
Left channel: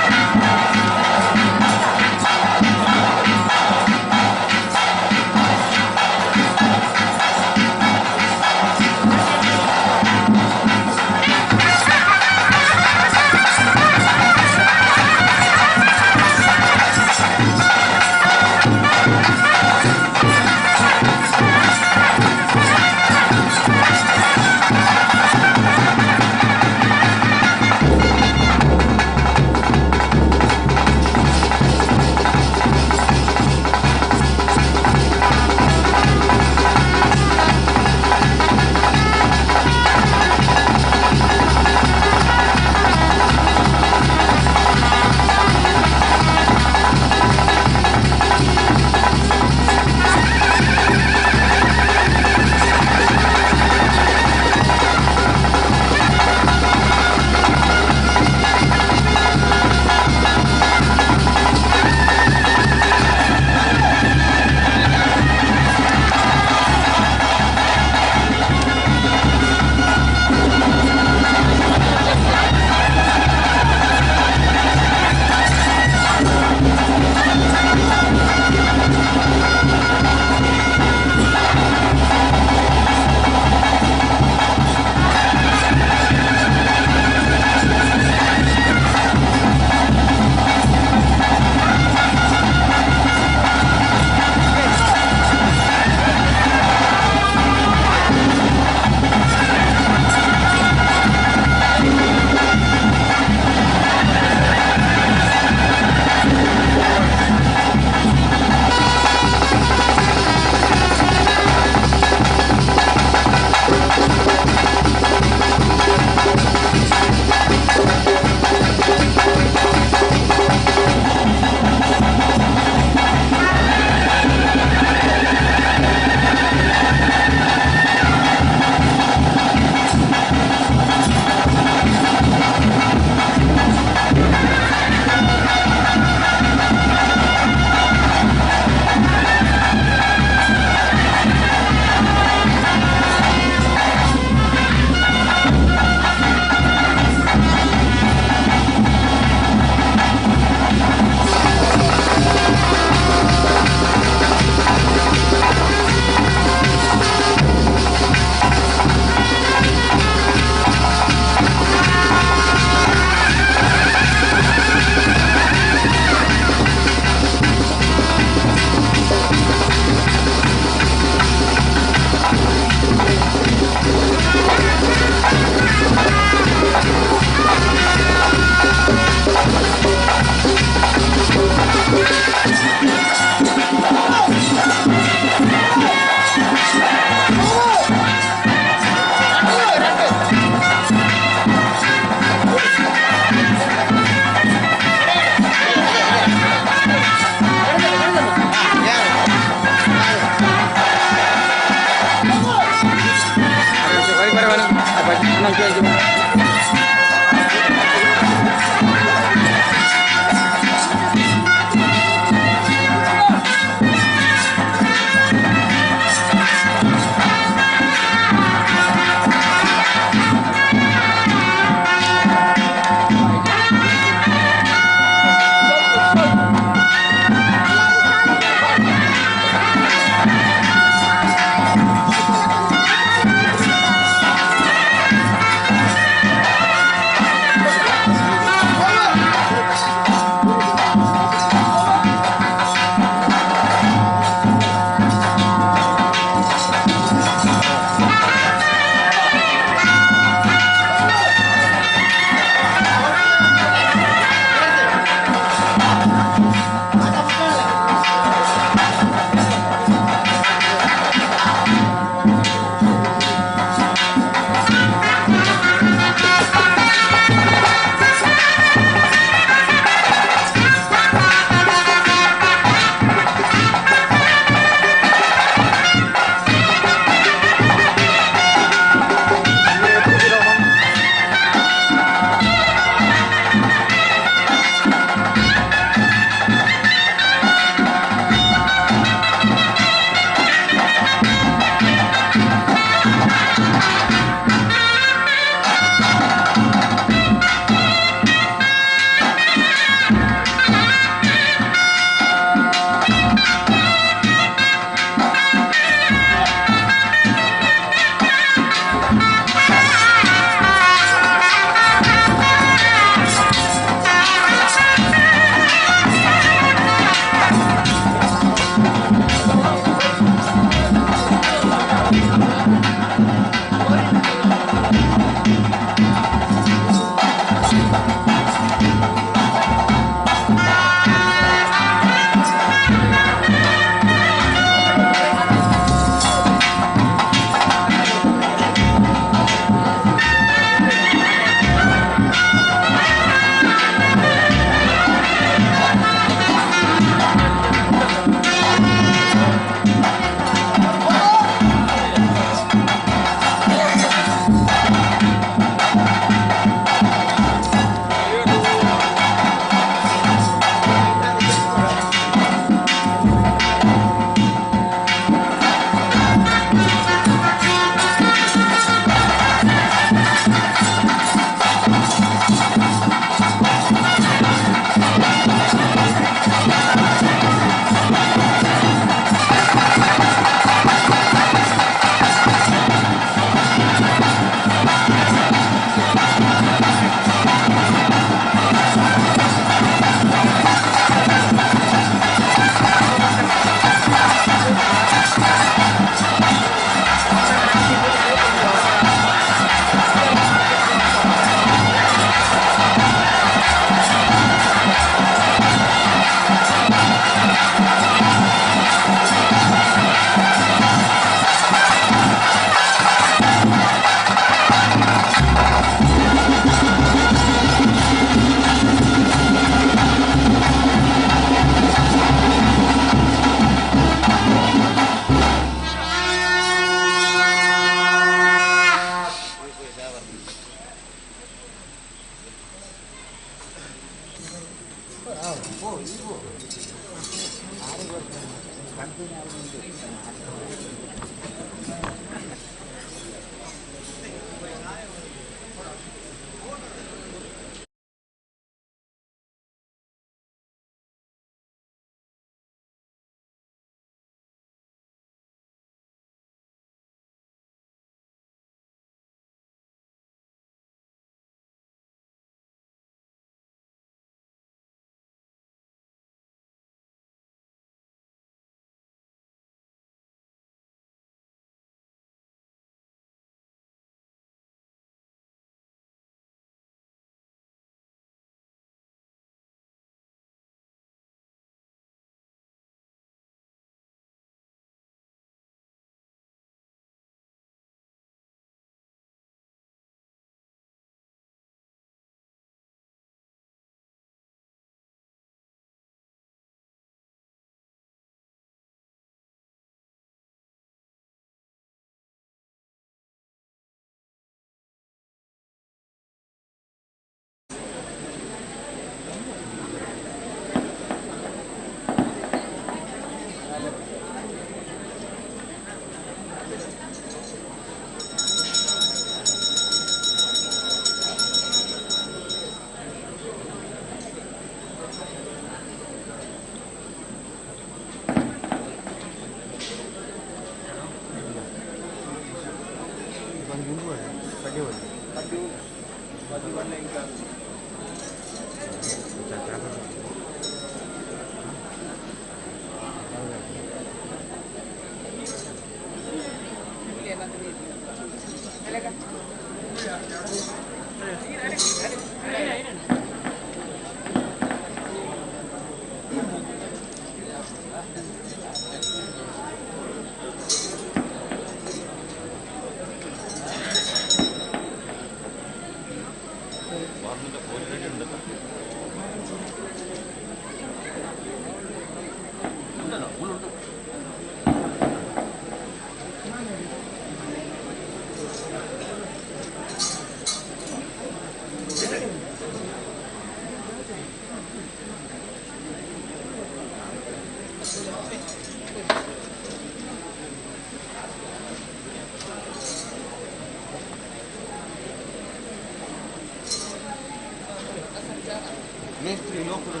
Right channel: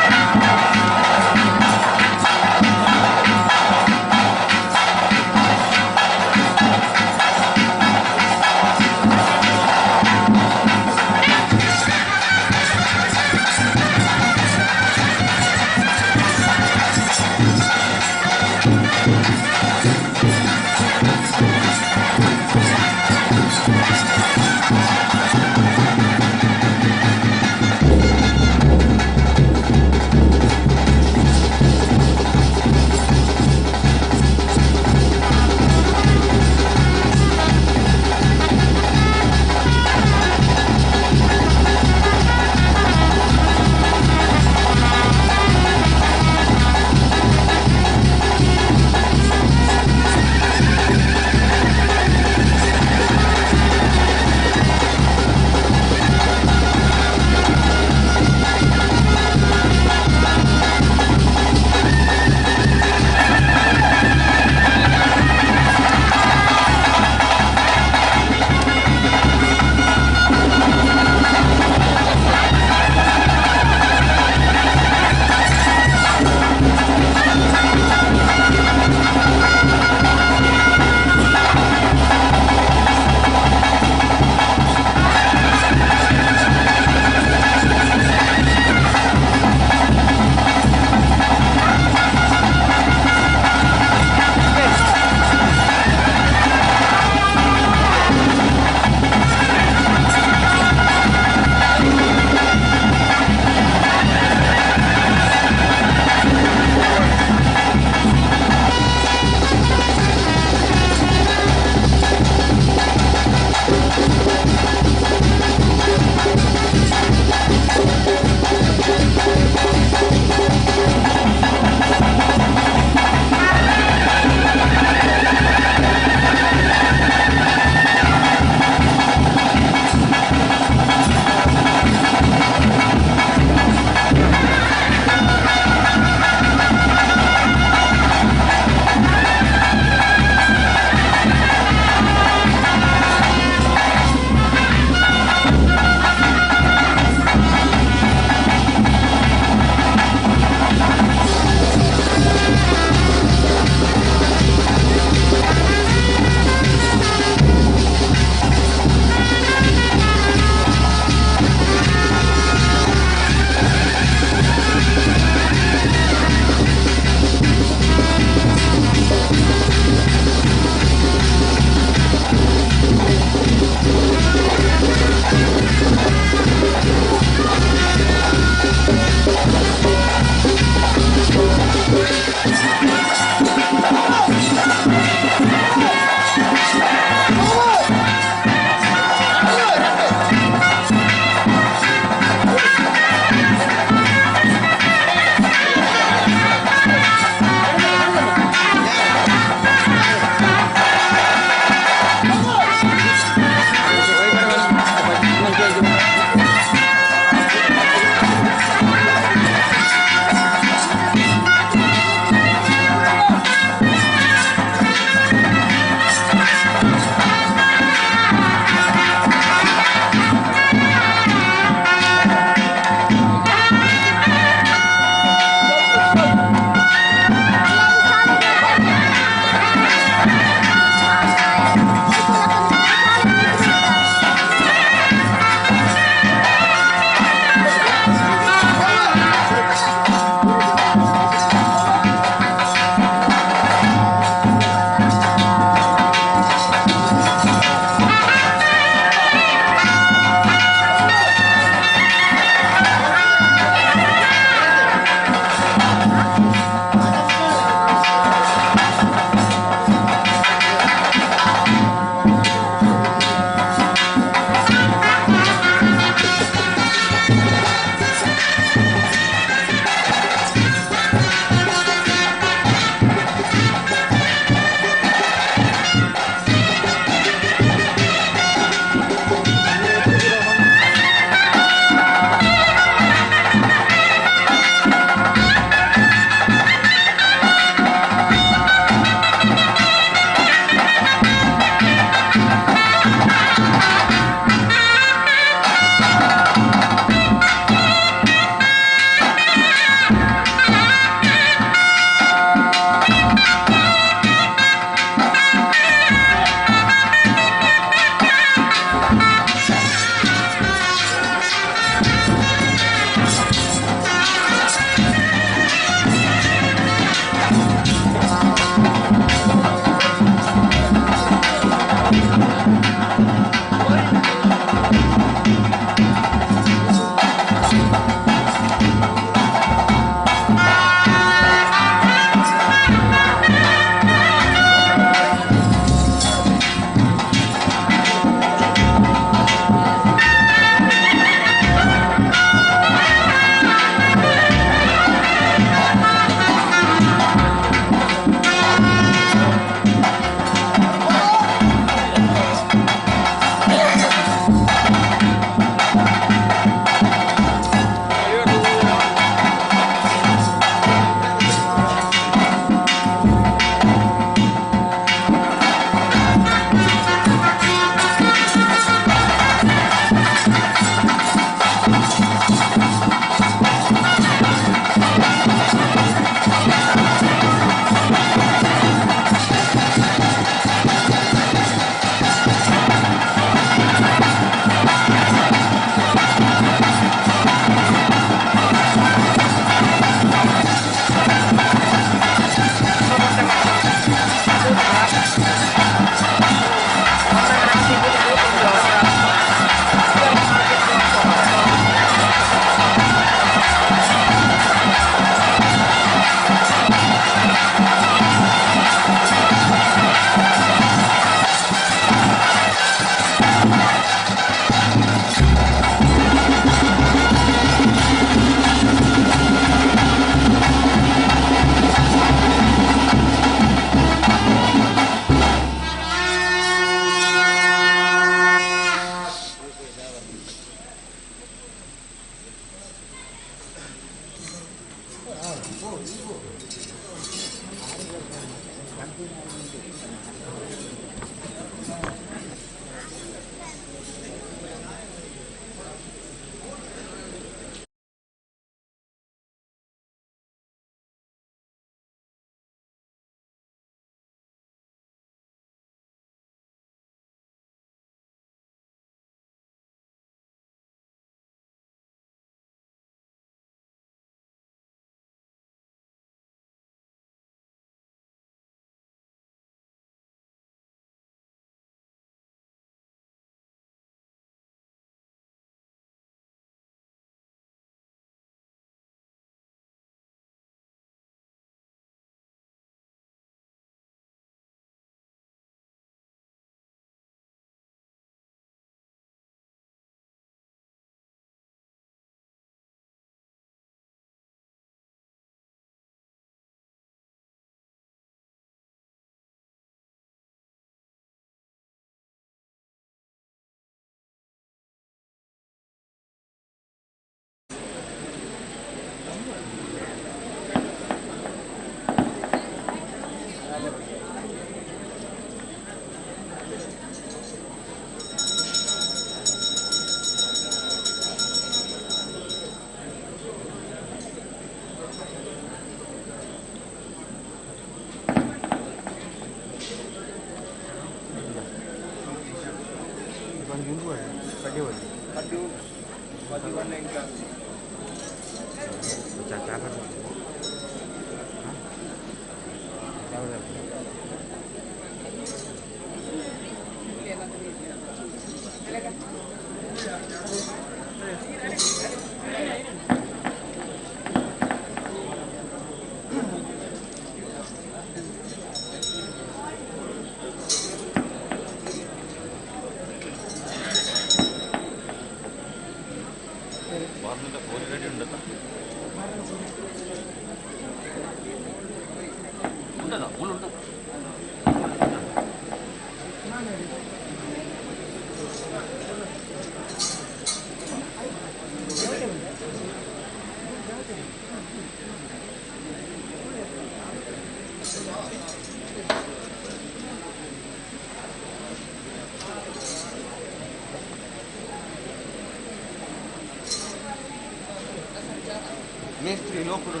ಮೇಸ್ತ್ರಿ ಲೋಕರು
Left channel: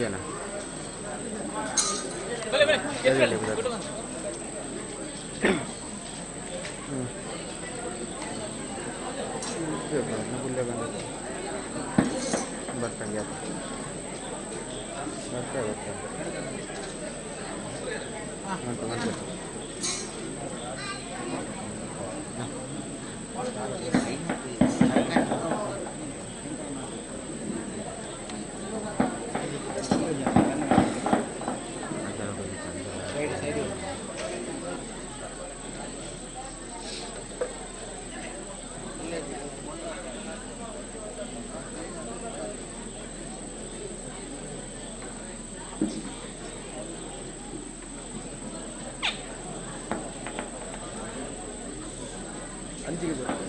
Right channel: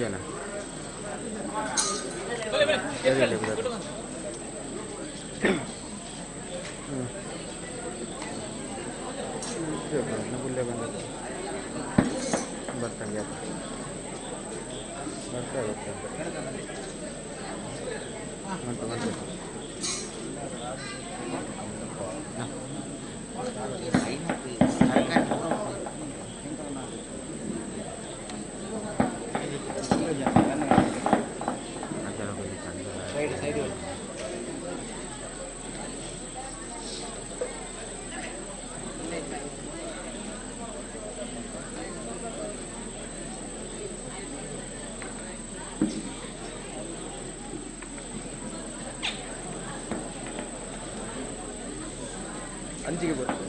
ಜನ ಬರ್ತಾನೆ ಅಂಚಿಗೆ ಬರ್ತದೆ.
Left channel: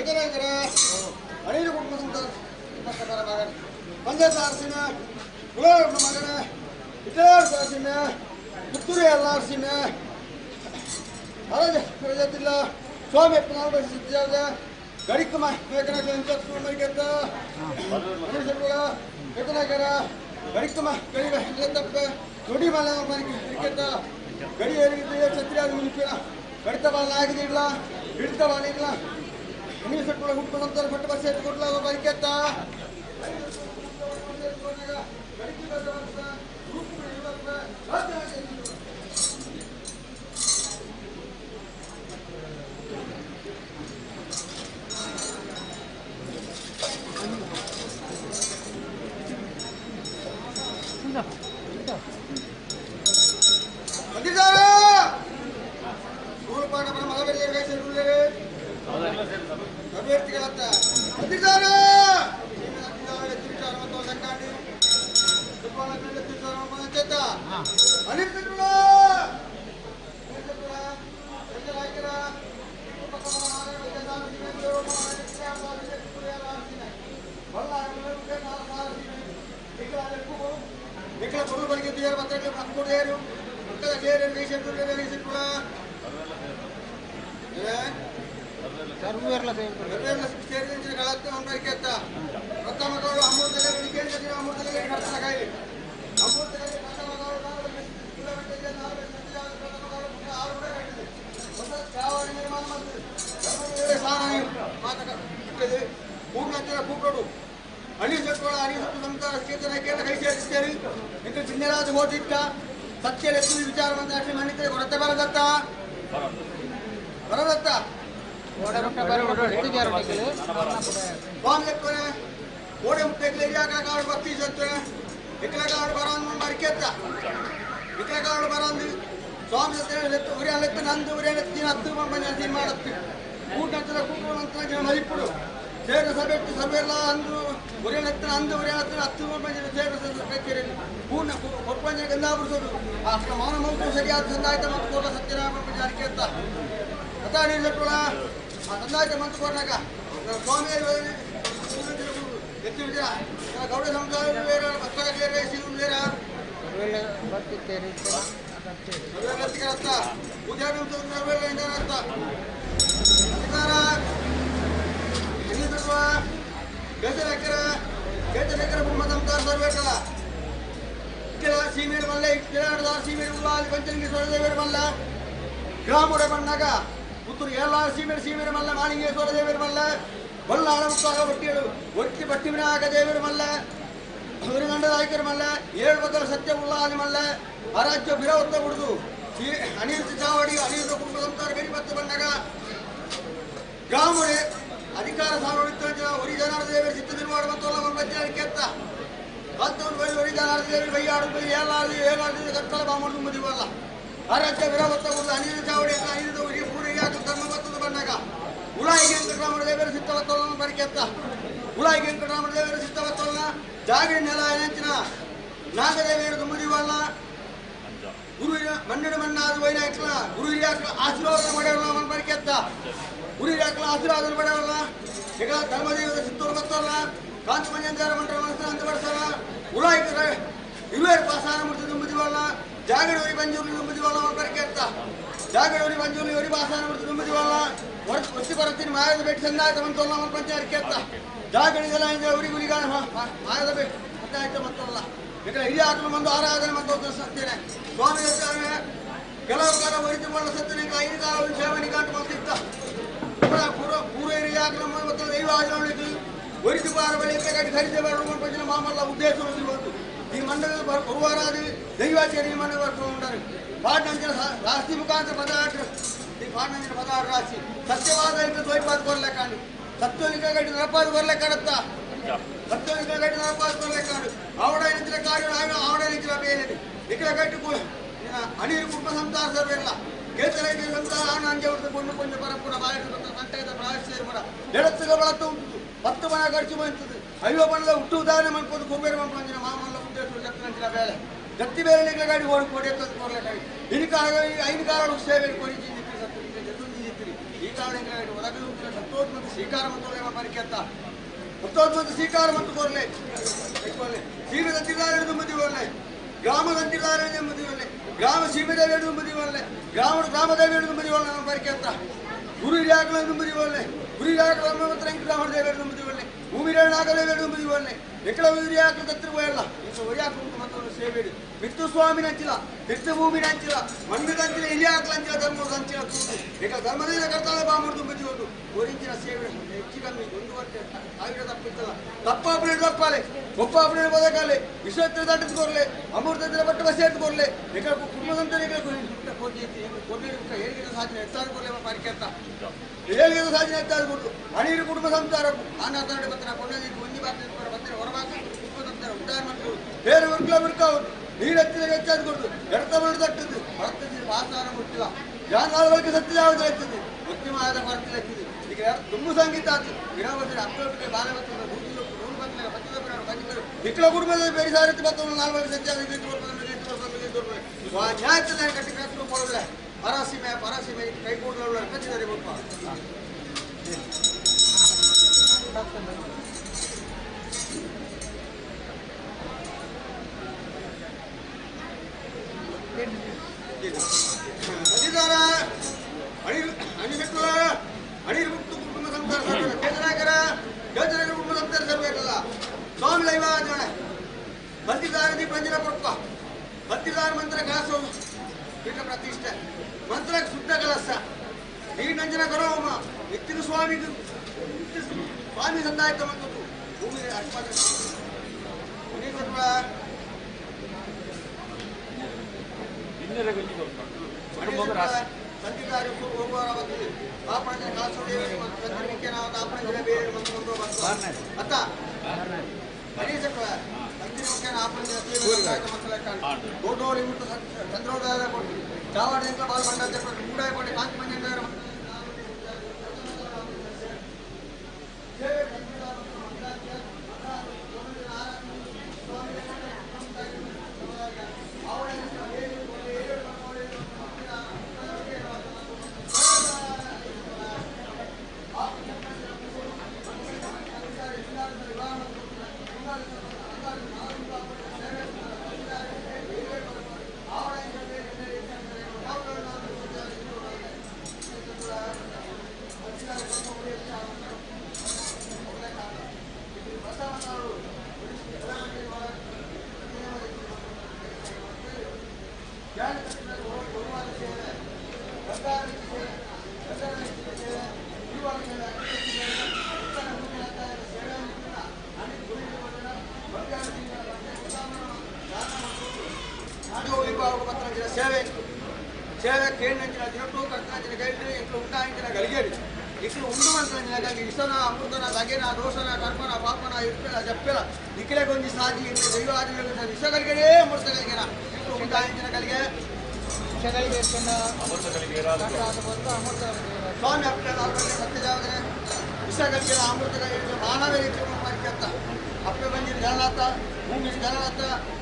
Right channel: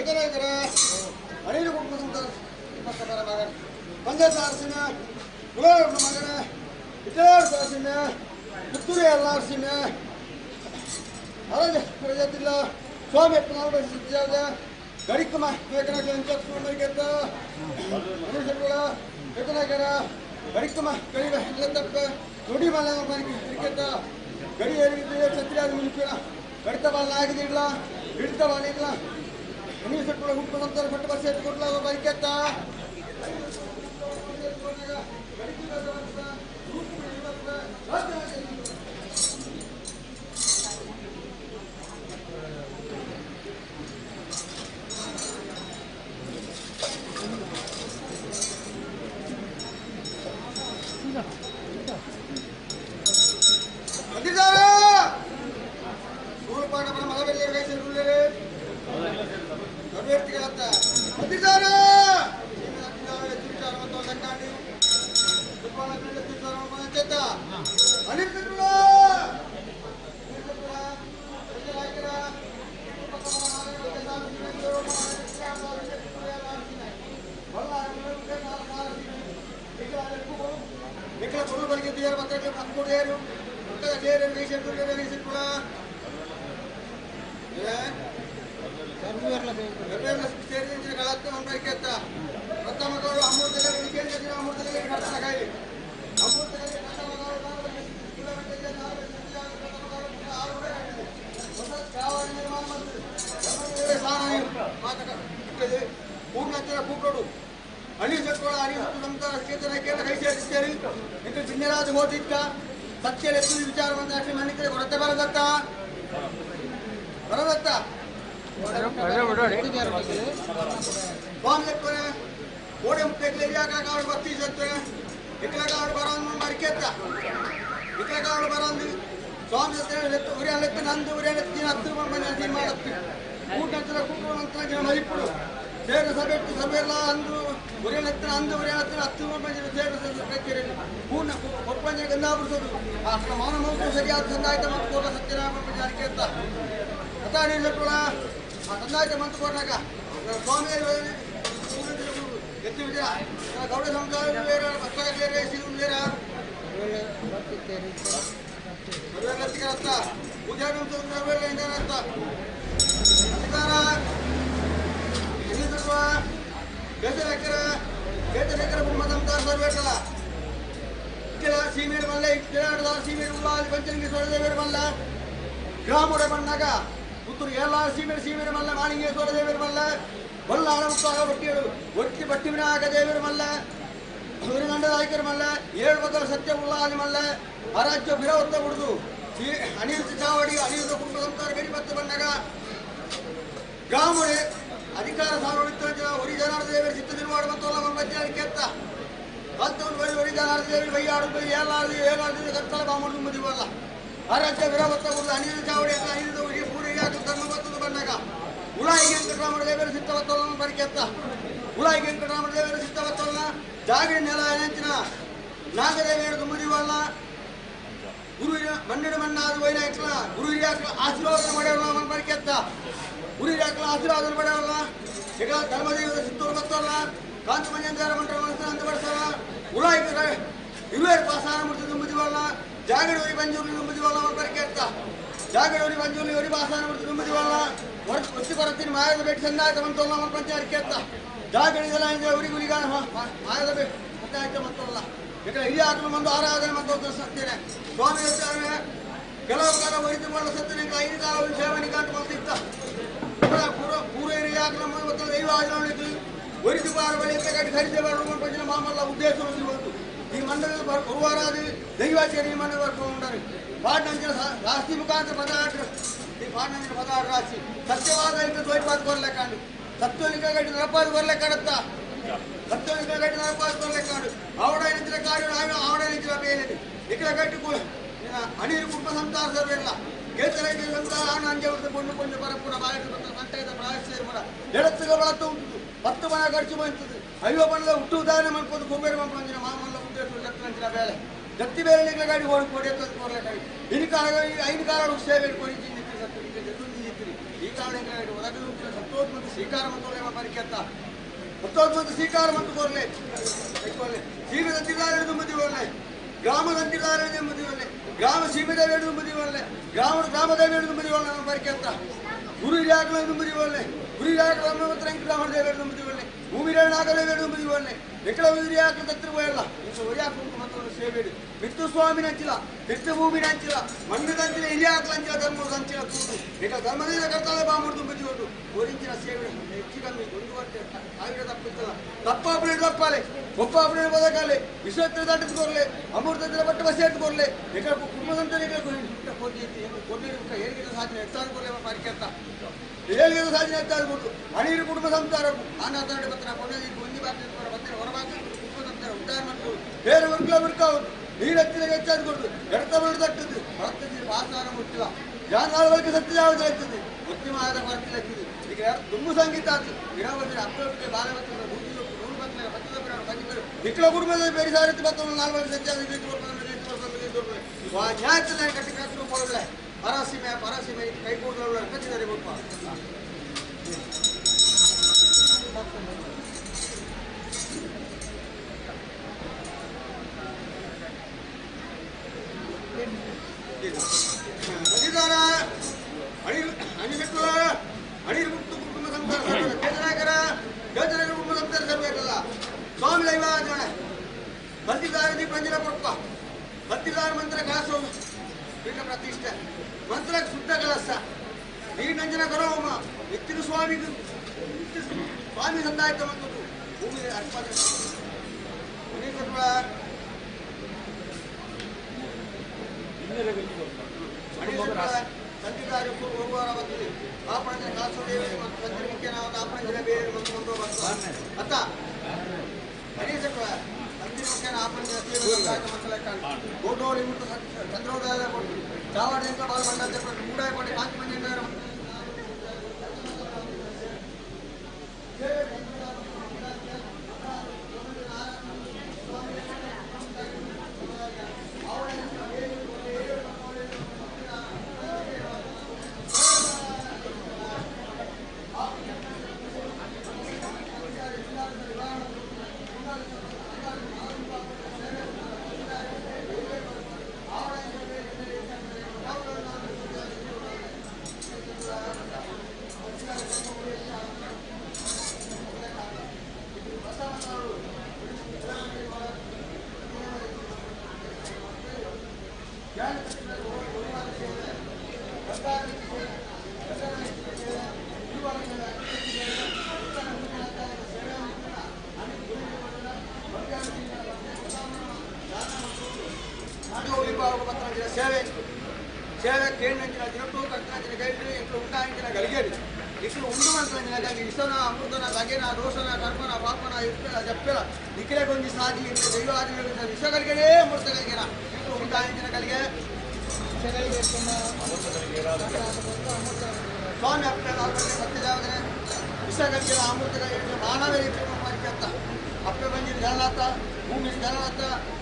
ಎದುರಾಗಿರ ಅನಿಲ್ ಕುಟುಂಬ ಮಗನ ಪಂಚಾಯತ್ ಆರ್ಸಿನ ಗುಲಾಬ್ ಮಗನ ಇತರಾರ್ಸ ಆರ್ಸಿನ ಪುತ್ತೂರು ಎಲ್ಲ ಆರ್ಸಿನ ಅರಜ ಪ್ರಜಾತಿಲ್ಲ ಸ್ವಾಮಿ ಸಿದ್ಧ ಗಡಿಕಮ ಮರಿಗೆತ್ತ ಎದುರಾಗಿರ ಗಡಿಕಮ ಗಡಿಗ ತಪ್ಪ ನುಡಿ ಮಲ ಮರಿಗೆತ್ತ ಗಡಿ ಏರಿಗಿದ್ದ ಛತ್ರಿಯಾದ ಮುಗಿಸಿನ ಕಡಿತ ಬಾಲ ಆಗಿದಿಲ್ಲ ಹಿಡಿತ ಬಾಲ ಇಲ್ಲ ನೀವು ಸೆಟ್ಗಳ ಹುಟ್ಟುಕೊಂಡಂತ ಪಟ್ಟು ಬಸ್ ಎತ್ತು ಕೊಡ್ಲಾಗ ಬರಿಕೆತ್ತ ಜಿನ್ನೆರಾಜ ಹೋದಿದ್ದ ಸತ್ಯ ವಿಚಾರ ಬಂದ ಮಣ್ಣಿದ್ರೆ ಹೊರತೆ ಬರದತ್ತ ಬರದತ್ತ ಓಡೆ ಮುಟ್ಟೆ ಕಾಡು ಬರ್ತಿ ಸತ್ರೆ ಇಕ್ಲ ಕಾಡು ಬರೋದು ಮರಿಕೆತ್ತ ಇಕ್ಲ ಕಾಡು ಬರೋದು ಸ್ವಾಮಿ ಉರಿಯಲೆತ್ತ ನಂದು ಉರಿಯಲೆತ್ತಿ ಹತ್ತು ಬಂದು ಮಾಡತ್ತಿ ಊಟ ಕೂಟ ಮರಿಪುಡು ಸೇರು ಸಭೆ ಸಭೆಯೆಲ್ಲ ಅಂದು ಉರಿಯಲೆತ್ತಿನ ಅಂದು ಉರಿಯಲೆತ್ತಿನ ಹತ್ತು ಬಂದು ಸೇರು ಕಚೇರಿ ಪೂರ್ಣ ಕೊಪ್ಪಂಜ ಗಂಧಾಪುರಿಸೋದು ಅಷ್ಟು ಮೌನ ಮೌನ ಸರಿಯಾದ ಸಂದಾಯಿತ ಮತ್ತು ಕೋಟ ಸತ್ಯನಾರಾಯಣ ಜಾರಿಗೆ ಅಂತ ಅತಾಡಿ ಸೆಟ್ಟುಳ ಆ ಸಂದಾಯಿತ ಮಂತು ಕೊಟ್ಟಾಗ ಸ್ವಾಮಿ ಎತ್ತಿ ವಿಜಯ ಗೌಡ ಸಂಸಾರ ಬೇರೆ ಭಕ್ತರಿಗೆ ರೇಸಿ ಬೇರ ಪೂಜಾ ಅಂತ ಅಧಿಕಾರ ಕೇತರೆಕರ ಸಂಸಾರ ಸರ್ವೇಟಲ್ಲ ಇಕ್ಕೆಲ ಸೀಮೇರು ಮಲ್ಲ ಇಕ್ಕೆಲ ಸೀಮೇರು ಉಲ್ಲಾಲಿ ಪಂಚಲಿಂಗಿ ಸೋಳದೇವೇರು ಮಲ್ಲ ಗ್ರಾಮುಡ ಬಣ್ಣಾಗ ಪುತ್ತೂರು ಎಲ್ಲ ಸೀಮೇರು ಮಲ್ಲ ಮಾಲಿಂಗೆ ಸೋಳದೇವೇರು ಮಲ್ಲ ಬಲ್ಲ ಹಣಮುತ್ತಾಗ ಬಟ್ಟಿಗಳು ಒಟ್ಟಿ ಬಟ್ಟಿ ವಿನಾಯಕ ದೇವರು ಮಲ್ಲ ಸೂರ್ಯಗಂಡದ ಆಯ್ಕೆರು ಮಲ್ಲ 7 ಬದಲ ಸತ್ಯ ಉಲ್ಲಾಲಿ ಮಲ್ಲ ಅರಾಜ್ಯ ವಿರೋಧ ಬಿಡುದು ಅನಿರುದ್ಧ ಚಾವಡಿ ಅನಿರುದ್ಧ ಕುಟುಂಬ ಸಂಸಾರ ಗಡಿ ಮತ್ತೆ ಬಂದಾಗ ಗ್ರಾಮುಡೆ ಅಧಿಕಾರ ಸಾರ್ವಡಿತ ಒರಿ ಜನಾರ್ದ ದೇವರು ಚಿತ್ತ ನಿರ್ಮಾಣ ಮತ್ತು ಬಜ್ಜೆ ಕೆತ್ತ ಅಂತವನು ಒರಿ ಜನಾರ್ದ ದೇವರು ಬೈಯಾಡುದು ಏನಾದ್ರು ಕತ್ತಲ ಬಾಮೂರು ತುಂಬದಿವಲ್ಲ ಅರಾಜ್ಯ ವಿರೋಧ ಬಿಡುದು ಅನಿರುದ್ಧ ಚಾವಡಿ ಅನಿರುದ್ಧ ಒರಿ ಪೂರಿಗೆ ಧರ್ಮ ಬತ್ತದ ಬಂದಾಗ ಉಲಾಯಿ ವೆಂಕಟರಾಮನ ದೇವರು ಸಿತ್ತವತ್ತೋಲನ ಬರಿಕೆತ್ತ ಉಲಾಯಿ ವೆಂಕಟರಾಮನ ದೇವರು ಸಿತ್ತವತ್ತೋಲನ ಜಾಗರಿ ನೆಲ ನೆಂಚಿನ ನಾಗದೇವಿಯರು ತುಂಬದಿವಲ್ಲ ಗುರುವಿನ ಮಣ್ಣಿನ ಮಣ್ಣಾದ ವೈನಾಯಕಲ ಗುರು ಹಿರಿಯಾಕಲ ಆಶೀರ್ವಾದ ಮಾಡ್ಯಾವಲ್ಲ ಅವನ ಬರಿಕೆತ್ತ ಗುರು ಹಿರಿಯಾಕಲ ಆಶೀರ್ವಾದ ಮಾಡ್ಯಾವಲ್ಲ ಈಗ ಧರ್ಮದೇವರ ಸಿತ್ತೂರು ಬತ್ತಲ್ಲ ಕಾಂತ ಮಂಜೇಂದ್ರ ಮಂಟರ ಮನಸ್ಸು ಅಂತ ಬಡ್ಸಲ್ಲ ಉಲಾಯಿ ಇರುವೇರು ಪಾಸಾನ ಮುಟ್ಟಿ ತುಂಬದಿವಲ್ಲ ಜಾಗಡಿ ಬಂಜೂರು ತುಂಬದಿವಲ್ಲ ಅವನ ಬರಿಕೆತ್ತ ಜಾಗಡಿ ಬಂಜೂರು ಒರಿ ಪಾಸಾನ ಮುಟ್ಟಿ ತುಂಬದಿವಲ್ಲ ಒತ್ತಿ ಕೊರತೀನಿ ಮಾಯದ ಭೇಟಿ ಸಂದಾಯಿತ ಮಂತಲ್ಲ ಅವನ ಪಂಚಾಯತ್ ಕೆತ್ತ ಜಾಗಡಿಗೆಲ್ಲ ಉರಿಗುಲಿಗ ಮಾಯದ ಭೇಟಿ ಪಂಚಾಯತ ಮತ್ತಲ್ಲ ಈಗ ಹಿರಿಯ ಆಕಲು ಒಂದು ಆರಾಧನೆ ಮತ್ತು ಸತ್ತೇನೆ ಸ್ವಾಮಿ ಕೆಲವು ಕಾಲ ವೈದ್ಯಮಾಡ ಸತ್ತನೆ 5 ಕಾಲ ಸೇವನೆ ಕಾಟು ಬಂದಿತ್ತ ಪೂರ್ವ ಹಿರಿಯ ಆಕಲ ಮತ್ತು ದೈವ ಆಚರಣೆಗೆ ವೈದ್ಯ ಬಾರ ಬಳಿ ಕಟ್ಟಿ ಖರೀದಿ ಮಾಡುವ ಮಾಮಲ್ಲ ಉದ್ದೇಶ ಬಂತು ಈ ಮಂಡಲ ಗುರುವಾರಾದಿ ದೈವಾಚಾರ್ಯ ಮಂಡಲ ಬರ್ಕೊಂಡು ಪಾಟ್ನಂಚಿನ ರಾಶಿ ಮುಖಾಂತರ ಪದಾರ್ಥ ಈ ಪಾಟ್ನಂಚಿನ ಪದಾರ್ಥ ರಾಶಿ ಸತ್ಯವಾದ ದ್ವೈಪಾದ ಕೊರ್ಲೆಕ್ಕಾಂಡು ಸತ್ವಲಿಕ ಗಟ್ಟಿ ನರಪಾದ ಕೊರ್ಲೆಕ್ಕಾಡತ್ತ ಸತ್ವಲಿಕ ಗಟ್ಟಿ ನರಪಾದ ಕೊರ್ಲೆಕ್ಕಾಡು ಆವಡ ನಿಂತಿನ ಕಾರ್ಯ ಆವಡ ನಿಂತಿನ ಬೇರೆ ಇಕಲ ಗಟ್ಟಿ ಅನಿರು ಕುಟುಂಬ ಸಂಸಾರ ಸರ್ವೆಲ್ಲ ಕೇತರೈತೆ ಸಂಸಾರ ಹಣ ಅಂಜೆ ಹೊಡೆದು ಕೊಂಡು ಪರಪುರ ಬಾಯಿಸಿದ ಸಂತೆಯದ ಪ್ರಾಯಶ್ಚರ್ಯ ಎಡತ್ತಿಗ ಬಳತ್ತು ಉಂಟು 10 ಮನ ಖರ್ಚು ಬಂತದ್ದು ಅಯ್ಯೋ ಬಣ್ಣದ ಹುಟ್ಟು ಉದಾಹರಣೆ ಮಾಡ್ಕೊಂಡು ಕುಬೇರ ಮಂಪಂಜಿನ ಮಾಮಲ್ಲ ಉದ್ದೇಶ ಜತ್ತಿನ ಬೇಳೆ ಜತ್ತಿ ಬೇರೆ ನಿಗ್ಲ ಗಾಡಿ ಓಡಿ ಕೊಡಿ ಅಂತ ಕೋರ್ಲೆಕಾಯಿ ಇನ್ನು ಕಾಲ 5 ಕಾಲ ಸೇವೆ ಕೊಡಿ ಚಿಂದಿತ್ತು ಸತ್ತು ಜಿತ್ತಿರಿ ಈ ಕಾರಣ ಗಾಡಿ ಒಳಗೆ ಸತ್ತು ಮತ್ತೊಂದು ಮಂದಿ ಸ್ವೀಕಾರ ಮತ್ತು ಪರಿಕೆ ಅಂತ ಮತ್ತೊಂದು ಮಂದಿ ಸ್ವೀಕಾರ ಮತ್ತು ಕೋರ್ಲೆ ಸೀಮೆದಂತಿದ್ದಾರೆ ಮದುವೆ ಗ್ರಾಮದಂತಿದ್ದಾರೆ ಮದುವೆ ಗ್ರಾಮ ಸೀಮೆದೇವಿ ಹಿಡಿದು ಮದುವೆ ಗ್ರಾಮದೇವಿ ಹಿಡಿದು ಮದುವೆ ನಮ್ಮ ಪರಿಕೆ ಅಂತ ಗುರು ಹಿರಿಯಾಗಲು ಮದುವೆ ಗುರು ಹಿರಿಯಾಗಲು ಗ್ರಾಮದ ದೇವಿ ಹಿಡಿದು ಮದುವೆ ಭೂಮಿ ನಾಗದೇವಿ ಹಿಡಿದು ಮದುವೆ ಎಕ್ಕಡ ಹಿರಿಯಾಗಲು ತತ್ತಿರುವಲ್ಲ ಇಂಥ ಒರಿಯಾಕು ಮತ್ತೊಂದು ಸೇವೆ ಮಿತ್ತು ಸ್ವಾಮಿ ನಂಚಿಲ್ಲ ಮಿತ್ತು ಭೂಮಿ ನಂಚಿಲ್ಲ ಮಣ್ಣಿದ ಅಂಚಿಲ್ಲ ಹಿರಿಯಾಕಲ ಅಂಚಿಲ್ಲ ಧರ್ಮದ ಅಂಚಿಲ್ಲ ಕೂತು ಈಗ ಧರ್ಮದಿಂದ ಕರ್ತಾಳೆ ಬಾಮುಡ್ದು ಮದುವೆ ಓರಿಂಚಿನ ಸೇವೆ ಹೆಚ್ಚು ಕಮ್ಮಿ 1 ವರ್ಷ 1000 ತಪ್ಪಿತ್ತಲ್ಲ ತಪ್ಪಾಪಣೆ ತಪ್ಪಾಲೆ ಒಪ್ಪಾಪಣೆ ಬದಕಾಲೆ ವಿಶ್ವತ್ರ ದಾಟಿಸ್ಕೊರ್ಲೆ ಅಮೃತಂತ್ರ ಬಟ್ಟ ಬಸಿ ಎತ್ಕೊರ್ಲೆ ಈಗ ಕುಟುಂಬದಂತ ಹೇಳಿದ ಸಾಧನೆ ಹೆಚ್ಚಾದ್ಕೊರ್ಲೆ ಪಾರಿಕೆ ಅಂತ ಹೇಳಿದ ಸಾಧನೆ ಹೆಚ್ಚಾದ್ಕೊಟ್ಟು ಹಣೀರು ಕುಟುಂಬ ಸಂಸಾರಕ್ಕೂ ಆನಾತಾಡಿ ಬತ್ತನ ಕೊಂಡಿ ಒಂದಿ ಬಾಕ್ತಿರ್ತಾರೆ ಬತ್ತನ ಹೊರಬಾಕ ಕುಟುಂಬದಂತರ ಉದ್ದಾರ ಮಾಡ್ಕೊಂಡು ಬೇರೆ ವರ್ಗಲ ವರ್ಕಾವುದು ನೀರು ಹತ್ತಿರ ಹೆಚ್ಚಾದ್ಕೊಡ್ದು ಎಡತ ಮಾಡಿ ತಟ್ಟದ್ದು ಹೊರತಲ್ಲಿ ವಾಸಾರ ಮುಟ್ಟಿಲ್ಲ ಜಾನಾಳಗಳಿಗೆ ಸತ್ಯ ಯಾವುದು ಆಗ್ತದೆ ಉತ್ತಮವಾದ ಕೊರತೆ ಆಗ್ತದೆ ಈಗ ತುಂಬು ಸಂಗೀತ ಆಯ್ತು ಗಿಡವತ್ತಿನ ಅಪ್ಪಗೆ ಬಾಲ ಬರ್ತದೆ ನೂರು ಬರ್ತದೆ ಬರ್ತದೆ ನಿಖಲ ಕುಟುಂಬದ ಬೇರೆ ಸಾರತಿ ಬರ್ತದೆ 4 ಸತ್ಯ ನ್ಯಾಯದಲ್ಲಿ ಕಟ್ಟಿ ಕಟ್ಟು ಕೊಡೋದಿಲ್ಲ ಪರಾಸೀಮೆ ಕೈ ಕೂಡಲು ಕಚ್ಚಿದ್ದಾರೆ ಗೊಪ್ಪ ಅಣಿರು ಮುಕ್ತು ಕುಟುಂಬ ಸಂಸಾರ ಕೇಂದ್ರನಾಯಕರ ಯೋಜನೆಗಳ ಕುಟುಂಬ ಸಂಸಾರ ಸರ್ವೇಕಲ್ಲ ಸ್ವಾಮಿ ಲೈವಾಜೋಣ ಬಂದಿದ್ದಾರೆ ದೀಪಂಜನ ಕೊಪ್ಪ ಬಂದಿದ್ದಾರೆ ಮಂತ್ರ ಕಲಸ ಪೀಠ ಪ್ರತಿಷ್ಠೆ ಮಂತ್ರ ಶುದ್ಧ ಕಲಸ ನೀರಿನಂಜನ ಕರೋಮ ನಿತ್ಯನ ಸ್ವಾಮಿಗೂ ಸ್ವಾಮಿ ಸಂದಾಯಿತ ಬಂದದ್ದು ಭೂಮಿ ಅರ್ಪಣೆ ಸಂಧಿದಾರಿ ಹೋಗುವವರ ಆಪಣೆ ಕಾಸೋದೇವಿ ಮತ್ತು ಸಂಜನಿಕೆ ನಾವು ಆಪಣೆ ಬೇರೆ ಬಂದು ಅತ್ತ ಗಣೇಶಕ್ಕ ಸಂಜನಿಕೆ ಆಪಣೆ ಗೋಡೋಳಿ ಮುಟ್ಟು ಚಂದ್ರೋದಯ ಕೊಟ್ಟು ಚಾವಾಡಿಯಿಂದ ಬಾಲ್ ಬಂಡ ಮೂಡಾಯ ಕೊಟ್ಟು ಕಾಂತಿ ಮಂಜ ಸೇವೆ ಕೇಳಿನ ದಿನಟ್ಟು ಕರ್ತನ ಗೈಡ್ರಿ ಇಂట్లో ఉంటాయించిన గలిగేది ఇక్కడ ఉండమంటున్న కానీ ఇసన అమృతన తగిన దోషన కర్మన పాపన ఇర్పెల చెప్పెల ఇక్కడే కొంచెం సాధి ఇంట్లో దైవాదిಗಳು విష కలిగేదే అమృత కలిగిన ఇంట్లో ఉంటాయించిన కలిగే ಸ್ವಾಮಿ ಅಪ್ಪೆ ಸತ್ಯಜಾವನೆ ವಿಷ కలిగిన ಅಮೃತ కలిగిన ಮಾನವೇ ಪರಿಕತ್ತ ಅಪ್ಪೆ ಬಂದಿದ್ದು ಜನನಾಥ ಭೂಮಿ ಜನನಾಥ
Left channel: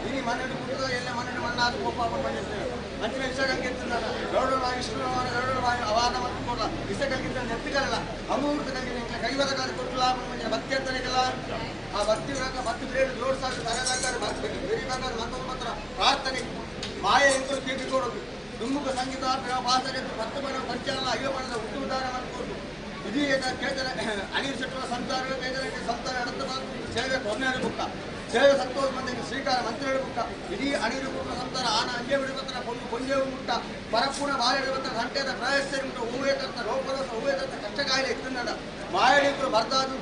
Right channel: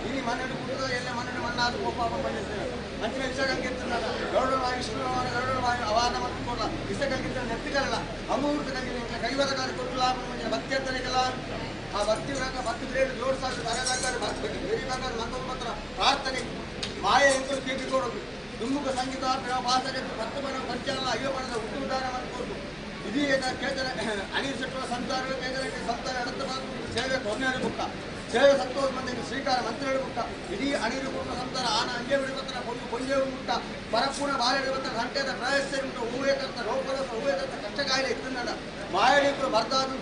ಇನಿ ಮನೆಡು ಕುಟುದ ಎಲ್ಲ ಮನೆಡು ಮಣ್ಣಾದ ಕೋಪಾಪ ಬಂದಿರ್ತೇವೆ ಅಂಚಿನ ವಿಷ ಕಲ್ಗಿರ್ತಲ್ಲ ಗರುಡ ವಾಯು ವಿಷ್ಣುವಾಯು ಗರುಡ ವಾಯು ಅವಾದ ಮತ್ತು ಕೊಡ ವಿಷ ಕಲ್ಗಿದ್ದ ನೆತ್ತಿಗಲ್ಲ ಅಮೃತ ಕಲ್ಗಿನ ಕೈವದ ಕಾಲ ಕೊಟ್ಟು ಲಾಭ ಮಂದಿರ ಭಕ್ತಿ ಅಂತನಿಕಲ್ಲ ಆ ಭಕ್ತಿ ಭಕ್ತಿ ಬೇರೆ ಜೋಡಿಸಾಗ ತರದಾಕಾರೆ ಭಕ್ತಿ ಬೇರಿಬೇಕಾದ ಮತ್ತೊಂದು ಮಾತ್ರ ಪ್ರಾರ್ಥನೆ ಮಾಯೆ ಎಂತೂ ಕೀರ್ತಿ ಕೊಡೋದು ದುಮ್ಮುಖ ಸಂಗೀತ ಭಾಷೆ ಭಕ್ತ ಬಣ ಪಂಚಾಲ ಅಯ್ಯೋ ಬಣದ ಹುಟ್ಟುದಾರ ಮಾಡಿಕೊಡು ಇದೀ ಕೇಳ್ತಾರೆ ಅನಿಲ್ ಶೆಟ್ಟರ ಸಂಸಾರ ಬೇಗರಿಗೆ ಸಂಸಾರ ಅಡತ ಸೇವೆ ಕೊನೆಯಾಡಿ ಬುಕ್ಕ ಸೇವೆ ಸತ್ತೋದು ಮಂದಿ ಶ್ರೀಕಾರ ಮಂತ್ರಿ ಬುಕ್ಕ ಇದೀ ಅಣಿರು ಕುಟುಂಬ ಸಂಸಾರ ಆನ ಅಂಜೆ ಬಿಡುತ್ತ ಕೊಂಜೆ ಮುಟ್ಟ ಪರಪೂರ್ಣ ಬಾಳೆ ಬಿಡುತ್ತ ಗಂಟೆದ ಪ್ರಯಸ್ಸೆ ಉಂಟು ಹೂವೇ ತತ್ತ ರೋಪರಸ ಹೂವೇ ತತ್ತ ಕಷ್ಟ ಕಾಯಿಲೆ ಇತ್ತನ್ನಡ ಮಾಯಡಿಗಳು ಬರ್ದಾದು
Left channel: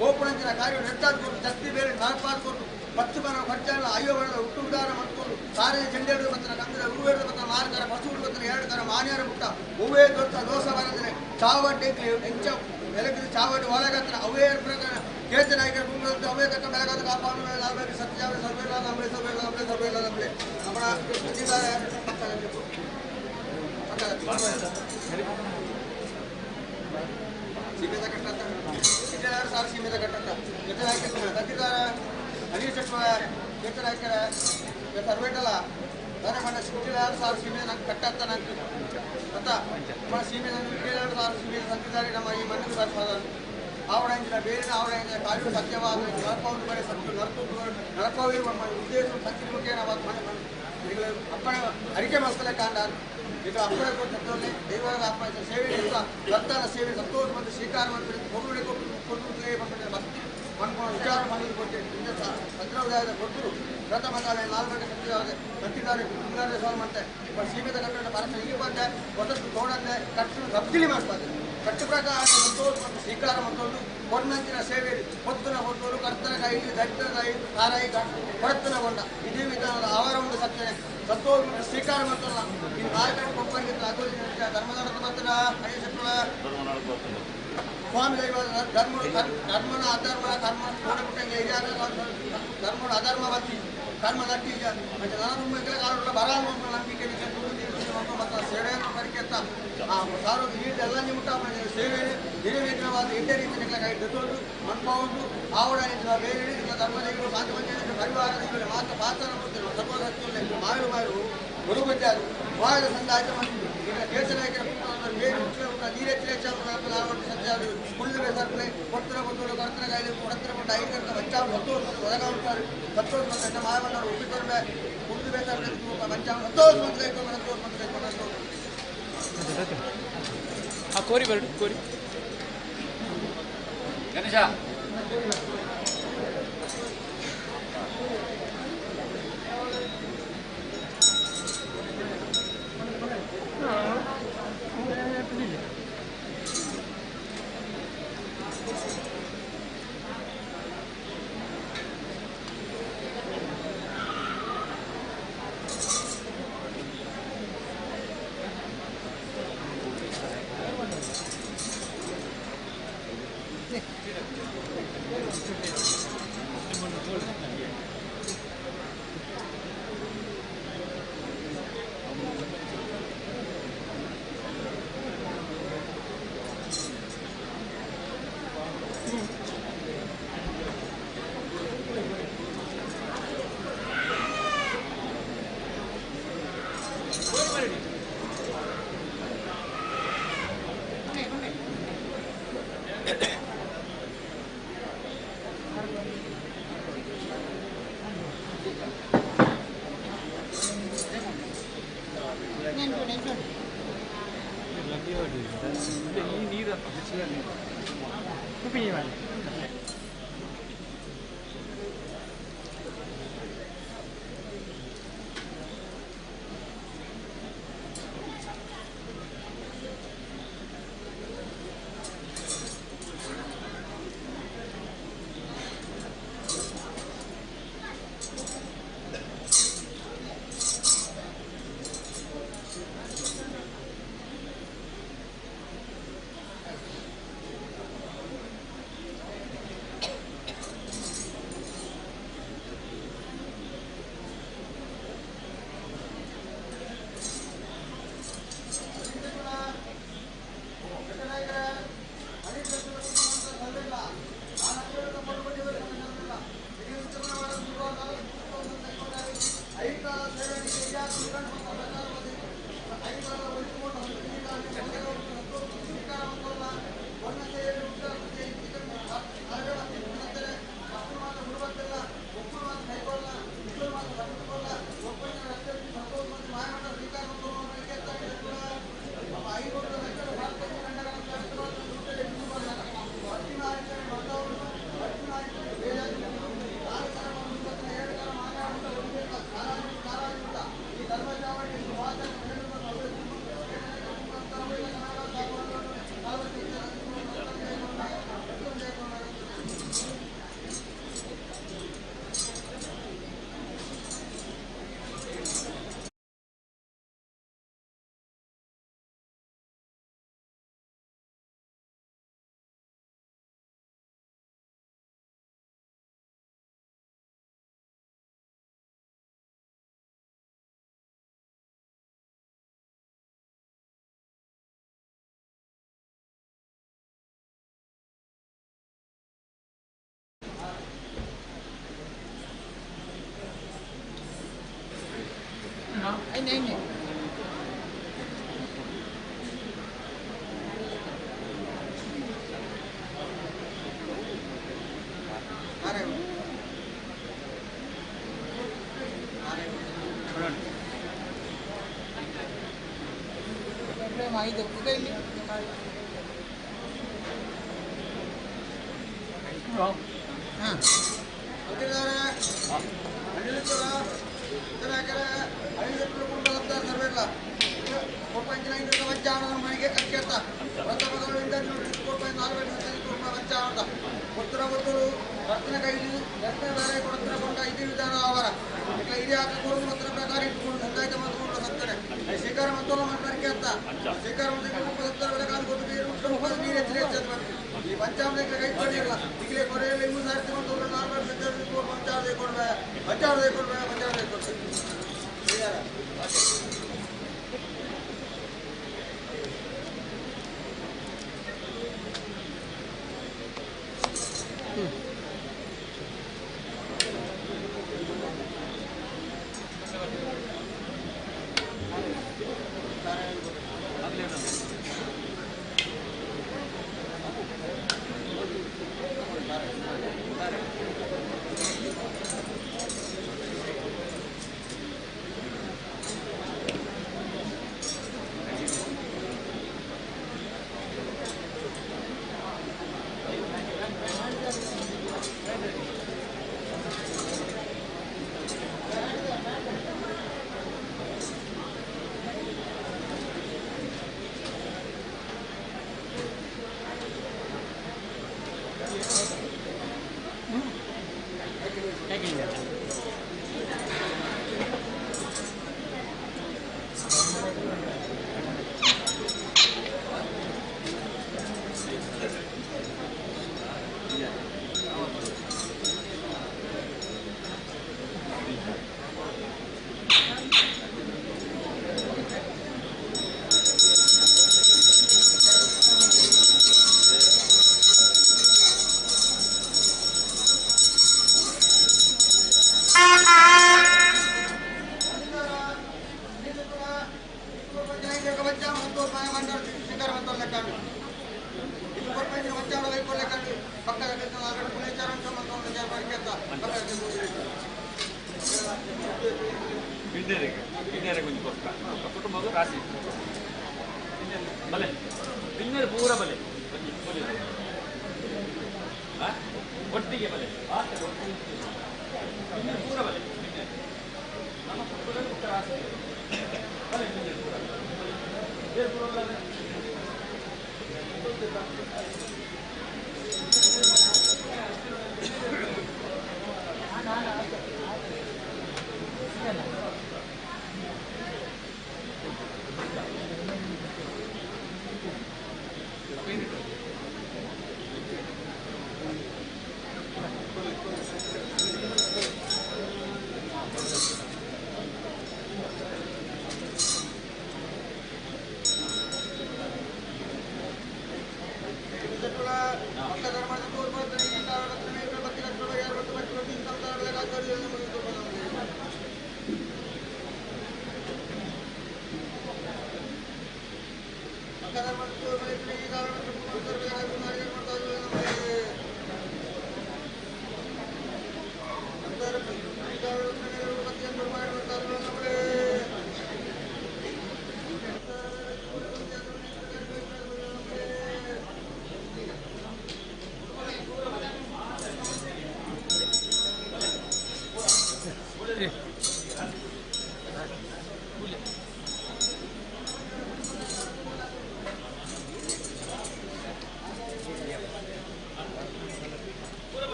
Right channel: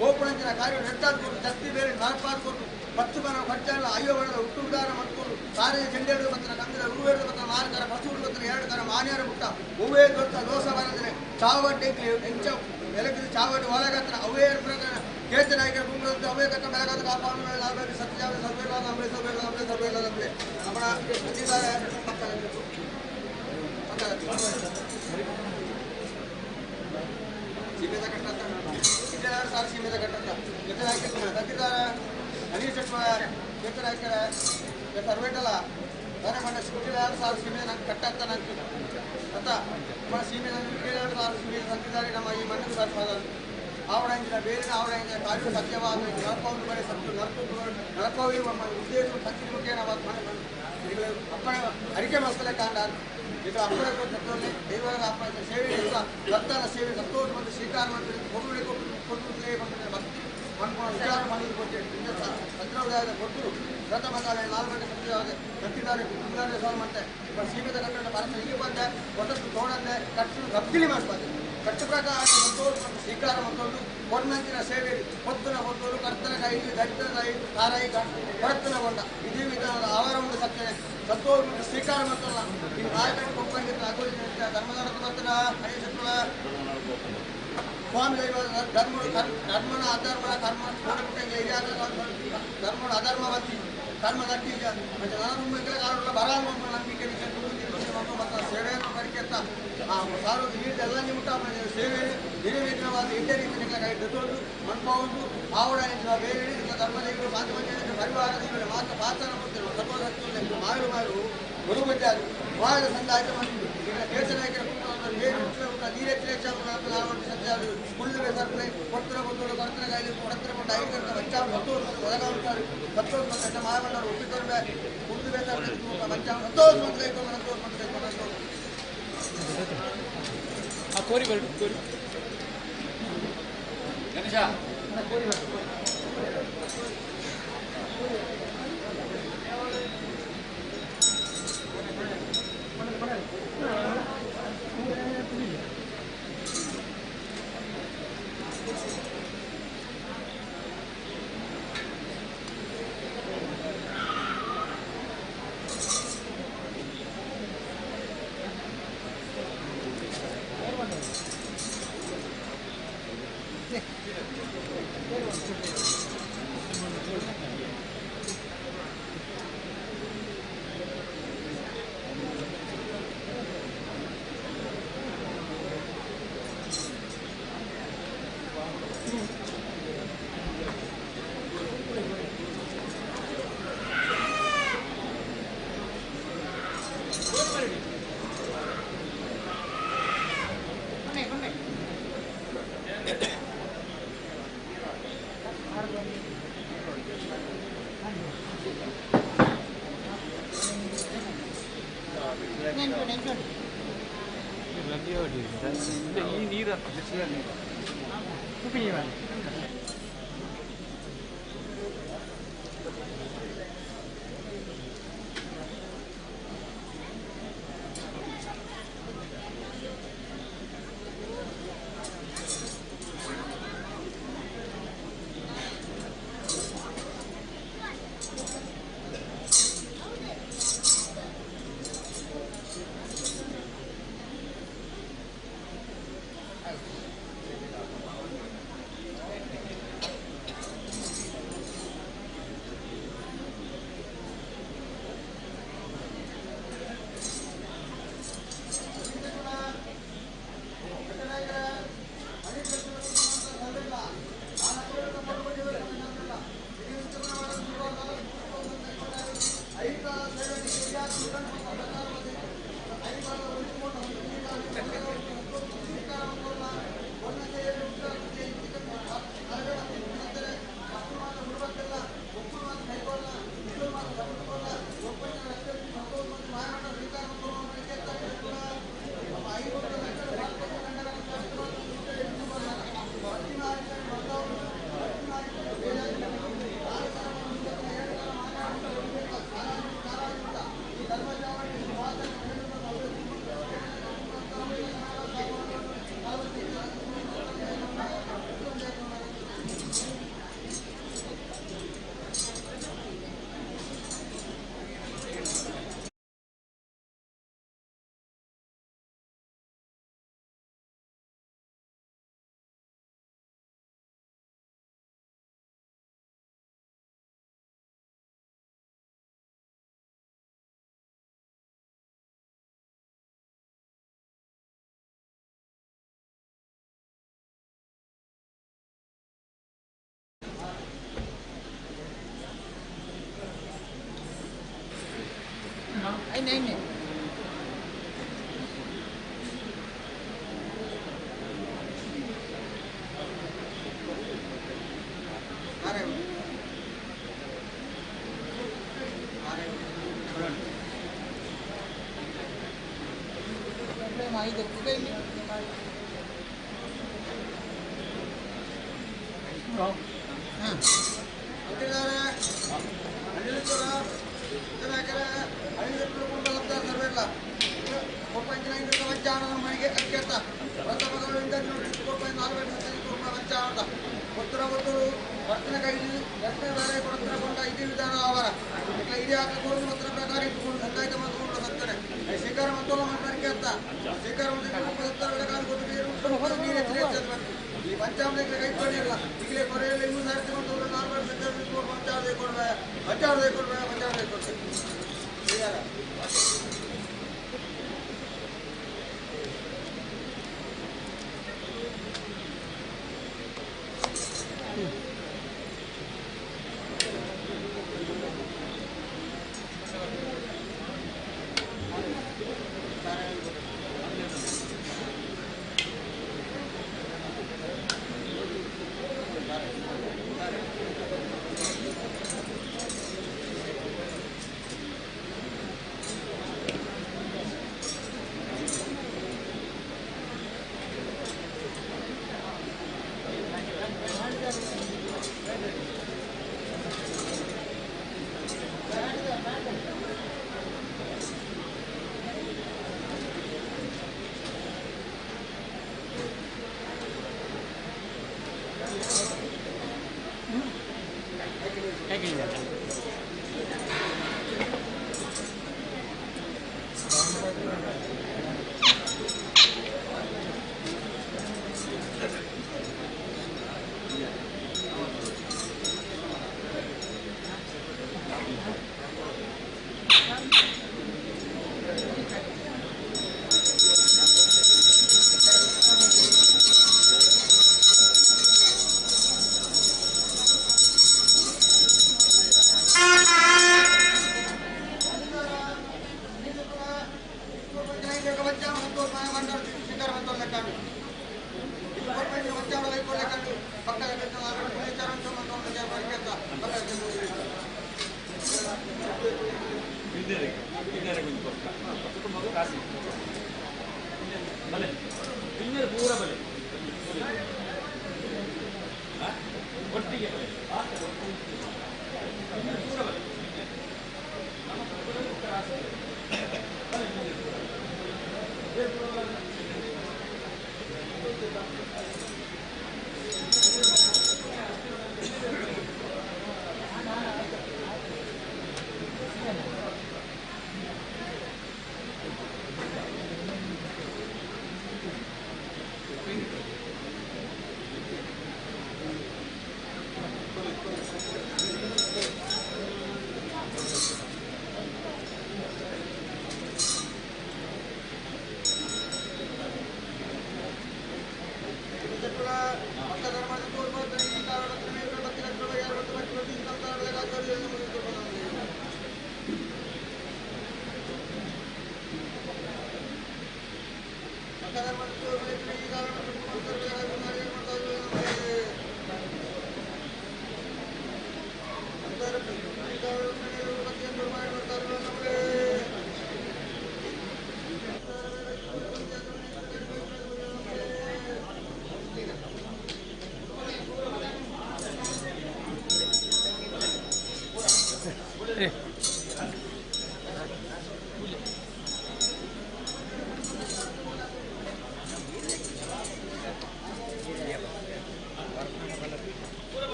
ಗೋಪುಣಂಚಿನ ಕಾರ್ಯ ನೆಟ್ಟಾದ್ಕೊಂಡು ಜಸ್ತಿ ಬೇರೆ ನಾಲ್ಪಾದ್ಕೊಂಡು ಪಚ್ಚು ಬರ ಪಂಚಾಲ ಅಯ್ಯೋ ಬಣದ ಹುಟ್ಟುದಾರ ಮಾಡ್ಕೊಂಡು ಸಾರಿಗೆ ಜೆಂಡೆಡು ಬತ್ತನ ಕಂದದ ಉರುವೇಡು ಬತ್ತನ ಮಾರ್ಕರ ಪಶುಗಳು ಬತ್ತನ 2 ತರ ಮಾನ್ಯರ ಮುಟ್ಟ ಹೂವೇ ದೊಡ್ಡ ದೋಷ ಬರದ್ರೆ ಚಾವಡ್ಡಿ ಎಂಚ ಬೆಳಗಿದ ಚಾವಡ್ಡಿ ಒಳಗತ್ತನ ಅವೇ ಪ್ರಕಾರ ಕೇತನ ಆಯ್ಕೆ ಭೂಮಿಗಳಂತ ಅವೇ ತಕ್ಕ ಬೆಳಗಾದ ಕಾಪಾಡು ನಾಲ್ಕು ಸತ್ಯಜಾವ ಸರ್ವೇಲ ನಮ್ಮೆ ನಮ್ಮ ಬಂದಿದ್ದಾರೆ ಸೀಮೆದ ಕಟ್ಟಂತ ಇದ್ದೆರಡು ಸಾಲ ಸೀಮೆದ ಕಟ್ಟಂತ ಕೇತನ ಆಯ್ಕೆ ತಂದಿದ್ದಾರೆ ಅನಿಲ್ ಶೆಟ್ಟಿ ಕೇತನ ಆಯ್ಕೆ ಸರ್ವೇಟಲ್ಲ ದಾರೆ ಮಂಡ 2 ಸಾಲ ಸೀಮೆ ನಂಗೆ ಕಟ್ಟಂತ ನಂಗೆ ತಥ ನಮ್ಮ ಸೀಮೆ ಸಂತಿದ್ದಾರೆ ನಮ್ಮ ಈ ಮಣ್ಣಿನ ಬರ್ಪಾದ ಆವಡಂಚಿನ ಬೇರಿನ ಆವಡಂಚಿನ ಕಾಲು ಸತ್ಯವಾದ ನರಕವನ್ನು ಬರೆ ಸತ್ತು ನರಕವಿರುವ ಉದ್ದೇಶ ಸಂಚಿಮುಖೇನ ಅಪ್ಪನ ಅರಿಕೆ ಮಸ್ತಲೆ ಕಾಂಡ ಈಗ ಅಪ್ಪನ ಸತ್ಯವನ್ನೇ ದೈವ ಅಪ್ಪ ಸೇವೆ ರಕ್ತನ ಸೇವೆ ಸಂತೋಷ ಮತ್ತು ಸ್ವೀಕಾರ ಮಾಡ್ತಾರೆ ಕೊಡುಗಡೆ ಕೊಟ್ಟು ಭಕ್ತಿ ಮಾಡ್ಕೊಂಡು ವಿಚಾರ ಮಾಡಿ ಕೊಟ್ಟು ಭದ್ರವಾದ ಕೊಟ್ಟರು ರಥ ಬಂದಾಳೆ 4 ಗಂಟೆ ಕಟ್ಟಿದ್ದಾರೆ ಸ್ವಾಮಿ ಮತ್ತೆ ಸೀಮಿತ ಕಟ್ಟಡ ಭಾರತ ಹೀಗೆ ಬಂದೆ ಹೊಸತ್ತು ತೋಡಂದೆ ಕಟ್ಟು ರಬ್ದಿಲಿ ಮಾಡ್ತಾರೆ ಕಟ್ಟು ಪ್ರಕಾರ ಸಂತೋಷ ಮತ್ತು ಸ್ವೀಕಾರ ಮತ್ತೊಂದು ಹೊನ್ನಂಚಿನ ಸೇವೆ ಹೊತ್ತನ ಹೊತ್ತೋರು ಕರ್ತನ ಕೈ ದಟ್ಟನ ಕೈ ತಾರಾಯಿ ಹೊರತನಗೊಂಡ ಇದೇ ವಿಧಾನದ ಆವರ ಒಂದು ಸತ್ಯನೆ ಸಂತೋಷ ಮತ್ತು ಸ್ವೀಕಾರ ಮತ್ತಲ್ಲ ಇನ್ನು 4 ಗಂಟೆ ಒಪ್ಪಂಗಿದ್ದ ಅಗೋಲಿನ ಧರ್ಮದ ಮತ್ತನ ಹರಿಶತ್ರುಳ ಸ್ವಾಮಿ ದೈವ ಧರ್ಮನ ಅಧರ್ಮನ ಕರ್ಮ ನೋಡಬಿಟ್ಟಂಗೆ ಧರ್ಮನ ಅಧರ್ಮವತಿ ಕರ್ಮ ನಟ್ಟಿ ಮತ್ತೆ ನಾನು ಕಾಲ ಬರಾಲ ನಂಬಿಕೆ ಮತ್ತು ಸೇವೆಯನ್ನು ಪರಿಕೆತ್ತ ಸಾರು ಎಲ್ಲ ನಿಮಿತ್ತ ಸೇವೆ ನಿರ್ವೇದನವಾದ ಇಡ್ಡ ರೀತಿಯ ಕೈ ದತ್ತೋದು ಮನ್ಪವೊಂದು ಆವಡ ಬೇರೆ ಧರ್ಮದೈವರು ಶಾಂತಿ ಪರಿವಾರದ ಮಾತ್ರ ಪಾತ್ರ ಕೊಡ್ತಿರುವ ಸರ್ವಸತ್ಯ ಮಾರು ಗುರುಗುಜ್ಜಾರು ವಾದ ಸಂದಾಯ ಈಗ ದೇಶ ನಾಯಕರ ನೀರೆಚ್ಚರ ಸತ್ಯ ಕುಳ್ಳು ಬೇಸರ್ಪಡೆ ಕೊಡ್ತಿರ ಬಂದು ಕರ್ತನ ಕಾಯ್ದೆ ಕೊಡ್ತಿರ ಬಂದು ಐಕಂತ ಮಂಚಾಮ ಸತ್ತೋರು ಒದಗಾಗುತ್ತಾರೆ ಸತ್ತೋರು ಮತ್ತು ಮಾಯಮಂಡವರು ಒಪ್ಪಿತೊಂಬೆ ಕುಳ್ಳು ಬೇಸರ್ಪಡೆ ಮಂಚಾಮ ಸತ್ತೋರು ಮತ್ತು ಕೈಕೊಂಡು ಸತ್ತೋರು ಮತ್ತು ಕೈಕೊಂಡು ಕೋರಿ ಬರಡು ಕೋರಿ ಗಣೇಶ ಈ ನೀರು ಉಪಯೋಗ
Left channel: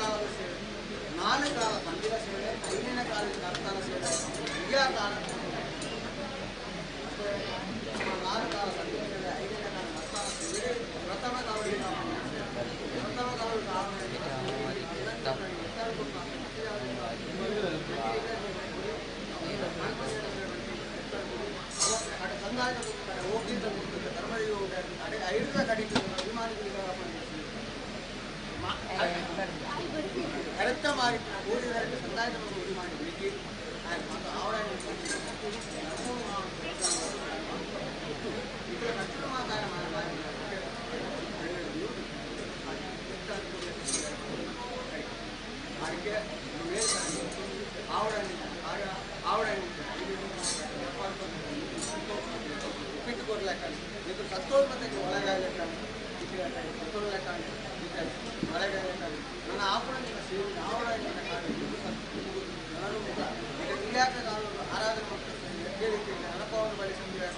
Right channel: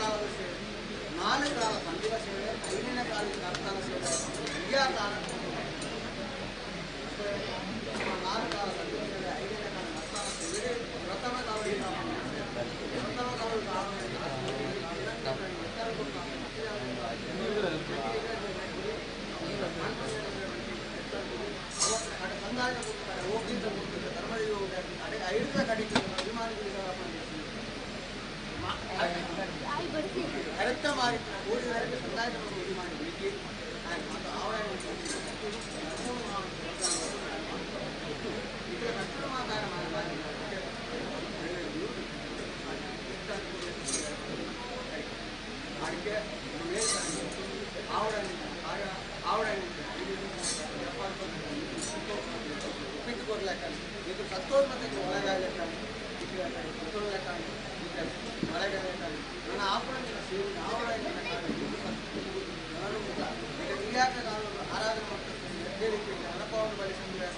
ಕಾಲದ ಸೇವೆ, 4 ಕಾಲ ಸಂಧಿಯ ಸೇವೆ, 5ನೇ ಕಾಲದ ಅರ್ಥನ ಸೇವೆ, ಕ್ರಿಯಾ ಕಾಲ 4 ಕಾಲ ಸಂಧಿಯ ಸೇವೆ, 5ನೇ ಕಾಲ ಅರ್ಥನ ಸೇವೆ, ಪ್ರಥಮ ಕಾಲದಿಂದ ಸಂದಾಯ ಕೊಡ್ತಾರೆ, ಹೋಗಿಂತ ಕೊಡ್ತಾರೆ, ಧರ್ಮಡಿಗೆ ಹೋಗ್ತಾರೆ, 5ರ ಕಡೆಗೆ ಅಭಿಮಾನಿಗಳಿಗೆ ಕರೆಕ್ಟ ಮಾಡಿ ಓದಿದರೆ ಸಂದಾಯ ಓದಿ ಮಾಡಿ ಬಿಡಿಕೆ ಮತ್ತು ಅವರ ಕಷ್ಟ ಮಾತಾಡ ಅದಕ್ಕೆ ಆವಡ ಉಪ್ಪಿಟ್ಟು ಕೊಡ್ಲಿಕ್ಕ ಇದು ಸತ್ತೋನ್ಮತಕ್ಕೆ ಒಳಗಾಗಲಿಕ್ಕ ಸತ್ತೋರ್ಲೆಕ್ಕ ಒಳಗಾಗಲಿಕ್ಕ ನನ್ನ ಆಪುರಗಳ ಸೇವೆ ಆವಡಗಳ ನಾನು ಇಲಾಖ ಕಾನೂನು ಆರಾಧನೆ ಮಾಡ್ತಾರೆ ಹೇಳಿಕೆ ಹಣಪವನ್ನು ಬಳಿ ಸಂಗ್ರಹ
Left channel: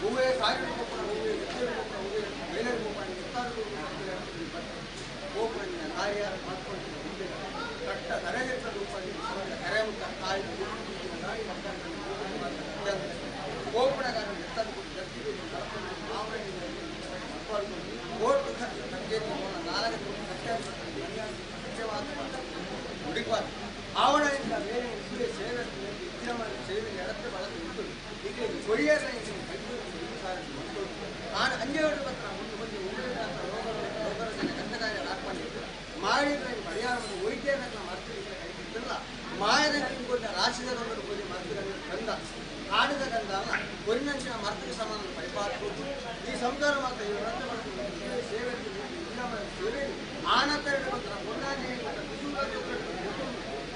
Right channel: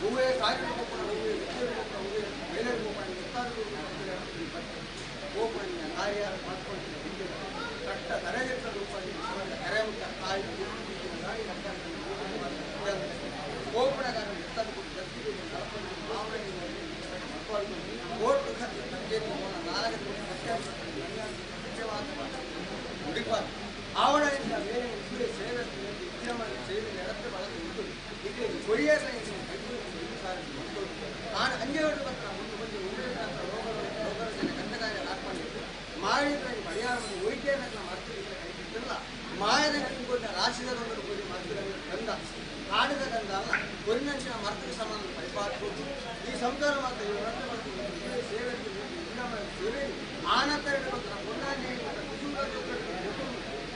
ಹೂವೇ ಸಾವಿರ ರೂಪಾಯಿ ಹೂವೇ 2 ರೂಪಾಯಿ ಹೂವೇ 7 ರೂಪಾಯಿ 26 ಗೋಪುರನ ಕಾರ್ಯ ಮಾಡ್ಕೊಂಡು ಕಟ್ಟ ಕರೆಗೆಟ್ಟ ರೂಪಾಯಿ ಕರೆ ಮುಟ್ಟ ಕಾಯಿ ಗೋಪುರ ಕಾರ್ಯ ಕೋರ್ಟ್ ಸಂಜೆತಿ 4 ಹುಡುಕಬಾರ್ದು ಆವಡದಿಂದ ಬೇರೆ ಸೇವೆ ಸೇವೆ ನಡೆದು ಬಳಕೆ ಉಂಟು ಈಗ ಕೊರಿಯರ್ ನಾನು ಅಂಜೇವಾಡಿ ಪತ್ರ ಮುಂದೆ ಬಂದು ಉಳಿದಂಥ ರೋಗರ ಕಂದಕಾಯ ಹಾಕೊಂಡಿದ್ದು ಮಾಡಿದ್ರೆ ಪರಿಹಾರವನ್ನು ವೈದ್ಯರನ್ನ ಮರ್ತಿದ್ರೆ ಕೈಗಿಟ್ಟಿಲ್ಲ ಮಾಯದ ನಿಂಗೊಂಡ ರಾಶಿದರೊಂದು ಕೊಡಿ ಮರ್ತಿದ ಗಂಧ ಕಾಡಿದ ಗಂಧ ಅಲ್ಲ ಕೊರಿನಂಚಿನ ಮರ್ತಿಗೆ ಸಮಾನ ಪರಿಪಾಲಿಸಬಹುದು ಈ ಸಂಸಾರ ಮಾತ್ರ ಈ ವ್ರತ ಮಾಡ್ತೀವಿ ಸೇವೆ ಸೇವೆ ಆನಂತರ ಪತ್ರ ಪುಣ್ಯಾನ್ಯ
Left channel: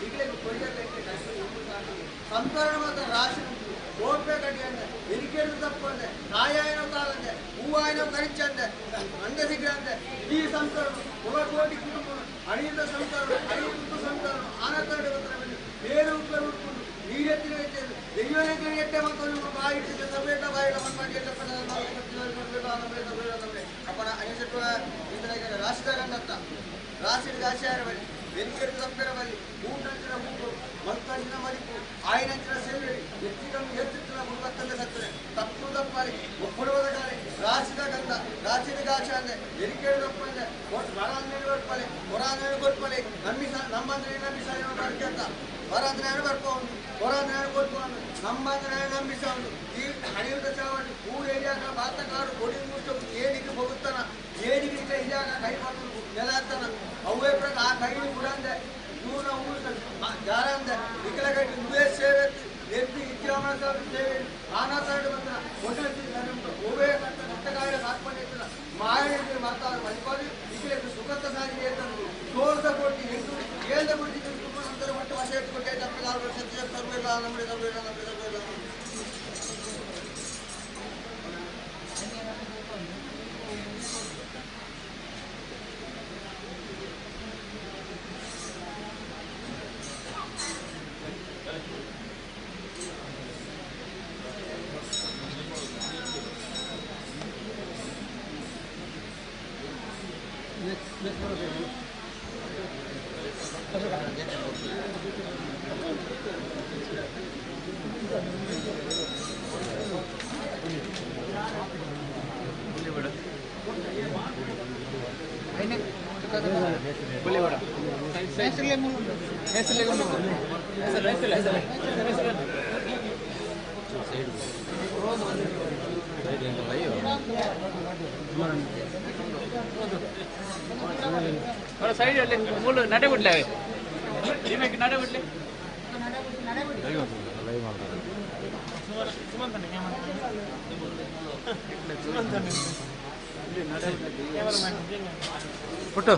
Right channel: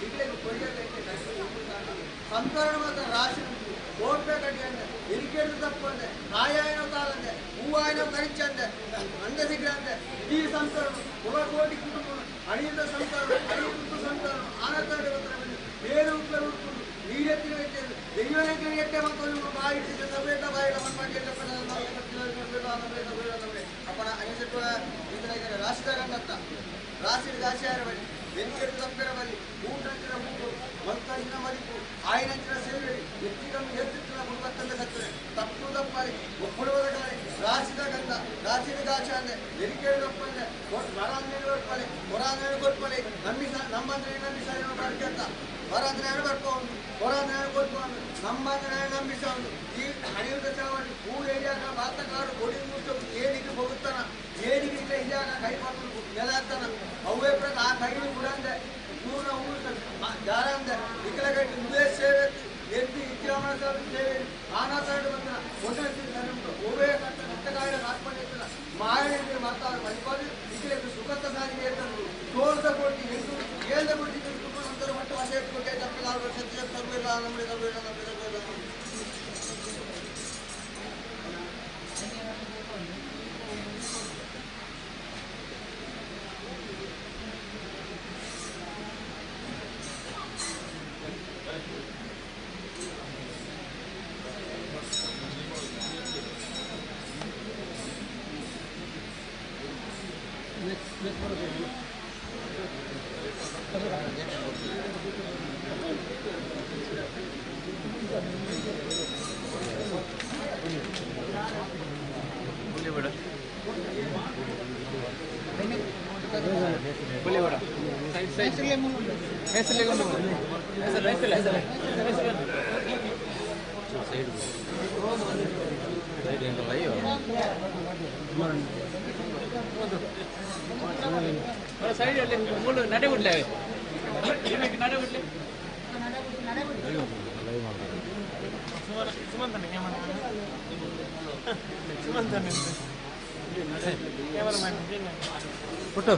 ಈಗಲೇ ಕೊರಿಯರ್ಲೈತೆ ಸಂಸಾರ ಮಾತ್ರ ರಾಶಿ ಕೋಟೆ ಕಟ್ಟಿ ಅಂದೆ ಎರಿಕೆಡು ತಪ್ಪು ಅಂದೆ ಕಾಯಾಯನೋ ತಾಳಂದೆ ಹೂವಾಯನೋ ಕರಿಚಂದೆ ಅಂದೆ ಸಿಗ್ರ ಅಂದೆ ಈ ಸಂಸಾರ ಕೋಟಿ ಕುಟುಂಬ ಅಣಿಯಿಂದ ಸಂಸಾರ ಅಣಿಯುತ್ತ ಸಂಸಾರ ಆನಂತರ ಬೇರೆ ಉಪಯೋಗ ಉಟ್ಕೊಂಡು ನೀರೆತ್ತಿನ ವೆಚ್ಚ ದೈವನಿಗೆ ಎಟ್ಟೆ ಮಕ್ಕಳು ಬಾಯಿಟ್ಟಿದ್ದೆ ಸಬೇಟ ಬಾಯಿಡ ಮಣ್ಣಾಗಿ ಅಪ್ಪನ ಅನಿಸಿಟ್ಟು ಇದರ ರಾಷ್ಟ್ರಗಂಡತ್ತ ರಾಶಿ ದಾಸಿಯಾರ ಬಳಿ ಬೆನಿಕೆಟ್ಟು ತಪ್ಪರ ಬಳಿ ಊಟಂಚಿನ ಮೂಗು ಮಲ್ಕಂಚಿನ ಮರಿಪು ಆಯಿನಂಚಿನ ಸೇವೆ ಎತ್ತಿನ ಮುಳುಗತ್ತಂದೆ ಸತ್ತರೆ ತಪ್ಪು ತಪ್ಪಾಲಿ ಒಪ್ಪುಡುವುದ ಕಾಲಿ ರಾಶಿದ ಗಂಧ ರಾಶಿದ ಗಾಚ ಅಂದೆ ಬೆನಿಕೆಡು ತಪ್ಪಂದೆ ಹೊರಾಂಗಣಿ ಕೊಟ್ಪಲೆ ಹೊರಾಂಗಣಿ ಕೊಟ್ಪಲೆ ನಮ್ಮಂದ್ರೆ ನಂಬಿಸಾಲಿ ನೋಡ್ಕೆ ಅಂತ ಹೊರಾಂಗಣಿ ಬರ್ಕೊಂಡು ಹೊರಾಂಗಣಿ ಕೊಟ್ಕೊಂಡು ನಮ್ಮಂದ್ರೆ ನಂಬಿಸೋದು ಈ ಹಣಿಯುತ್ತ ಚಾವಣಿ ಊರು ಏರಿಯಾಗ ಬಾತಕಾಡು ಕೊಡಿ ಮುಟ್ಟು ಏನಿಗೆ ಹೋಗುತ್ತಾನ ಏನಿಗೆ ಇಲ್ಲ ಇಲ್ಲಾಗ ಕೈ ಮಾಡ್ಕೊಂಡು ನೆಲ ಹಾಕ್ತಾನ ಅವೇ ಪ್ರಕ ಆ ಕೈಲಿ ಬಿಡಂದೆ ಊರ ಊರು ಜಾರ ಅಂದೆ ಇಕ್ಕಲಗಟ್ಟಿ ಉದೇ ಸೇವೆ ಎದ್ದು ಇಚ್ಛಾಮಣ ಸೇವೆ ಆನಾಸಾಡು ಬಂದ ಒಟ್ಟು ಓವೇ ಕಟ್ಟಕಾಯ ಹಾಕೊಂಡಿರ್ತಾನ ಮಾಯನಿಗೆ ಮಾತಾಡ ಮರಿಪಾಡಿ ಇಕ್ಕಲೆ ಸುಖತ ಸಾರಿಗೆ ತಂದು 16 ಕೋಟಿ 8 7 ಕೋಟಿ ಸೇರಿಸ್ಕೊಟ್ಟೆ ತಪ್ಪಲಾಗ ಸತ್ಯ ತರಬೇಡ ನಮಗೆ ತರಬೇಡ ನಮಗೆ ತರಬೇಡ. ಸೈಡ್ ಮೂಲ ನಡೆ ಬಿಡ್ಲೆ ನಡೆ ಬಿಡ್ಲೆ ಫೋಟೋ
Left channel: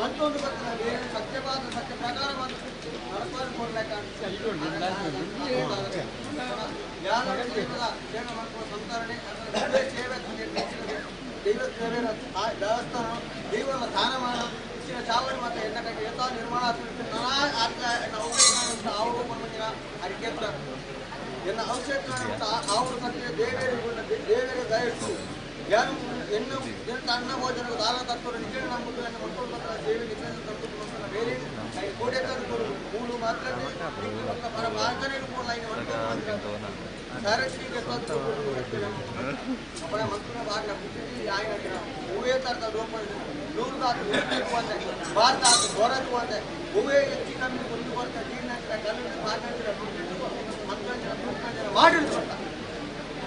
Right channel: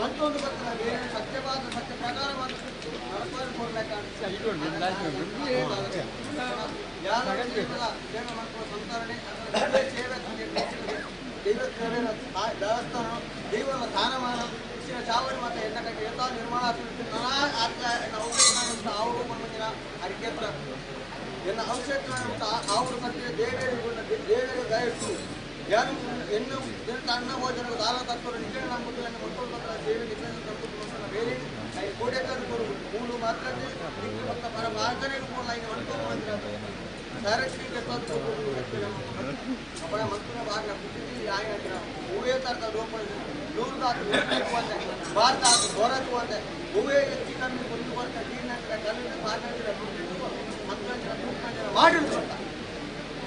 ಮತ್ತೊಂದು ಬರ್ತದೆ ಸತ್ಯವಾದ ಸತ್ಯ ಪ್ರಕಾರವಾದ ಸಂತರಣೆ ದೇವಸ್ಥಾನ ದೇವರ ಸ್ಥಾನಮಾನ ಇಚ್ಚಿನ ಚಾವಡಿ ಮತ್ತು ಎನ್ನಕಕ್ಕೆ ಯಥಾ ನಿರ್ಮಾಣ ಅವಕಾಶ ಅರಿಕೆತ್ರ ಎನ್ನ ಅವಶ್ಯಕ ಅವರು ಸತ್ಯ ದೇವರ ದಯವಿಟ್ಟು ಯಾರು ಎನ್ನು ಅನ್ನ ಭೋಜನ ದಾನ ತತ್ವ ನಿಜ ನಂಬುದನ್ನು ಮಕ್ಕಳು ಮಾತ್ರ ಸೇವೆಗೆ ತಂದು ಬೇರೆ ಕೋಟೆಕಾರು ಮೂರು ಮಾತ್ರ ಪರ ಮಾರ್ಗನೇ ಕೂಡ ಸಾರಥಿಗೆ अपना मंत्र भाग आएगा उवे तरह रोपण नूर भारत भारत उवे ಹೆಚ್ಚು ಕಮ್ಮಿ ಒಂದು ವರ್ಷ ನೀರಿನ ಕಲ್ಲಿನ ಮಾತಾಡಿದ್ರೆ ಮಾಡಿ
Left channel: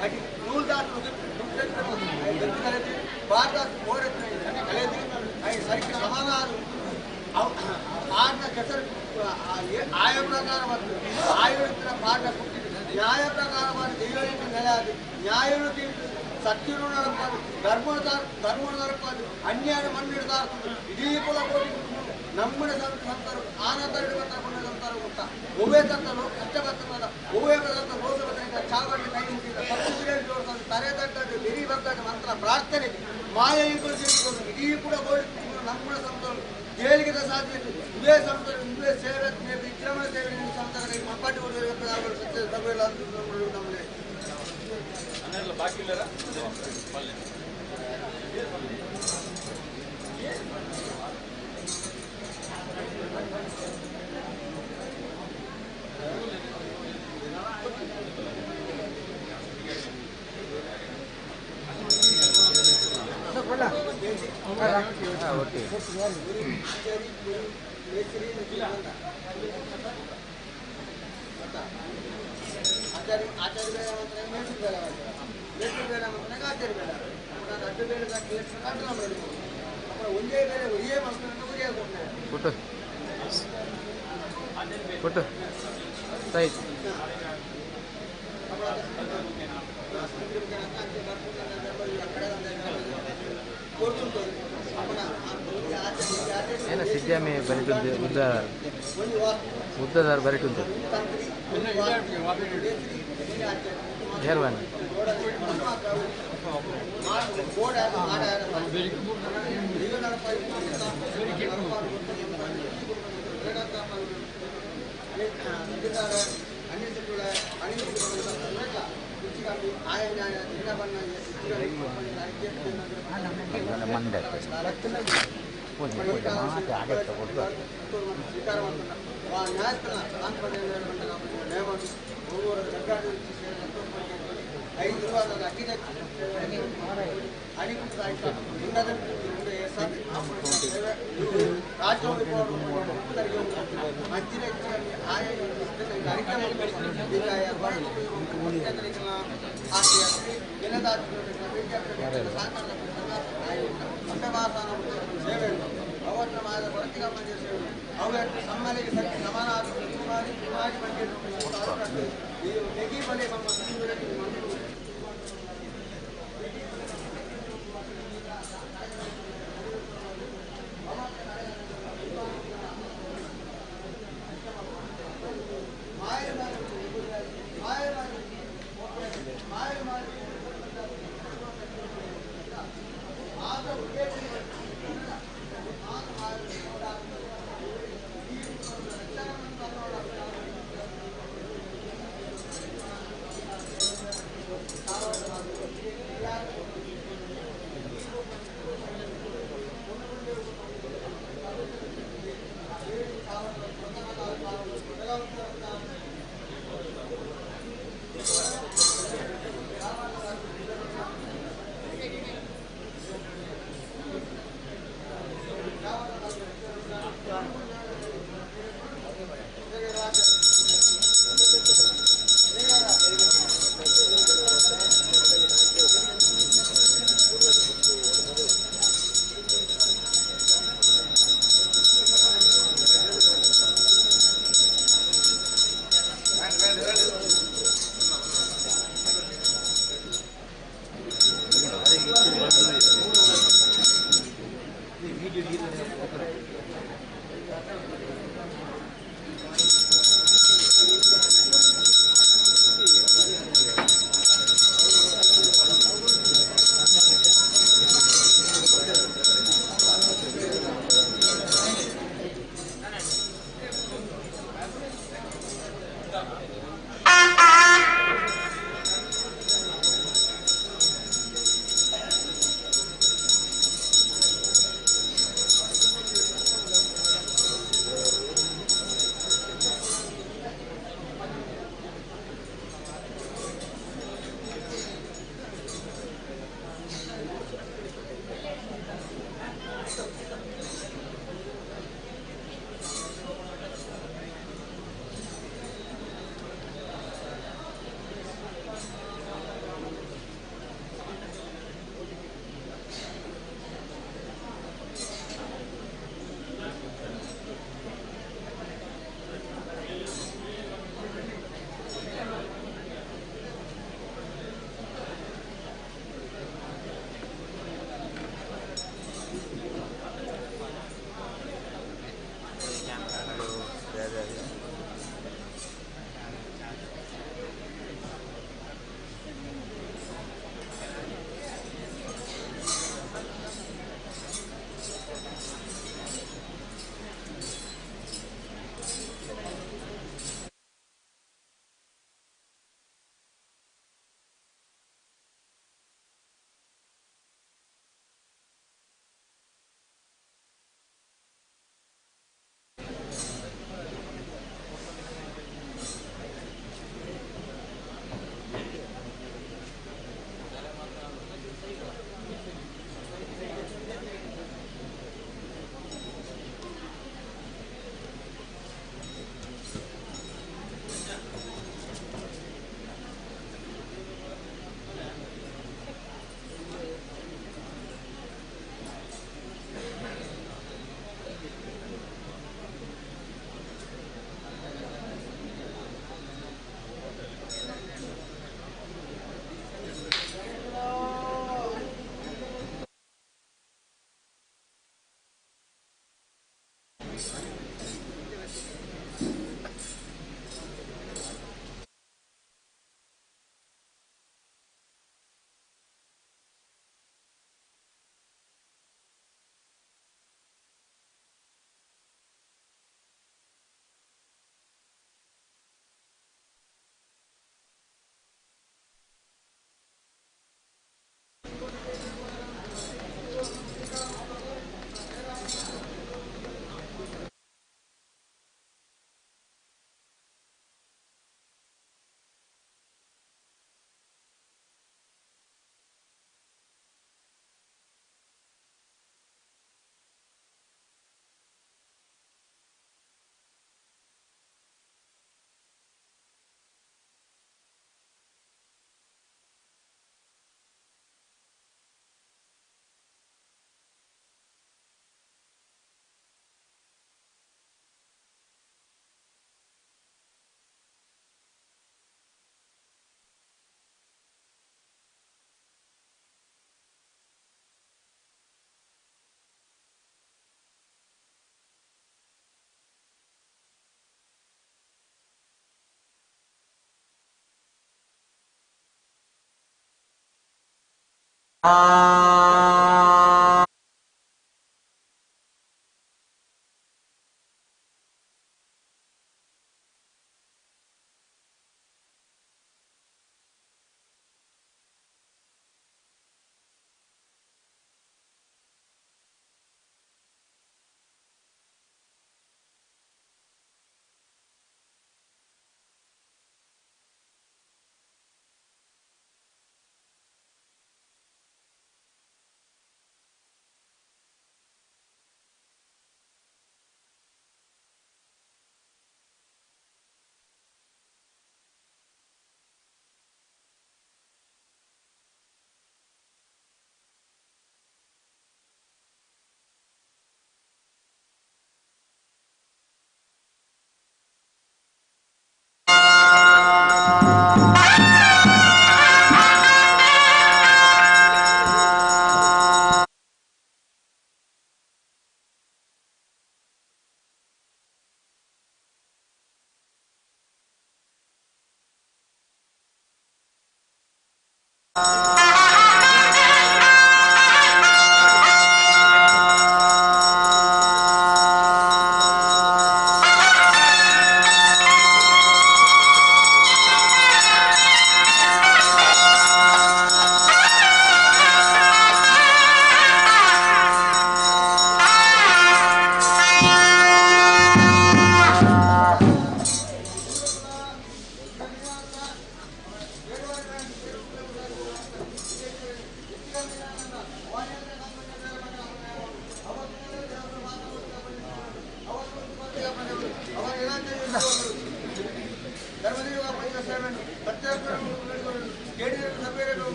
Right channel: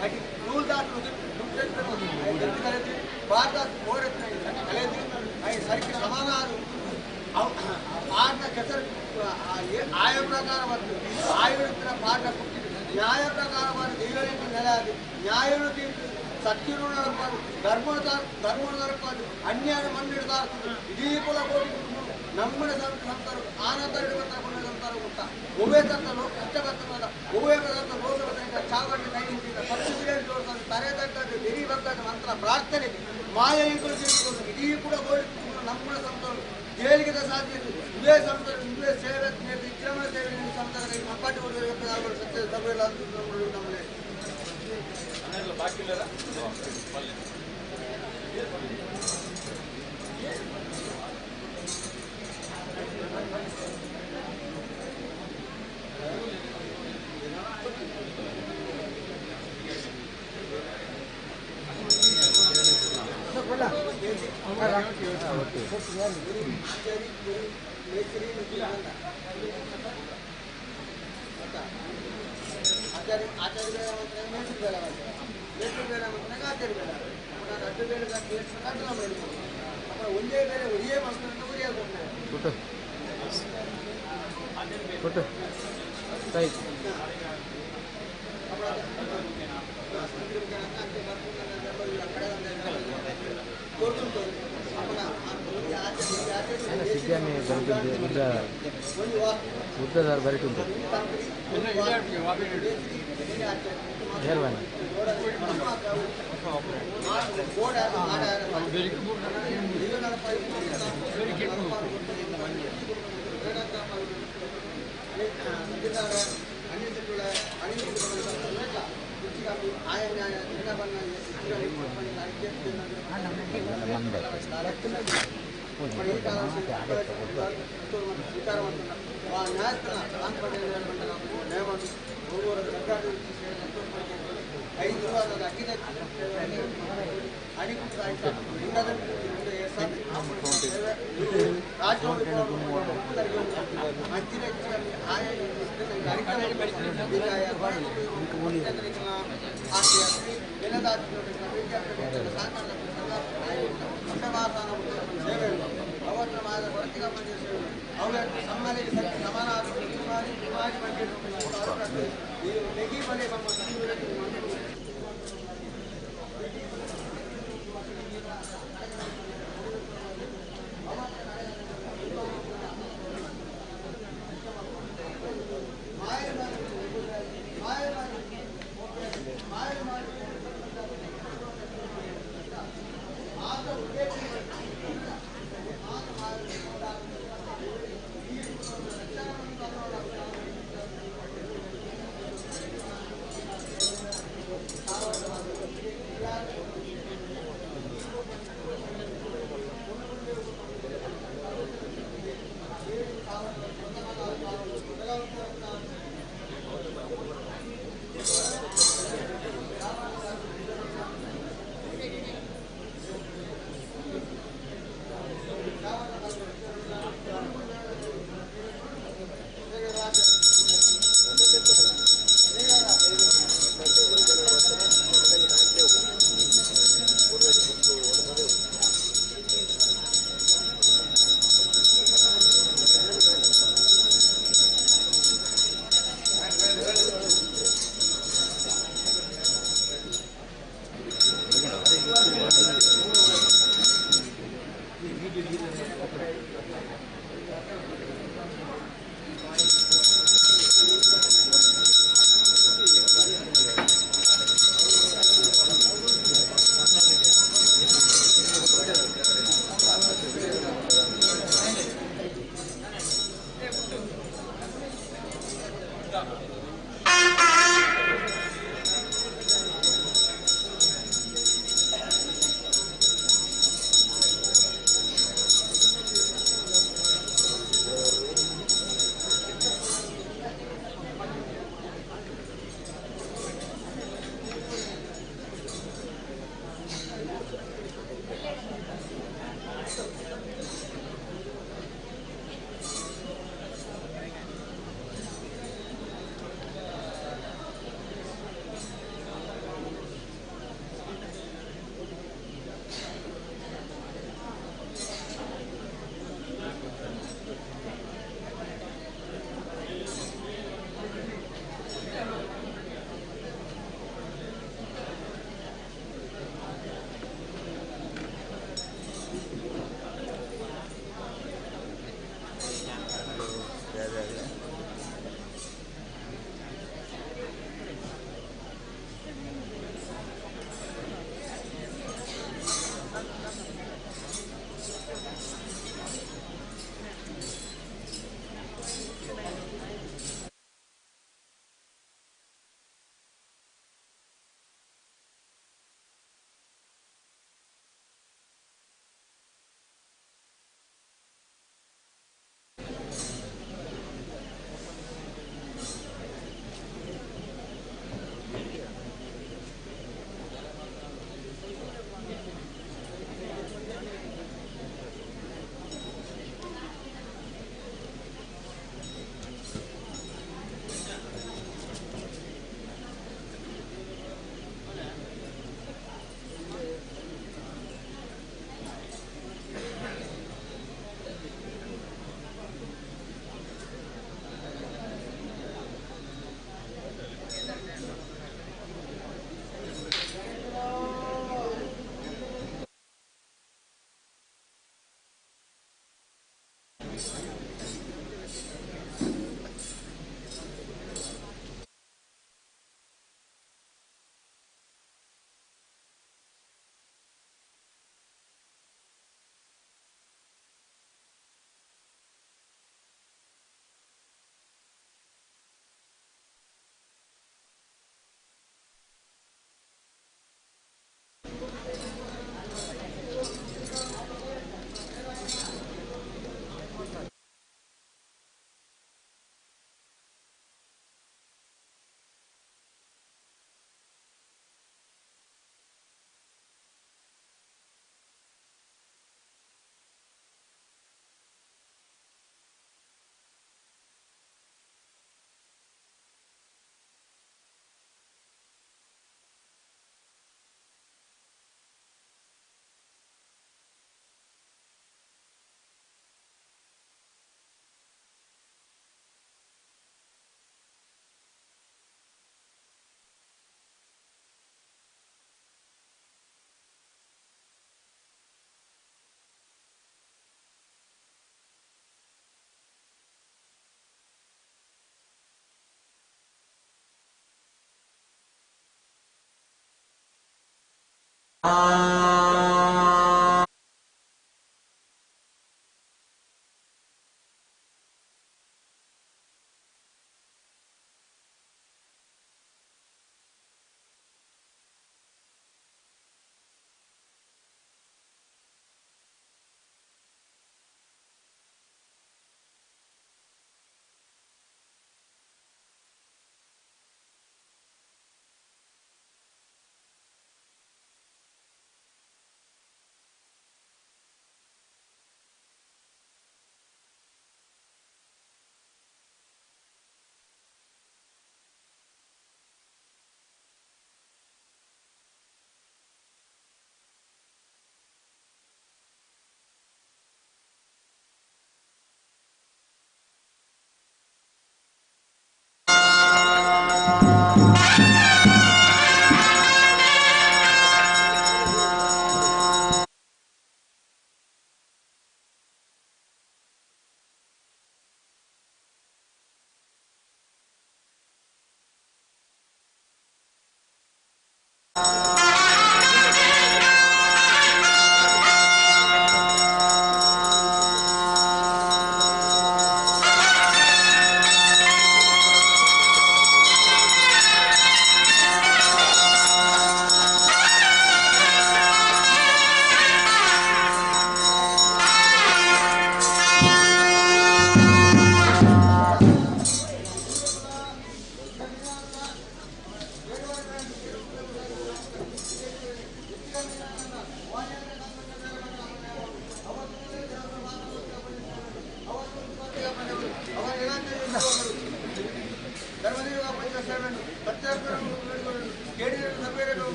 ಅಡಿ ನೂರು ದಾಟು ದುಡ್ಡು ಕಲಿತು ಭಾರತ ಹೋರತ್ನ ಕಲಿತು ಸರಿಗೆ ಸಮಾನ ಪಾಠ ಕೆಸರು ಆಯ ಪ್ರಕಾರ ಮತ್ತು ಆಯುರ್ವೇದ ಪಾಠ ಕೊಟ್ಟಿದ್ದು ನ್ಯಾಯ ಪ್ರಕಾರವಾದ ದೈವಳಿಗೆ ನೆಲೆ ಅದು ನ್ಯಾಯಗಳು ತೀರ್ತು ಸತ್ಯರು ನಡಪಾದು ಧರ್ಮ ನಡಪಾದು ಅನ್ಯಾಯ ಮಣ್ಣಿಡ್ದಾರ್ತದೆ ಇಡೀ ಕುಲ ಕೋಟಿ ನಮ್ಮನೆ ಸಂತರು ಆನಂದರಿಡುವಂತ ಸಂತರು ಗೊತ್ತಾ ಒಬ್ಬೇ ತಂತರು ಕಷ್ಟಪಡ್ತದ ಒಬ್ಬೇ ಬದಂತ ರೋಗ ಬದಲಿಕ ಚಾವಡಿ ಕೈ ನಿಂತಿದ್ದ ಪತ್ತು ಬಿರಿಯಾನಿ ಜೋಡಿಸೋದು ತರೆ ತಕ್ಕದ್ದು ಬಿರಿ ಬಗ್ಗದ ಮಂತ್ರ ಪ್ರಾರ್ಥನೆ ಮಾಯ ಈಗಳು ತಿಳಿದುಕೊಂಡು ಇಡೀ ಕೂಡ ಗೋಡಿ ನಮ್ಮನೆ ಸಂತರು ಜೈಲಿಗೆ ಸಾಧ್ಯತೆ ಇವೇ ಸಂತರು ಇವೇ ಸೇವೆ ವಿಕ್ರಮ ಸೇವೆ ಸಂತರ ಕೈ ಮಪ್ಪಾಟಿ ಹೊಡೆಯುವ ಸತ್ಯ ತಗೊಳ್ಳ ಅಂತ ನಮ್ಮನೆ ಬಾಕಿ ಇಲ್ಲ ಒಂದೇ ಬೇರೆ ಒರಿಯೇ ಮಕ್ಕಳನ್ನು ಉರಿಯಾಗುತ್ತೆ ಫೋಟೋ ಸೈಡ್ సిద్ధామి బయట బుద్ధదారు బయట ఉంది ಕಮ್ಮಿ ಆಯ ನ್ಯಾಯ ದಿನವನ್ನ ಸ್ವೀಕಾರ ಮಾಡ್ತಾರೆ ನ್ಯಾಯಸ್ಥಾನ ನ್ಯಾಯವನ್ನು ಒಬ್ಬರು ಸರ್ಕಾರ 5 ವಾರದ ಅಖಿಲ ಅಧಿಕೃತ ಆಯ್ತು ಲಿಂಗದ ರಾಜ್ಯ ಅಂಚಿನ ಆಯ ಅವತ್ತು ಮಾದ ವರ್ತಿಕ ಮಂದಿರ ಸೇವೆ ಅವತ್ತು ಸಮ್ಮಲಿಗೆ ಸತ್ಯ ಸಮಾನ ಈ ನೆಗಿ ಬಲೆ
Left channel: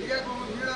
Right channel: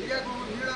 Ketika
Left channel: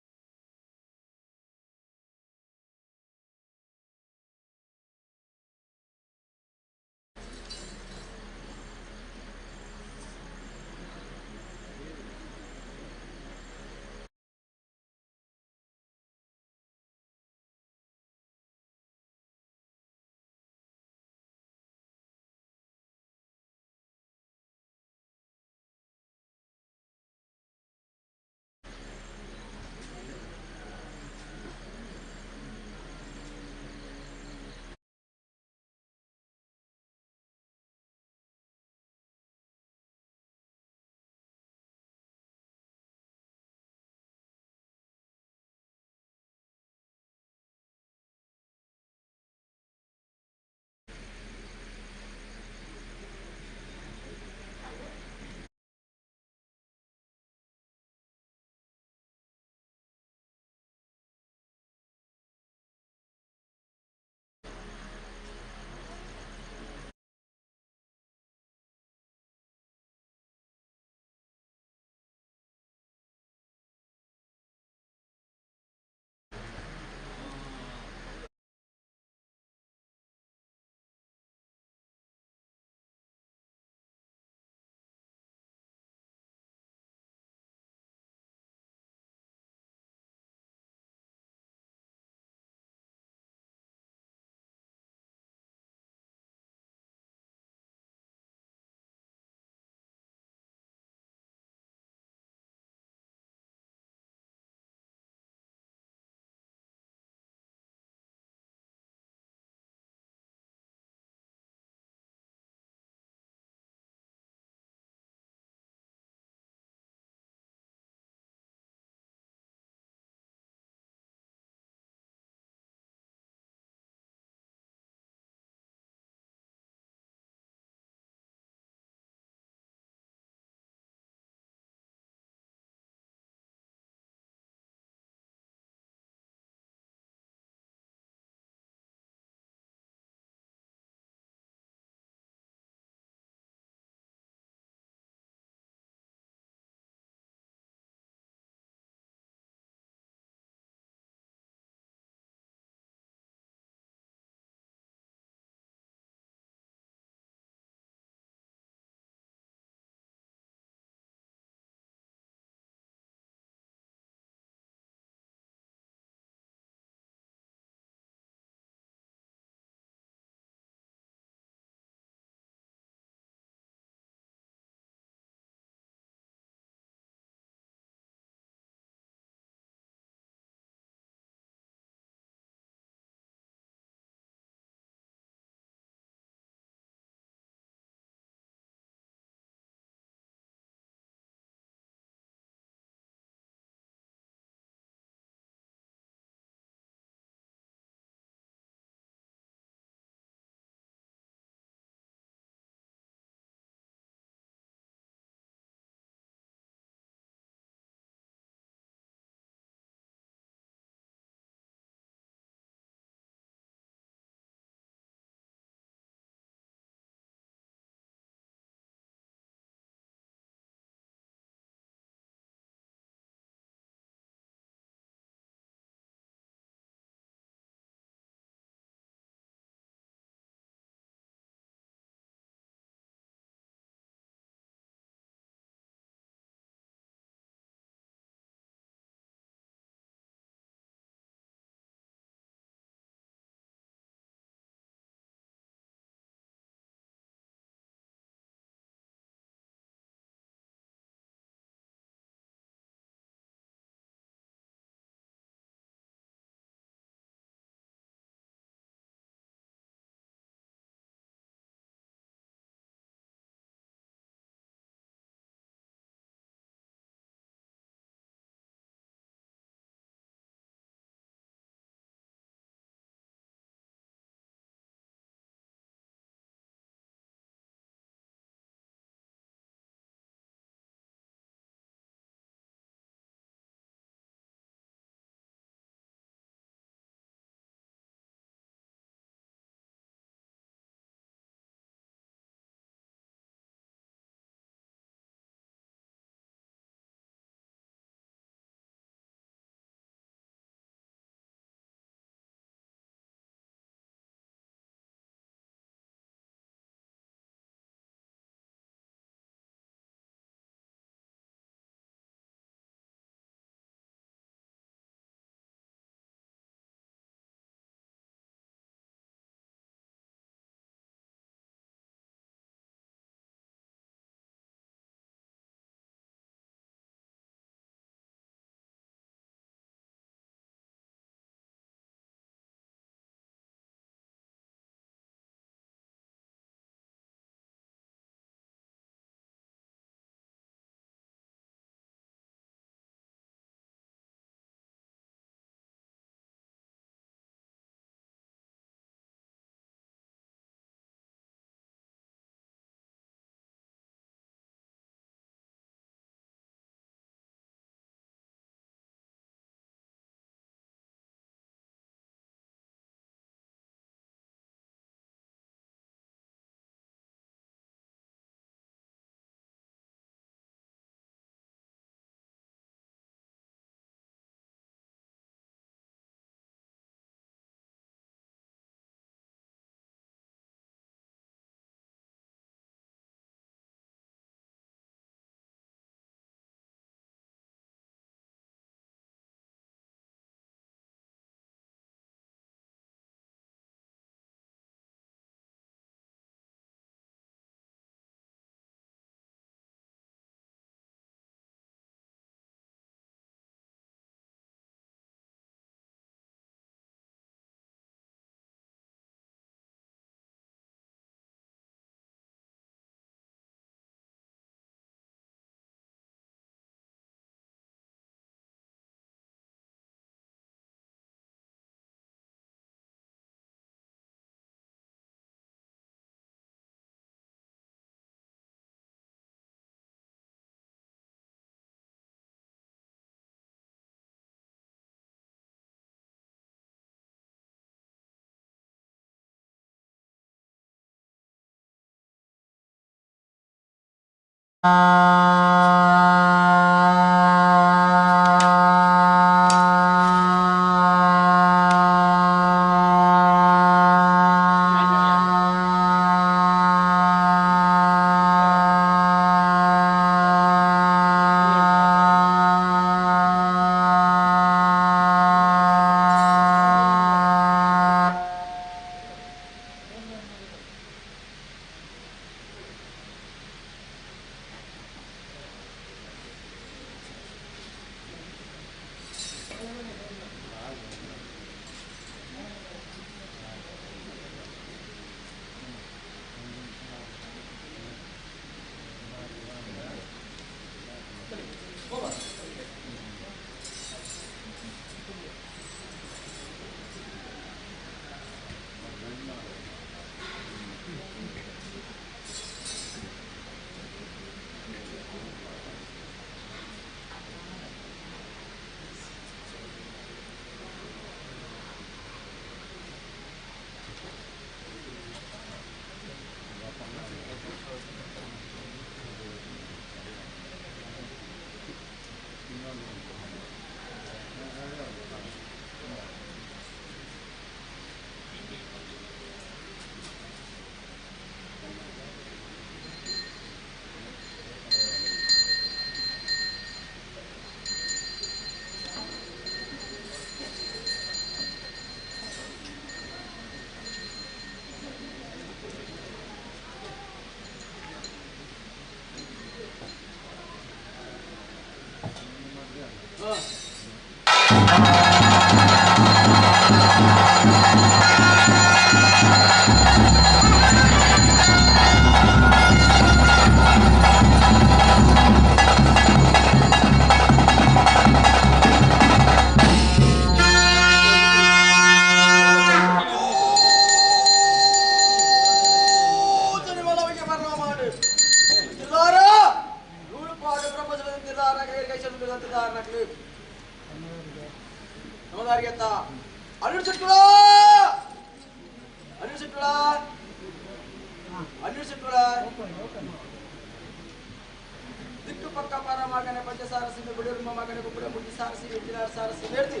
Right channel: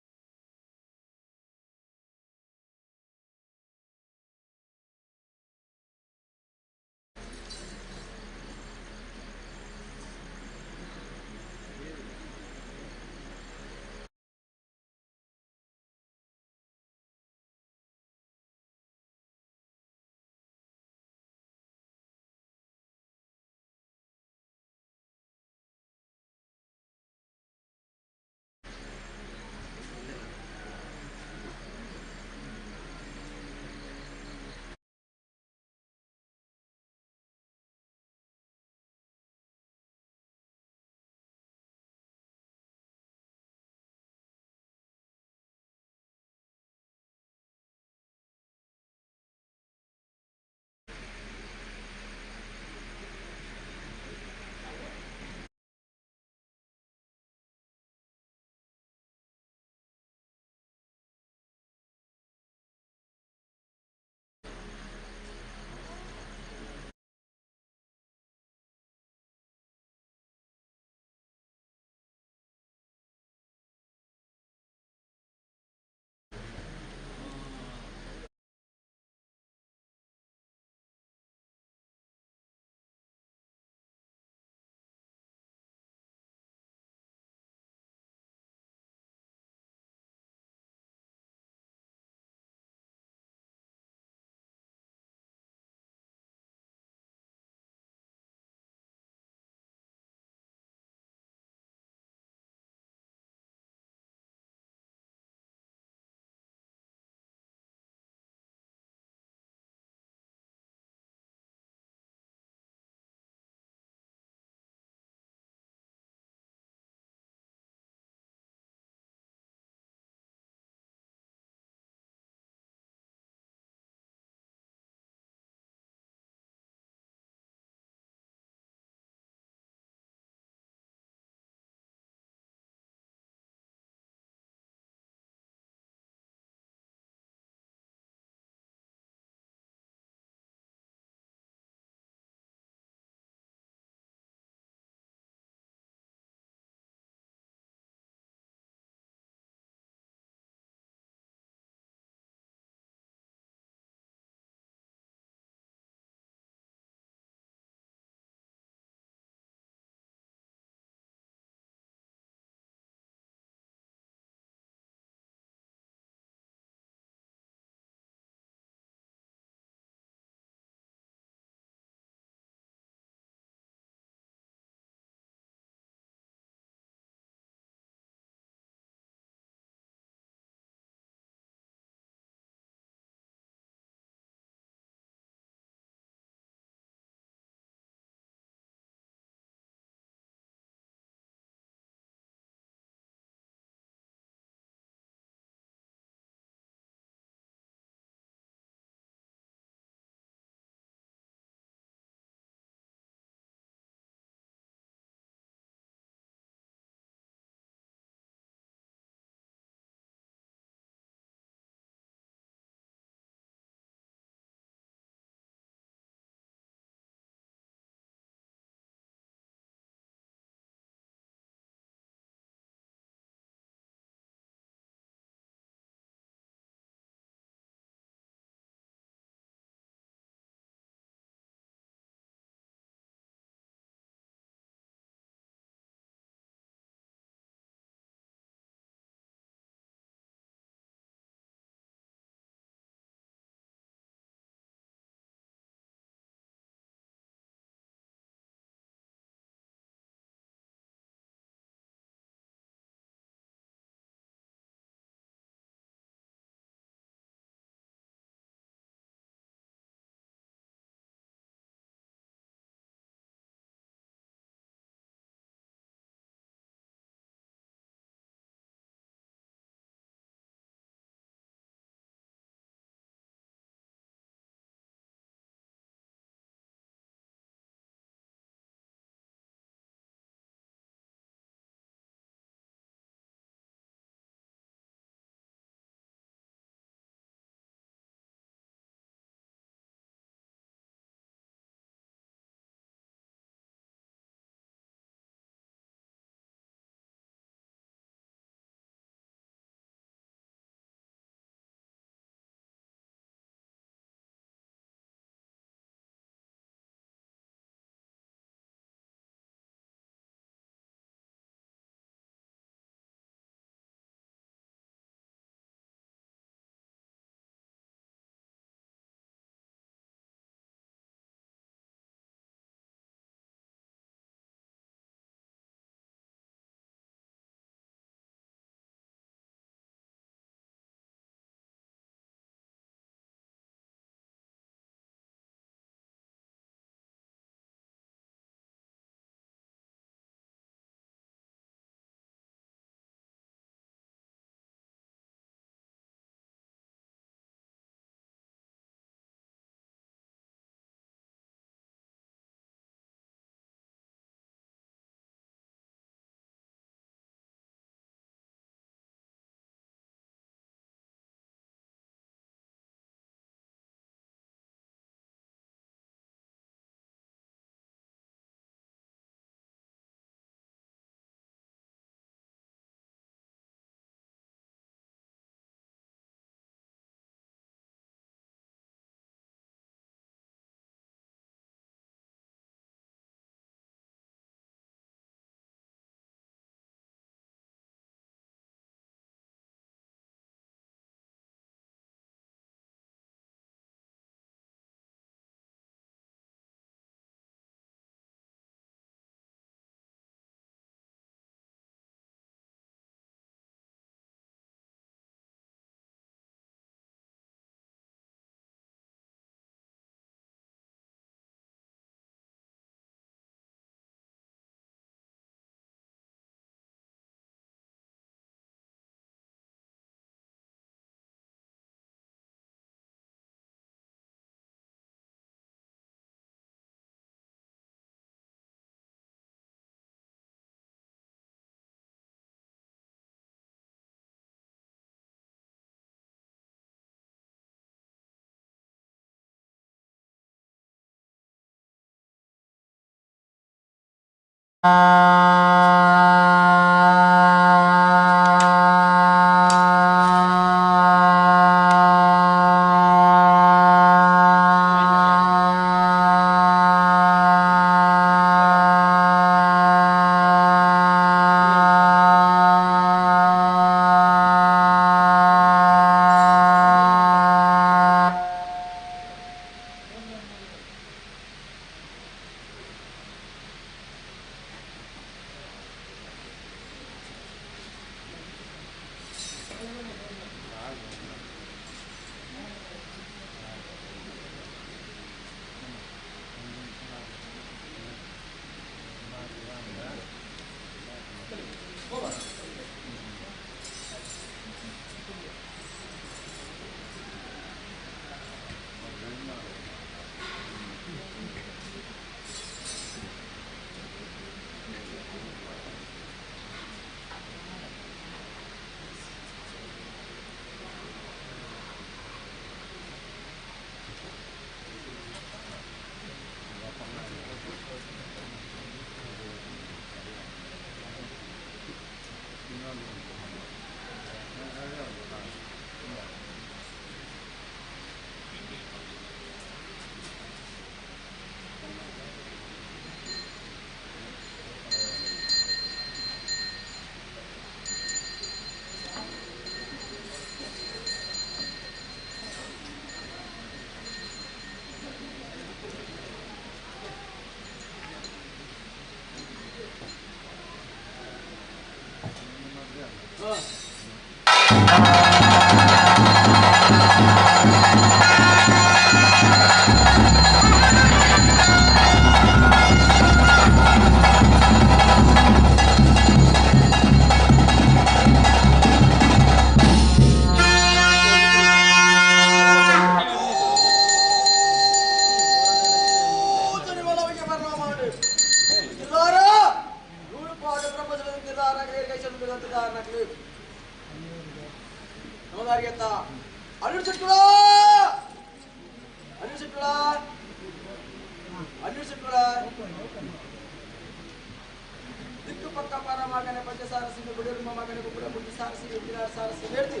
ದಿಕ್ಕು ಪಕ್ಕ ಪರ ಮಗನೆ ಪಂಚಸಾರಸಿ ಬಿಡರು ಮಗನೆ ಕುಕ್ಕಡ ಬುದ್ಧಿ ಸಾರಸಿ ವಿದ್ಯಾರ ಸಾರಸಿ ಹೇಳ್ತಿ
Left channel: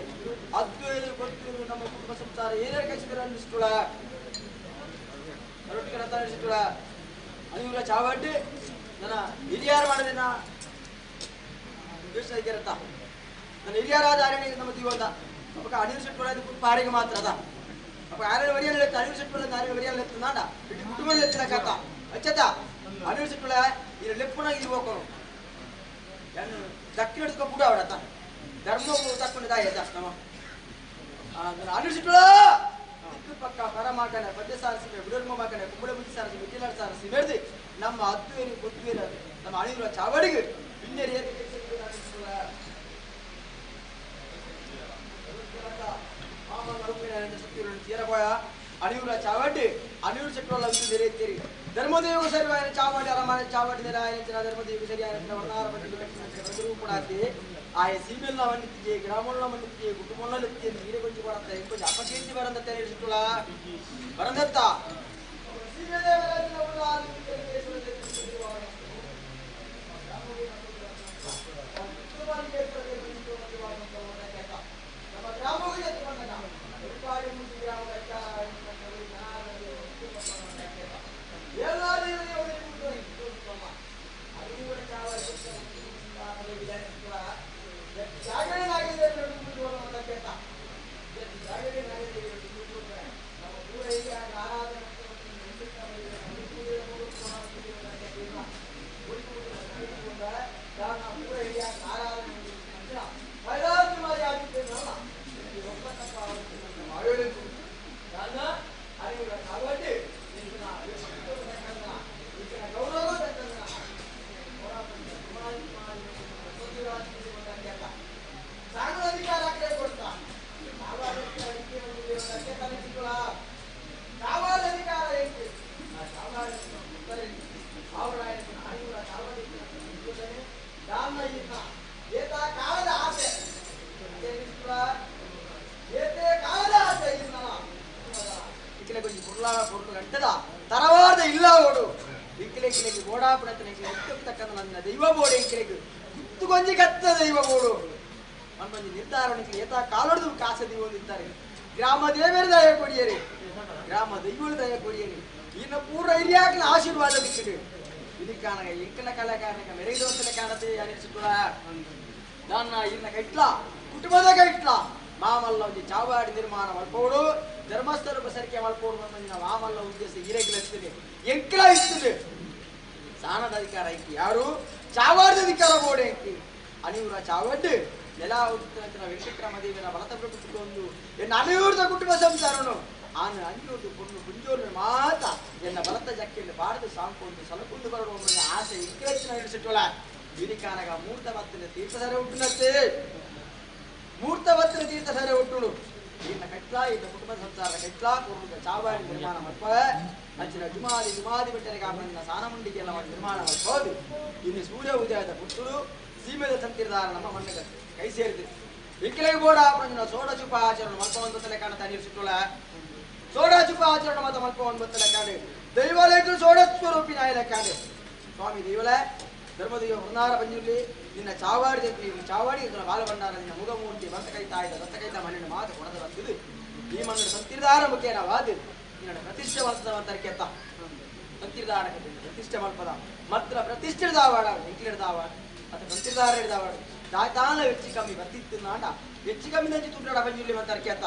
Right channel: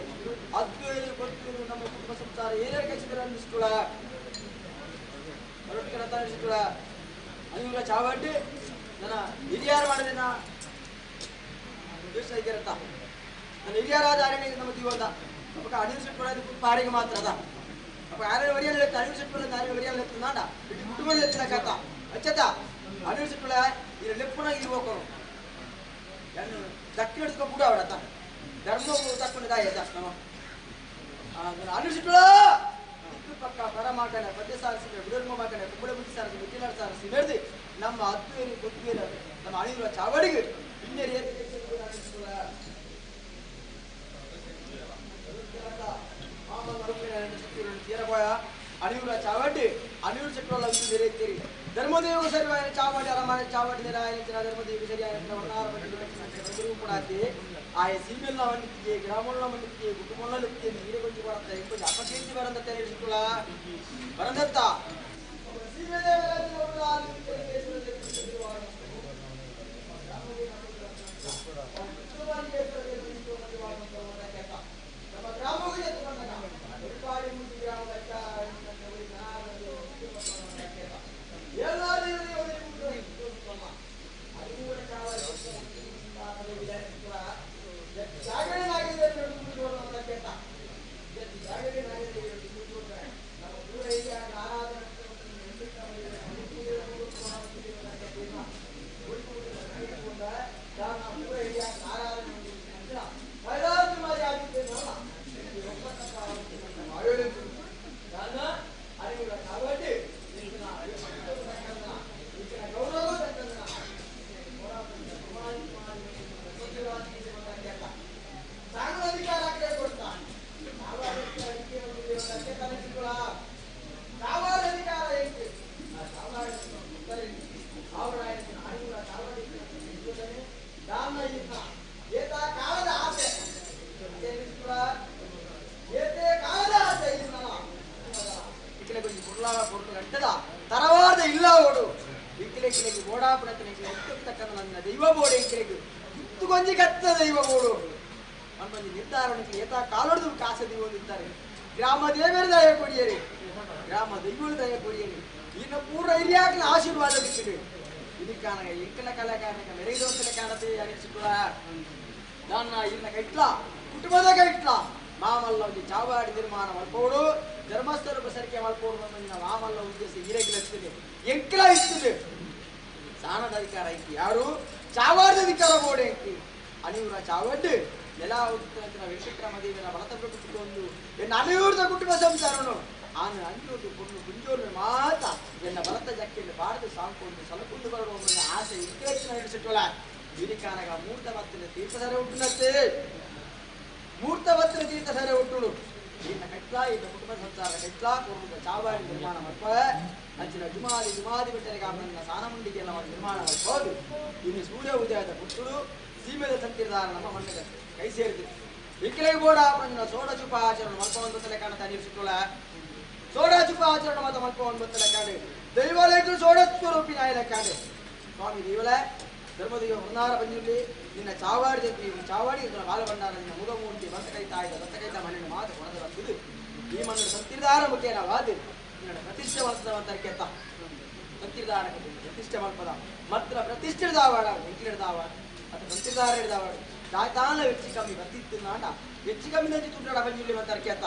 ಅದ್ವೈತ ಗೊತ್ತಿರು ನಮ್ಮ ಕುಟುಂಬ ಸಂಸಾರ ಏನೇನು ಕಳಿಸಿದ್ರೆ ಅನ್ನಿಸ್ಕೊಳ ಹೊರಟಿಗೆ ರಥ ನಡೆಸಿಕೊಳ ಅನಿವ್ರ ಚಾವಡ್ಡಿ ನನ್ನ ಹಿರಿಯಾರು ಮಾಡಿದಿನ ದೇಶ ರಥ ನನ್ನ ಹಿರಿಯರಾದ ಅರಣ್ಯ ನಮ್ಮ ಜೀವದ ಅಪ್ಪ ಅನಿಲ್ ಸಿಟ್ಕೊಳ ಪಾರಿಗೆ ಮಾತ್ರ ಅದ ಅಪ್ಪ ಯಾರು ವರಿಯಲ್ಲಿ ಎತ್ತ ಅನಿಲ್ ಸಿಟ್ಕೊಳ ಯಾರು ವರಿಯಲ್ಲಿ ಎತ್ತ ನಾಡ ಇಡೀ ಕುಟುಂಬದಲ್ಲಿ ಎತ್ತಿನ ಕಥ ಅಚ್ಚತ ಅನಿಲ್ ಸಿಟ್ಕೊಳ ಈ ಲೆಪ್ಪನಾಗಿ ಇರ್ಬೇಕು ದಕ್ಕಿ ನಡೆಸ್ಕೊ ಕೂಡ ಅವಡತ್ತ ಧರ್ಮ ತಕ್ಕೊಂಡಿದ್ದಾಯ ನಮ್ಮ ಅನಿಲ್ ಸಿಟ್ಕೊಳ ದಿಕ್ಕು ಪಕ್ಕ ಪರ ಮಾಕನೆ ಪದ್ಯ ಸಾರಿಸಿ ಬಿಡರ್ಮ ಮಾಕನೆ ಕುಂಬಳ ಬುದ್ಧಿ ಸಾರಿಸಿ ವಿದ್ಯಾಲ ಸಾರಿಸಿ ನಡೆದಿ ನಮ್ಮ ಅದ್ವೇರಿ ಬುದ್ಧಿವೇರ ನಮ್ಮ ಅಣಿವರ ಚಾವಡಿಗೆ ಇನ್ನೇರಿ ಅಣಿವರ ಚಾವಡ್ಡಿ ಅಣಿವರು ಚಕ್ರವಲ್ಲ ನೆರೆಯುತ್ತೀರಿ ಧರ್ಮದೇವ ಸರಿವಾಯನ ಚಾವಡಿ ಅರಮಾನ ಚಾವಡಿ ನೆರಾಯನ ಧರ್ಮದೇವ ಸರಿಯಾಯನ ವರ್ಣಾರ ಪಟ್ಟಿ ಕೂಡ ಆಯ ಸೀಮೆಲ್ಲ ಮಣ್ಣಿತ್ತಿಗೆ ಗ್ರಾಮಗಳ ಮಣ್ಣಿತ್ತಿಗೆ ಕುಟುಂಬಗಳ ಎತ್ತಿ ನೀರೇ ಕೊಂಚ ಬರುತ್ತೆ ಕೊಂಚ ಅಪಕೀರ್ತಿ ಬರಂದತ್ತೆ ಹೇಳಿಸಿಕೊಳ್ಳ ಬರಂದತ್ತ ತರವಾದ ಇಲ್ಲ ಓಡು ಈ ಎಂಕಿಲೆಗೆ ಓಡಾಪುರತನಿಗೆ ಎತ್ತಕ್ಕಂತ ನನ್ನ ದೈವ ಬೋಡೆ ಎಂಕಿಲೆಗೆ ಇತ್ತುಕೊಂಜಿ ಕತ್ತ ದೈವ ಬೋಡು ನಮ್ಮೊಂದು ನಿರ್ಧಾರಕ್ಕೆ ಏತ ಕಾಲೊಡೆದು ಕಾಸದಿ ಹೊಂದಿದ್ದಾರೆ ಗ್ರಾಮ ದೇವರ ದಯ ಕೊಡಿಯರಿ ಗ್ರಾಮ ದೈವಳ ದಯ ಕೊಡಿಯರಿ ಇನ್ನು ಪೂರ್ವ ಹಿರಿಯಾಗಿನ ಆಶೀರ್ವಾದ ದಿಕ್ಕಿದೆ ಇದಕ್ಕಾನ ಎಂಕಲ ಕಲಾಕಾರನಿಗೆ ಮೆರೆಯುವಂತಲೇ ಕಾಣತೆ ಅನಿಸಿട്ടുള്ള ನನ್ನ ಇನ್ನ ಕೈಟ್ಲ ಕುಟುಂಬದ ಕೈಟ್ಲ ಮಾಮಲ್ಲ ಒಂದು ಚಾವಾಡಿ ನಿರ್ಮಾಣ ಮಾಡ್ಕೋಡು ಧರ್ಮಸ್ಥಳ ಪ್ರಸರಿಕೆ ಮಾಡ್ಕೋಡು ನಮ್ಮ ಮಾಮಲ್ಲ ಉದ್ದೇಶ ಹಿರೇಗಿಲಿರ್ತದೆ ಎಂಕಲ ಇರ್ತದೆ ಸಾಣದ ಅಧಿಕಾರ ಐತಿ ಯಾರು ಚಾವಾಡದ ಅಧಿಕಾರ ಬೋಡೆ ಐತಿ ಅನಿವರ ಚಾವಡ್ಡು ನೆಲ ಉತ್ತರ ವೆಂಕಟರಾಮದೇವಿನ ಬಲತಬ್ರು ಕುಟುಂಬ ಎನ್ನ ಅನಿವೃತ ಕುಟುಂಬ ಸಂಸಾರನು ಆನು ಅಂಜೋದು ಕೊಂಡು ಗುಂಜೋರು ಮಾತ ಎನ್ನ ಬಲತ ಜಕ್ಕೆಯಲ್ಲಿ ಬಾರದು ಸಾಂಕೊಂಡು ಸಲಕುಂದು ಬರುವ ಆಸೆ ಇಕ್ಕಹೆಚ್ಚಿನ ಹಿಡಿಸಿಟ್ಟೋಳ ವಿನಿಕಾನಗ ಮೂರ್ತವತ್ತಿನ ತೀರ್ಥಸರ ಉಂಟುನತ್ತೆ ಮೂರ್ತವತ್ತಿನ ತೀರ್ಥಸರ ಉಂಟುಳು ಇನ್ನ ಕಟ್ಲಾ ಇನ್ನ ಕುಟುಂಬ ಸಂಸಾರ ಕಟ್ಲಾ ಕೊಡುವುದ ಚಾವಾಡಿ ನಿರ್ಮಾಣ ಮಾಡ್ಪ ಅಂಚಿನ ಜುಮಾದಿ ಬೆಟ್ಟರಿಗೆ ಆಮೇಲಿನ ಸಾನಮುಂಡಿಗೆ ಎಲ್ಲ ನಿರ್ಮಾಣ ಮಾಡ್ಬೋದು ಇನ್ನು ಸೂರ್ಯ ಉದಯದ ಪುಟ್ಟುಳು ಸೀಮೆದ ತಂತಿರದಾರ ನಮ್ಮ ಮಣ್ಣಿಗೆ ಕೈ ಸೇರಿದೆ ವಿಕ್ಕಿಲೆಗೆ ಬೋಡ ಆಪಂಜಿನ ಸೋಡ ಚುಪ ಆಚರಣೆ ಮಲ್ಪವನ್ನು ತಲೆ ಕಾಣತಾ ನೀರಿಸಿಟ್ಟೋಳ ಸೋಡ ಚುಪ ಆಚರಣೆ ಮಾತ ಮಲ್ಪವನ್ನು ಬತ್ತಲೆ ಕಾಣೆ ದೈವಾಲಯಕ್ಕೂ ಸೋಡ ಸ್ವರೂಪಿನ ಆಯ್ದ ಕಾಣೆ ಸ್ವಾಮಿ ದೇವಲ ಧರ್ಮದೇವ ಹೊನ್ನಾರ ಬಂಜುರ್ಲಿ ನಿನ್ನ ಚಾವಾಡಿ ಚಾವಾಡಿ ಬಾಲ ಭಂಡಾರ ನಿನ್ನ ಮುಗಮೂರ್ತಿ ಬಂತ ಕೈತಾ ಮಣ್ಣಿನ ಮಾತು ಕೊಡದ ಬಂದಿದ್ದು ಈ ಮಣ್ಣಿನ ಸಂತಿರ್ದಾರ ಮುಖೇನವಾದ ನಿನ್ನ ಪ್ರತಿಷ್ಠೆ ಮಲ್ಪದವಂತರಕ್ಕೆ ಎತ್ತ ಸಂತಿರ್ದಾರ ಪ್ರತಿಷ್ಠೆ ಮಲ್ಪದ ಮಾತ್ರ ಪ್ರತಿಷ್ಠೆ ಹಿಡಿದಾವಾಡ ಎಂಕಿಲಿಡ್ದಾವಾಡ ಅಥವಾ ಸಂತಿರ್ದಾರ ಹಿಡಿದಾವಾಡ ತಾನ ಹೆಚ್ಚು ಕಮ್ಮಿ ಬರ್ತಿತ್ತು ನಾಟ ಹೆಚ್ಚು ಕಮ್ಮಿ ನಂಚಿ ತುಂಟಾಡ ಬಂಜುರ್ಲಿ ಮಂತರಕ್ಕೆ ಎತ್ತ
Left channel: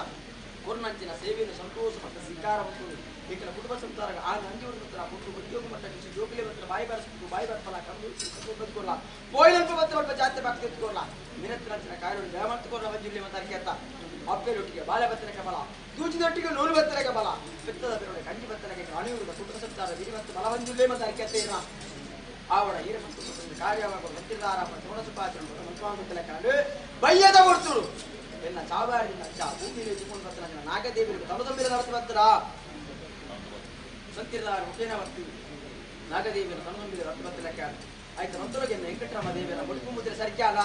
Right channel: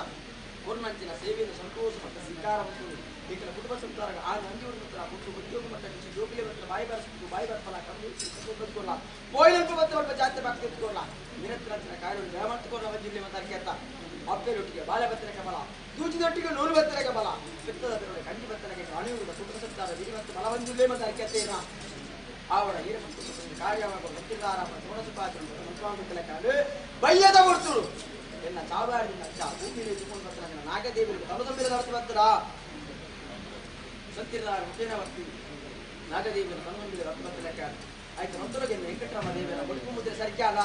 ಕೊರ್ನಂಚಿನ ಸೇವೆಯನ್ನು ಸಂತೋಷ ಮತ್ತು ಸ್ವೀಕಾರ ಮತ್ತು ಈಗಿನ ಕುಟುಂಬ ಸಂಸಾರ ಆ ನಂಜೂರು ಹತ್ರ ಮುಟ್ಟು ಉದ್ಯೋಗ ಮಟ್ಟ ಜೋಬಿಗೆ ಹತ್ರ ಬಾಯಿ ಬರೆಸ್ಬಿಟ್ಟು ಬಾಯಿ ಬರ್ಪಲ್ಲ ಕಮ್ಮಿ ಬದುಕೋಲ್ಲ ಪೋಯಿಲಂಪು ಮತ್ತೆ ಸ್ವಲ್ಪ ಜಾಸ್ತಿ ಬಾಕಿ ತೆಗೆದುಕೊಳ್ಳ ನಿರಂತರ ಕಾರ್ಯ ಜಯ ಮಾಡ್ತುಕೊಳ್ಳ ಬಂಜಿರ್ಲಿ ಮಂತರಕ್ಕೆ ಎತ್ತ ಅಪ್ಪೆರೊಟ್ಟಿಗೆ ಬಾಳೆ ಬತ್ತರಕ್ಕೆ ಬಲ ತೂಚಿದೊಟ್ಟಿಗೆ ನೂಲು ಬತ್ತರಕ್ಕೆ ಬಲ ಬೆತ್ತದ ಬೆರಳೆ ಕಂಡಿ ಬತ್ತರಕ್ಕೆ ಅಣಿಯುವುದು ಕುಟುಂಬ ಸಂಸಾರ ವಿಧಿ ಮತ್ತು ಬಲ ಬಂಜಿರ್ಲಿ ಮಂತರಕ್ಕೆ ಎತ್ತೇನ ಆವಡ ಈರ ಮತ್ತು ಕಾರ್ಯವಾಗುವ ಮತ್ತಿರ್ದಾರ ಸೋಡಸುಪಾಚರಣೆ ಮಂತ್ರಾಂಗುತ್ತಲೆ ಕಾಡು ಬಯ್ಯದ ಕೊಡ್ತುಳು ಎನ್ನ ಚಾವಾಡಿನ ಅಚ್ಚ ಭೂಮಿಯಲ್ಲಿ ಇಟ್ಟುಕೊಂಡು ಬರ್ತಾರ ನಾಗದೇವಿಗೆ ತಮದೊಂಬಿರ ನಡೆಸಿ ಬರ್ತಾರ ಸಂತಿರ್ದಾರ ಮುಖೇನ ಬರ್ತೀವಿ ನಾಗದೇವಿಯನ್ನು ತಮದೊಂಬಿರ ರತ್ತು ಬರ್ತಲೆ ಕಾಡು ಆಯ್ತು ಮಂತ್ರಗೆ ವೆಂಕಟರಾಮ ದೇವಿಯರ ಬದುಕು ಮುದ್ರೆ ಸರಿಕಾಲ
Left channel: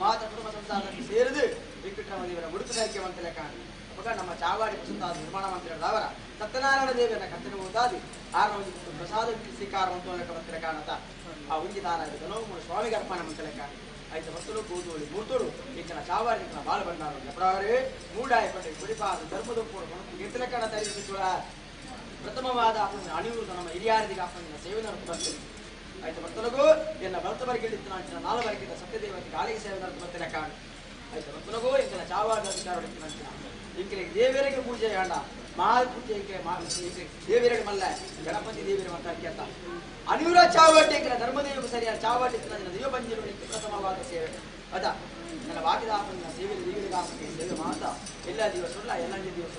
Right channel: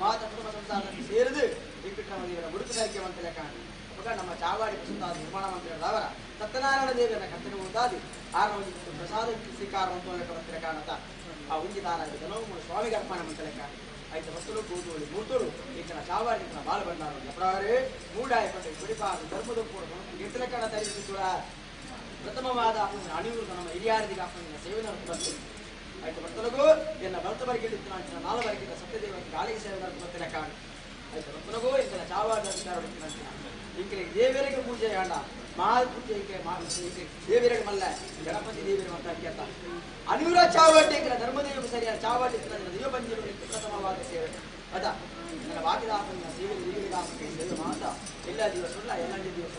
ಮಾತ ಕುಟುಂಬ ಸಂಸಾರದಲ್ಲಿ ಸೇರಿದು ವೆಂಕಟರಾಮ ದೇವಿಯರ ಬದುಕು ಸರಿಕೆ ಮಂತಲೆ ಕಾಡು ಅವಾಗ ನಮ್ಮ ಚಾವಾಡಿ ಪ್ರಸಂತ ನಿರ್ಮಾಣ ಮಂತ್ರಿಗಳವರ ಸತ್ಯನಾರಾಯಣ ದೇವಿಯನ್ನ ಕತ್ತನೆ ಓದಾದಿ ಆರೋಗ್ಯ ಪ್ರಸಾದ ಸ್ವೀಕಾರ ಮಂತ್ರ ಮಂತ್ರಿ ಕಾಣತ ಆ ಉಂಜಿದಾರ ಜನವು ಸ್ವಾಮಿಗೆ ಅರ್ಪಣೆ ಮಂತಲೆ ಕಾಡು ಆಯ್ತು ಮತ್ತಳು ಕೂದೋಳಿ ಮೂರ್ತೋಳು ಈತನ ಚಾವಾಡಿ ಬಾಲ ಭಂಡಾರ ಎಪ್ರಾವರೇ ಮೂಡಾಯ ಪಟ್ಟೆ ಗುಡಿಪಾದ ಧರ್ಮದ ಕೂಡ ಎತ್ತಲೆ ಕಾಣ ತರಿಸಿಕೊಳ್ಳ ಪ್ರಥಮವಾದ ಅಣಿವೃತ ನಮ್ಮ ಹಿರಿಯಾರದಿಗೆ ಆಪಣಿನ ಸೇವೆ ಬರ್ತದೆ ಆಯ್ತು ಮತ್ತಲಗೂ ಎನ್ನ ಬರ್ತವರಿಗೆ ನಂಚಿನ ನಾಲ್ವರೆಗಿದ್ದ ಸತ್ಯದೇವಕ್ಕೆ ಗಾಳಿಗೆ ಸೇವೆ ಬರ್ತಲೆ ಕಾಣ ಆಯ್ತು ಮತ್ತಲಗೂ ಎಂಕನ ಚಾವಾಡಿ ಅಧಿಕಾರ ನಂಚಿನ ಇಂಕೆ ದೇವರಿಗೆ ಪೂಜೆ ಆಂಡ ಮಹಾಪೂಜೆ ಇಂಕೆ ದೇವರಿಗೆ ಮಲ್ಲ ಗಣಪತಿ ದೇವರ ಮಂತ್ರಕ್ಕೆ ಅಂತ ಅನಿವರ ಚಾವಾಟಿ ಧರ್ಮದೇವಕ್ಕೆ ಸರಿಯಾದ ಚಾವಾಟಿ ದೈವ ಪಂಜರು ಪ್ರಥಮವಾದ ಸೇವೆ ಅದ ನನ್ನ ವಾಕಿದ ಸೇವೆ ದೇವರಿಗೆ ಸೇವೆ ಮಾತ್ರ ಎಲ್ಲ ದಿವಸ ಎಲ್ಲ ದಿವಸ